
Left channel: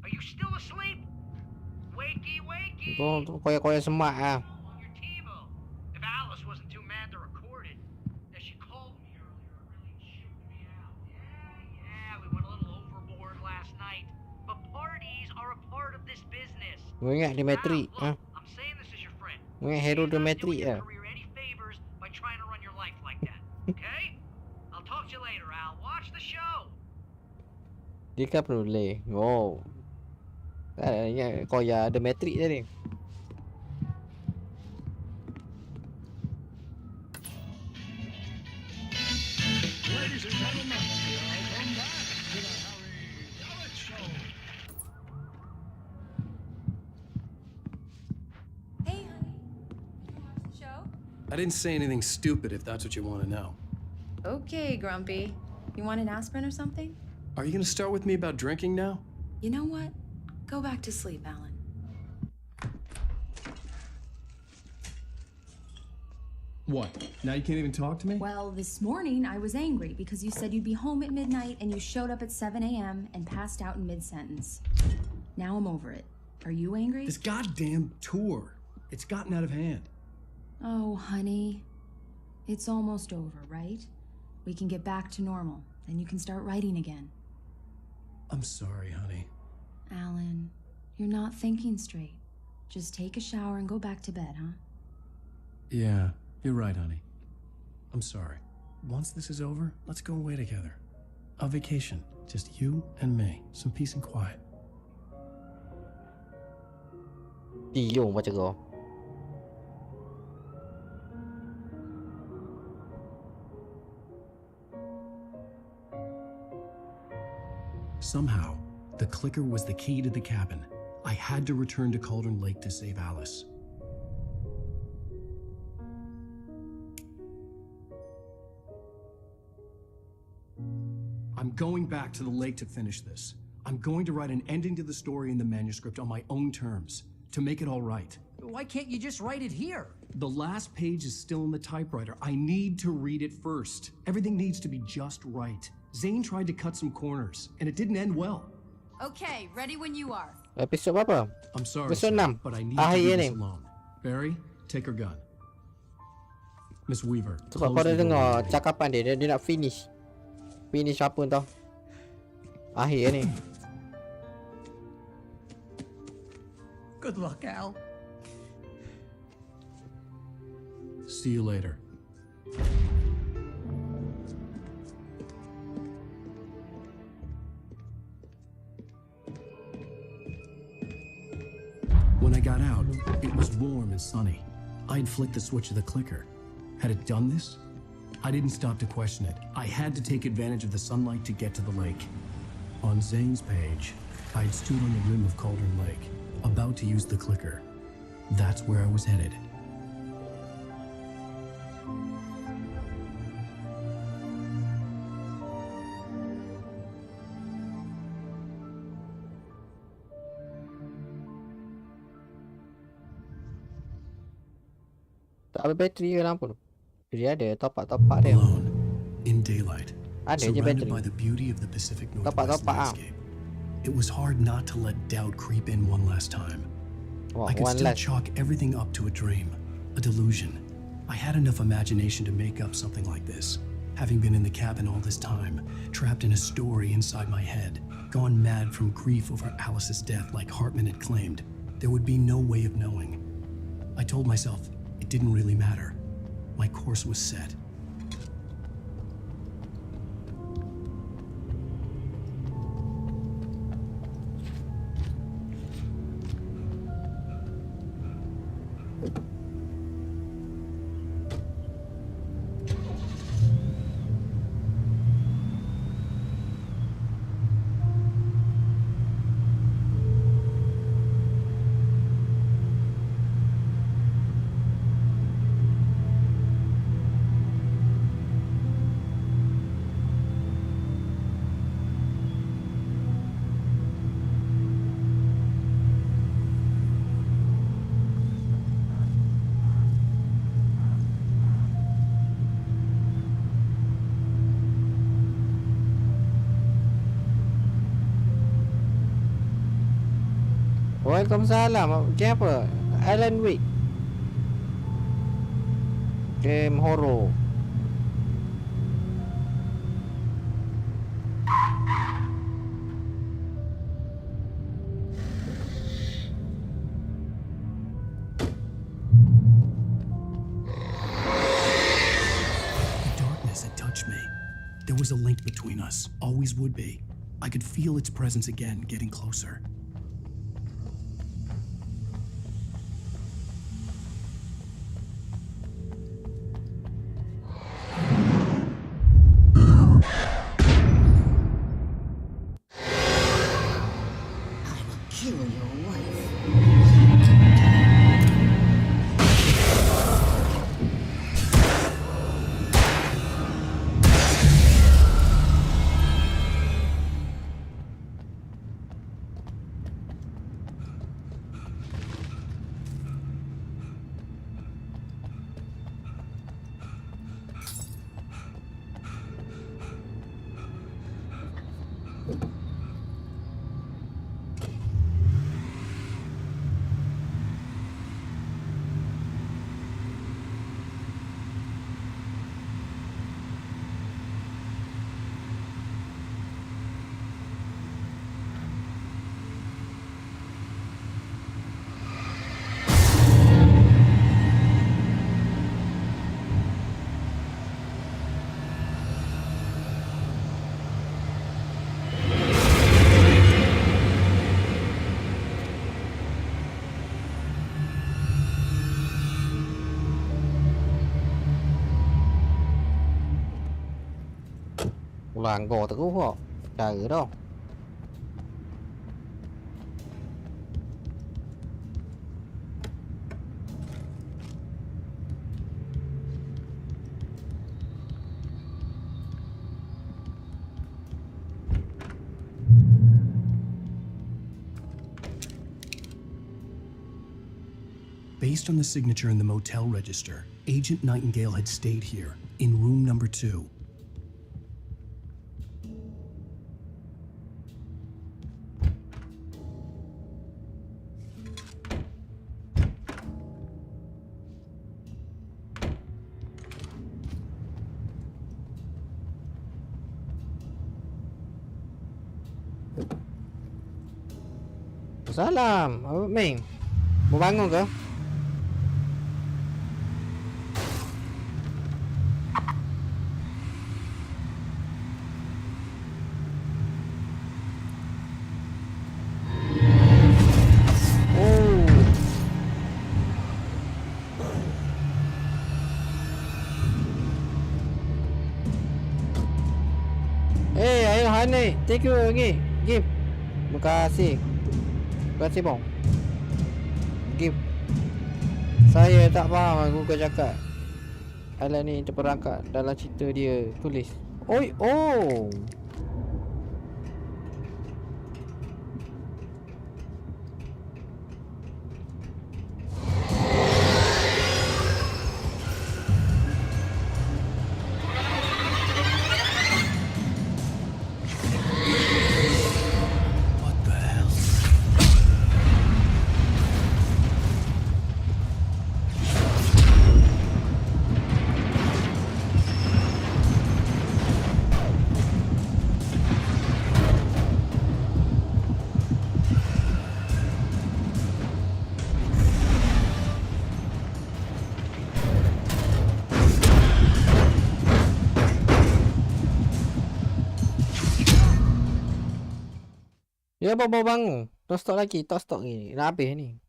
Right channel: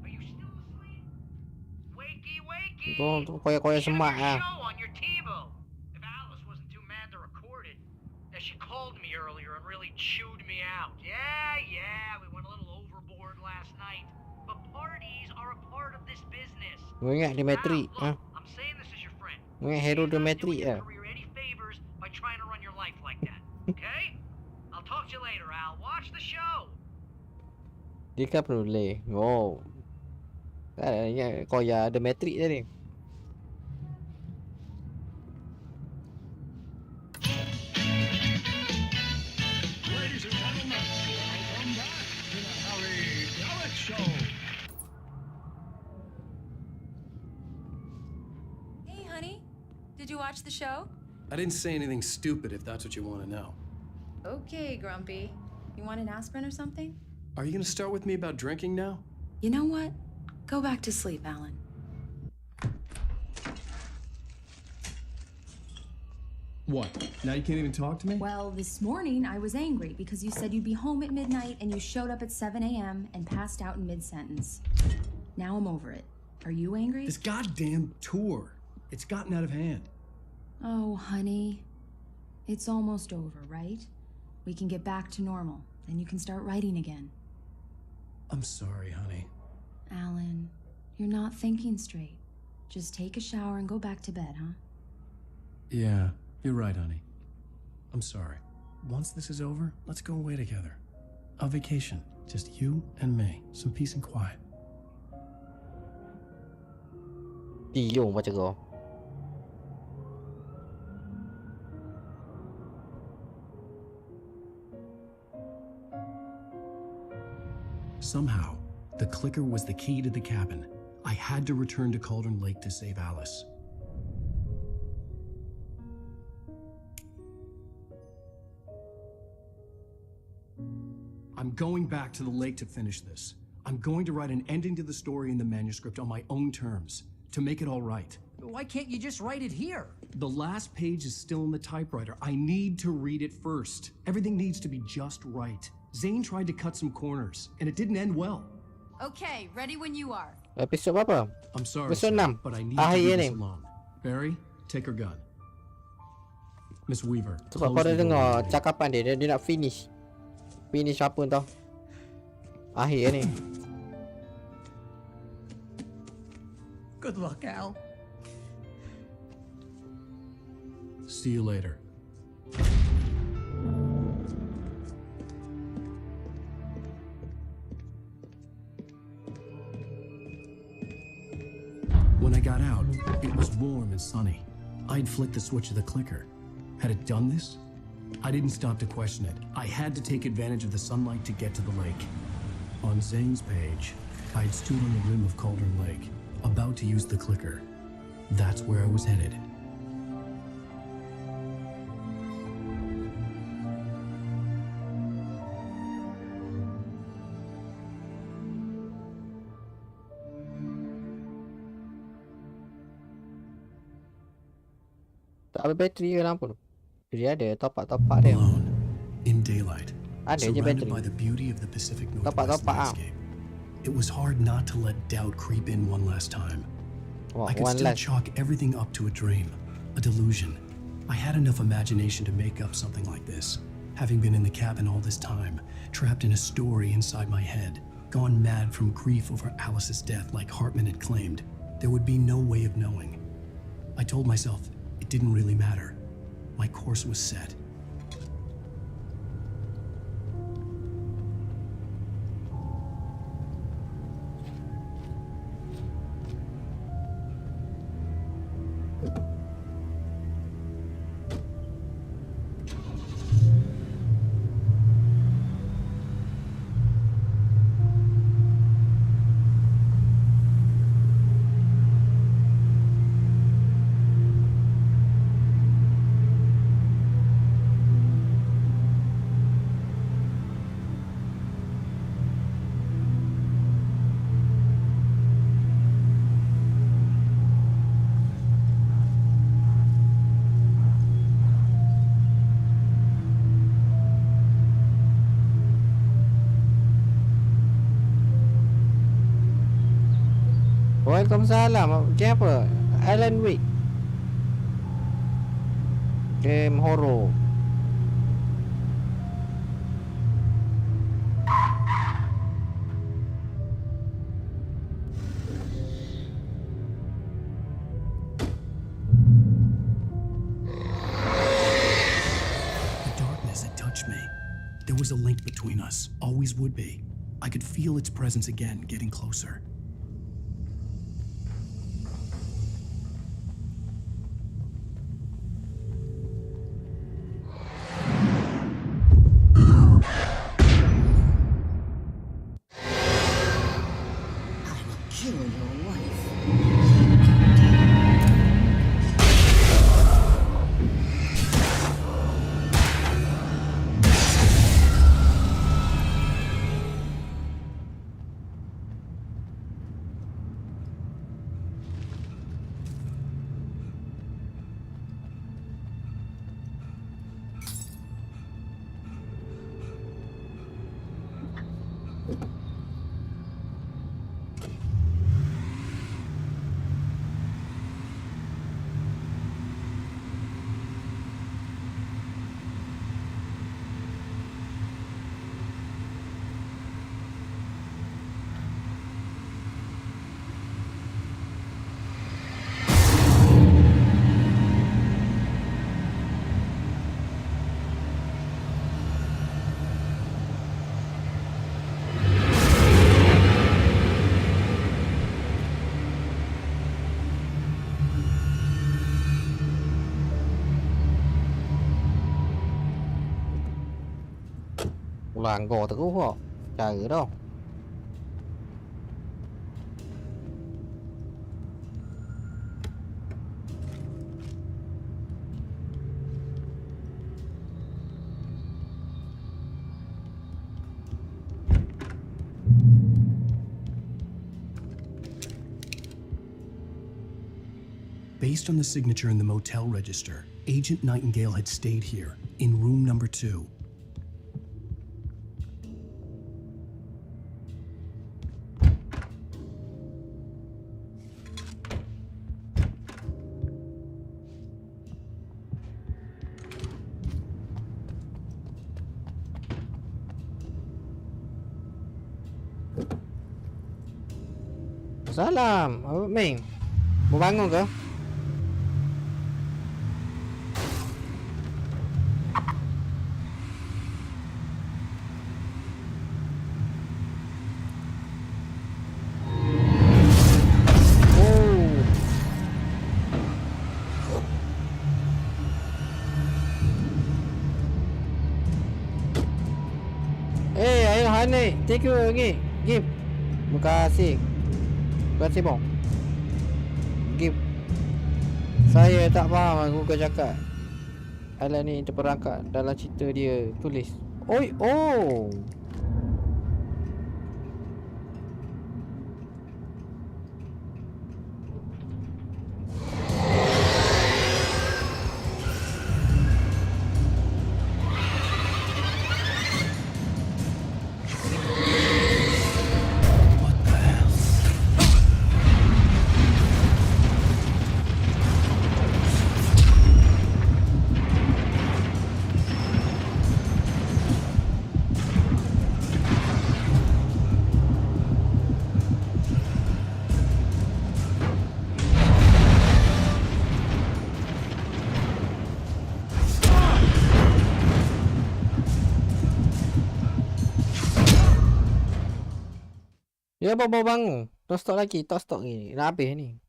Are you still asleep? Wakey, wakey! Tu koyak-koyak semak ah. On your TiVo. If Alice wasn't too mad to record it. That she called me earlier and really chewed me out. Yeah, we went a little overboard last night. But parties are a part of this business. Kau ingat dia matrik, ha? I'm saying this as your friend. Kau ingat hero dia matrik Doing your lah. career any favors by trying to run your life like that. Okay? I'll talk to you later, Al. Watch the show. Dia kan boleh. Oh. Tak ingat kau yang ada matrik tadi. Ladies and gentlemen, welcome back to the Harry Alex Show. Hey, honey. Did you watch the show? I didn't say anything stupid if that's what you want to know. Okay, Grumpy. You want an aspirin or something? Are you going to start with me about drinking now? You know what? Go back to sleep, Alan. What? Now you can't even talk to me? Well, this morning I was angry because you said you'd be home at midnight and you showed up at 7 a.m. and passed out in mid-sentence. Now I'm over it. Are you angry? This goddamn tour. It's gotten out of hand. Oh, honey. It's almost over, right? We can get back to normal. Then you can start writing again. I'm sorry, honey. Alan, you're not thinking straight. Just take a shower and go back to bed, huh? Yeah, you're right, honey. I'm sorry. Once this is over, let's go away together. A vacation. Just you and me. Some peace and quiet. Tiyong macam kau. Somehow, the clicker was the key to the cabin. I had to return to Cauldron Lake to save Alice. I'm going back to the lake to finish this. I'm going to write an ending to the story in the manuscript on my own terms, to make it all right. Why can't you just write it here? The last page is still in the typewriter. I need to read it first. Everything needs to be just right. Zane tried to cut some corners, and it didn't end well. Okay, ready when you are. Episod berapa? I'm sorry, Episod sir, 6. but I need to Akhir do ni. this alone. Barry, take her gun. Miss Weaver, Sebab close kau dah the door dengar behind you. cakapan dia nak finish. Finish apa tau? Akhir ni. Good luck, Al. See you later. When I got out, it was warm and sunny. I'd flicked the switch of the clicker. Had it done this? I didn't stop to question it. I had to take advantage of the sunlight to get to the lake. On Zane's page, I'd stood on the rim of Cauldron Lake, about to use the clicker. That's where I was headed. Tak ada bateri ke lampu tu? Dia ada topak-topak dia. Alone, in daylight, Ada je surrounded bateri. by the beauty of the Pacific Northwest Topak-topak ah. landscape. It was hard not to let doubt creep in one last time. Wah, I could one still last. chalk everything up to a dream, a delusion. I had enough imagination to make up something like this. Having been in the cabin all this time, trapped in a story inside my head, gone mad from grief over Alice's death like Hartman had claimed, there would be no way of knowing. I told myself it didn't really matter. My course was set. Waalaikumsalam. Game apa? Alan Wake. Game horror. There was a link between us, always would be. I could feel its presence again, getting closer. I will kill your wife. Làng gò tự họ trời ở đâu. Based on the signature in the motel register, Agent Nightingale had stayed here, in room number 2. Salam, Abang Ming. Mau bangun ke? Ayo Hani, take you lagi. Give. Terima kasih. Terima kasih bang. Give. Saya tak faham aku kau cakap. Alan ni terperangkap dalam cerita dia tulis. Oi, oh. Dia bawa bangun. Tak stop lagi, tak stop ni. Nak habis ni.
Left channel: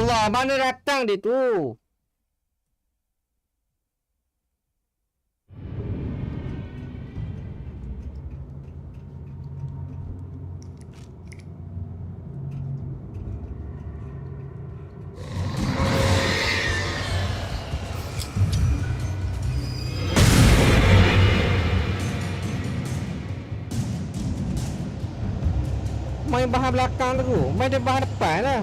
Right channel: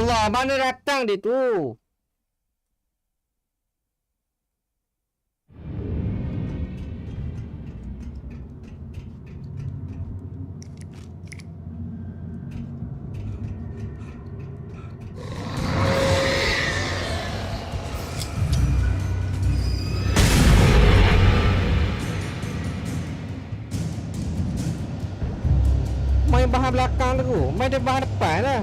Allah, mana datang dia tu? Main bahan belakang tu. Main dia bahan depan lah.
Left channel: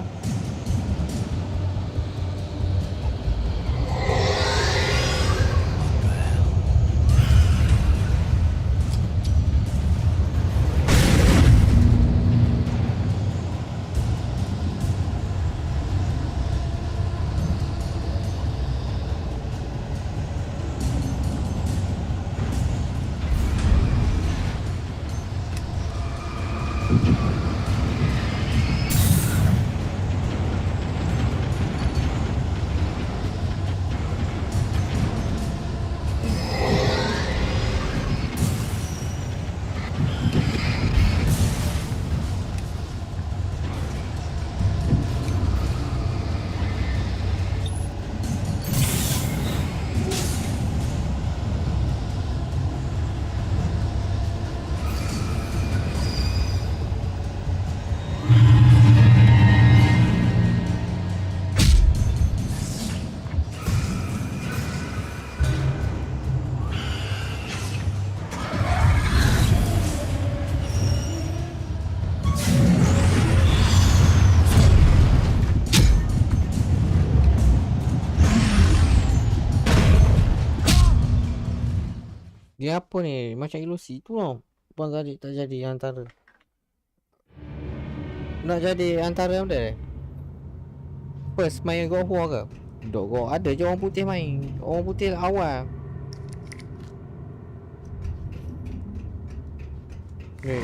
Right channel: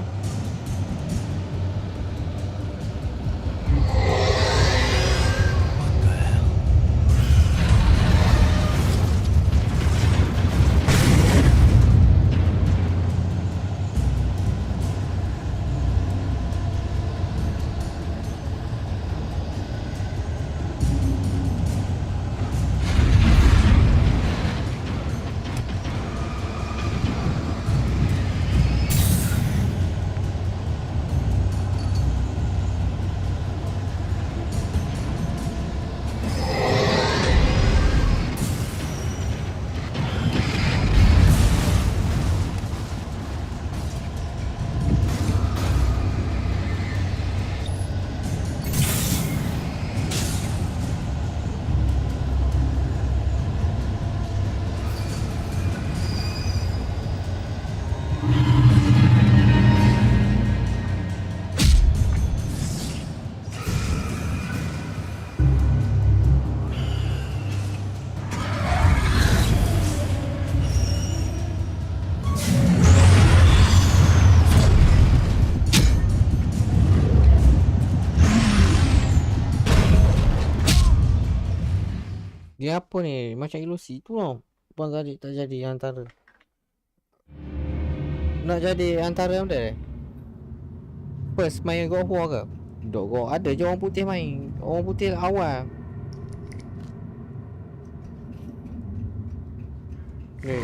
Dia apa ni? Macam ilusi tu tau. Puan tadi tak jadi antara. Nak jadi antara benda. First main God of War ke? Dok go ada je orang putih main. Orang putih awal. Ni.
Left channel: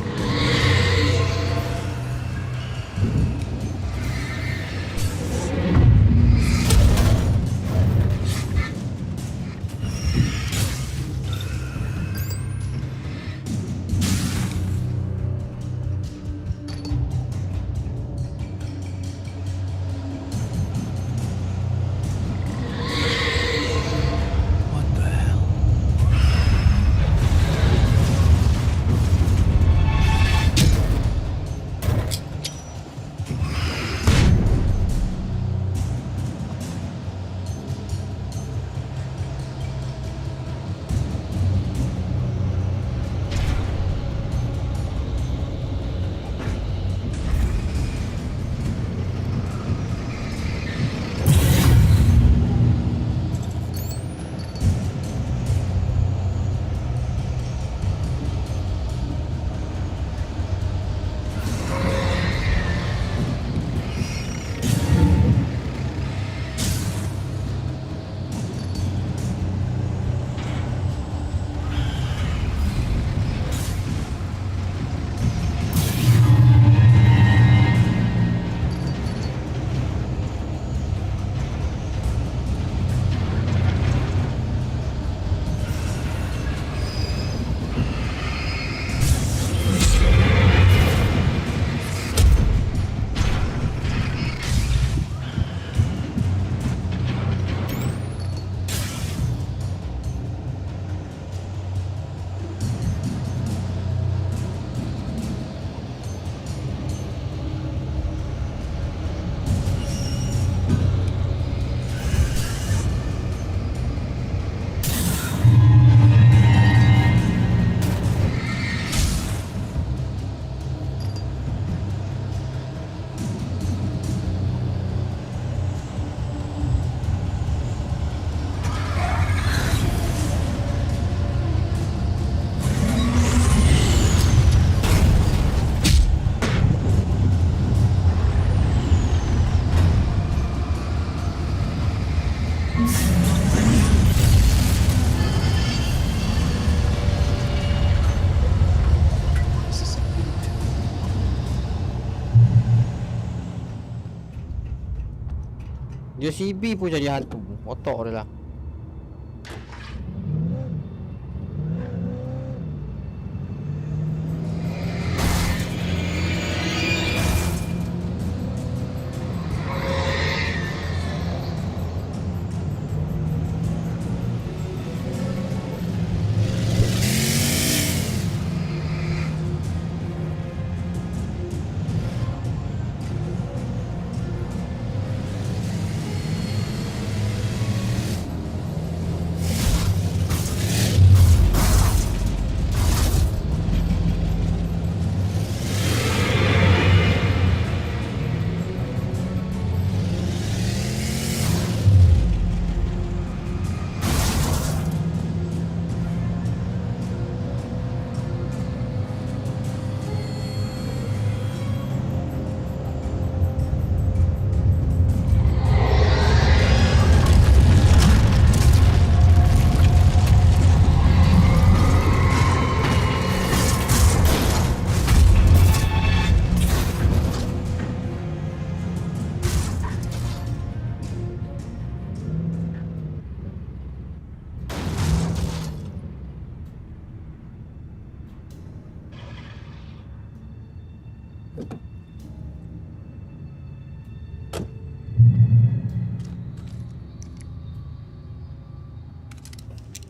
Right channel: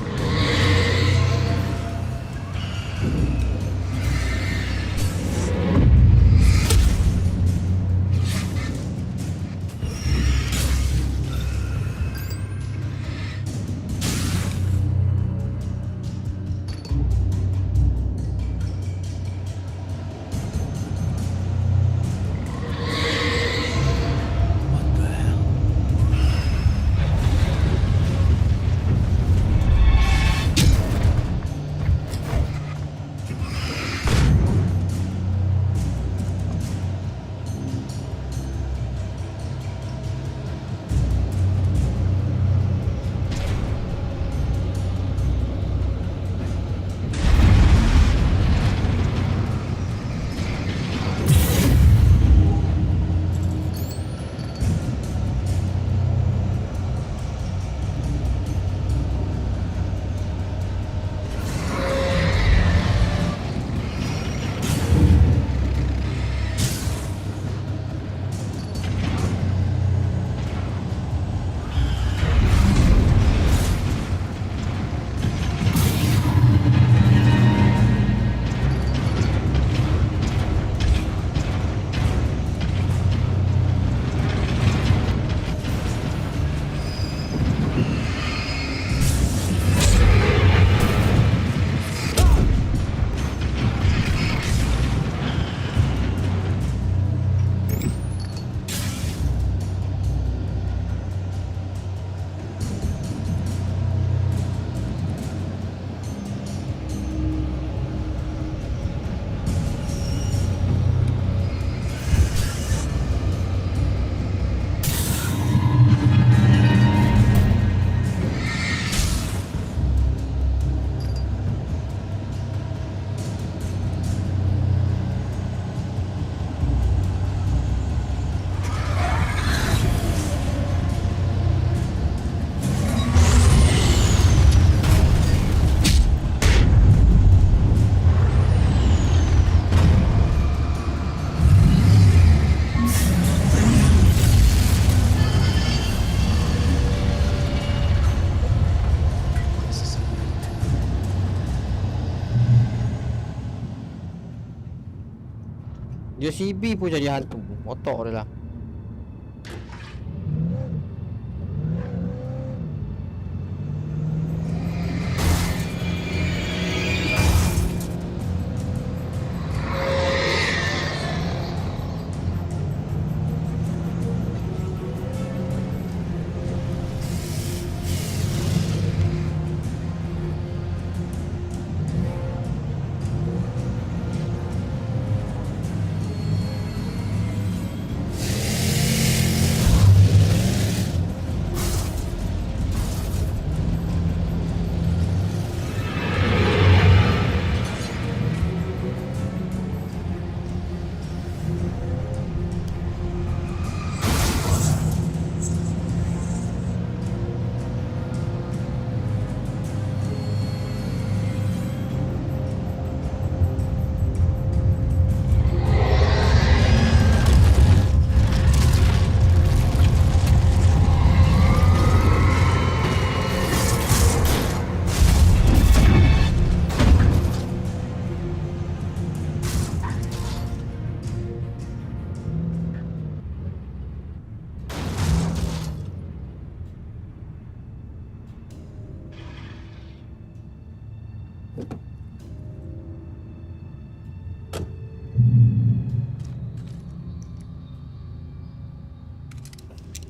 Dia CB pun jadi hantu. Otak dia lah.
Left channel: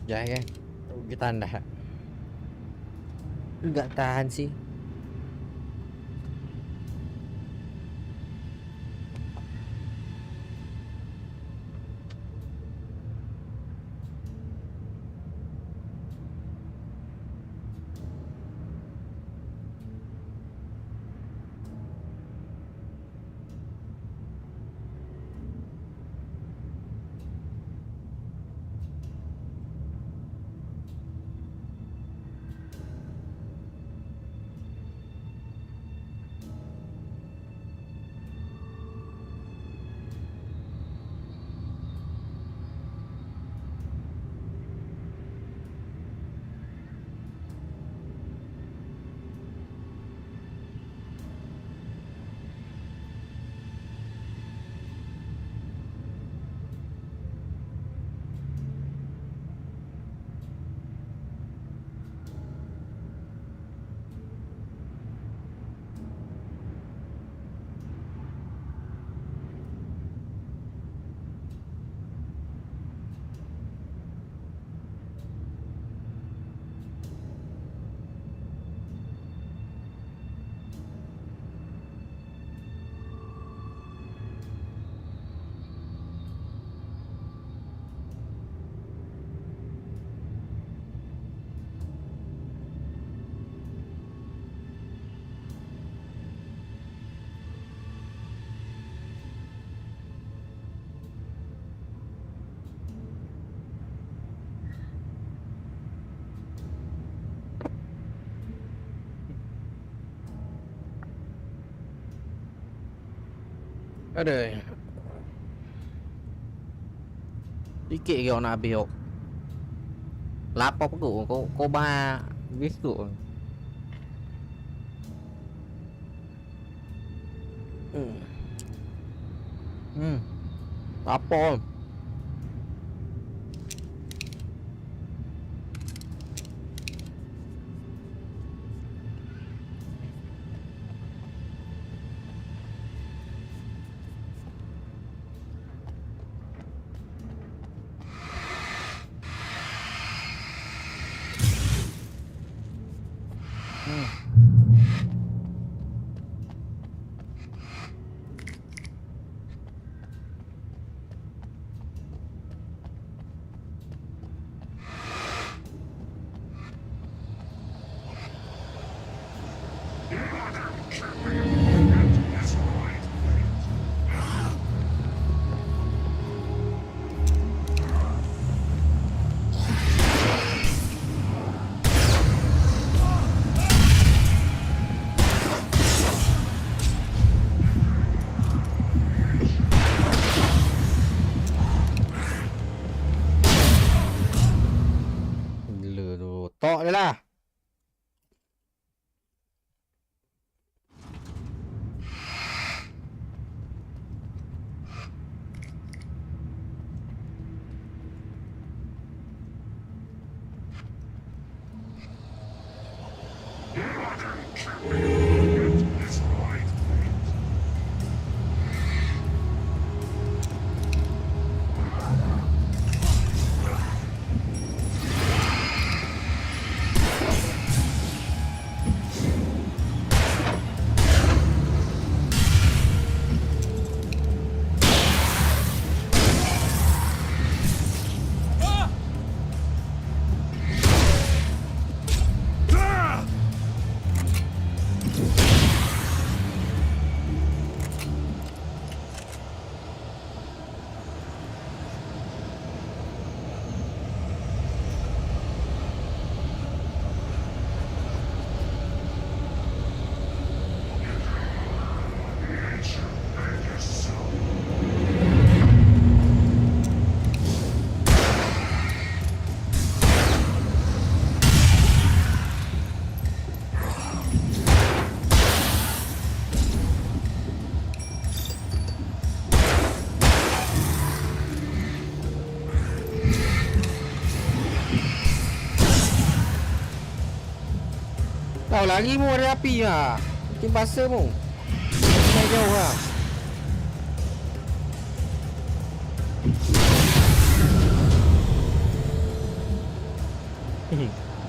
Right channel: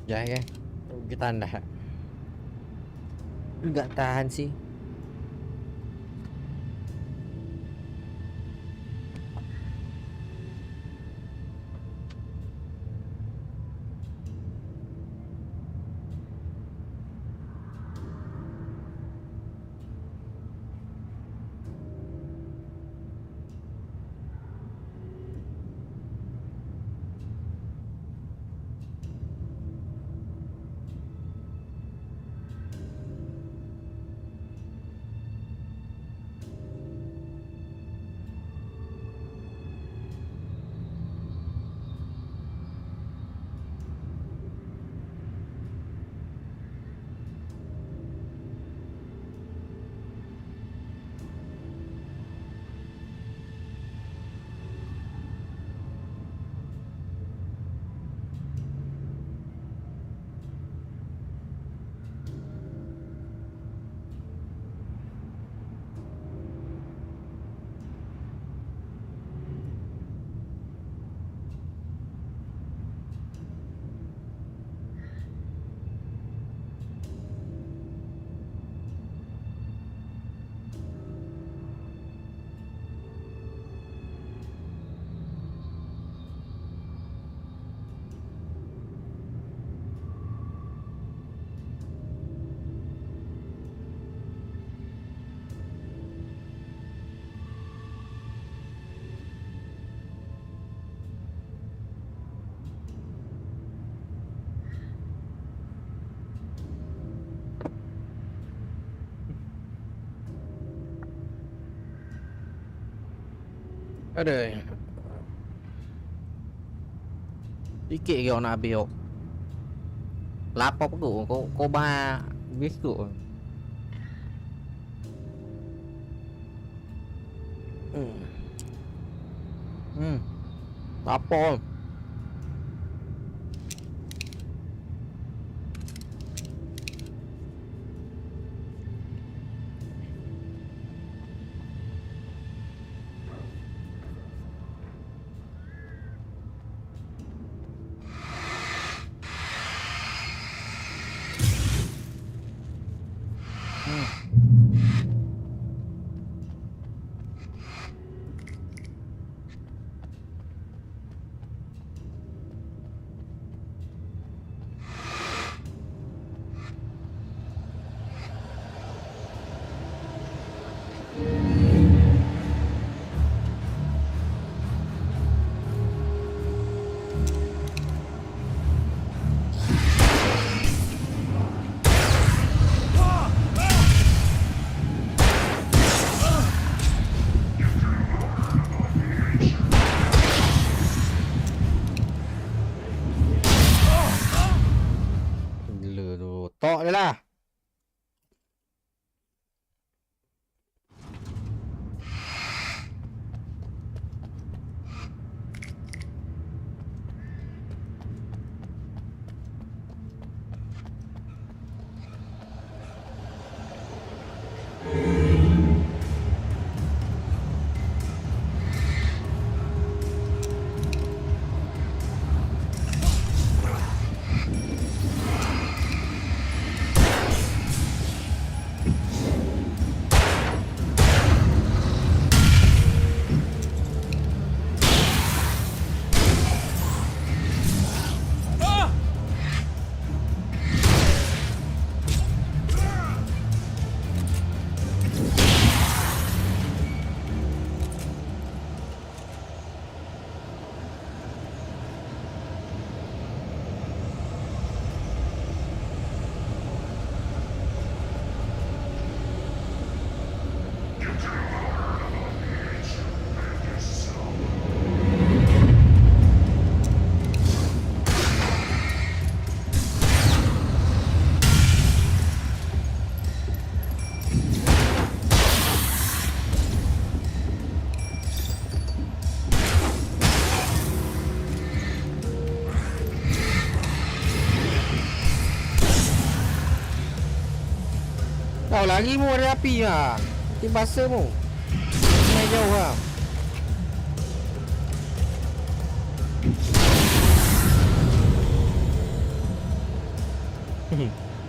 Ya kan? Kita dah. Enggak tahan sih. Aduh. Sikit ke nak habis kau. Lapar perut kau bah biskut. Lapar. Tok dia lah. Kau lagi mu ada api lah. Mungkin basah mu. Main jauh lah.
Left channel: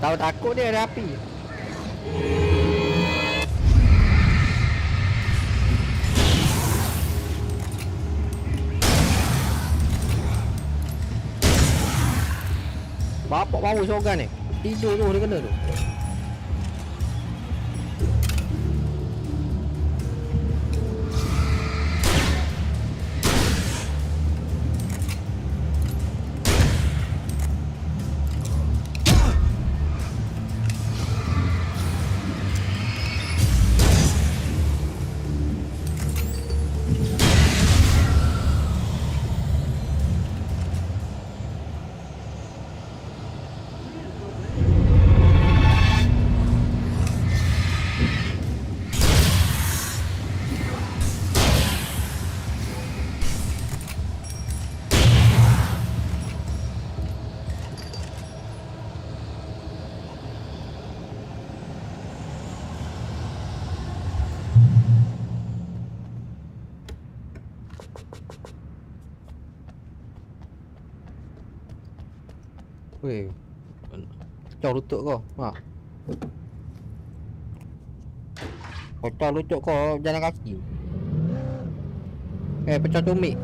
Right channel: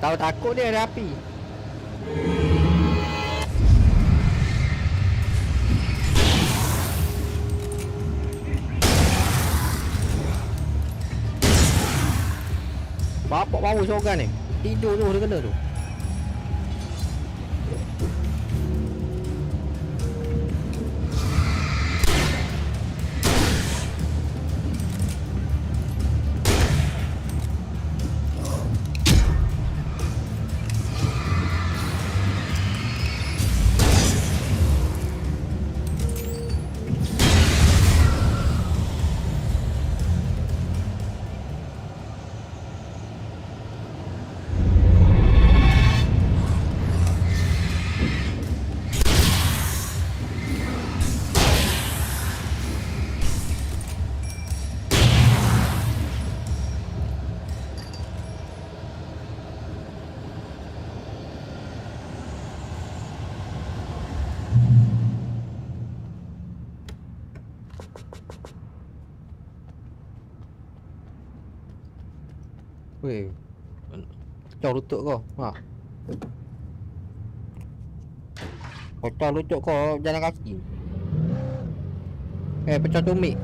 Tahu takut dia ada api. Bapak bau sorgan ni. Tidur tu dia kena tu. Weh, pecah lutut kau. Ha. Pecah lutut kau jalan kaki. Pecah tumit.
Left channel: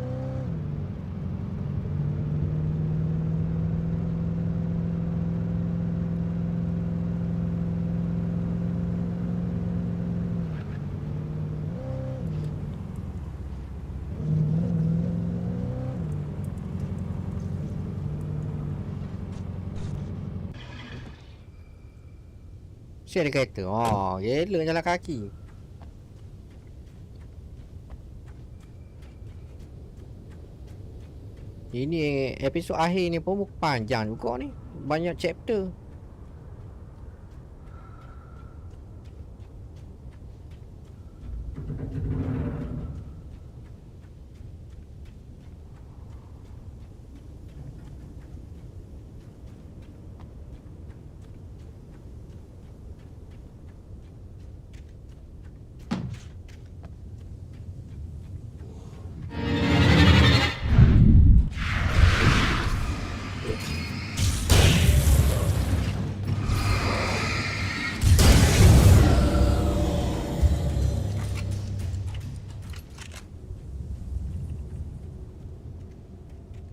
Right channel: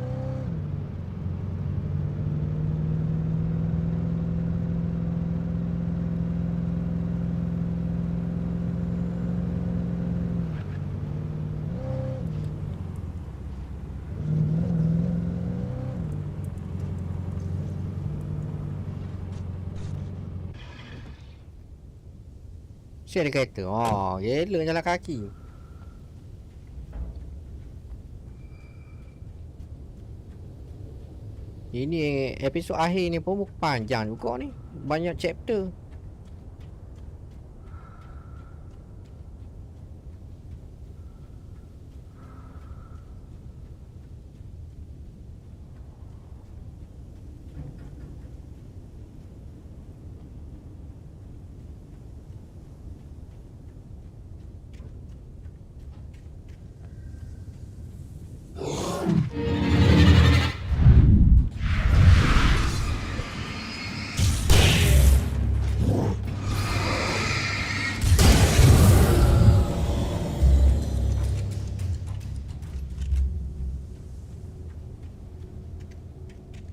Siapa ada kereta? Oh, gila jalan kaki. Ini episod akhir ni pun panjang juga ni. Banyak chapter.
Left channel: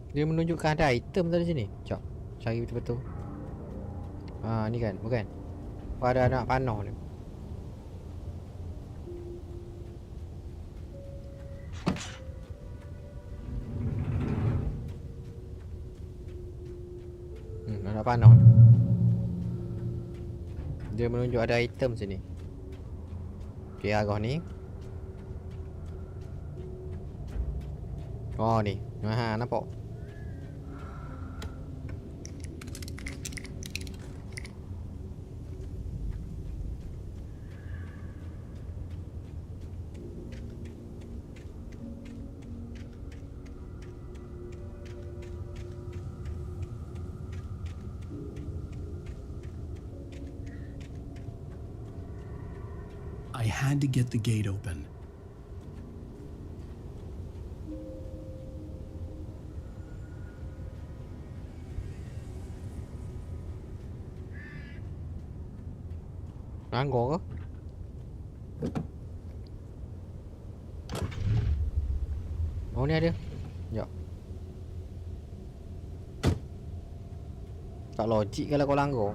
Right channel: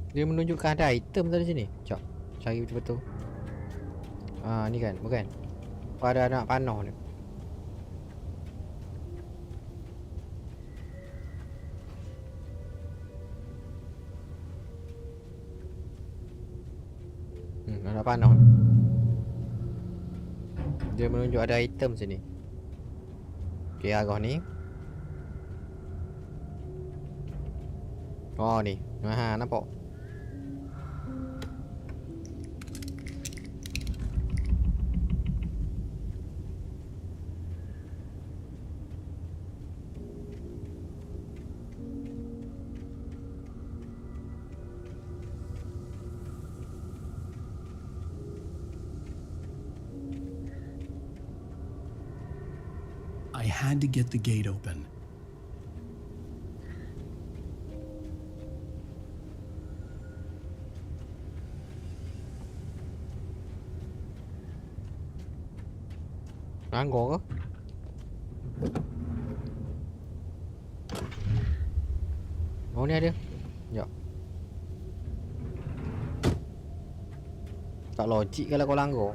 Dia menunjukkan ada item tadi sini. Jom cari betul-betul. Ah, ni kan, bukan. Pada anak panah ni. Anak panah. Dia menunjuk ada item sini. Okey, arah ni. Oh ni. Ha, nampak. I had to get the gate open. Anggur ke? Oh ni ada. Sekejap. Tak logik kalau kau langgar.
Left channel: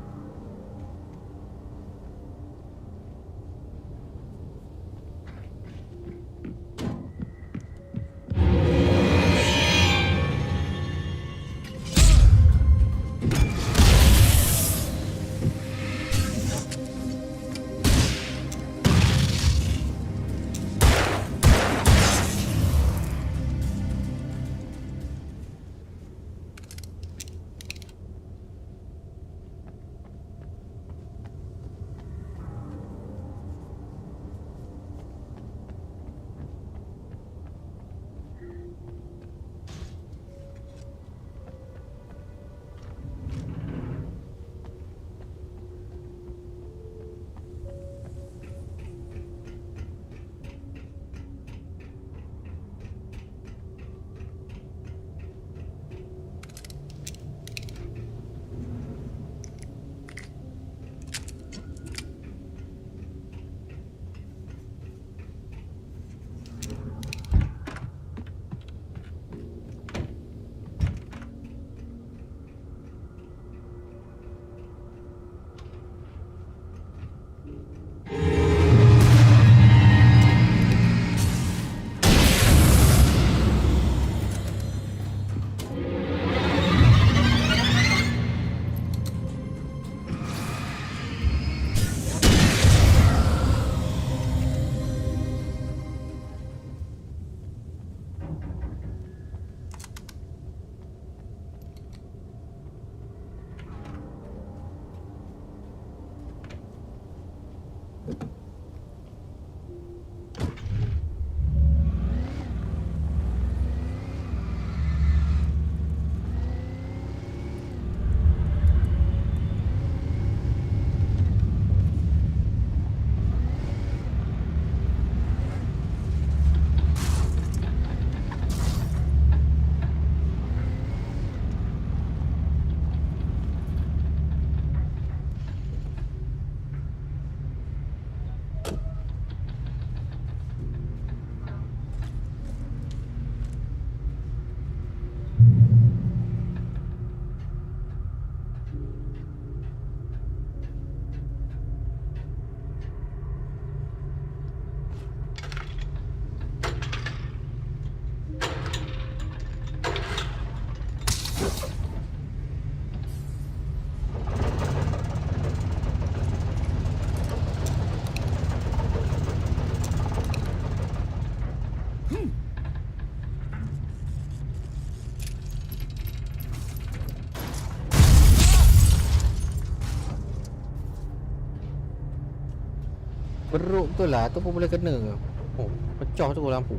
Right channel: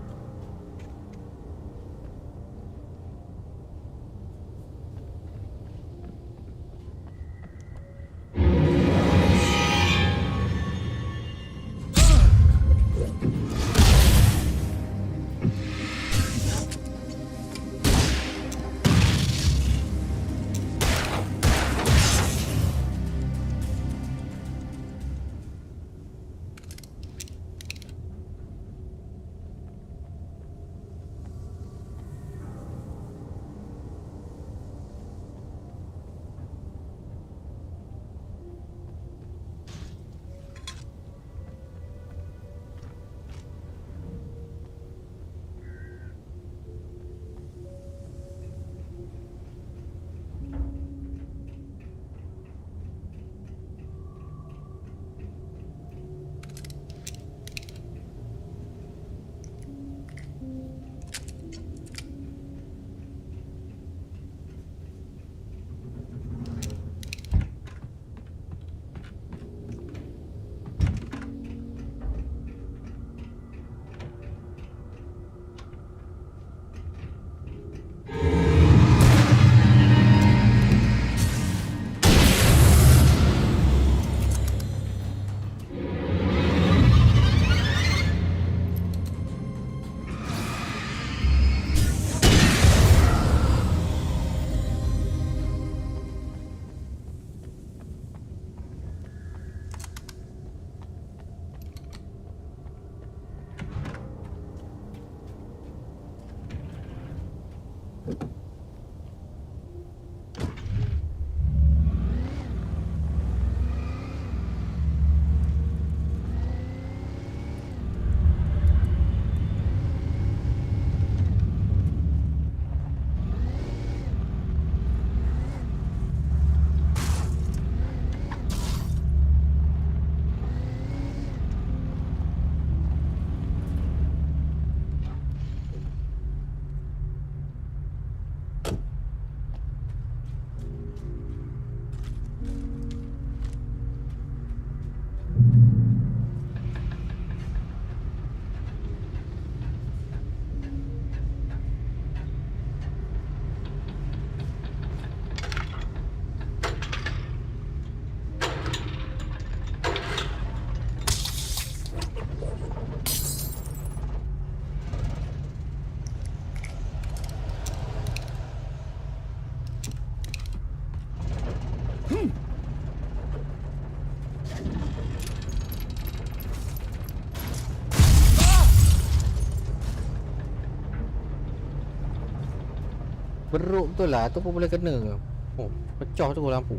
Beruk betul lah. Tu pun boleh kena ke? Oh, pecah tu lampu.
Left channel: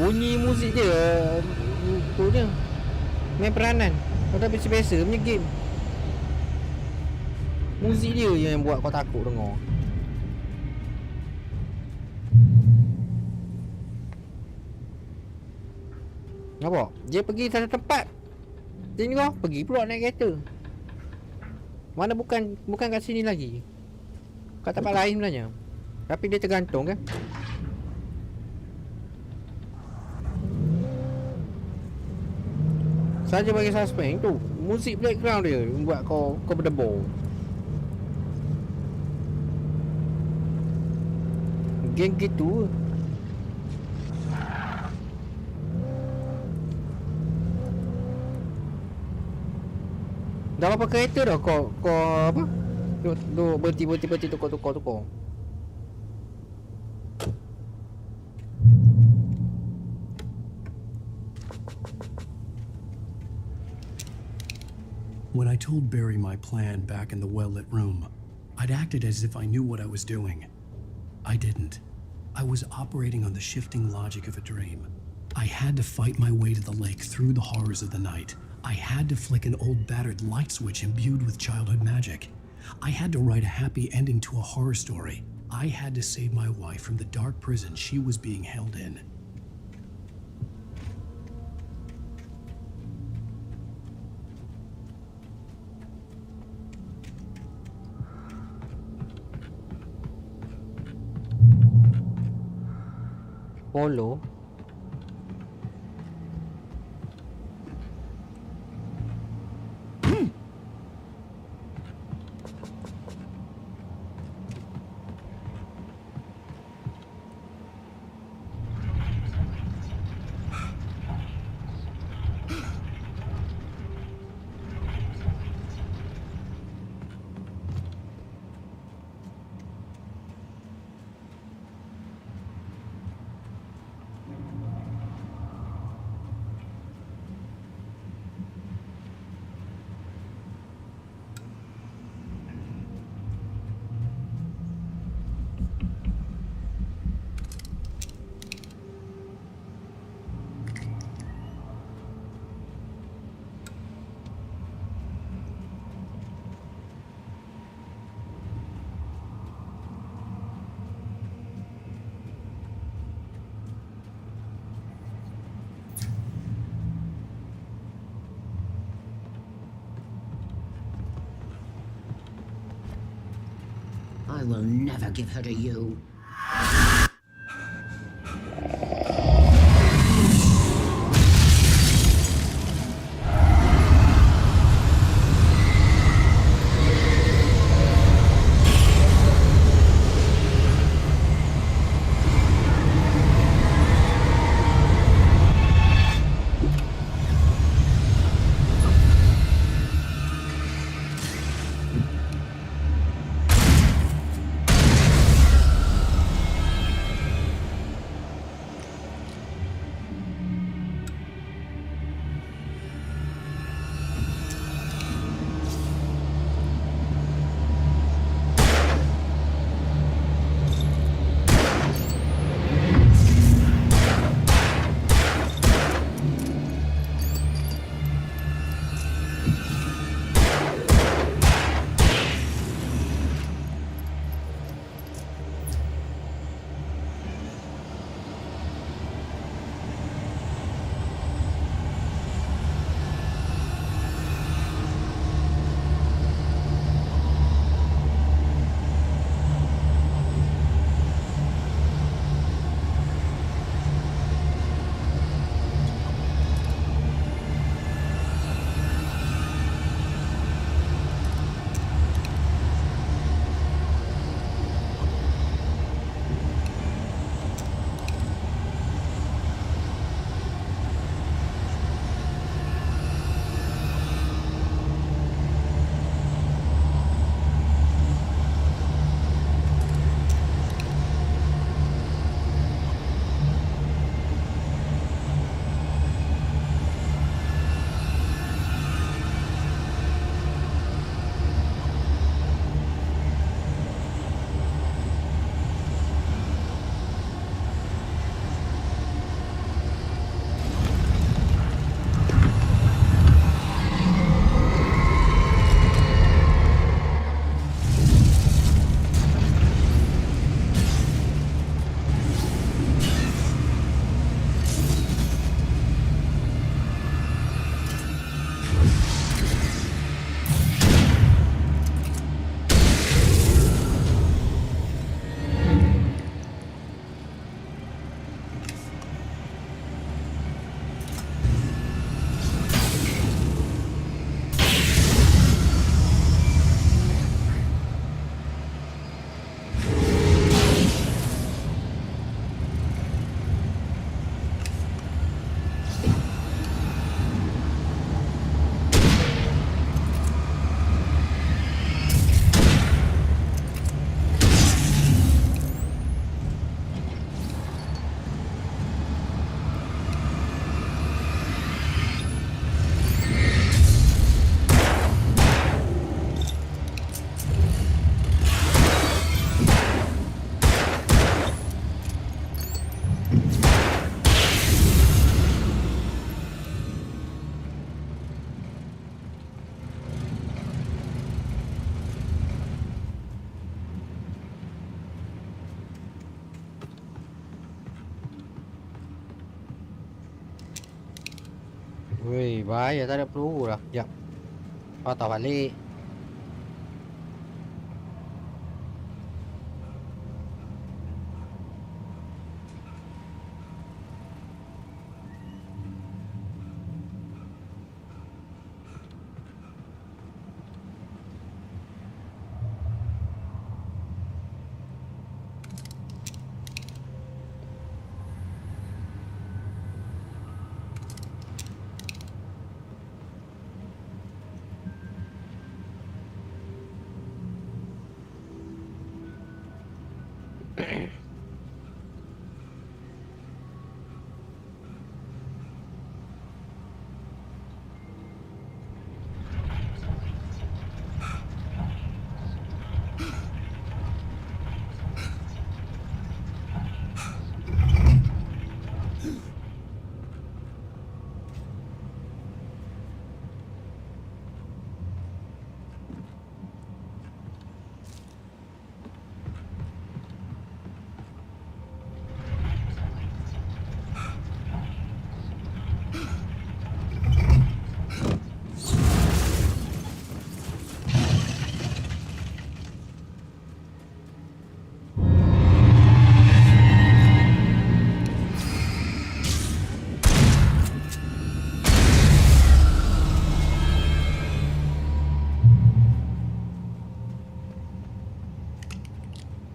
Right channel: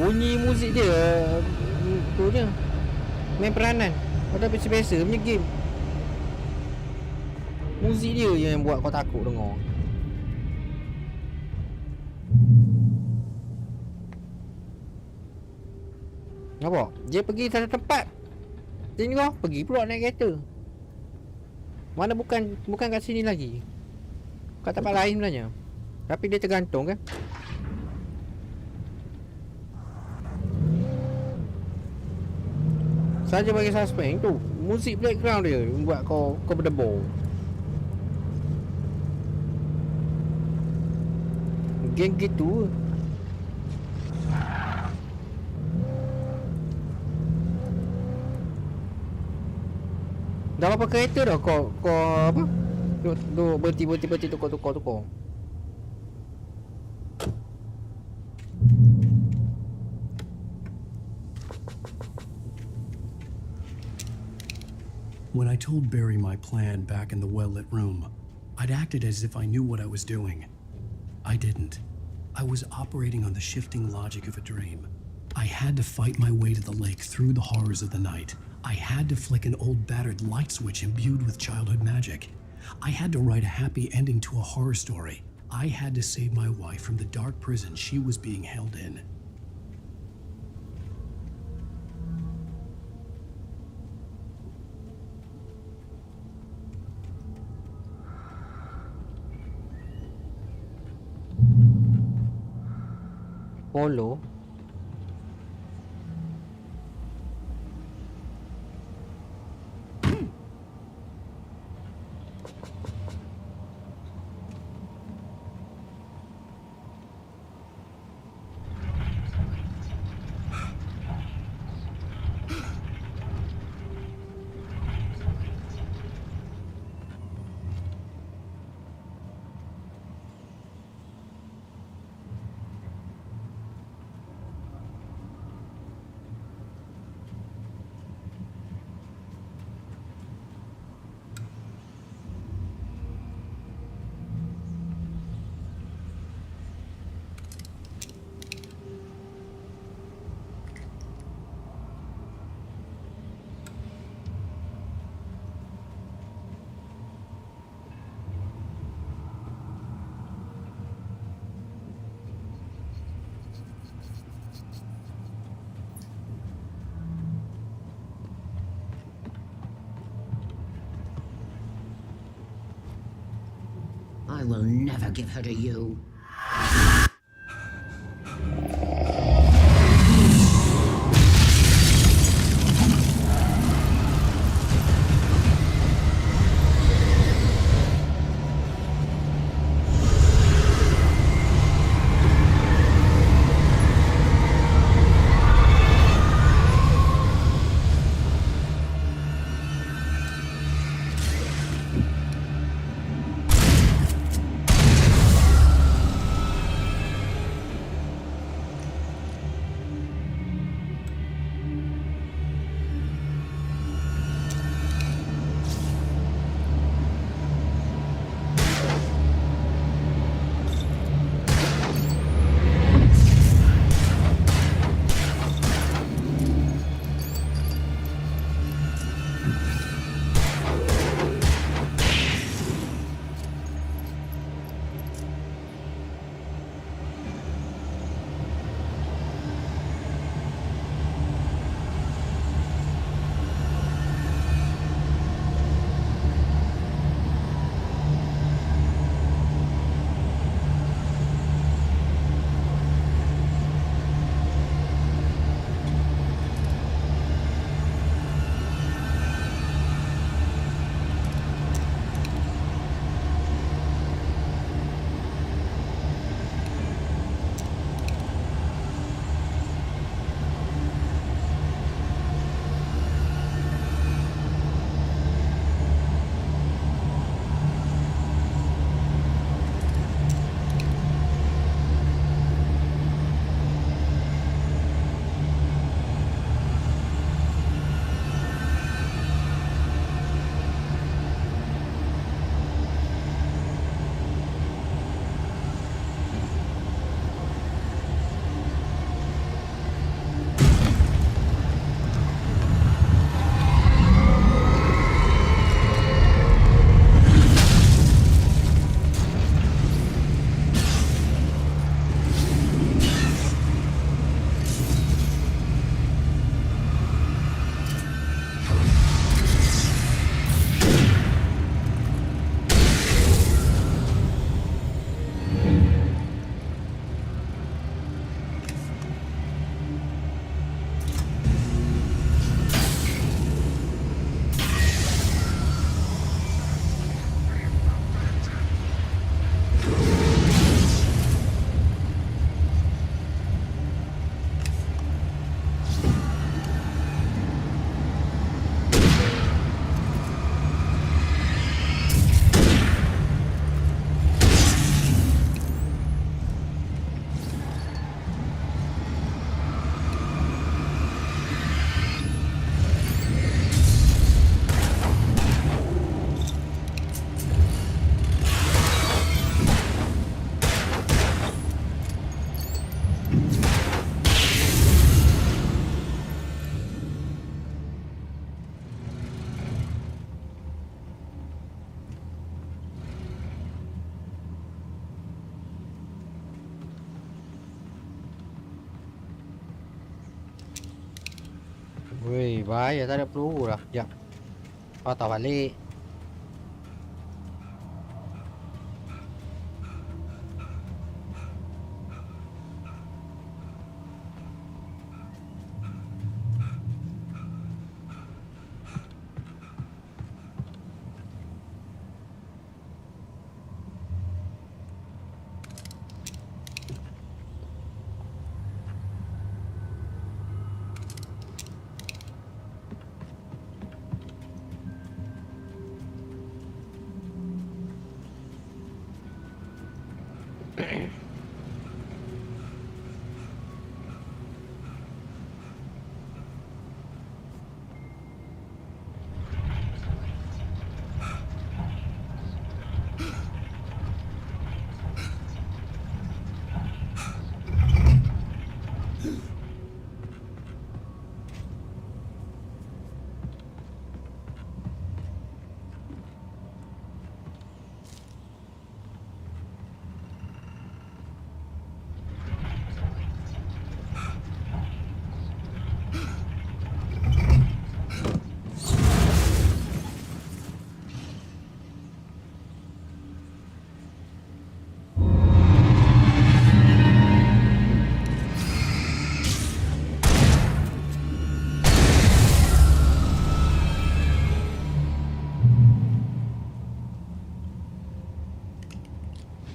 Bunyi muzik dia tu je. Main peranan. Kau dah biasa-biasa punya game. Muzik dia je yang buat kau takut dengar. Nampak? Dia pergi satu tempat. Dia ni kau pergi pula naik kereta. Mana bukan kat sini lagi. Kat tempat lain sebenarnya. Tapi dia tergantung kan. Saja bagi suspend tu. Muzik background dia buat kau berdebur. Geng gitu. Dah berapa kereta dah kau apa? Duk berhenti tukar. When I told Barry my plan back in the well-lit room, I'd acted as if I knew what I was doing. I didn't. I was operating on the shifting logic of a dream. I had to fight my way to the lake through the horrors of the night. I had to flick an old battered light switch imbued with childhood magic. I had to write a happy ending to a horror story. I had to save my wife from the dark prison she was being held in. Polo. I will never give her to you. Weh, bahaya, tak ada peluru lah. Sekejap. Kau tak balik.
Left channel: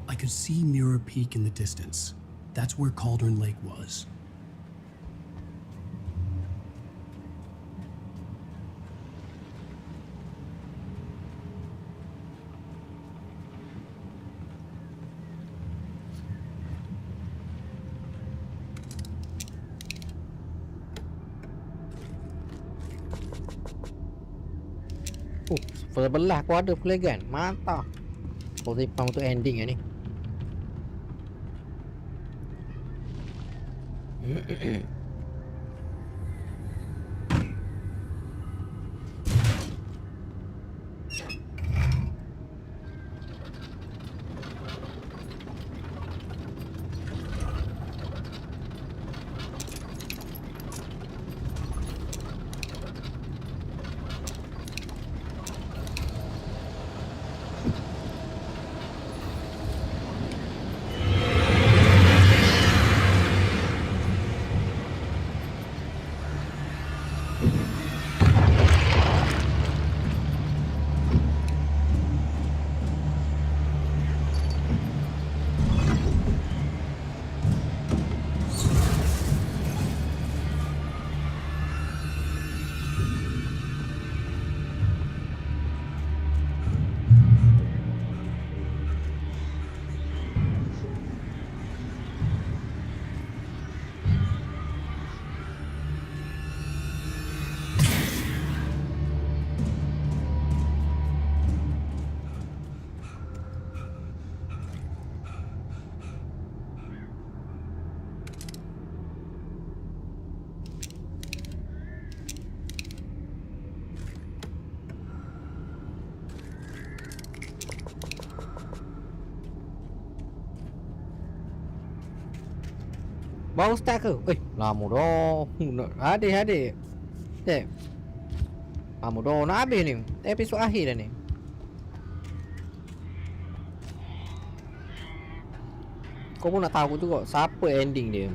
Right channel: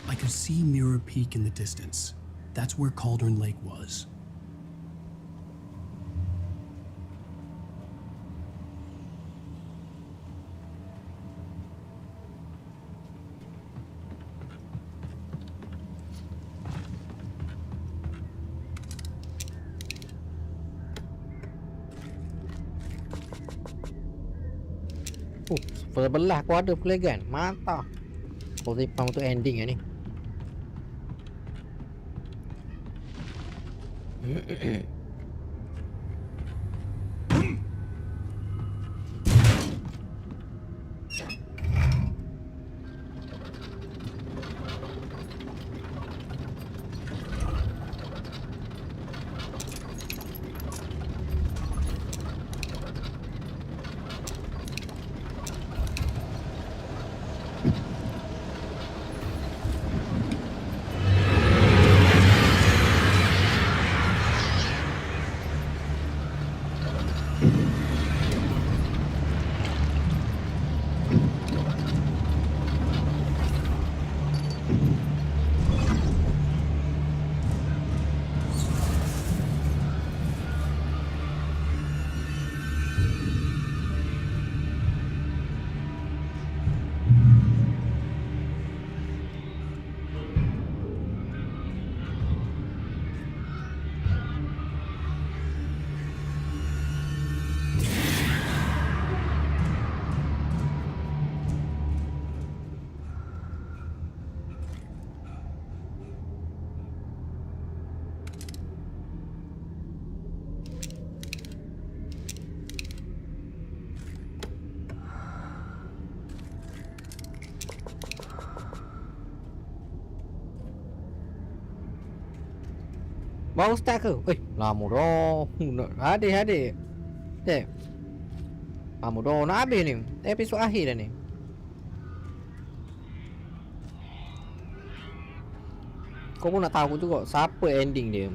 I could see Mirror Peak in the distance. That's where Cauldron Lake was. Sebelah aku ada flare gun. Mantap. Kau simpan untuk ending ni. Baru start ke? Lama dah. Adik. Cek. Lama dah nak habis ni. Episod akhir dah ni. Kau pun nak tahu juga siapa ending dia.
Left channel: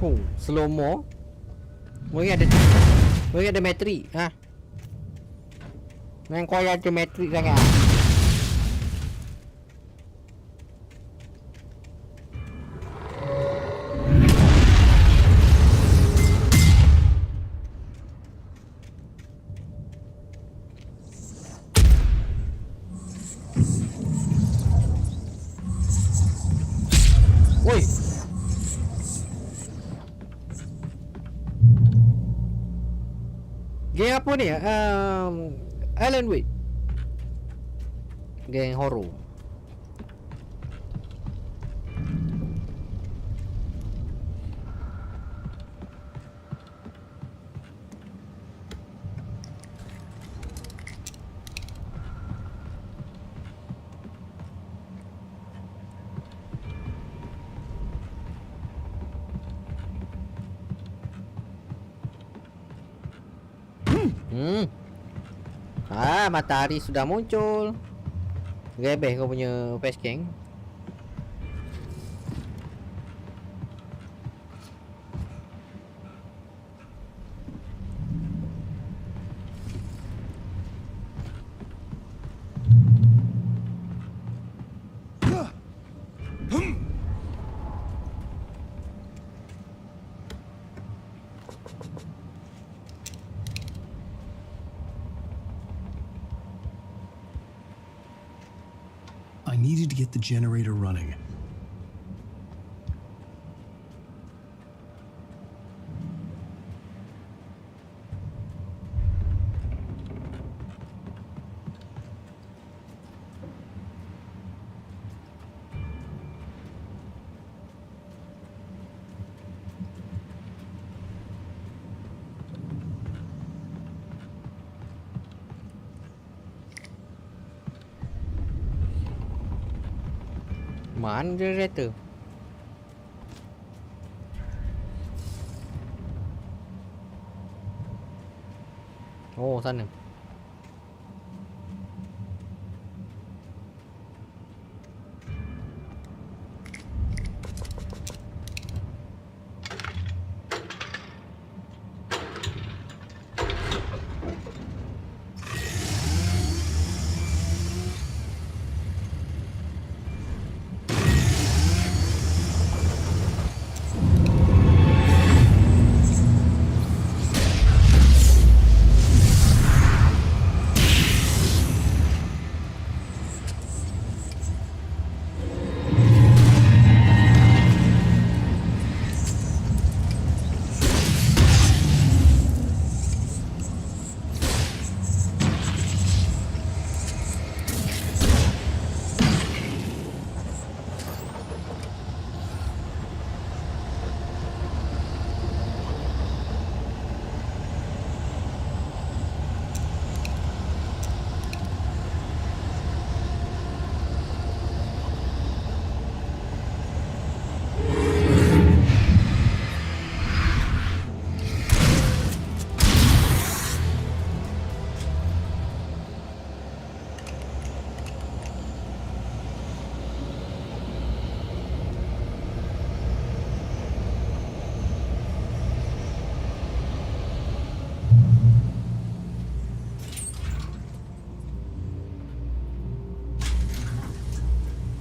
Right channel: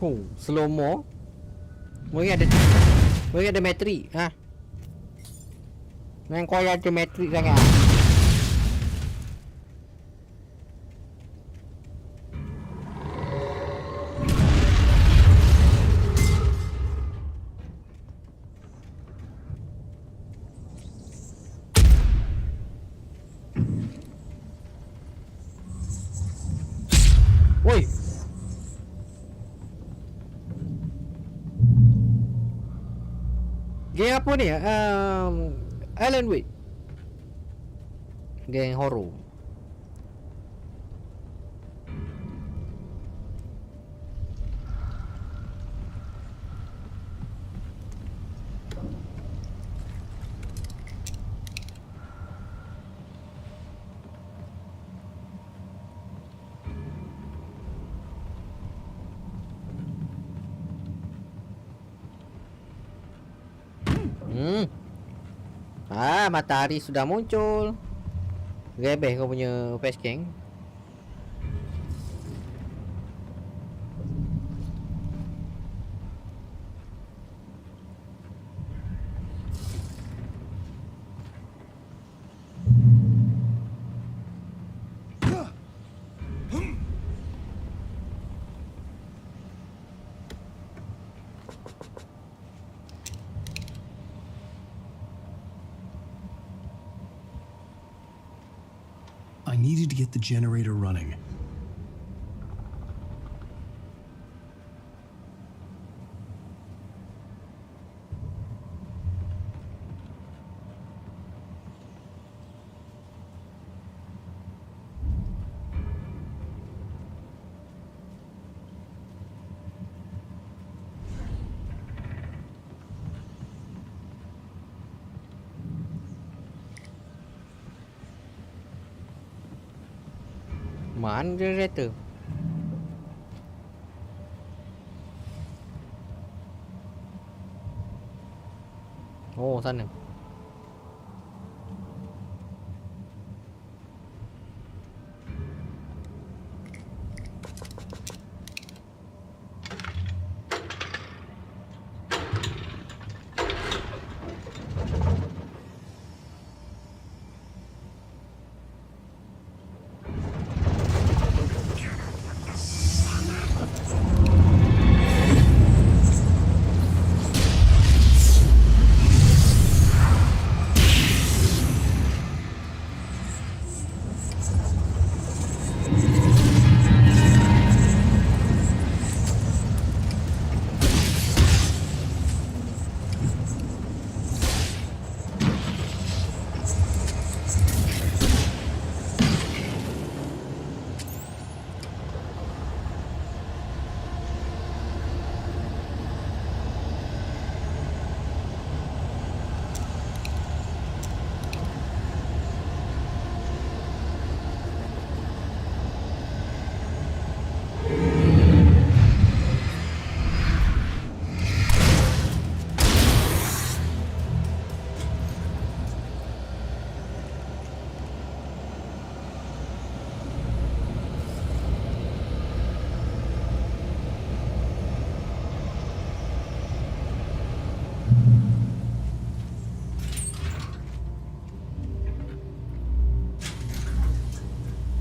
Oh, slow mo. Mungkin ada metrik. Ha. Main kau ada metrik sangat. Woi. Game apa ni? Alan Wake. Game horror. Matahari sudah muncul. Rebeh kau punya face gang. I needed to get the generator running. Mana generator? Oh, sana.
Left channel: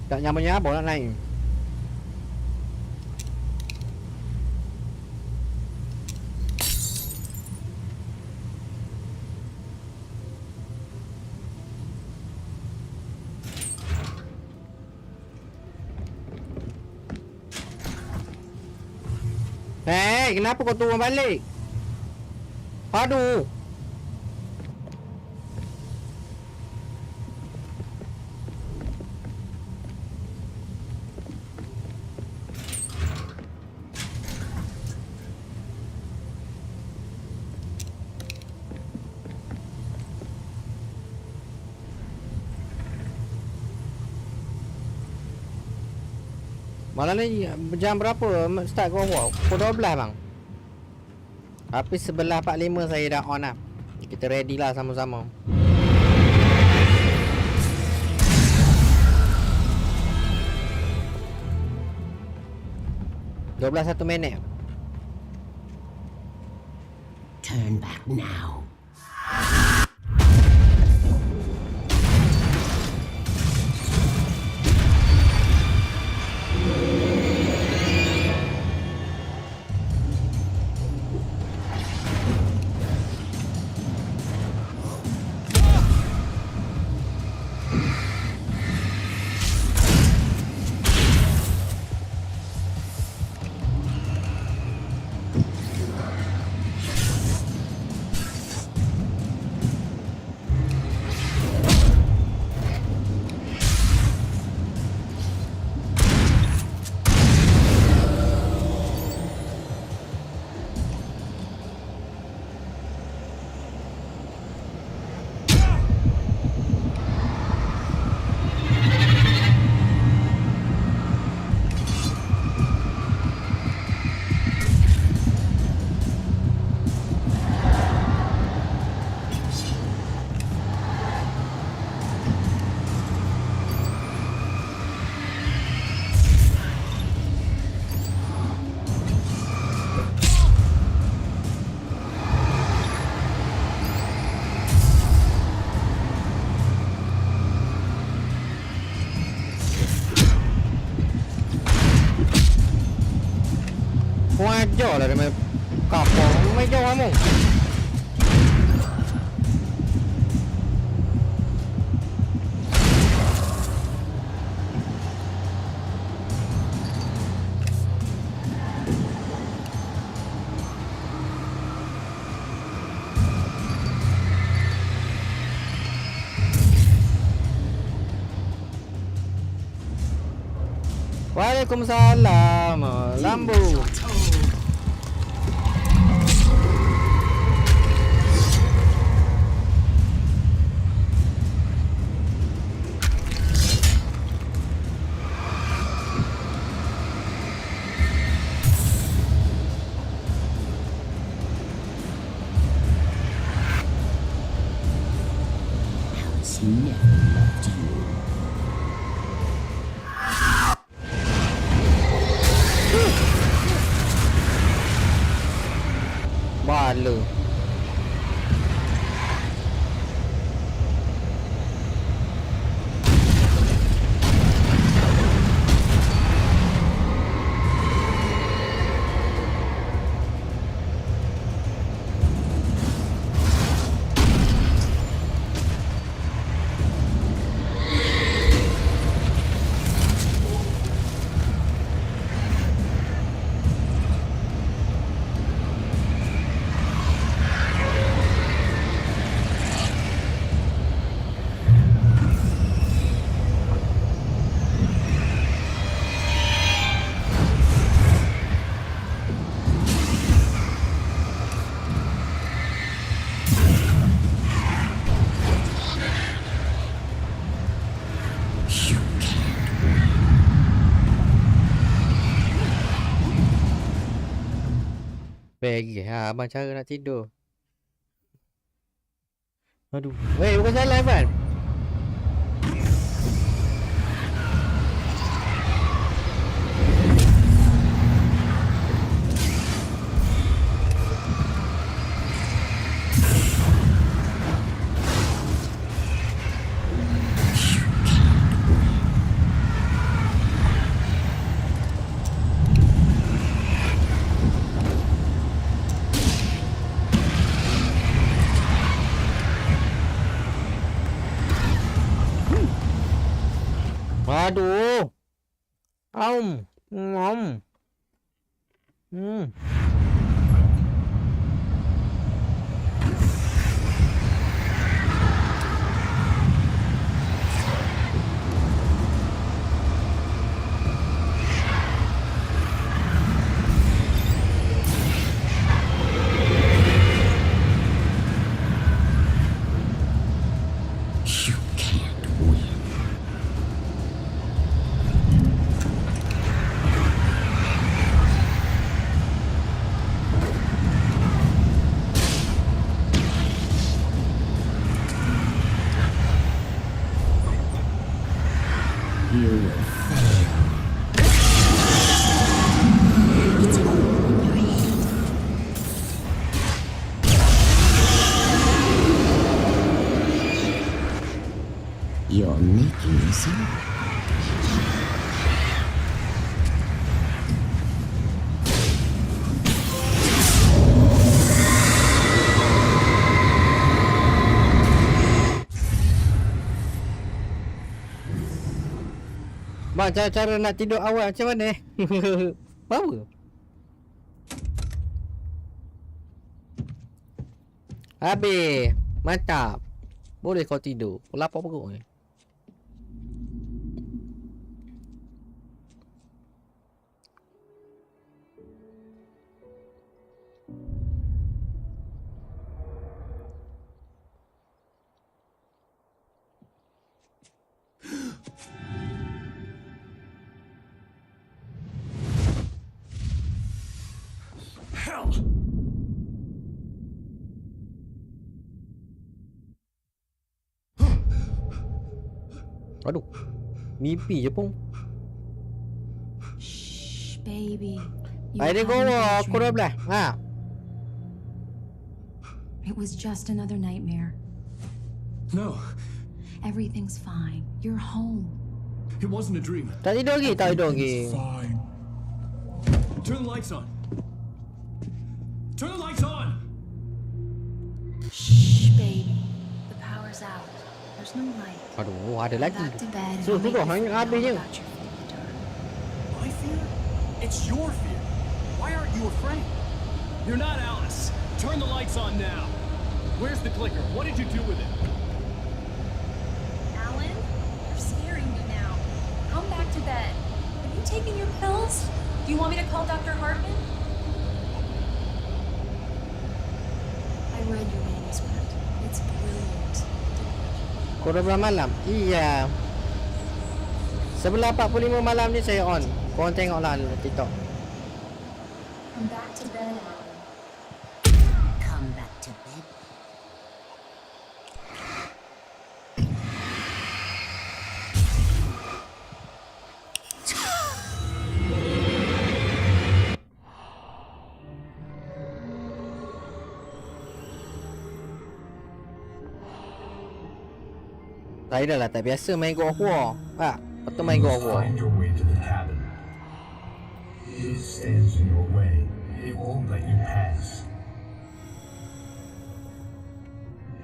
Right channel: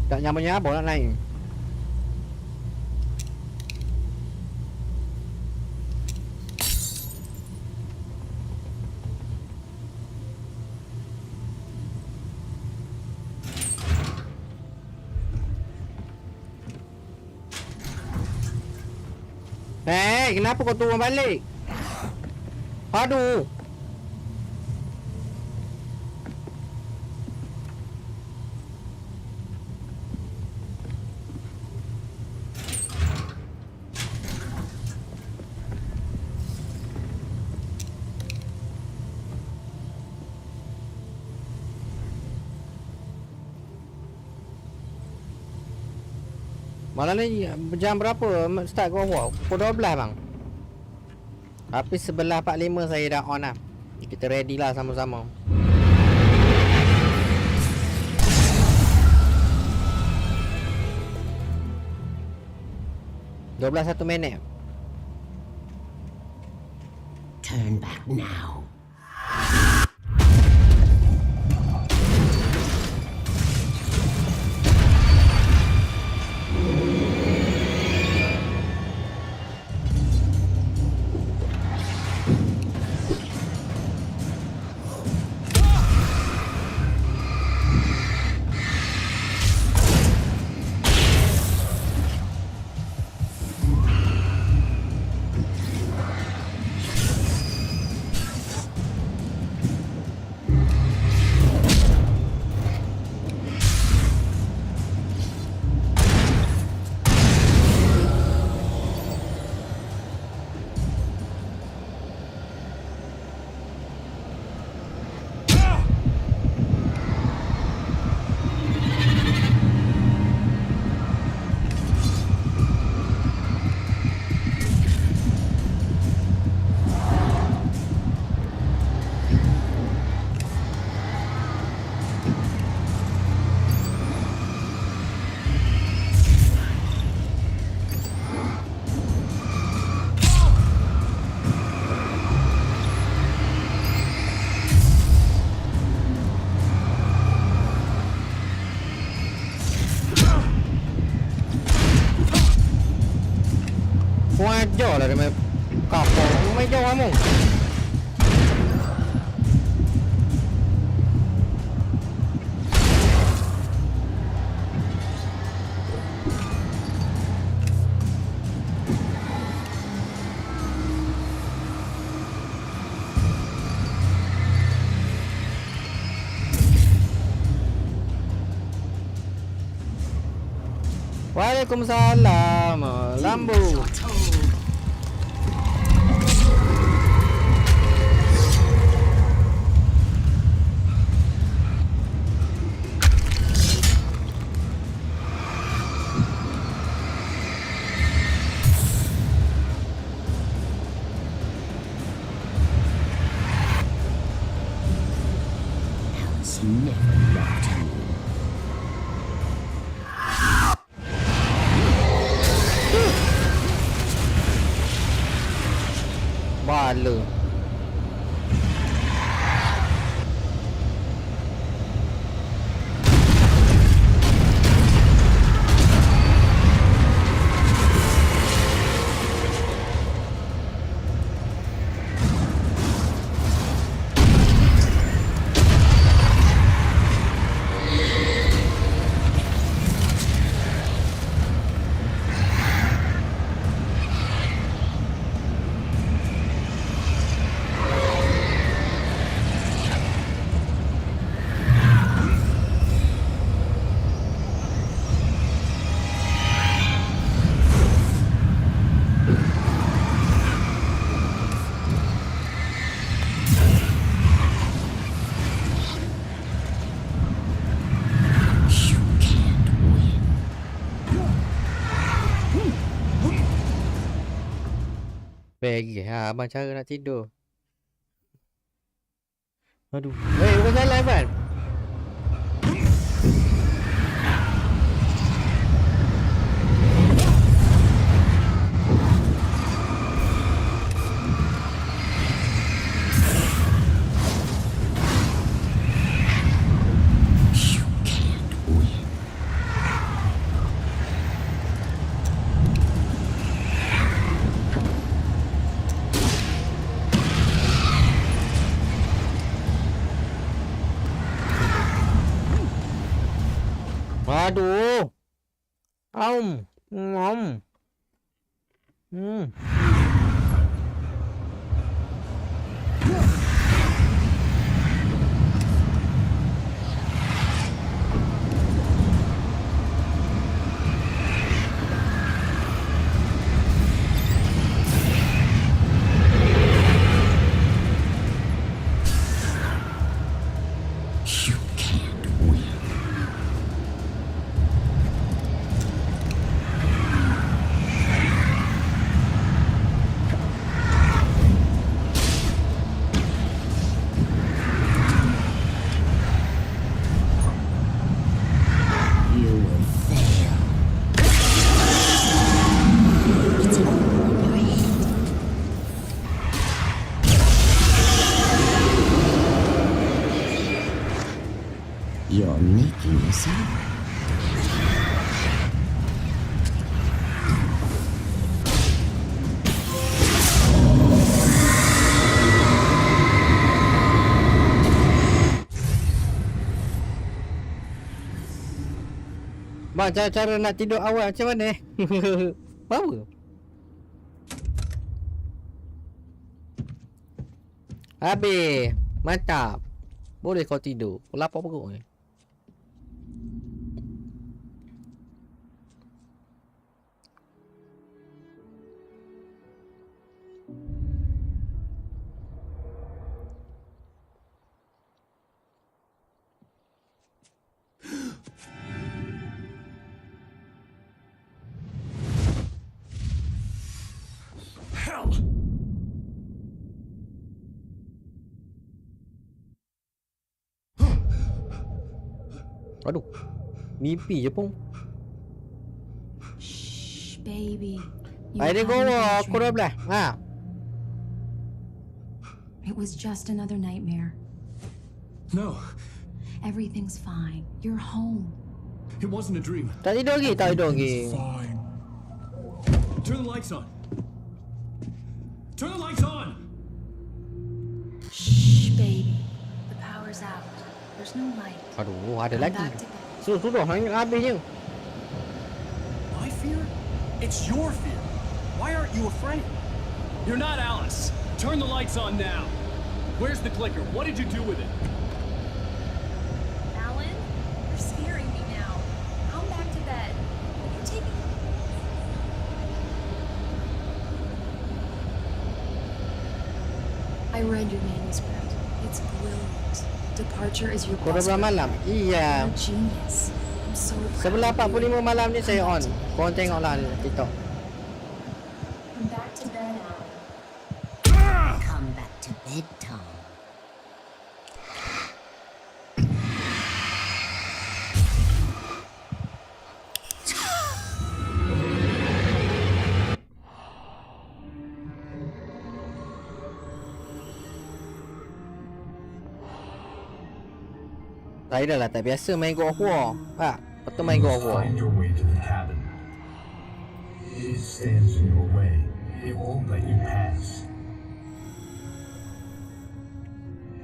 Tak nyambung-nyambung nak naik. Hey, kenapa kau turun balik? Aduh. Malam ni jam berapa start kau buat? Pukul 12 bang. Tapi 11.45 saya dah on lah. Kita ready lah sama-sama. 12 minit. Turn back now. Kau ajar lah dia main kapal. Kau main jauh kamu. Waalaikumsalam. Lambu. Alice never loved you. Bala. Pergi ha, abang cara nak tidur. Aduh. Weh, bukan salah Ivan. Aduh. Ngom. You can't win. You will fail. It's all in your head. You're making this up. Bang, cara nak tidur awal macam mana? Power. Habis. Mantap. Boleh kau tidur. Kau lapar perut ni. Hell! Aduh. Mimpi je pun. Shh, baby. You Air dia having a goa. bad Aku dah dream. belah. Ha. It was just another nightmare. No, Everything's fine. You're home. it wasn't a dream. Tak tidur lagi. Tak tidur lagi. Everything's fine. Turn the lights on. Turn the lights on! Shh, baby. The power's out. There's no light. Aduh, ada Come lagi. back to bed. Sudah habis je. My fear? It's your fear. Why aren't you afraid? You're not Alice. Turn the lights on now. Where's the clicker? What did you do with it? Alan, you're scaring me now. Come back to bed. Have you taken your pills? Do you want me to call Dr. Hartman? I read your manuscript. It's brilliant. Departure is your Kau dah belah malam? Iya. genius. I'm so Sebelah 45 malam ni saya on. Korang tengoklah TikTok. Come back to bed, Alan. Come back to bed, Tom. Saya dah lah tak biasa main God of War. Ha, betul main God of War. Find your way to the cabin. It stands in your way. It won't let you pass.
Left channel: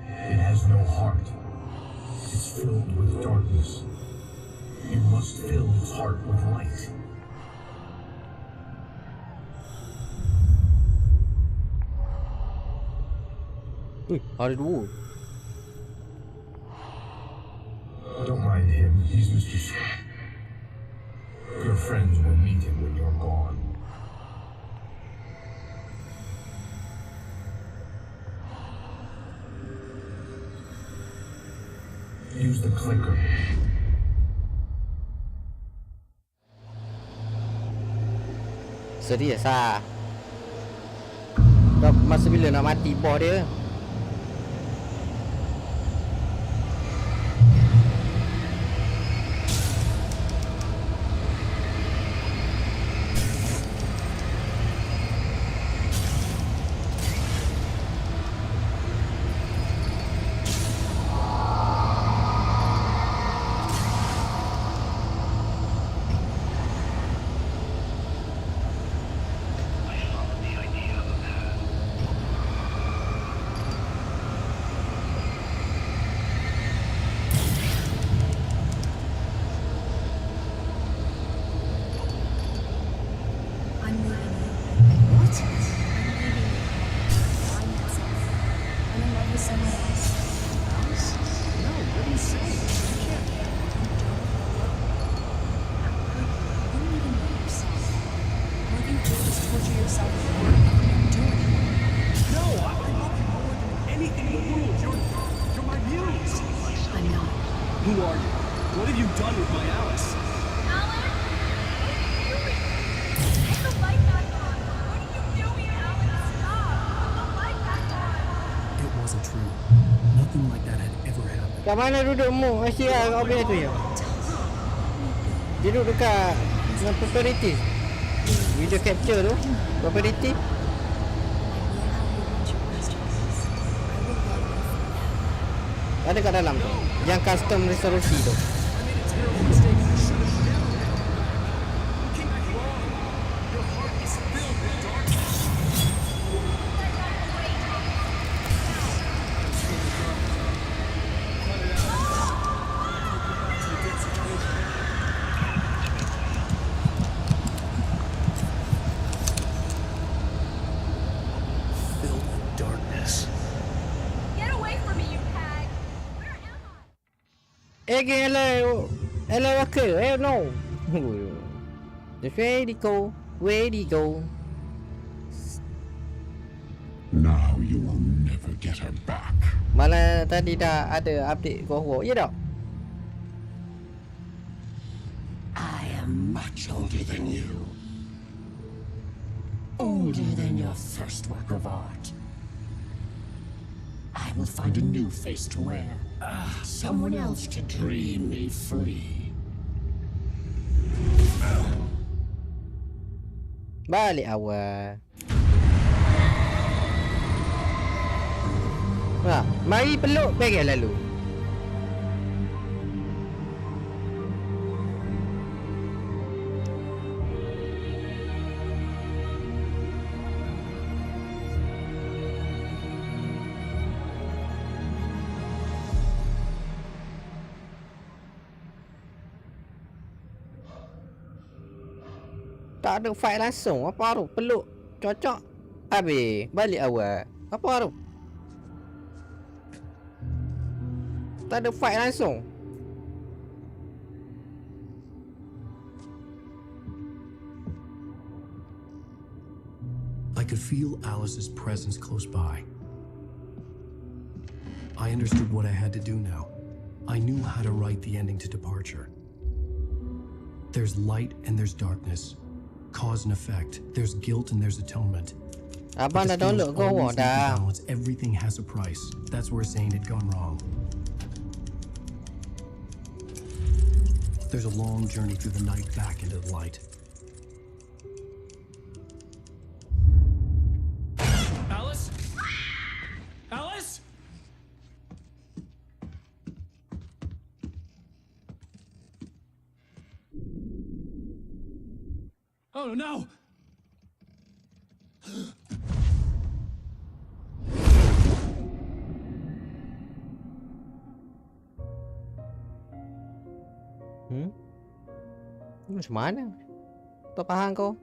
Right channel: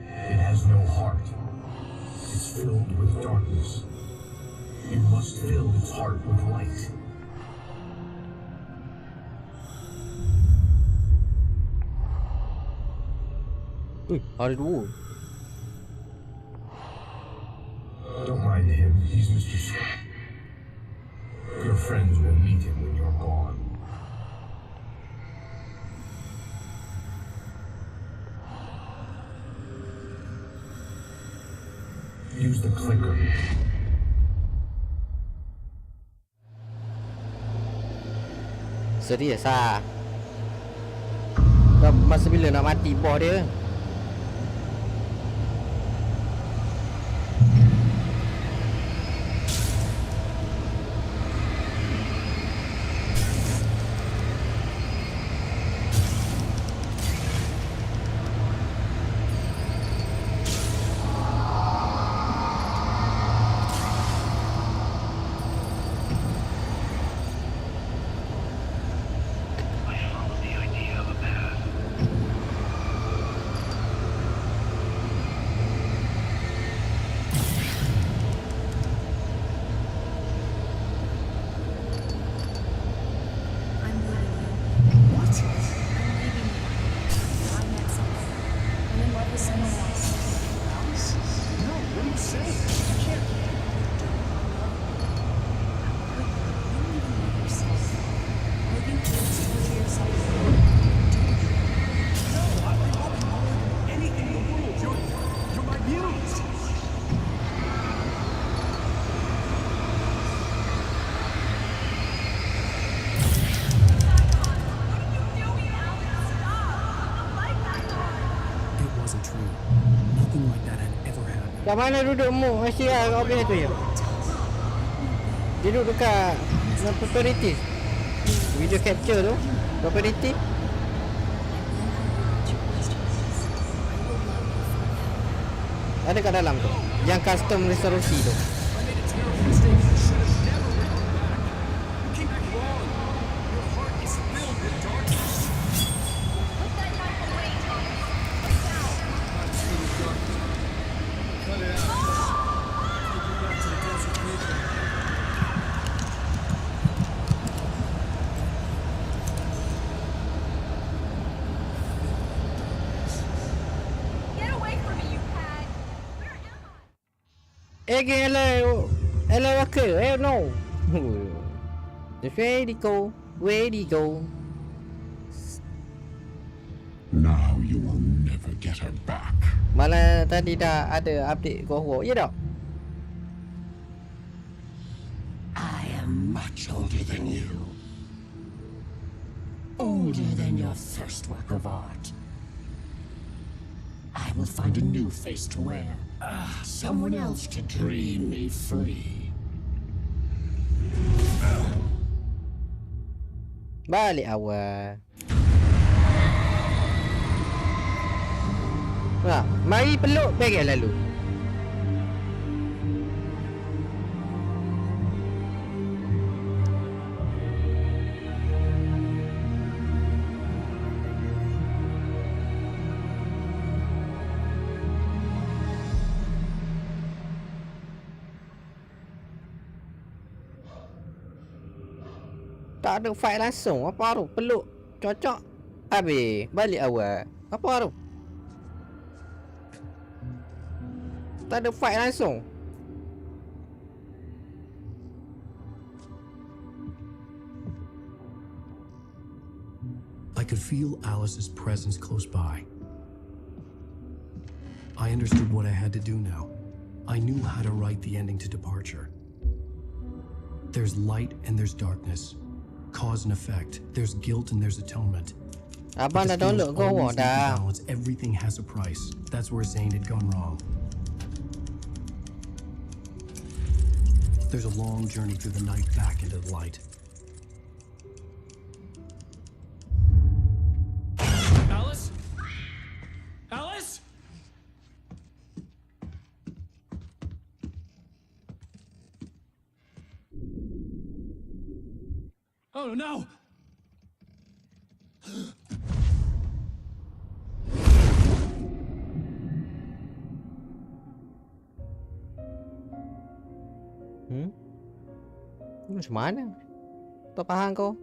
It has no heart. It's filled with darkness. You must fill its heart with light. Ada dua. Don't mind him. He's Mr. Scott. Your friends will meet him when you're gone. Use the clicker. Serius lah. Dah masa bila nak mati bos dia? I followed the idea of a path. love with someone else. Alice? No, what are you saying? You can't. You don't love me. How could you? You don't even know yourself. All you do is torture yourself with work. You don't do anything. No, I love you more than anything in the world. You're my muse. I know. Who are you? What have you done with me, Alice? Put the light back on! What are you doing, Alex? Stop! Put the light back on! It wasn't true. Nothing like that had ever happened. Kat mana dudukmu? Asyik lah kat objek tu je. Dia duduk dekat property. Video capture tu. Property. Ada kat dalam tu. Yang custom resolusi tu. I made a terrible mistake. I should have never written you back. You came back wrong. Your heart is filled with darkness. Put that knife away, Thomas! Now! I'm filled with darkness. Cut it out. Take you back to the depths of paper. Filled with darkness. Get away from me, you hag! Where am I? Again, hello, okay, no. Just ready go, ready go. Now you will never get her back. Malah tadi dah ada update Go, ya tak? I am much older than you. Older than your first work of art. I will find a new face to wear. Someone else to dream me free. Balik awal. Mari peluk pergi lalu. Tak ada fight langsung. Apa tu? Peluk. Cocok. Habis. Balik awal. Apa tu? Tak ada fight langsung. I could feel Alice's presence close by. I understood what I had to do now. I knew how to write the ending to Departure. There's light and there's darkness. Cause and effect. There's guilt and there's atonement. Abang dah download Go dah. Everything has a price. That's where Zane had gone wrong. There's a long journey through the night back into the light. Alice? Alice? Oh no! Macam mana? Tak faham kau?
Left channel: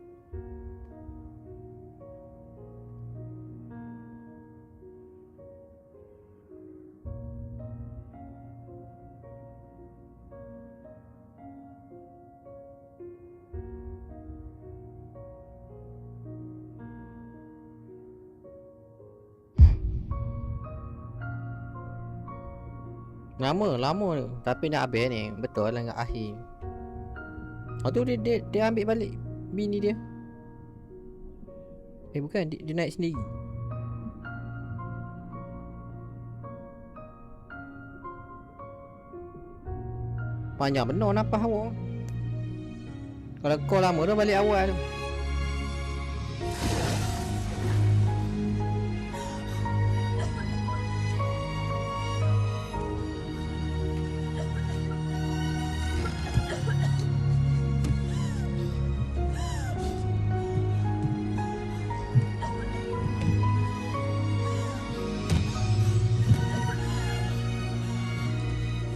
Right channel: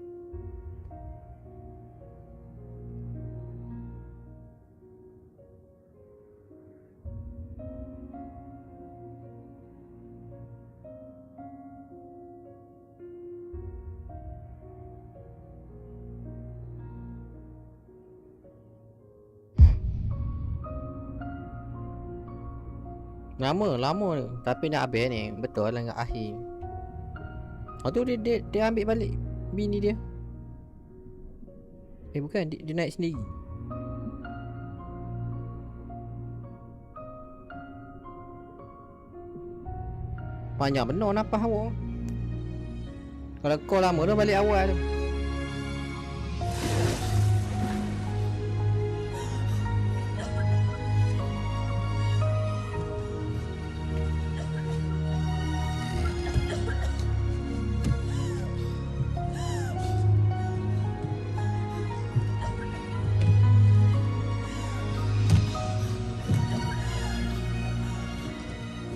Lama tu. Tapi nak habis ni. Betul lah kat akhir. Oh tu dia ambil balik bini dia. Bukan, dia naik sendiri. Panjang benar nafas awak. Kalau kau lama dah balik awal tu.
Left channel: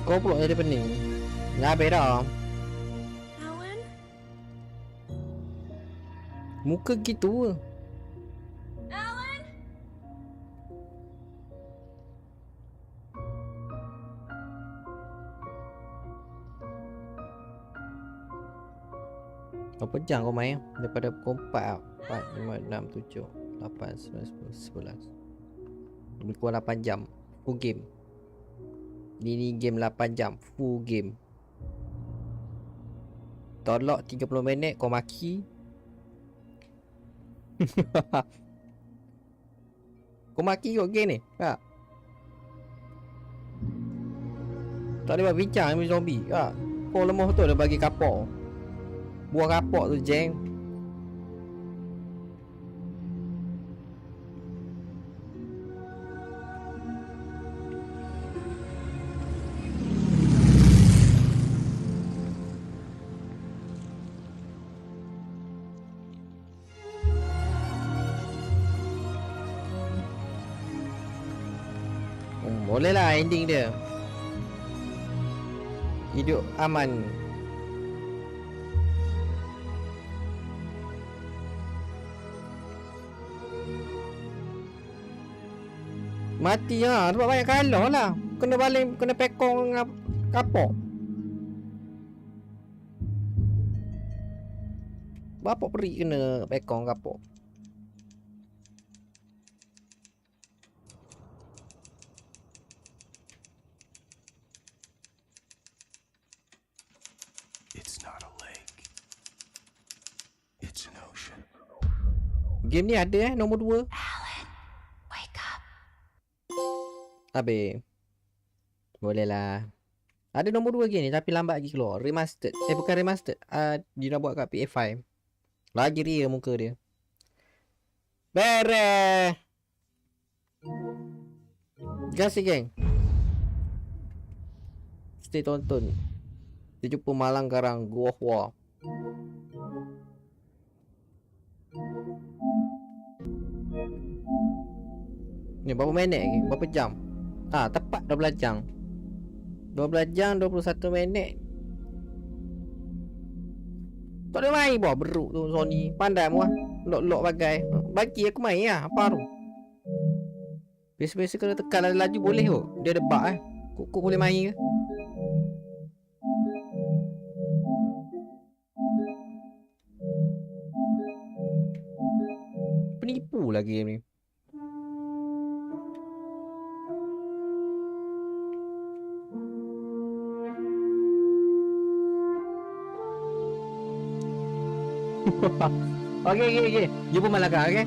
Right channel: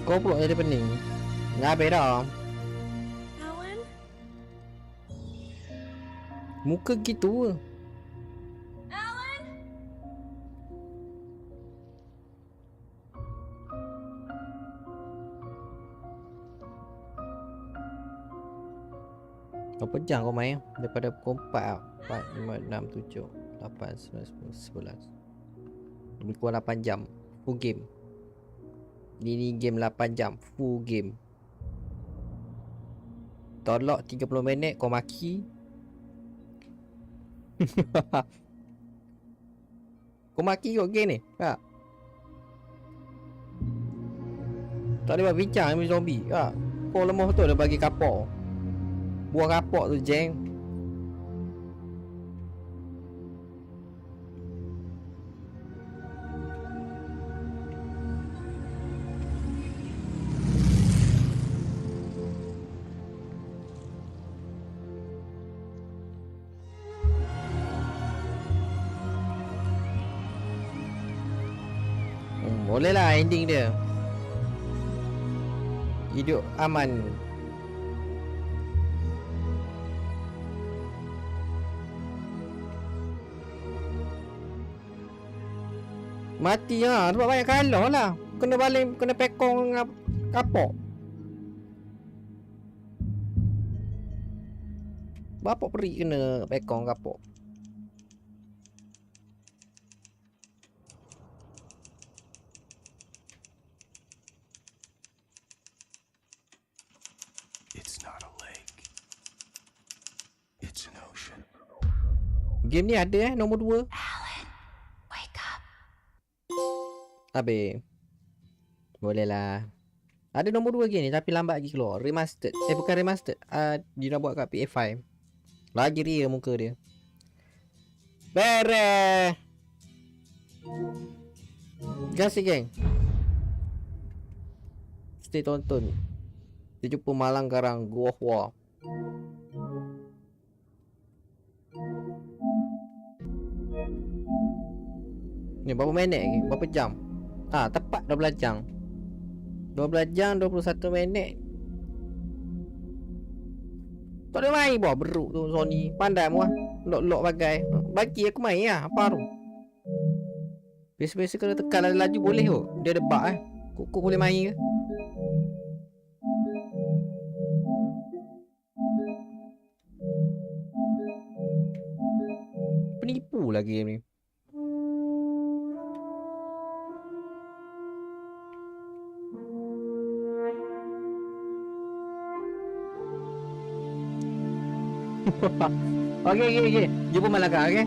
Kau pula jadi pening. Dah habis dah. Alan? Muka gitu ke? Alan? Berapa jam kau main? Daripada pukul 4 tau. 4, 5, 6, 7, 8, 9, 10, 11. Lebih kurang 8 jam. Full game. Ini game 8 jam. Full game. Tolak 30 minit kau maki. Kau maki kau game ni. Tak. Tak boleh buat bincang dengan zombie. Tak. Kau lemah betul dia bagi kapok. Buah kapok tu jeng. Boleh lah ending dia. Hidup aman. Mati lah. Sebab banyak kalah lah. Kena balik, kena pekong dengan kapok. Bapak peri kena pekong kapok. It's not a lake. It's an ocean. Game ni ada nombor 2. Alan, wake up. Habis. Boleh lah. Ada nombor 2 game ni tapi lambat lagi keluar. Remastered. Bukan remastered. Dia nak buat kat ps5. Lagi ria muka dia. Beres. Terima kasih geng. Stay tonton. Kita jumpa malang garang Gua Hua. Ni berapa minit lagi? Berapa jam? Tepat 12 jam. 12 jam 21 minit. Tak ada main buah beruk tu Sony. Pandai muah. Lok-lok bagai. Bagi aku main lah. Apa tu? Biasa-biasa kena tekan laju boleh tu. Dia ada bug Kok boleh main ke? Penipu lagi game ni. Okay. Jumpa malam kan, okay?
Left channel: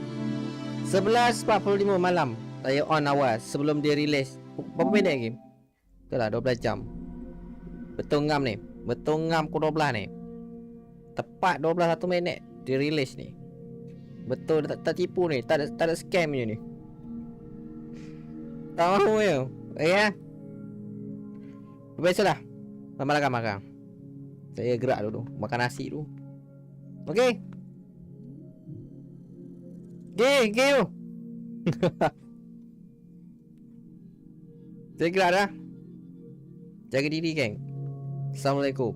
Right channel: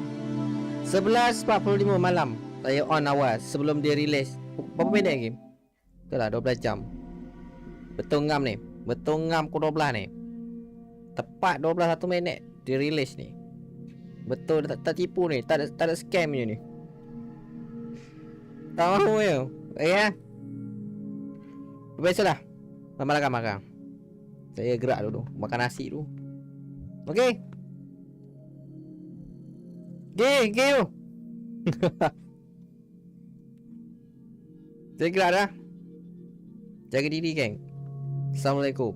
11.45 malam. Saya on awal sebelum dia release. Berapa minit lagi? Betul lah 12 jam. Betul ngam ni. Betul ngam ke 12 ni. Tepat 12 minit dia release ni. Betul tak tipu ni. Tak ada scam ni. Tak mahu ya. Ya. Biasalah. Makan. Saya gerak dulu. Makan nasi dulu. Okay. Gay. Saya gerak dah. Jaga diri geng. Assalamualaikum.